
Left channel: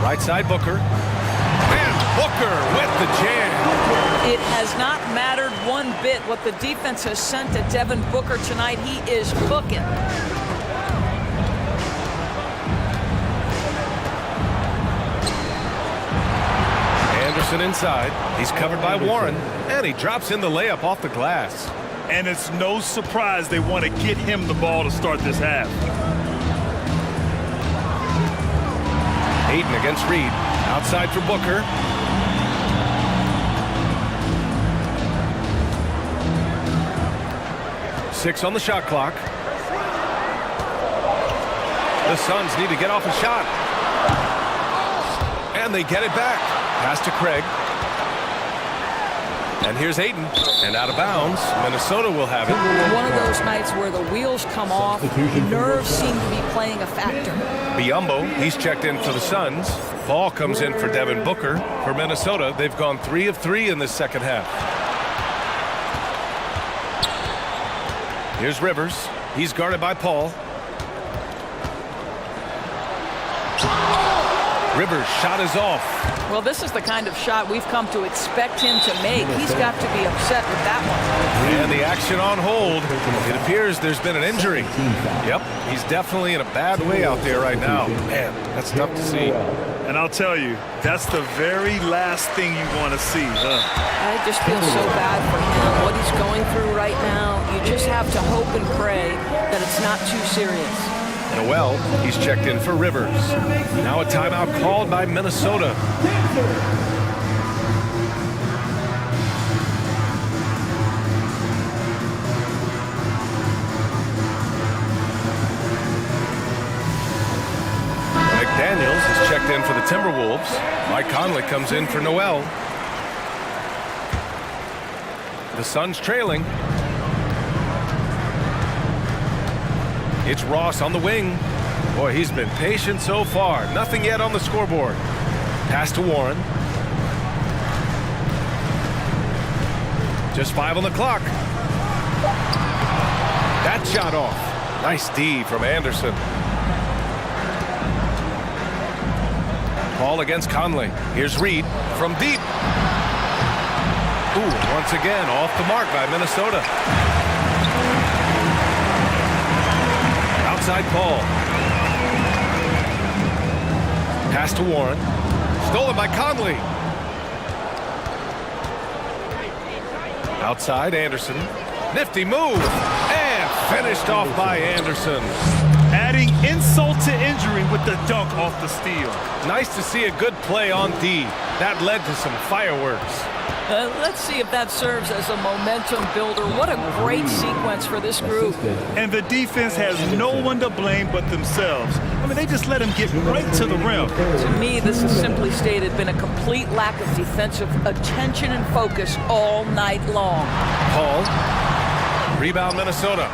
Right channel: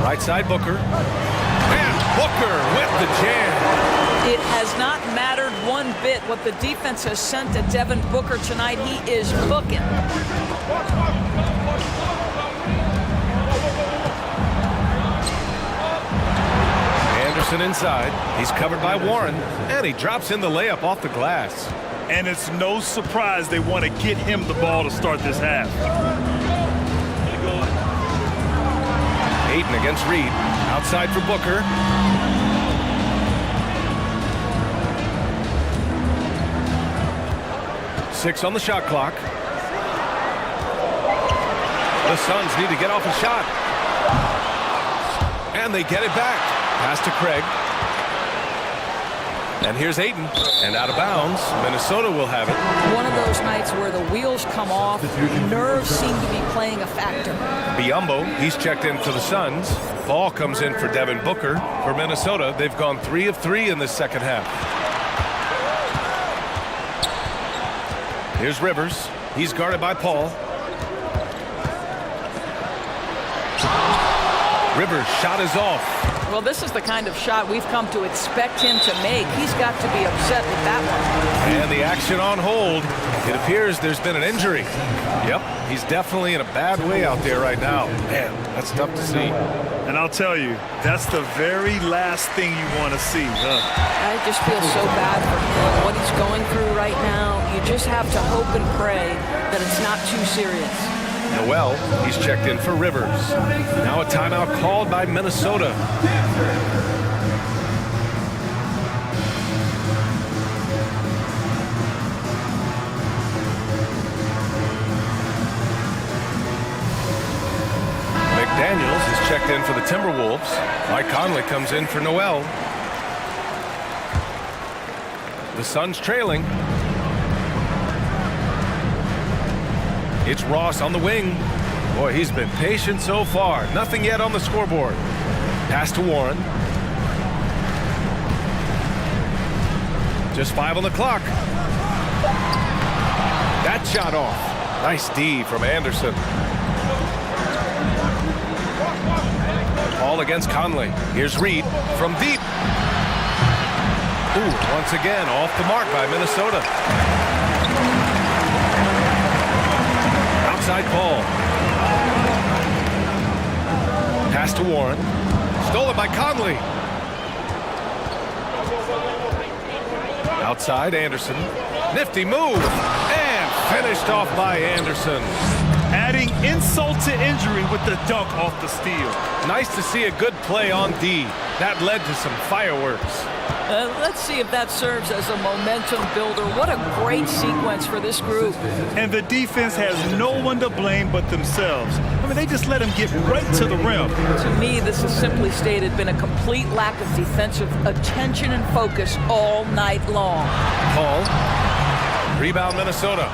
Right side Booker. And Booker with the jam. It has not mattered one bit what the defense has sent to Devin Booker tonight. He is cooking. Anderson inside. He's covered by Warren. And he drops in the layup off the glass. And it's no surprise they want to get him the ball to start this half. Aiden against Reed. Outside for Booker. Six on the shot clock. The Suns need to get off a shot. And they get it back. Pass to Craig. And here's Aiden. And out of bounds. Minnesota will have it. One of those nights where the wheels come off. Nerves seem to be playing a factor. Biyombo, he's checked in for the Suns. Ball comes in for Devin Booker. For Minnesota, they've gone 3 of 3 in this second half. Here's Rivers. He's guarded by Paul. Rivers' shot is off. Well, this is the kind of shot we've come to expect him to make. He's got to be upset with that one. And the action on hold. It appears there's been an injury. Yep, he's definitely in a bad way out there right now. Man, that's tough to see. And I'll tell you, that's the very last thing you want to see, huh? I just feel so bad for him, what he's going through right now. You just have to hope and pray that it's not too serious. Noel, he's checked in for Rivers. Now a timeout called by Minnesota. McDaniels is checked in for the Timberwolves. Mike Conley comes in for Noel. The Suns trailing. It's Ross on the wing. Boy, he's been patient so far. Nothing yet on the scoreboard. Pass to Warren. Just 5 on the clock. That shot off. Nice D from Anderson. Paul against Conley. Here's Reed from deep. Ooh, once again off the mark by Minnesota. Outside Paul. Pass to Warren. Stolen by Conley. Outside Anderson. Nifty move. And finished off by Anderson. Adding insult to injury with the dunk off the steal. Nice to see a good play on D. That led to some fireworks. Let's see if that serves as a momentum builder. What a great sequence for this group. And the defense has no one to blame but themselves. I mean, they just let him get right to the rim. To me, this has simply stated been a complete lack of defensive attention and focus all night long. Paul. Rebound Minnesota.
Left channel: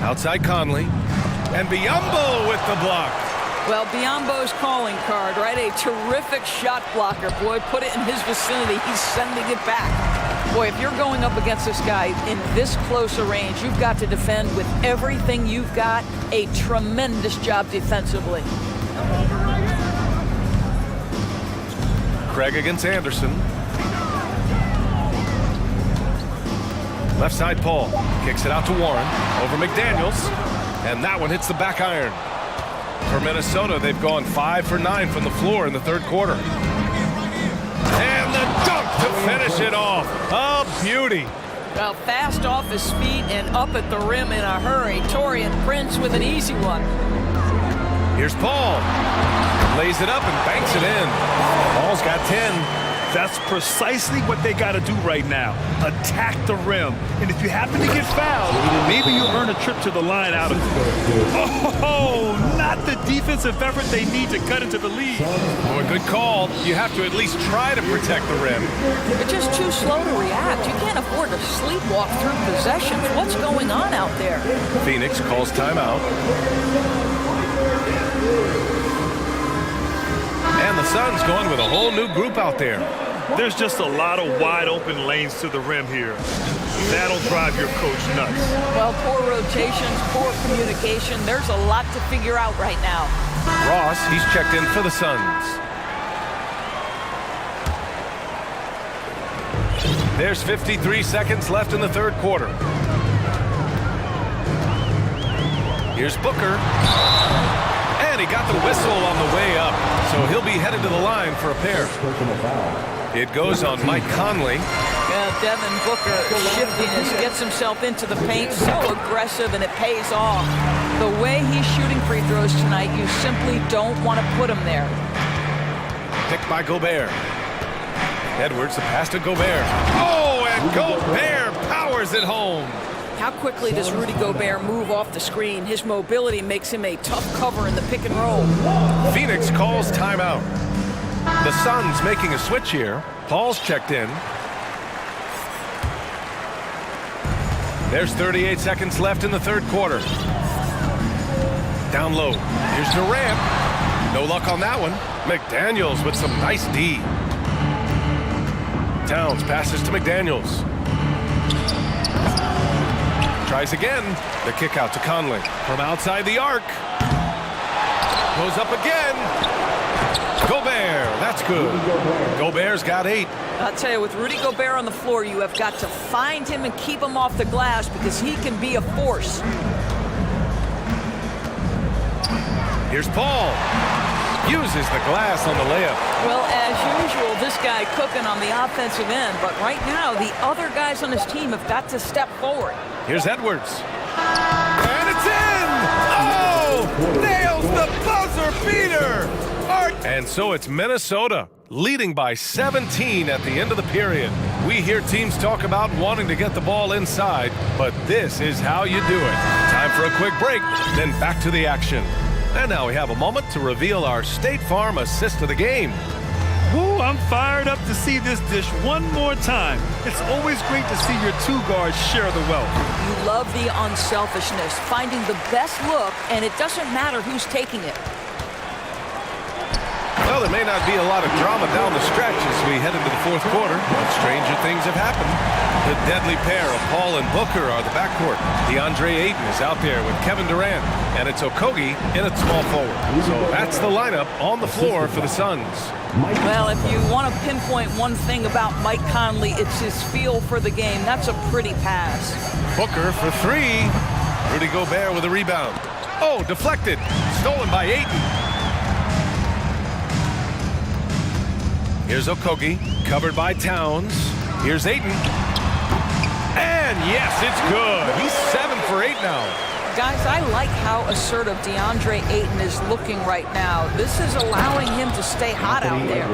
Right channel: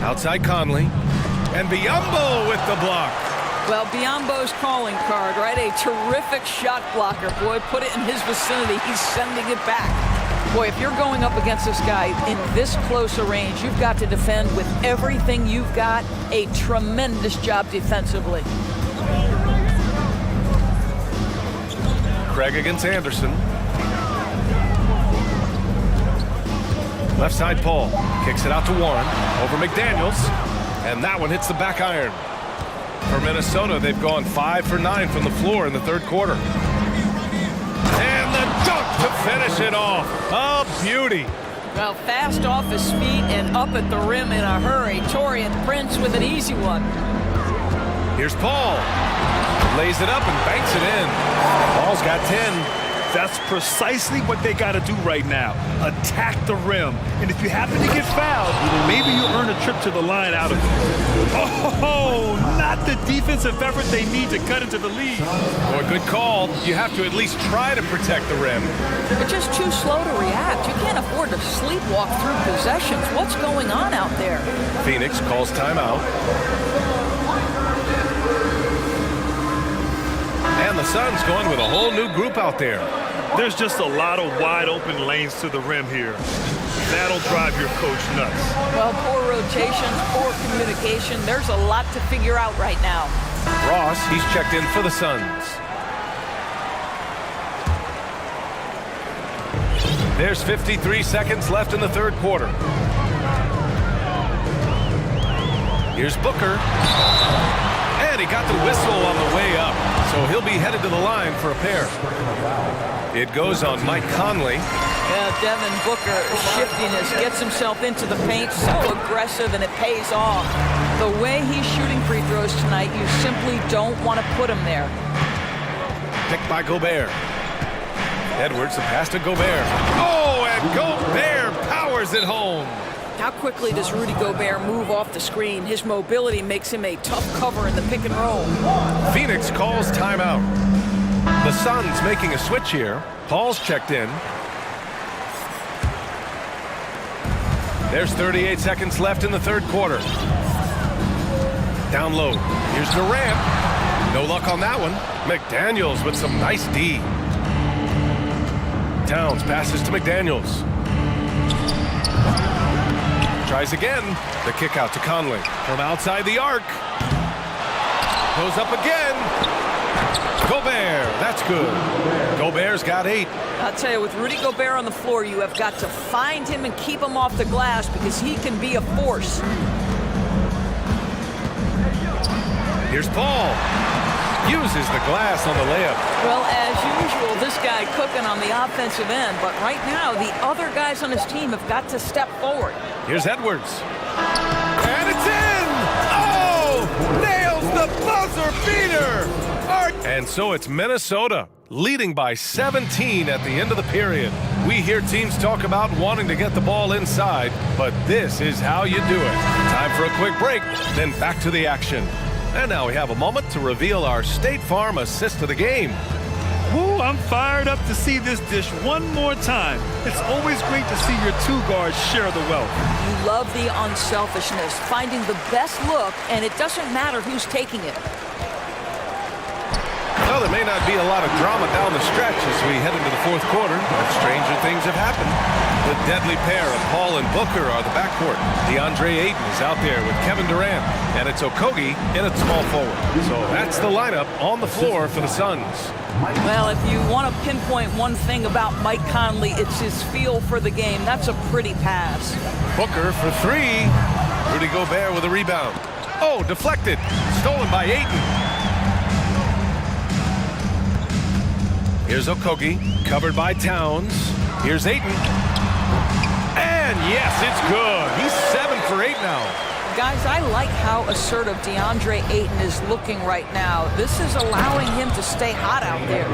Outside Conley. And Biyombo with the block. Well, Biyombo's calling card, right? A terrific shot blocker. Boy, put it in his vicinity. He's sending it back. Boy, if you're going up against this guy in this close a range, you've got to defend with everything you've got. A tremendous job defensively. Craig against Anderson. Left side Paul. Kicks it out to Warren. Over McDaniels. And that one hits the back iron. For Minnesota, they've gone 5 for 9 from the floor in the third quarter. And the dunk to finish it off. A beauty. Well, fast off his feet and up at the rim in a hurry. Taurean Prince with an easy one. Here's Paul. Lays it up and banks it in. Paul's got 10. That's precisely what they got to do right now. Attack the rim. And if you happen to get fouled, maybe you'll earn a trip to the line out of it. Oh, not the defensive effort they need to cut into the lead. Boy, good call. You have to at least try to protect the rim. You're just too slow to react. You can't afford to sleepwalk through possessions. What's going on out there? Phoenix calls timeout. And the Suns going with a whole new group out there. There's just a lot of wide open lanes to the rim here. That'll drive your coach nuts. Well, poor rotations, poor communication. There's a lot to figure out right now. Ross, he's checked in for the Suns. There's 53 seconds left in the third quarter. Here's Booker. And he got the whistle on the way up. So he'll be headed to the line for a pair. It goes on Mike Conley. Yeah, Devin Booker, shiftiness, gets himself into the paint, so aggressive, and it pays off. The way he's shooting free throws tonight, you simply don't want to put him there. Picked by Gobert. Edwards, the pass to Gobert. Oh, and Gobert powers it home. How quickly does Rudy Gobert move off the screen? His mobility makes him a tough cover in the pick and roll. Phoenix calls timeout. The Suns making a switch here. Paul's checked in. There's 38 seconds left in the third quarter. Down low. Here's Durant. No luck on that one. McDaniels with some nice D. Towns passes to McDaniels. Tries again. The kick out to Conley. From outside the arc. Goes up again. Gobert, that's good. Gobert's got 8. I'll tell you, with Rudy Gobert on the floor, you have got to find him and keep him off the glass because he can be a force. Here's Paul. Uses the glass on the layup. Well, as usual, this guy cooking on the offensive end, but right now, the other guys on his team have got to step forward. Here's Edwards. And it's in! Oh! Nails the buzzer beater! And so it's Minnesota, leading by 17 at the end of the period. We hear teams talk about wanting to get the ball inside, but this is how you do it. Time for a quick break, then back to the action. And now we have a moment to reveal our State Farm assist of the game. Woo, I'm fired up to see this dish one more time. It's always great to see your two guards share the wealth. You love the unselfishness, finding the best look, and it doesn't matter who's taking it. Well, there may not be a lot of drama down the stretch as we head into the fourth quarter, but stranger things have happened. The deadly pair of Paul and Booker are the backcourt. DeAndre Ayton is out there with Kevin Durant, and it's Okogie in at small forward. So that's the lineup on the floor for the Suns. Well, if you want to pinpoint one thing about Mike Conley, it's his feel for the game. That's a pretty pass. Booker for 3. Rudy Gobert with a rebound. Oh, deflected. Stolen by Ayton. Here's Okogie, covered by Towns. Here's Ayton. And yes, it's good. He's 7 for 8 now. Guys, I like how assertive DeAndre Ayton is looking right now. This is allowing him to stay hot out there.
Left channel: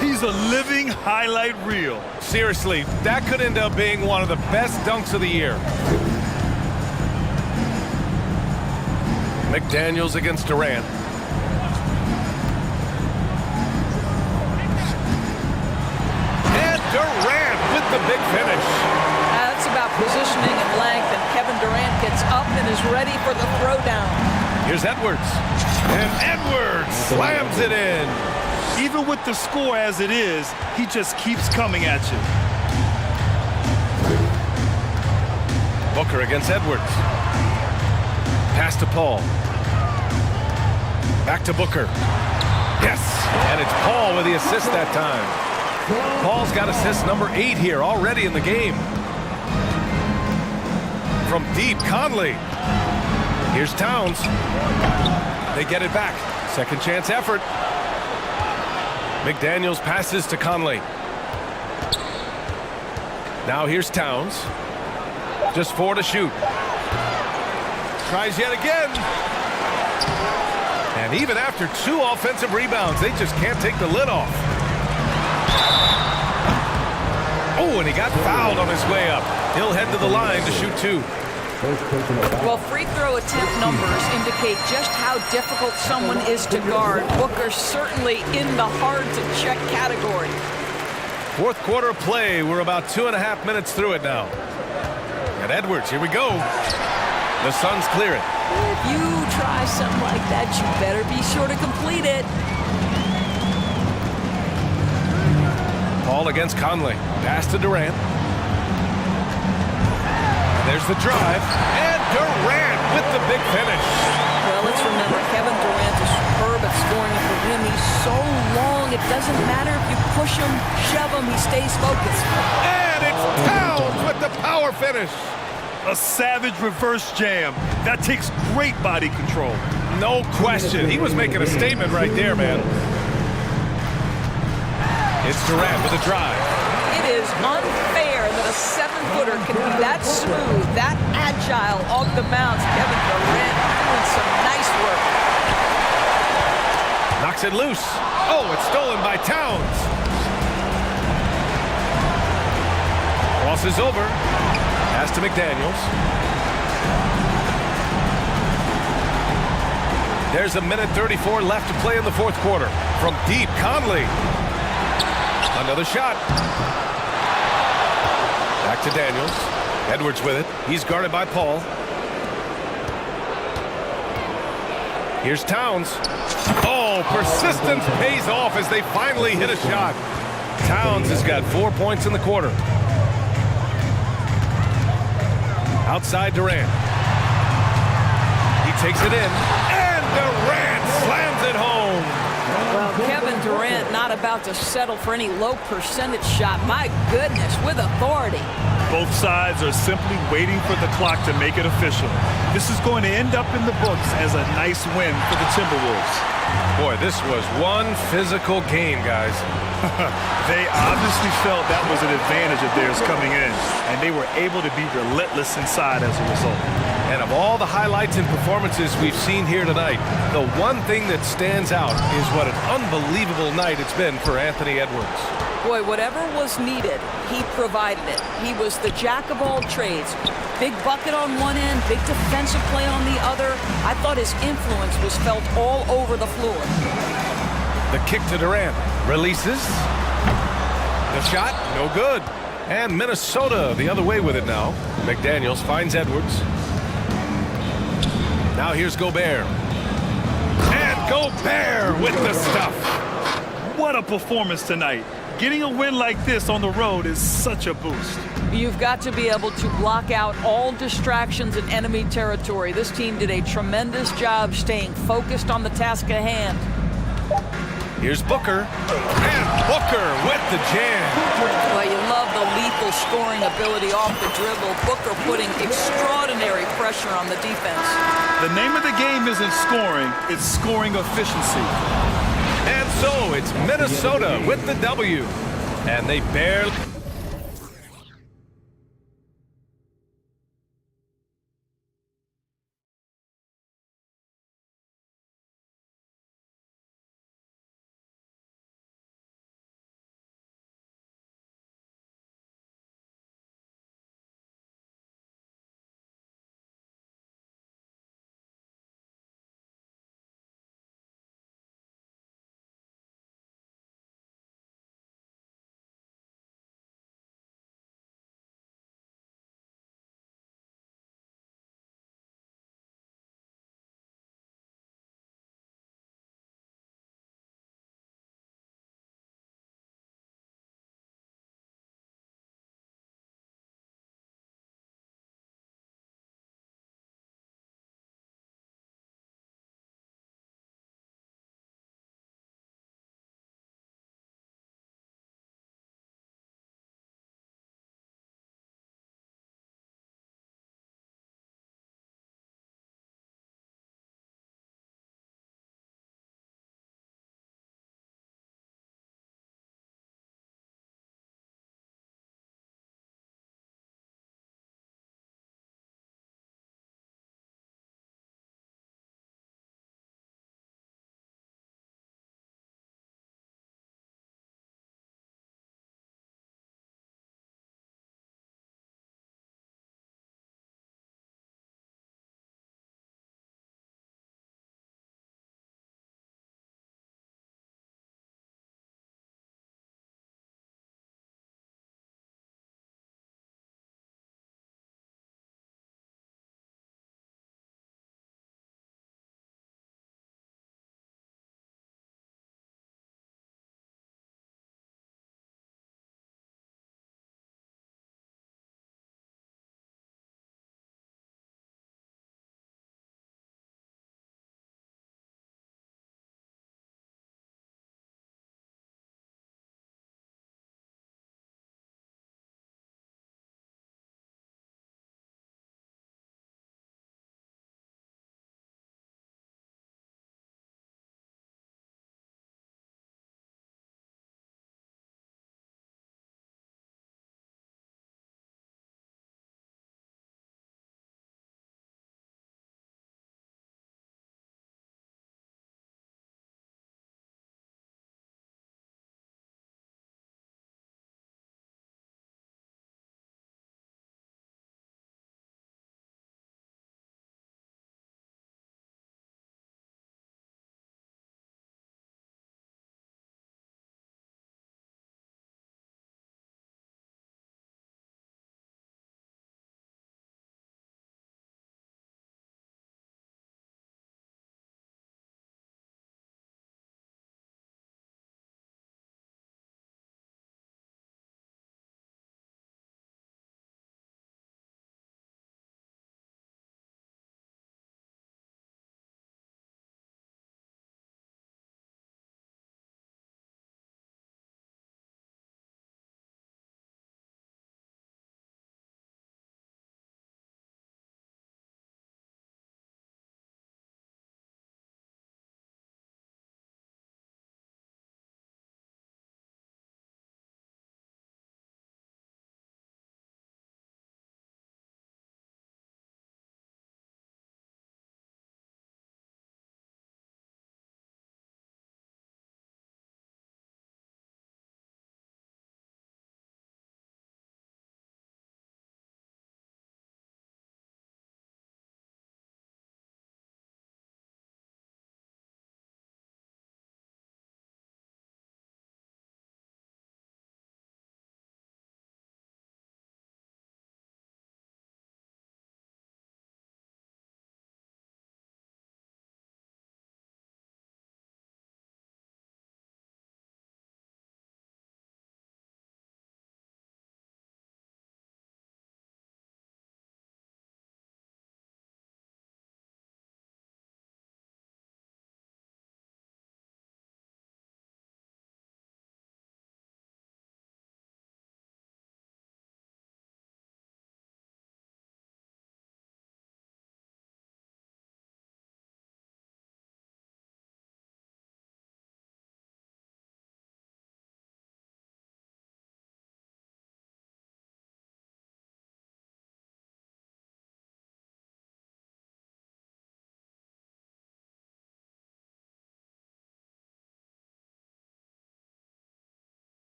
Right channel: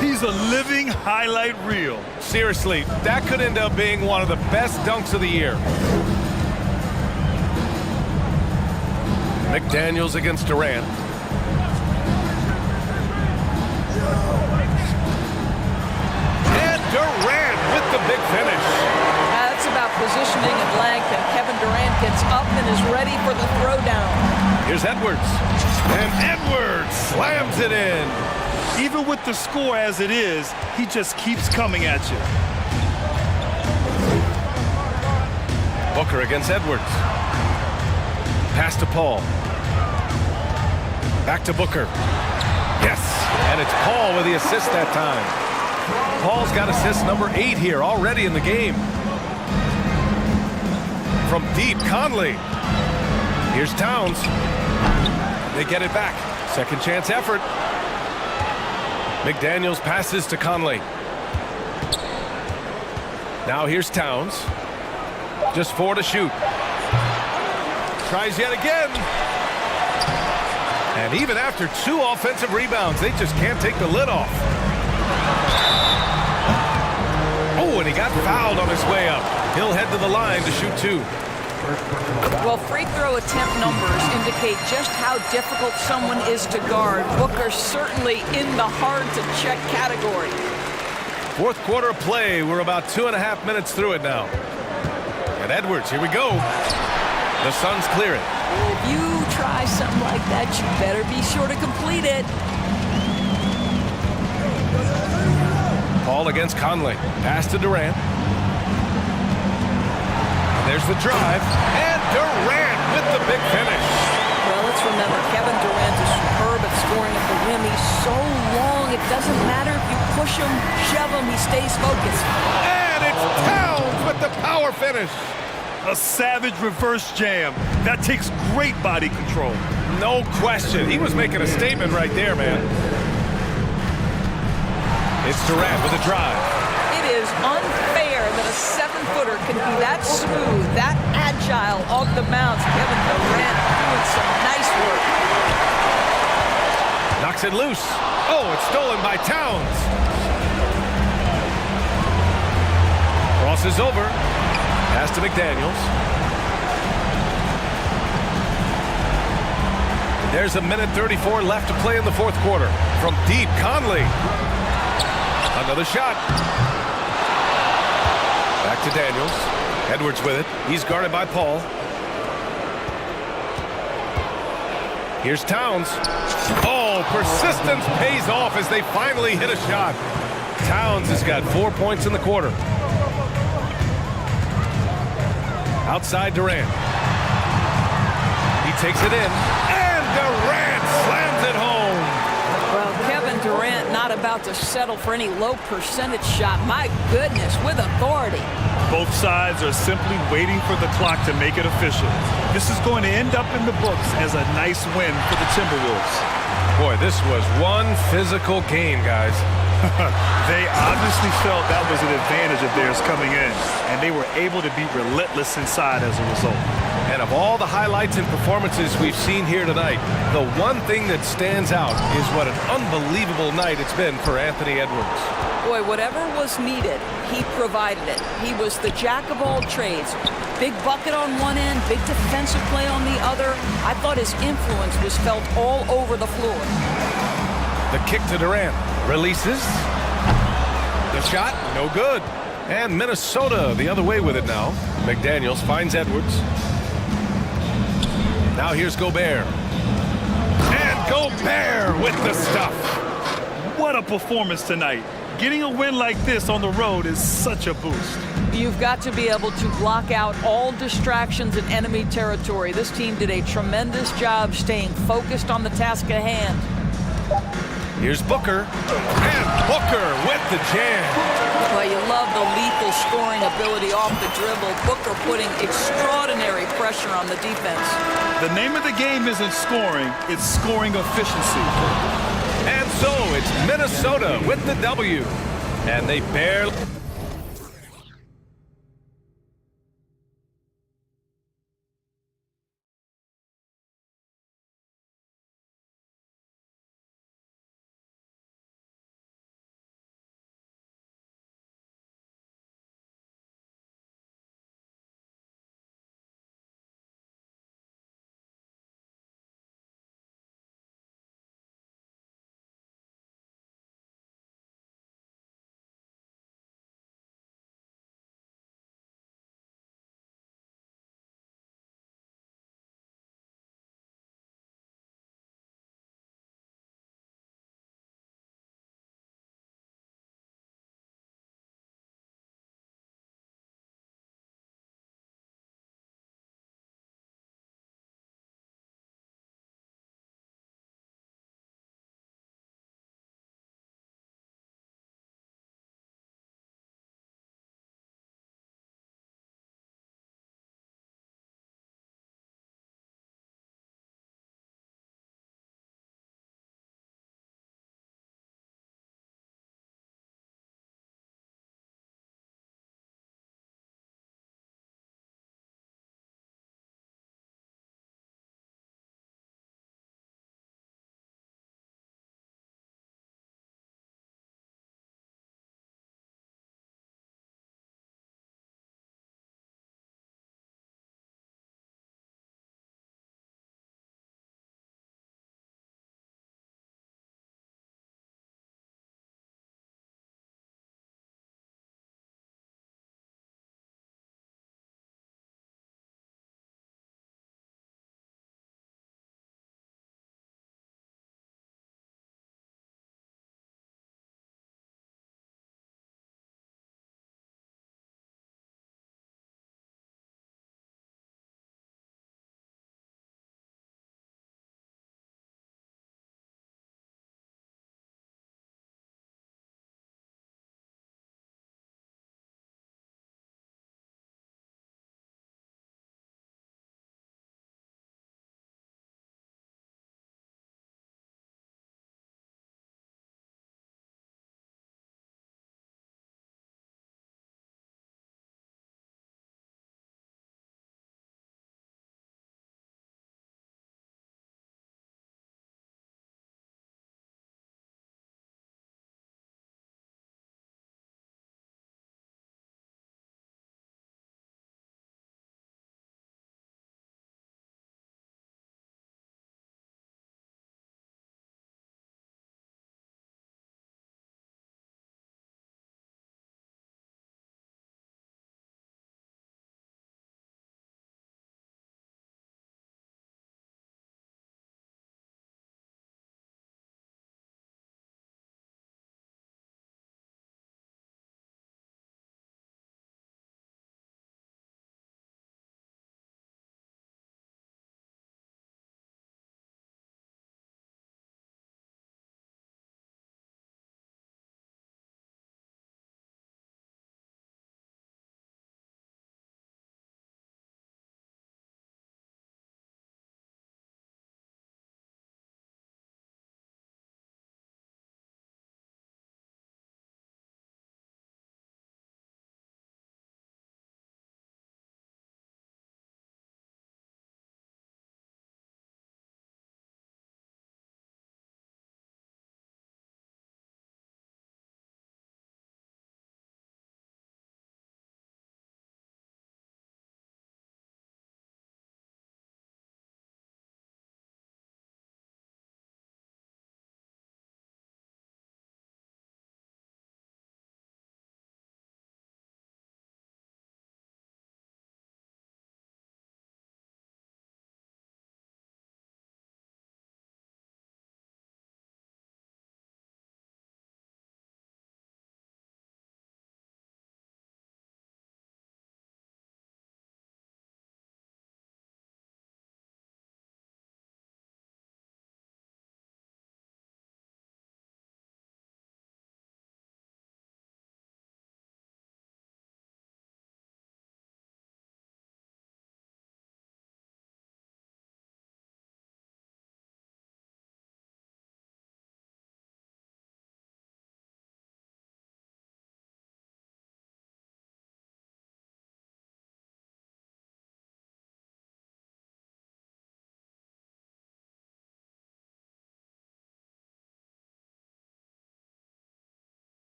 He's a living highlight reel. Seriously, that could end up being one of the best dunks of the year. McDaniels against Durant. Durant with the big finish. That's about positioning and length, and Kevin Durant gets up and is ready for the throwdown. Here's Edwards. And Edwards slams it in. Even with the score as it is, he just keeps coming at you. Booker against Edwards. Pass to Paul. Back to Booker. Yes, and it's Paul with the assist that time. Paul's got assist number 8 here already in the game. From deep, Conley. Here's Towns. They get it back. Second chance effort. McDaniels passes to Conley. Now here's Towns. Just 4 to shoot. Tries yet again. And even after 2 offensive rebounds, they just can't take the lid off. Oh, and he got fouled on his way up. He'll head to the line to shoot 2. Well, free throw attempt numbers indicate just how difficult someone is to guard. Booker's certainly in the hard-to-check category. Fourth quarter of play. We're about 2.5 minutes through it now. And Edwards, here we go. The Suns clear it. If you try something like that, you better be sure to complete it. Paul against Conley. Pass to Durant. And there's the drive. And Durant with the big finish. Well, let's remember, Kevin Durant is superb at scoring at the rim. He's so long, it doesn't matter if you push him, shove him, he stays focused. And it's Towns with the power finish. A savage reverse jam. That takes great body control. No question. He was making a statement right there, man. It's Durant with a drive. It is unfair that a 7-footer can be that smooth, that agile off the bounce. Kevin Durant doing some nice work. Knocks it loose. Oh, it's stolen by Towns. Crosses over. Pass to McDaniels. There's 1:34 left to play in the fourth quarter. From deep, Conley. Another shot. Back to Daniels. Edwards with it. He's guarded by Paul. Here's Towns. Oh, persistence pays off as they finally hit a shot. Towns has got 4 points in the quarter. Outside Durant. He takes it in. And Durant slams Kevin Durant not about to settle for any low percentage shot. My goodness, with authority. Both sides are simply waiting for the clock to make it official. This is going to end up in the books as a nice win for the Timberwolves. Boy, this was one physical game, guys. They obviously felt that was an advantage of theirs coming in, and they were able to be relentless inside as a result. And of all the highlights and performances we've seen here tonight, the one thing that stands out is what an unbelievable night it's been for Anthony Edwards. Boy, whatever was needed, he provided it. He was the jack of all trades. Big bucket on one end, big defensive play on the other. I thought his influence was felt all over the floor. The kick to Durant. Releases. The shot, no good. And Minnesota the other way with it now. McDaniels finds Edwards. Now here's Gobert. And Gobert with the stuff. What a performance tonight. Getting a win like this on the road is such a boost. You've got to be able to block out all distractions in enemy territory. This team did a tremendous job staying focused on the task at hand. Here's Booker. And Booker with the jam. Well, you love the lethal scoring ability off the dribble. Booker putting extraordinary pressure on the defense. The name of the game isn't scoring, it's scoring efficiency. And so it's Minnesota with the W. And they barely...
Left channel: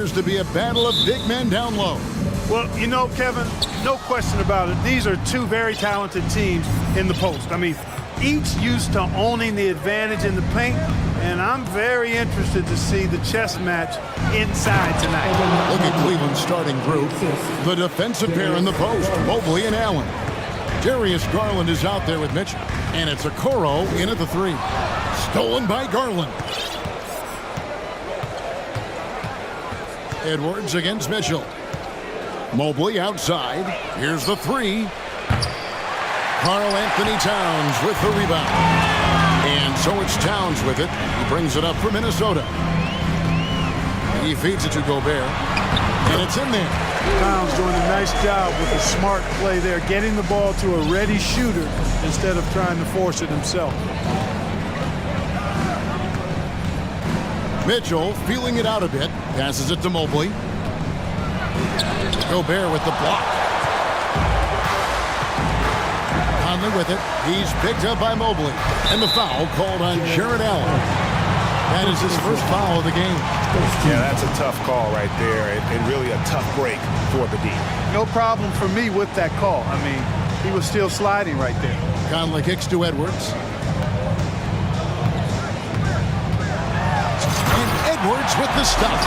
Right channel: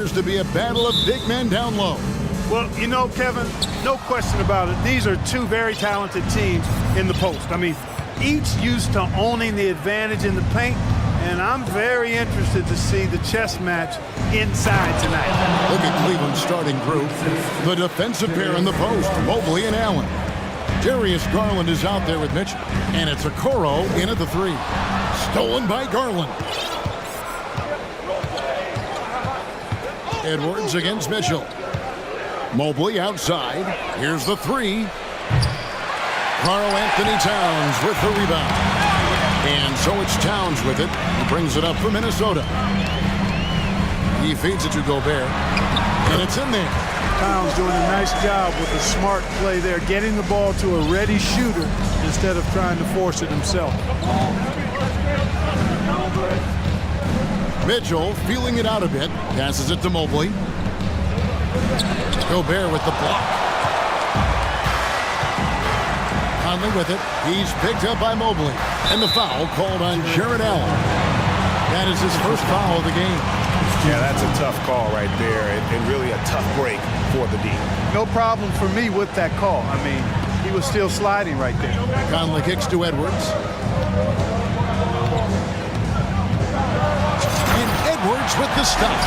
appears to be a battle of big men down low. Well, you know, Kevin, no question about it. These are two very talented teams in the post. I mean, each used to owning the advantage in the paint, and I'm very interested to see the chess match inside tonight. Look at Cleveland's starting group. The defensive pair in the post, Mobley and Allen. Darius Garland is out there with Mitchell, and it's Okoro in at the 3. Stolen by Garland. Edwards against Mitchell. Mobley outside. Here's the 3. Karl Anthony Towns with the rebound. And so it's Towns with it. He brings it up for Minnesota. He feeds it to Gobert. And it's in there. Towns doing a nice job with a smart play there, getting the ball to a ready shooter instead of trying to force it himself. Mitchell feeling it out a bit. Passes it to Mobley. Gobert with the block. Conley with it. He's picked up by Mobley. And the foul called on Jared Allen. That is his first foul of the game. Yeah, that's a tough call right there, and really a tough break for the D. No problem for me with that call. I mean, he was still sliding right there. Conley kicks to Edwards. And Edwards with the stop.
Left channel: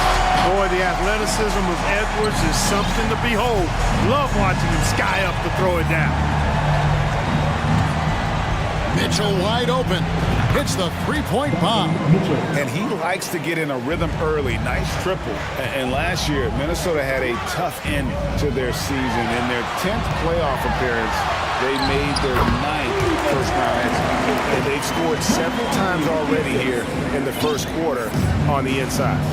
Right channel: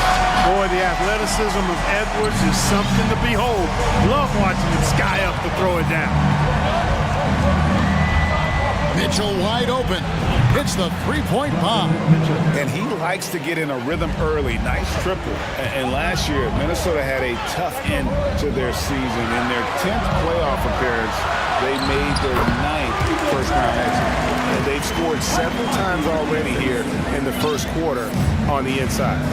Boy, the athleticism of Edwards is something to behold. Love watching him sky up to throw it down. Mitchell wide open. Hits the three-point bomb. And he likes to get in a rhythm early. Nice triple. And last year, Minnesota had a tough end to their season. In their 10th playoff appearance, they made their 9th first-round exit. And they've scored several times already here in the first quarter on the inside.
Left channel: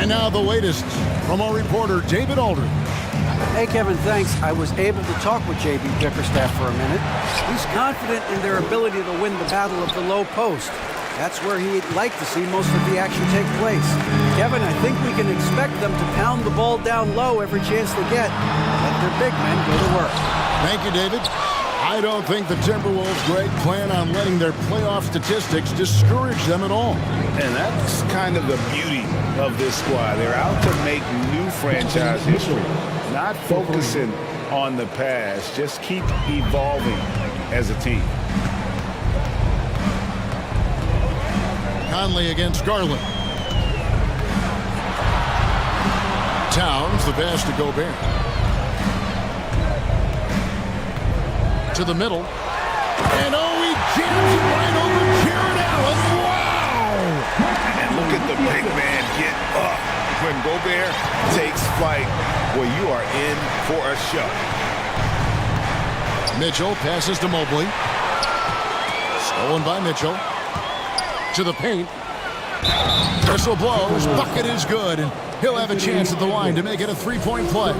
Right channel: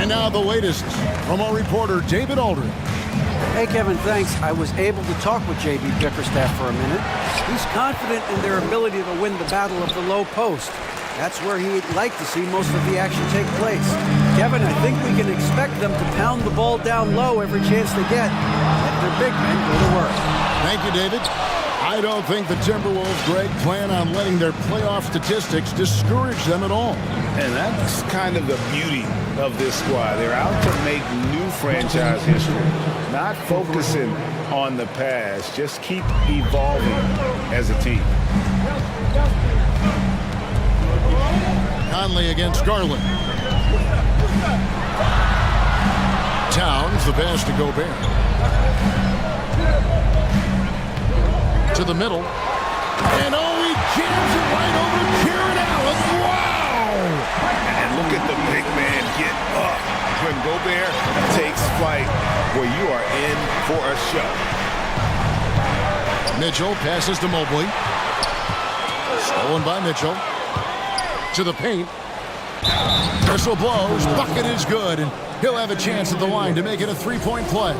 And now the latest from our reporter, David Aldridge. Hey, Kevin, thanks. I was able to talk with J.B. Bickerstaff for a minute. He's confident in their ability to win the battle of the low post. That's where he'd like to see most of the action take place. Kevin, I think we can expect them to pound the ball down low every chance they get. Let their big men go to work. Thank you, David. I don't think the Timberwolves, Greg, plan on letting their playoff statistics discourage them at all. And that's kind of the beauty of this squad. They're out to make new franchise history. Not focusing on the past, just keep evolving as a team. Conley against Garland. Towns, the pass to Gobert. To the middle. And oh, he jams it right over Jared Allen. Wow! And look at the big man get up. When Gobert takes flight, well, you are in for a show. Mitchell passes to Mobley. Stolen by Mitchell. To the paint. Whistle blows. Bucket is good. And he'll have a chance at the line to make it a three-point play.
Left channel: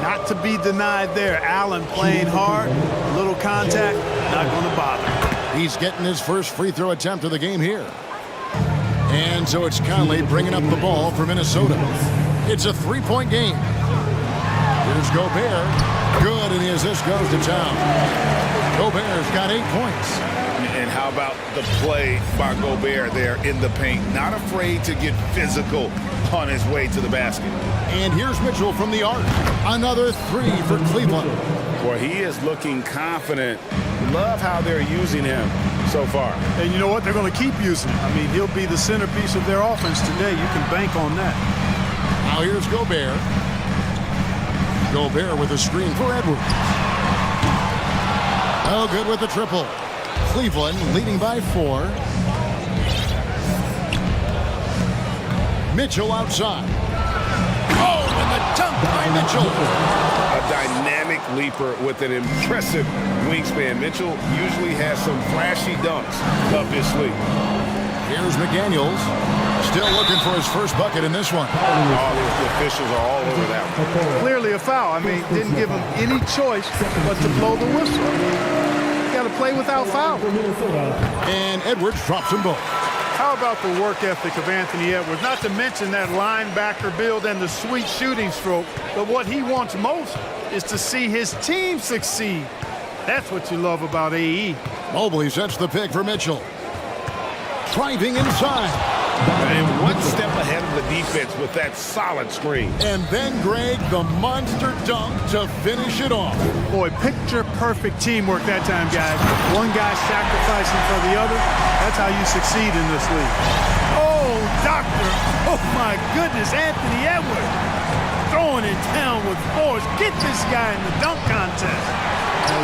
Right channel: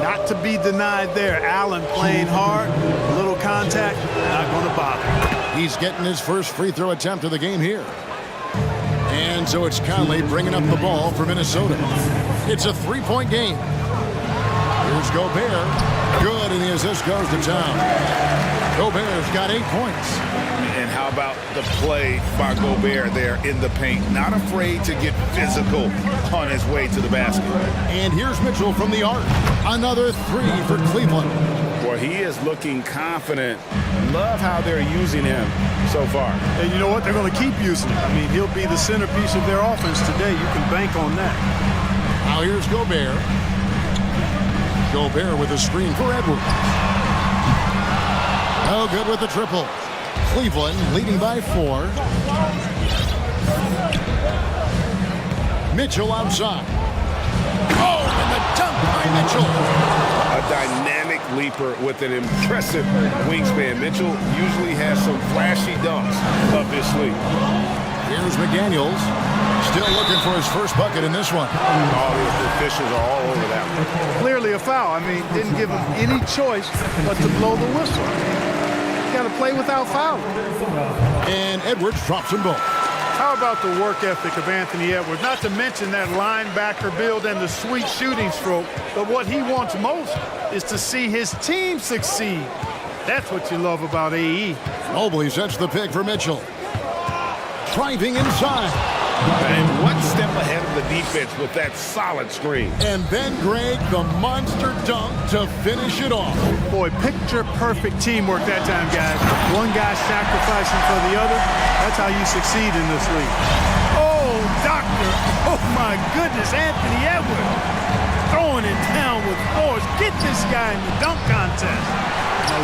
Not to be denied there. Allen playing hard. A little contact. Not going to bother. He's getting his first free throw attempt of the game here. And so it's Conley bringing up the ball for Minnesota. It's a three-point game. Here's Gobert. Good, and the assist goes to Town. Gobert's got 8 points. And how about the play by Gobert there in the paint? Not afraid to get physical on his way to the basket. And here's Mitchell from the arc. Another 3 for Cleveland. Boy, he is looking confident. Love how they're using him so far. And you know what? They're going to keep using him. I mean, he'll be the centerpiece of their offense today. You can bank on that. Now here's Gobert. Gobert with a screen for Edwards. Oh, good with the triple. Cleveland leading by 4. Mitchell outside. Oh, and the dunk by Mitchell. A dynamic leaper with an impressive wingspan. Mitchell usually has some flashy dunks up his sleeve. Here's McDaniels. Still looking for his first bucket in this one. All the officials are all over that one. Clearly a foul. I mean, didn't give him any choice but to blow the whistle. I mean, you got to play without foul. And Edwards drops them both. How about the work ethic of Anthony Edwards? Not to mention that linebacker build and the sweet shooting stroke. But what he wants most is to see his team succeed. That's what you love about AE. Mobley sets the pick for Mitchell. Driving inside. And one step ahead of the defense with that solid screen. And then, Greg, the monster dunk to finish it off. Boy, picture-perfect teamwork that time, guys. One guy sacrificing for the other. That's how you succeed in this league. Oh, doctor. Oh, my goodness. Anthony Edwards throwing it down with force. Get this guy in the dunk contest.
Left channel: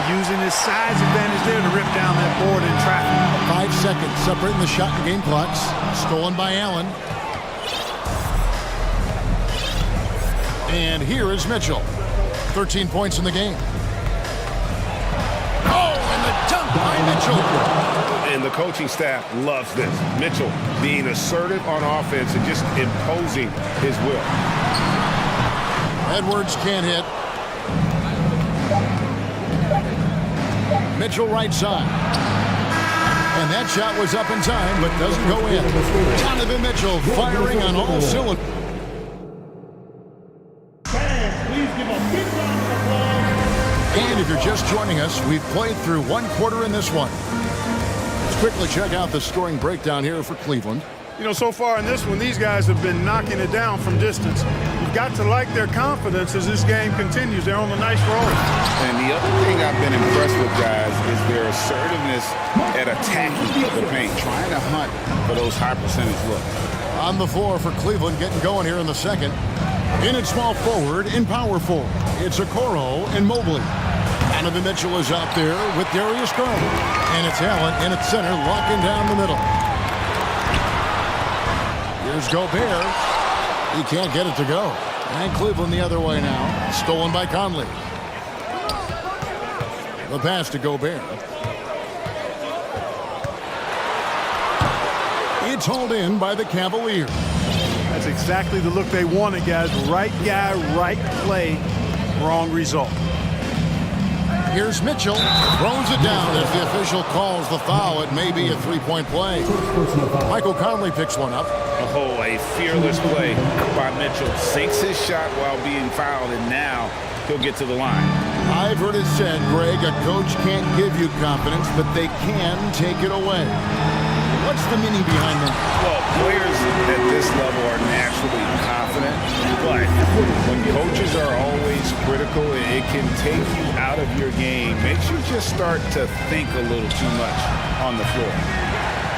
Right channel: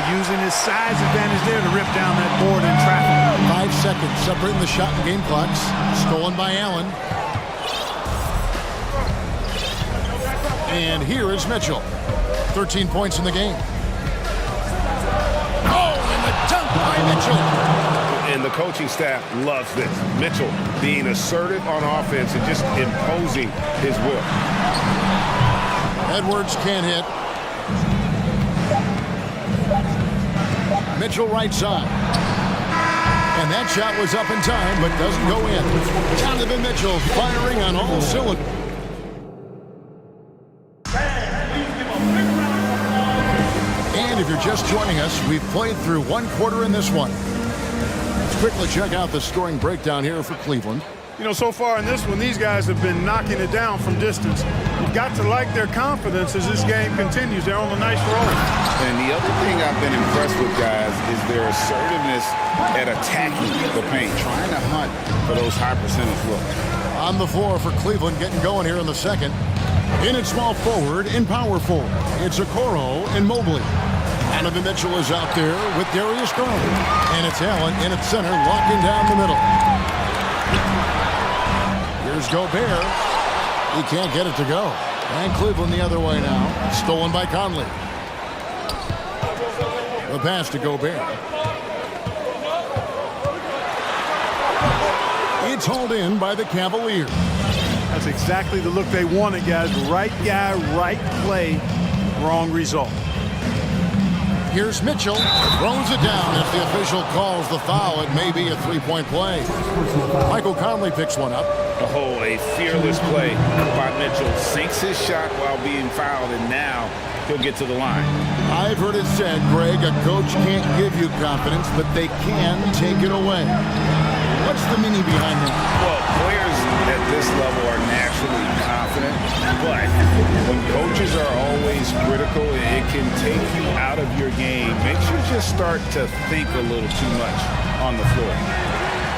Using his size advantage there to rip down that board in traffic. 5 seconds separating the shot and game clocks. Stolen by Allen. And here is Mitchell. 13 points in the game. Oh, and the dunk by Mitchell. And the coaching staff loves this. Mitchell being assertive on offense and just imposing his will. Edwards can't hit. Mitchell right side. And that shot was up in time, but doesn't go in. Donovan Mitchell firing on all cylinders. And if you're just joining us, we've played through one quarter in this one. Let's quickly check out the scoring breakdown here for Cleveland. So far in this one, these guys have been knocking it down from distance. You've got to like their confidence as this game continues. They're on a nice roll. And the other thing I've been impressed with, guys, is their assertiveness at attacking the paint, trying to hunt for those high percentage looks. On the floor for Cleveland, getting going here in the second. In at small forward, in power forward, it's Okoro and Mobley. Donovan Mitchell is out there with Darius Garland. And it's Allen in at center, locking down the middle. Here's Gobert. He can't get it to go. And Cleveland the other way now. Stolen by Conley. The pass to Gobert. It's hauled in by the Cavaliers. That's exactly the look they wanted, guys. Right guy, right play, wrong result. Here's Mitchell. Throws it down as the official calls the foul. It may be a three-point play. Michael Conley picks one up. Oh, a fearless play by Mitchell. Sinks his shot while being fouled, and now he'll get to the line. I've heard it said, Greg, a coach can't give you confidence, but they can take it away. What's the meaning behind that? Well, players at this level are naturally confident, but when coaches are always critical, it can take you out of your game. Makes you just start to think a little too much on the floor.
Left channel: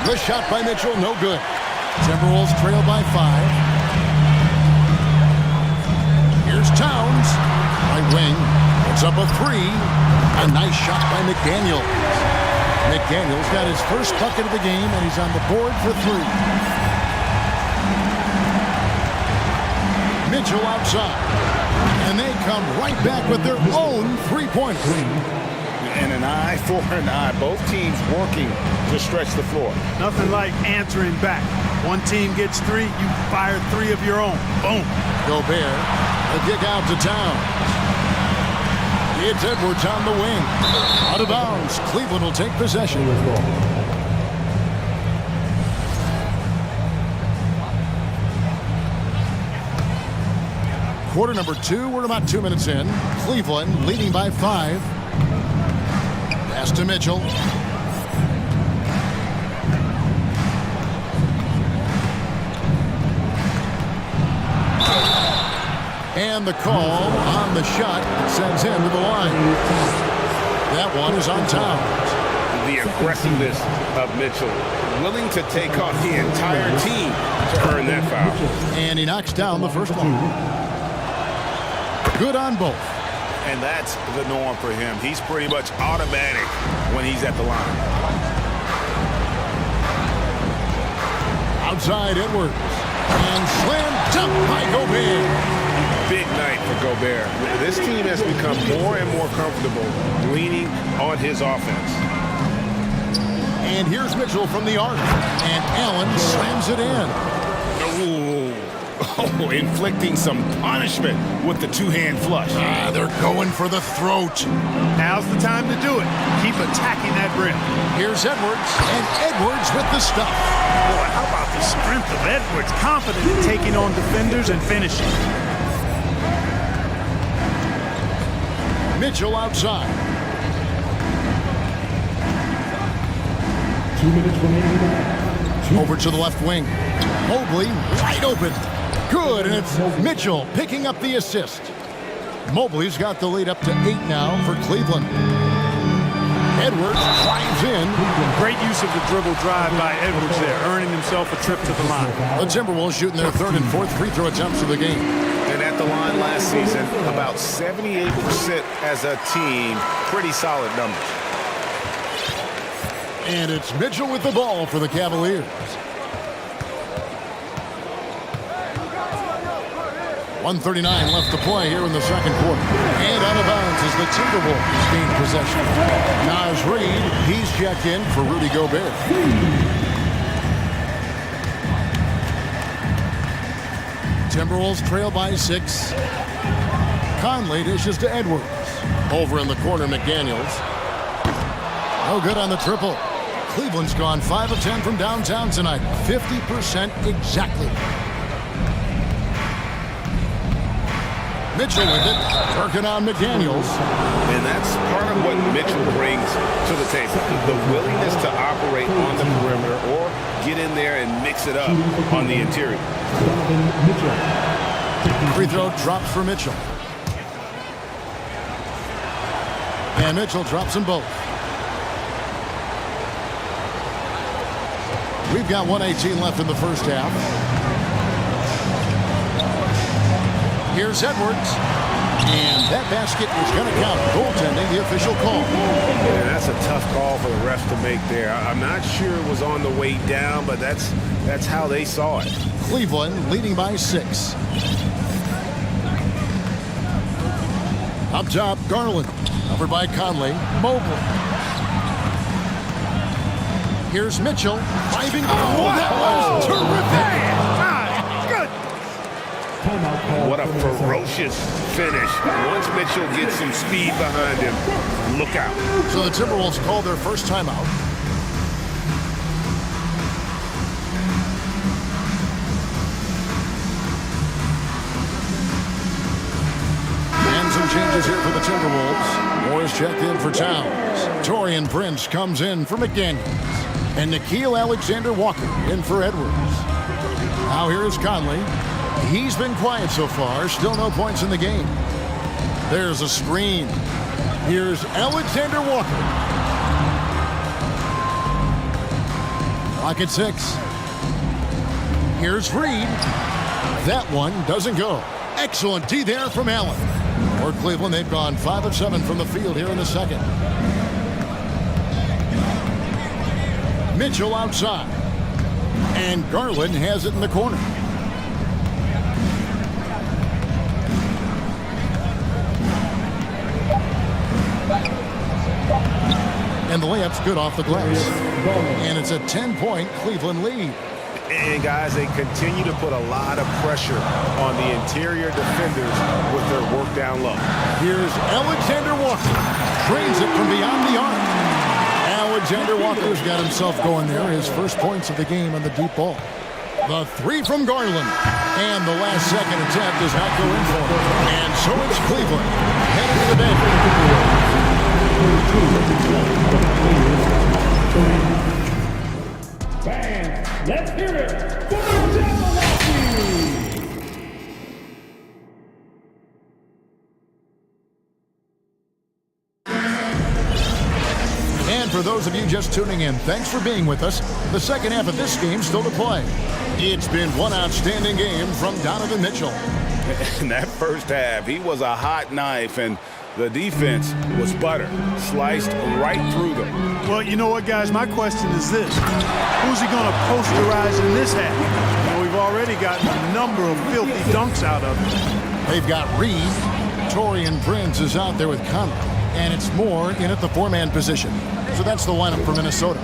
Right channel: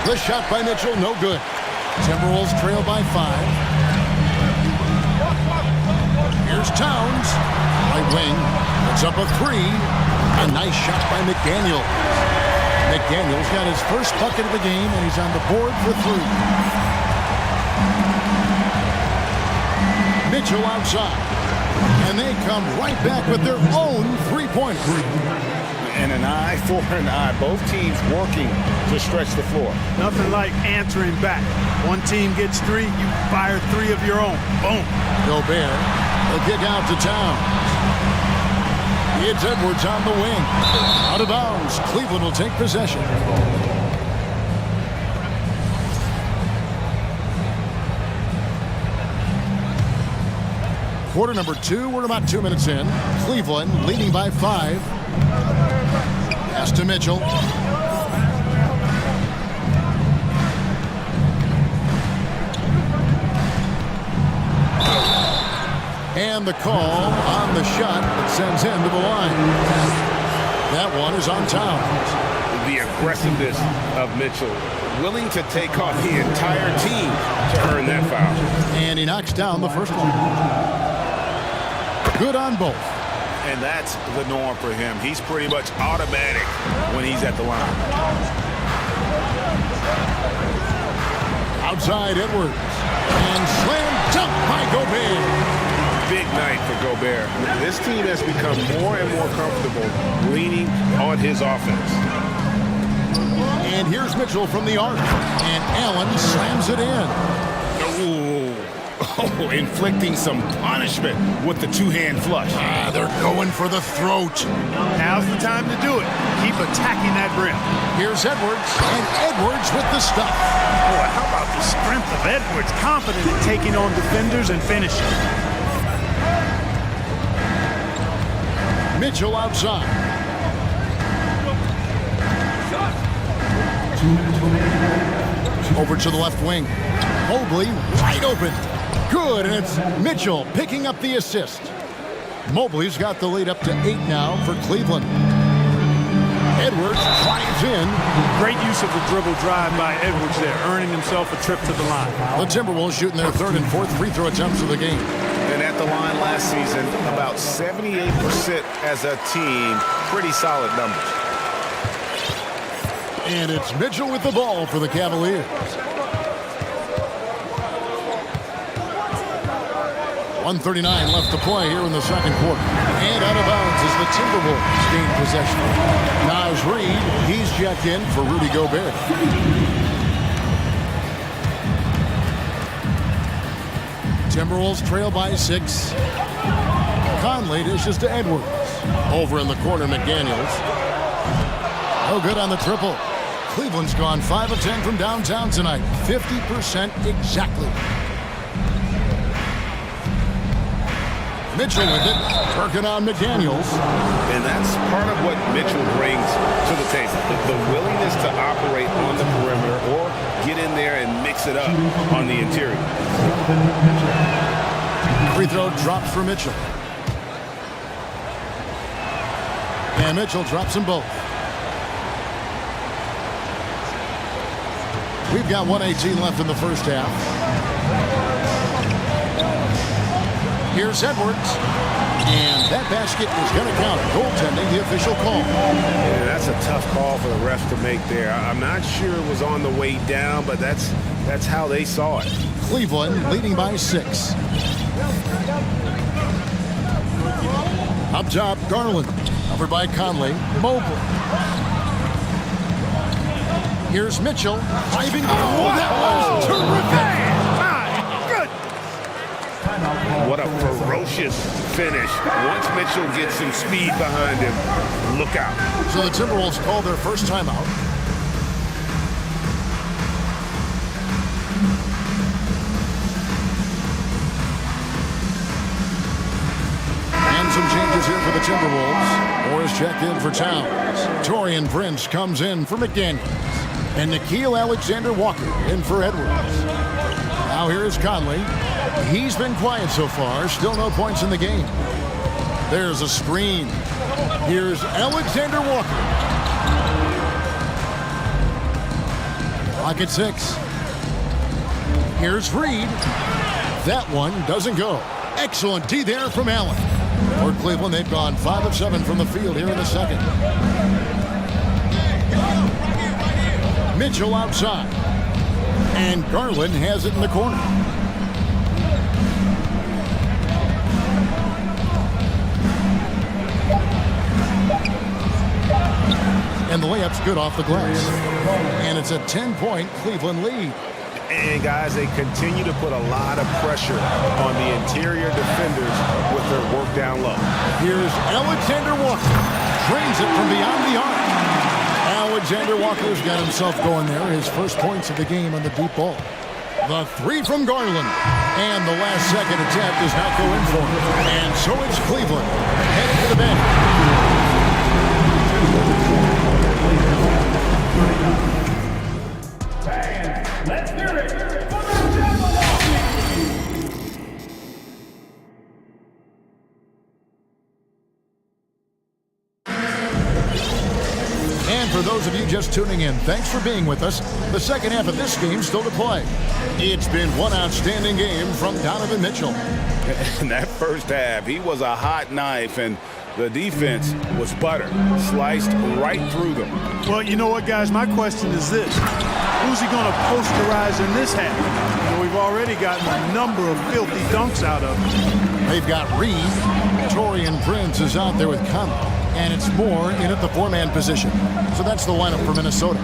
The shot by Mitchell, no good. Timberwolves trail by 5. Here's Towns. Right wing. It's up a 3. A nice shot by McDaniels. McDaniels got his first bucket of the game, and he's on the board for 3. Mitchell outside. And they come right back with their own three-pointer. And an eye for an eye. Both teams working to stretch the floor. Nothing like answering back. One team gets 3, you fire 3 of your own. Boom. Gobert, a kick out to Towns. It's Edwards on the wing. Out of bounds. Cleveland will take possession. Quarter number 2. We're about 2 minutes in. Cleveland leading by 5. Pass to Mitchell. And the call on the shot that sends him to the line. That one is on Towns. The aggressiveness of Mitchell, willing to take on the entire team to earn that foul. And he knocks down the first one. Good on both. And that's the norm for him. He's pretty much automatic when he's at the line. Outside Edwards. And slam dunk by Gobert. Big night for Gobert. This team has become more and more comfortable leaning on his offense. And here's Mitchell from the arc. And Allen slams it in. Oh, inflicting some punishment with the two-hand flush. They're going for the throat. Now's the time to do it. Keep attacking that rim. Here's Edwards. And Edwards with the stuff. Boy, how about the strength of Edwards? Confident in taking on defenders and finishing. Mitchell outside. 2 minutes remaining. Over to the left wing. Mobley wide open. Good, and it's Mitchell picking up the assist. Mobley's got the lead up to 8 now for Cleveland. Edwards drives in. Great use of the dribble drive by Edwards there, earning himself a trip to the line. The Timberwolves shooting their 3rd and 4th free throw attempts of the game. And at the line last season, about 78% as a team. Pretty solid numbers. And it's Mitchell with the ball for the Cavaliers. 1:39 left to play here in the second quarter. And out of bounds as the Timberwolves gain possession. Naz Reid, he's checked in for Rudy Gobert. Timberwolves trail by 6. Conley dishes to Edwards. Over in the corner, McDaniels. No good on the triple. Cleveland's gone 5 of 10 from downtown tonight. 50% exactly. Mitchell with it, working on McDaniels. And that's part of what Mitchell brings to the table. The willingness to operate on the perimeter or get in there and mix it up on the interior. Free throw drops for Mitchell. And Mitchell drops them both. We've got 1:18 left in the first half. Here's Edwards. And that basket is going to count. Goaltending, the official call. Yeah, that's a tough call for the refs to make there. I'm not sure it was on the way down, but that's how they saw it. Cleveland leading by 6. Up top, Garland. Covered by Conley. Mobley. Here's Mitchell. Driving. Oh, that was terrific. My goodness. What a ferocious finish. Once Mitchell gets some speed behind him, look out. So the Timberwolves call their first timeout. And some changes here for the Timberwolves. Morris checked in for Towns. Taurean Prince comes in for McDaniels. And Nickeil Alexander-Walker in for Edwards. Now here is Conley. He's been quiet so far. Still no points in the game. There's a screen. Here's Alexander-Walker. Clock at 6. Here's Reid. That one doesn't go. Excellent D there from Allen. For Cleveland, they've gone 5 of 7 from the field here in the second. Mitchell outside. And Garland has it in the corner. And the layup's good off the glass. And it's a 10-point Cleveland lead. And guys, they continue to put a lot of pressure on the interior defenders with their work down low. Here's Alexander-Walker. Drains it from beyond the arc. Alexander-Walker's got himself going there. His first points of the game on the deep ball. The 3 from Garland. And the last second attempt does not go in for him. And so it's Cleveland headed to the bench. Fans, let's hear it for the Timberwolves! And for those of you just tuning in, thanks for being with us. The second half of this game still to play. It's been one outstanding game from Donovan Mitchell. In that first half, he was a hot knife, and the defense was butter, sliced right through them. Well, you know what, guys? My question is this. Who's he going to posterize in this half? You know, we've already gotten a number of filthy dunks out of him. They've got Reid. Taurean Prince is out there with Conley. And it's Moore in at the 4-man position. So that's the lineup for Minnesota.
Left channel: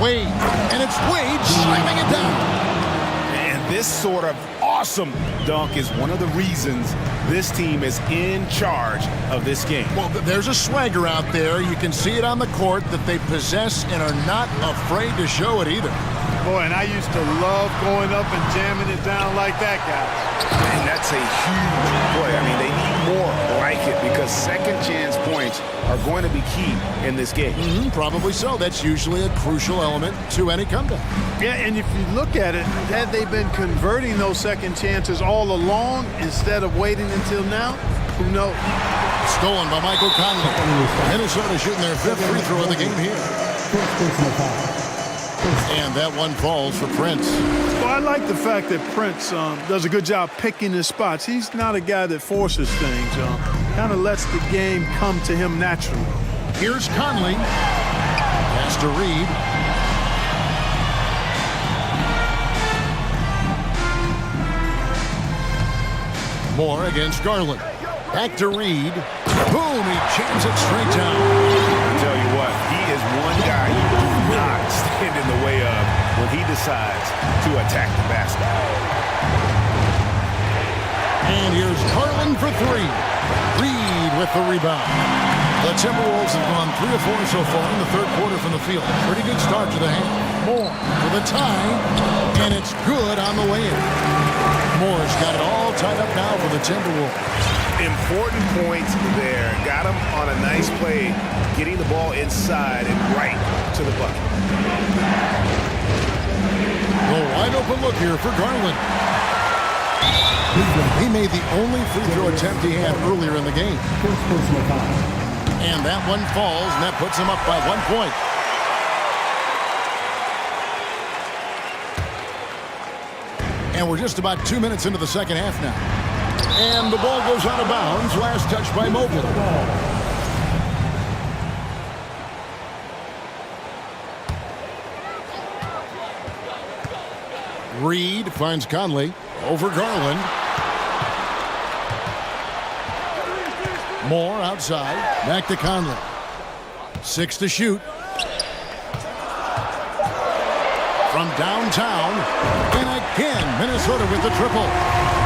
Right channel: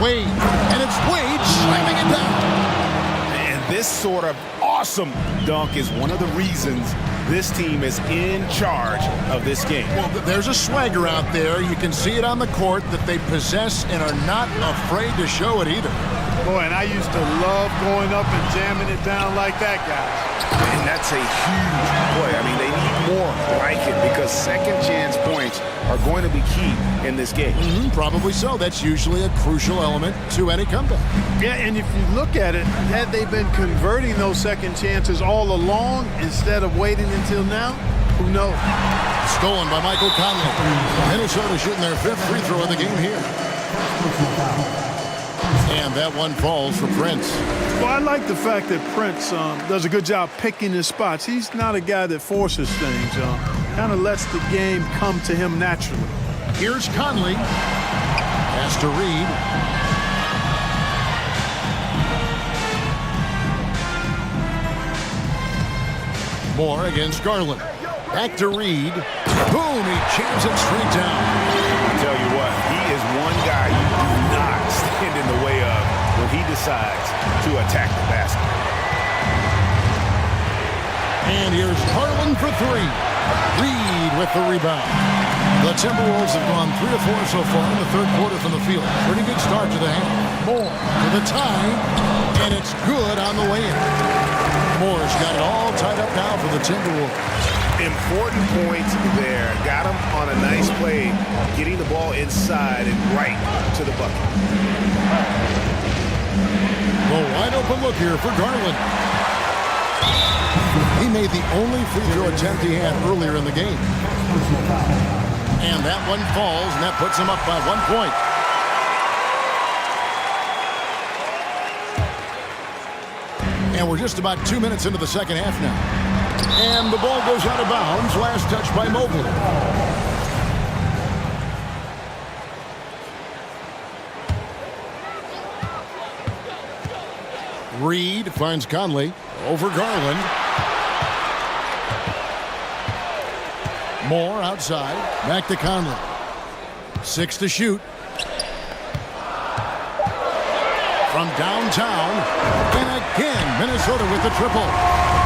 Wade. And it's Wade slamming it down. And this sort of awesome dunk is one of the reasons this team is in charge of this game. Well, there's a swagger out there. You can see it on the court that they possess and are not afraid to show it either. Boy, and I used to love going up and jamming it down like that, guys. And that's a huge play. I mean, they need more like it because second chance points are going to be key in this game. Probably so. That's usually a crucial element to any comeback. Yeah, and if you look at it, had they been converting those second chances all along instead of waiting until now, who knows? Stolen by Michael Conley. Minnesota shooting their 5th free throw of the game here. And that one falls for Prince. Well, I like the fact that Prince does a good job picking his spots. He's not a guy that forces things. Kind of lets the game come to him naturally. Here's Conley. Pass to Reed. Moore against Garland. Back to Reed. Boom, he jams it straight down. I tell you what, he is one guy you do not stand in the way of when he decides to attack the basket. And here's Garland for 3. Reed with the rebound. The Timberwolves have gone 3 of 4 so far in the third quarter from the field. Pretty good start to the half. Moore for the tie, and it's good on the way in. Moore's got it all tied up now for the Timberwolves. Important points there. Got him on a nice play, getting the ball inside and right to the bucket. The wide open look here for Garland. He made the only free throw attempt he had earlier in the game. And that one falls, and that puts him up by 1 point. And we're just about 2 minutes into the second half now. And the ball goes out of bounds. Last touch by Mobley. Reed finds Conley over Garland. Moore outside. Back to Conley. 6 to shoot. From downtown. And again, Minnesota with the triple.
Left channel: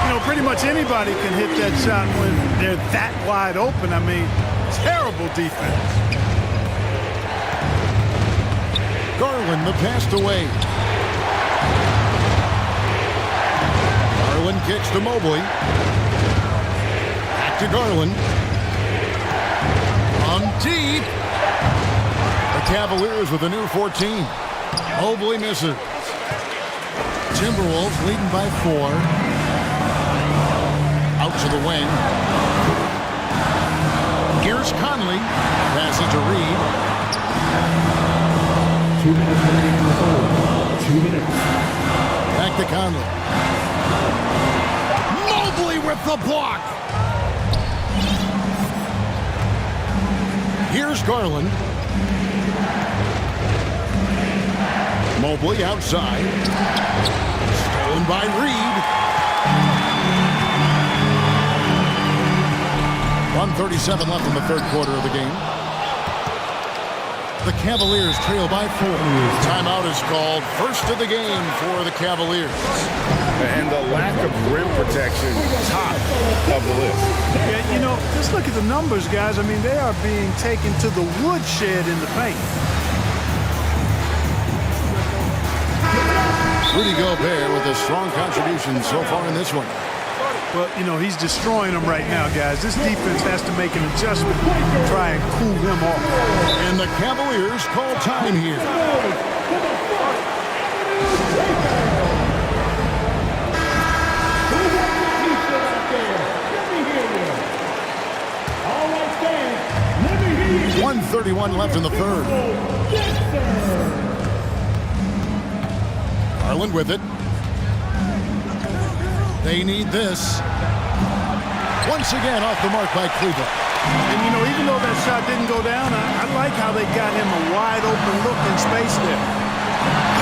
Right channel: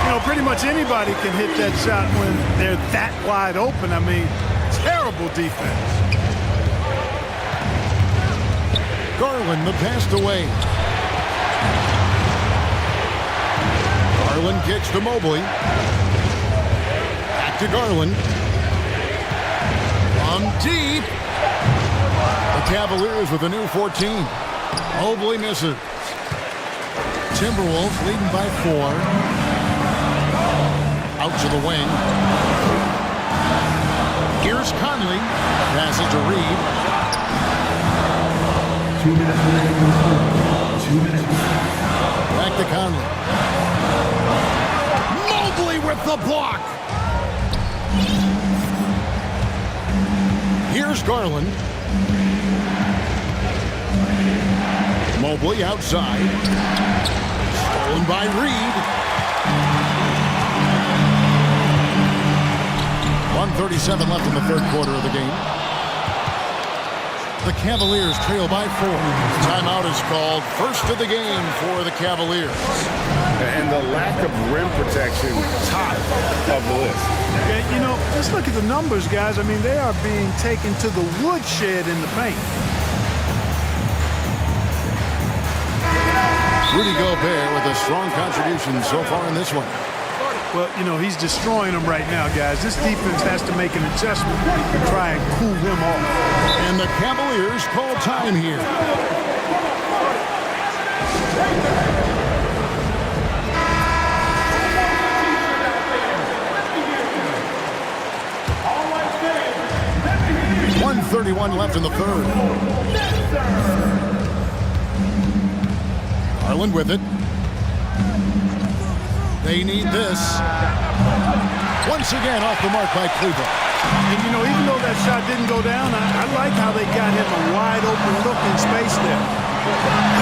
You know, pretty much anybody can hit that shot when they're that wide open. I mean, terrible defense. Garland, the pass away. Garland kicks to Mobley. Back to Garland. From deep. The Cavaliers with a new 14. Mobley misses. Timberwolves leading by 4. Out to the wing. Here's Conley. Passes to Reed. 2 minutes remaining. 2 minutes. Back to Conley. Mobley with the block. Here's Garland. Mobley outside. Stolen by Reed. 1:37 left in the third quarter of the game. The Cavaliers trail by 4. Timeout is called. First of the game for the Cavaliers. And the lack of rim protection, top of the list. Yeah, you know, just look at the numbers, guys. I mean, they are being taken to the woodshed in the paint. Rudy Gobert with a strong contribution so far in this one. Well, you know, he's destroying them right now, guys. This defense has to make an adjustment to try and cool him off. And the Cavaliers call time here. All right, fans, let me hear you. 1:31 left in the third. Garland with it. They need this. Once again off the mark by Cleveland. And, you know, even though that shot didn't go down, I like how they got him a wide open look in space there.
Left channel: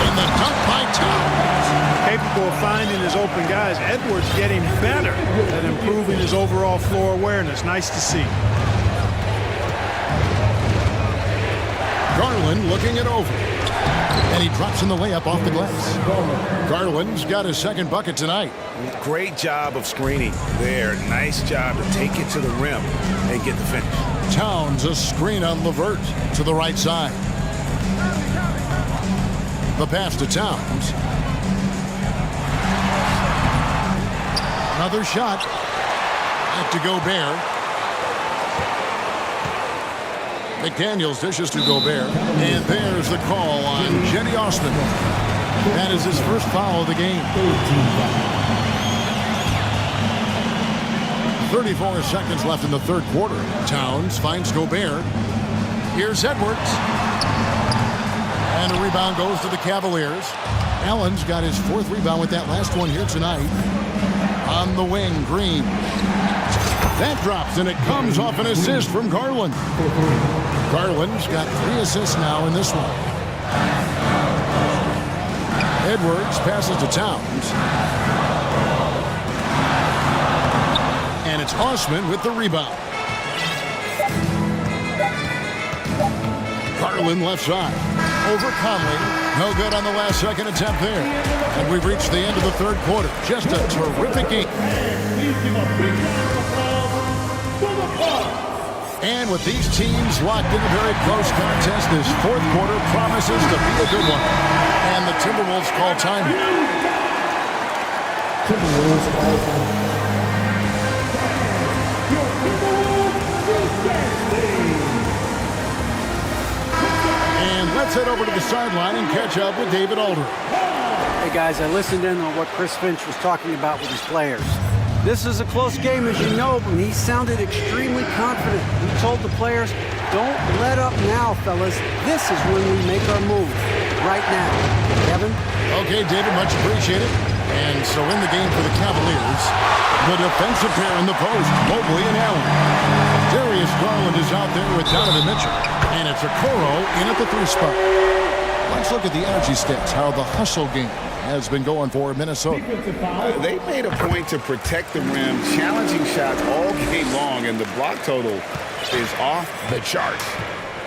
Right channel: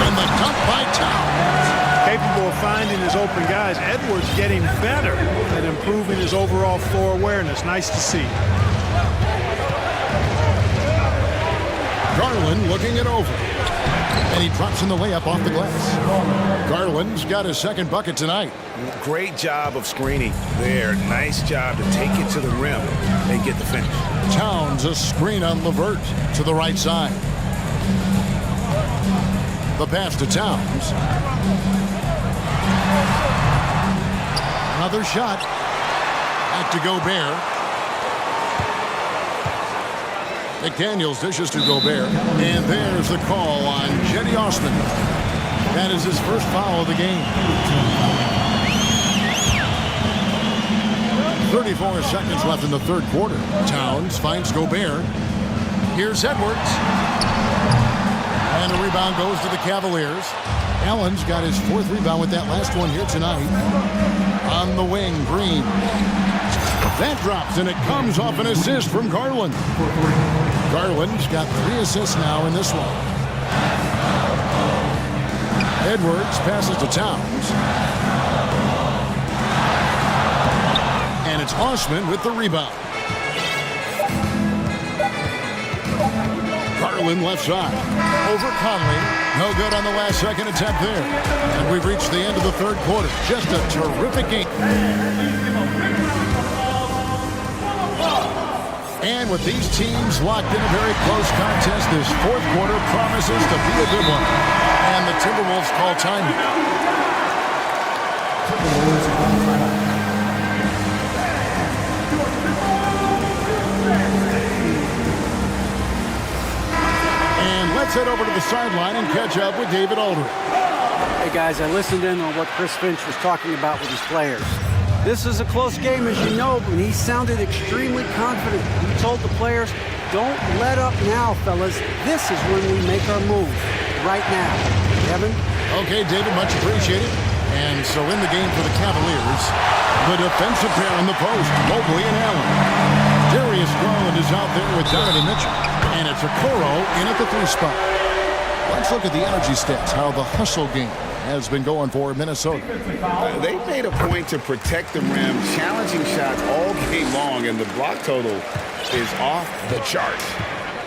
And the dunk by Towns. Capable of finding his open guys. Edwards getting better at improving his overall floor awareness. Nice to see. Garland looking it over. And he drops in the layup off the glass. Garland's got his second bucket tonight. Great job of screening there. Nice job to take it to the rim and get the finish. Towns a screen on LeVert to the right side. The pass to Towns. Another shot. Back to Gobert. McDaniels dishes to Gobert. And there's the call on Jetty Osman. That is his first foul of the game. 34 seconds left in the third quarter. Towns finds Gobert. Here's Edwards. And a rebound goes to the Cavaliers. Allen's got his fourth rebound with that last one here tonight. On the wing, Green. That drops, and it comes off an assist from Garland. Garland's got 3 assists now in this one. Edwards passes to Towns. And it's Osman with the rebound. Garland left side. Over Conley. No good on the last second attempt there. And we've reached the end of the third quarter. Just a terrific game. And with these teams locked in a very close contest, this fourth quarter promises to be a good one. And the Timberwolves call time. And let's head over to the sideline and catch up with David Aldridge. Hey guys, I listened in on what Chris Finch was talking about with his players. This is a close game, as you know, and he sounded extremely confident. He told the players, don't let up now, fellas. This is when we make our move. Right now. Kevin? Okay, David, much appreciated. And so in the game for the Cavaliers, the defensive pair in the post, Mobley and Allen. Darius Garland is out there with Donovan Mitchell. And it's Okoro in at the 3 spot. Let's look at the energy stats, how the hustle game has been going for Minnesota. They made a point to protect the rim, challenging shots all game long, and the block total is off the charts.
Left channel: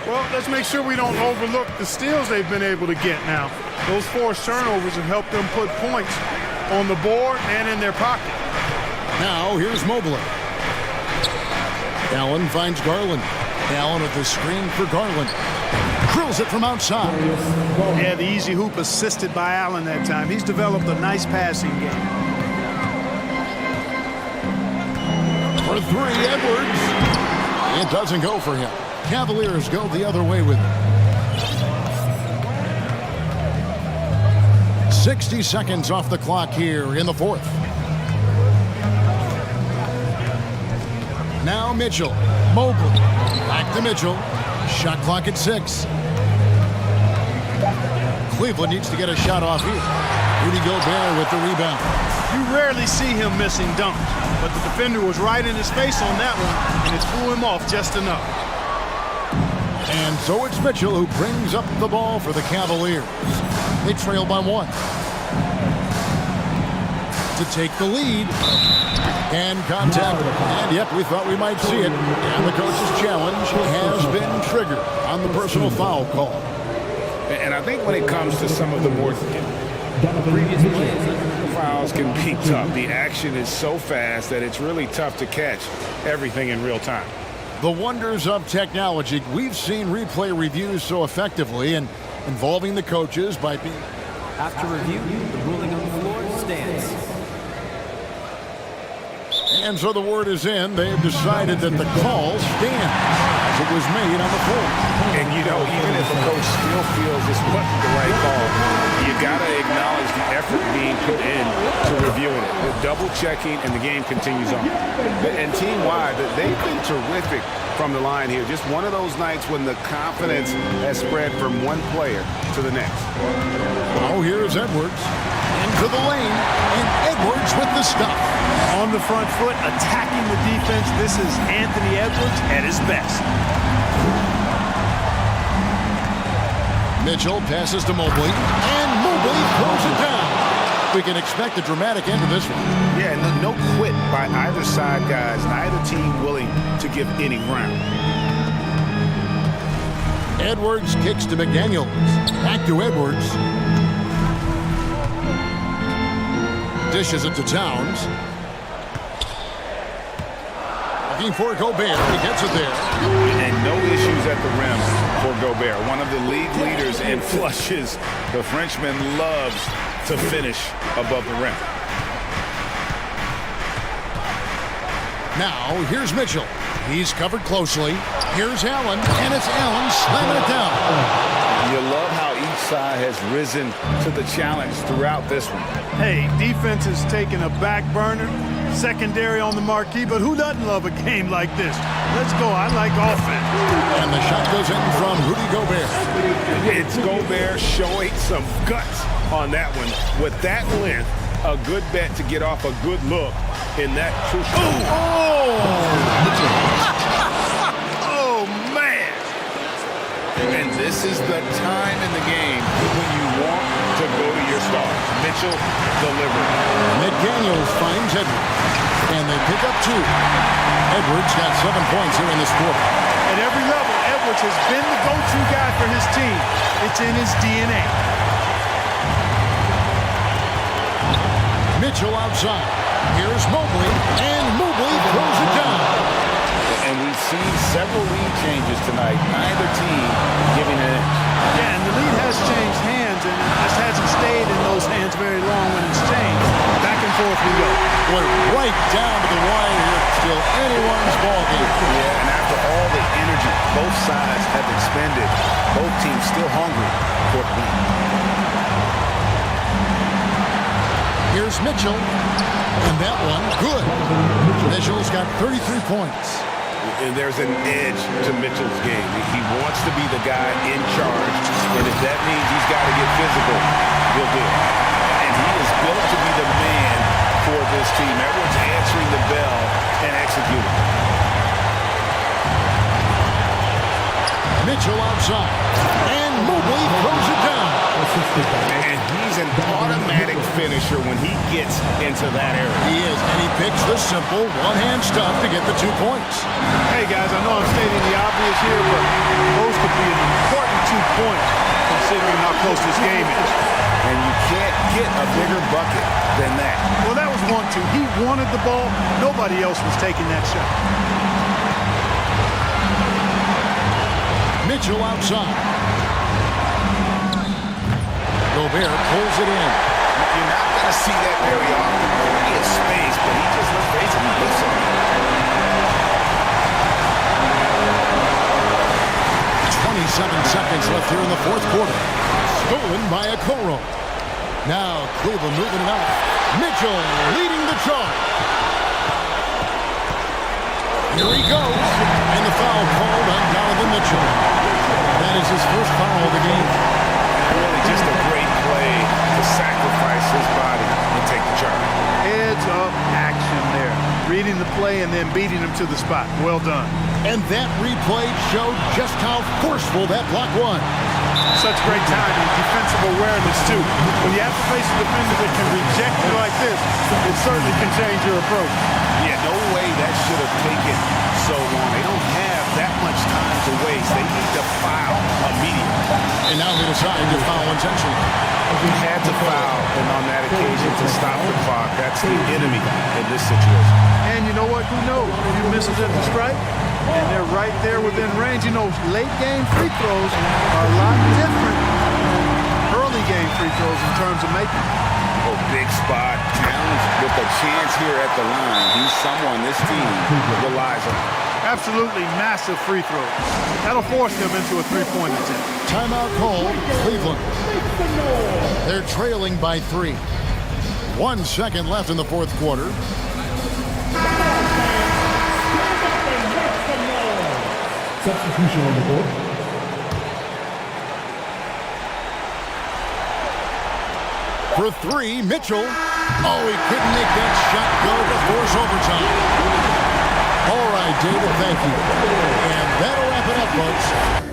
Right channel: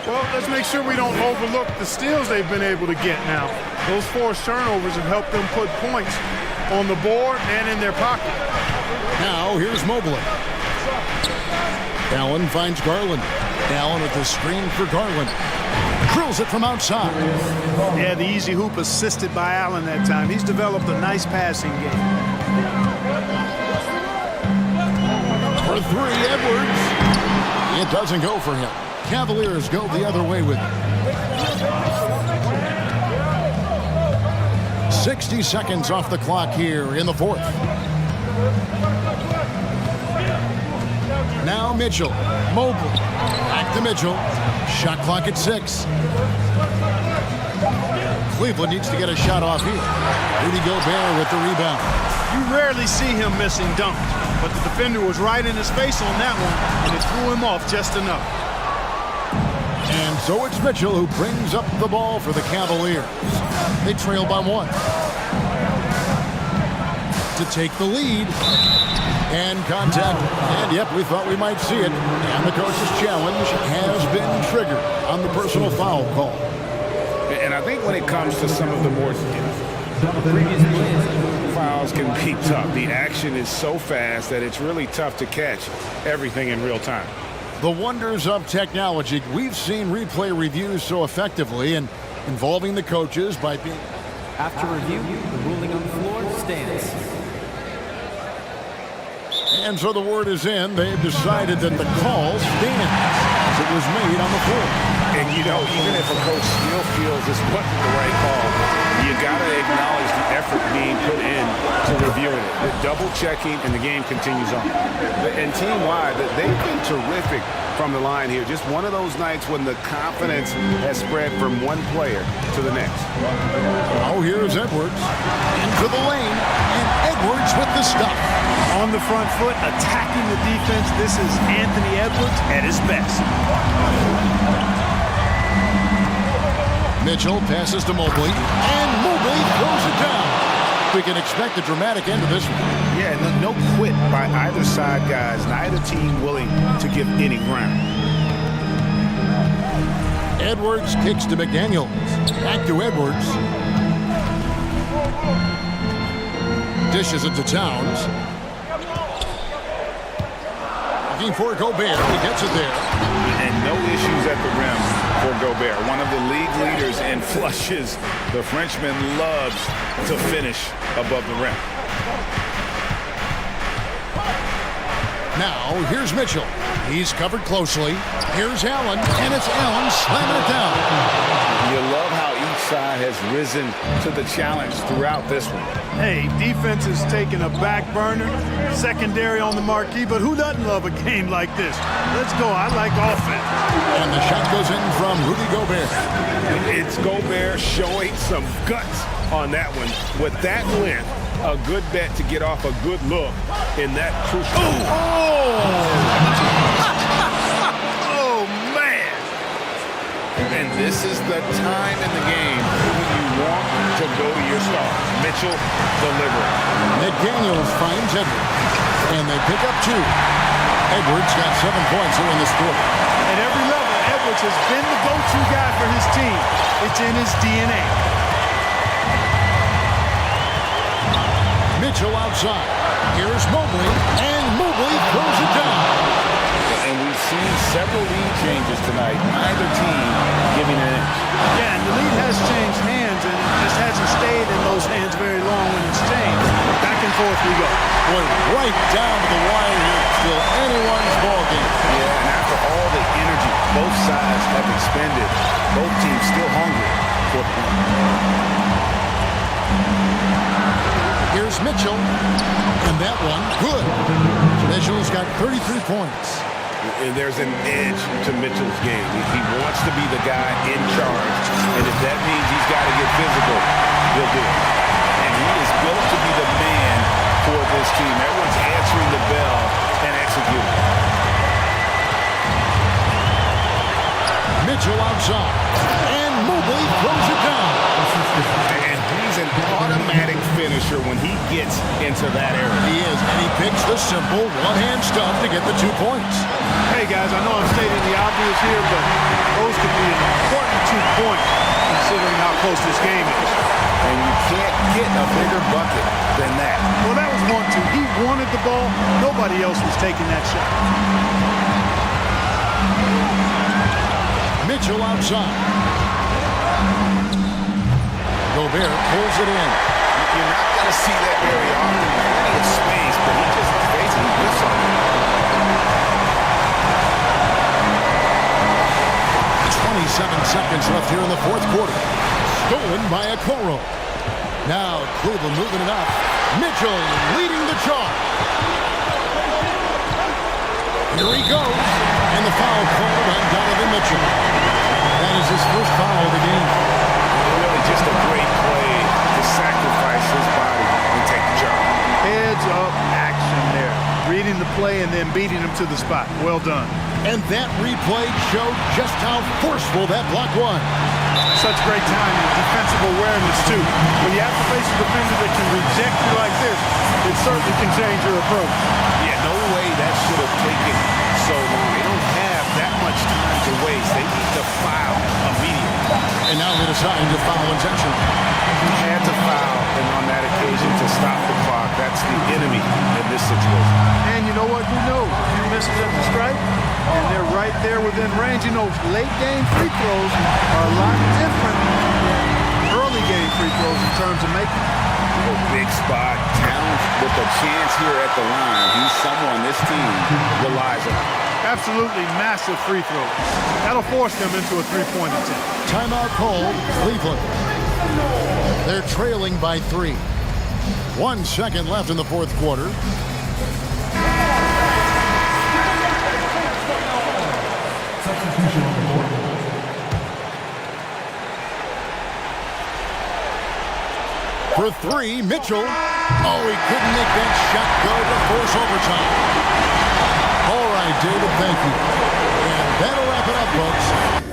Well, let's make sure we don't overlook the steals they've been able to get now. Those forced turnovers have helped them put points on the board and in their pocket. Now, here's Mobley. Allen finds Garland. Allen with the screen for Garland. Drills it from outside. Yeah, the easy hoop assisted by Allen that time. He's developed a nice passing game. For 3, Edwards. It doesn't go for him. Cavaliers go the other way with it. 60 seconds off the clock here in the fourth. Now Mitchell. Mobley. Back to Mitchell. Shot clock at 6. Cleveland needs to get a shot off here. Rudy Gobert with the rebound. You rarely see him missing dunks, but the defender was right in his face on that one, and it threw him off just enough. And so it's Mitchell who brings up the ball for the Cavaliers. They trail by 1. To take the lead. And contact. And yep, we thought we might see it. And the coach's challenge has been triggered on the personal foul call. And I think when it comes to some of the more previous fouls can be tough. The action is so fast that it's really tough to catch everything in real time. The wonders of technology. We've seen replay reviews so effectively and involving the coaches by being... After review, the ruling on the floor stands. And so the word is in. They've decided that the call stands as it was made on the floor. And, you know, even if a coach still feels this wasn't the right call, you got to acknowledge the effort being put in to reviewing it. The double checking, and the game continues on. And team-wide, they've been terrific from the line here. Just one of those nights when the confidence has spread from one player to the next. Oh, here's Edwards into the lane, and Edwards with the stuff. On the front foot, attacking the defense. This is Anthony Edwards at his best. Mitchell passes to Mobley, and Mobley throws it down. We can expect a dramatic end to this one. Yeah, no quit by either side, guys. Neither team willing to give any ground. Edwards kicks to McDaniels. Back to Edwards. Dishes it to Towns. Looking for Gobert. He gets it there. And no issues at the rim for Gobert, one of the league leaders in flushes. The Frenchman loves to finish above the rim. Now, here's Mitchell. He's covered closely. Here's Allen, and it's Allen slamming it down. You love how each side has risen to the challenge throughout this one. Hey, defense is taking a back burner, secondary on the marquee, but who doesn't love a game like this? Let's go. I like offense. And the shot goes in from Rudy Gobert. It's Gobert showing some guts on that one. With that length, a good bet to get off a good look in that crucial. Oh, man. And this is the time in the game when you want to go to your stars. Mitchell delivering. McDaniels finds Edwards, and they pick up 2. Edwards got 7 points here in this quarter. At every level, Edwards has been the go-to guy for his team. It's in his DNA. Mitchell outside. Here's Mobley, and Mobley throws it down. And we've seen several lead changes tonight. Neither team giving an inch. Yeah, and the lead has changed hands, and it just hasn't stayed in those hands very long when it's changed. Back and forth we go. Boy, right down to the wire here. Still anyone's ball game. Yeah, and after all the energy both sides have expended, both teams still hungry for the win. Here's Mitchell, and that one, good. Mitchell's got 33 points. And there's an edge to Mitchell's game. He wants to be the guy in charge, and if that means he's got to get physical, he'll do it. And he is built to be the man for this team. Everyone's answering the bell and executing. Mitchell outside, and Mobley throws it down. And he's an automatic finisher when he gets into that area. He is, and he picks the simple one-hand stuff to get the 2 points. Hey, guys, I know I'm stating the obvious here, but those could be an important 2 points considering how close this game is. And you can't get a bigger bucket than that. Well, that was 1-2. He wanted the ball. Nobody else was taking that shot. Mitchell outside. Gobert pulls it in. You're not going to see that very often. Plenty of space, but he just, let's face it, he whiffs on it. 27 seconds left here in the fourth quarter. Stolen by Okoro. Now Cleveland moving it up. Mitchell leading the charge. Here he goes. And the foul called on Donovan Mitchell. That is his first foul of the game. And really just a great play to sacrifice his body and take the charge. Heads up action there. Reading the play and then beating him to the spot. Well done. And that replay showed just how forceful that block was. Such great timing, defensive awareness too. When you have to face a defender that can reject you like this, it certainly can change your approach. Yeah, no way that should have taken so long. They don't have that much time to waste. They need to foul immediately. And now they decide to foul intentionally. He had to foul, and on that occasion to stop the clock. That's the enemy in this situation. And you know what? Who knows? A few misses at the stripe, and they're right there within range. You know, late game free throws are a lot different than early game free throws in terms of making. Oh, big spot. Towns with a chance here at the line. He's someone this team relies on. Absolutely massive free throws. That'll force them into a three-point attempt. Timeout called, Cleveland. They're trailing by 3. 1 second left in the fourth quarter. Substitution on the court. For 3, Mitchell. Oh, he couldn't make that shot go to force overtime. All right, David, thank you. And that'll wrap it up, folks.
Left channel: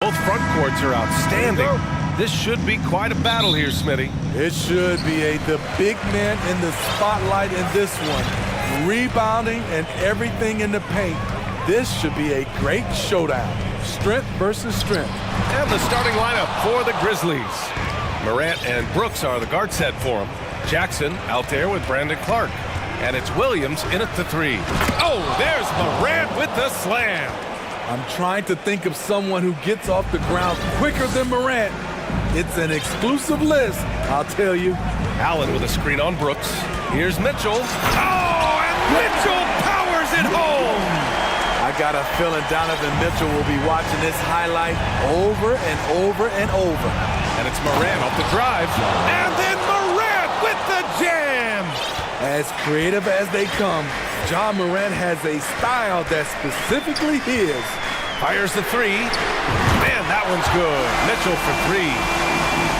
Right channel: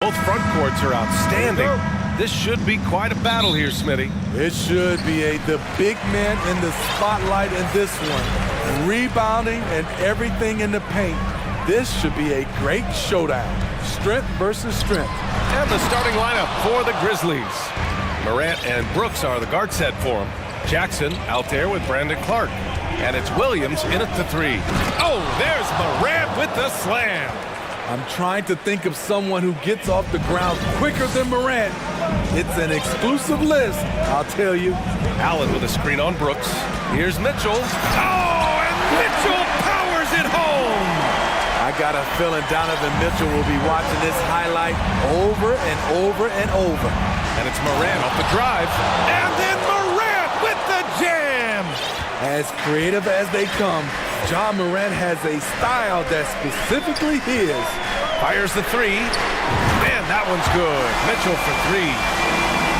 Both front courts are outstanding. This should be quite a battle here, Smitty. It should be the big man in the spotlight in this one. Rebounding and everything in the paint. This should be a great showdown. Strength versus strength. And the starting lineup for the Grizzlies. Morant and Brooks are the guard set for him. Jackson out there with Brandon Clark. And it's Williams in at the three. Oh, there's Morant with the slam. I'm trying to think of someone who gets off the ground quicker than Morant. It's an exclusive list, I'll tell you. Allen with a screen on Brooks. Here's Mitchell. Oh, and Mitchell powers it home. I got a feeling Donovan Mitchell will be watching this highlight over and over and over. And it's Morant off the drive. And then Morant with the jam. As creative as they come, John Morant has a style that's specifically his. Fires the three. Man, that one's good. Mitchell for three.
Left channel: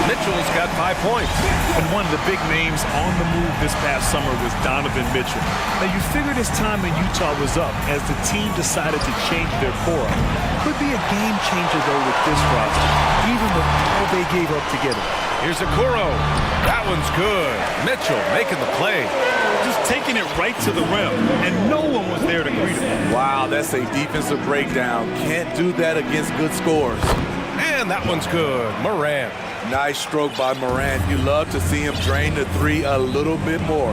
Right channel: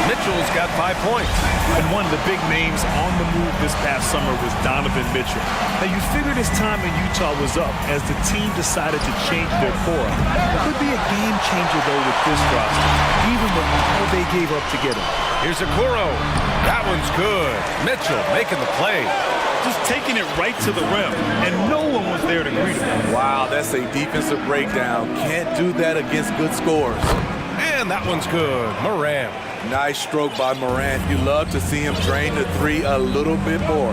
Mitchell's got 5 points. And one of the big names on the move this past summer was Donovan Mitchell. Now, you figured his time in Utah was up as the team decided to change their core. Could be a game changer, though, with this roster, even with all they gave up to get him. Here's Okoro. That one's good. Mitchell making the play. Just taking it right to the rim, and no one was there to greet him. Wow, that's a defensive breakdown. Can't do that against good scores. And that one's good. Morant. Nice stroke by Morant. You love to see him drain the three a little bit more.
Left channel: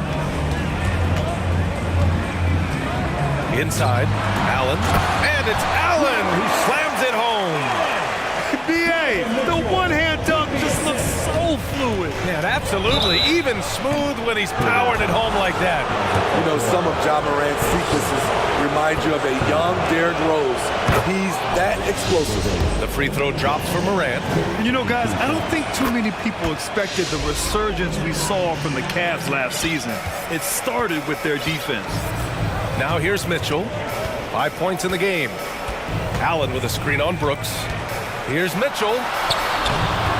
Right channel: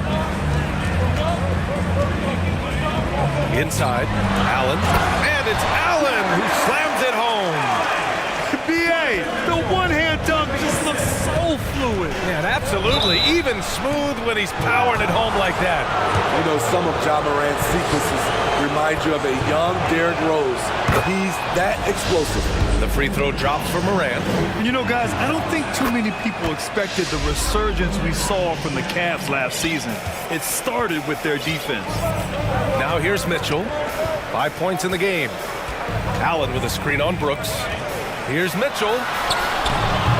Inside, Allen. And it's Allen who slams it home. B.A., the one-hand dunk just looks so fluid. Yeah, absolutely. Even smooth when he's powering it home like that. You know, some of Ja Morant's sequences remind you of a young Derrick Rose. He's that explosive. The free throw drops for Morant. And you know, guys, I don't think too many people expected the resurgence we saw from the Cavs last season. It started with their defense. Now here's Mitchell. 5 points in the game. Allen with a screen on Brooks. Here's Mitchell.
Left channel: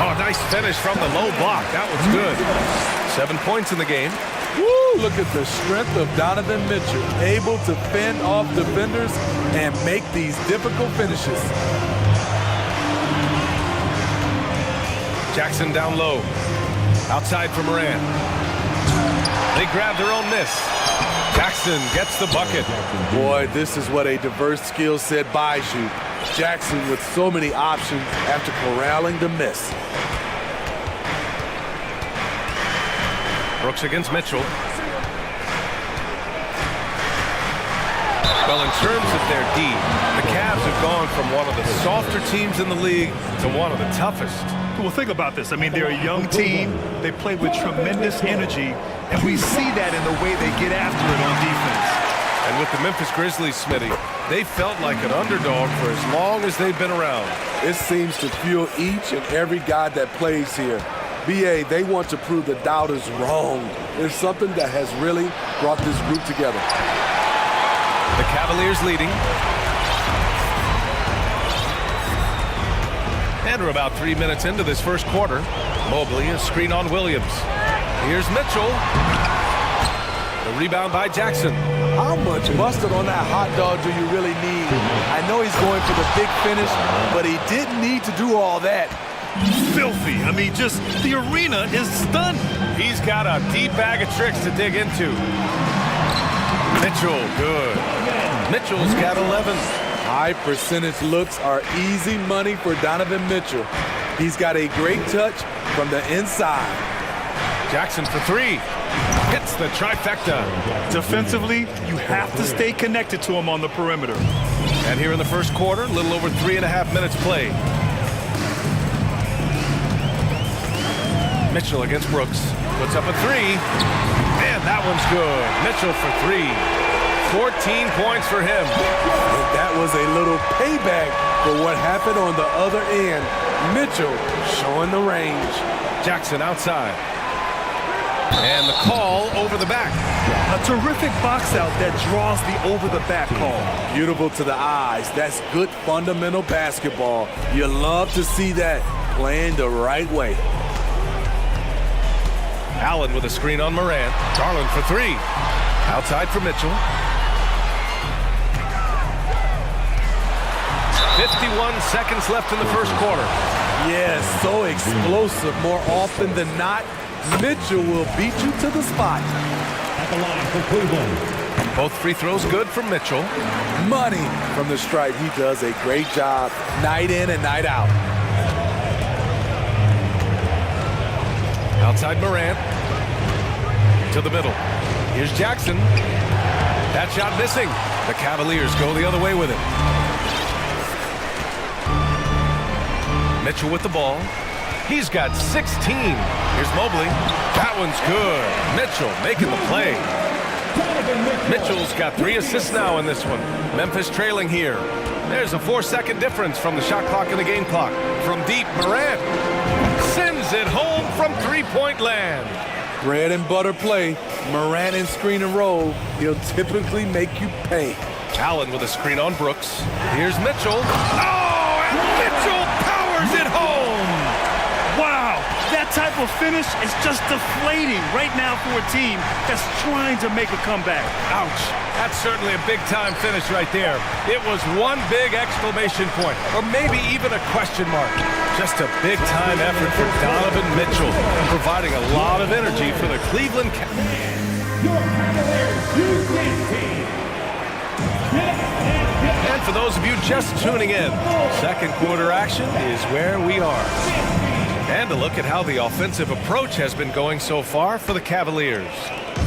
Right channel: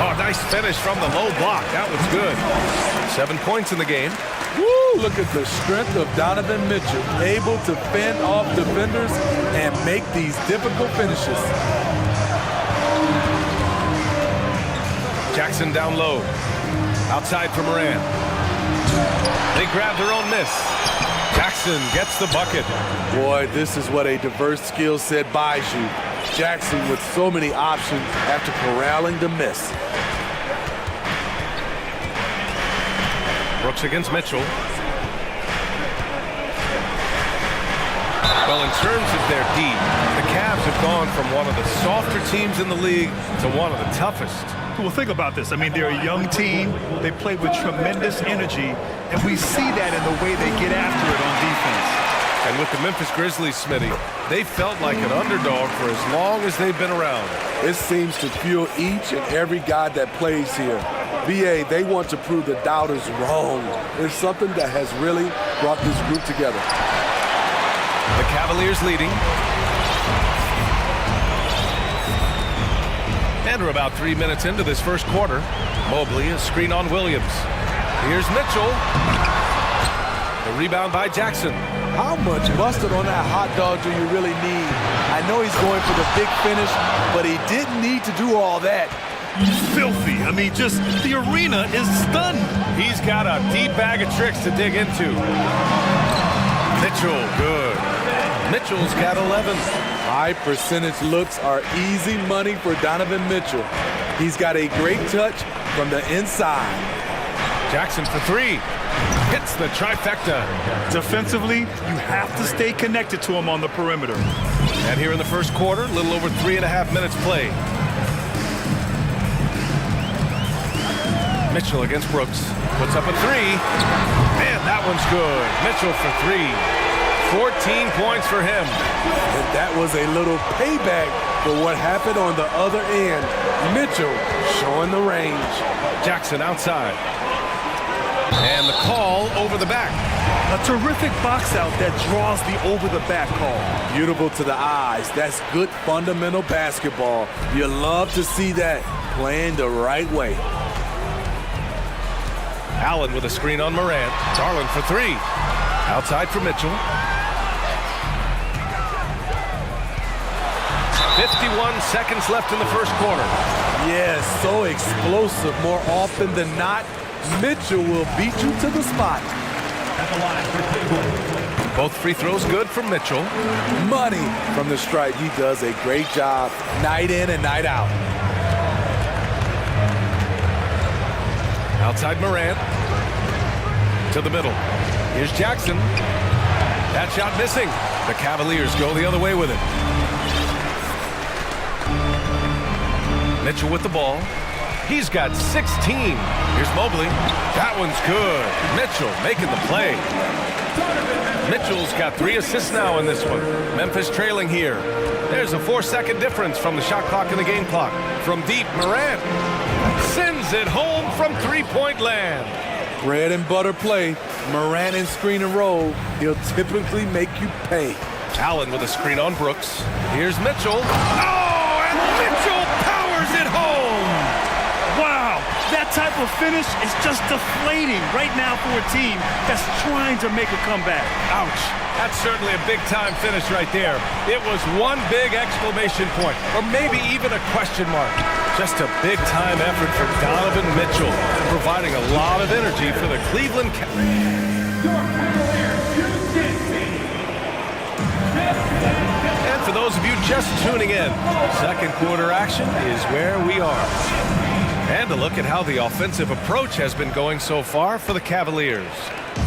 Oh, nice finish from the low block. That was good. 7 points in the game. Woo, look at the strength of Donovan Mitchell. Able to fend off defenders and make these difficult finishes. Jackson down low. Outside for Morant. They grab their own miss. Jackson gets the bucket. Boy, this is what a diverse skill set buys you. Jackson with so many options after corralling the miss. Brooks against Mitchell. Well, in terms of their D, the Cavs have gone from one of the softer teams in the league to one of the toughest. Well, think about this. I mean, they're a young team. They play with tremendous energy, and we see that in the way they get after it on defense. And with the Memphis Grizzlies, Smitty, they felt like an underdog for as long as they've been around. It seems to fuel each and every guy that plays here. BA, they want to prove the doubters wrong. It's something that has really brought this group together. The Cavaliers leading. And we're about 3 minutes into this first quarter. Mobley, a screen on Williams. Here's Mitchell. The rebound by Jackson. How much mustard on that hot dog do you really need? I know he's going for the big finish, but he didn't need to do all that. Filthy. I mean, just the arena is stunned. He's got a deep bag of tricks to dig into. Mitchell, good. Mitchell's got 11. High percentage looks are easy money for Donovan Mitchell. He's got a great touch from the inside. Jackson for three. Hits the trifecta. Defensively, you have to stay connected to him on the perimeter. And here in the first quarter, a little over 3.5 minutes played. Mitchell against Brooks. Puts up a three. Man, that one's good. Mitchell for three. 14 points for him. And that was a little payback for what happened on the other end. Mitchell showing the range. Jackson outside. And the call over the back. A terrific box out that draws the over-the-back call. Beautiful to the eyes. That's good fundamental basketball. You love to see that playing the right way. Allen with a screen on Morant. Garland for three. Outside for Mitchell. 51 seconds left in the first quarter. Yes, so explosive. More often than not, Mitchell will beat you to the spot. At the line for Cleveland. Both free throws good for Mitchell. Money from the stripe. He does a great job night in and night out. Outside Morant. To the middle. Here's Jackson. That shot missing. The Cavaliers go the other way with it. Mitchell with the ball. He's got 16. Here's Mobley. That one's good. Mitchell making the play. Mitchell's got 3 assists now in this one. Memphis trailing here. There's a 4-second difference from the shot clock and the game clock. From deep, Morant sends it home from three-point land. Bread and butter play. Morant in screen and roll. He'll typically make you pay. Allen with a screen on Brooks. Here's Mitchell. Oh, and Mitchell powers it home. Wow, that type of finish is just deflating right now for a team that's trying to make a comeback. Ouch. That's certainly a big-time finish right there. It was one big exclamation point, or maybe even a question mark. Just a big-time effort for Donovan Mitchell, providing a lot of energy for the Cleveland Cavaliers. And for those of you just tuning in, second quarter action is where we are. And a look at how the offensive approach has been going so far for the Cavaliers.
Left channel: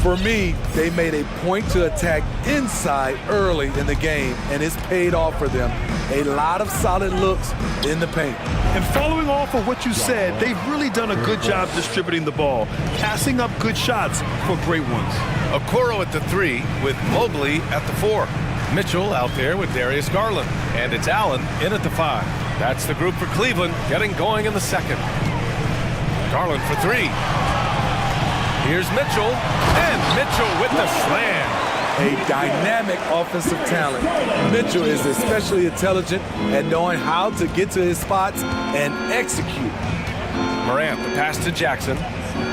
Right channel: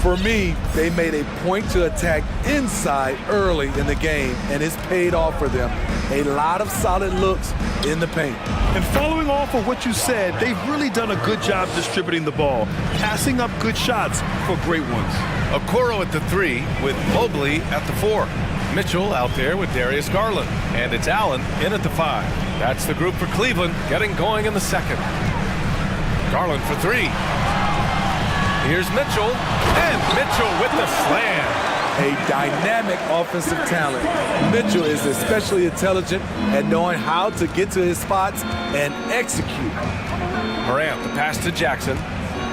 For me, they made a point to attack inside early in the game, and it's paid off for them. A lot of solid looks in the paint. And following off of what you said, they've really done a good job distributing the ball, passing up good shots for great ones. Okoro at the 3 with Mobley at the 4. Mitchell out there with Darius Garland. And it's Allen in at the 5. That's the group for Cleveland getting going in the second. Garland for 3. Here's Mitchell. And Mitchell with the slam. A dynamic offensive talent. Mitchell is especially intelligent at knowing how to get to his spots and execute. Morant, the pass to Jackson.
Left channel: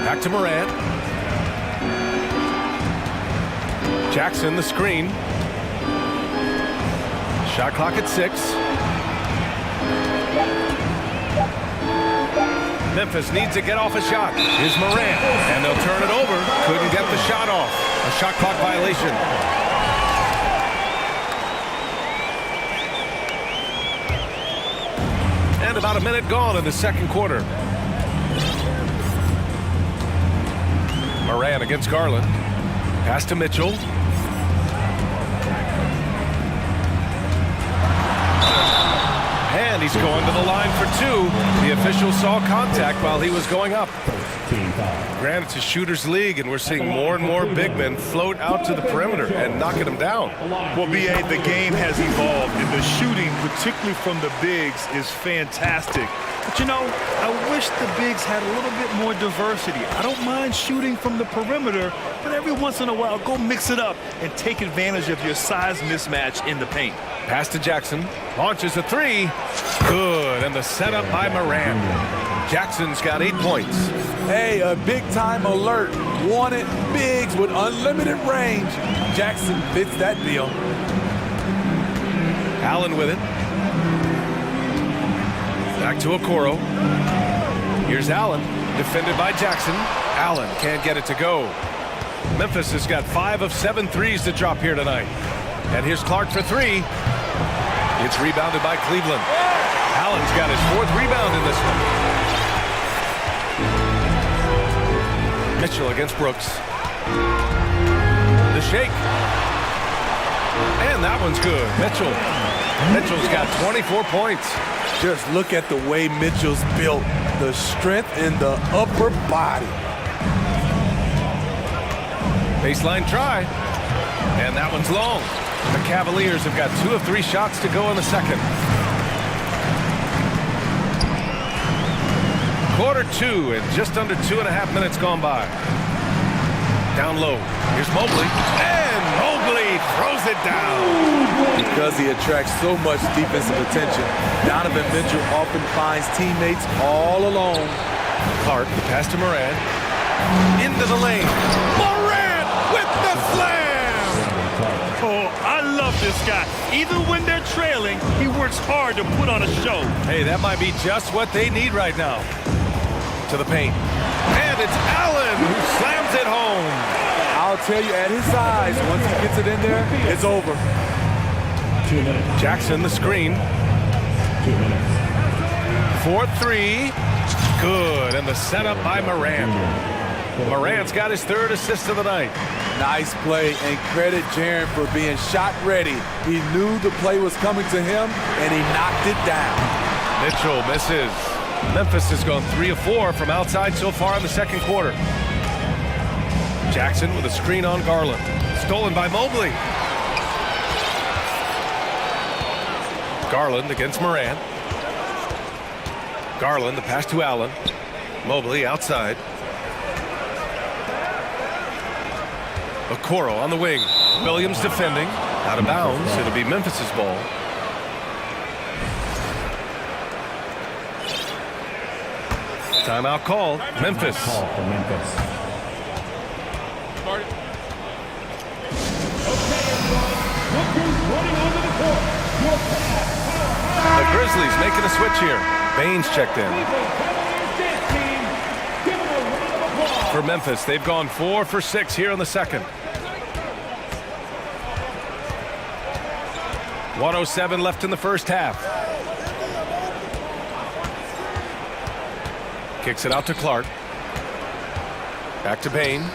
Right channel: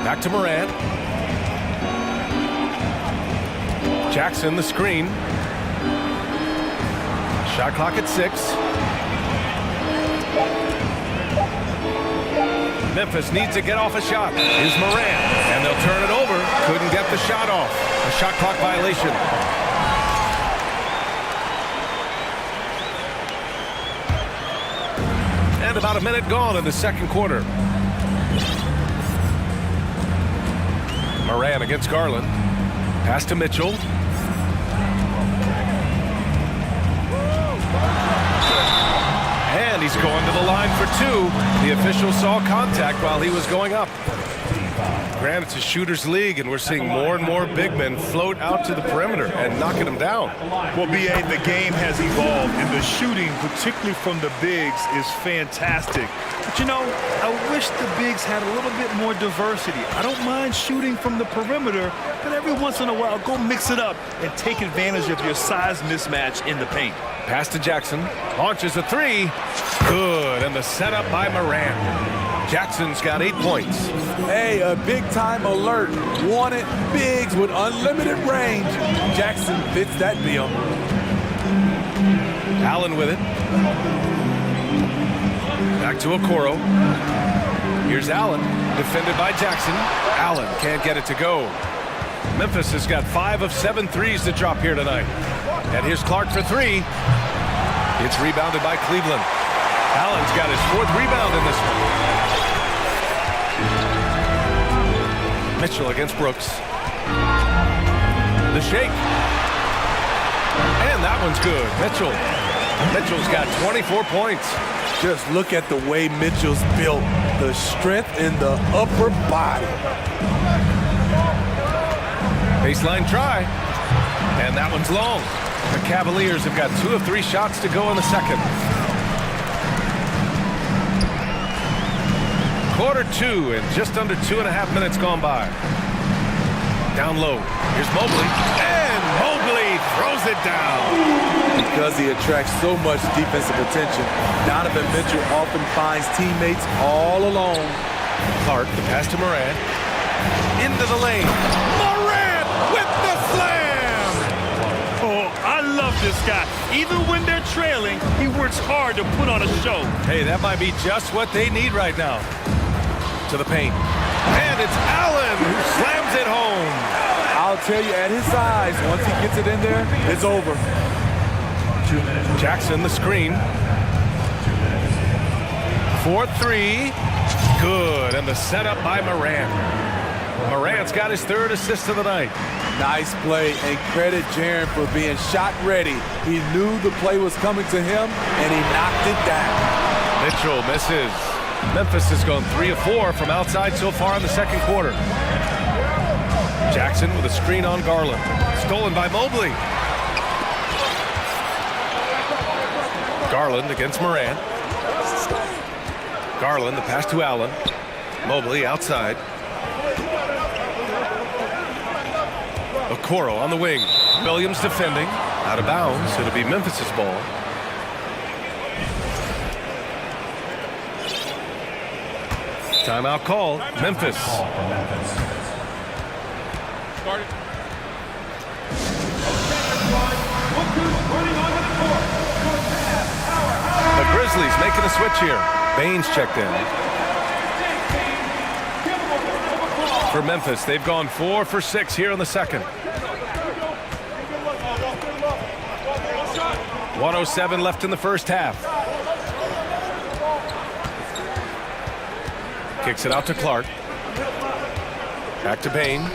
Back to Morant. Jackson, the screen. Shot clock at 6. Memphis needs to get off a shot. Here's Morant, and they'll turn it over. Couldn't get the shot off. A shot clock violation. And about a minute gone in the second quarter. Morant against Garland. Pass to Mitchell. And he's going to the line for 2. The official saw contact while he was going up. Granted, it's a shooter's league, and we're seeing more and more big men float out to the perimeter and knocking them down. Well, B.A., the game has evolved, and the shooting, particularly from the bigs, is fantastic. But, you know, I wish the bigs had a little bit more diversity. I don't mind shooting from the perimeter, but every once in a while, go mix it up and take advantage of your size mismatch in the paint. Pass to Jackson. Launches a 3. Good. And the setup by Morant. Jackson's got 8 points. Hey, a big-time alert. Wanted bigs with unlimited range. Jackson fits that bill. Allen with it. Back to Okoro. Here's Allen. Defended by Jackson. Allen can't get it to go. Memphis has got 5 of 7 threes to drop here tonight. And here's Clark for 3. It's rebounded by Cleveland. Allen's got his 4th rebound in this one. Mitchell against Brooks. The shake. And that one's good. Mitchell's got 24 points. Just look at the way Mitchell's built. The strength in the upper body. Baseline try. And that one's long. The Cavaliers have got 2 of 3 shots to go in the second. Quarter 2 and just under 2.5 minutes gone by. Down low. Here's Mobley. And Mobley throws it down. Because he attracts so much defensive attention, Donovan Mitchell often finds teammates all alone. Clark, the pass to Morant. Into the lane. Morant with the slam! Oh, I love this guy. Even when they're trailing, he works hard to put on a show. Hey, that might be just what they need right now. To the paint. And it's Allen who slams it home. I'll tell you, at his size, once he gets it in there, it's over. 2 minutes. Jackson, the screen. 2 minutes. 4-3. Good. And the setup by Morant. Morant's got his 3rd assist of the night. Nice play, and credit Jaren for being shot ready. He knew the play was coming to him, and he knocked it down. Mitchell misses. Memphis has gone 3 of 4 from outside so far in the second quarter. Jackson with a screen on Garland. Stolen by Mobley. Garland against Morant. Garland, the pass to Allen. Mobley outside. Okoro on the wing. Williams defending. Out of bounds. It'll be Memphis's ball. Timeout called. Memphis. Call for Memphis. Start it. Okay, everyone. Look who's running onto the court. Your pass, powerhouse. The Grizzlies making a switch here. Baines checked in. For Memphis, they've gone 4 for 6 here in the second. 1:07 left in the first half. Kicks it out to Clark. Back to Bain.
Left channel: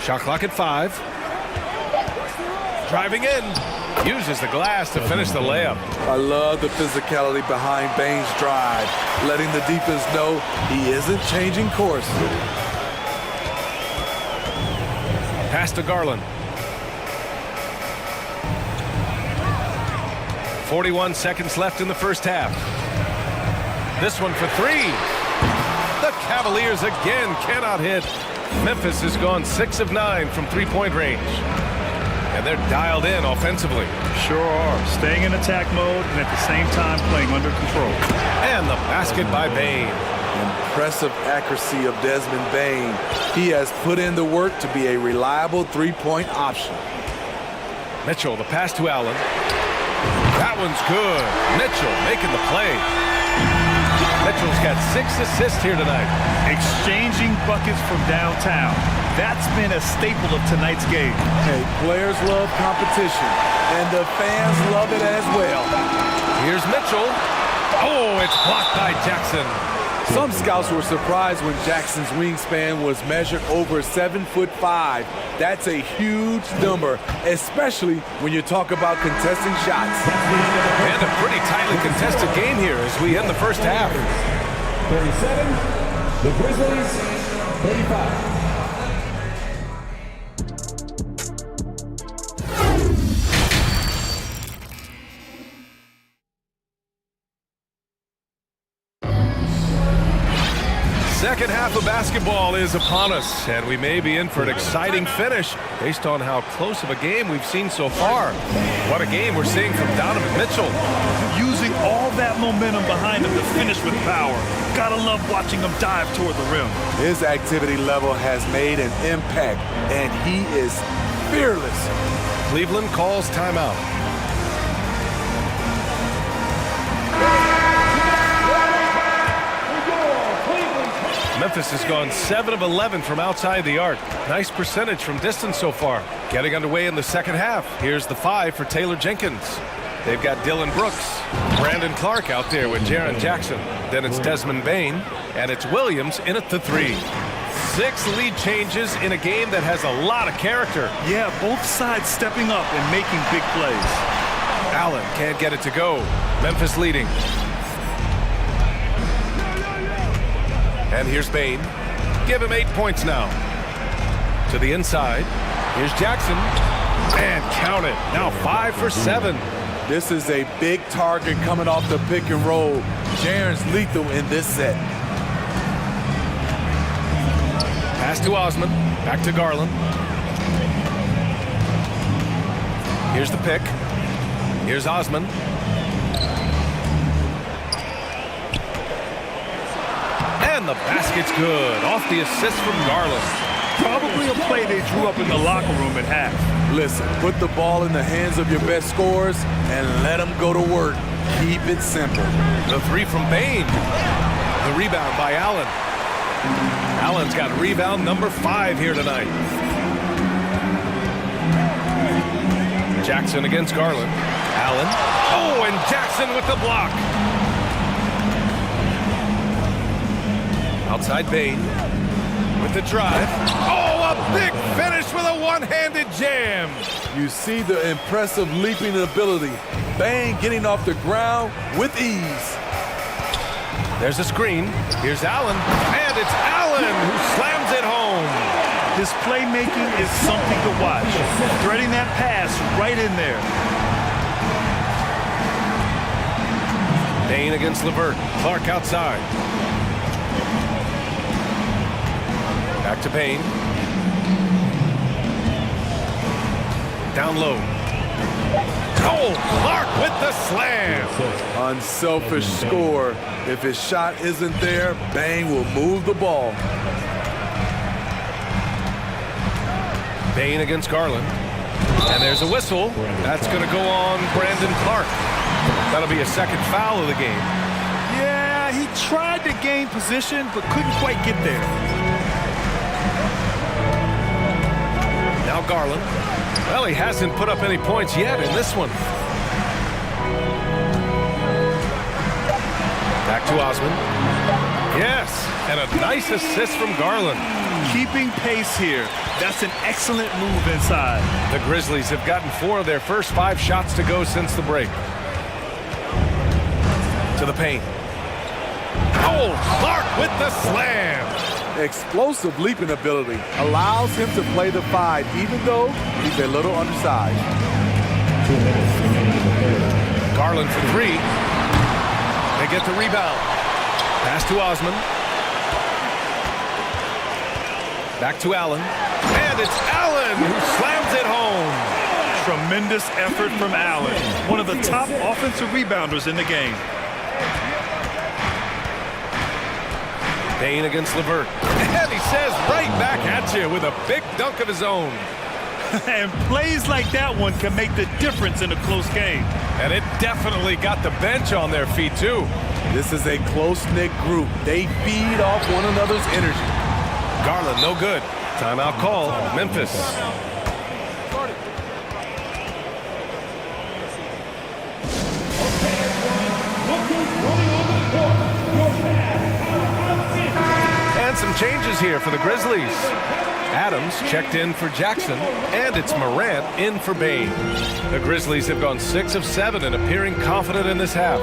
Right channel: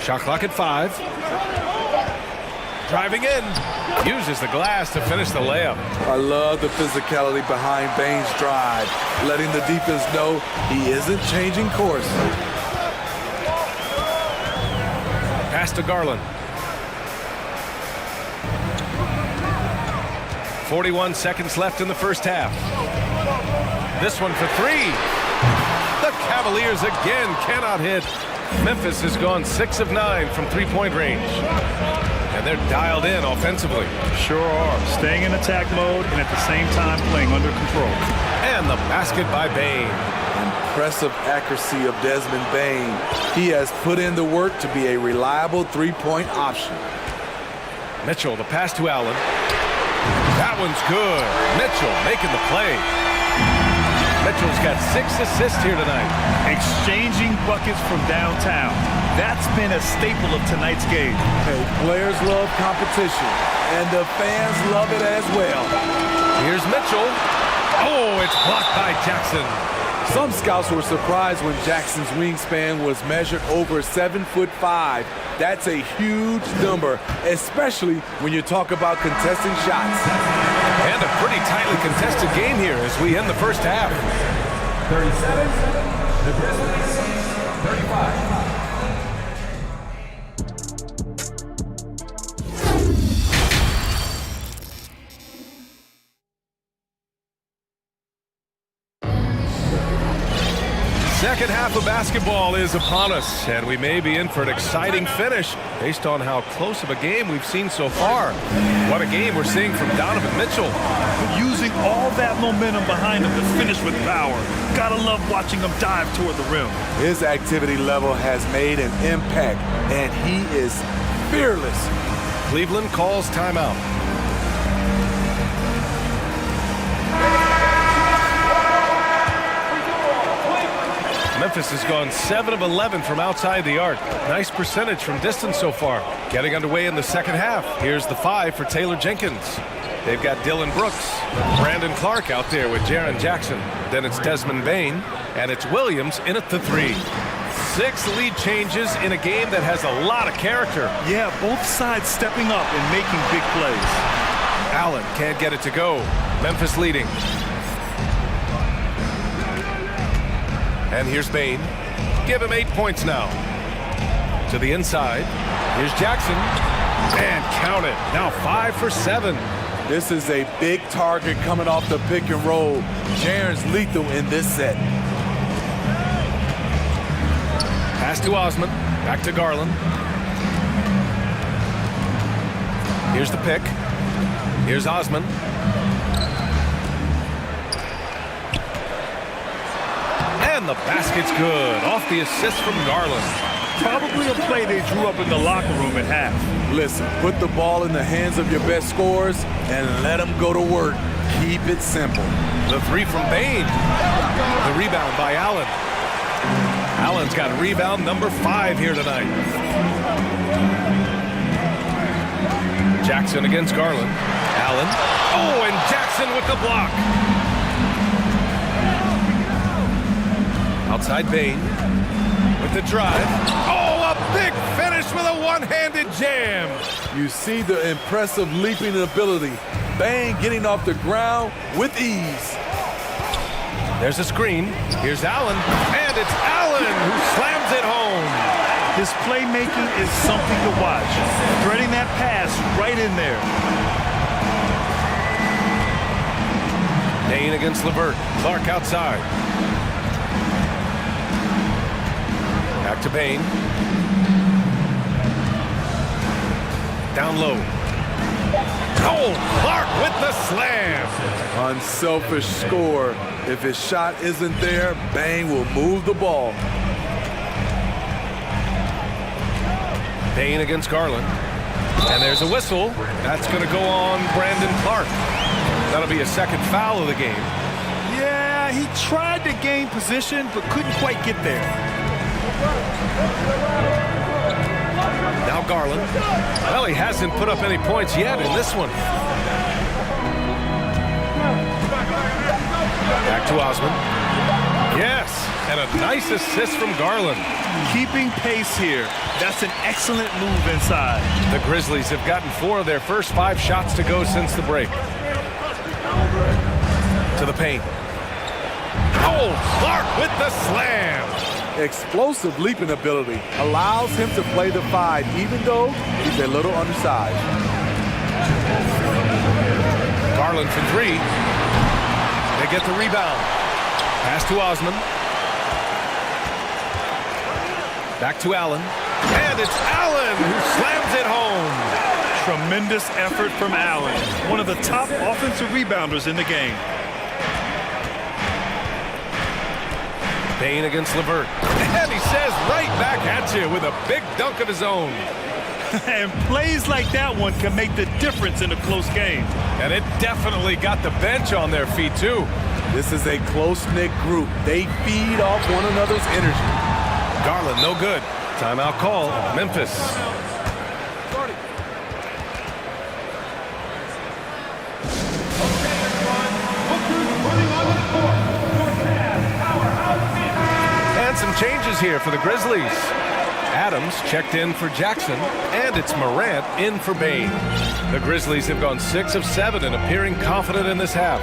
Shot clock at 5. Driving in. Uses the glass to finish the layup. I love the physicality behind Bain's drive, letting the defense know he isn't changing course. Pass to Garland. 41 seconds left in the first half. This one for 3. The Cavaliers again cannot hit. Memphis has gone 6 of 9 from 3-point range. And they're dialed in offensively. Sure are. Staying in attack mode and at the same time playing under control. And the basket by Bain. Impressive accuracy of Desmond Bain. He has put in the work to be a reliable 3-point option. Mitchell, the pass to Allen. That one's good. Mitchell making the play. Mitchell's got 6 assists here tonight. Exchanging buckets from downtown. That's been a staple of tonight's game. Hey, players love competition, and the fans love it as well. Here's Mitchell. Oh, it's blocked by Jackson. Some scouts were surprised when Jackson's wingspan was measured over 7'5". That's a huge number, especially when you talk about contesting shots. And a pretty tightly contested game here as we end the first half. 37, the Grizzlies, 35. Second half of basketball is upon us, and we may be in for an exciting finish based on how close of a game we've seen so far. What a game we're seeing from Donovan Mitchell. Using all that momentum behind him to finish with power. Gotta love watching him dive toward the rim. His activity level has made an impact, and he is fearless. Cleveland calls timeout. Memphis has gone 7 of 11 from outside the arc. Nice percentage from distance so far. Getting underway in the second half. Here's the 5 for Taylor Jenkins. They've got Dylan Brooks, Brandon Clark out there with Jaren Jackson. Then it's Desmond Bain, and it's Williams in at the 3. 6 lead changes in a game that has a lot of character. Yeah, both sides stepping up and making big plays. Allen can't get it to go. Memphis leading. And here's Bain. Give him 8 points now. To the inside. Here's Jackson. And count it. Now 5 for 7. This is a big target coming off the pick and roll. Jaren's lethal in this set. Pass to Osman. Back to Garland. Here's the pick. Here's And And the basket's good. Off the assist from Garland. Probably a play they drew up in the locker room at half. Listen, put the ball in the hands of your best scorers and let them go to work. Keep it simple. The three from Bain. The rebound by Allen. Allen's got rebound number 5 here tonight. Jackson against Garland. Allen. Oh, and Jackson with the block. Outside Bain with the drive. Oh, a big finish with a one-handed jam. You see the impressive leaping ability. Bain getting off the ground with ease. There's a screen. Here's Allen. And it's Allen who slams it home. His playmaking is something to watch. Threading that pass right in there. Bain against LeVert. Clark outside. Back to Bain. Down low. Oh, Clark with the slam. Unselfish score. If his shot isn't there, Bain will move the ball. Bain against Garland. And there's a whistle. That's going to go on Brandon Clark. That'll be a second foul of the game. Yeah, he tried to gain position, but couldn't quite get there. Now Garland. Well, he hasn't put up any points yet in this one. Back to Osman. Yes, and a nice assist from Garland. Keeping pace here. That's an excellent move inside. The Grizzlies have gotten 4 of their first 5 shots to go since the break. To the paint. Oh, Clark with the slam. Explosive leaping ability allows him to play the 5, even though he's a little undersized. Garland for 3. They get the rebound. Pass to Osman. Back to Allen. And it's Allen who slams it home. Tremendous effort from Allen. One of the top offensive rebounders in the game. Bain against LeVert. And he says right back at you with a big dunk of his own. And plays like that one can make the difference in a close game. And it definitely got the bench on their feet, too. This is a close-knit group. They feed off one another's energy. Garland, no good. Timeout call, Memphis. And some changes here for the Grizzlies. Adams checked in for Jackson, and it's Morant in for Bain. The Grizzlies have gone 6 of 7 and appearing confident in this half.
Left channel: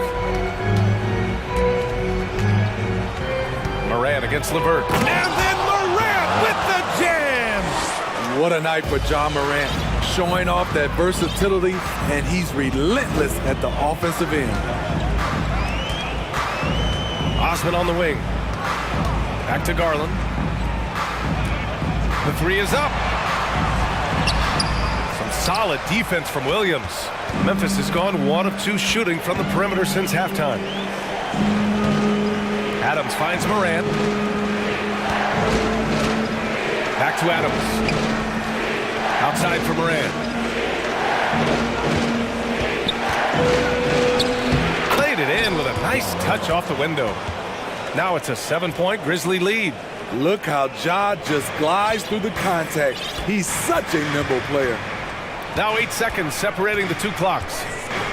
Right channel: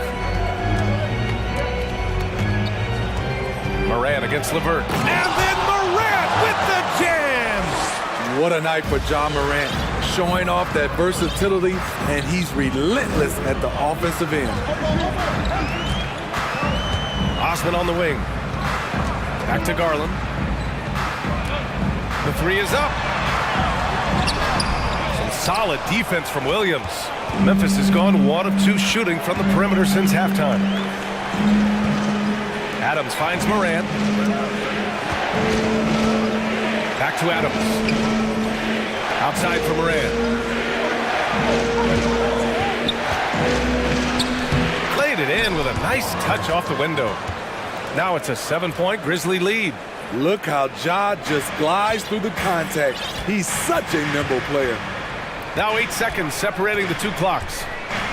Morant against LeVert. And then Morant with the jam! What a night for John Morant, showing off that versatility, and he's relentless at the offensive end. Osman on the wing. Back to Garland. The 3 is up. Some solid defense from Williams. Memphis has gone 1 of 2 shooting from the perimeter since halftime. Adams finds Morant. Back to Adams. Outside for Morant. Played it in with a nice touch off the window. Now it's a 7-point Grizzly lead. Look how Ja just glides through the contact. He's such a nimble player. Now 8 seconds separating the 2 clocks.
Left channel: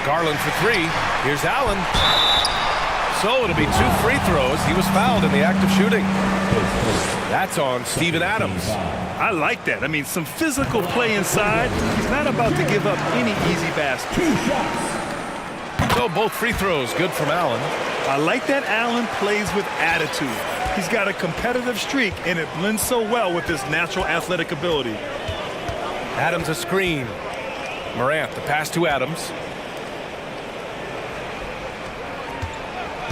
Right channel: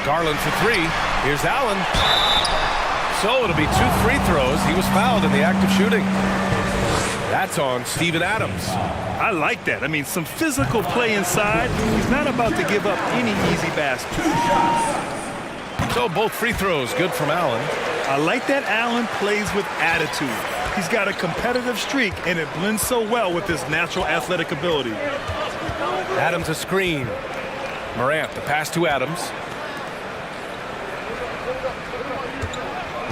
Garland for 3. Here's Allen. So it'll be 2 free throws. He was fouled in the act of shooting. That's on Steven Adams. I like that. I mean, some physical play inside. He's not about to give up any easy basket. 2 shots. So both free throws good from Allen. I like that Allen plays with attitude. He's got a competitive streak, and it blends so well with his natural athletic ability. Adams a screen. Morant, the pass to Adams.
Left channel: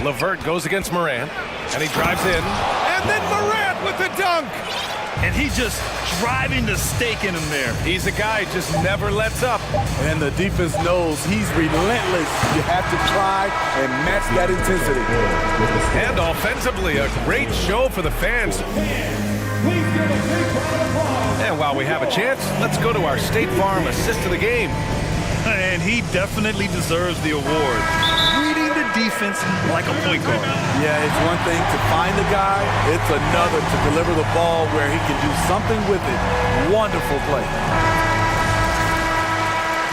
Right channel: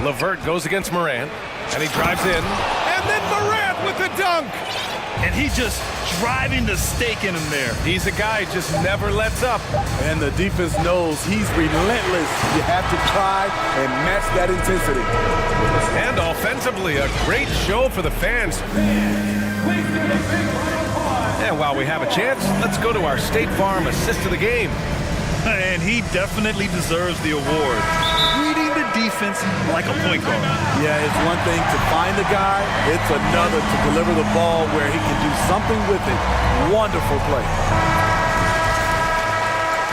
LeVert goes against Morant, and he drives in. And then Morant with the dunk! And he's just driving the stake in him there. He's a guy who just never lets up. And the defense knows he's relentless. You have to try and match that intensity. And offensively, a great show for the fans. And while we have a chance, let's go to our State Farm assist of the game. And he definitely deserves the award. Reading the defense like a point guard. Yeah, it's one thing to find the guy. It's another to deliver the ball where he can do something with it. Wonderful play.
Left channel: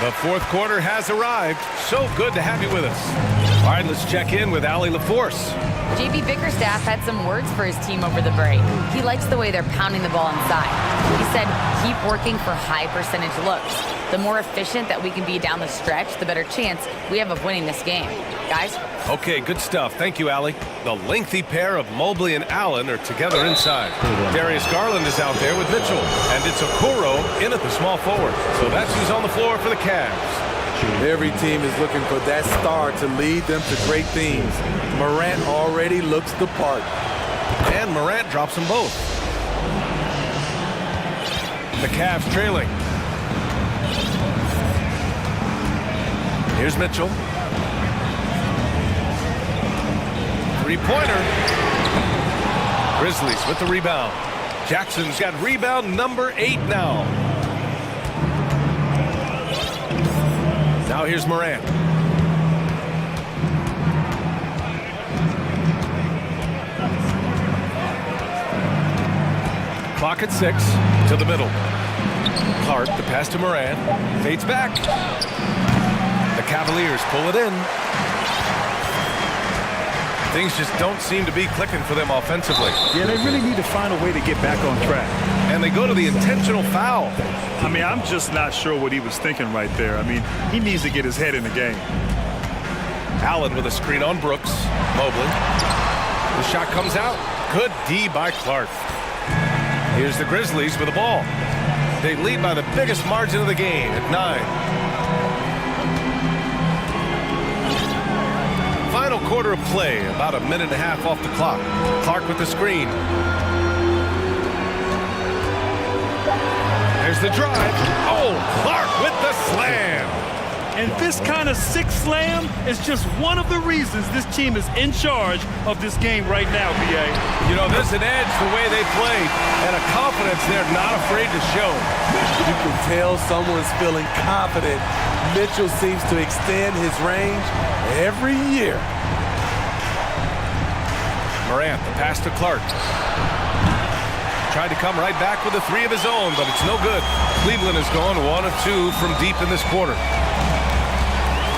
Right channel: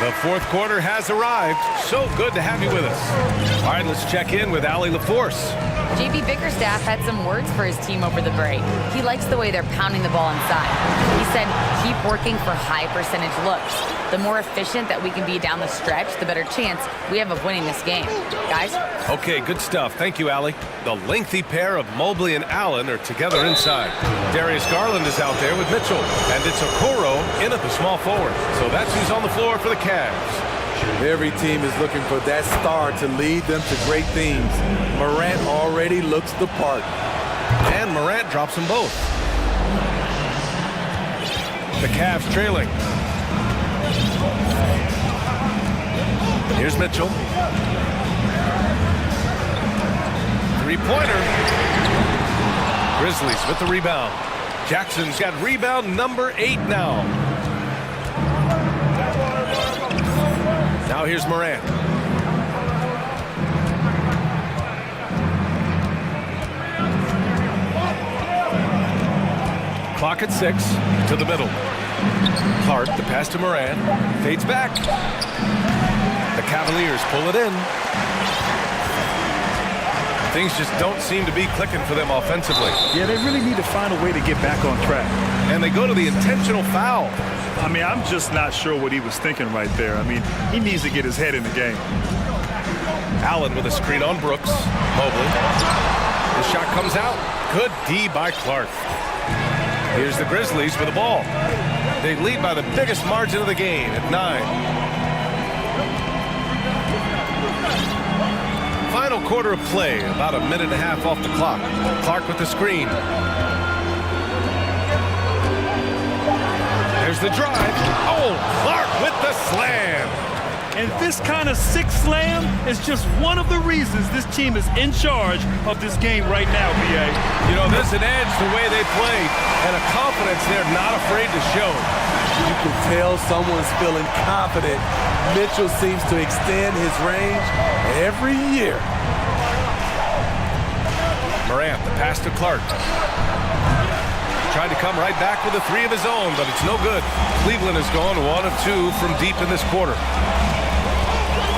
The fourth quarter has arrived. So good to have you with us. All right, let's check in with Allie LaForce. JB Bickerstaff had some words for his team over the break. He likes the way they're pounding the ball inside. He said, keep working for high percentage looks. The more efficient that we can be down the stretch, the better chance we have of winning this game. Guys? Okay, good stuff. Thank you, Allie. The lengthy pair of Mobley and Allen are together inside. Darius Garland is out there with Mitchell, and it's Okoro in at the small forward. So that's who's on the floor for the Cavs. Every team is looking for that star to lead them to great things. Morant already looks the part. And Morant drops them both. The Cavs trailing. Here's Mitchell. Three-pointer. Grizzlies with the rebound. Jackson's got rebound number 8 now. Now here's Morant. Clock at 6 to the middle. Clark, the pass to Morant, fades back. The Cavaliers pull it in. Things just don't seem to be clicking for them offensively. Yeah, they really need to find a way to get back on track. And they go to the intentional foul. I mean, I'm just not sure what he was thinking right there. I mean, he needs to get his head in the game. Allen with a screen on Brooks. Mobley. The shot comes out. Good D by Clark. Here's the Grizzlies with the ball. They lead by the biggest margin of the game at 9. Final quarter of play, about a minute and a half off the clock. Clark with the screen. There's the drive. Oh, Clark with the slam. And this kind of sick slam is just one of the reasons this team is in charge of this game right now, B.A. You know, there's an edge the way they play and a confidence they're not afraid to show. You can tell someone's feeling confident. Mitchell seems to extend his range every year. Morant, the pass to Clark. Tried to come right back with a 3 of his own, but it's no good. Cleveland has gone 1 of 2 from deep in this quarter.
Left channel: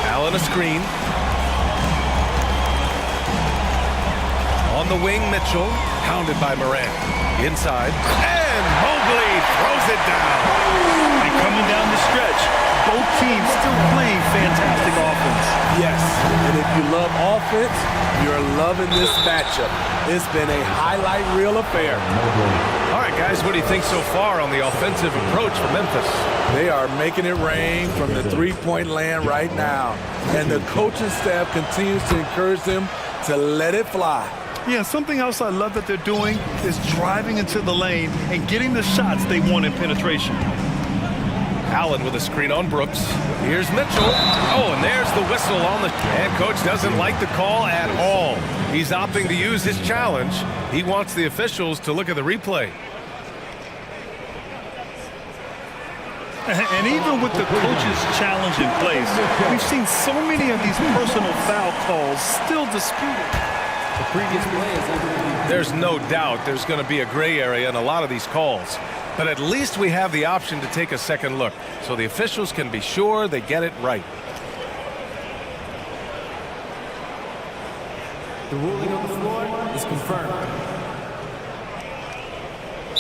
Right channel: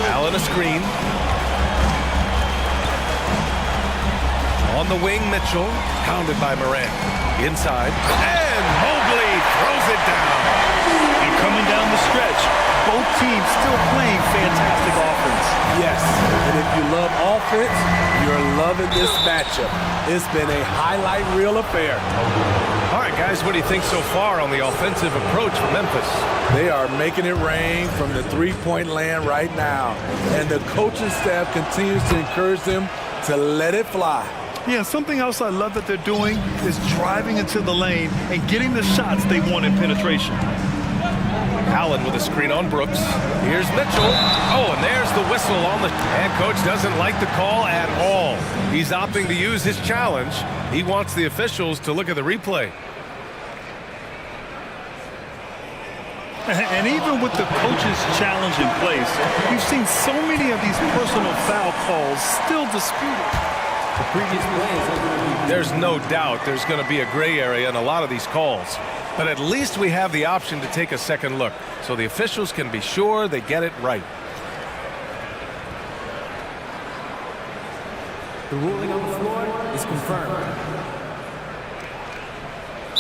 Allen a screen. On the wing, Mitchell, pounded by Morant. Inside, and Mobley throws it down. And coming down the stretch, both teams still playing fantastic offense. Yes, and if you love offense, you're loving this matchup. It's been a highlight reel affair. All right, guys, what do you think so far on the offensive approach for Memphis? They are making it rain from the three-point land right now. And the coaching staff continues to encourage them to let it fly. Yeah, something else I love that they're doing is driving into the lane and getting the shots they want in penetration. Allen with a screen on Brooks. Here's Mitchell. Oh, and there's the whistle on the... And coach doesn't like the call at all. He's opting to use his challenge. He wants the officials to look at the replay. And even with the coach's challenge in place, we've seen so many of these personal foul calls still disputed. The previous play is under review. There's no doubt there's going to be a gray area in a lot of these calls. But at least we have the option to take a second look, so the officials can be sure they get it right. The ruling on the floor is confirmed.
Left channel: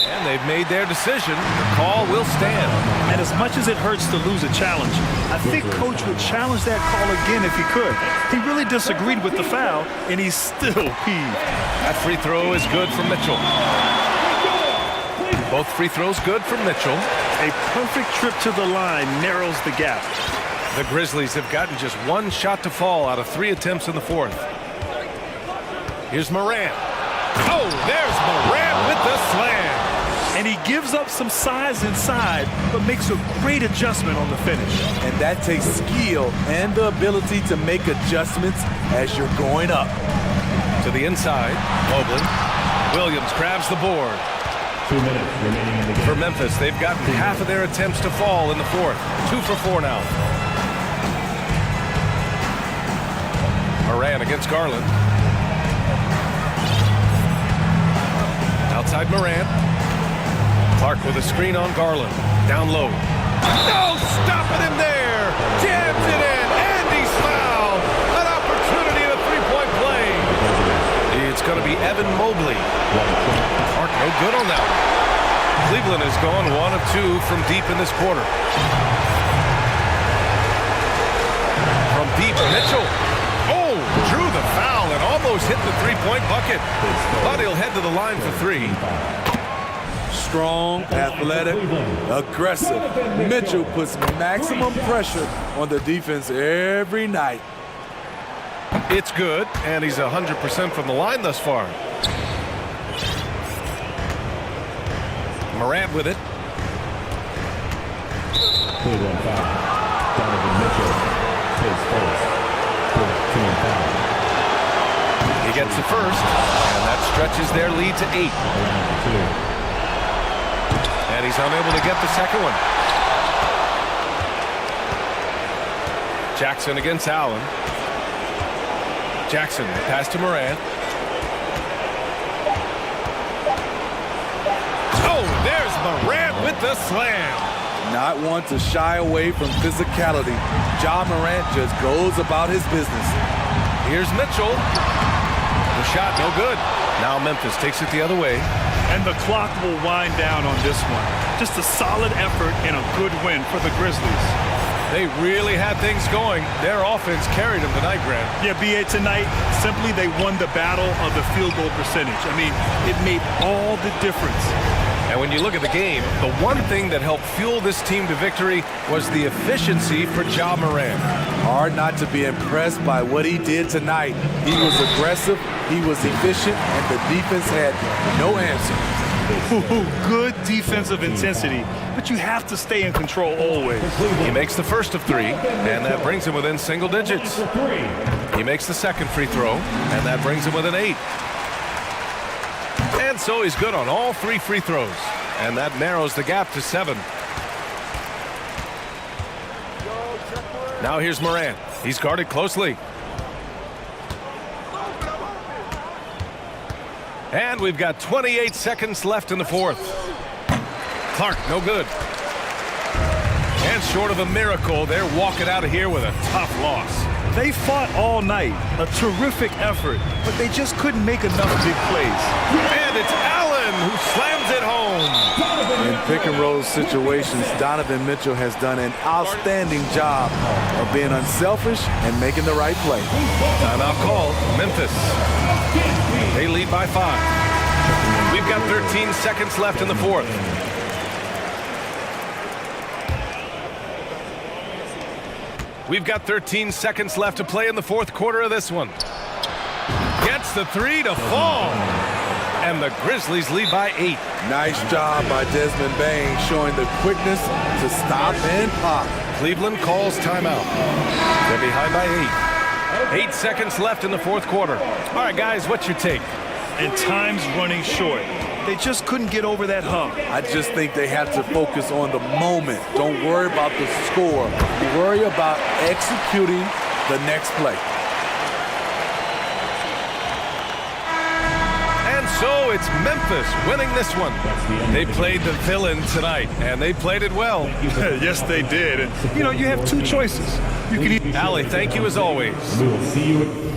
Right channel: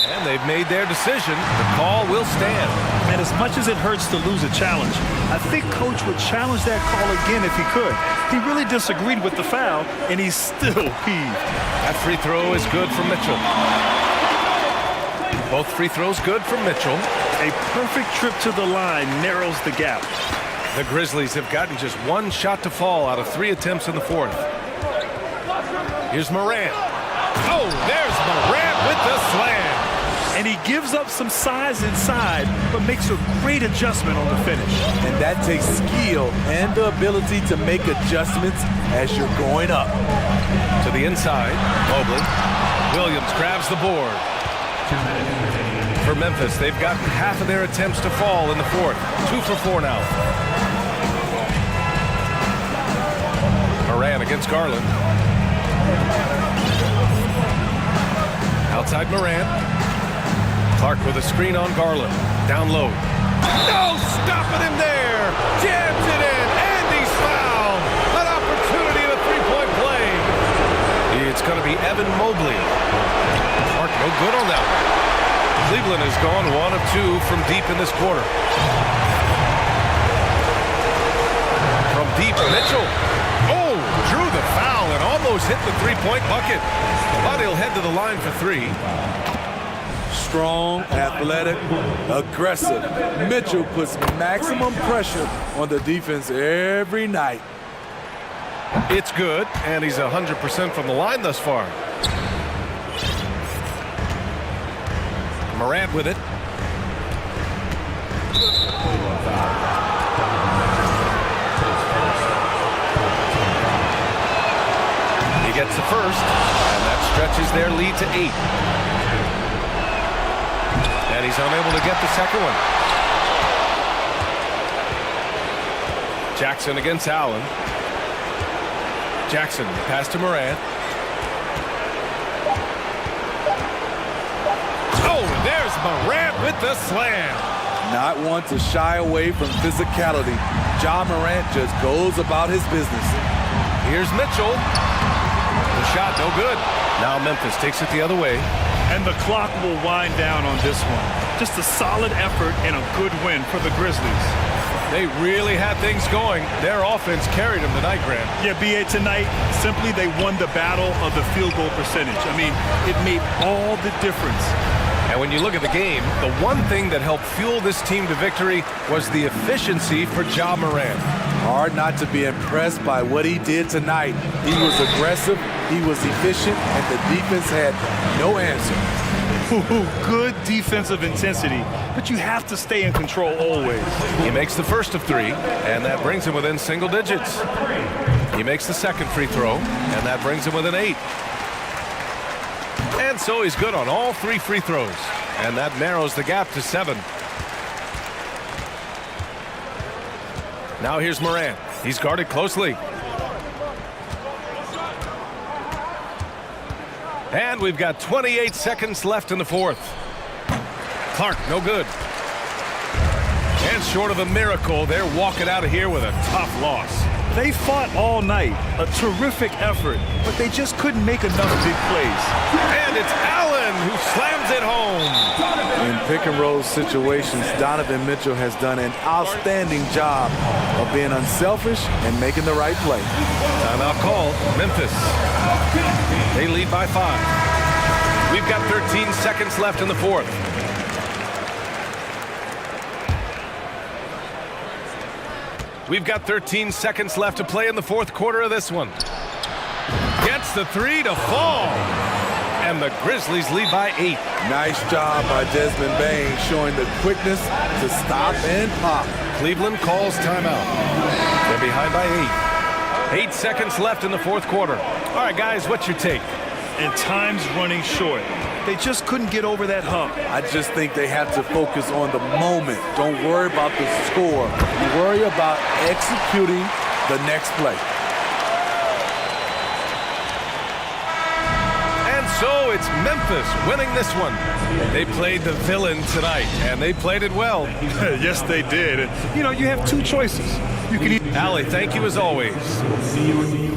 And they've made their decision. The call will stand. And as much as it hurts to lose a challenge, I think Coach would challenge that call again if he could. He really disagreed with the foul, and he's still peeved. That free throw is good for Mitchell. Both free throws good for Mitchell. A perfect trip to the line narrows the gap. The Grizzlies have gotten just 1 shot to fall out of 3 attempts in the fourth. Here's Morant. Oh, there's Morant with the slam. And he gives up some size inside, but makes a great adjustment on the finish. And that takes skill and the ability to make adjustments as you're going up. To the inside, Mobley. Williams grabs the board. 2 minutes remaining in the game. For Memphis, they've gotten half of their attempts to fall in the fourth. 2 for 4 now. Moran against Garland. Outside Moran. Clark with a screen on Garland. Down low. No stopping him there. Jams it in, and he's fouled. An opportunity at a three-point play. It's going to be Evan Mobley. Clark no good on that one. Cleveland has gone 1 of 2 from deep in this quarter. From deep, Mitchell. Oh, drew the foul and almost hit the three-point bucket. But he'll head to the line for 3. Strong, athletic, aggressive. Mitchell puts maximum pressure on the defense every night. It's good, and he's 100% from the line thus far. Morant with it. Cleveland foul. Donovan Mitchell takes first. 14 foul. He gets the first, and that stretches their lead to 8. And he's unable to get the second one. Jackson against Allen. Jackson, pass to Morant. Oh, there's Morant with the slam. Not one to shy away from physicality. Ja Morant just goes about his business. Here's Mitchell. The shot, no good. Now Memphis takes it the other way. And the clock will wind down on this one. Just a solid effort and a good win for the Grizzlies. They really had things going. Their offense carried them tonight, Grant. Yeah, B.A., tonight, simply they won the battle of the field goal percentage. I mean, it made all the difference. And when you look at the game, the one thing that helped fuel this team to victory was the efficiency for Ja Morant. Hard not to be impressed by what he did tonight. He was aggressive, he was efficient, and the defense had no answer. Good defensive intensity, but you have to stay in control always. He makes the first of 3, and that brings him within single digits. He makes the second free throw, and that brings him within 8. And so he's good on all 3 free throws, and that narrows the gap to 7. Now here's Morant. He's guarded closely. And we've got 28 seconds left in the fourth. Clark, no good. And short of a miracle, they're walking out of here with a tough loss. They fought all night. A terrific effort, but they just couldn't make enough big plays. And it's Allen who slams it home. In pick and roll situations, Donovan Mitchell has done an outstanding job of being unselfish and making the right play. Timeout call, Memphis. They lead by 5. We've got 13 seconds left in the fourth. We've got 13 seconds left to play in the fourth quarter of this one. Gets the 3 to fall. And the Grizzlies lead by 8. Nice job by Desmond Bain showing the quickness to stop and pop. Cleveland calls timeout. They're behind by 8. 8 seconds left in the fourth quarter. All right, guys, what's your take? And time's running short. They just couldn't get over that hump. I just think they have to focus on the moment. Don't worry about the score. You worry about executing the next play. And so it's Memphis winning this one. They played the villain tonight, and they played it well. Yes, they did. And, you know, you have 2 choices. You can Ali, thank you as always. We will see you at the